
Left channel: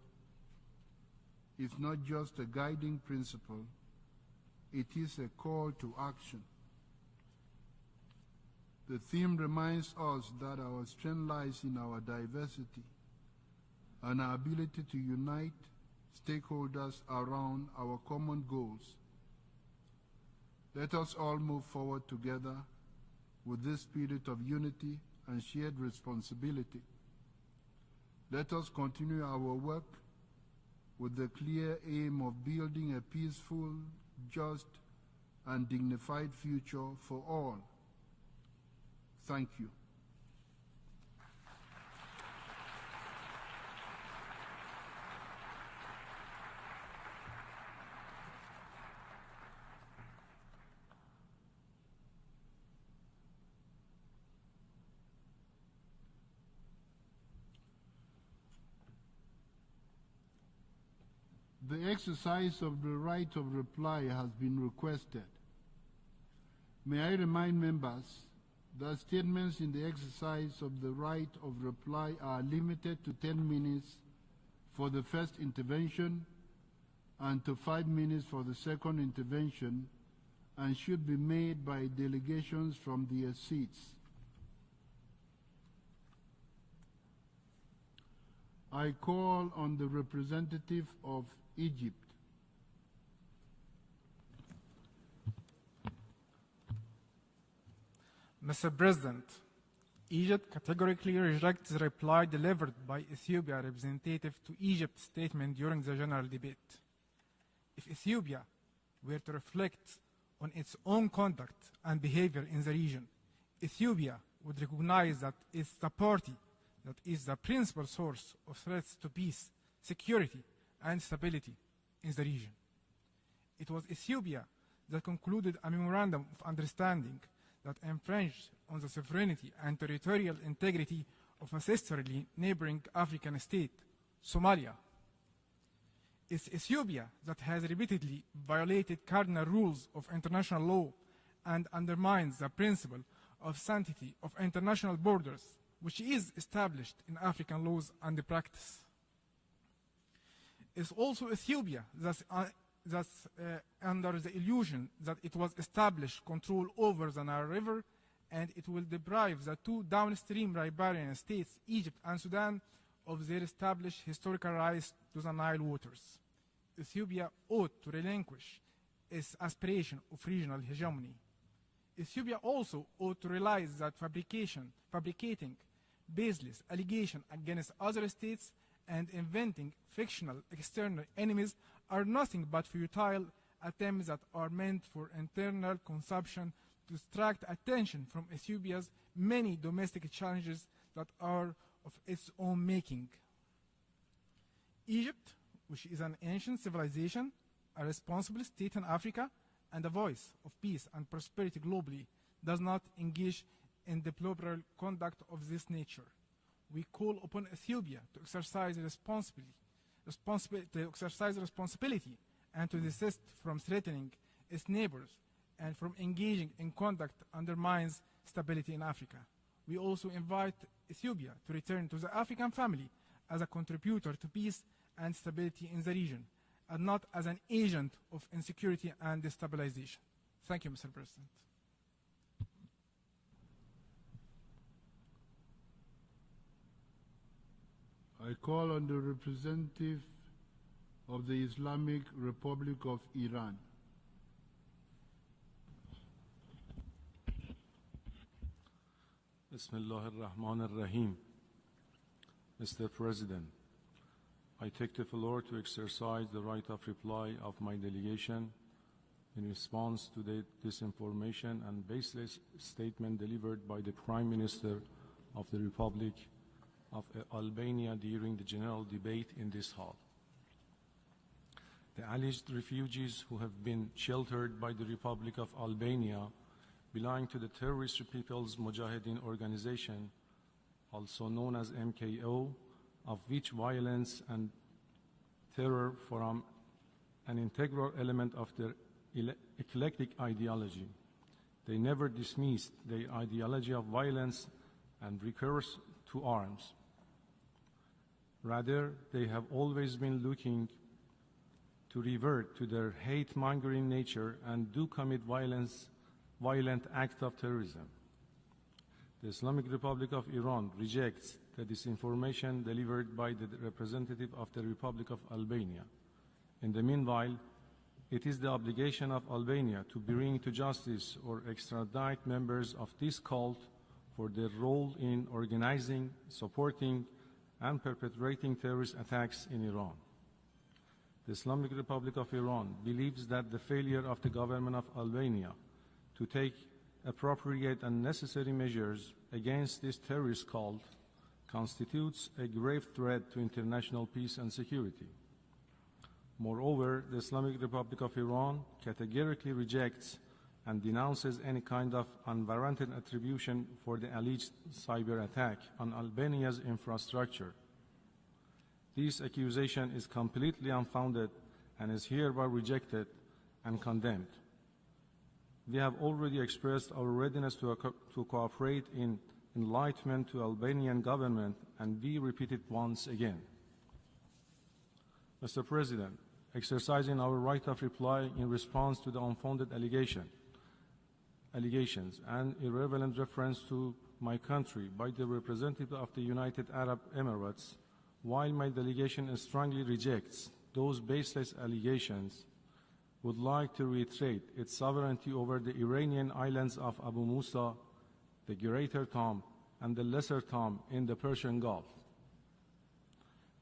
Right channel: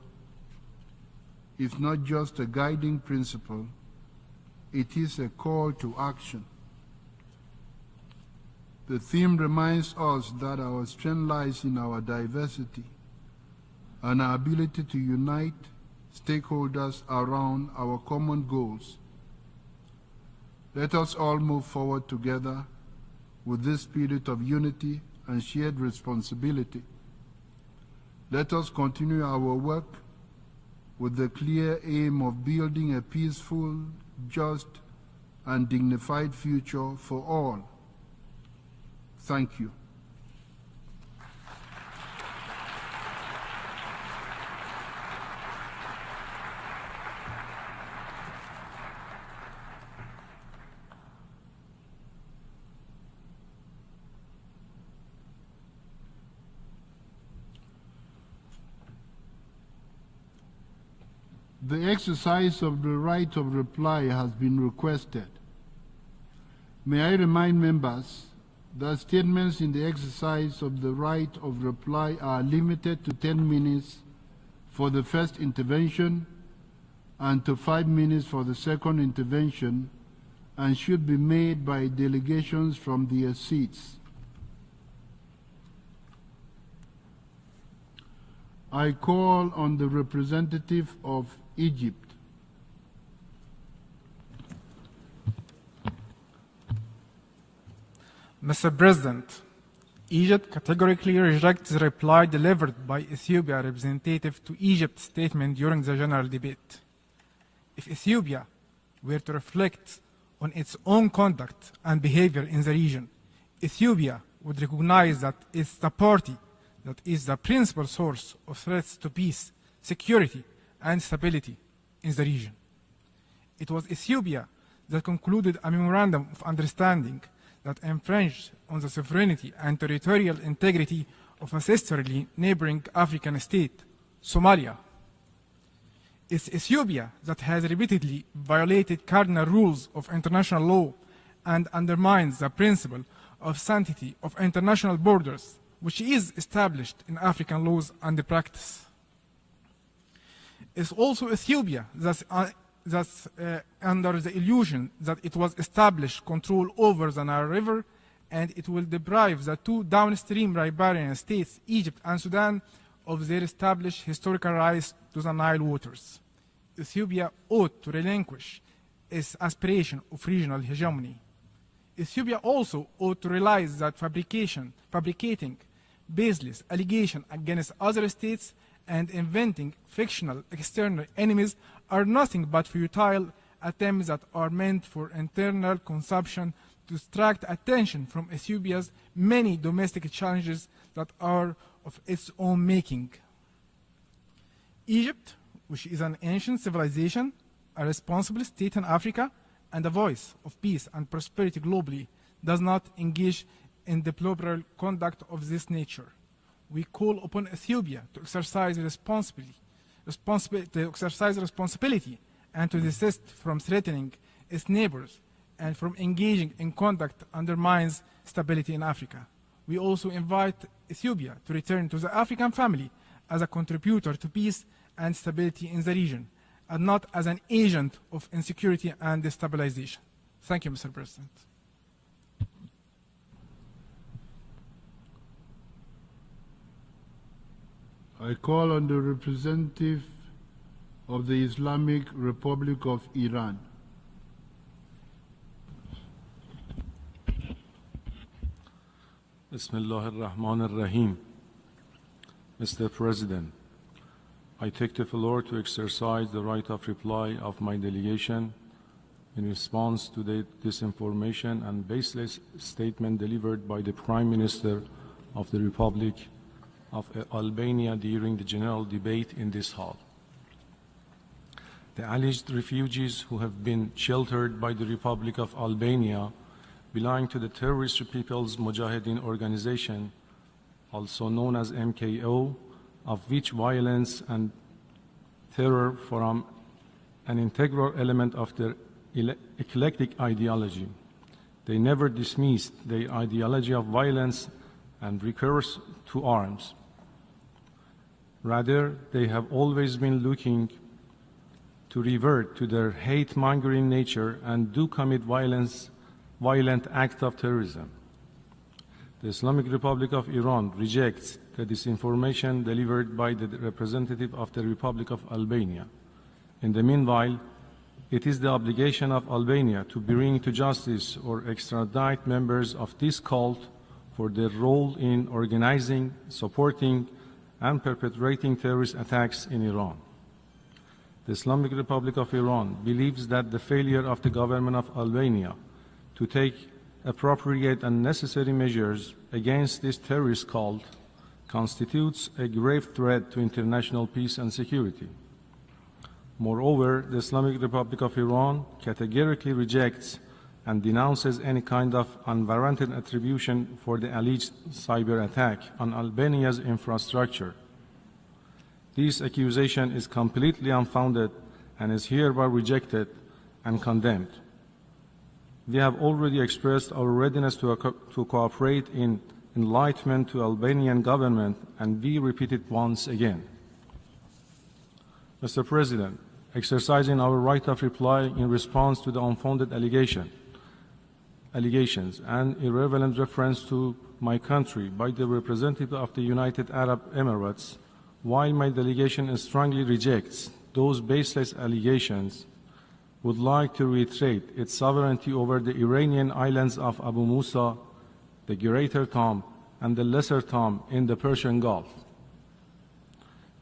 is not just a guiding principle, it is a call to action. The theme reminds us that our strength lies in our diversity and our ability to unite stakeholders around our common goals. Let us all move forward together with this spirit of unity and shared responsibility. Let us continue our work with the clear aim of building a peaceful, just, and dignified future for all. Thank you. The exercise of the right of reply has been requested. May I remind members that statements in the exercise of the right of reply are limited to 10 minutes for the first intervention and to 5 minutes for the second intervention, and should be made by delegations from their seats. I call on the representative of Egypt. Mr. President, Egypt categorically rejects the reply delivered by Ethiopia representative to Egypt's statement during the general debate. If Ethiopia were to reflect on its own conduct and behavior in the region, Ethiopia would recognize that it's the party that is the principal source of threats to peace, security, and stability in the region. It was Ethiopia that concluded a memorandum of understanding that infringed on the sovereignty and territorial integrity of a sisterly neighboring African state, Somalia. It's Ethiopia that has repeatedly violated cardinal rules of international law and undermines the principle of sanctity of international borders, which is established in African laws and practice. It's also Ethiopia that under the illusion that it was established control over the Nile River, and it will deprive the two downstream riparian states, Egypt and Sudan, of their established historical rights to the Nile waters. Ethiopia ought to relinquish its aspiration of regional hegemony. Ethiopia also ought to realize that fabricating baseless allegations against other states and inventing fictional external enemies are nothing but futile attempts that are meant for internal consumption to distract attention from Ethiopia's many domestic challenges that are of its own making. Egypt, which is an ancient civilization, a responsible state in Africa, and a voice of peace and prosperity globally, does not engage in deplorable conduct of this nature. We call upon Ethiopia to exercise responsibility and to desist from threatening its neighbors and from engaging in conduct that undermines stability in Africa. We also invite Ethiopia to return to the African family as a contributor to peace and stability in the region, and not as an agent of insecurity and destabilization. Thank you, Mr. President. I call on the representative of the Islamic Republic of Iran. Bismillah ar-Rahman ar-Rahim. Mr. President, I take the floor to exercise the right of reply of my delegation in response to the disinformation and baseless statement delivered by the Prime Minister of the Republic of Albania during the general debate in this hall. The alleged refugees who have been sheltered by the Republic of Albania belong to the Terrorist People's Mujahideen Organization, also known as MKO, of which violence and terror form an integral element of their eclectic ideology. They never dismissed the ideology of violence and recourse to arms. Rather, they have always been looking to revert to their hate-mongering nature and do commit violent acts of terrorism. The Islamic Republic of Iran rejects the disinformation delivered by the representative of the Republic of Albania. In the meanwhile, it is the obligation of Albania to bring to justice or extradite members of this cult for their role in organizing, supporting, and perpetrating terrorist attacks in Iran. The Islamic Republic of Iran believes that the failure of the government of Albania to take appropriate and necessary measures against this terrorist cult constitutes a grave threat to international peace and security. Moreover, the Islamic Republic of Iran categorically rejects and denounces any kind of unwarranted attribution for the alleged cyber attack on Albania's infrastructure. This accusation is completely unfounded and is hereby rejected and condemned. We have already expressed our readiness to cooperate in enlightenment to Albanian government, and we repeat it once again. Mr. President, exercising our right of reply in response to the unfounded allegations and irrelevant reference to my country by the representative of the United Arab Emirates, while my delegation strongly rejects those baseless allegations, would like to reiterate its sovereignty over the Iranian islands of Abu Musa, the Greater Tom, and the Lesser Tom in the Persian Gulf.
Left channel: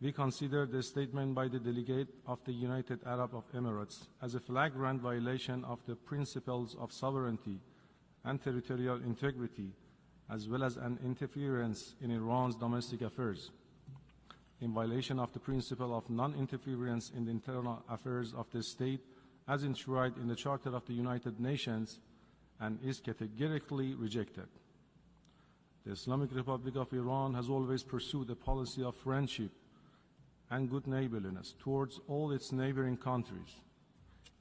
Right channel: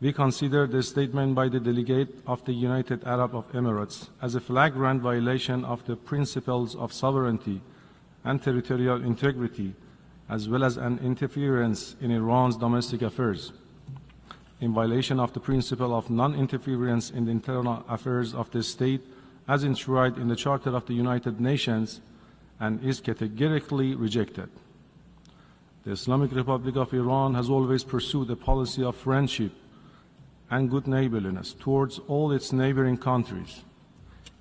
We consider the statement by the delegate of the United Arab Emirates as a flagrant violation of the principles of sovereignty and territorial integrity, as well as an interference in Iran's domestic affairs, in violation of the principle of non-interference in the internal affairs of the state as enshrined in the Charter of the United Nations, and is categorically rejected. The Islamic Republic of Iran has always pursued a policy of friendship and good neighborliness towards all its neighboring countries.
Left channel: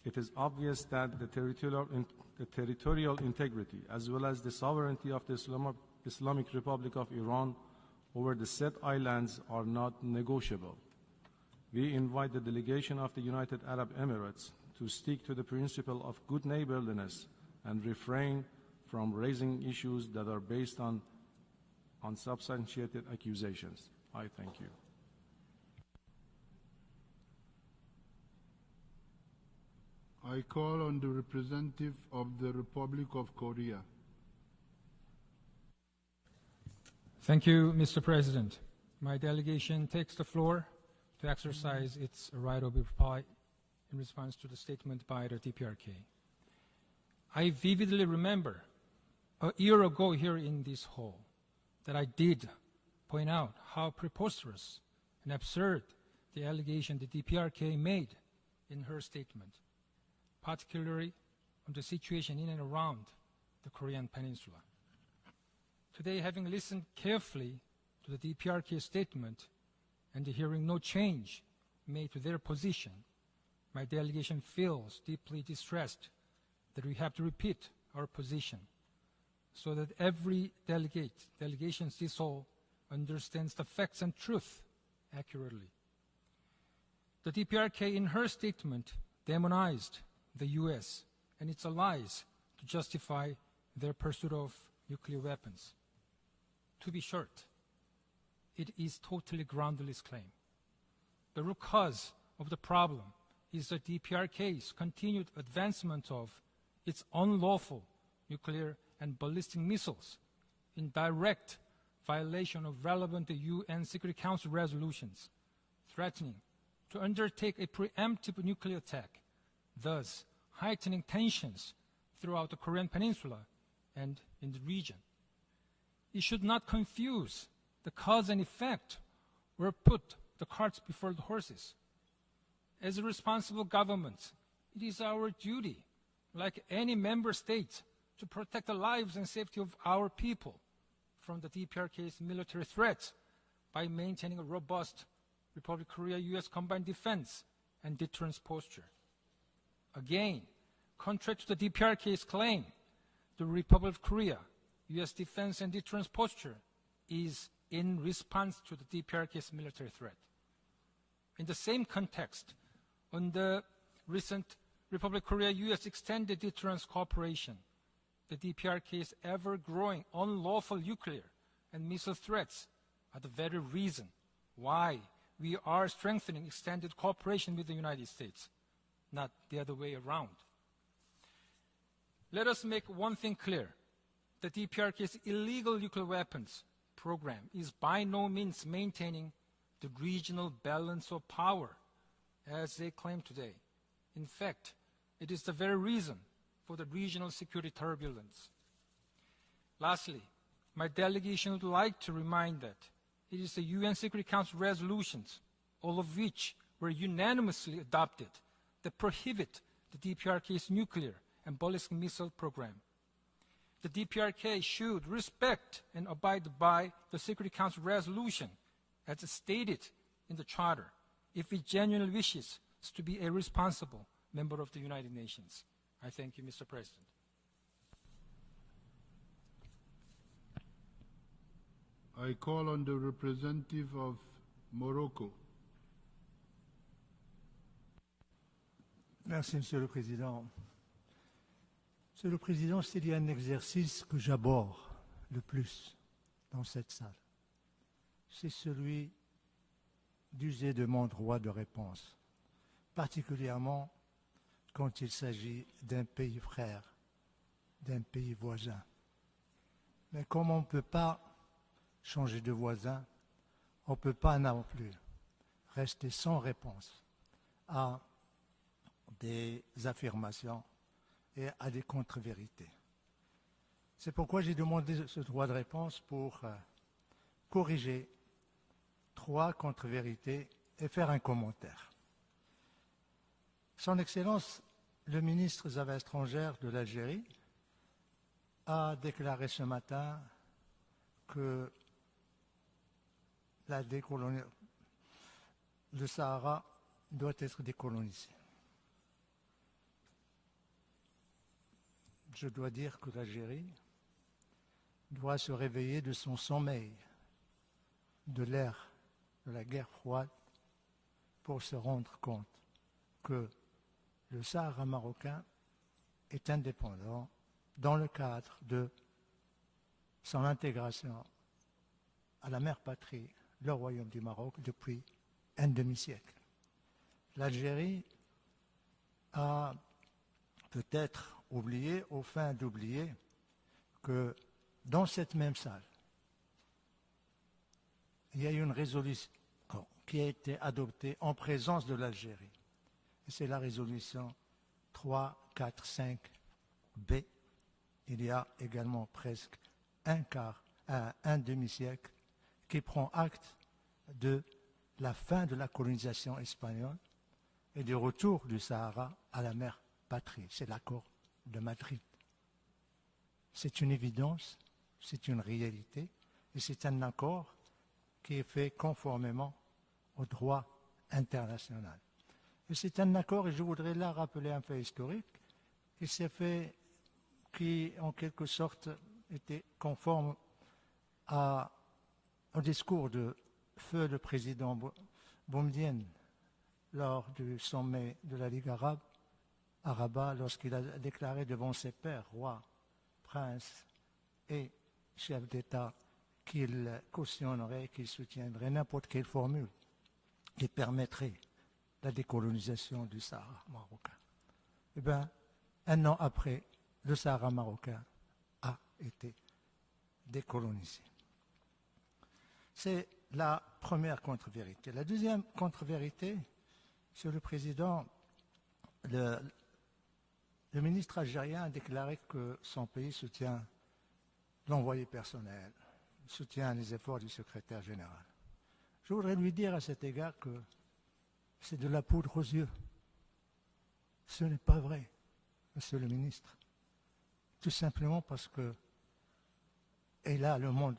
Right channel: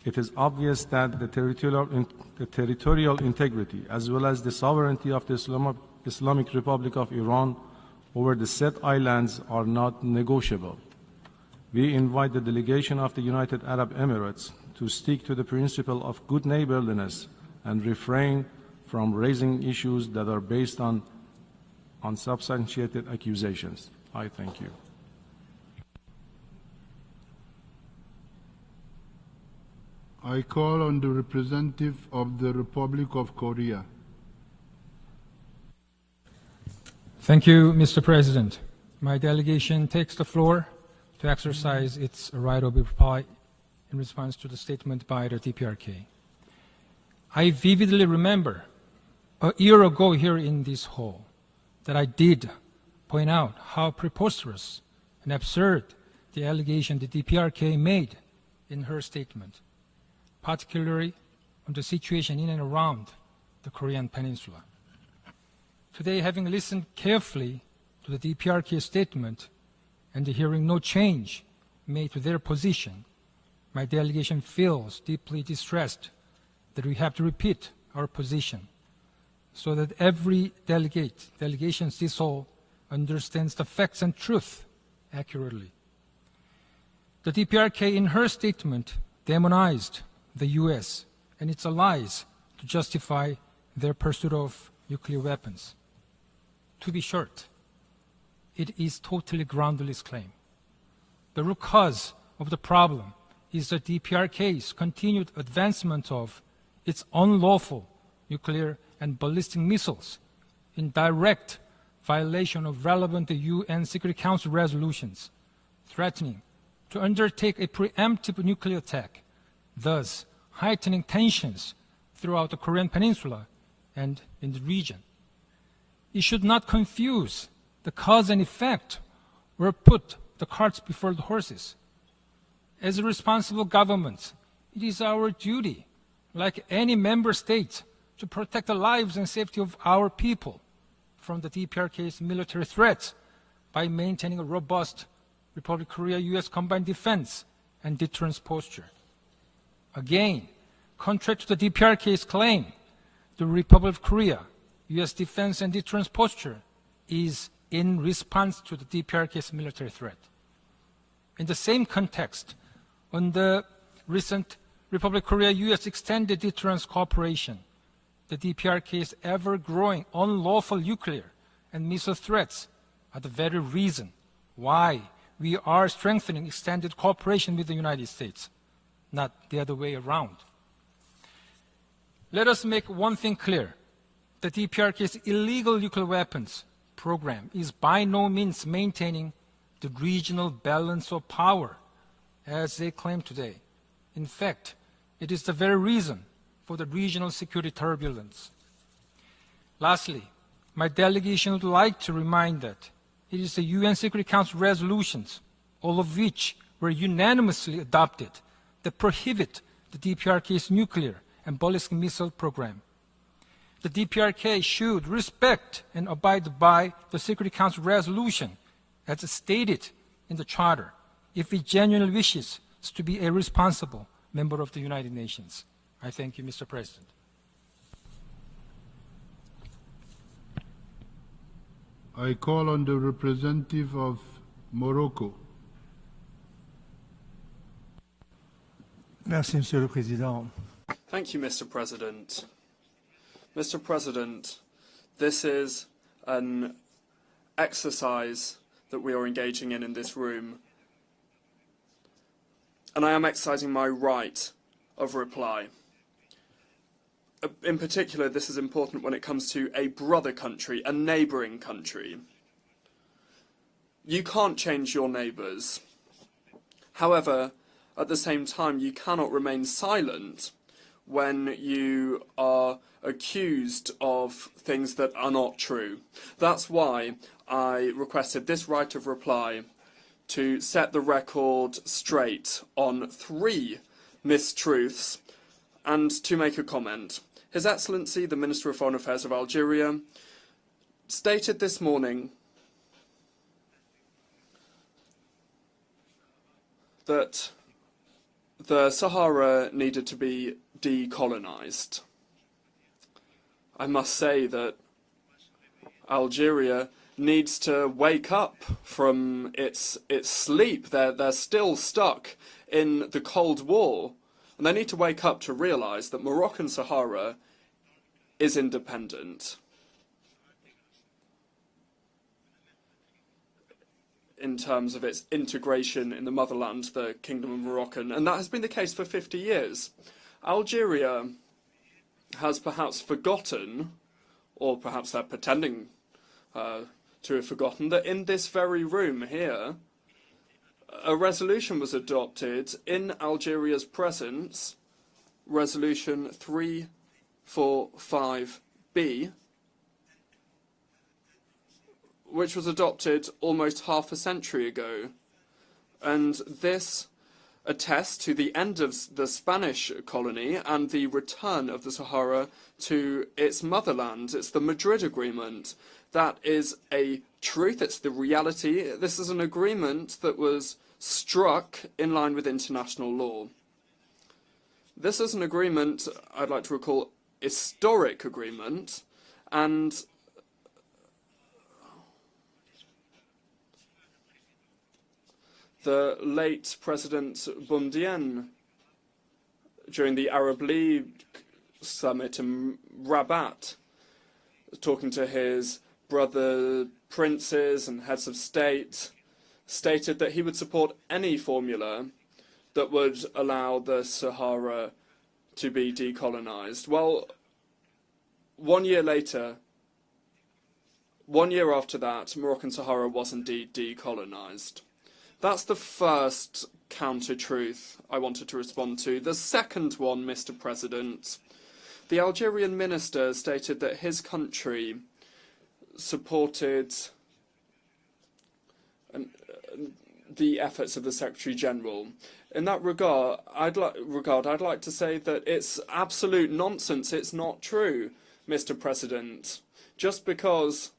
It is obvious that the territorial integrity as well as the sovereignty of the Islamic Republic of Iran over the said islands are not negotiable. We invite the delegation of the United Arab Emirates to stick to the principle of good neighborliness and refrain from raising issues that are based on unsubstantiated accusations. I thank you. I call on the representative of the Republic of Korea. Thank you, Mr. President. My delegation takes the floor to exercise its right of reply in response to the statement by the DPRK. I vividly remember a year ago here in this hall that I did point out how preposterous and absurd the allegation the DPRK made in her statement, particularly on the situation in and around the Korean Peninsula. Today, having listened carefully to the DPRK statement and hearing no change made to their position, my delegation feels deeply distressed that we have to repeat our position so that every delegation this hall understands the facts and truth accurately. The DPRK in her statement demonized the US and its allies to justify their pursuit of nuclear weapons. To be short, it is totally groundless claim. The root cause of the problem is the DPRK's continued advancement of its unlawful nuclear and ballistic missiles in direct violation of relevant UN Security Council resolutions, threatening to undertake a preemptive nuclear attack, thus heightening tensions throughout the Korean Peninsula and in the region. It should not confuse the cause and effect or put the carts before the horses. As a responsible government, it is our duty, like any member state, to protect the lives and safety of our people from the DPRK's military threats by maintaining a robust Republic of Korea-US combined defense and deterrence posture. Again, contrary to the DPRK's claim, the Republic of Korea US defense and deterrence posture is in response to the DPRK's military threat. In the same context, on the recent Republic of Korea-US extended deterrence cooperation, the DPRK's ever-growing unlawful nuclear and missile threats are the very reason why we are strengthening extended cooperation with the United States, not the other way around. Let us make one thing clear. The DPRK's illegal nuclear weapons program is by no means maintaining the regional balance of power as they claim today. In fact, it is the very reason for the regional security turbulence. Lastly, my delegation would like to remind that it is the UN Security Council resolutions, all of which were unanimously adopted, that prohibit the DPRK's nuclear and ballistic missile program. The DPRK should respect and abide by the Security Council resolution as stated in the Charter if it genuinely wishes to be a responsible member of the United Nations. I thank you, Mr. President. I call on the representative of Morocco. Merci, Monsieur le Président. Thank you, Mr. President. Mr. President, this is an exercise that we are engaging in this room, and I am exercising my right of reply. In particular, this is important when it comes to a brother country, a neighbouring country. You can't change your neighbours. However, at the same time, you cannot remain silent when you are accused of things that are not true. That's why I requested this right of reply to set the record straight on 3 mistruths and to make a comment. His Excellency, the Minister of Foreign Affairs of Algeria, stated this morning that the Sahara needed to be decolonized. I must say that Algeria needs to wake up from its sleep. They're still stuck in the Cold War. And they need to wake up to realize that Moroccan Sahara is independent in terms of its integration in the motherland, the Kingdom of Moroccan. And that has been the case for 50 years. Algeria has perhaps forgotten, or perhaps they're pretending to have forgotten, that in this very room here, a resolution was adopted in Algeria's presence, Resolution 345B, which was adopted almost half a century ago. And this attests to the end of the Spanish colony and the return of the Sahara to its motherland. It's the Madrid Agreement. That is a truth, it's the reality. This is an agreement that was struck in line with international law. This is an agreement, I'd like to recall, historic agreement, and the late President Boumediene, during the Arab League summit in Rabat, talking to his brother princes and heads of state, stated that he would support any formula that would allow the Sahara to be decolonized. Well, 1 year later, 1 year after that, Moroccan Sahara was indeed decolonized. That's the first counter-truth I wanted to respond to. The second one, Mr. President, the Algerian minister stated that his country supported the efforts of the Secretary General. In that regard, I'd like to say that it's absolute nonsense. It's not true, Mr. President. Just because,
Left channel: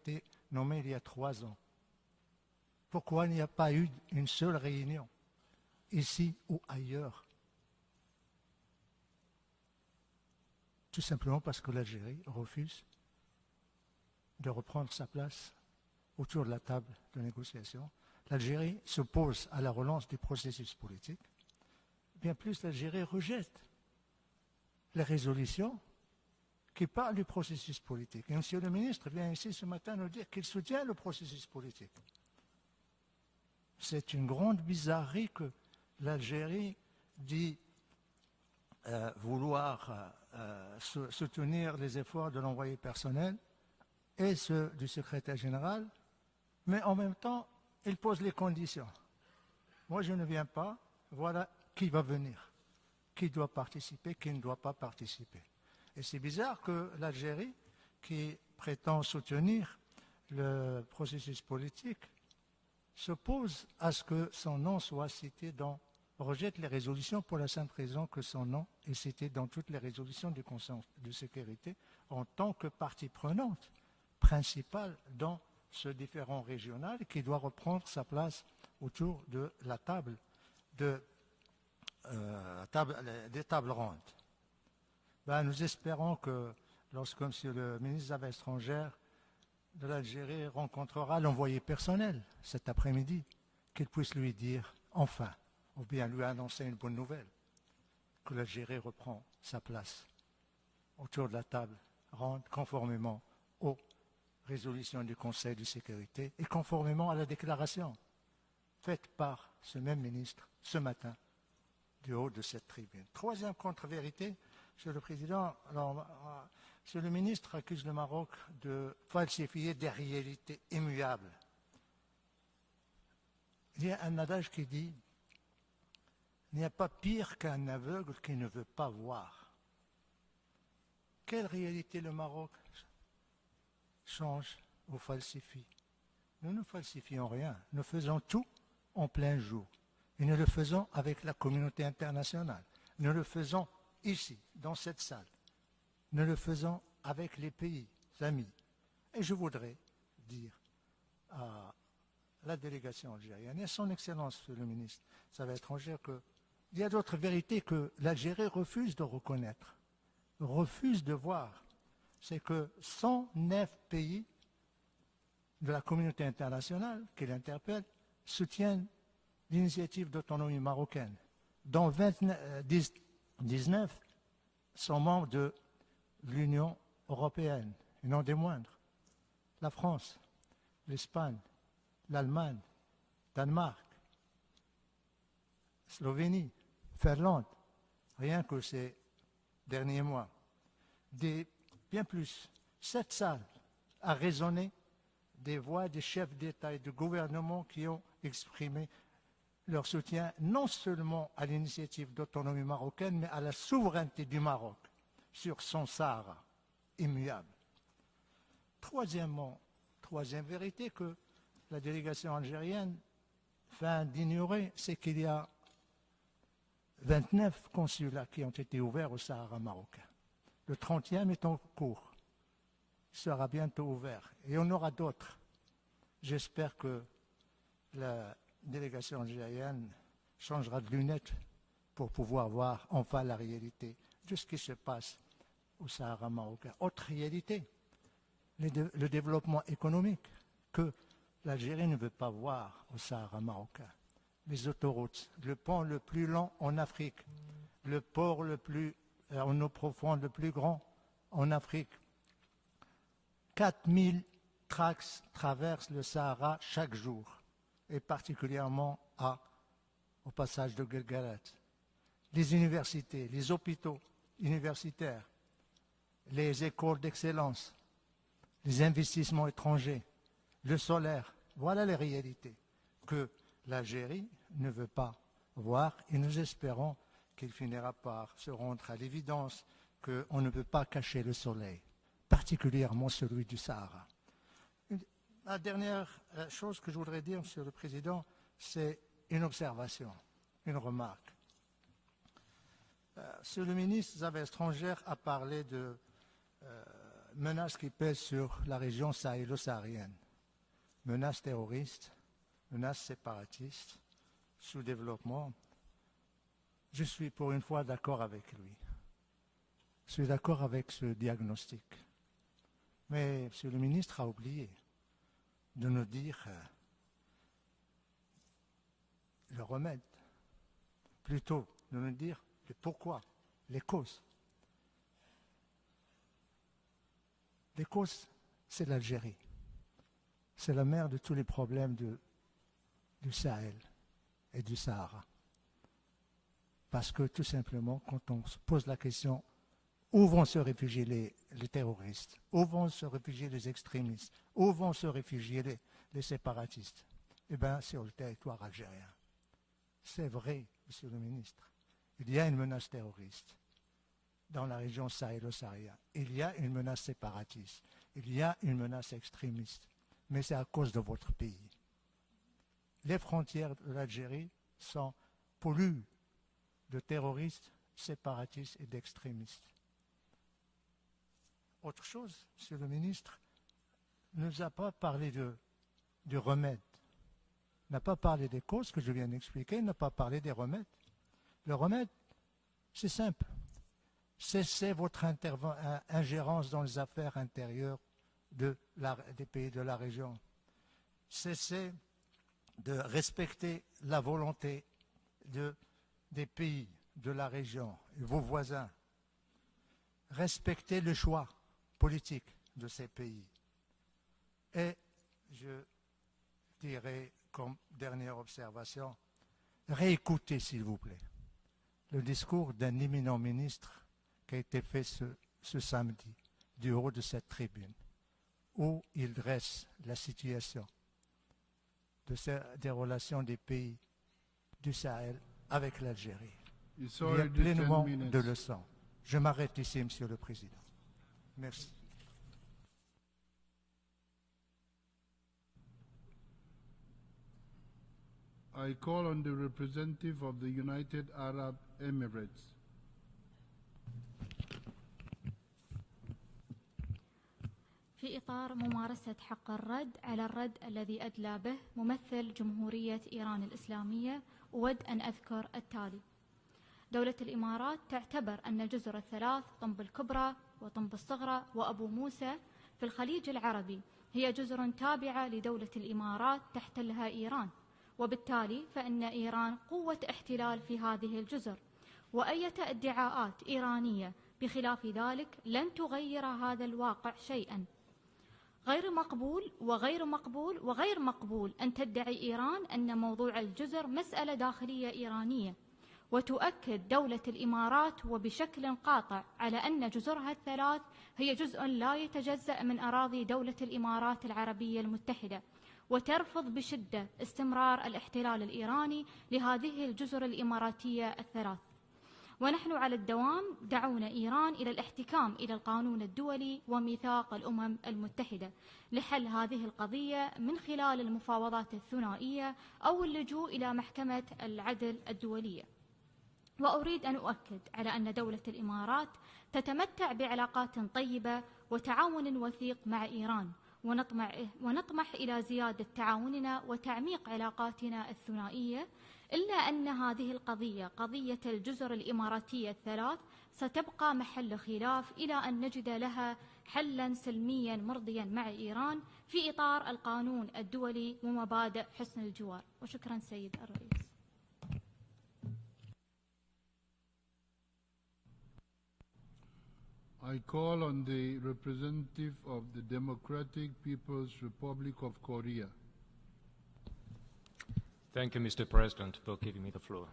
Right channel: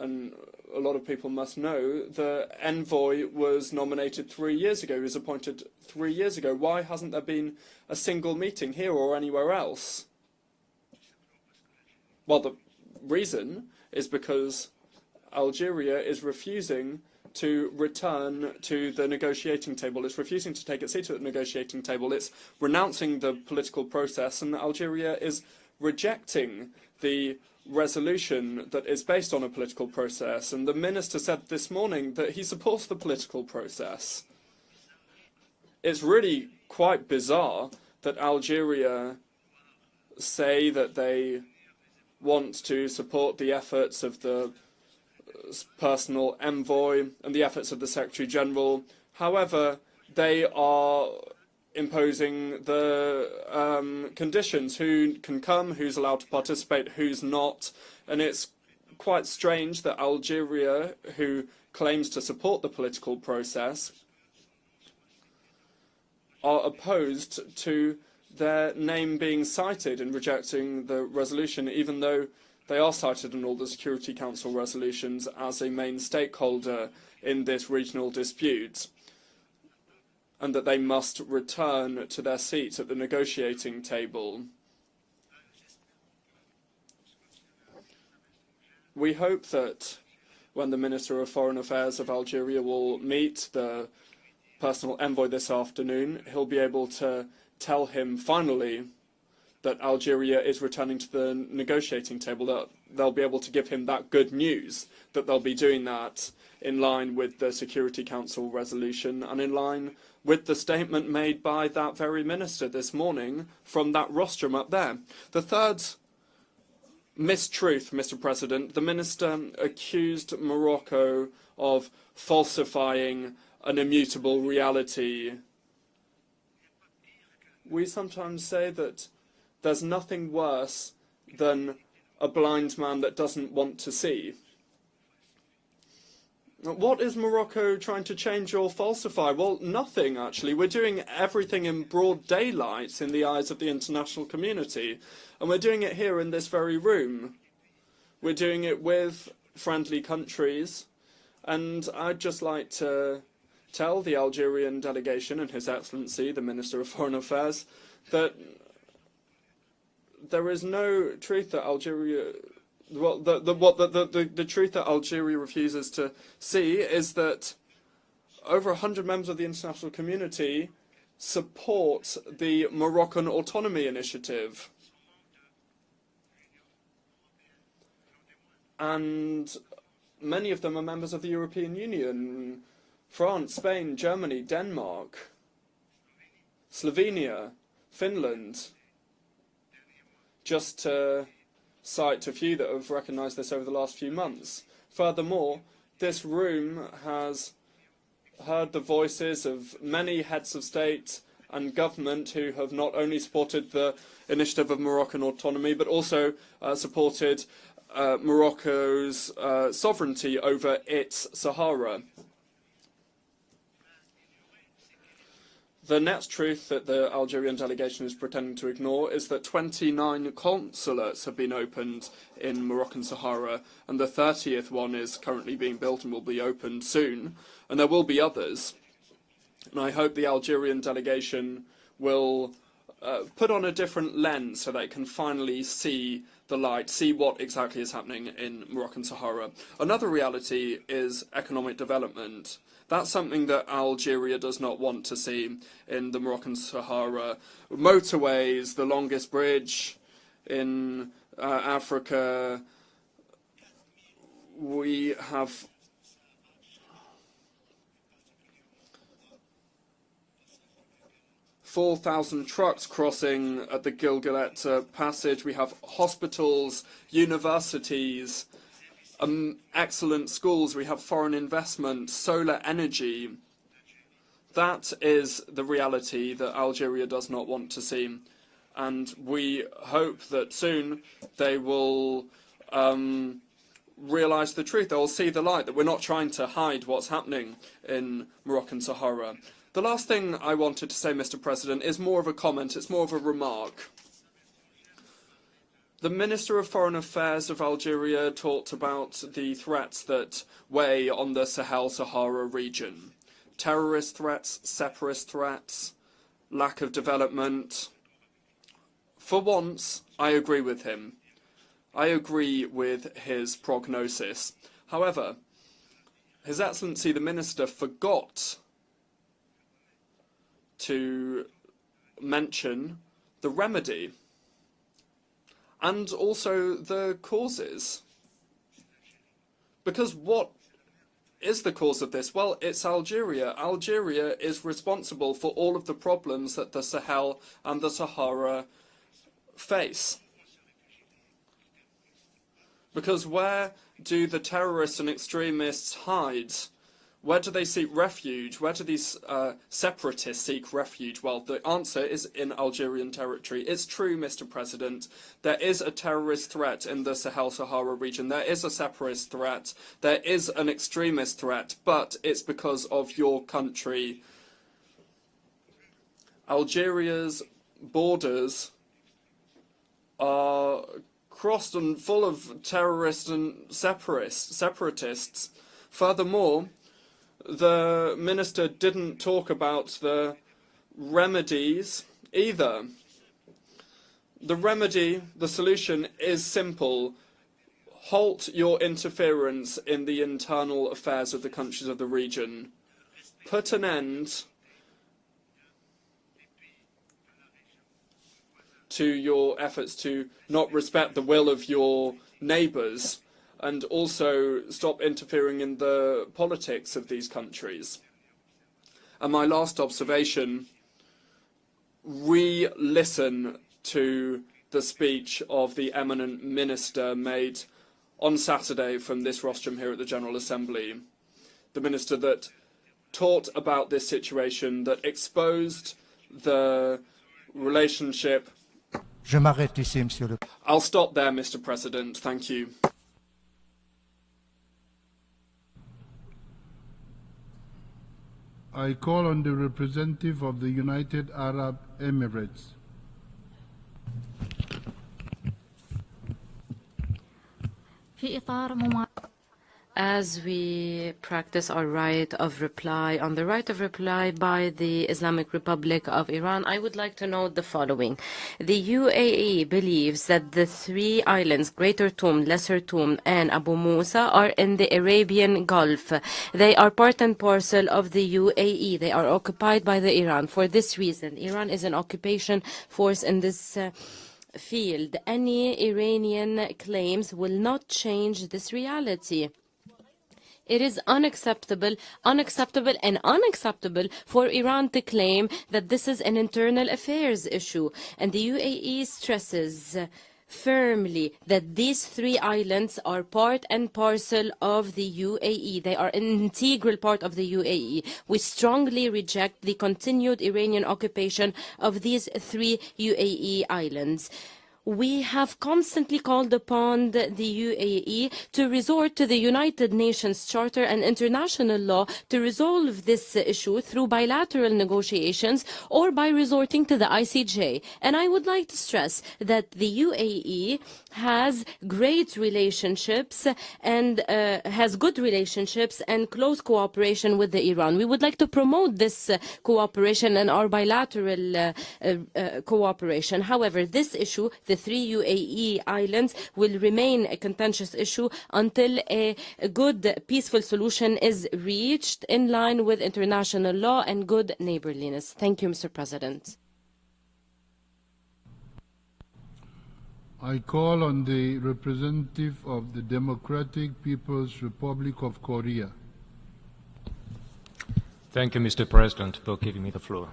and a lot of people must know, the envoy was nominated 3 years ago, he was appointed 3 years ago. Why hasn't there been a single meeting here or anywhere else? Well, the reason is because Algeria is refusing to return to the negotiating table. It's refusing to take its seat at the negotiating table. It's renouncing the political process, and Algeria is rejecting the resolution that is based on a political process. And the minister said this morning that he supports the political process. It's really quite bizarre that Algeria say that they want to support the efforts of the personal envoy and the efforts of the Secretary General. However, they are imposing the conditions, who can come, who's allowed to participate, who's not. And it's quite strange that Algeria, who claims to support the political process, are opposed to their name being cited in rejecting the resolution, even though they are cited in all the Security Council resolutions as a main stakeholder in this regional dispute, and that they must return to their seats at the negotiating table. We hope that when the Minister of Foreign Affairs of Algeria will meet the personal envoy this afternoon, he'll be able to tell him finally that Algeria is returning to the negotiating table, that they'll be able to give him that good news, that they'll be doing that in line with the Security Council resolution and in line with the statement made by that very minister this morning from that rostrum up there. The third mistruth, Mr. President, the minister accused Morocco of falsifying an immutable reality. We sometimes say that there's nothing worse than a blind man that doesn't want to see. What is Morocco trying to change or falsify? Well, nothing, actually. We're doing everything in broad daylight in the eyes of the international community. And we're doing it here in this very room. We're doing it with friendly countries. And I'd just like to tell the Algerian delegation and His Excellency, the Minister of Foreign Affairs, that there is no refuse de truth that voir, Algeria, c'est que well, the truth that Algeria refuses to see is that over 100 members of the international community support the Moroccan Autonomy Initiative. sont membres de l'Union européenne, non des moindres. And La France, many of them are members of the European Union. l'Allemagne, France, Danemark, Spain, Germany, Denmark, Slovénie, Slovenia, Finlande, rien que Finland, ces derniers mois. just to cite a few that have recognised this over the last few months. Furthermore, this room has heard the voices of many heads of state and government who have not only supported the initiative of Moroccan autonomy, but also supported Morocco's sovereignty over its Sahara. The next truth that the Algerian delegation is pretending to ignore is that 29 consulates have been opened in Moroccan Sahara, and the 30th one is currently being built and will be opened soon, and there will be others. And I hope the Algerian delegation will put on a different lens so they can finally see the light, see what exactly is happening in Moroccan Sahara. Another reality is economic development. That's something that Algeria does not want to see in the Moroccan Sahara. Motorways, the longest bridge in Africa. We have 4,000 trucks crossing at the Gilgalet passage. We have hospitals, universities, excellent schools. We have foreign investment, solar energy. That is the reality that Algeria does not want to see. And we hope that soon they will realise the truth. They will see the light, that we're not trying to hide what's happening in Moroccan Sahara. The last thing I wanted to say, Mr. President, is more of a comment. It's more of a remark. The Minister of Foreign Affairs of Algeria talked about the threats that weigh on the Sahel-Sahara region. Terrorist threats, separatist threats, lack of development. For once, I agree with him. I agree with his prognosis. However, His Excellency the Minister forgot to mention the remedy and also the causes. Because what is the cause of this? Well, it's Algeria. Algeria is responsible for all of the problems that the Sahel and the Sahara face. Because where do the terrorists and extremists hide? Where do they seek refuge? Where do these separatists seek refuge? Well, the answer is in Algerian territory. It's true, Mr. President. There is a terrorist threat in the Sahel-Sahara region. There is a separatist threat. There is an extremist threat. But it's because of your country. Algeria's borders are crossed and full of terrorists and separatists. Furthermore, the minister didn't talk about the remedies either. The remedy, the solution is simple. Halt your interference in the internal affairs of the countries of the region. Put an end to your efforts to not respect the will of your neighbours, and also stop interfering in the politics of these countries. And my last observation, re-listen to the speech of the eminent minister made on Saturday from this rostrum here at the General Assembly. The minister that taught about this situation, that exposed the relationship. I'll stop there, Mr. President. Thank you. I call on the representative of the United Arab Emirates. As we practice our right of reply, on the right of reply by the Islamic Republic of Iran, I would like to note the following. The UAE believes that the three islands, Greater Toom, Lesser Toom, and Abu Musa, are in the Arabian Gulf. They are part and parcel of the UAE. They are occupied by the Iran. For this reason, Iran is an occupation force in this field. Any Iranian claims will not change this reality. It is unacceptable and unacceptable for Iran to claim that this is an internal affairs issue. And the UAE stresses firmly that these three islands are part and parcel of the UAE. They are an integral part of the UAE. We strongly reject the continued Iranian occupation of these three UAE islands. We have constantly called upon the UAE to resort to the United Nations Charter and international law to resolve this issue through bilateral negotiations or by resorting to the ICJ. And I would like to stress that the UAE has great relationships and has good relationships and close cooperation with the Iran. We would like to promote this cooperation and our bilateral cooperation. However, this issue, the three UAE islands, will remain a contentious issue until a good, peaceful solution is reached in line with international law and good neighborliness. Thank you, Mr. President. I call on the representative of the Democratic People's Republic of Korea. Thank you, Mr. President, for giving me the floor.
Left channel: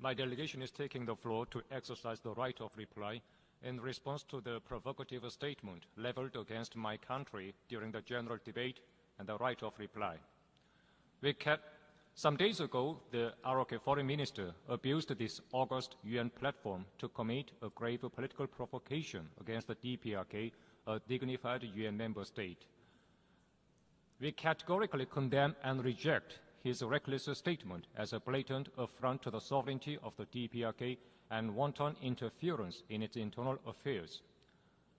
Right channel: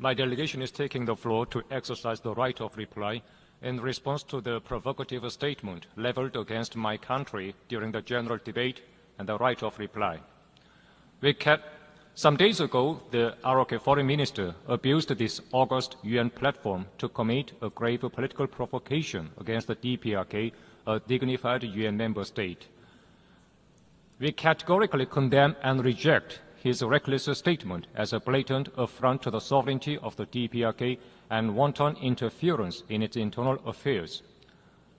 My delegation is taking the floor to exercise the right of reply in response to the provocative statement leveled against my country during the general debate and the right of reply. Some days ago, the ROK foreign minister abused this August UN platform to commit a grave political provocation against the DPRK, a dignified UN member state. We categorically condemn and reject his reckless statement as a blatant affront to the sovereignty of the DPRK and wanton interference in its internal affairs.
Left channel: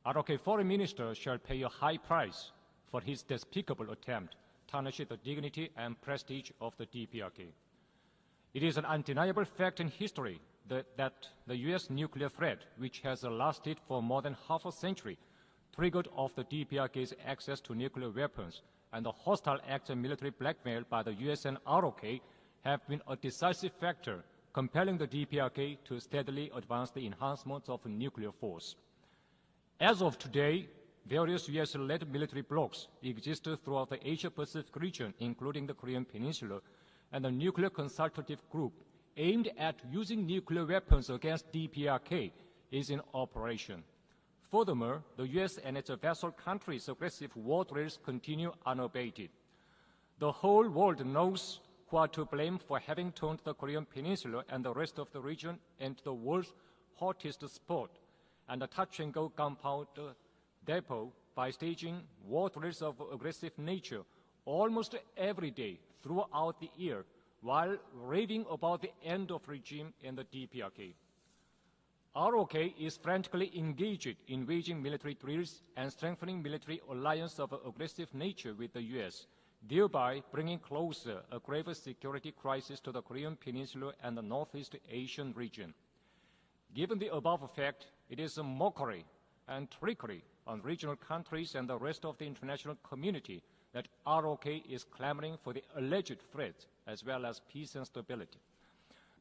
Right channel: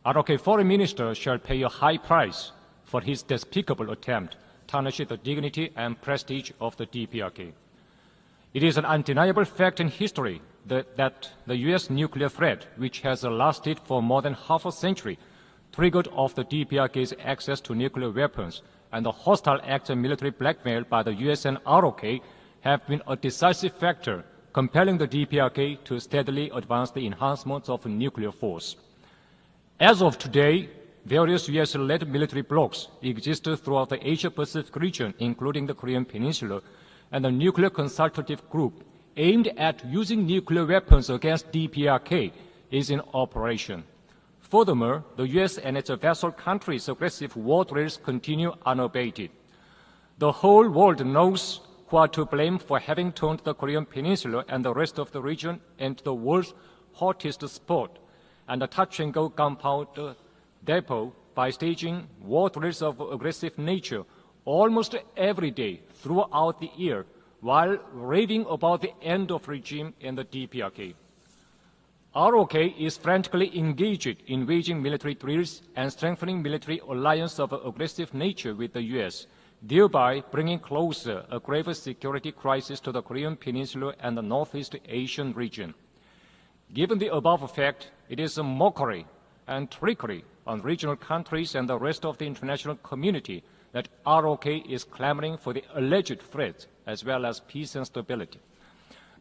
ROK foreign minister shall pay a high price for his despicable attempt to tarnish the dignity and prestige of the DPRK. It is an undeniable fact in history that the U.S. nuclear threat, which has lasted for more than half a century, triggered off the DPRK's access to nuclear weapons, and the hostile acts of military blackmail by the U.S. and ROK have been a decisive factor compelling the DPRK to steadily advance the enhancements of nuclear force. As of today, various U.S.-led military blocs exist throughout the Asia-Pacific region, including the Korean Peninsula, and the Nuclear Consultative Group aimed at using nuclear weapons against DPRK is in operation. Furthermore, the U.S. and its vassal countries' aggressive war drills continue unabated. The whole world knows who are to blame for having turned the Korean Peninsula and the rest of the region into the world's hottest spot and a touch-and-go gunpowder depot by staging war drills of aggressive nature almost every day throughout the year while raving about the end of regime in the DPRK. ROK is frantically engaged in waging military drills and strengthening military alliance of aggressive nature with the U.S., thereby bringing closer a grave security crisis to the Korean Peninsula and the Northeast Asian region. Given the above fact, it is a mockery and trickery on regional countries and the rest of the international community that ROK is clamoring for the alleged threat as well as peace and stability.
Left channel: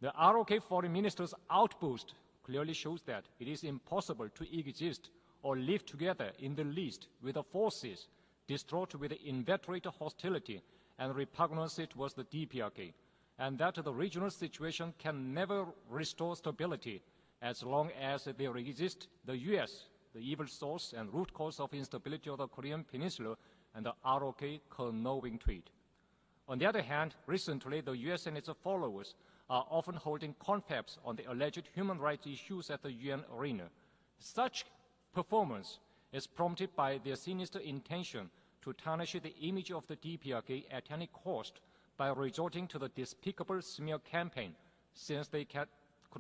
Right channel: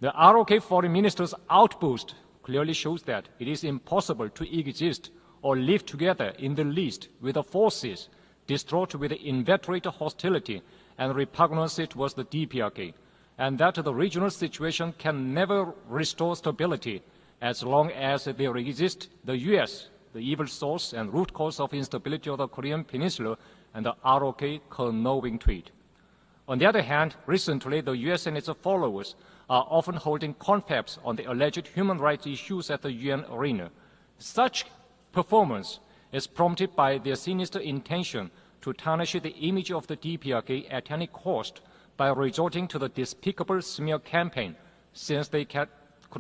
The ROK foreign minister's outburst clearly shows that it is impossible to exist or live together in the least with the forces distraught with inveterate hostility and repugnance towards the DPRK, and that the regional situation can never restore stability as long as there exists the U.S., the evil source and root cause of instability of the Korean Peninsula, and the ROK conniving to it. On the other hand, recently the U.S. and its followers are often holding confabs on the alleged human rights issues at the UN arena. Such performance is prompted by their sinister intention to tarnish the image of the DPRK at any cost by resorting to the despicable smear campaign, since they could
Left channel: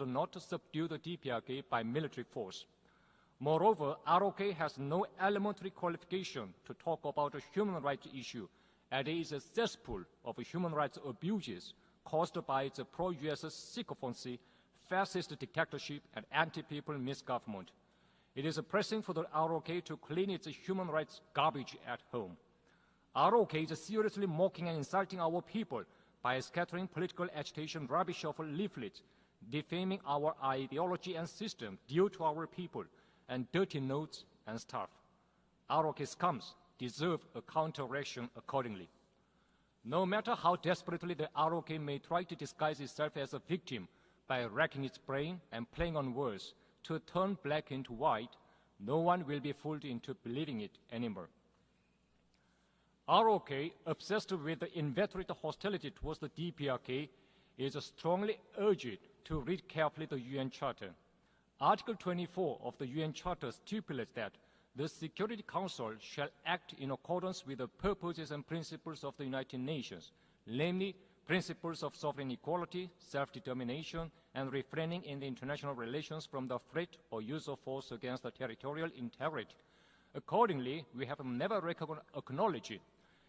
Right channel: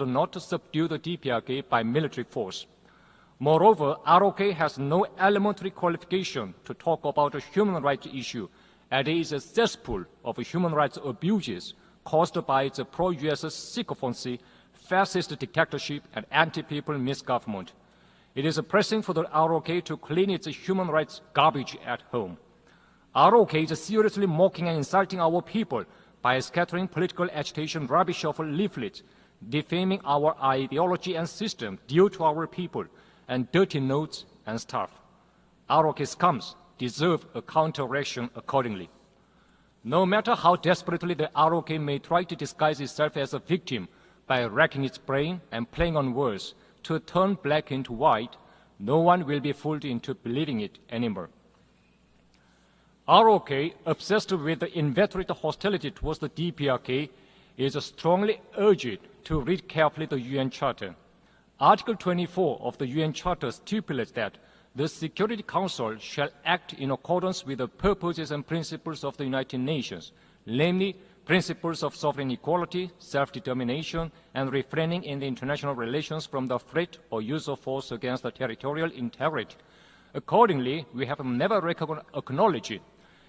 not subdue the DPRK by military force. Moreover, ROK has no elementary qualification to talk about a human rights issue, and it is a cesspool of human rights abuses caused by its pro-US sycophancy, fascist dictatorship, and anti-people misgovernment. It is pressing for the ROK to clean its human rights garbage at home. ROK is seriously mocking and insulting our people by scattering political agitation rubbish of leaflets, defaming our ideology and system due to our people, and dirty notes and stuff. ROK scums deserve a counter-reaction accordingly. No matter how desperately the ROK may try to disguise itself as a victim by racking its brain and playing on words to turn black into white, no one will be fooled into believing it anymore. ROK, obsessed with the inveterate hostility towards the DPRK, is strongly urged to read carefully the UN Charter. Article 24 of the UN Charter stipulates that the Security Council shall act in accordance with the purposes and principles of the United Nations, namely principles of sovereign equality, self-determination, and refraining in the international relations from the threat or use of force against the territorial integrity. Accordingly, we have never acknowledged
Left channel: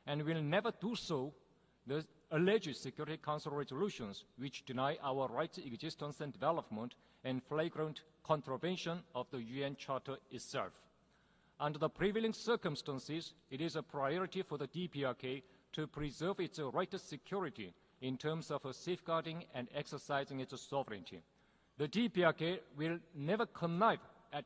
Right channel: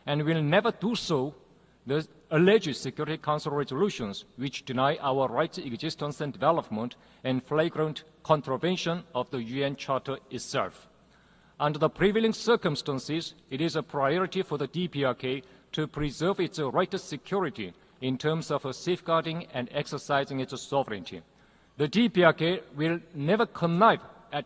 and will never do so the alleged Security Council resolutions which deny our rights, existence, and development and flagrant contravention of the UN Charter itself. Under the prevailing circumstances, it is a priority for the DPRK to preserve its right to security in terms of safeguarding and exercising its sovereignty. The DPRK will never connive at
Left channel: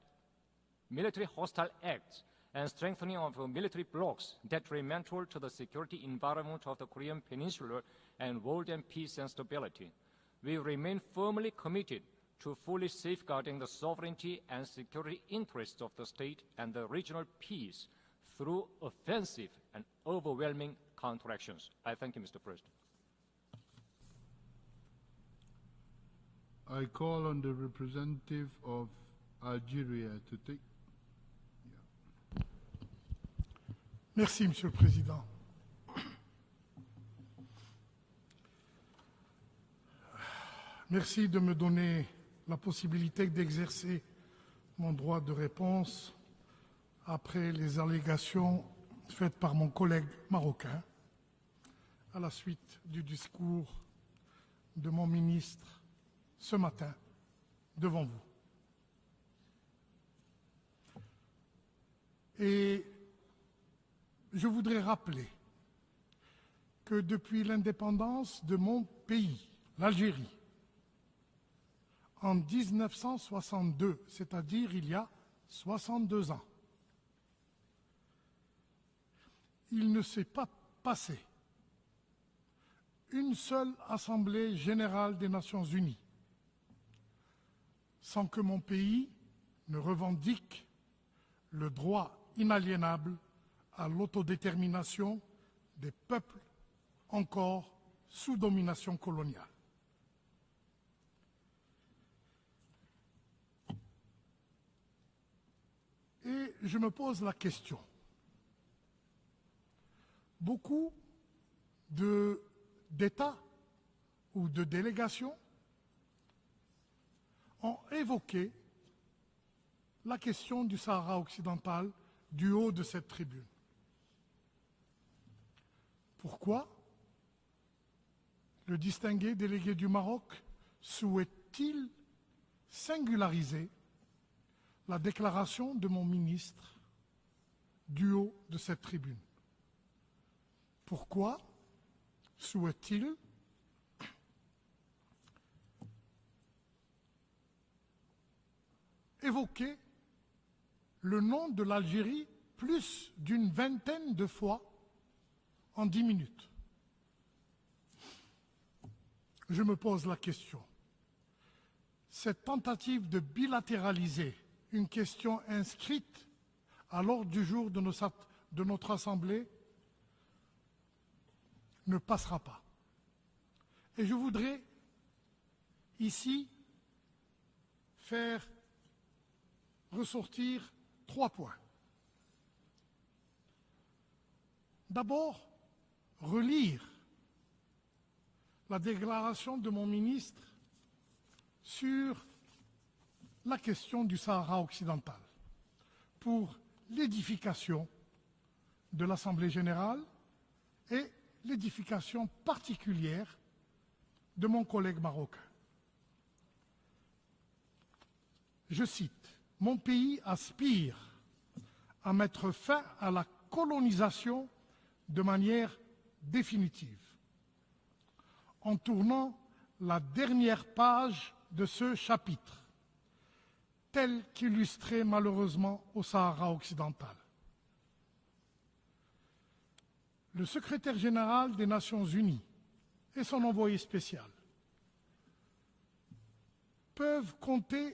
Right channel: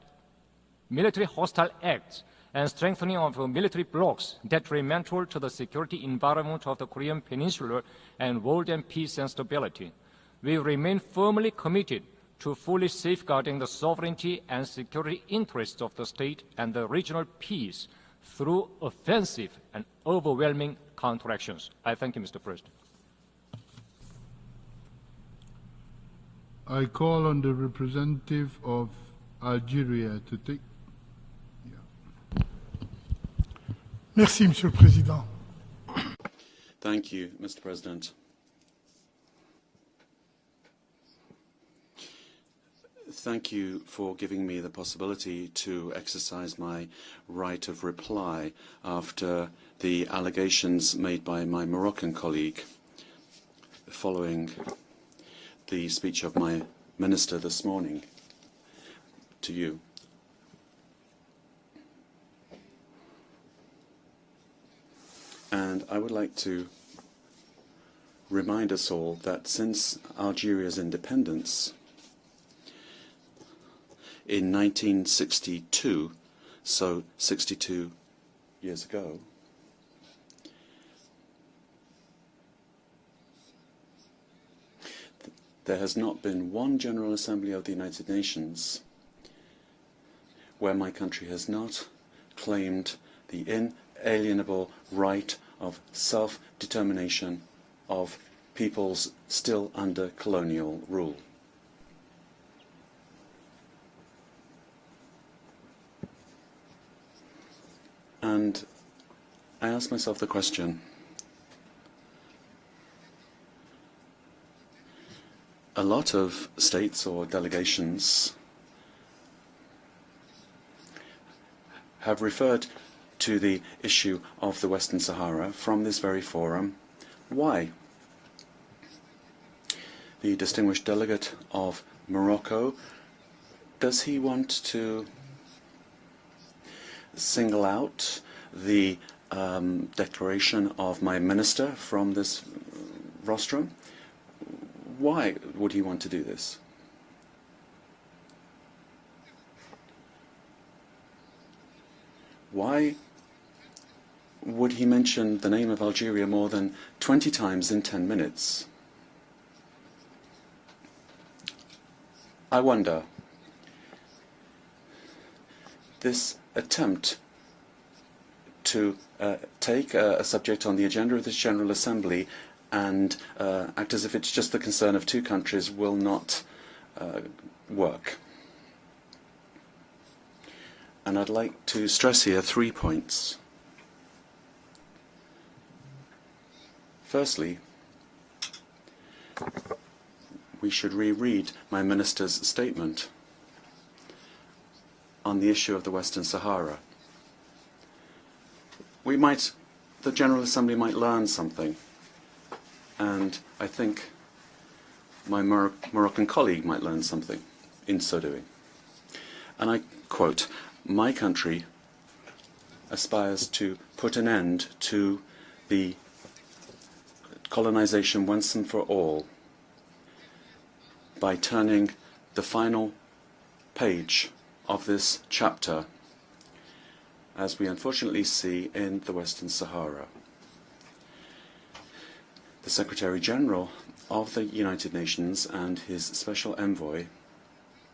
military hostile acts and strengthening of military blocs detrimental to the security environment of the Korean Peninsula and world and peace and stability. We remain firmly committed to fully safeguarding the sovereignty and security interests of the state and the regional peace through offensive and overwhelming counteractions. I thank you, Mr. President. I call on the representative of Algeria to take. Merci, Monsieur le Président. Thank you, Mr. President. Merci de me donner la possibilité Thank you d'exercer for giving me the possibility to exercise my right of reply after the allegations made by my Moroccan colleague following the speech of my minister this morning to you. And I would like to remind us all that since Algeria's independence in 1962, so 62 years ago, there has not been one General Assembly of the United Nations where my country has not claimed the inalienable right of self-determination of peoples still under colonial rule. And I ask myself the question, a lot of states or delegations have referred to the issue of the Western Sahara from this very forum. Why? The distinguished delegate of Morocco, does he want to single out the declaration of my minister from this rostrum? Why would he want to do this? Why would he mention the name of Algeria more than 20 times in 10 minutes? I wonder, this attempt to take a subject on the agenda of this General Assembly and act as if it's just the concern of two countries will not work. And I'd like to stress here 3 points. Firstly, we should reread my minister's statement. la question du Sahara occidental. on the issue of the Western Sahara. L'édification de The l'Assemblée générale, General Assembly might learn something, l'édification particulière and I think de mon collègue marocain. my Moroccan colleague might learn something in so doing. Je cite, And I quote, "My country à mettre fin à la aspires to put an colonisation end to de manière the définitive, colonization once and en for all tournant la dernière page by de turning ce chapitre, the final tel page qu'illustré of this malheureusement chapter, au Sahara occidental. as we unfortunately see in the Western Sahara." Le secrétaire général des Nations Unies The Secretary et son General envoyé spécial of the United Nations and his special envoy peuvent compter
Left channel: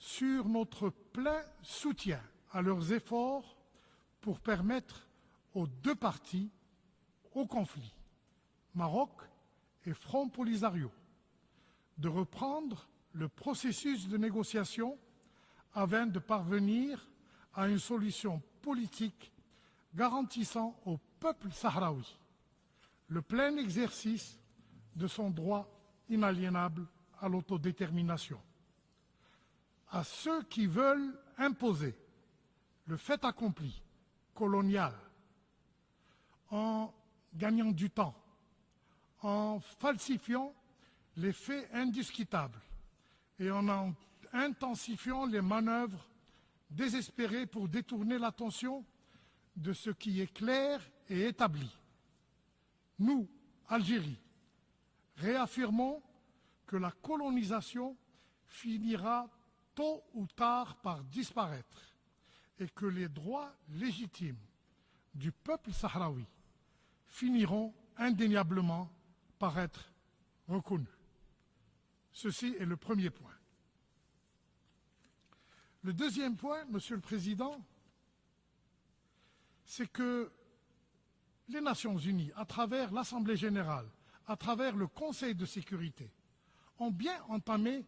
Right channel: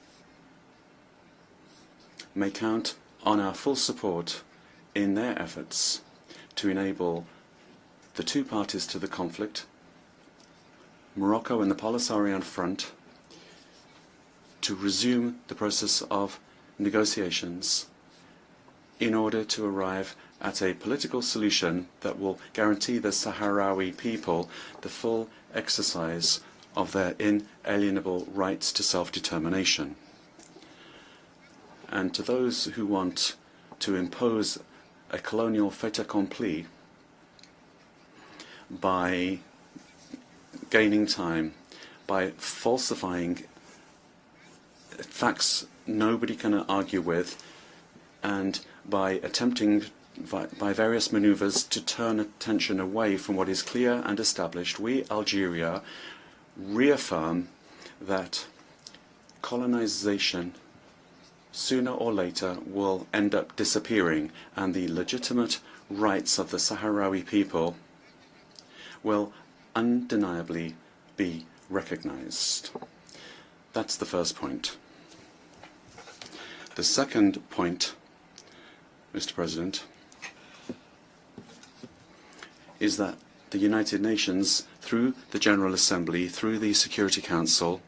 sur notre plein soutien may à leurs count efforts on our full support pour permettre in their aux deux efforts parties to enable au conflit, the two parties to the Maroc conflict, et Front Polisario, Morocco and the Polisarian reprendre Front, le processus de to négociation resume the process afin de of parvenir à une negotiations solution politique in order to arrive at a political solution that will guarantee the Sahrawi people the full exercise of their inalienable rights to self-determination. à ceux qui veulent imposer And to those who le want fait accompli to impose colonial a colonial fait accompli en gagnant du temps, by en falsifiant gaining les time, faits by indiscutables falsifying et en intensifiant les facts manœuvres nobody can argue with, désespérées pour détourner and l'attention by attempting by various maneuvers to turn attention away from what is clear and established. We, Algeria, reaffirm that finira colonization tard par disparaître. sooner or later will end up disappearing, and the legitimate rights of the Sahrawi people Indéniablement will paraître undeniably reconnus. be Ceci recognized. est le premier point. That's the first point. Le deuxième point, The Monsieur le second Président, point, Mr. President, c'est que les Nations Unies, à travers is that l'Assemblée the générale, United à Nations, travers le through Conseil the de General sécurité, Assembly, through the Security ont Council, entamé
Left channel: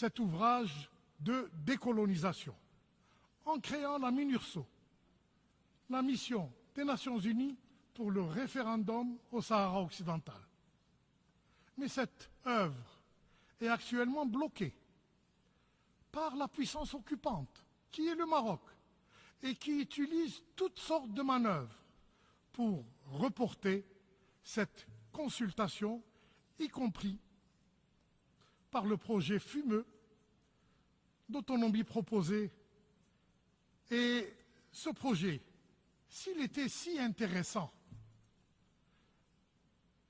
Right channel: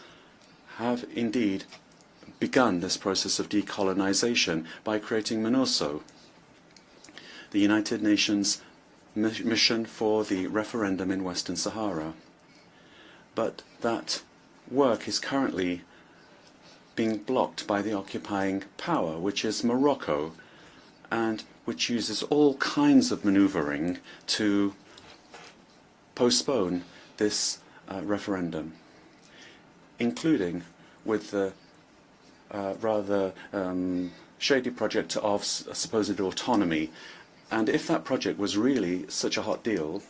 cet ouvrage have de indeed décolonisation. begun this process of decolonization by creating La MINURSO, mission des Nations Unies the United pour le Nations référendum au Sahara mission for occidental. the referendum in Western Sahara. Cette œuvre But est that actuellement bloquée work is currently par la puissance being occupante, blocked by the qui est le occupying Maroc, power, which is qui Morocco, utilise toutes sortes de and manœuvres which uses all kinds of maneuvering to cette consultation, postpone y compris this referendum, par le projet fumeux including with the d'autonomie proposé rather shady project of supposed autonomy. And if that project was really such a hot deal,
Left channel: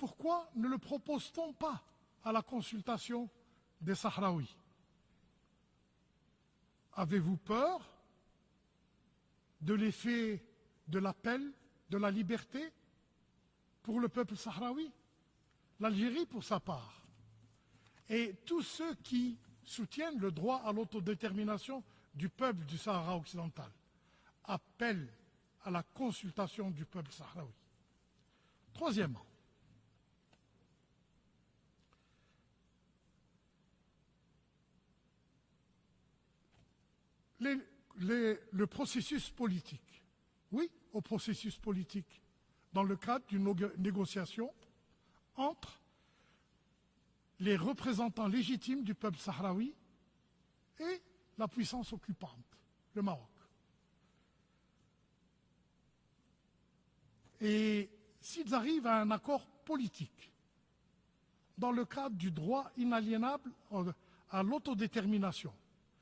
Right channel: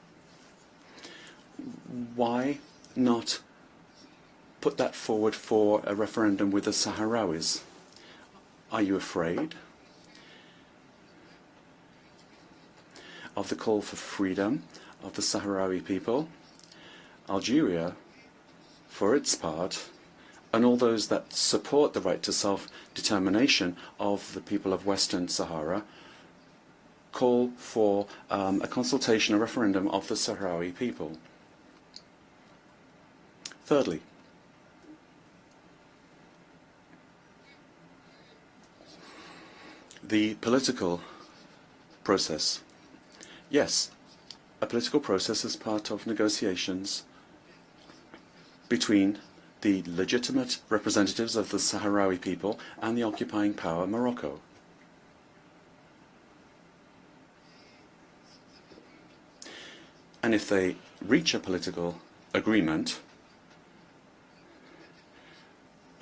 pourquoi ne le propose-t-on pas à la why consultation not des Sahraouis? put that forward for a referendum with the Avez-vous Sahrawis? peur Are you afraid de l'effet de l'appel de la liberté? of the call for freedom of the Sahrawi L'Algérie, people? pour sa part, Algeria, et tous ceux for qui its part, soutiennent le droit and à all those that l'autodétermination support the right du to peuple du Sahara self-determination of the people of appellent Western à Sahara, la consultation du peuple call for a consultation, a referendum of the Sahrawi people. Thirdly, le processus politique. the political Le processus politique process. dans le cadre d'une Yes, négociation a political process as part of negotiations les représentants légitimes between du peuple sahraoui the legitimate representatives of the Sahrawi people and the occupying power, Morocco. et s'ils arrivent à un accord politique And if they reach a dans le political cadre du droit agreement inaliénable à l'autodétermination,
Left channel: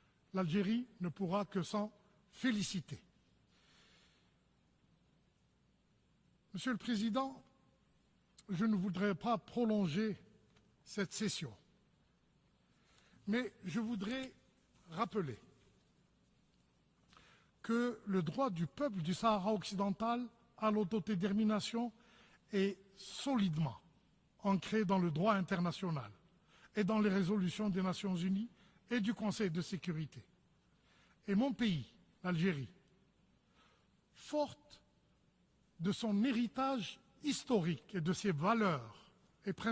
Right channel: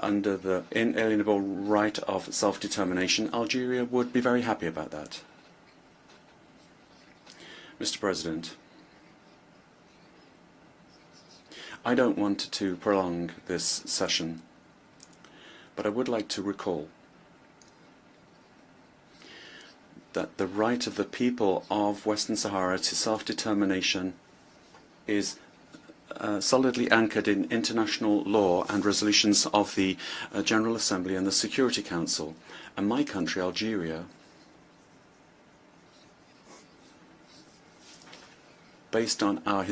under the inalienable right of self-determination, Algeria would be very happy about that. Monsieur le Président, Mr. President, je ne voudrais pas prolonger cette session. I don't want to prolong Mais this je voudrais session, rappeler but I would like to recall que le droit du peuple du Sahara occidental that the à right of the people l'autodétermination of Western Sahara to self-determination ancré dans le is droit international. solidly anchored in international law and resolutions of the General Assembly and the Security Council. And my country, Algeria, Forte de son héritage historique et de ses valeurs, based on our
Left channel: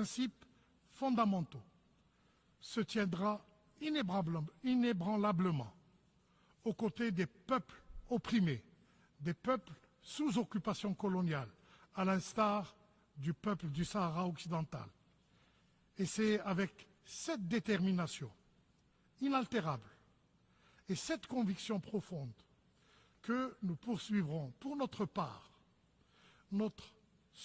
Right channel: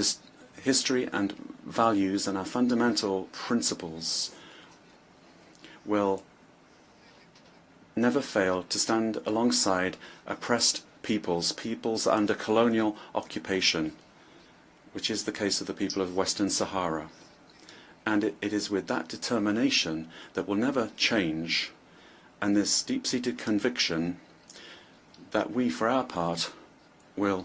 history and values and our fundamental tiendra principles, inébranlablement will aux côtés des peuples never fail to stand alongside oppressed peoples under colonial occupation, which is the case of the people of Western Sahara. And it is with that determination that will never change, and this deep-seated conviction that we, for our part, will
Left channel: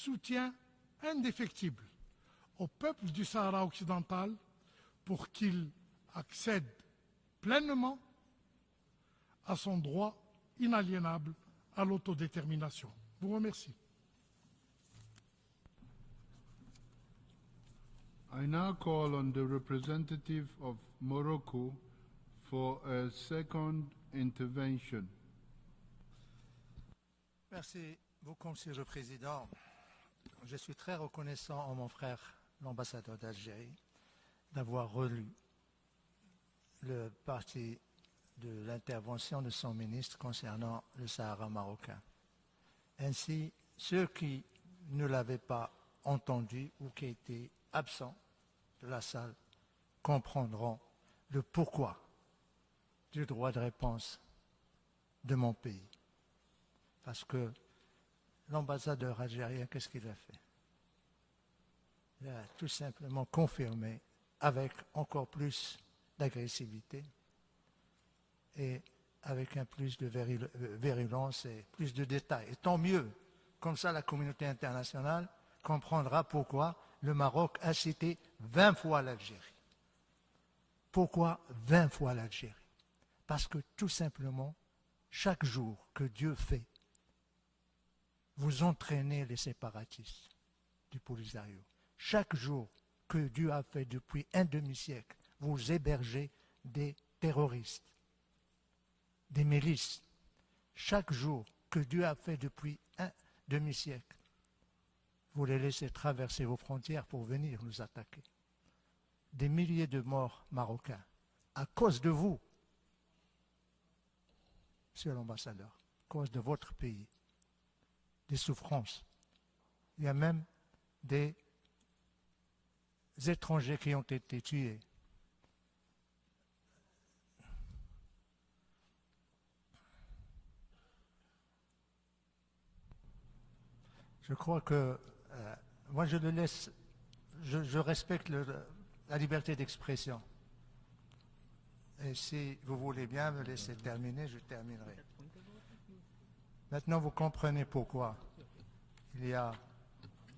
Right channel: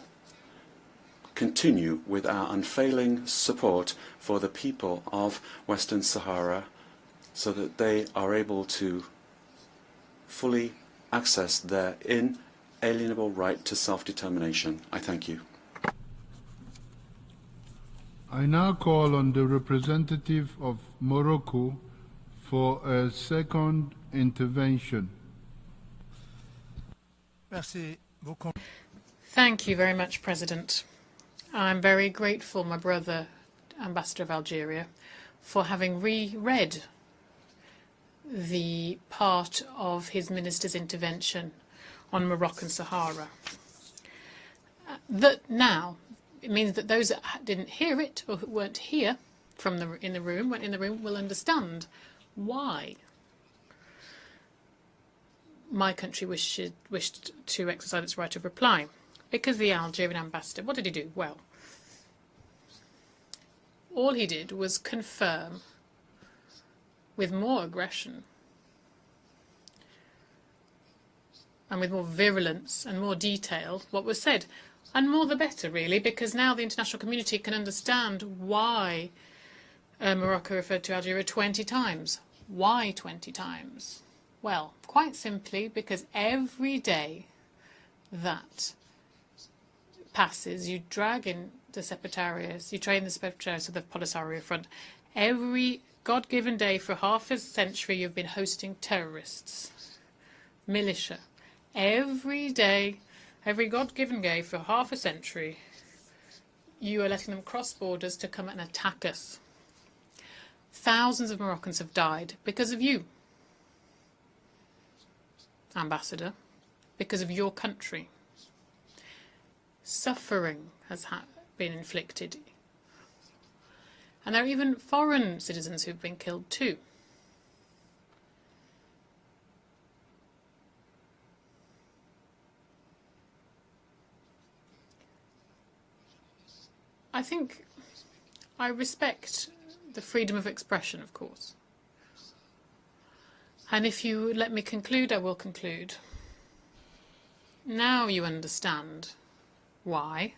continue with our unfailing support for the people of Western Sahara so that they are able to fully access their inalienable right to self-determination. I thank you. I now call on the representative of Morocco for a second intervention. Thank you very much, President. I'm very grateful, my brother, Ambassador of Algeria, for having reread the part of his minister's intervention on Moroccan Sahara. Now, it means that those that didn't hear it or who weren't here in the room will understand why my country wished to exercise its right of reply. Because the Algerian ambassador, what did he do? Well, all he did was confirm with more aggression and with more virulence and more detail what was said. And more the better, really, because now the international community can understand why Morocco referred to Algeria 20 times. Why 20 times? Well, quite simply because every day that passes, you drag in the separatarists, you train the separatarists of the Polisario Front. Every God-given day for half a century, you've been hosting terrorists, militia. Every day, every God-given day for half a century, you are letting them cross borders to come and attack us. Thousands of Moroccans have died because of you, Ambassador, because of your country. Suffering has been inflicted. And there are even foreign citizens who've been killed too. I think I respect the freedom of expression, of course. And if you would let me conclude, I will conclude. Now you understand why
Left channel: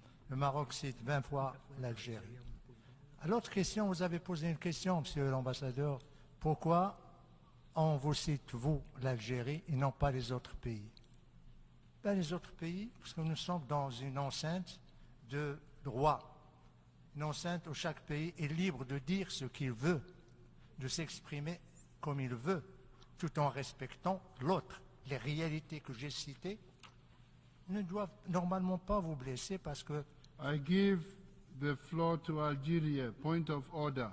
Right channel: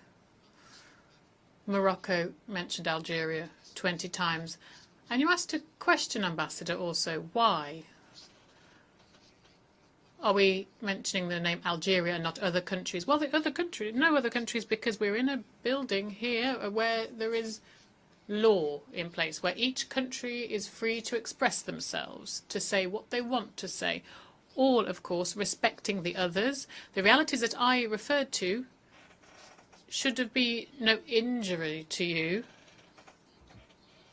Morocco mentioned Algeria 20 times. And you asked a question, Ambassador, also. Why are we mentioning the name Algeria and not other countries? Well, the other countries, no other countries, because we're in a building here where there is law in place, where each country is free to express themselves, to say what they want to say. All, of course, respecting the others. The realities that I referred to should have been no injury to you. Algeria, point of order.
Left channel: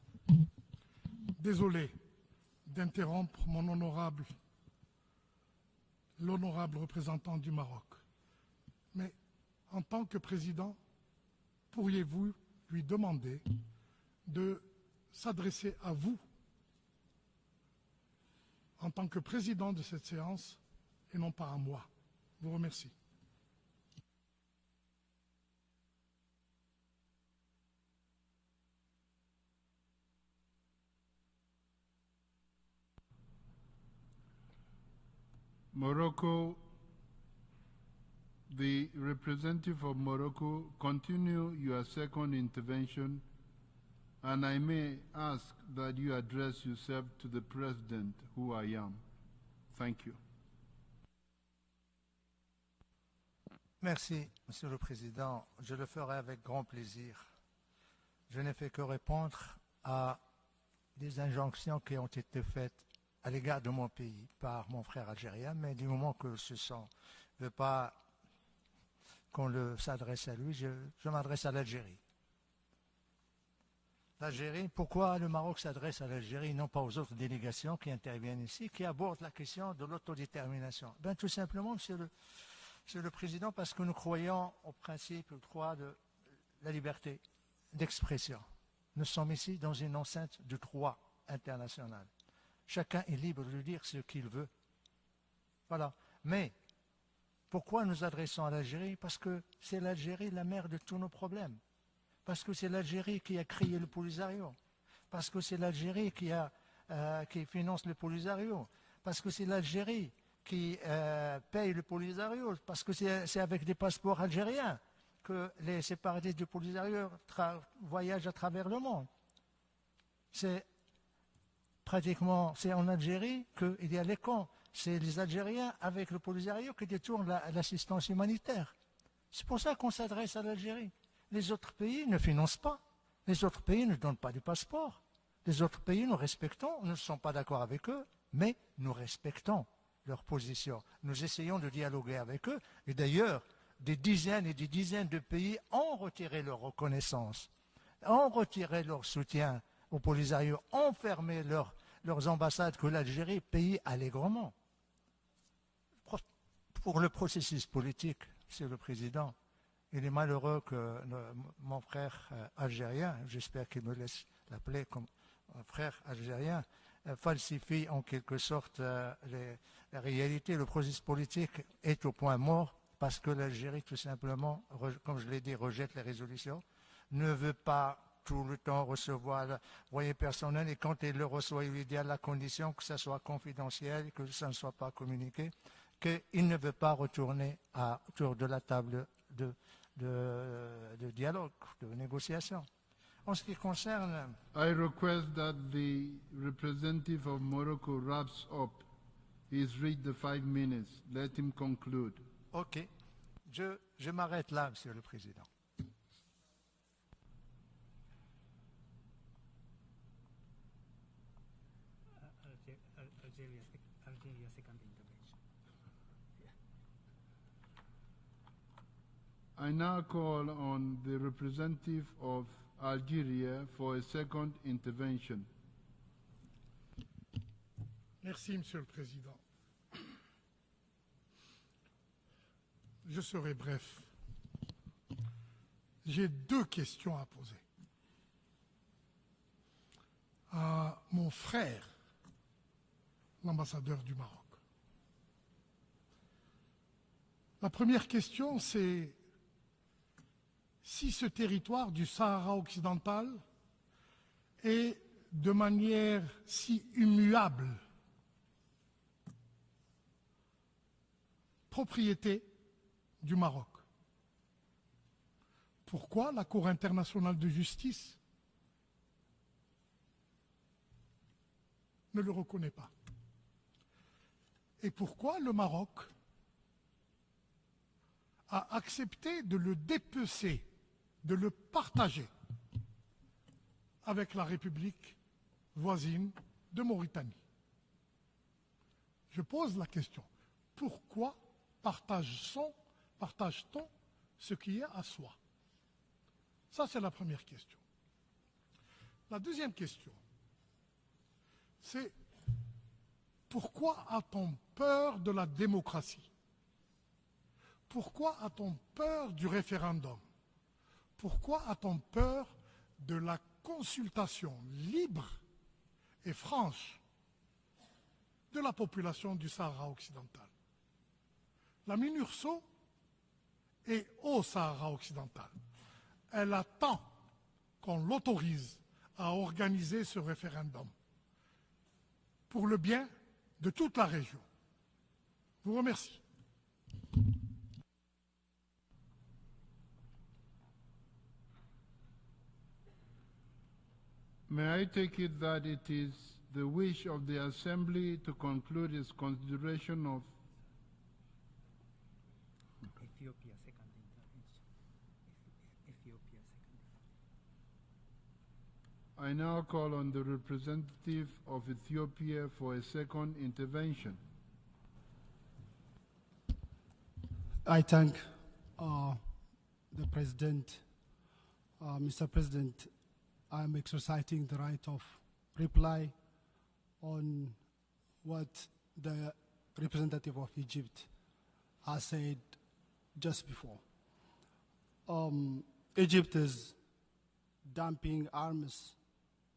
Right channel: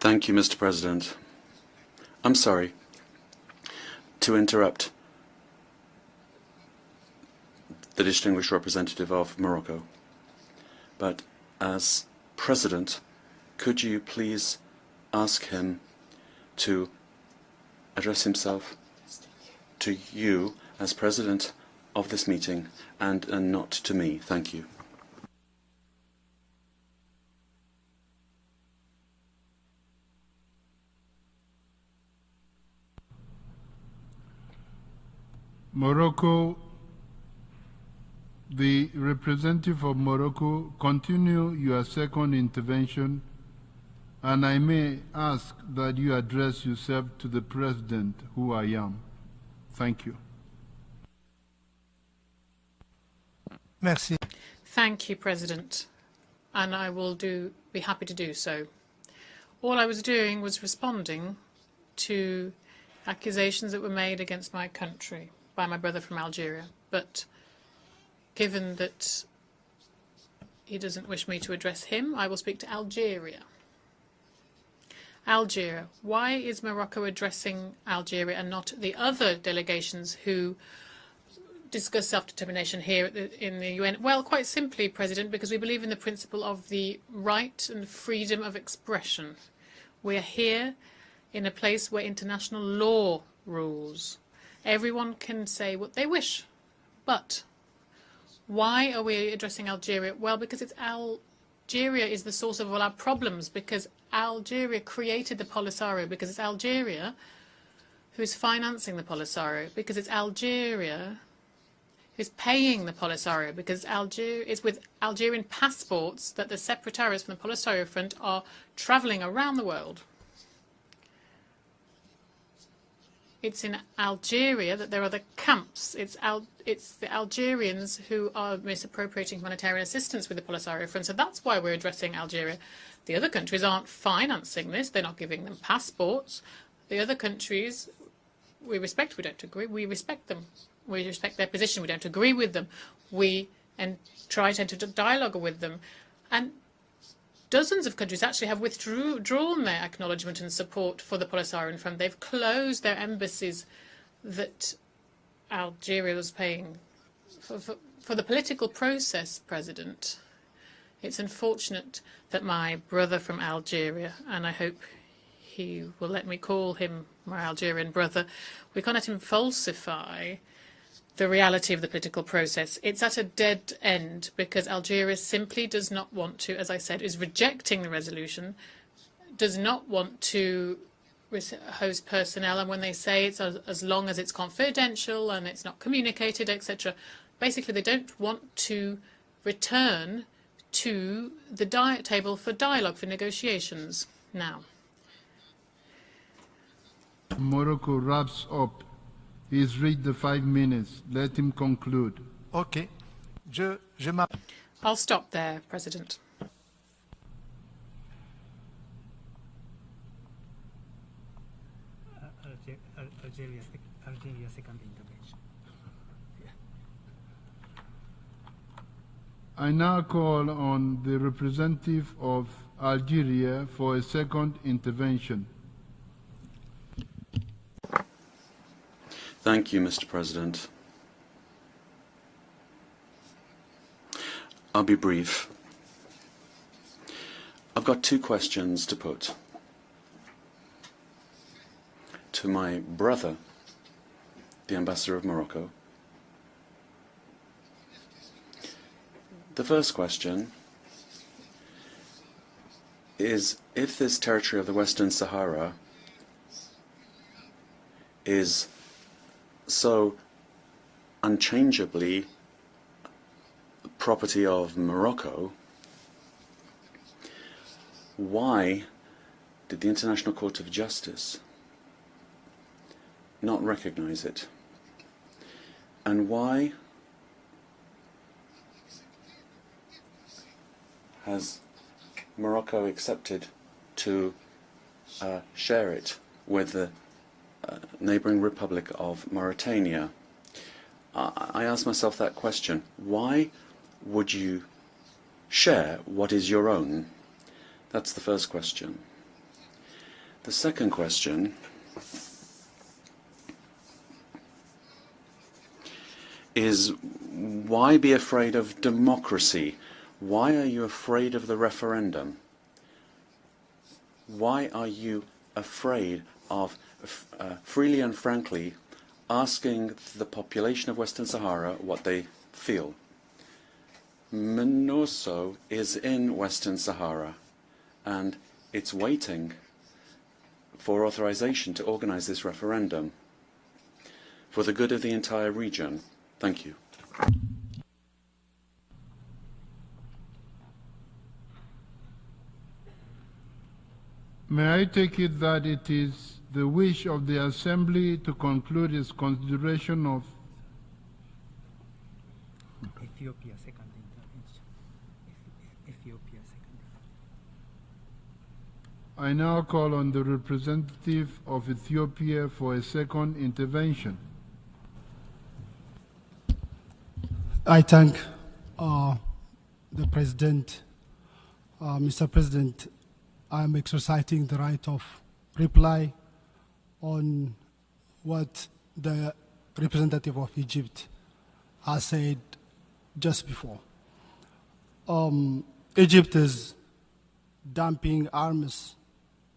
Thank you, Mr. President. I'm sorry to interrupt the distinguished representative of Morocco, but as President, could you please ask him to address himself to you as President of this meeting and not to me? Thank you. Morocco, the representative of Morocco, continue your second intervention, and I may ask that you address yourself to the President, who I am. Thank you. Merci. Thank you, President, and I will be happy to do so. All I was doing was responding to accusations that were made against my country by my brother from Algeria, but given that he doesn't wish me to address him, I will speak to Algeria. Algeria. Why is Morocco addressing Algeria and not the other delegations who discuss self-determination here in the UN? Well, quite simply, President, because we believe in the principle of the right and freedom of expression. We are here in a place where international law rules. Everyone can say what they wish. But why are we addressing Algeria? Well, because Algeria is the source of all our problems, because Algeria created the Polisario, because it's Algeria who is financing the Polisario, because it's Algeria who's paying the Polisario, because it's with Algerian passports that the separatists from the Polisario Front are traveling around the world. It's in Algeria that there are the camps. It's the Algerians who are misappropriating humanitarian assistance with the Polisario Front. So that's why we're addressing Algeria. The other countries aren't financing this. They're not giving them passports. The other countries, we respect. We don't agree. We respect them. We respect their position. We don't agree with them. We try to enter into dialogue with them. And dozens of countries actually have withdrawn their acknowledgement and support for the Polisario Front. They've closed their embassies that Algeria was paying for the political process, President. It's unfortunate that my brother from Algeria, and I hope he will let me call him my Algerian brother, we can't let him falsify the reality of the political process. It's at a dead end because Algeria simply does not want to, as I said, is rejecting the resolution, does not want to host personnel, and when they say it's as long as it's confidential and it's not communicated, etc., basically they don't want to return to the table for dialogue, for negotiations now. I request that the representative of Morocco wraps up. He's reached the 5 minutes. Let him conclude. Okay. Je m'arrête là. I'll stop there, President. Algeria second intervention. I now call on the representative of Algeria for a second intervention. Thank you, Mr. President. I'll be brief. I've got two questions to put to my brother, the ambassador of Morocco. The first question is, if this territory of the Western Sahara is so unchangeably property of Morocco, why did the International Court of Justice not recognize it? And why has Morocco accepted to share it with the neighboring Republic of Mauritania? I ask myself that question. Why would you share what is your own? That's the first question. The second question is, why be afraid of democracy? Why are you afraid of the referendum? Why are you afraid of freely and frankly asking the population of Western Sahara what they feel? MINURSO is in Western Sahara, and it's waiting for authorization to organize this referendum for the good of the entire region. Thank you. May I take it that it is the wish of the Assembly to conclude its consideration of Ethiopia second intervention. Ethiopia second. I now call on the representative of Ethiopia for a second intervention. I thank the President. Mr. President, I'm exercising the right of reply on what the representative of Egypt has said just before. Egypt is dumping arms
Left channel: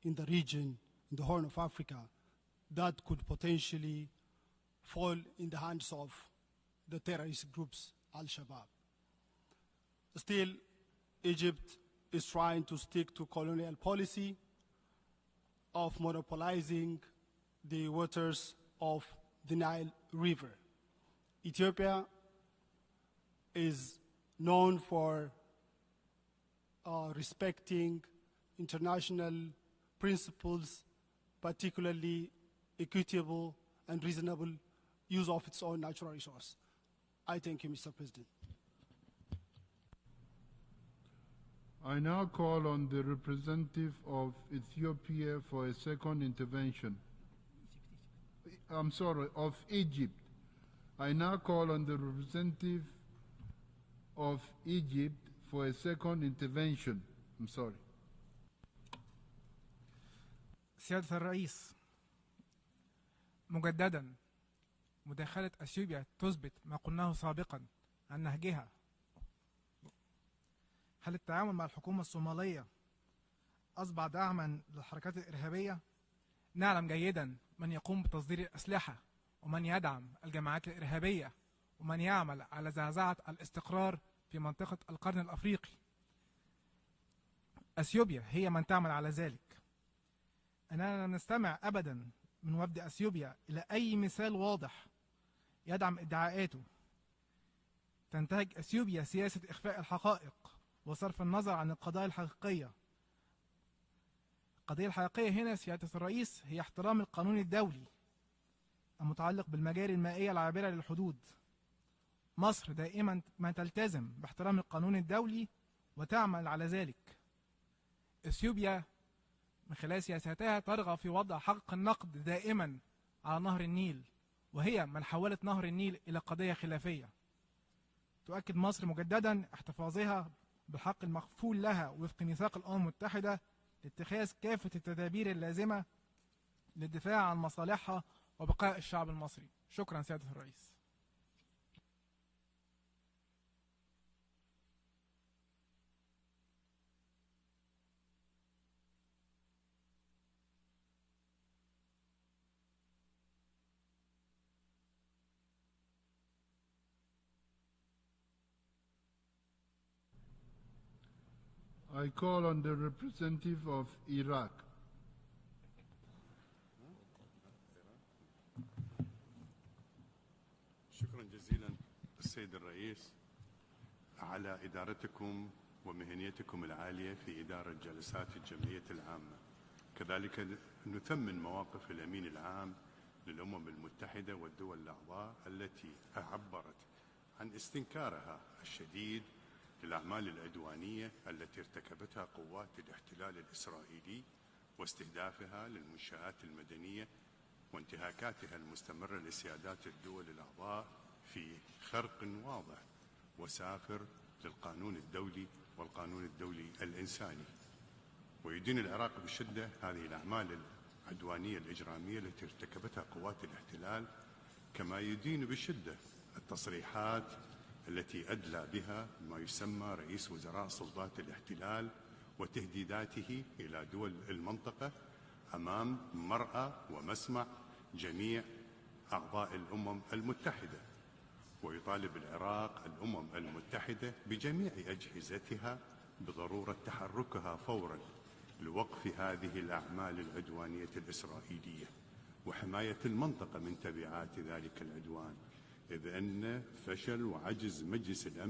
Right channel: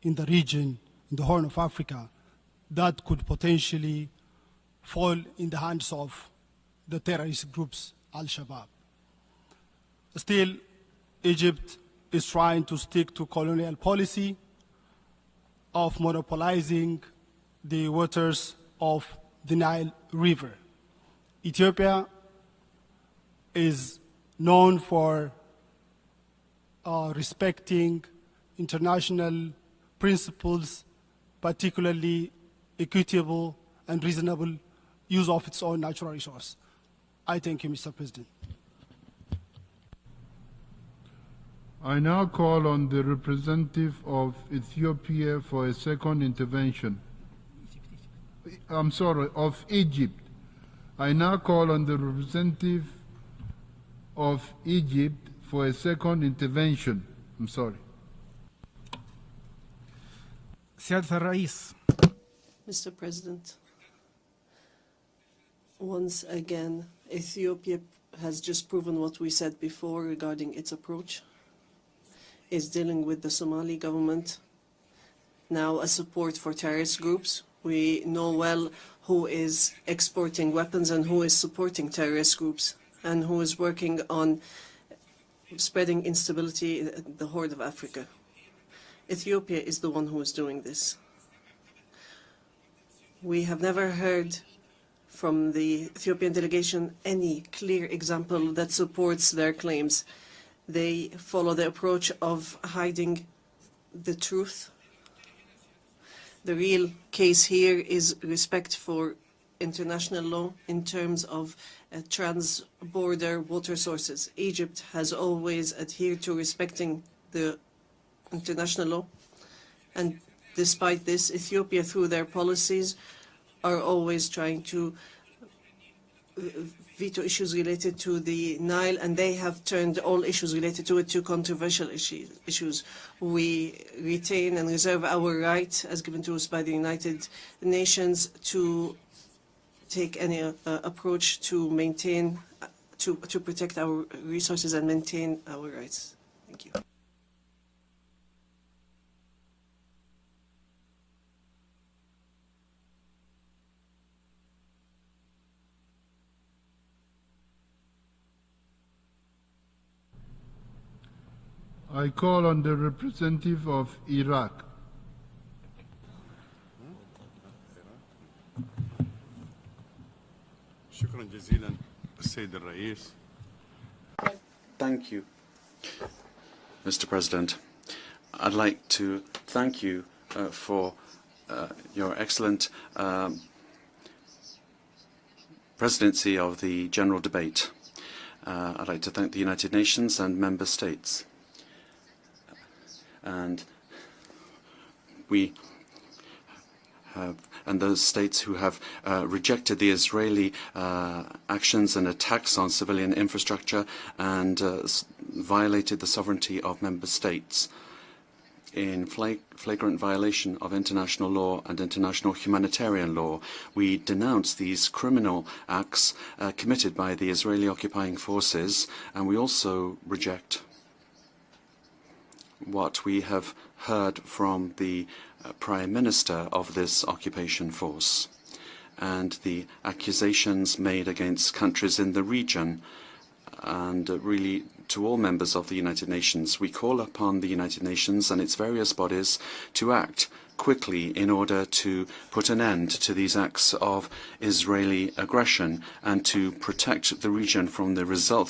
in the region, in the Horn of Africa, that could potentially fall in the hands of the terrorist groups, Al-Shabaab. Still, Egypt is trying to stick to colonial policy of monopolizing the waters of the Nile River. Ethiopia is known for respecting international principles, particularly equitable and reasonable use of its own natural resource. I thank you, Mr. President. I now call on the representative of Ethiopia for a second intervention. I'm sorry, of Egypt. I now call on the representative of Egypt for a second intervention. I'm sorry. سيادة الرئيس. Mr. President, مجددا مداخلة أثيوبيا once again, Ethiopia has just proven what we said before regarding its approach, is dealing with the Somali government, now a support for terrorist groups. We know well who is exporting weapons and who is supporting terrorist groups and who is working on spreading instability in the Horn of Africa. Ethiopia is the one who is doing this. We have never heard from the Ethiopian delegation any clear example that supports their claims. They follow the approach of hiding the truth. The real case here is respect for international law in terms of trans-border water sources. Egypt has always adhered to respecting the international law. And despite this, Ethiopia, through their policies, are always trying to veto issues related to the Nile, and they have turned all issues related to it to controversial issues. We retain and reserve our right, as given to us by the United Nations, to take any approach to maintain, to protect our resources and maintain our rights. Thank you. I call on the representative of Iraq. Thank you, Mr. President. I'd like to thank you for your excellent presidency of the General Debate. I'd like to thank the United Nations and member states. And those states who have rejected the Israeli actions and attacks on civilian infrastructure and violated the sovereignty of member states in flagrant violation of international law and international humanitarian law. We denounce these criminal acts committed by the Israeli occupying forces, and we also reject what we have heard from the Prime Minister of this occupation force and the accusations made against countries in the region and really to all members of the United Nations. We call upon the United Nations and its various bodies to act quickly in order to put an end to these acts of Israeli aggression and to protect the region from the results of